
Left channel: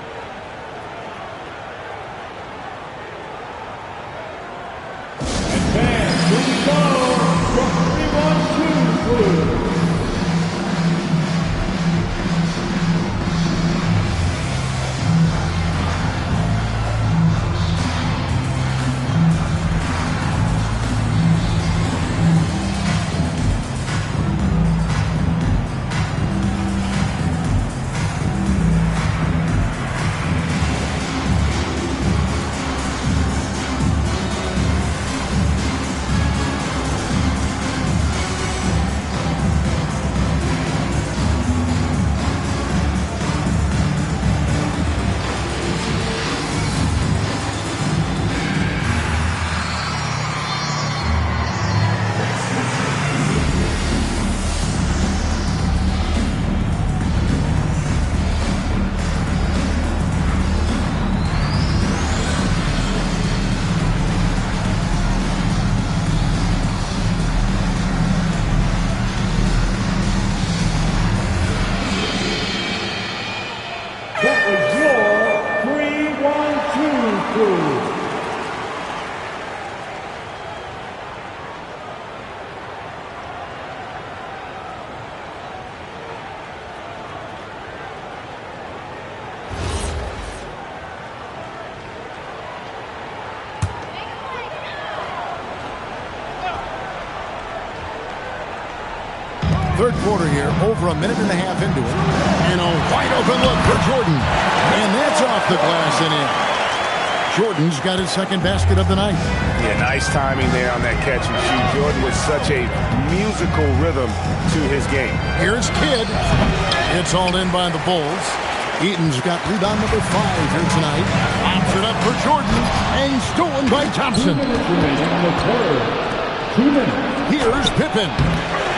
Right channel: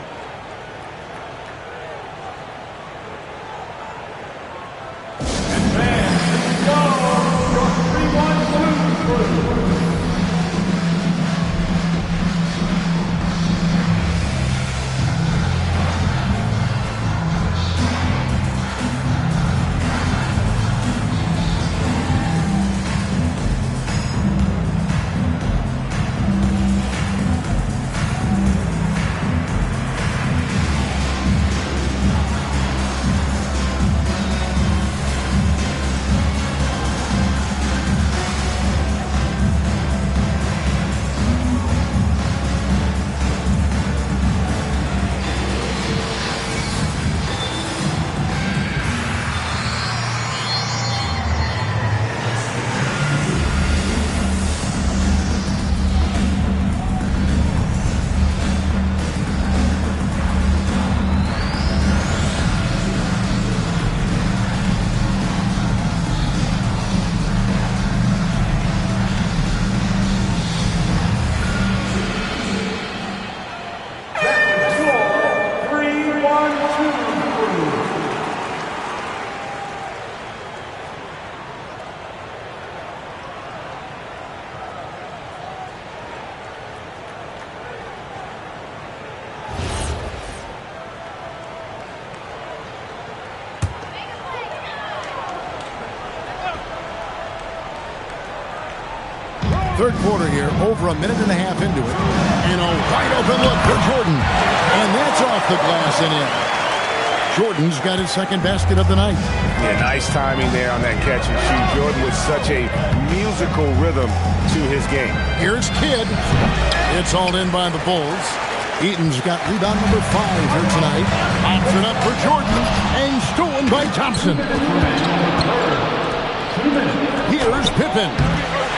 Third quarter here, over a minute and a half into it. And a wide open look for Jordan. And that's off the glass and in. Jordan's got his second basket of the night. Yeah, nice timing there on that catch and shoot. Jordan with such a musical rhythm to his game. Here's Kidd. It's hauled in by the Bulls. Eaton's got rebound number 5 here tonight. Pops it up for Jordan and stolen by Thompson. Here's Pippen.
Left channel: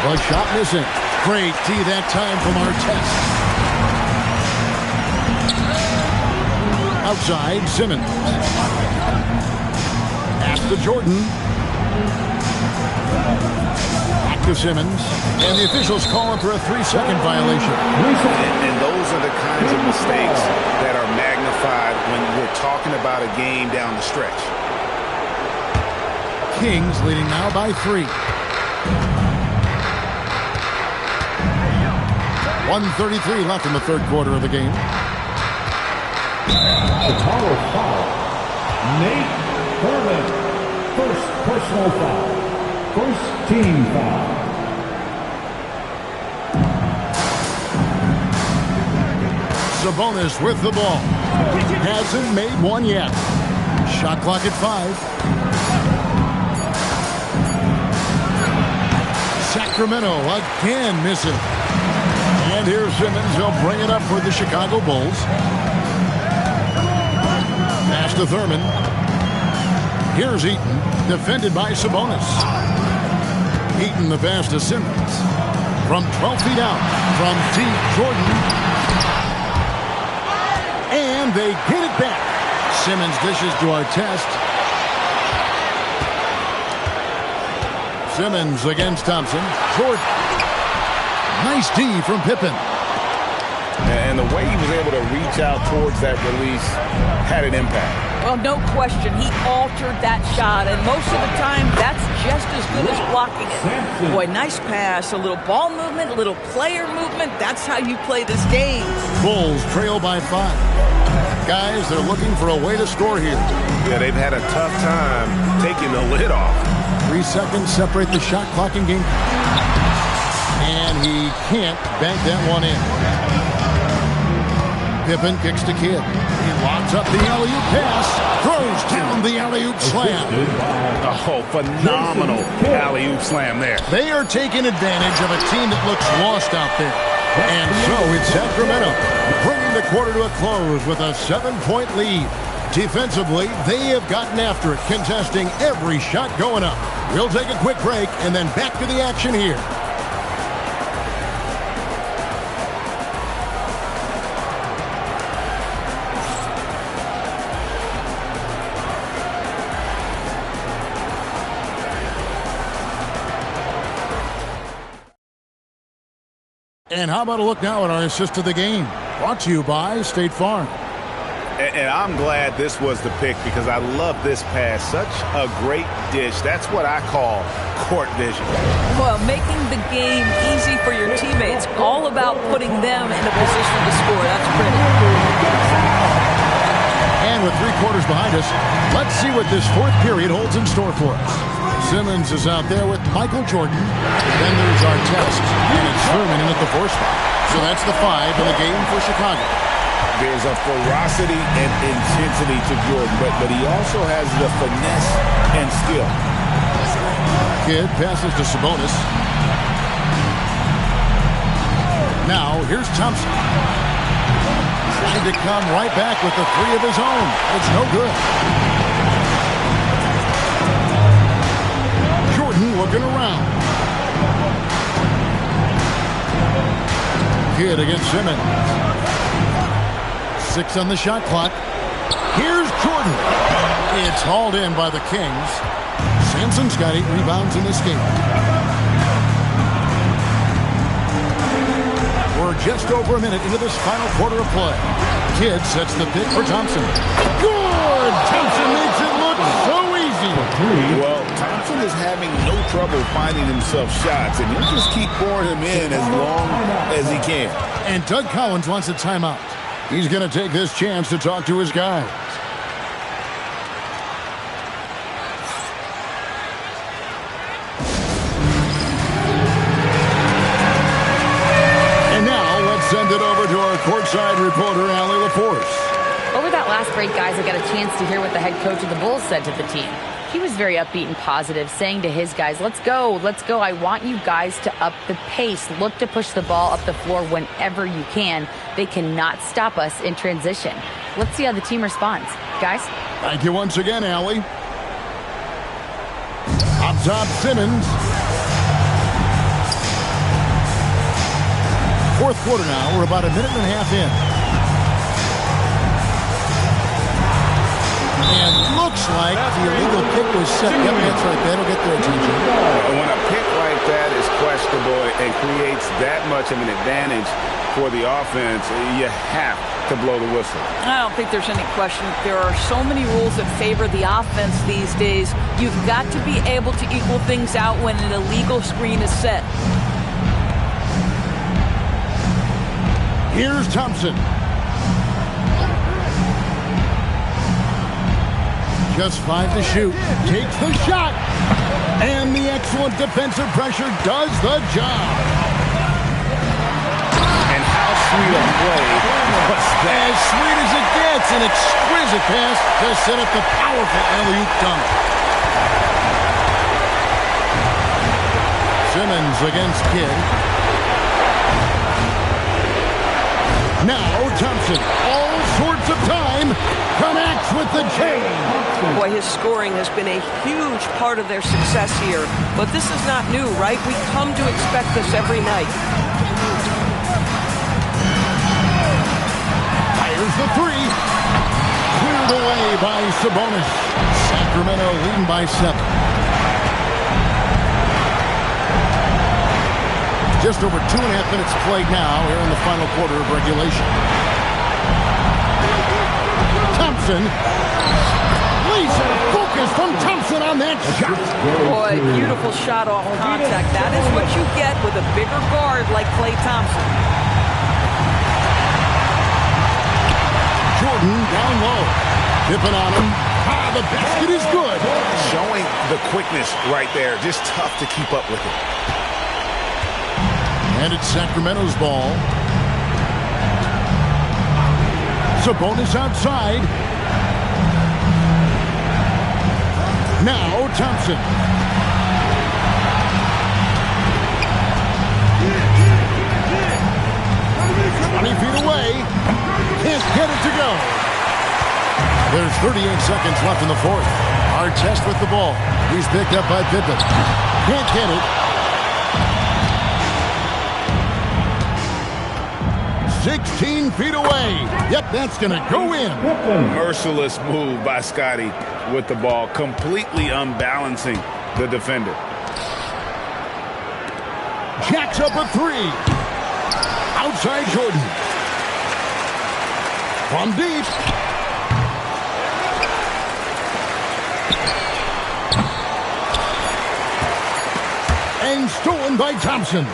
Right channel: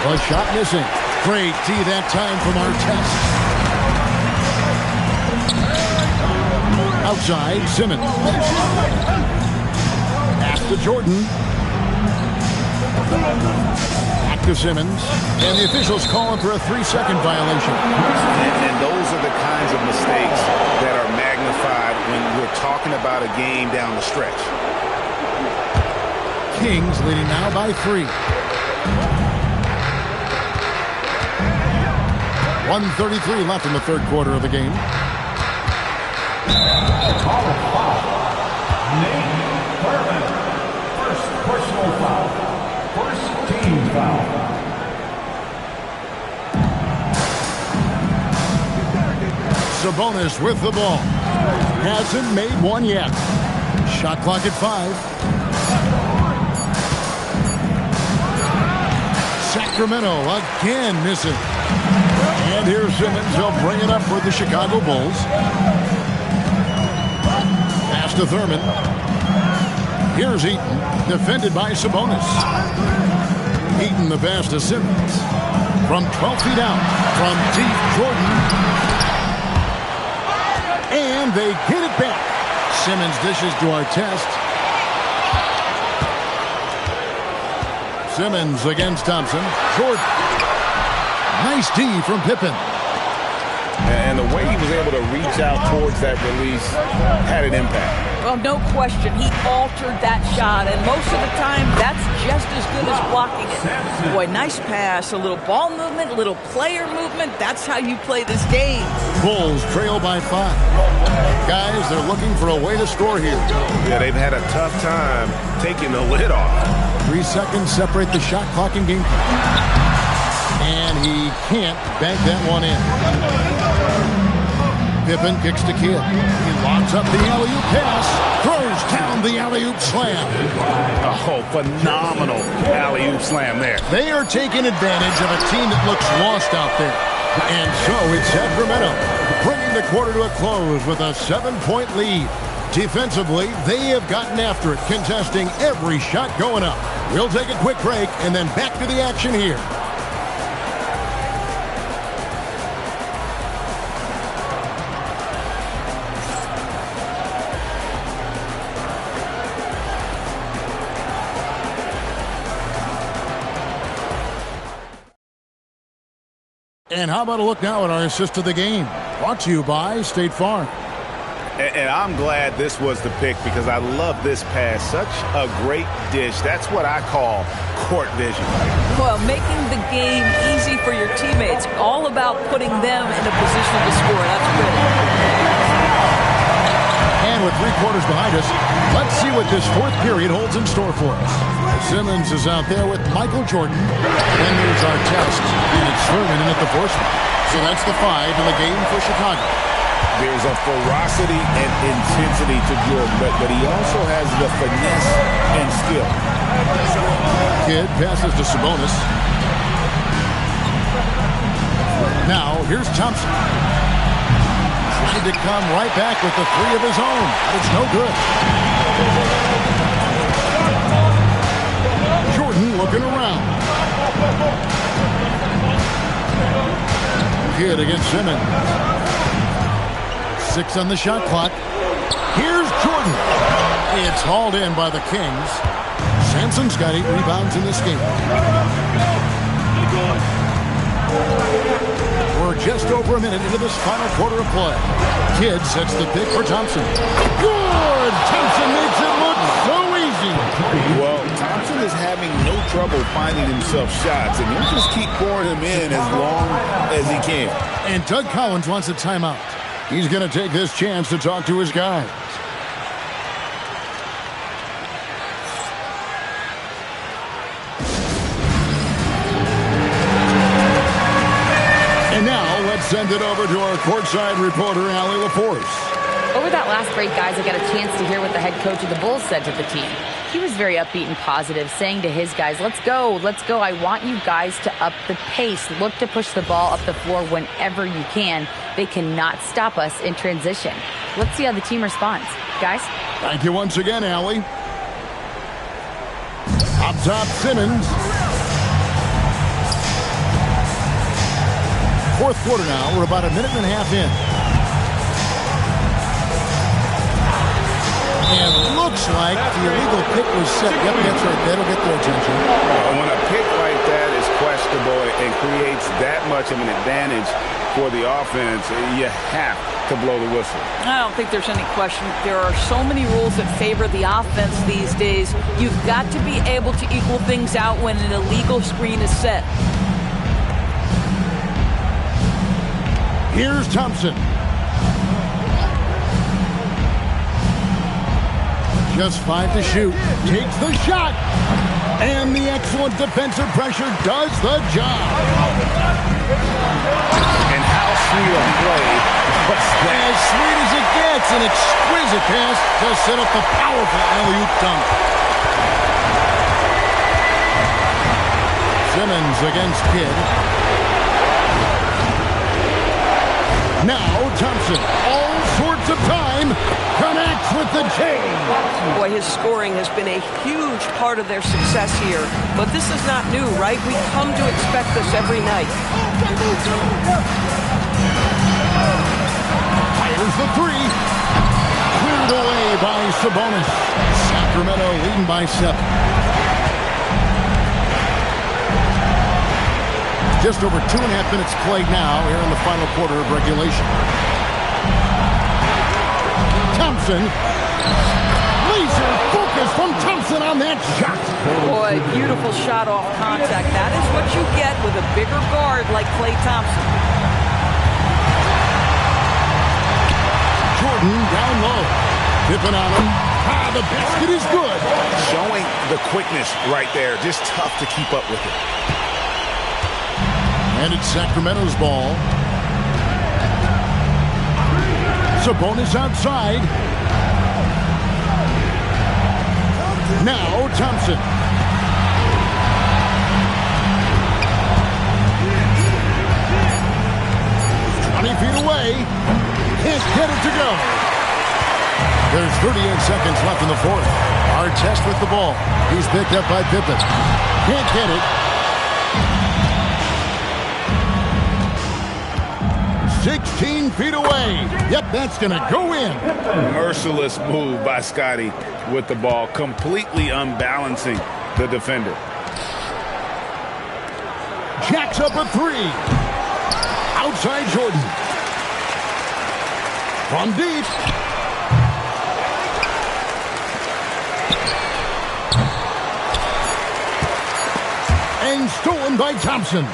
A shot missing. Great D that time from Artest. Outside, Simmons. Pass to Jordan. Back to Simmons. And the officials call him for a 3-second violation. And those are the kinds of mistakes that are magnified when we're talking about a game down the stretch. Kings leading now by 3. 1:33 left in the third quarter of the game. Foul 5. Nate Thurman. First personal foul. First team foul. Sabonis with the ball. Hasn't made one yet. Shot clock at 5. Sacramento again missing. And here's Simmons. He'll bring it up for the Chicago Bulls. Pass to Thurman. Here's Eaton, defended by Sabonis. Eaton the pass to Simmons. From 12 feet out, from deep, Jordan. And they get it back. Simmons dishes to Artest. Simmons against Thompson. Jordan. Nice D from Pippen. And the way he was able to reach out towards that release had an impact. Well, no question. He altered that shot, and most of the time, that's just as good as blocking it. Boy, nice pass, a little ball movement, a little player movement. That's how you play this game. Bulls trail by 5. Guys, they're looking for a way to score here. Yeah, they've had a tough time taking the lid off. 3 seconds separate the shot clock and game. And he can't bank that one in. Pippen kicks to Kidd. He lobs up the alley-oop pass. Throws down the alley-oop slam. Oh, phenomenal alley-oop slam there. They are taking advantage of a team that looks lost out there. And so it's Sacramento bringing the quarter to a close with a 7-point lead. Defensively, they have gotten after it, contesting every shot going up. We'll take a quick break and then back to the action here. And how about a look now at our assist of the game? Brought to you by State Farm. And I'm glad this was the pick because I love this pass. Such a great dish. That's what I call court vision. Well, making the game easy for your teammates. All about putting them in a position to score. That's pretty. And with 3 quarters behind us, let's see what this fourth period holds in store for us. Simmons is out there with Michael Jordan. Then there's Artest, and it's Thurman in at the 4 spot. So that's the 5 in the game for Chicago. There's a ferocity and intensity to Jordan, but he also has the finesse and skill. Kidd passes to Sabonis. Now, here's Thompson. Trying to come right back with the 3 of his own, but it's no good. Jordan looking around. Kidd against Simmons. 6 on the shot clock. Here's Jordan. It's hauled in by the Kings. Sampson's got 8 rebounds in this game. We're just over a minute into this final quarter of play. Kidd sets the pick for Thompson. Good! Thompson makes it look so easy. Well, Thompson is having no trouble finding himself shots, and he'll just keep pouring them in as long as he can. And Doug Collins wants a timeout. He's going to take this chance to talk to his guys. And now let's send it over to our courtside reporter, Allie LaForce. Over that last break, guys, I got a chance to hear what the head coach of the Bulls said to the team. He was very upbeat and positive, saying to his guys, let's go. I want you guys to up the pace. Look to push the ball up the floor whenever you can. They cannot stop us in transition. Let's see how the team responds. Guys? Thank you once again, Allie. Up top, Simmons. Fourth quarter now. We're about a minute and a half in. And looks like the illegal pick was set. Yep, that's right. That'll get their attention. When a pick like that is questionable and creates that much of an advantage for the offense, you have to blow the whistle. I don't think there's any question. There are so many rules that favor the offense these days. You've got to be able to equal things out when an illegal screen is set. Here's Thompson. Just 5 to shoot. Takes the shot. And the excellent defensive pressure does the job. And how sweet a play was that? As sweet as it gets. An exquisite pass to set up the powerful alley-oop dunk. Simmons against Kidd. Now Thompson, all sorts of time, connects with the chain. Boy, his scoring has been a huge part of their success here. But this is not new, right? We come to expect this every night. Fires the three. Cleared away by Sabonis. Sacramento leading by 7. Just over 2.5 minutes played now here in the final quarter of regulation. Thompson. Laser focus from Thompson on that shot. Boy, beautiful shot off contact. That is what you get with a bigger guard like Klay Thompson. Jordan down low. Dipping on him. The basket is good. Showing the quickness right there. Just tough to keep up with it. And it's Sacramento's ball. Sabonis outside. Now Thompson. Feet away. Can't get it to go. There's 38 seconds left in the fourth. Artest with the ball. He's picked up by Pippen. Can't get it. 16 feet away. Yep, that's going to go in. Merciless move by Scotty with the ball, completely unbalancing the defender. Jacks up a 3. Outside Jordan. From deep. And stolen by Thompson.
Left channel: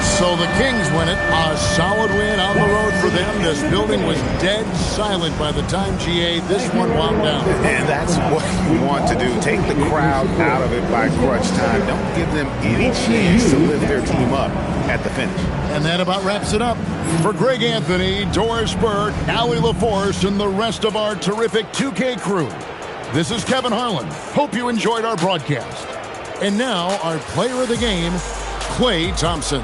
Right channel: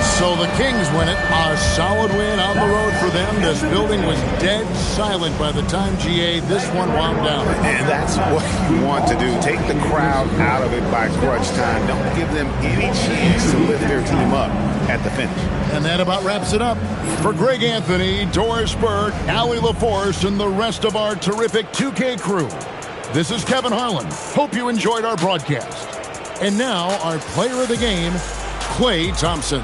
So the Kings win it. A solid win on the road for them. This building was dead silent by the time, GA, this one wound down. And that's what you want to do. Take the crowd out of it by crunch time. Don't give them any chance to lift their team up at the finish. And that about wraps it up. For Greg Anthony, Doris Burke, Allie LaForce, and the rest of our terrific 2K crew, this is Kevin Harlan. Hope you enjoyed our broadcast. And now, our player of the game, Klay Thompson.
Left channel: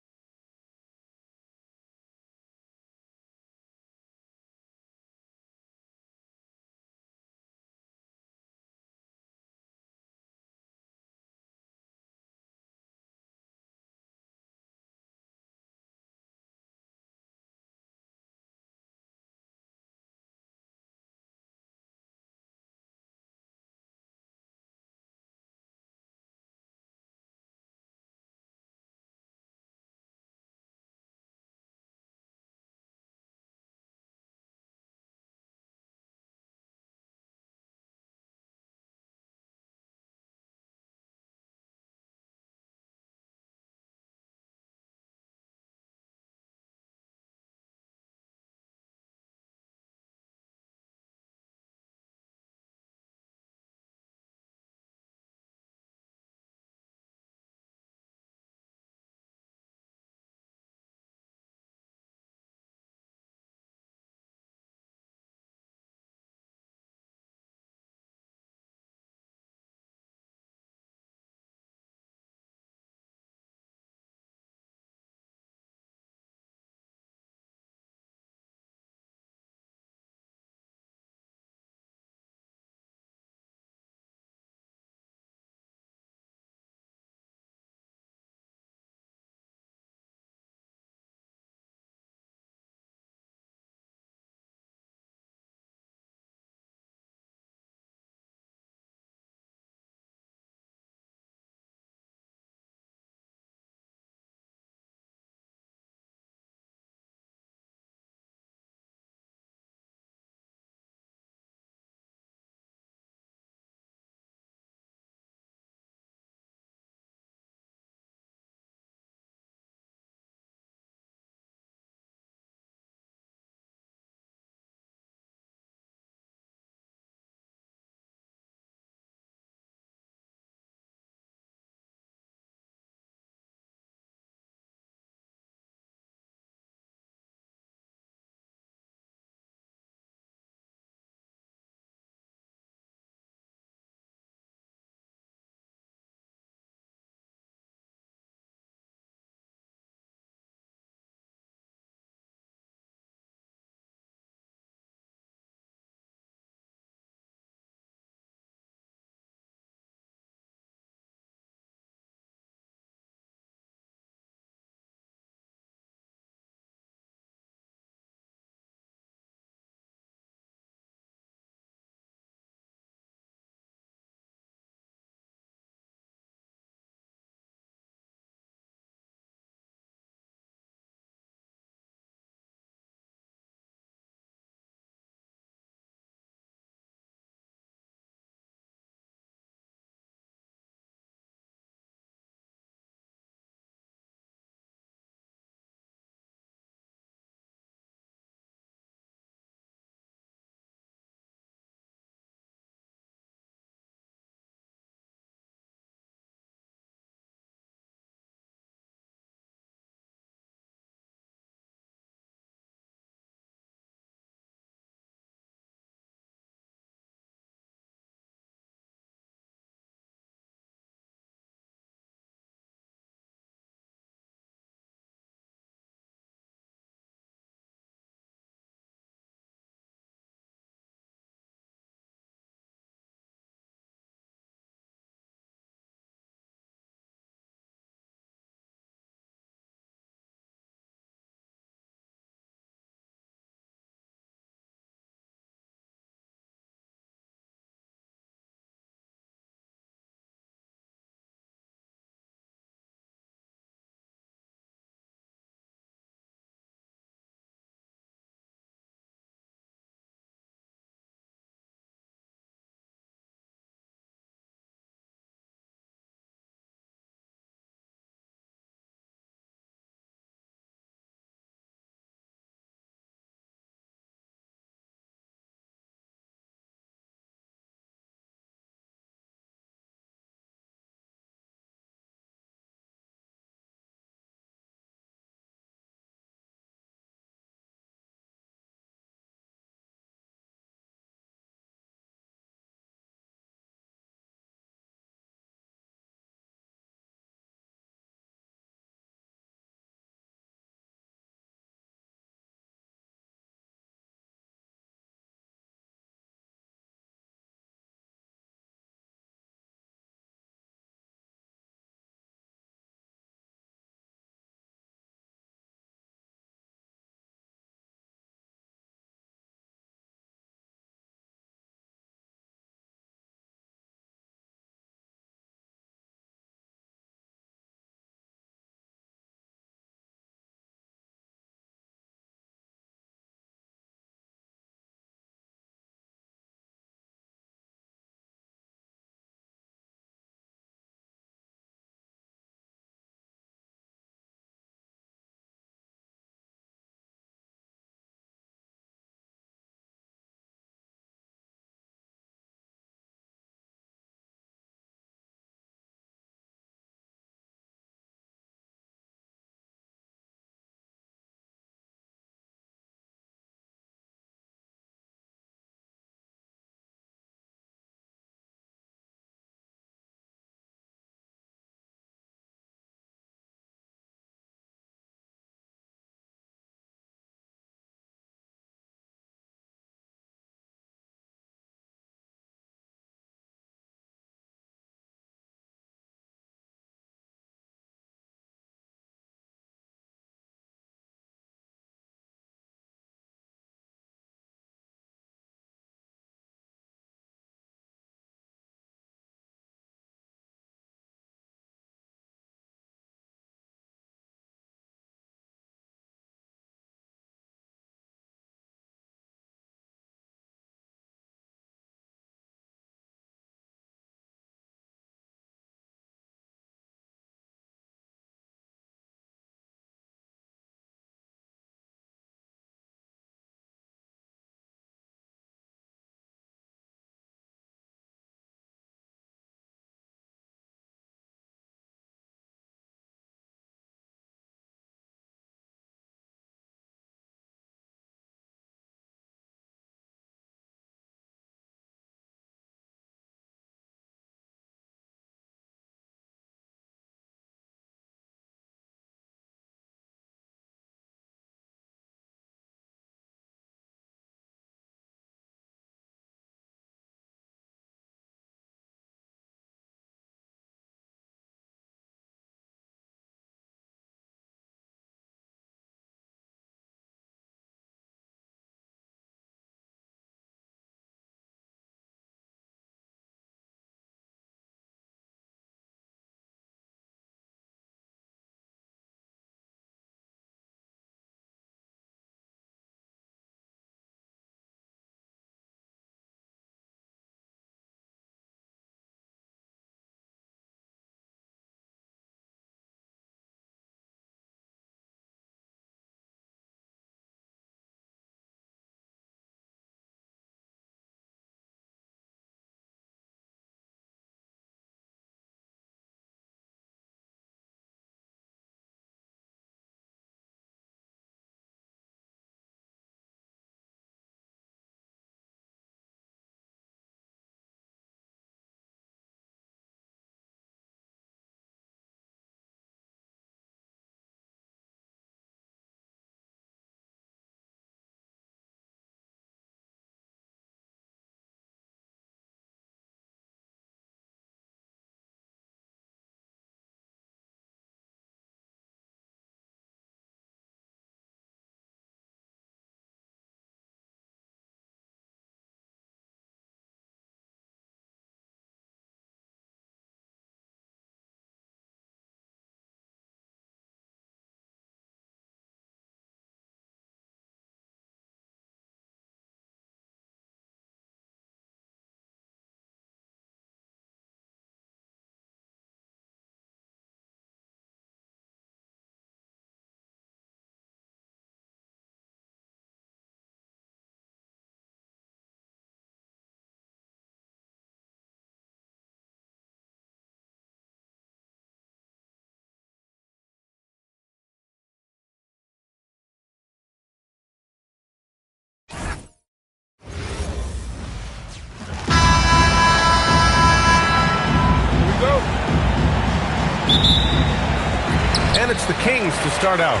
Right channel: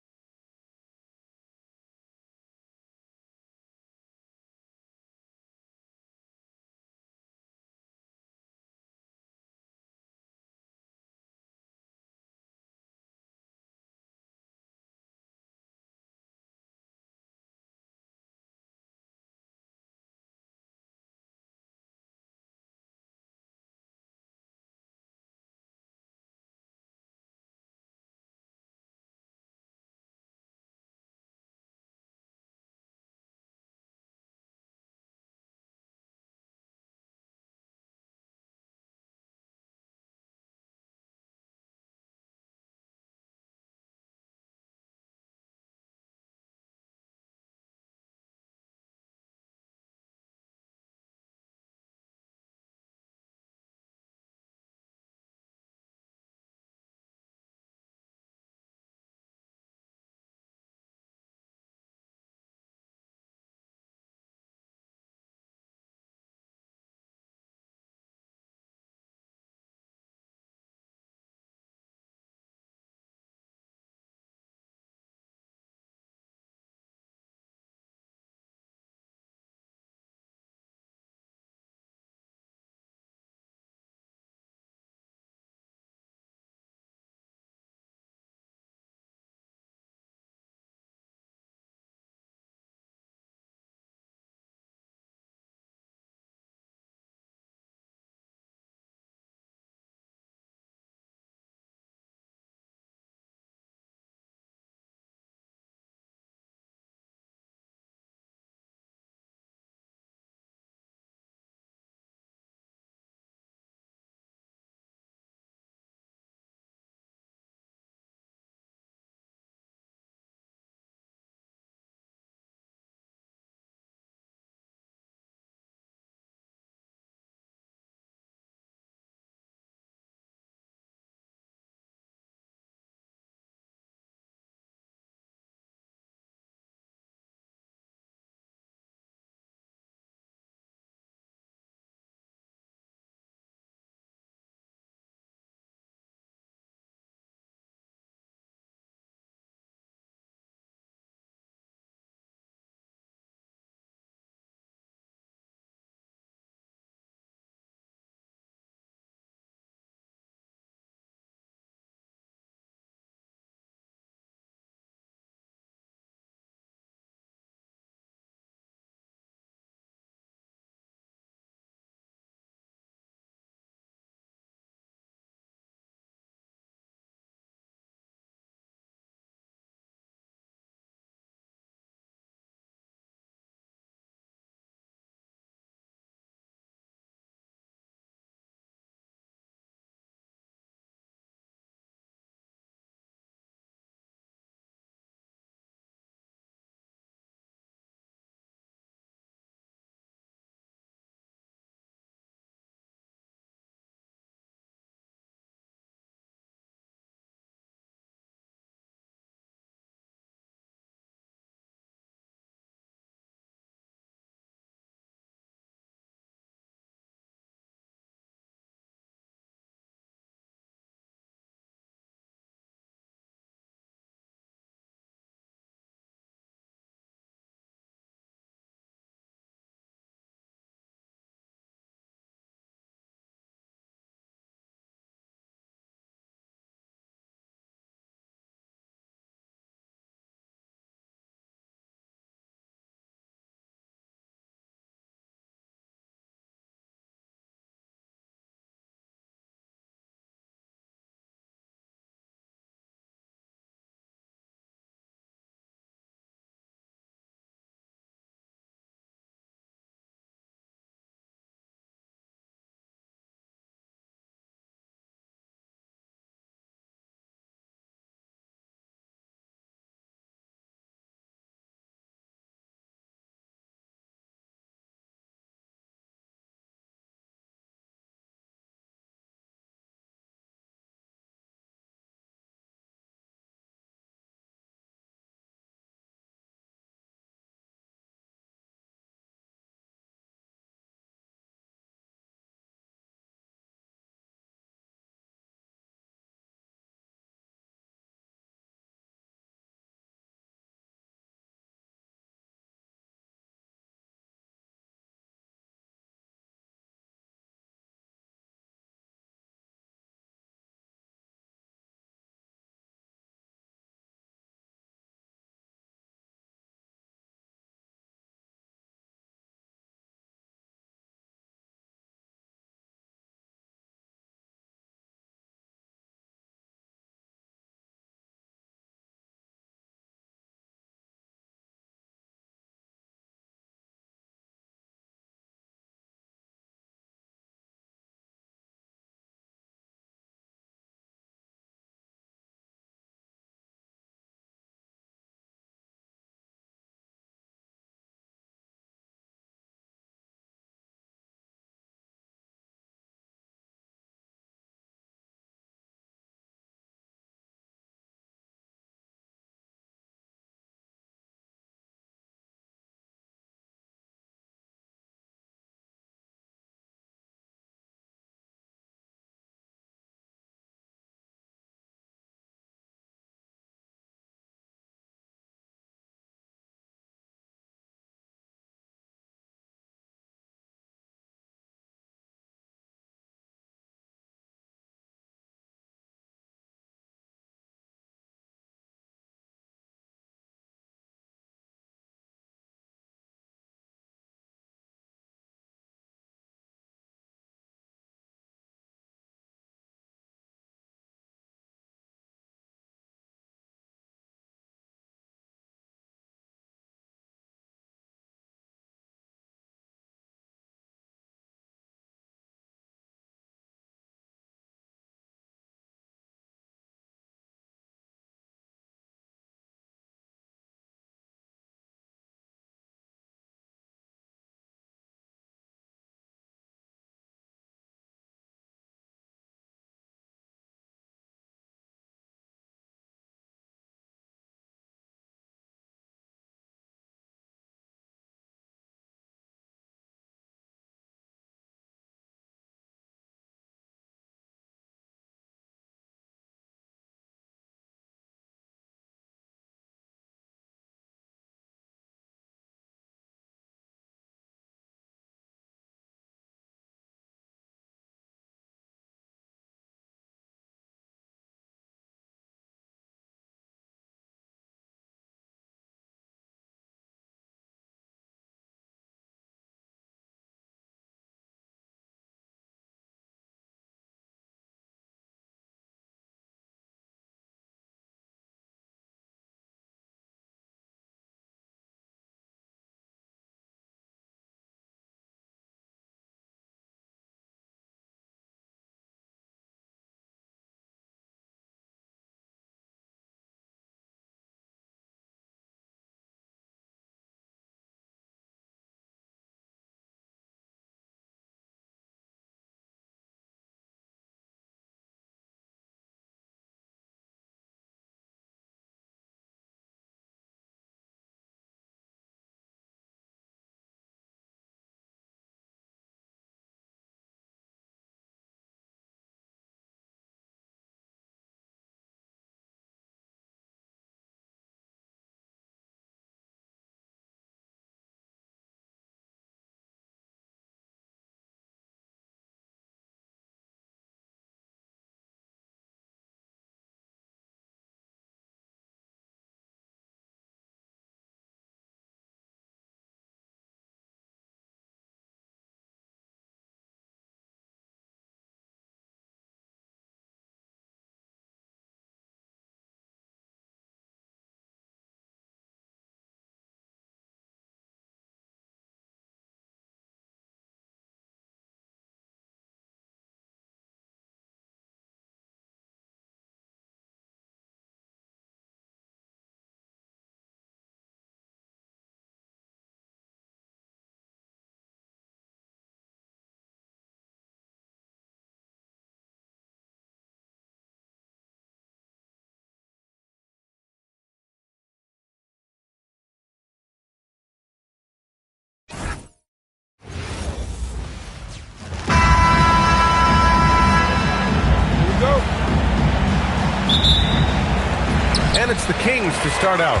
Then it's the Kings to start out.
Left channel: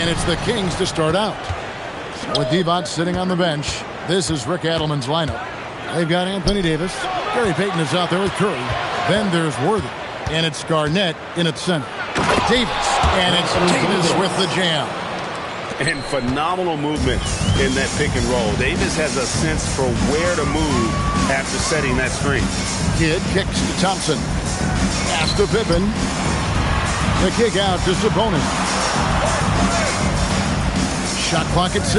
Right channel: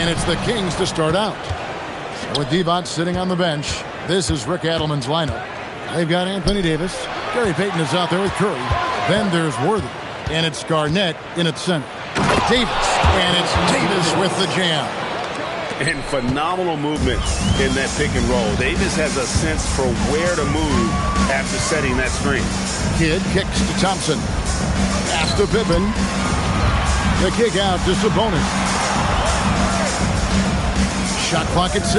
And it's the Kings to start out. So with Divac sitting on the bench, this is Rick Adelman's lineup. They've got Anthony Davis. Gary Payton is out there with Curry. Then there's Worthy. And it's Garnett in at center. Davis. And it's Davis with the jam. And phenomenal movement in that pick and roll. Davis has a sense for where to move after setting that screen. Kidd kicks to Thompson. Pass to Pippen. The kick out to Sabonis. Shot clock at 6.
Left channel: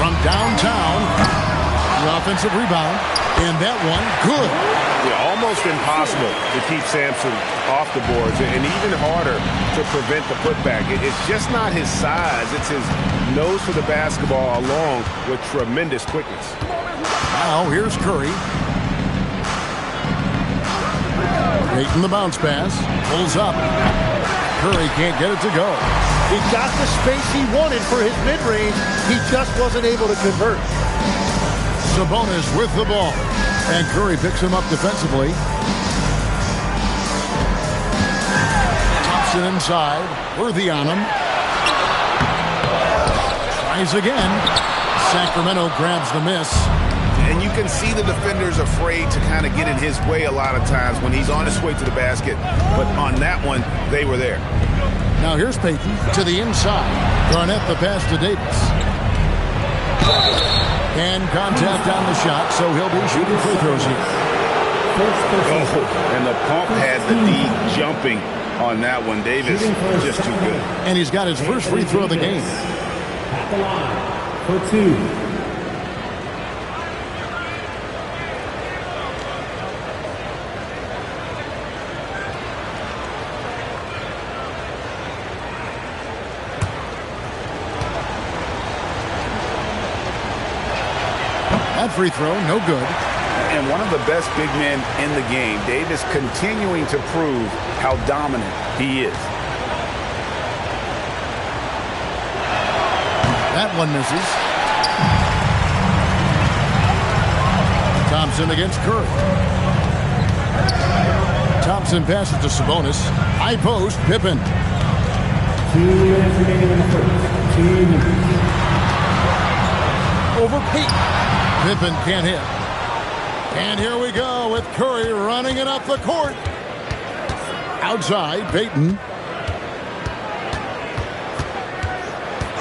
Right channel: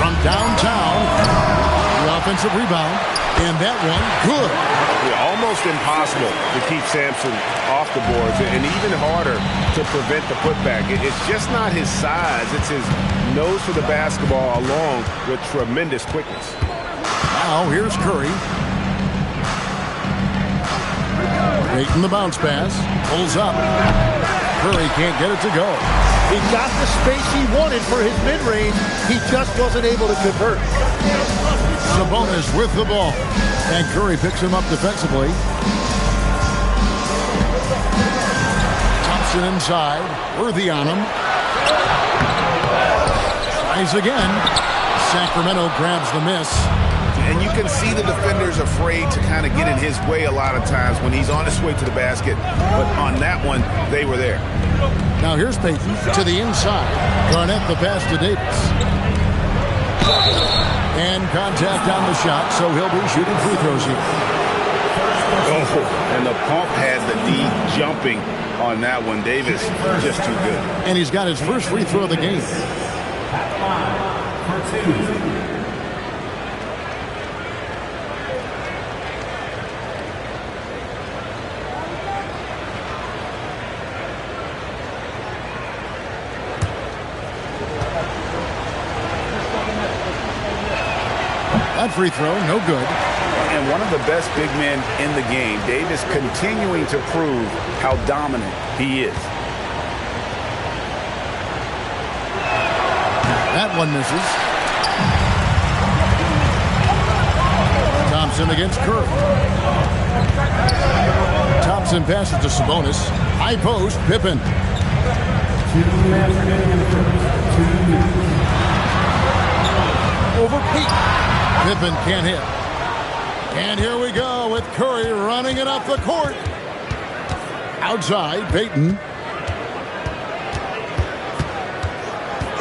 From downtown, the offensive rebound. And that one, good. Yeah, almost impossible to keep Sampson off the boards, and even harder to prevent the putback. It's just not his size. It's his nose for the basketball along with tremendous quickness. Now here's Curry. Payton the bounce pass. Pulls up. Curry can't get it to go. He got the space he wanted for his mid-range. He just wasn't able to convert. Sabonis with the ball. And Curry picks him up defensively. Thompson inside. Worthy on him. Tries again. Sacramento grabs the miss. And you can see the defenders afraid to kind of get in his way a lot of times when he's on his way to the basket. But on that one, they were there. Now here's Payton to the inside. Garnett the pass to Davis. And contact on the shot, so he'll be shooting free throws here. Oh, and the pump had the D jumping on that one. Davis just too good. And he's got his first free throw of the game. At the line for 2. That free throw, no good. And one of the best big men in the game, Davis, continuing to prove how dominant he is. That one misses. Thompson against Curry. Thompson passes to Sabonis. High post, Pippen. 2 minutes remaining in the first. 2 minutes. Over Payton. Pippen can't hit. And here we go with Curry running it up the court. Outside, Payton.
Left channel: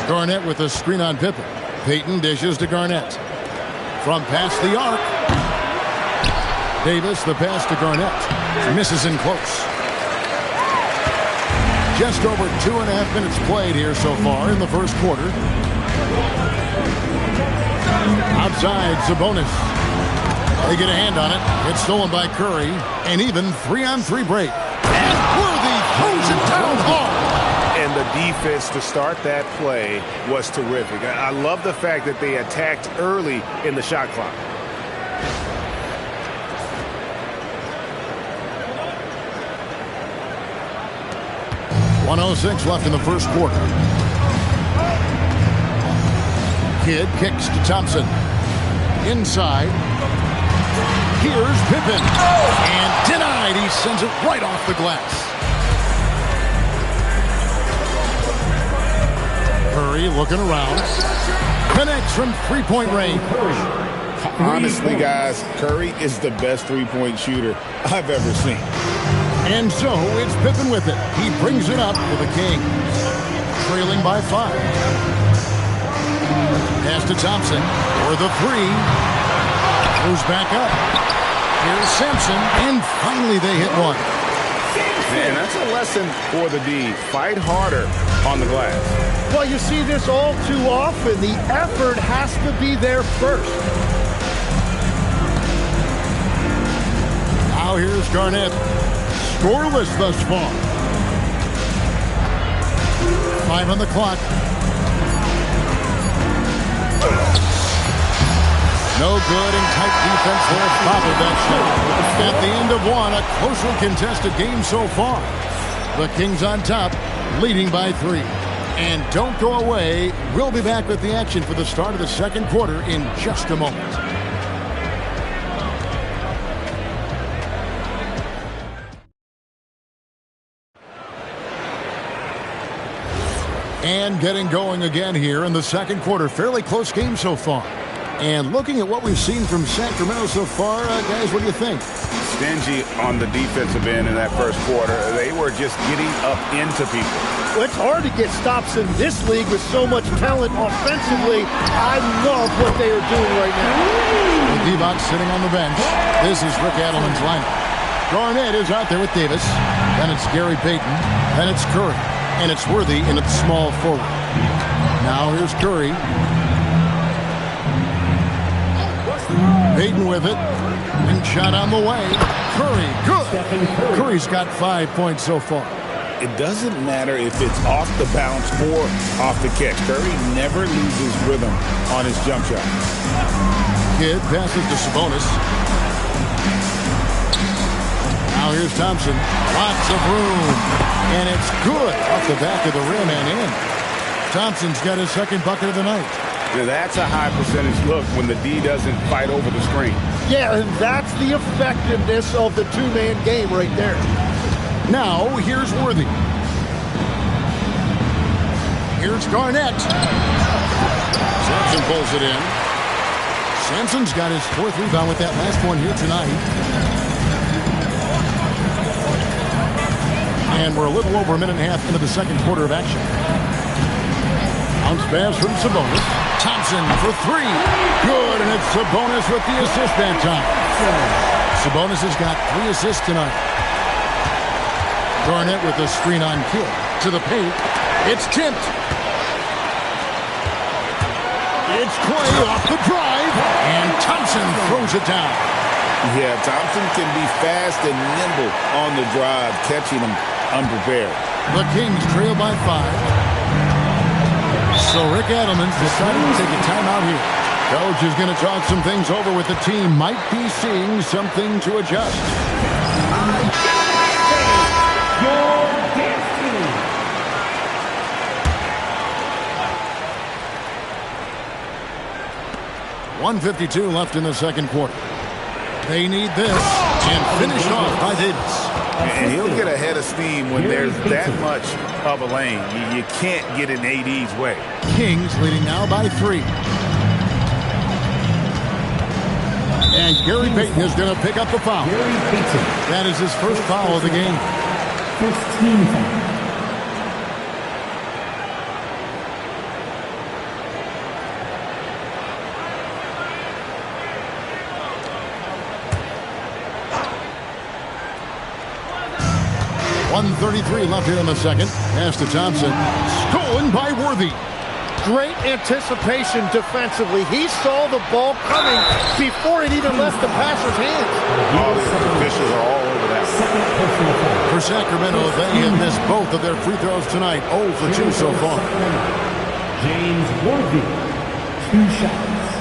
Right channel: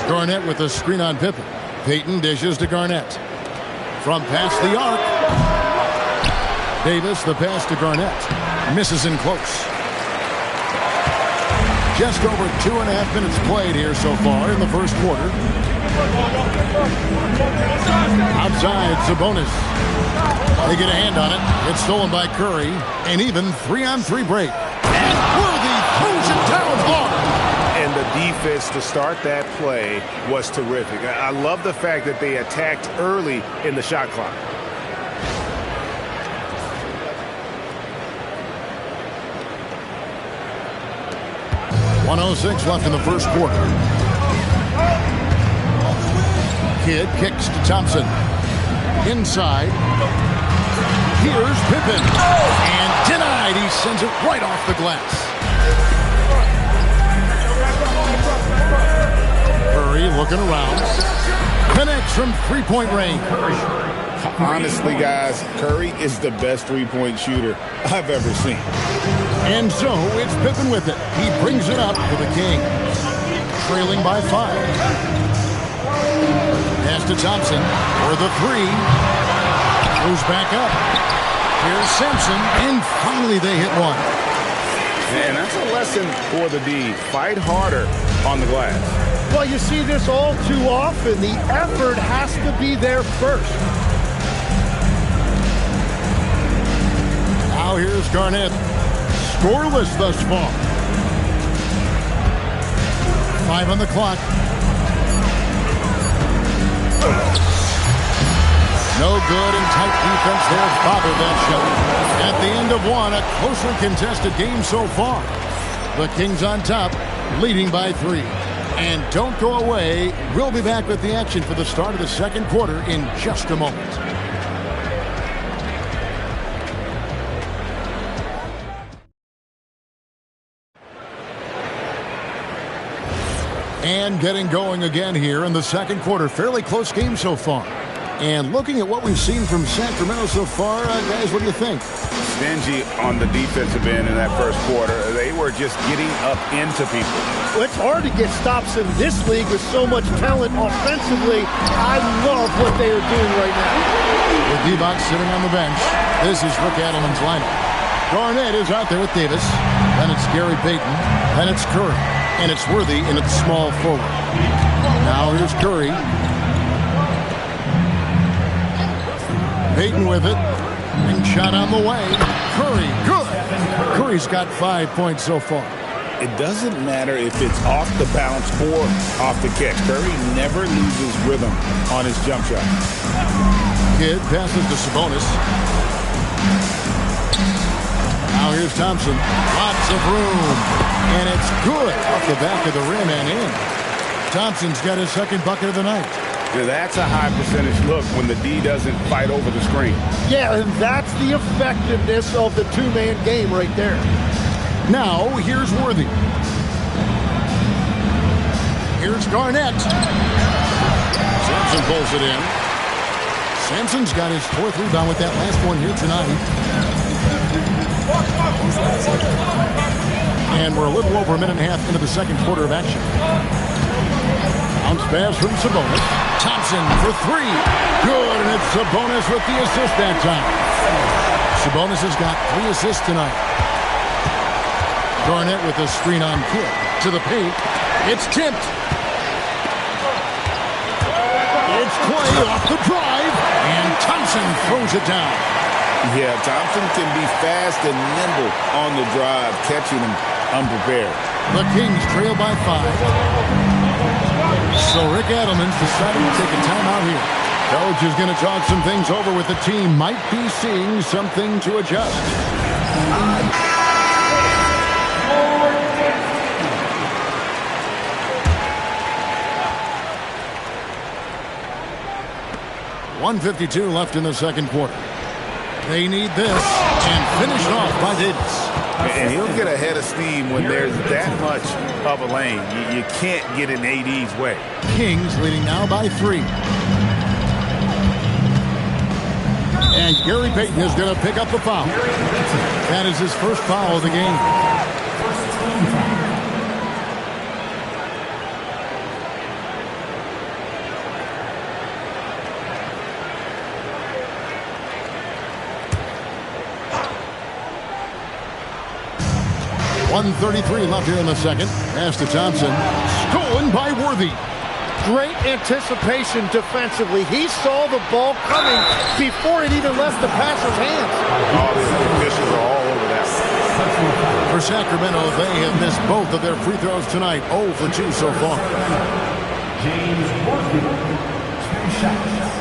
Garnett with a screen on Pippen. Payton dishes to Garnett. From past the arc. Davis, the pass to Garnett. Misses in close. Just over 2.5 minutes played here so far in the first quarter. Outside, Sabonis. They get a hand on it. It's stolen by Curry. An even 3-on-3 break. And Worthy throws it down hard. And the defense to start that play was terrific. I love the fact that they attacked early in the shot clock. .106 left in the first quarter. Kidd kicks to Thompson. Inside. Here's Pippen. And denied. He sends it right off the glass. Curry looking around. Connects from three-point range. Honestly, guys, Curry is the best three-point shooter I've ever seen. And so it's Pippen with it. He brings it up for the Kings. Trailing by 5. Pass to Thompson for the 3. Goes back up. Here's Sampson. And finally they hit one. And that's a lesson for the D. Fight harder on the glass. Well, you see this all too often. The effort has to be there first. Now here's Garnett. Scoreless thus far. 5 on the clock. No good and tight defense there. Bobbled that shot. At the end of one, a closely contested game so far. The Kings on top, leading by 3. And don't go away. We'll be back with the action for the start of the second quarter in just a moment. And getting going again here in the second quarter. Fairly close game so far. And looking at what we've seen from Sacramento so far, guys, what do you think? Stingy on the defensive end in that first quarter. They were just getting up into people. Well, it's hard to get stops in this league with so much talent offensively. I love what they are doing right now. With Divac sitting on the bench, this is Rick Adelman's lineup. Garnett is out there with Davis. Then it's Gary Payton. Then it's Curry. And it's Worthy in its small forward. Now here's Curry. Payton with it. And shot on the way. Curry, good. Curry's got 5 points so far. It doesn't matter if it's off the bounce or off the catch. Curry never loses rhythm on his jump shot. Kidd passes to Sabonis. Now here's Thompson. Lots of room. And it's good off the back of the rim and in. Thompson's got his second bucket of the night. Yeah, that's a high percentage look when the D doesn't fight over the screen. Yeah, and that's the effectiveness of the two-man game right there. Now, here's Worthy. Here's Garnett. Sampson pulls it in. Sampson's got his fourth rebound with that last one here tonight. And we're a little over a minute and a half into the second quarter of action. Bounce pass from Sabonis. Thompson for three. Good, and it's Sabonis with the assist that time. Sabonis has got 3 assists tonight. Garnett with a screen on Kidd. To the paint. It's tipped. It's Clay off the drive. And Thompson throws it down. Yeah, Thompson can be fast and nimble on the drive, catching him unprepared. The Kings trail by 5. So Rick Adelman's decided to take a timeout here. Coach is going to talk some things over with the team. Might be seeing something to adjust. Your destiny. .152 left in the second quarter. They need this, and finished off by Davis. And he'll get ahead of steam when there's that much of a lane. You can't get in AD's way. Kings leading now by 3. And Gary Payton is going to pick up the foul. That is his first foul of the game. First team foul. .133 left here in the second. Pass to Thompson. Stolen by Worthy. Great anticipation defensively. He saw the ball coming before it even left the passer's hands. All the officials are all over that one. For Sacramento, they have missed both of their free throws tonight. 0 for 2 so far. James Worthy, 2 shots.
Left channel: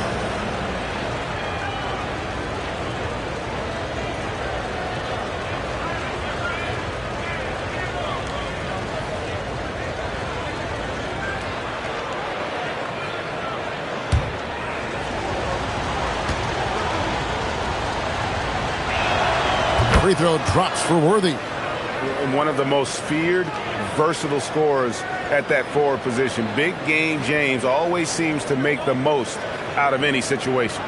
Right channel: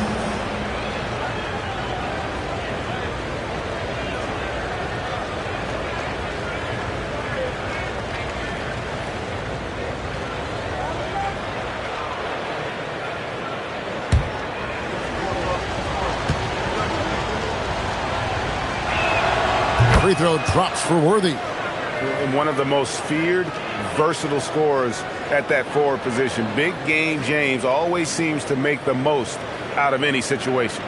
Free throw drops for Worthy. One of the most feared, versatile scorers at that forward position. Big game James always seems to make the most out of any situation.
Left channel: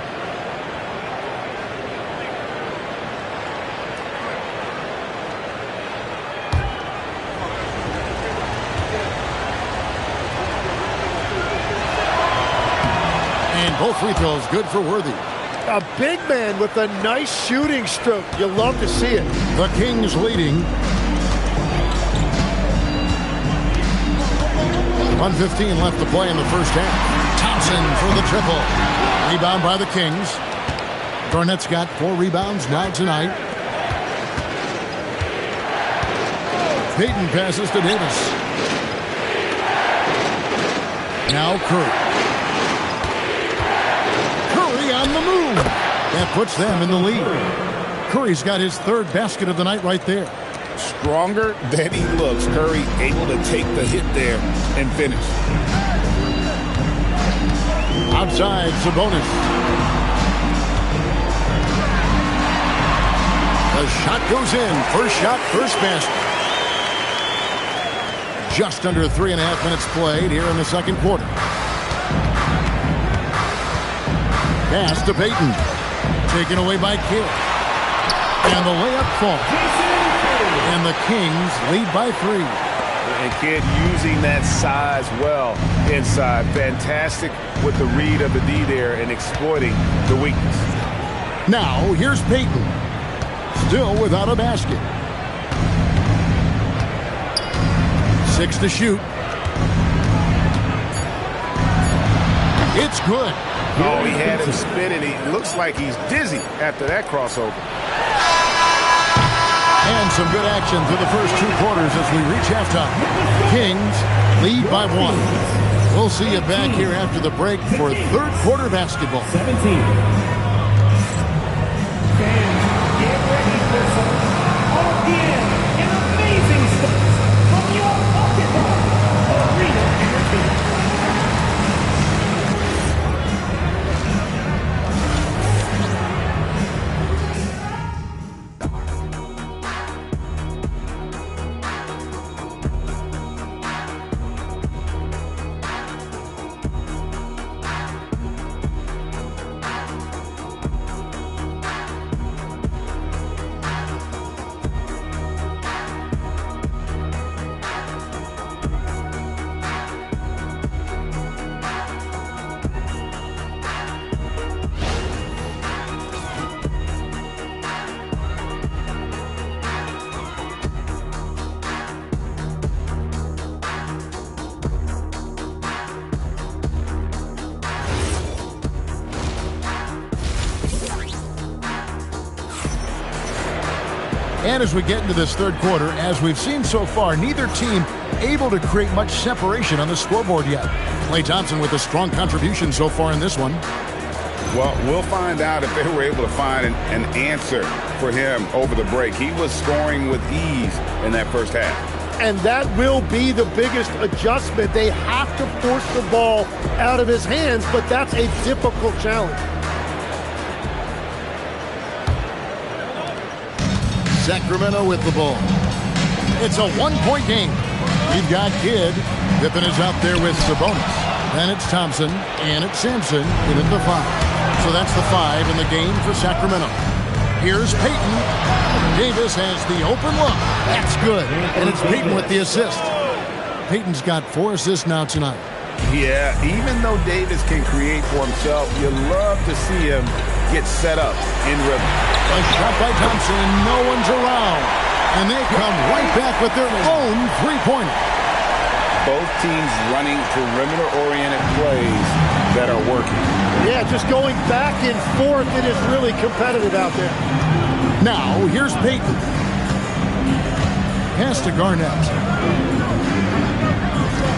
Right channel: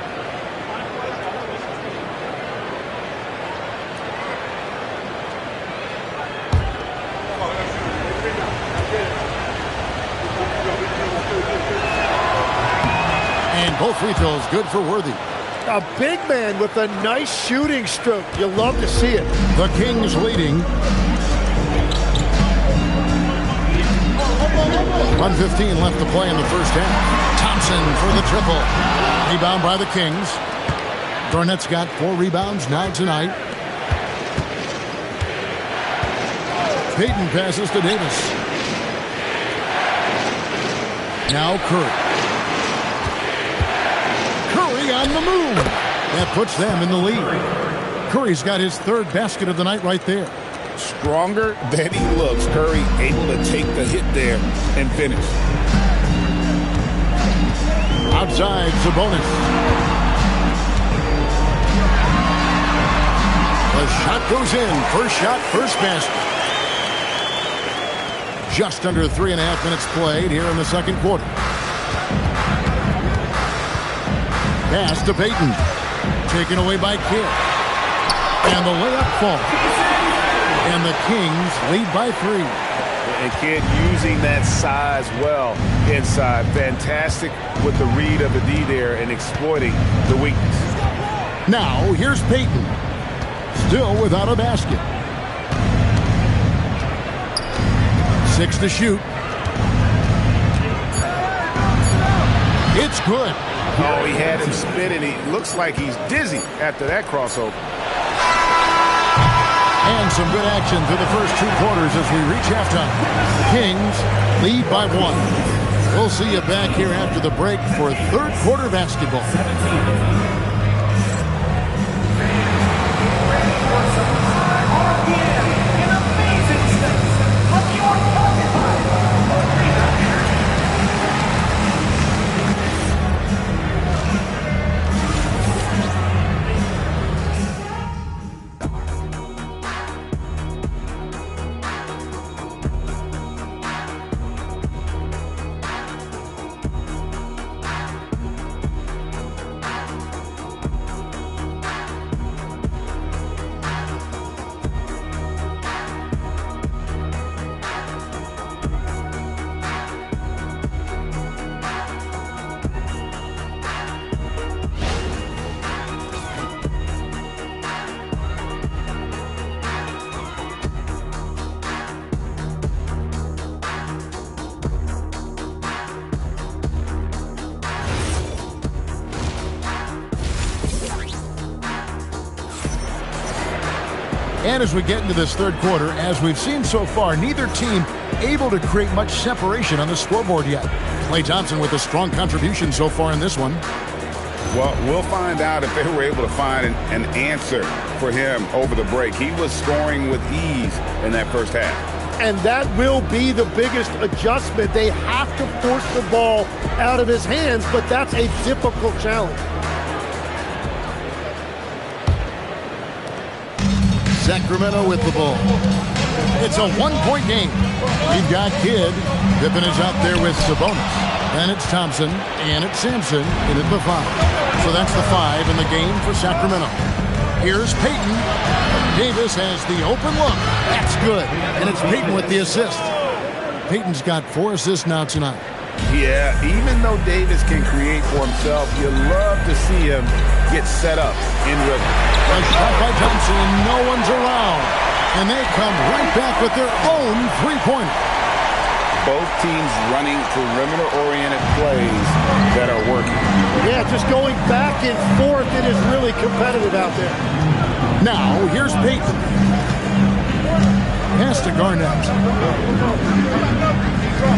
And both free throws good for Worthy. A big man with a nice shooting stroke. You love to see it. The Kings leading. 1:15 left to play in the first half. Thompson for the triple. Rebound by the Kings. Garnett's got 4 rebounds now tonight. Payton passes to Davis. Now Curry. Curry on the move. That puts them in the lead. Curry's got his 3rd basket of the night right there. Stronger than he looks. Curry able to take the hit there and finish. Outside, Sabonis. The shot goes in. First shot, first basket. Just under 3.5 minutes played here in the second quarter. Pass to Payton. Taken away by Kidd. And the layup falls. And the Kings lead by 3. And Kidd using that size well inside. Fantastic with the read of the D there and exploiting the weakness. Now, here's Payton. Still without a basket. 6 to shoot. It's good. Oh, he had him spinning. He looks like he's dizzy after that crossover. And some good action through the first 2 quarters as we reach halftime. Kings lead by 1. We'll see you back here after the break for 3rd quarter basketball. 17. And as we get into this third quarter, as we've seen so far, neither team able to create much separation on the scoreboard yet. Klay Thompson with a strong contribution so far in this one. Well, we'll find out if they were able to find an answer for him over the break. He was scoring with ease in that first half. And that will be the biggest adjustment. They have to force the ball out of his hands, but that's a difficult challenge. Sacramento with the ball. It's a one-point game. We've got Kidd. Pippen is out there with Sabonis. Then it's Thompson, and it's Sampson in at the 5. So that's the 5 in the game for Sacramento. Here's Payton. Davis has the open look. That's good. And it's Payton with the assist. Payton's got 4 assists now tonight. Yeah, even though Davis can create for himself, you love to see him get set up in rhythm. A shot by Thompson, and no one's around. And they come right back with their own three-pointer. Both teams running perimeter-oriented plays that are working. Yeah, just going back and forth, it is really competitive out there. Now, here's Payton. Pass to Garnett.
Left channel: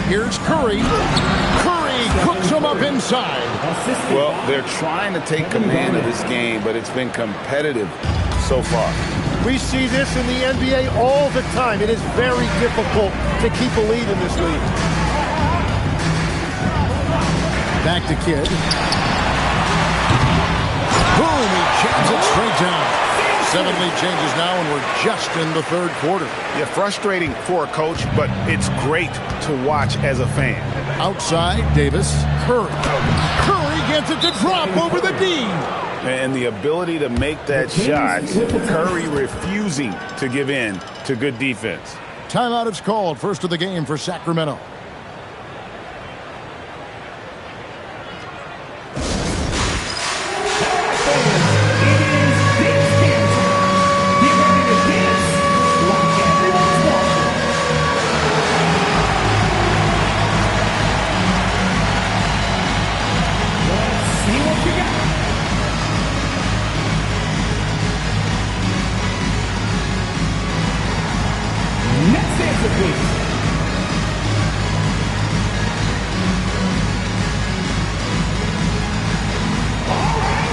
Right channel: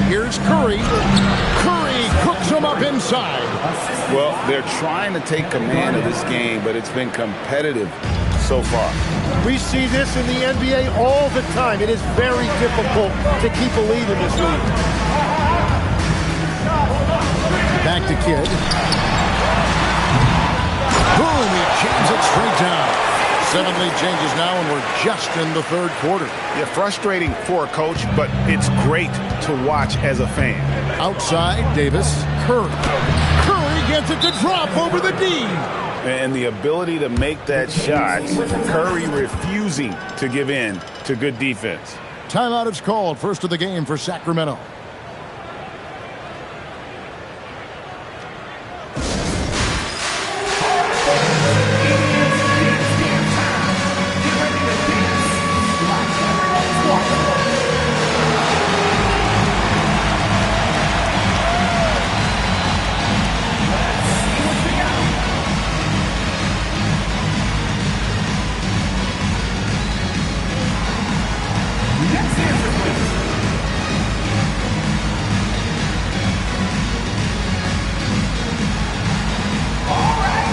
Here's Curry. Curry cooks him up inside. Well, they're trying to take command of this game, but it's been competitive so far. We see this in the NBA all the time. It is very difficult to keep a lead in this league. Back to Kidd. Boom, he jams it straight down. 7 lead changes now, and we're just in the third quarter. Yeah, frustrating for a coach, but it's great to watch as a fan. Outside, Davis. Curry. Curry gets it to drop over the D. And the ability to make that shot, Curry refusing to give in to good defense. Timeout is called. First of the game for Sacramento. Next answer, please. All right.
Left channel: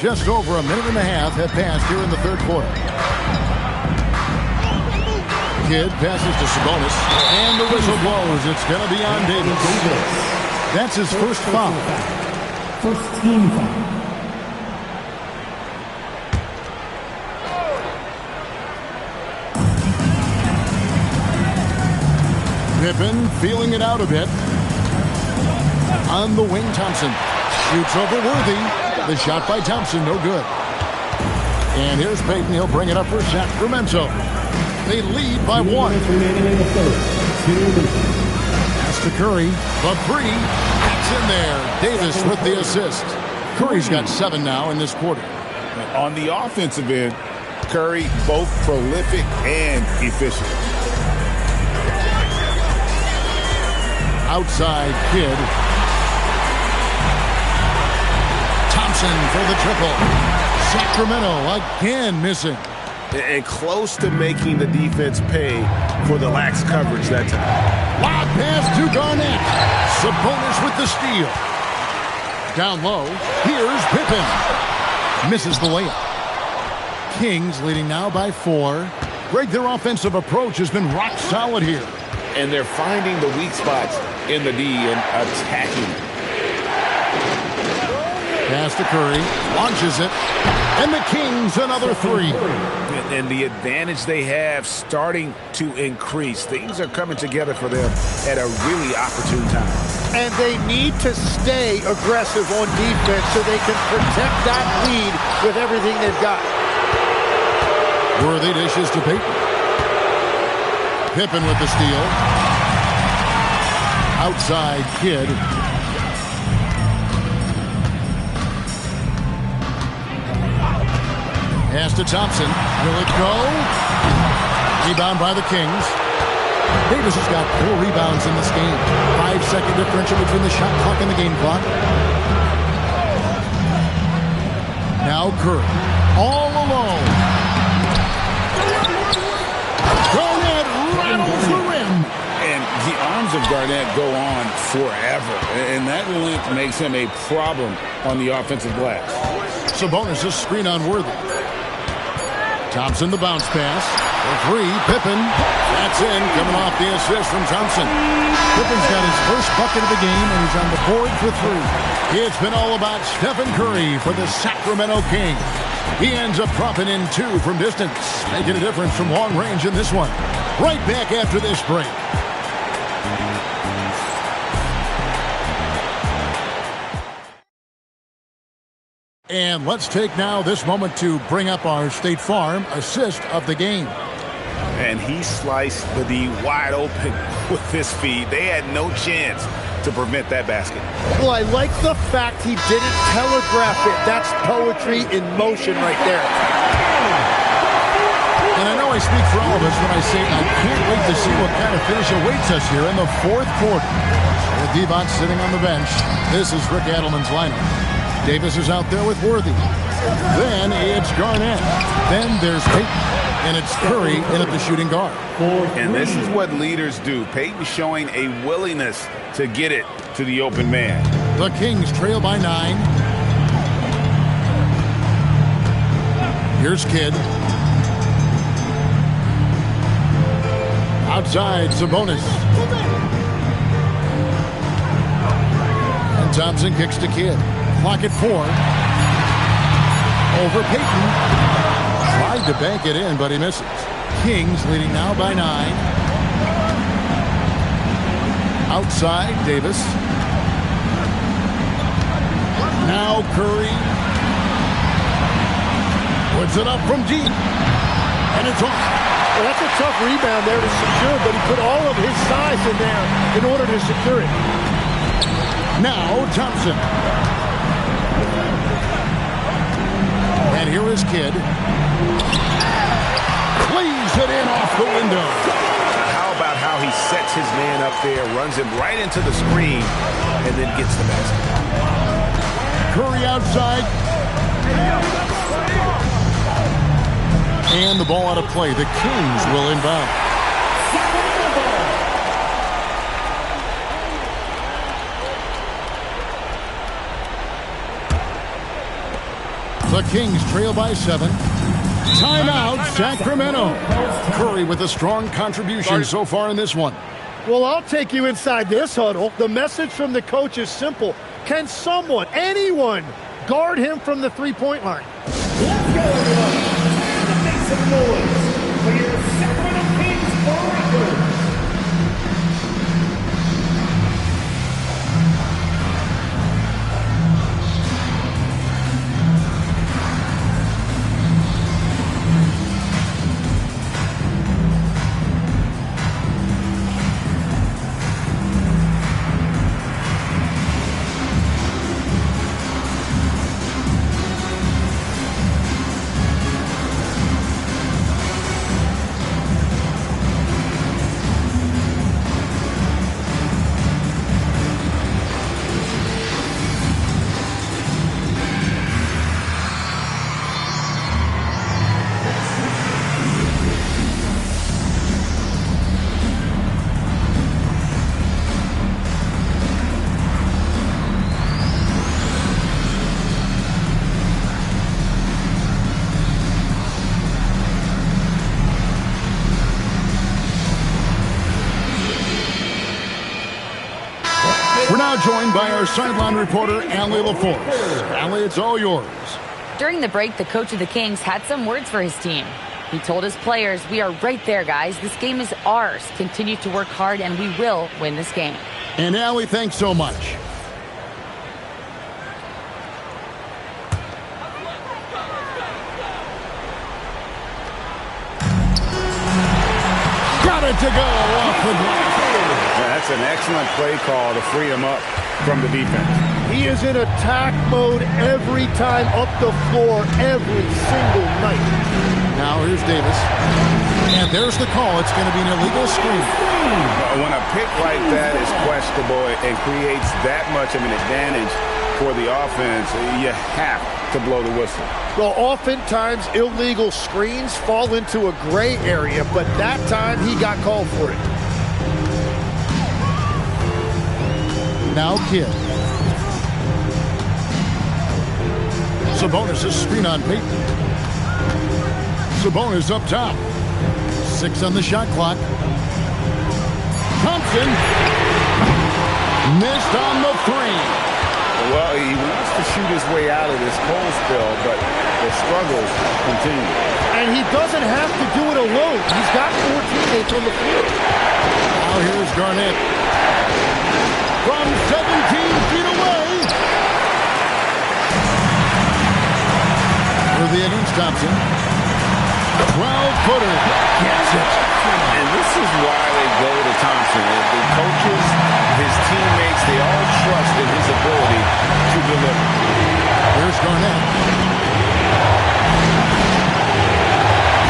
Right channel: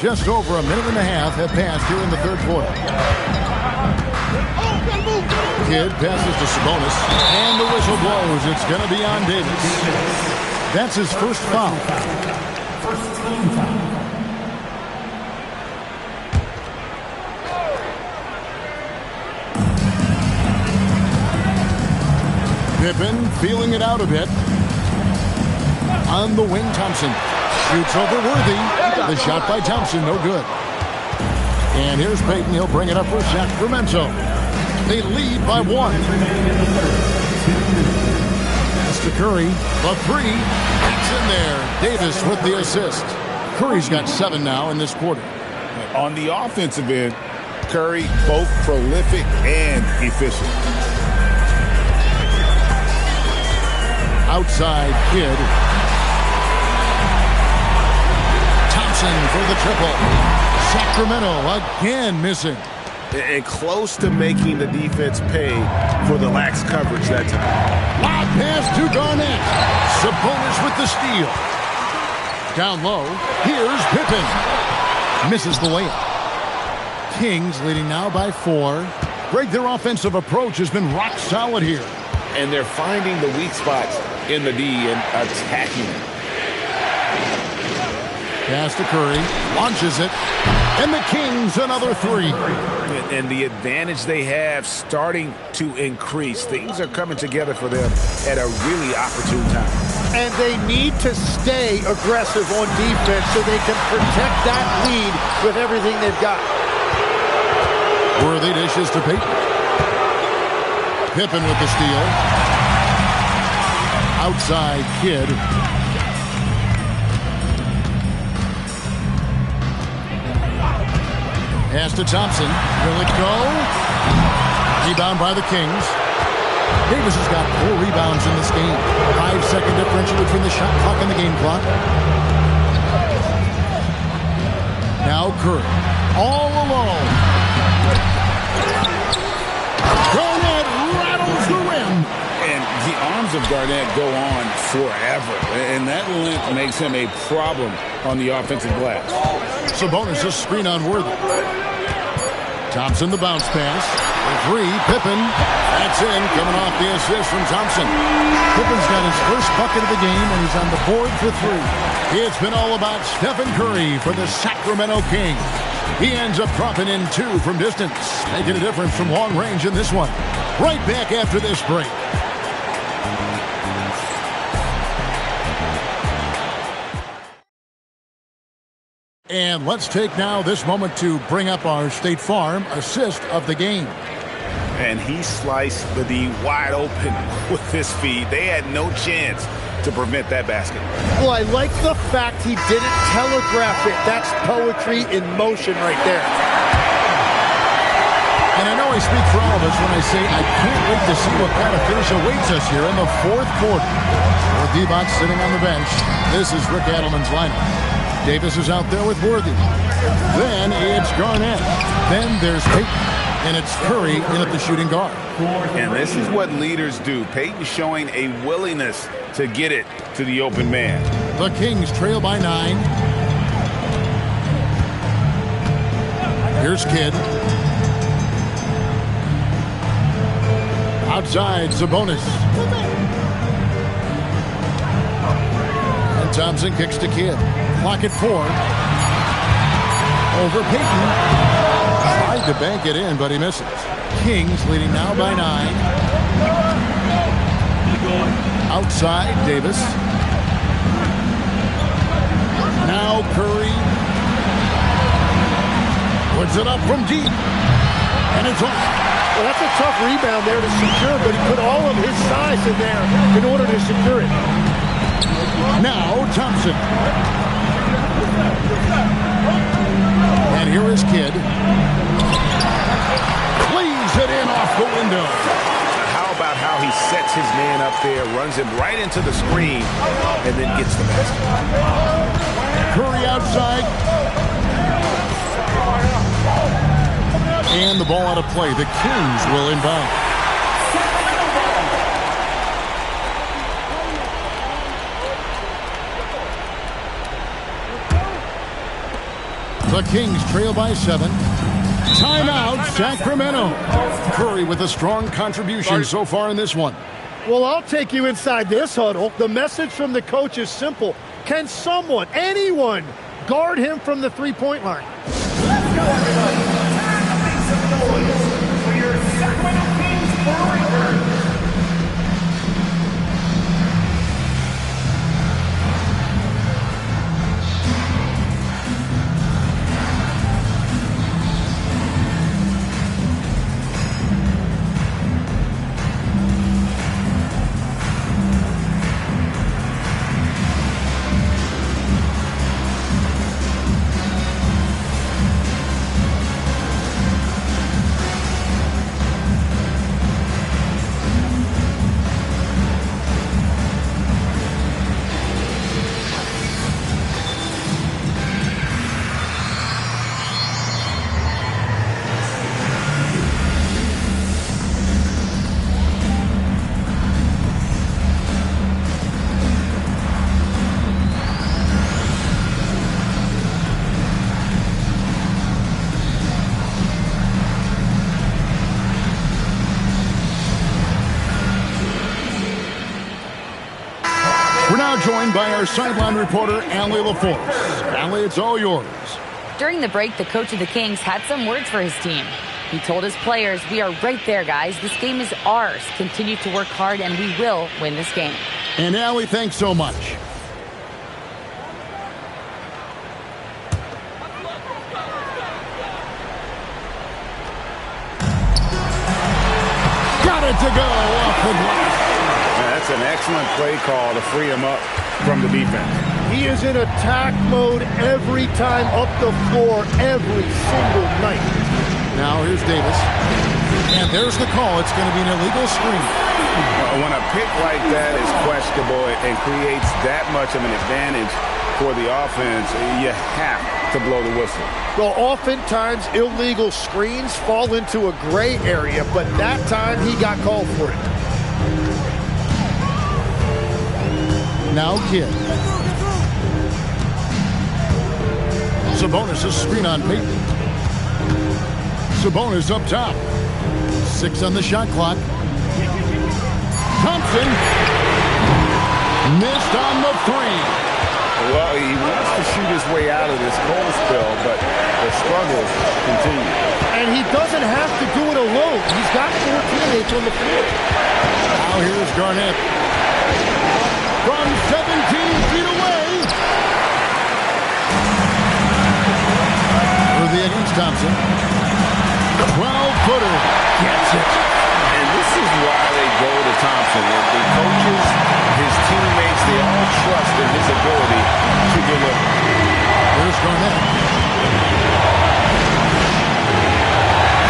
Just over a minute and a half have passed here in the third quarter. Kidd passes to Sabonis, and the whistle blows. It's going to be on Davis. That's his first foul. First team foul. Pippen feeling it out a bit. On the wing, Thompson shoots over Worthy. The shot by Thompson, no good. And here's Payton. He'll bring it up for Sacramento. They lead by 1. Pass to Curry. The 3. That's in there. Davis with the assist. Curry's got 7 now in this quarter. On the offensive end, Curry both prolific and efficient. Outside, Kidd. Thompson for the triple. Sacramento again missing. And close to making the defense pay for the lax coverage that time. Lob pass to Garnett. Sabonis with the steal. Down low, here's Pippen. Misses the layup. Kings leading now by 4. Greg, their offensive approach has been rock solid here. And they're finding the weak spots in the D and attacking it. Pass to Curry, launches it, and the Kings another 3. And the advantage they have starting to increase. Things are coming together for them at a really opportune time. And they need to stay aggressive on defense so they can protect that lead with everything they've got. Worthy dishes to Payton. Pippen with the steal. Outside Kidd. Pass to Thompson. Will it go? Rebound by the Kings. Davis has got 4 rebounds in this game. 5-second differential between the shot clock and the game clock. Now Curry. All alone. Garnett rattles the rim. And the arms of Garnett go on forever. And that length makes him a problem on the offensive glass. Sabonis' screen on Worthy. Thompson the bounce pass. The 3, Pippen. That's in, coming off the assist from Thompson. Pippen's got his first bucket of the game, and he's on the board for 3. It's been all about Stephen Curry for the Sacramento Kings. He ends up dropping in 2 from distance, making a difference from long range in this one. Right back after this break. And let's take now this moment to bring up our State Farm assist of the game. And he sliced the D wide open with his feed. They had no chance to prevent that basket. Well, I like the fact he didn't telegraph it. That's poetry in motion right there. And I know I speak for all of us when I say I can't wait to see what kind of finish awaits us here in the 4th quarter. With Devon sitting on the bench, this is Rick Adelman's lineup. Davis is out there with Worthy. Then it's Garnett. Then there's Payton. And it's Curry in at the shooting guard. And this is what leaders do. Payton showing a willingness to get it to the open man. The Kings trail by 9. Here's Kidd. Outside, Sabonis. And Thompson kicks to Kidd. Clock at 4. Over Payton. Tried to bank it in, but he misses. Kings leading now by 9. Outside, Davis. Now Curry. Puts it up from deep. And it's off. Well, that's a tough rebound there to secure, but he put all of his size in there in order to secure it. Now Thompson. And here is Kidd. Plays it in off the window. How about how he sets his man up there, runs him right into the screen, and then gets the basket. Curry outside. And the ball out of play. The Kings will inbound. The Kings trail by 7. Timeout, Sacramento. Curry with a strong contribution so far in this one. Well, I'll take you inside this huddle. The message from the coach is simple. Can someone, anyone, guard him from the three-point line? Let's go, everybody. And make some noise for your Sacramento Kings Breakers. We're now joined by our sideline reporter, Allie LaForce. Allie, it's all yours. During the break, the coach of the Kings had some words for his team. He told his players, "We are right there, guys. This game is ours. Continue to work hard, and we will win this game." And Allie, thanks so much. Got it to go off the glass. That's an excellent play call to free him up from the defense. He is in attack mode every time up the floor, every single night. Now here's Davis. And there's the call. It's going to be an illegal screen. When a pick like that is questionable and creates that much of an advantage for the offense, you have to blow the whistle. Well, oftentimes illegal screens fall into a gray area, but that time he got called for it. Now Kidd. Sabonis' screen on Payton. Sabonis up top. 6 on the shot clock. Thompson missed on the 3. Well, he wants to shoot his way out of this cold spell, but the struggles continue. And he doesn't have to do it alone. He's got 4 teammates on the floor. Now here's Garnett. From 17 feet away. Worthy against Thompson. 12-footer. Gets it. And this is why they go to Thompson. The coaches, his teammates, they all trust in his ability to deliver. There's Garnett.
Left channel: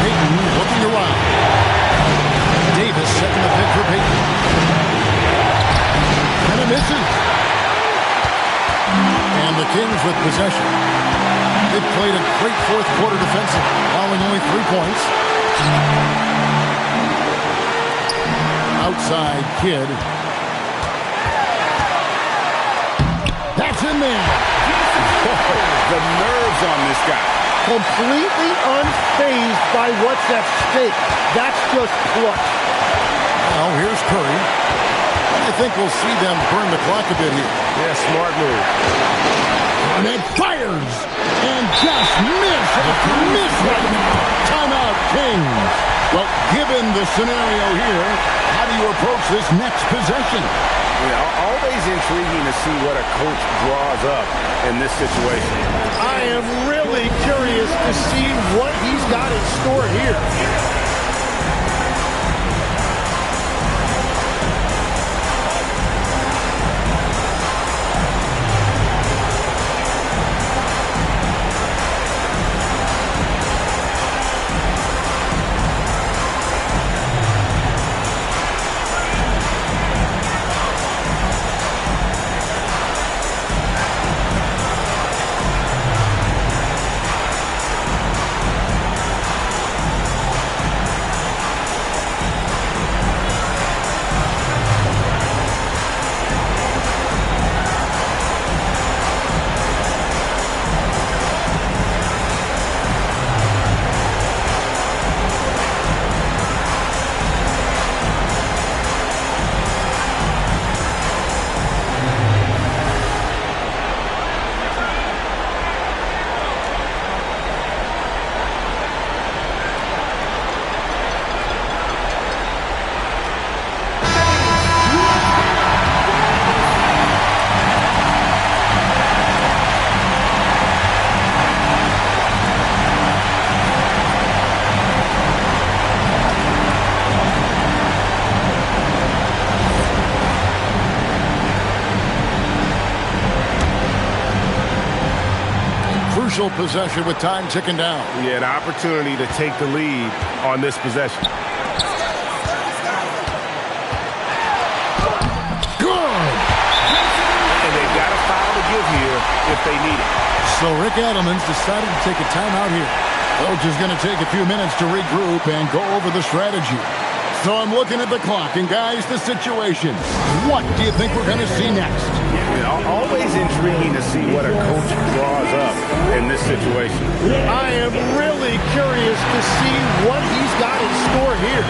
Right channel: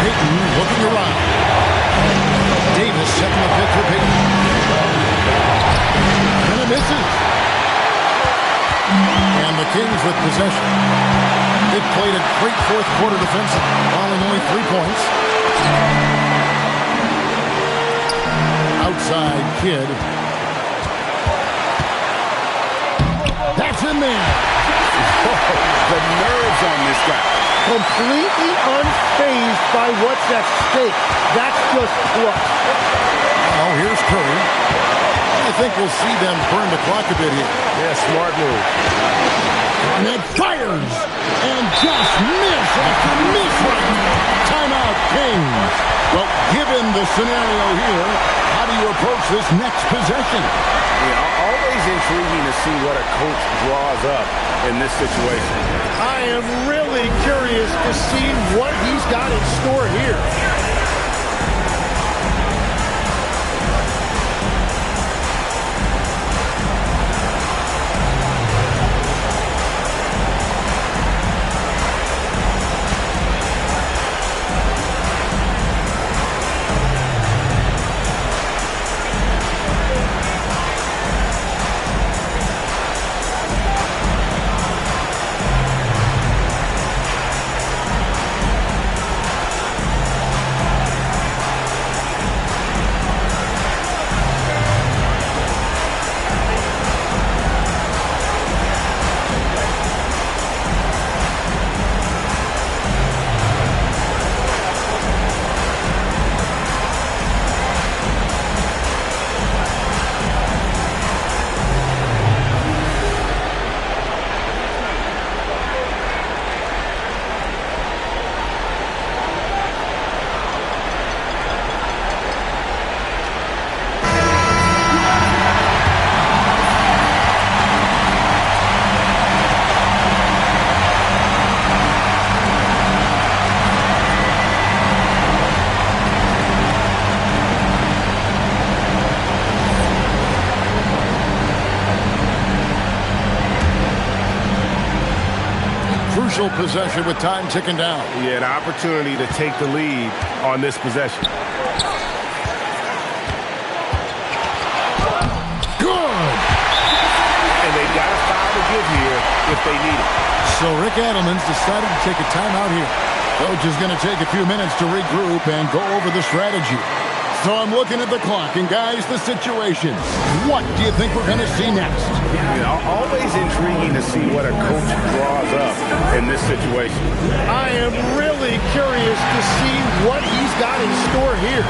Payton looking around. Davis setting the pick for Payton. And it misses. And the Kings with possession. They've played a great fourth quarter defensive, allowing only 3 points. Outside Kidd. That's in there. Whoa, the nerves on this guy. Completely unfazed by what's at stake. That's just clutch. Now here's Curry. I think we'll see them burn the clock a bit here. Yeah, smart move. Garnett fires and just miss after miss right now. Timeout, Kings. Well, given the scenario here, how do you approach this next possession? Yeah, always intriguing to see what a coach draws up in this situation. I am really curious to see what he's got in store here. Crucial possession with time ticking down. Yeah, an opportunity to take the lead on this possession. Good! And they've got a foul to give here if they need it. So Rick Adelman's decided to take a timeout here. Coach is going to take a few minutes to regroup and go over the strategy. So I'm looking at the clock, and guys, the situation. What do you think we're going to see next? Yeah, always intriguing to see what a coach draws up in this situation. I am really curious to see what he's got in store here.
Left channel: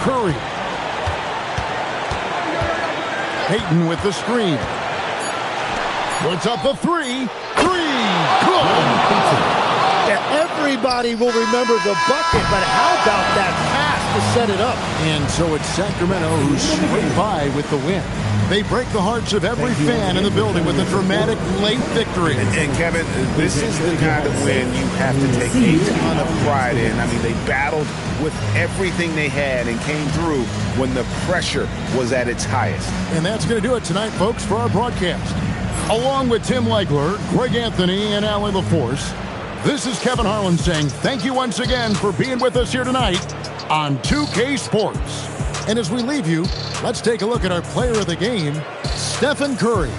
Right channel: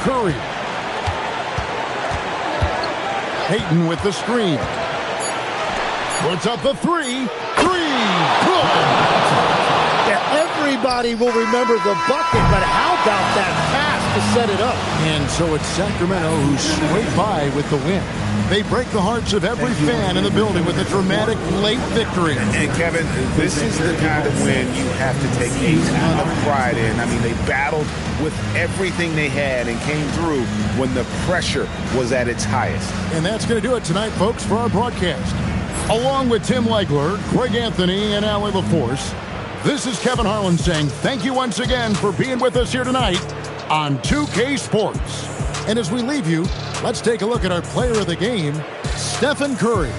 Curry. Payton with the screen. Puts up the three. Good. Yeah, everybody will remember the bucket, but how about that pass to set it up? And so it's Sacramento who scraped by with the win. They break the hearts of every fan in the building with a dramatic late victory. And Kevin, this is the kind of win you have to take a ton of pride in. I mean, they battled with everything they had and came through when the pressure was at its highest. And that's going to do it tonight, folks, for our broadcast. Along with Tim Legler, Greg Anthony, and Allie LaForce, this is Kevin Harlan saying thank you once again for being with us here tonight on 2K Sports. And as we leave you, let's take a look at our player of the game, Stephen Curry.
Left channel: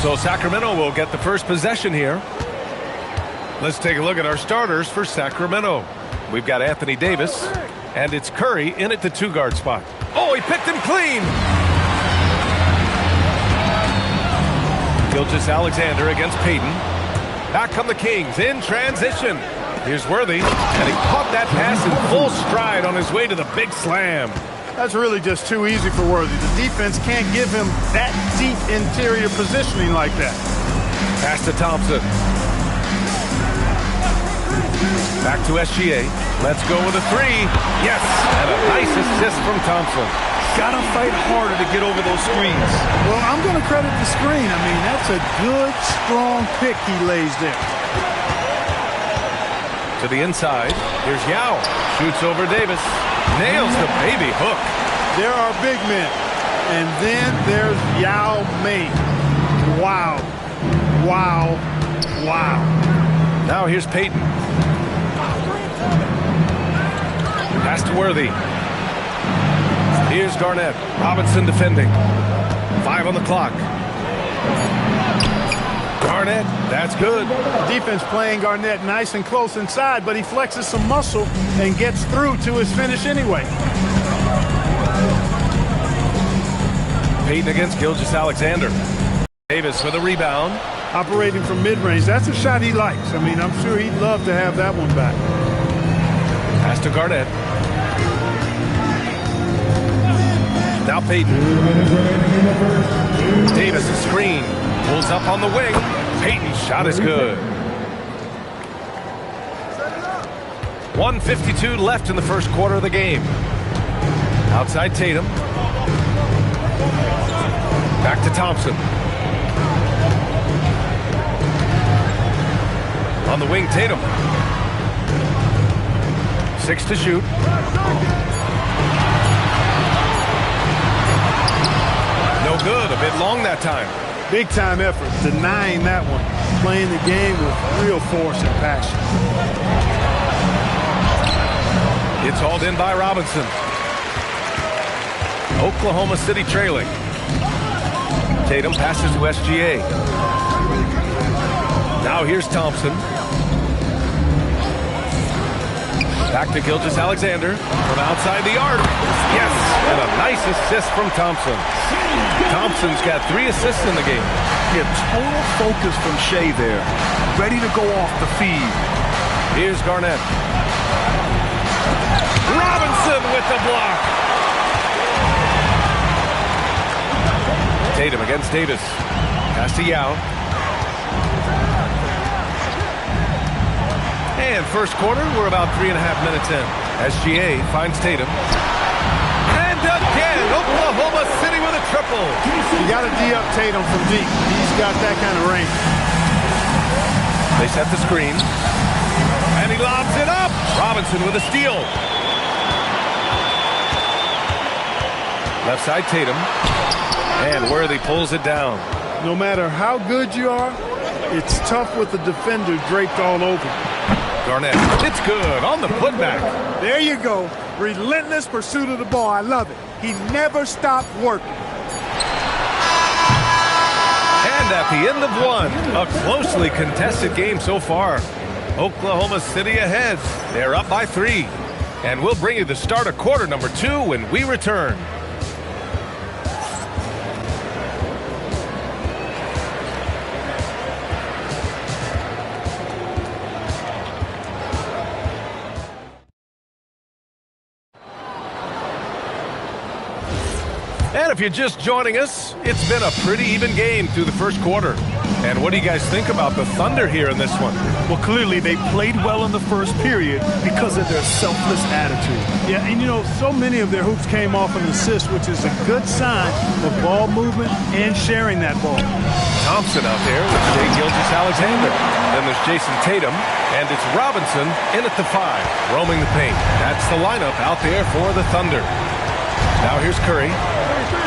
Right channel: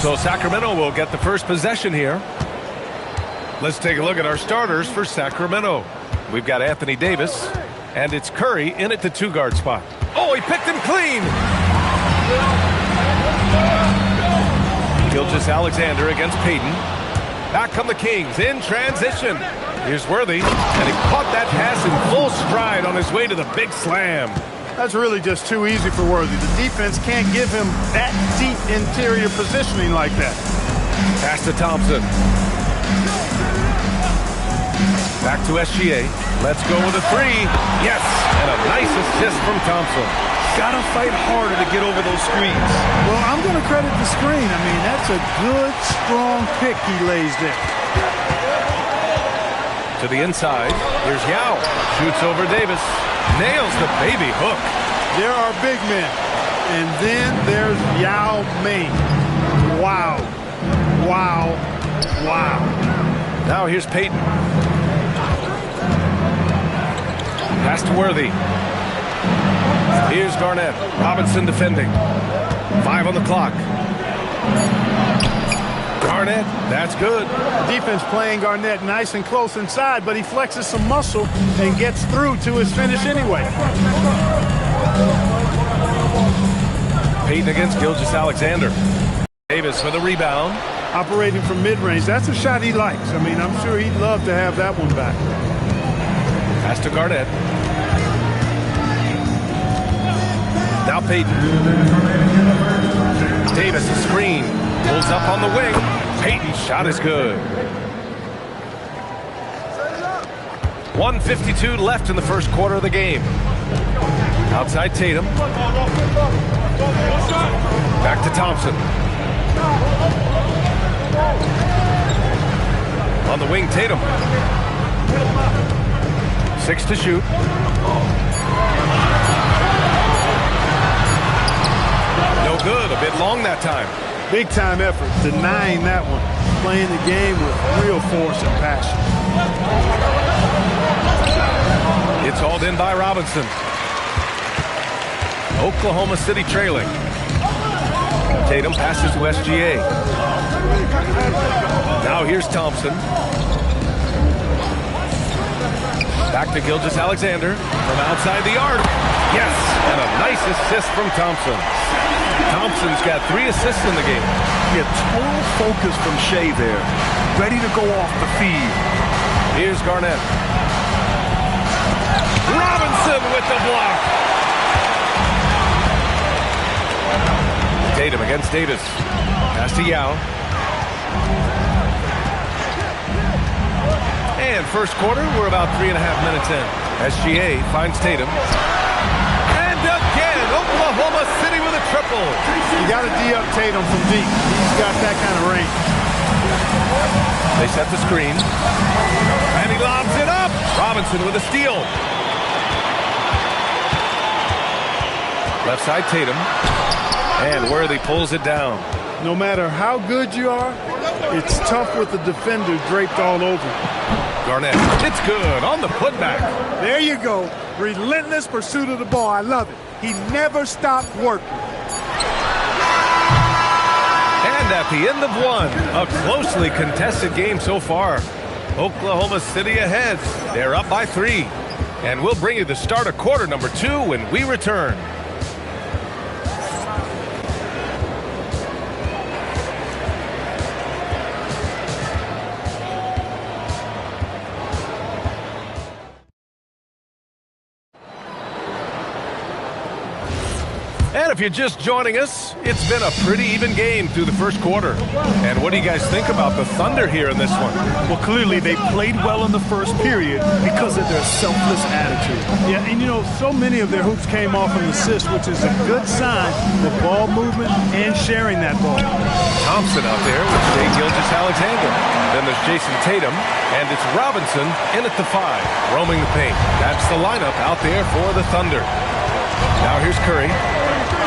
So Sacramento will get the first possession here. Let's take a look at our starters for Sacramento. We've got Anthony Davis, and it's Curry in at the 2-guard spot. Oh, he picked him clean. Gilgeous-Alexander against Payton. Back come the Kings in transition. Here's Worthy, and he caught that pass in full stride on his way to the big slam. That's really just too easy for Worthy. The defense can't give him that deep interior positioning like that. Pass to Thompson. Back to SGA. Let's go with a 3. Yes, and a nice assist from Thompson. Gotta fight harder to get over those screens. Well, I'm going to credit the screen. I mean, that's a good, strong pick he lays there. To the inside. Here's Yao. Shoots over Davis. Nails the baby hook. There are big men. And then there's Yao Ming. Wow. Wow. Wow. Now here's Payton. Pass to Worthy. Here's Garnett. Robinson defending. 5 on the clock. Garnett, that's good. The defense playing Garnett nice and close inside, but he flexes some muscle and gets through to his finish anyway. Payton against Gilgeous-Alexander. Davis for the rebound. Operating from mid-range. That's a shot he likes. I mean, I'm sure he'd love to have that one back. Pass to Garnett. Now Payton. Davis a screen. Pulls up on the wing. Payton's shot is good. 1:52 left in the first quarter of the game. Outside Tatum. Back to Thompson. On the wing, Tatum. 6 to shoot. No good. A bit long that time. Big time effort. Denying that one. Playing the game with real force and passion. It's hauled in by Robinson. Oklahoma City trailing. Tatum passes to SGA. Now here's Thompson. Back to Gilgeous-Alexander from outside the arc. Yes, and a nice assist from Thompson. Thompson's got 3 assists in the game. Yeah, total focus from Shea there. Ready to go off the feed. Here's Garnett. Robinson with the block. Tatum against Davis. Pass to Yao. And first quarter, we're about 3.5 minutes in. SGA finds Tatum. And again, Oklahoma City with a triple. You got to D up Tatum from deep. He's got that kind of range. They set the screen. And he lobs it up. Robinson with a steal. Left side Tatum. And Worthy pulls it down. No matter how good you are, it's tough with the defender draped all over. Garnett, it's good on the putback. There you go. Relentless pursuit of the ball. I love it. He never stopped working. And at the end of one, a closely contested game so far. Oklahoma City ahead. They're up by 3. And we'll bring you the start of quarter number 2 when we return. And if you're just joining us, it's been a pretty even game through the first quarter. And what do you guys think about the Thunder here in this one? Well, clearly they played well in the first period because of their selfless attitude. Yeah, and you know, so many of their hoops came off an assist, which is a good sign of ball movement and sharing that ball. Thompson out there with Shea Gilgeous-Alexander. Then there's Jason Tatum, and it's Robinson in at the 5, roaming the paint. That's the lineup out there for the Thunder. Now here's Curry.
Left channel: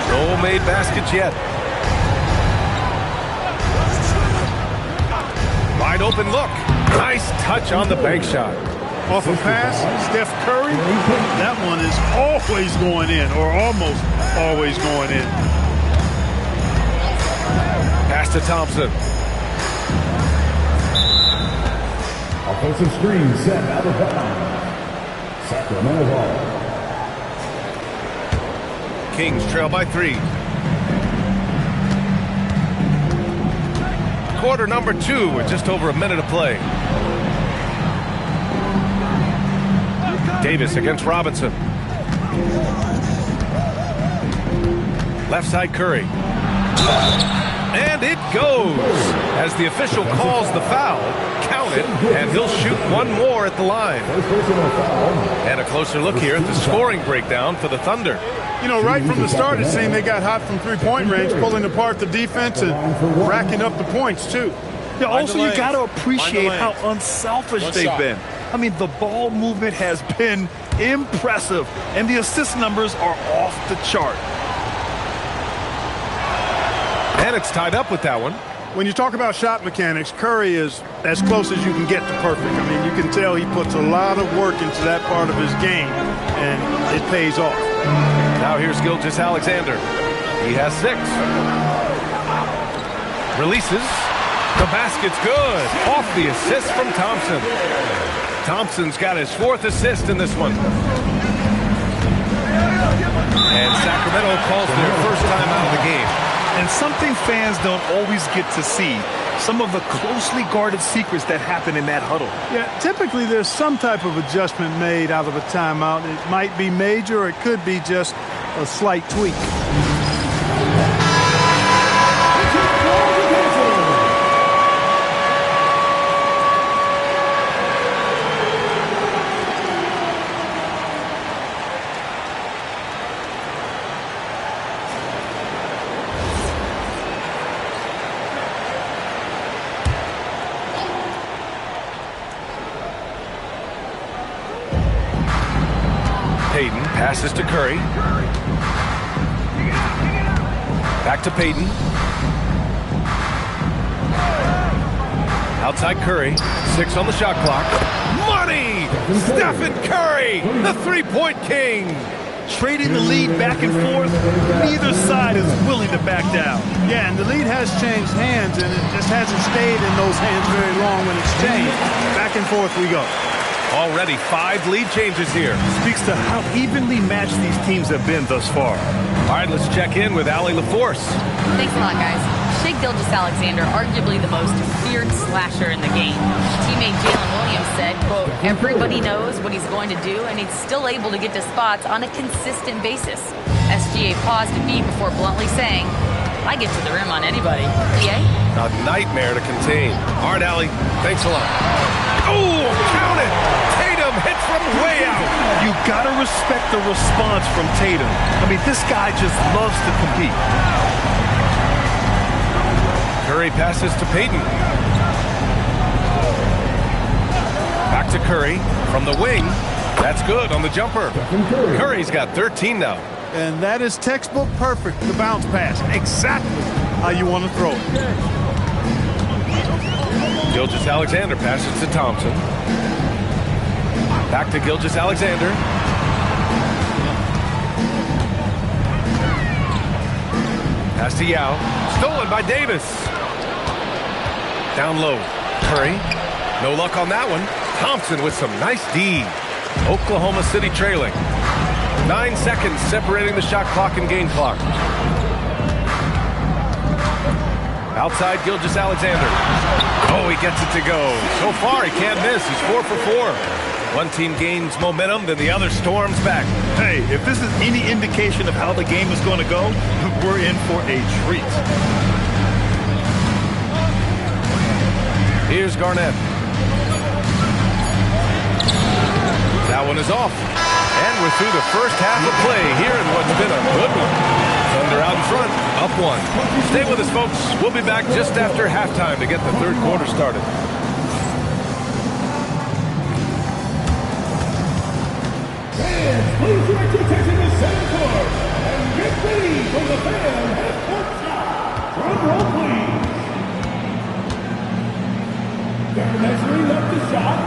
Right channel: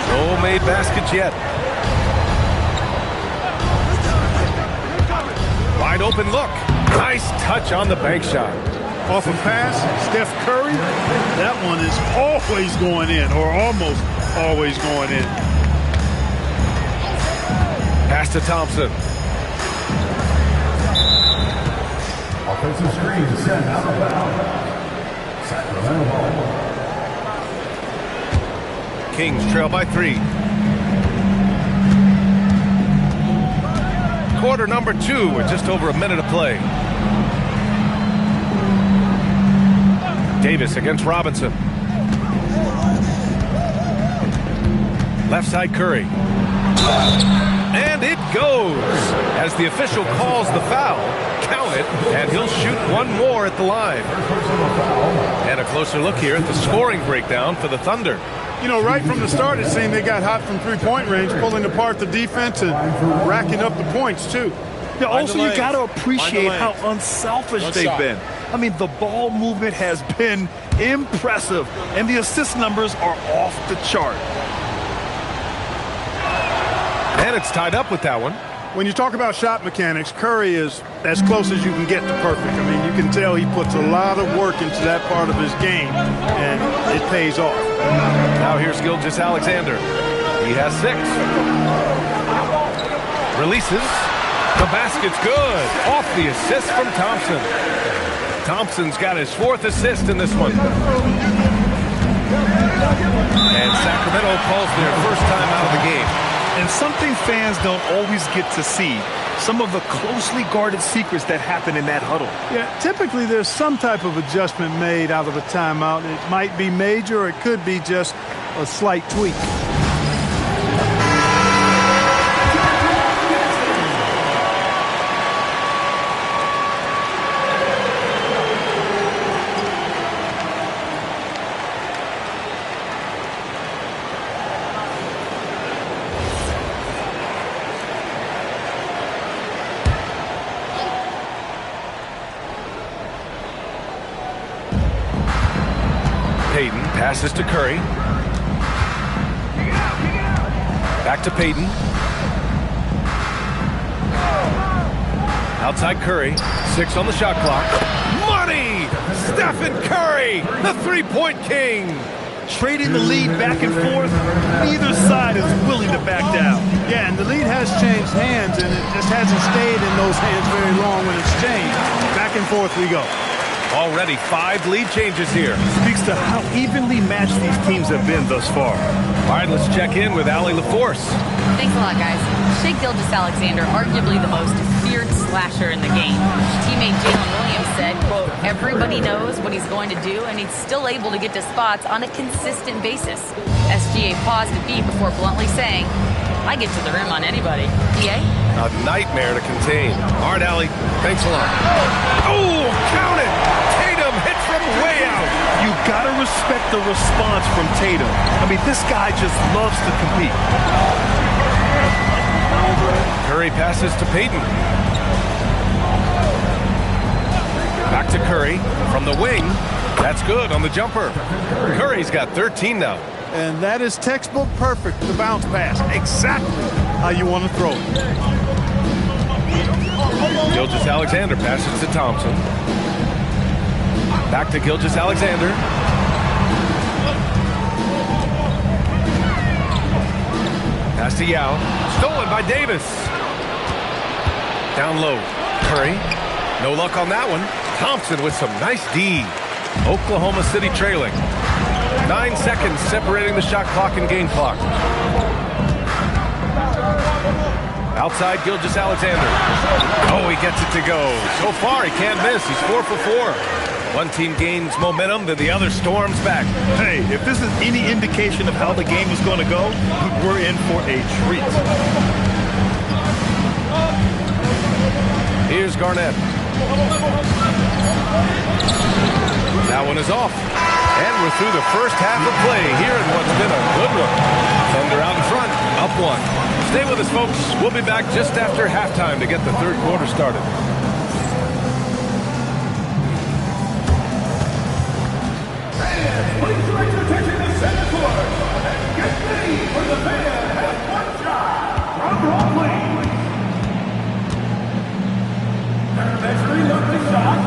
No made baskets yet. Wide open look. Nice touch on the bank shot. Off a pass, Steph Curry. That one is always going in, or almost always going in. Pass to Thompson. Offensive screen set out of bounds. Sacramento ball. Kings trail by 3. Quarter number 2 with just over a minute of play. Davis against Robinson. Left side Curry. And it goes. As the official calls the foul, count it, and he'll shoot one more at the line. And a closer look here at the scoring breakdown for the Thunder. You know, right from the start, it seemed they got hot from three-point range, pulling apart the defense and racking up the points, too. Yeah, also, you got to appreciate how unselfish they've been. I mean, the ball movement has been impressive, and the assist numbers are off the chart. And it's tied up with that one. When you talk about shot mechanics, Curry is as close as you can get to perfect. I mean, you can tell he puts a lot of work into that part of his game, and it pays off. Now here's Gilgeous-Alexander. He has 6. Releases. The basket's good. Off the assist from Thompson. Thompson's got his 4th assist in this one. And Sacramento calls their first time out of the game. And something fans don't always get to see, some of the closely guarded secrets that happen in that huddle. Yeah, typically there's some type of adjustment made out of a timeout. It might be major or it could be just a slight tweak. Payton passes to Curry. Back to Payton. Outside Curry. 6 on the shot clock. Money! Stephen Curry, the three-point king. Trading the lead back and forth, neither side is willing to back down. Yeah, and the lead has changed hands, and it just hasn't stayed in those hands very long when it's changed. Back and forth we go. Already 5 lead changes here. Speaks to how evenly matched these teams have been thus far. All right, let's check in with Allie LaForce. Thanks a lot, guys. Shai Gilgeous-Alexander, arguably the most feared slasher in the game. Teammate Jalen Williams said, quote, everybody knows what he's going to do, and he's still able to get to spots on a consistent basis. SGA paused a beat before bluntly saying, I get to the rim on anybody. EA? A nightmare to contain. All right, Allie, thanks a lot. Oh, count it! Tatum hit from way out. You got to respect the response from Tatum. I mean, this guy just loves to compete. Curry passes to Payton. Back to Curry from the wing. That's good on the jumper. Curry's got 13 now. And that is textbook perfect, the bounce pass. Exactly how you want to throw it. Gilgeous-Alexander passes to Thompson. Back to Gilgeous-Alexander. Pass to Yao. Stolen by Davis. Down low. Curry. No luck on that one. Thompson with some nice D. Oklahoma City trailing. 9 seconds separating the shot clock and game clock. Outside Gilgeous-Alexander. Oh, he gets it to go. So far, he can't miss. He's 4 for 4. One team gains momentum, then the other storms back. Hey, if this is any indication of how the game is going to go, we're in for a treat. Here's Garnett. That one is off. And we're through the first half of play here in what's been a good one. Thunder out in front, up 1. Stay with us, folks. We'll be back just after halftime to get the third quarter started. Fans, please direct your attention to center court and get ready for the fan half-court shot. Drum roll, please. They're measuring up the shot.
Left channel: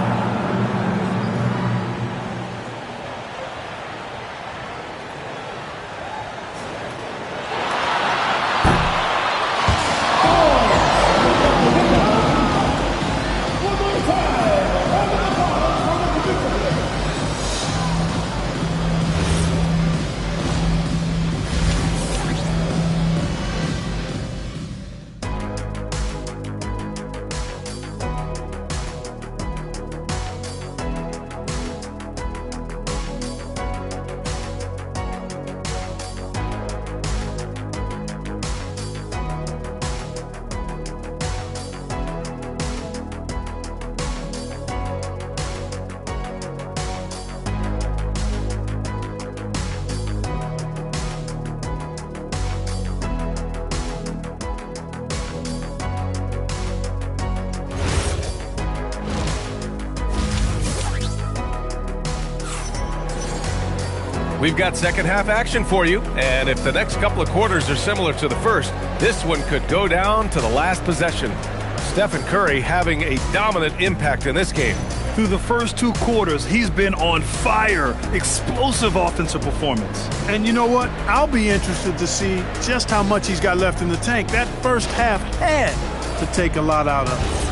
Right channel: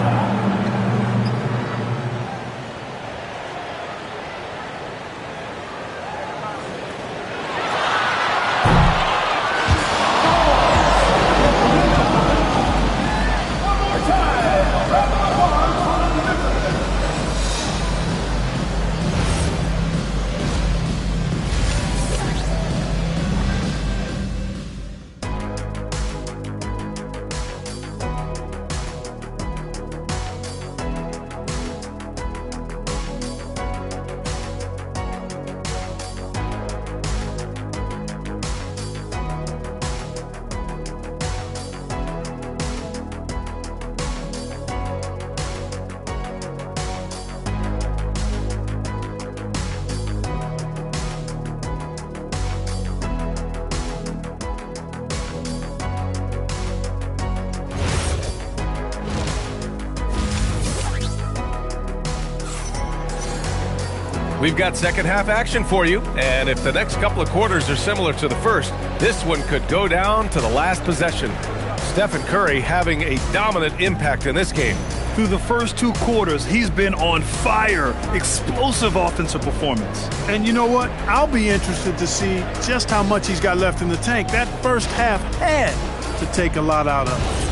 We've got second half action for you, and if the next couple of quarters are similar to the first, this one could go down to the last possession. Stephen Curry having a dominant impact in this game. Through the first 2 quarters, he's been on fire. Explosive offensive performance. And you know what? I'll be interested to see just how much he's got left in the tank. That first half had to take a lot out of him.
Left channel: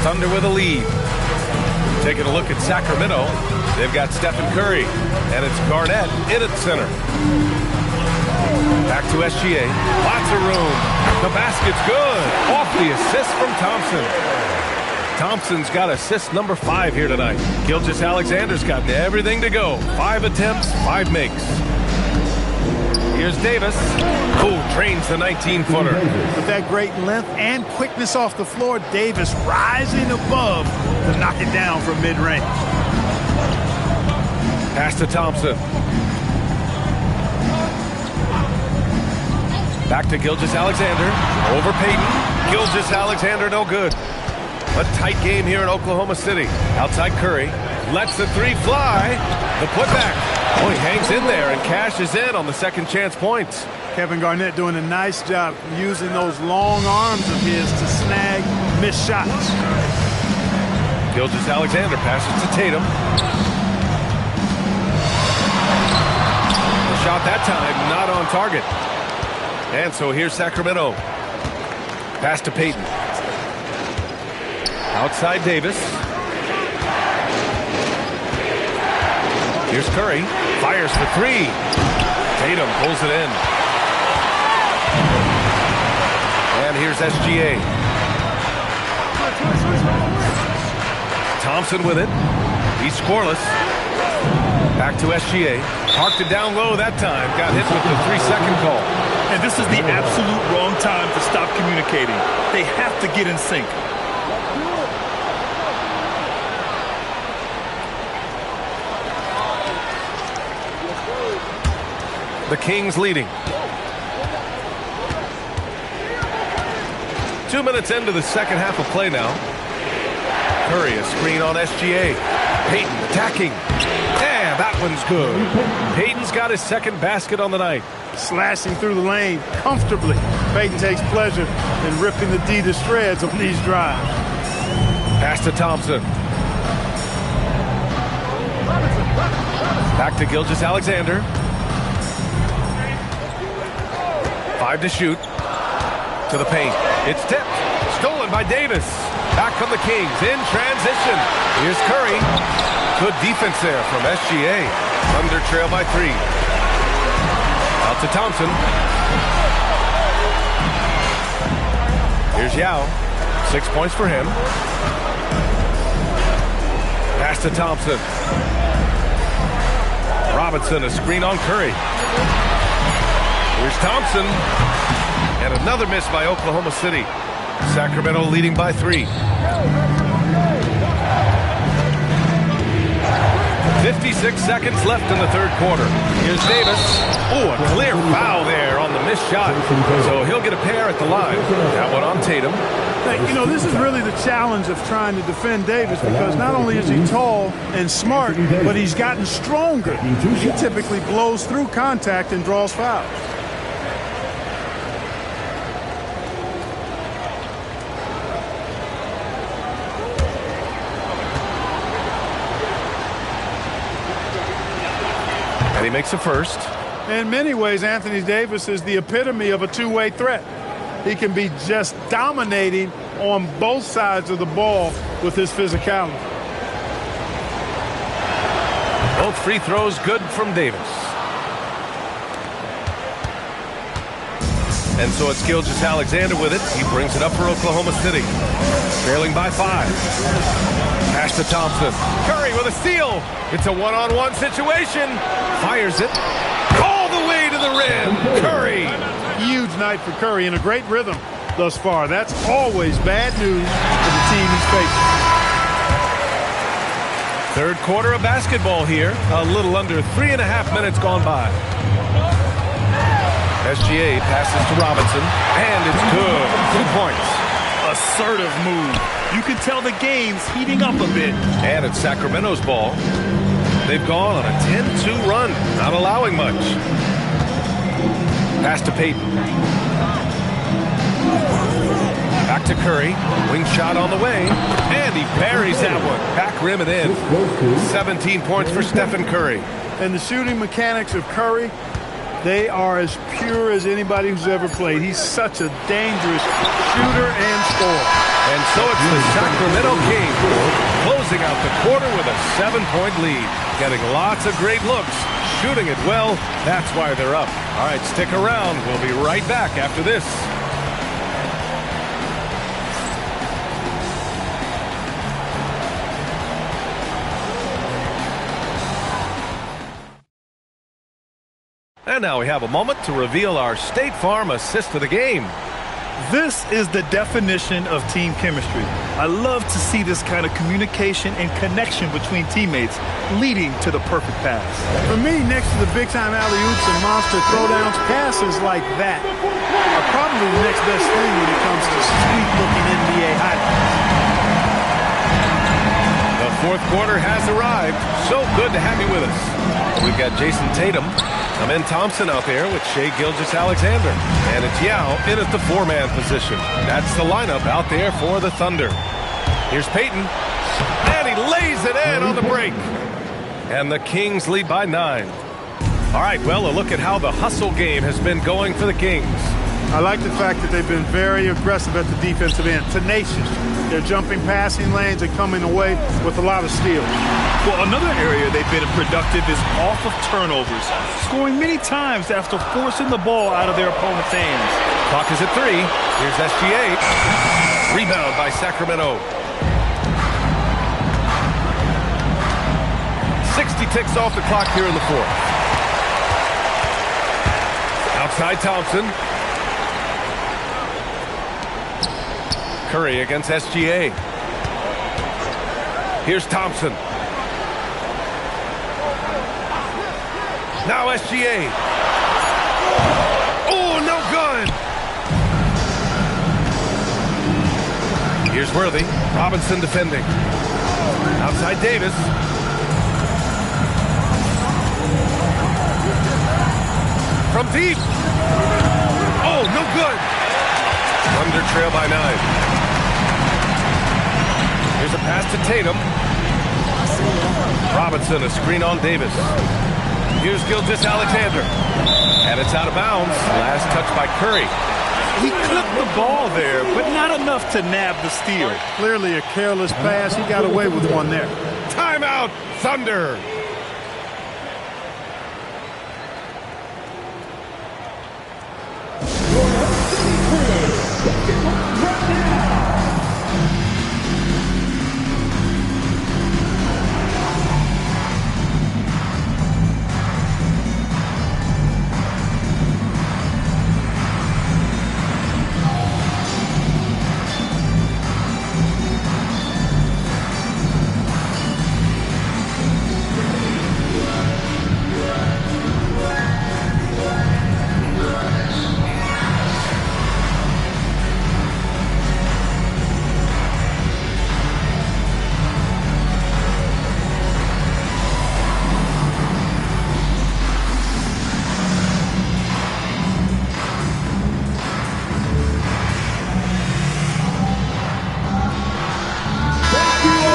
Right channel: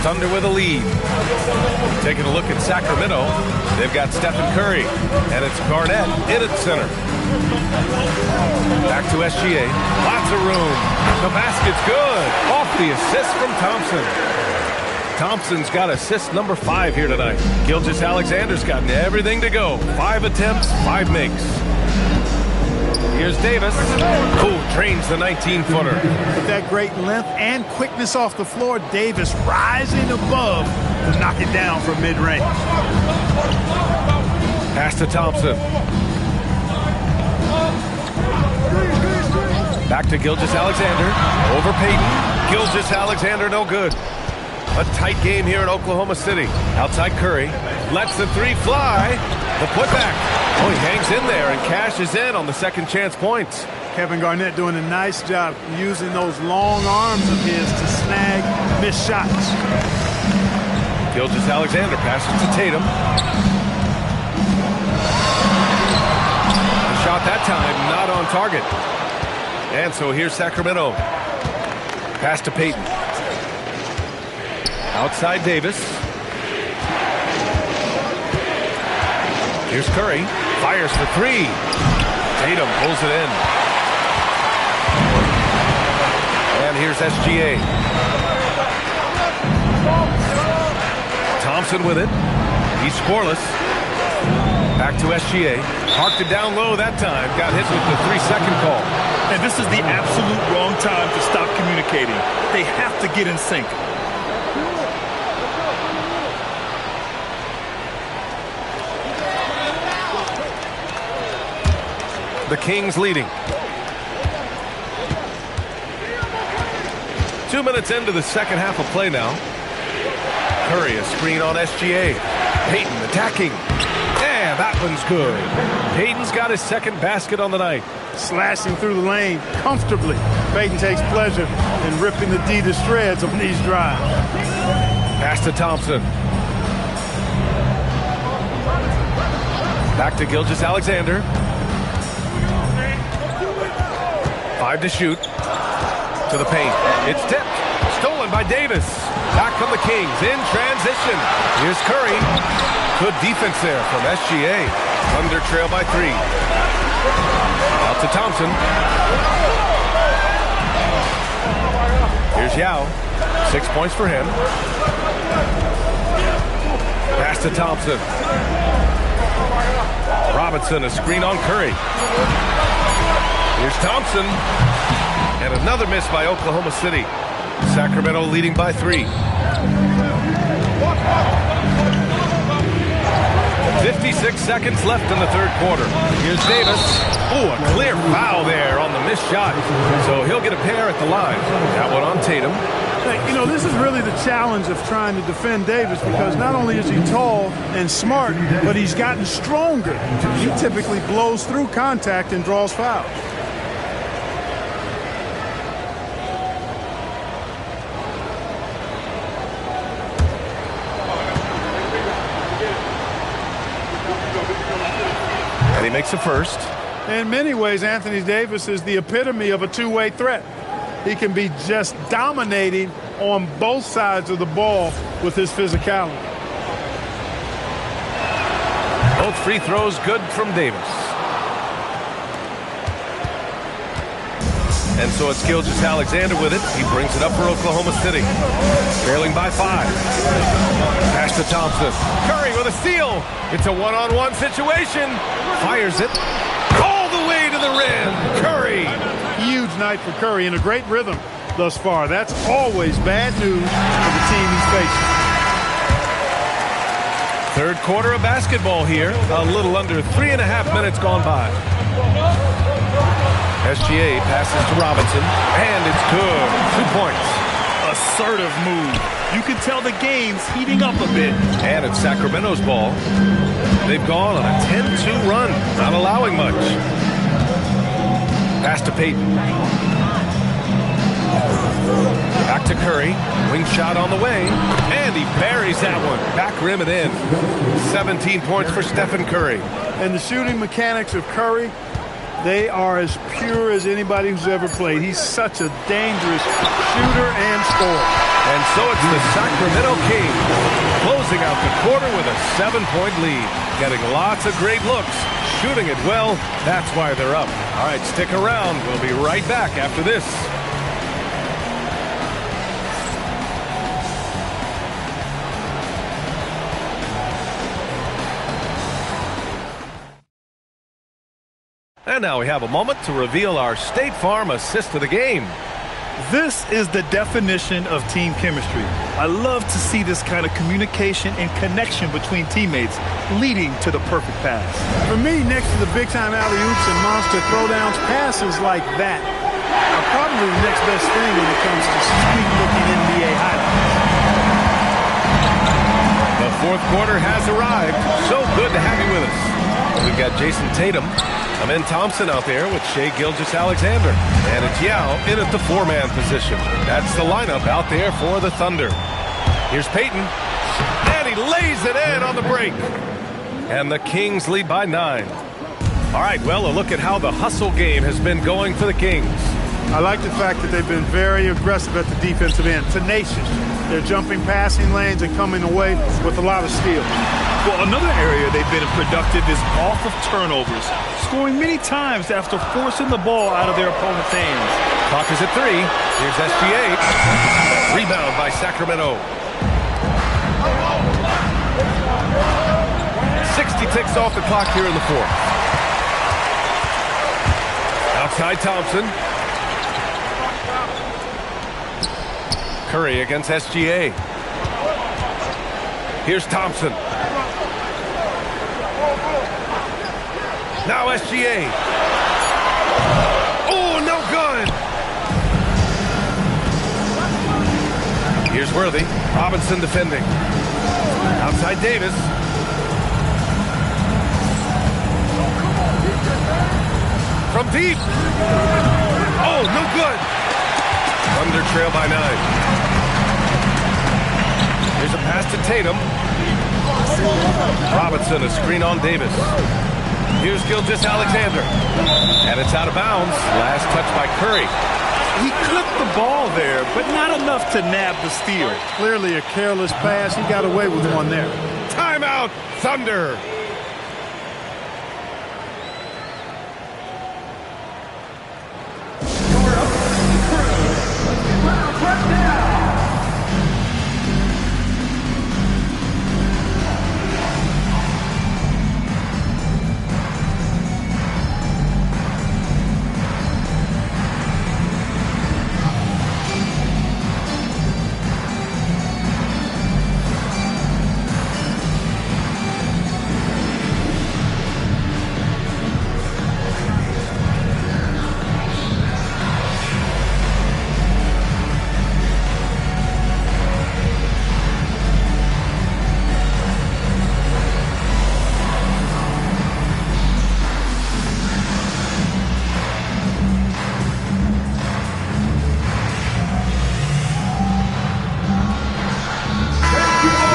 Thunder with a lead. Taking a look at Sacramento. They've got Stephen Curry, and it's Garnett in at center. Back to SGA. Lots of room. The basket's good. Off the assist from Thompson. Thompson's got assist number 5 here tonight. Gilgeous-Alexander's gotten everything to go. 5 attempts, 5 makes. Here's Davis, who drains the 19-footer. With that great length and quickness off the floor, Davis rising above to knock it down from mid-range. Pass to Thompson. Back to Gilgeous-Alexander. Over Payton. Gilgeous-Alexander no good. A tight game here in Oklahoma City. Outside Curry. Lets the 3 fly. The putback. Oh, he hangs in there and cashes in on the second chance points. Kevin Garnett doing a nice job using those long arms of his to snag missed shots. Gilgeous-Alexander passes to Tatum. The shot that time not on target. And so here's Sacramento. Pass to Payton. Outside Davis. Here's Curry. Fires for 3. Tatum pulls it in. And here's SGA. Thompson with it. He's scoreless. Back to SGA. Parked it down low that time. Got hit with the 3-second call. And this is the absolute wrong time to stop communicating. They have to get in sync. The Kings leading. 2 minutes into the second half of play now. Curry, a screen on SGA. Payton attacking. Yeah, that one's good. Payton's got his second basket on the night. Slashing through the lane comfortably. Payton takes pleasure in ripping the D to shreds on these drives. Pass to Thompson. Back to Gilgeous-Alexander. 5 to shoot. To the paint. It's tipped. Stolen by Davis. Back come the Kings in transition. Here's Curry. Good defense there from SGA. Thunder trail by 3. Out to Thompson. Here's Yao. 6 points for him. Pass to Thompson. Robinson, a screen on Curry. Here's Thompson. And another miss by Oklahoma City. Sacramento leading by 3. 56 seconds left in the third quarter. Here's Davis. Oh, a clear foul there on the missed shot. So he'll get a pair at the line. That one on Tatum. You know, this is really the challenge of trying to defend Davis because not only is he tall and smart, but he's gotten stronger. He typically blows through contact and draws fouls. And he makes a first. In many ways, Anthony Davis is the epitome of a two-way threat. He can be just dominating on both sides of the ball with his physicality. Both free throws good from Davis. And so it's Gilgeous-Alexander with it. He brings it up for Oklahoma City. Trailing by 5. Pass to Thompson. Curry with a steal. It's a one-on-one situation. Fires it all the way to the rim. Curry. Huge night for Curry and a great rhythm thus far. That's always bad news for the team he's facing. Third quarter of basketball here. A little under 3.5 minutes gone by. SGA passes to Robinson, and it's good. 2 points. assertive move. You can tell the game's heating up a bit. And it's Sacramento's ball. They've gone on a 10-2 run, not allowing much. Pass to Payton. Back to Curry. Wing shot on the way. And he buries that one. Back rim and in. 17 points for Stephen Curry. And the shooting mechanics of Curry, they are as pure as anybody who's ever played. He's such a dangerous shooter and scorer. And so it's the Sacramento Kings closing out the quarter with a 7-point lead. Getting lots of great looks, shooting it well. That's why they're up. All right, stick around. We'll be right back after this. And now we have a moment to reveal our State Farm assist of the game. This is the definition of team chemistry. I love to see this kind of communication and connection between teammates leading to the perfect pass. For me, next to the big-time alley-oops and monster throwdowns, passes like that are probably the next best thing when it comes to sweet-looking NBA highlights. The fourth quarter has arrived. So good to have you with us. We've got Jason Tatum. Amen Thompson out there with Shai Gilgeous-Alexander. And it's Yao in at the 4-man position. That's the lineup out there for the Thunder. Here's Payton. And he lays it in on the break. And the Kings lead by 9. All right, well, a look at how the hustle game has been going for the Kings. I like the fact that they've been very aggressive at the defensive end. Tenacious. They're jumping passing lanes and coming away with a lot of steals. Well, another area they've been productive is off of turnovers, scoring many times after forcing the ball out of their opponent's hands. Clock is at 3. Here's SGA. Rebound by Sacramento. 60 ticks off the clock here in the fourth. Outside Thompson. Curry against SGA. Here's Thompson. Now SGA. Oh, no good. Here's Worthy. Robinson defending. Outside Davis. From deep. Oh, no good. Thunder trail by 9. Here's a pass to Tatum. Robinson, a screen on Davis. Here's Gilgeous-Alexander. And it's out of bounds. Last touch by Curry. He clipped the ball there, but not enough to nab the steal. Clearly a careless pass. He got away with one there. Timeout, Thunder.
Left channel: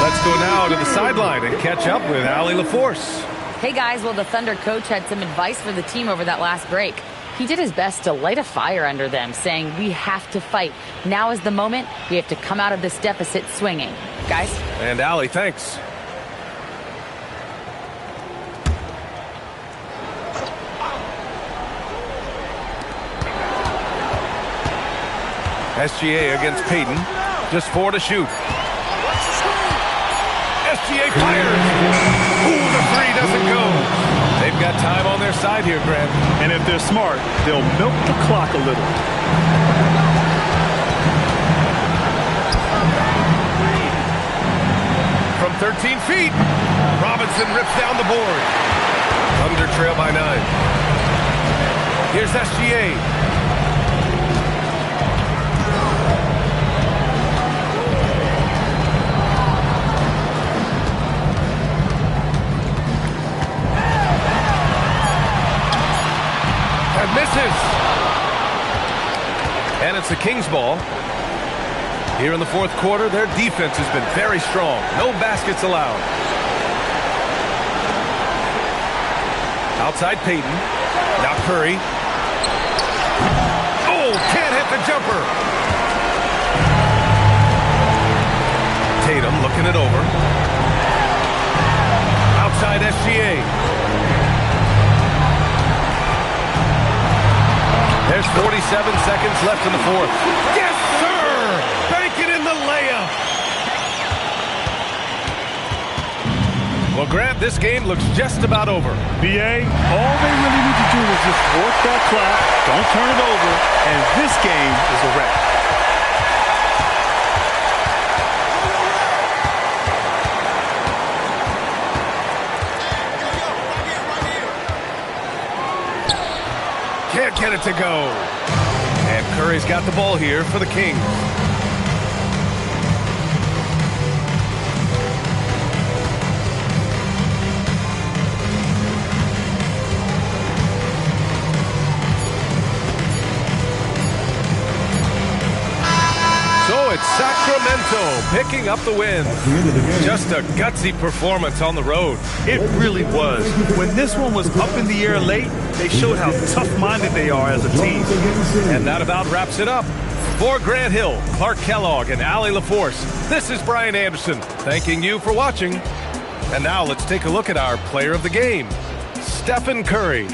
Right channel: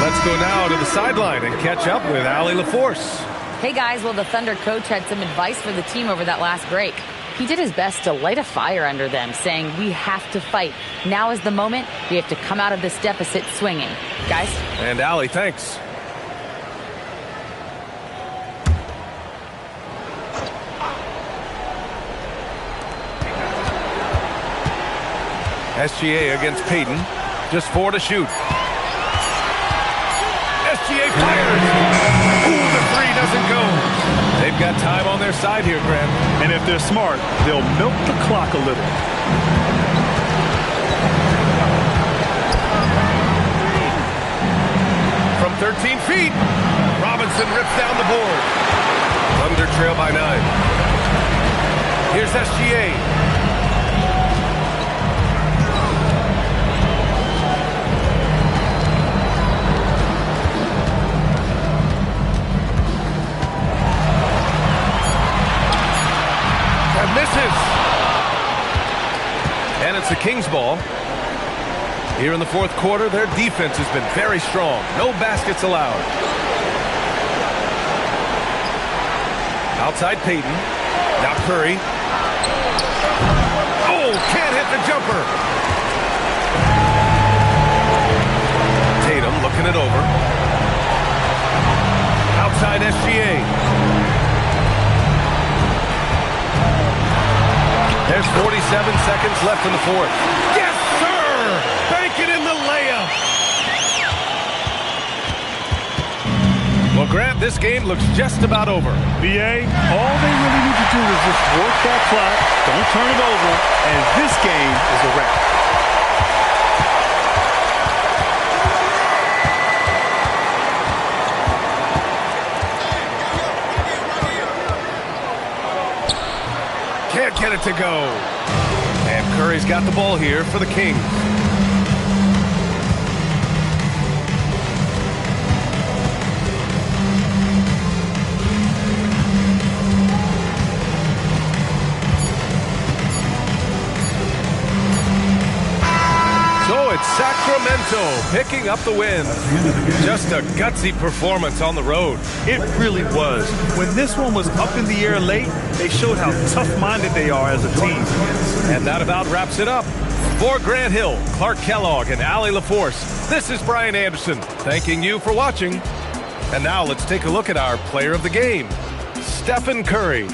Let's go now to the sideline and catch up with Allie LaForce. Hey guys, well the Thunder coach had some advice for the team over that last break. He did his best to light a fire under them, saying we have to fight. Now is the moment. We have to come out of this deficit swinging. Guys? And Allie, thanks. SGA against Payton. Just 4 to shoot. SGA fires. Ooh, the 3 doesn't go. They've got time on their side here, Grant. And if they're smart, they'll milk the clock a little. From 13 feet, Robinson rips down the board. Thunder trail by 9. Here's SGA. misses. And it's the Kings ball. Here in the fourth quarter, their defense has been very strong. No baskets allowed. Outside Payton. Now Curry. Oh, can't hit the jumper. Tatum looking it over. Outside SGA. There's 47 seconds left in the fourth. Yes, sir! Bank it in the layup. Well, Grant, this game looks just about over. BA, all they really need to do is just work that clock, don't turn it over, and this game is a wrap. Can't get it to go. And Curry's got the ball here for the Kings. So it's Sacramento picking up the win. Just a gutsy performance on the road. It really was. When this one was up in the air late, they showed how tough-minded they are as a team. And that about wraps it up. For Grant Hill, Clark Kellogg, and Allie LaForce, this is Brian Anderson thanking you for watching. And now let's take a look at our player of the game, Stephen Curry.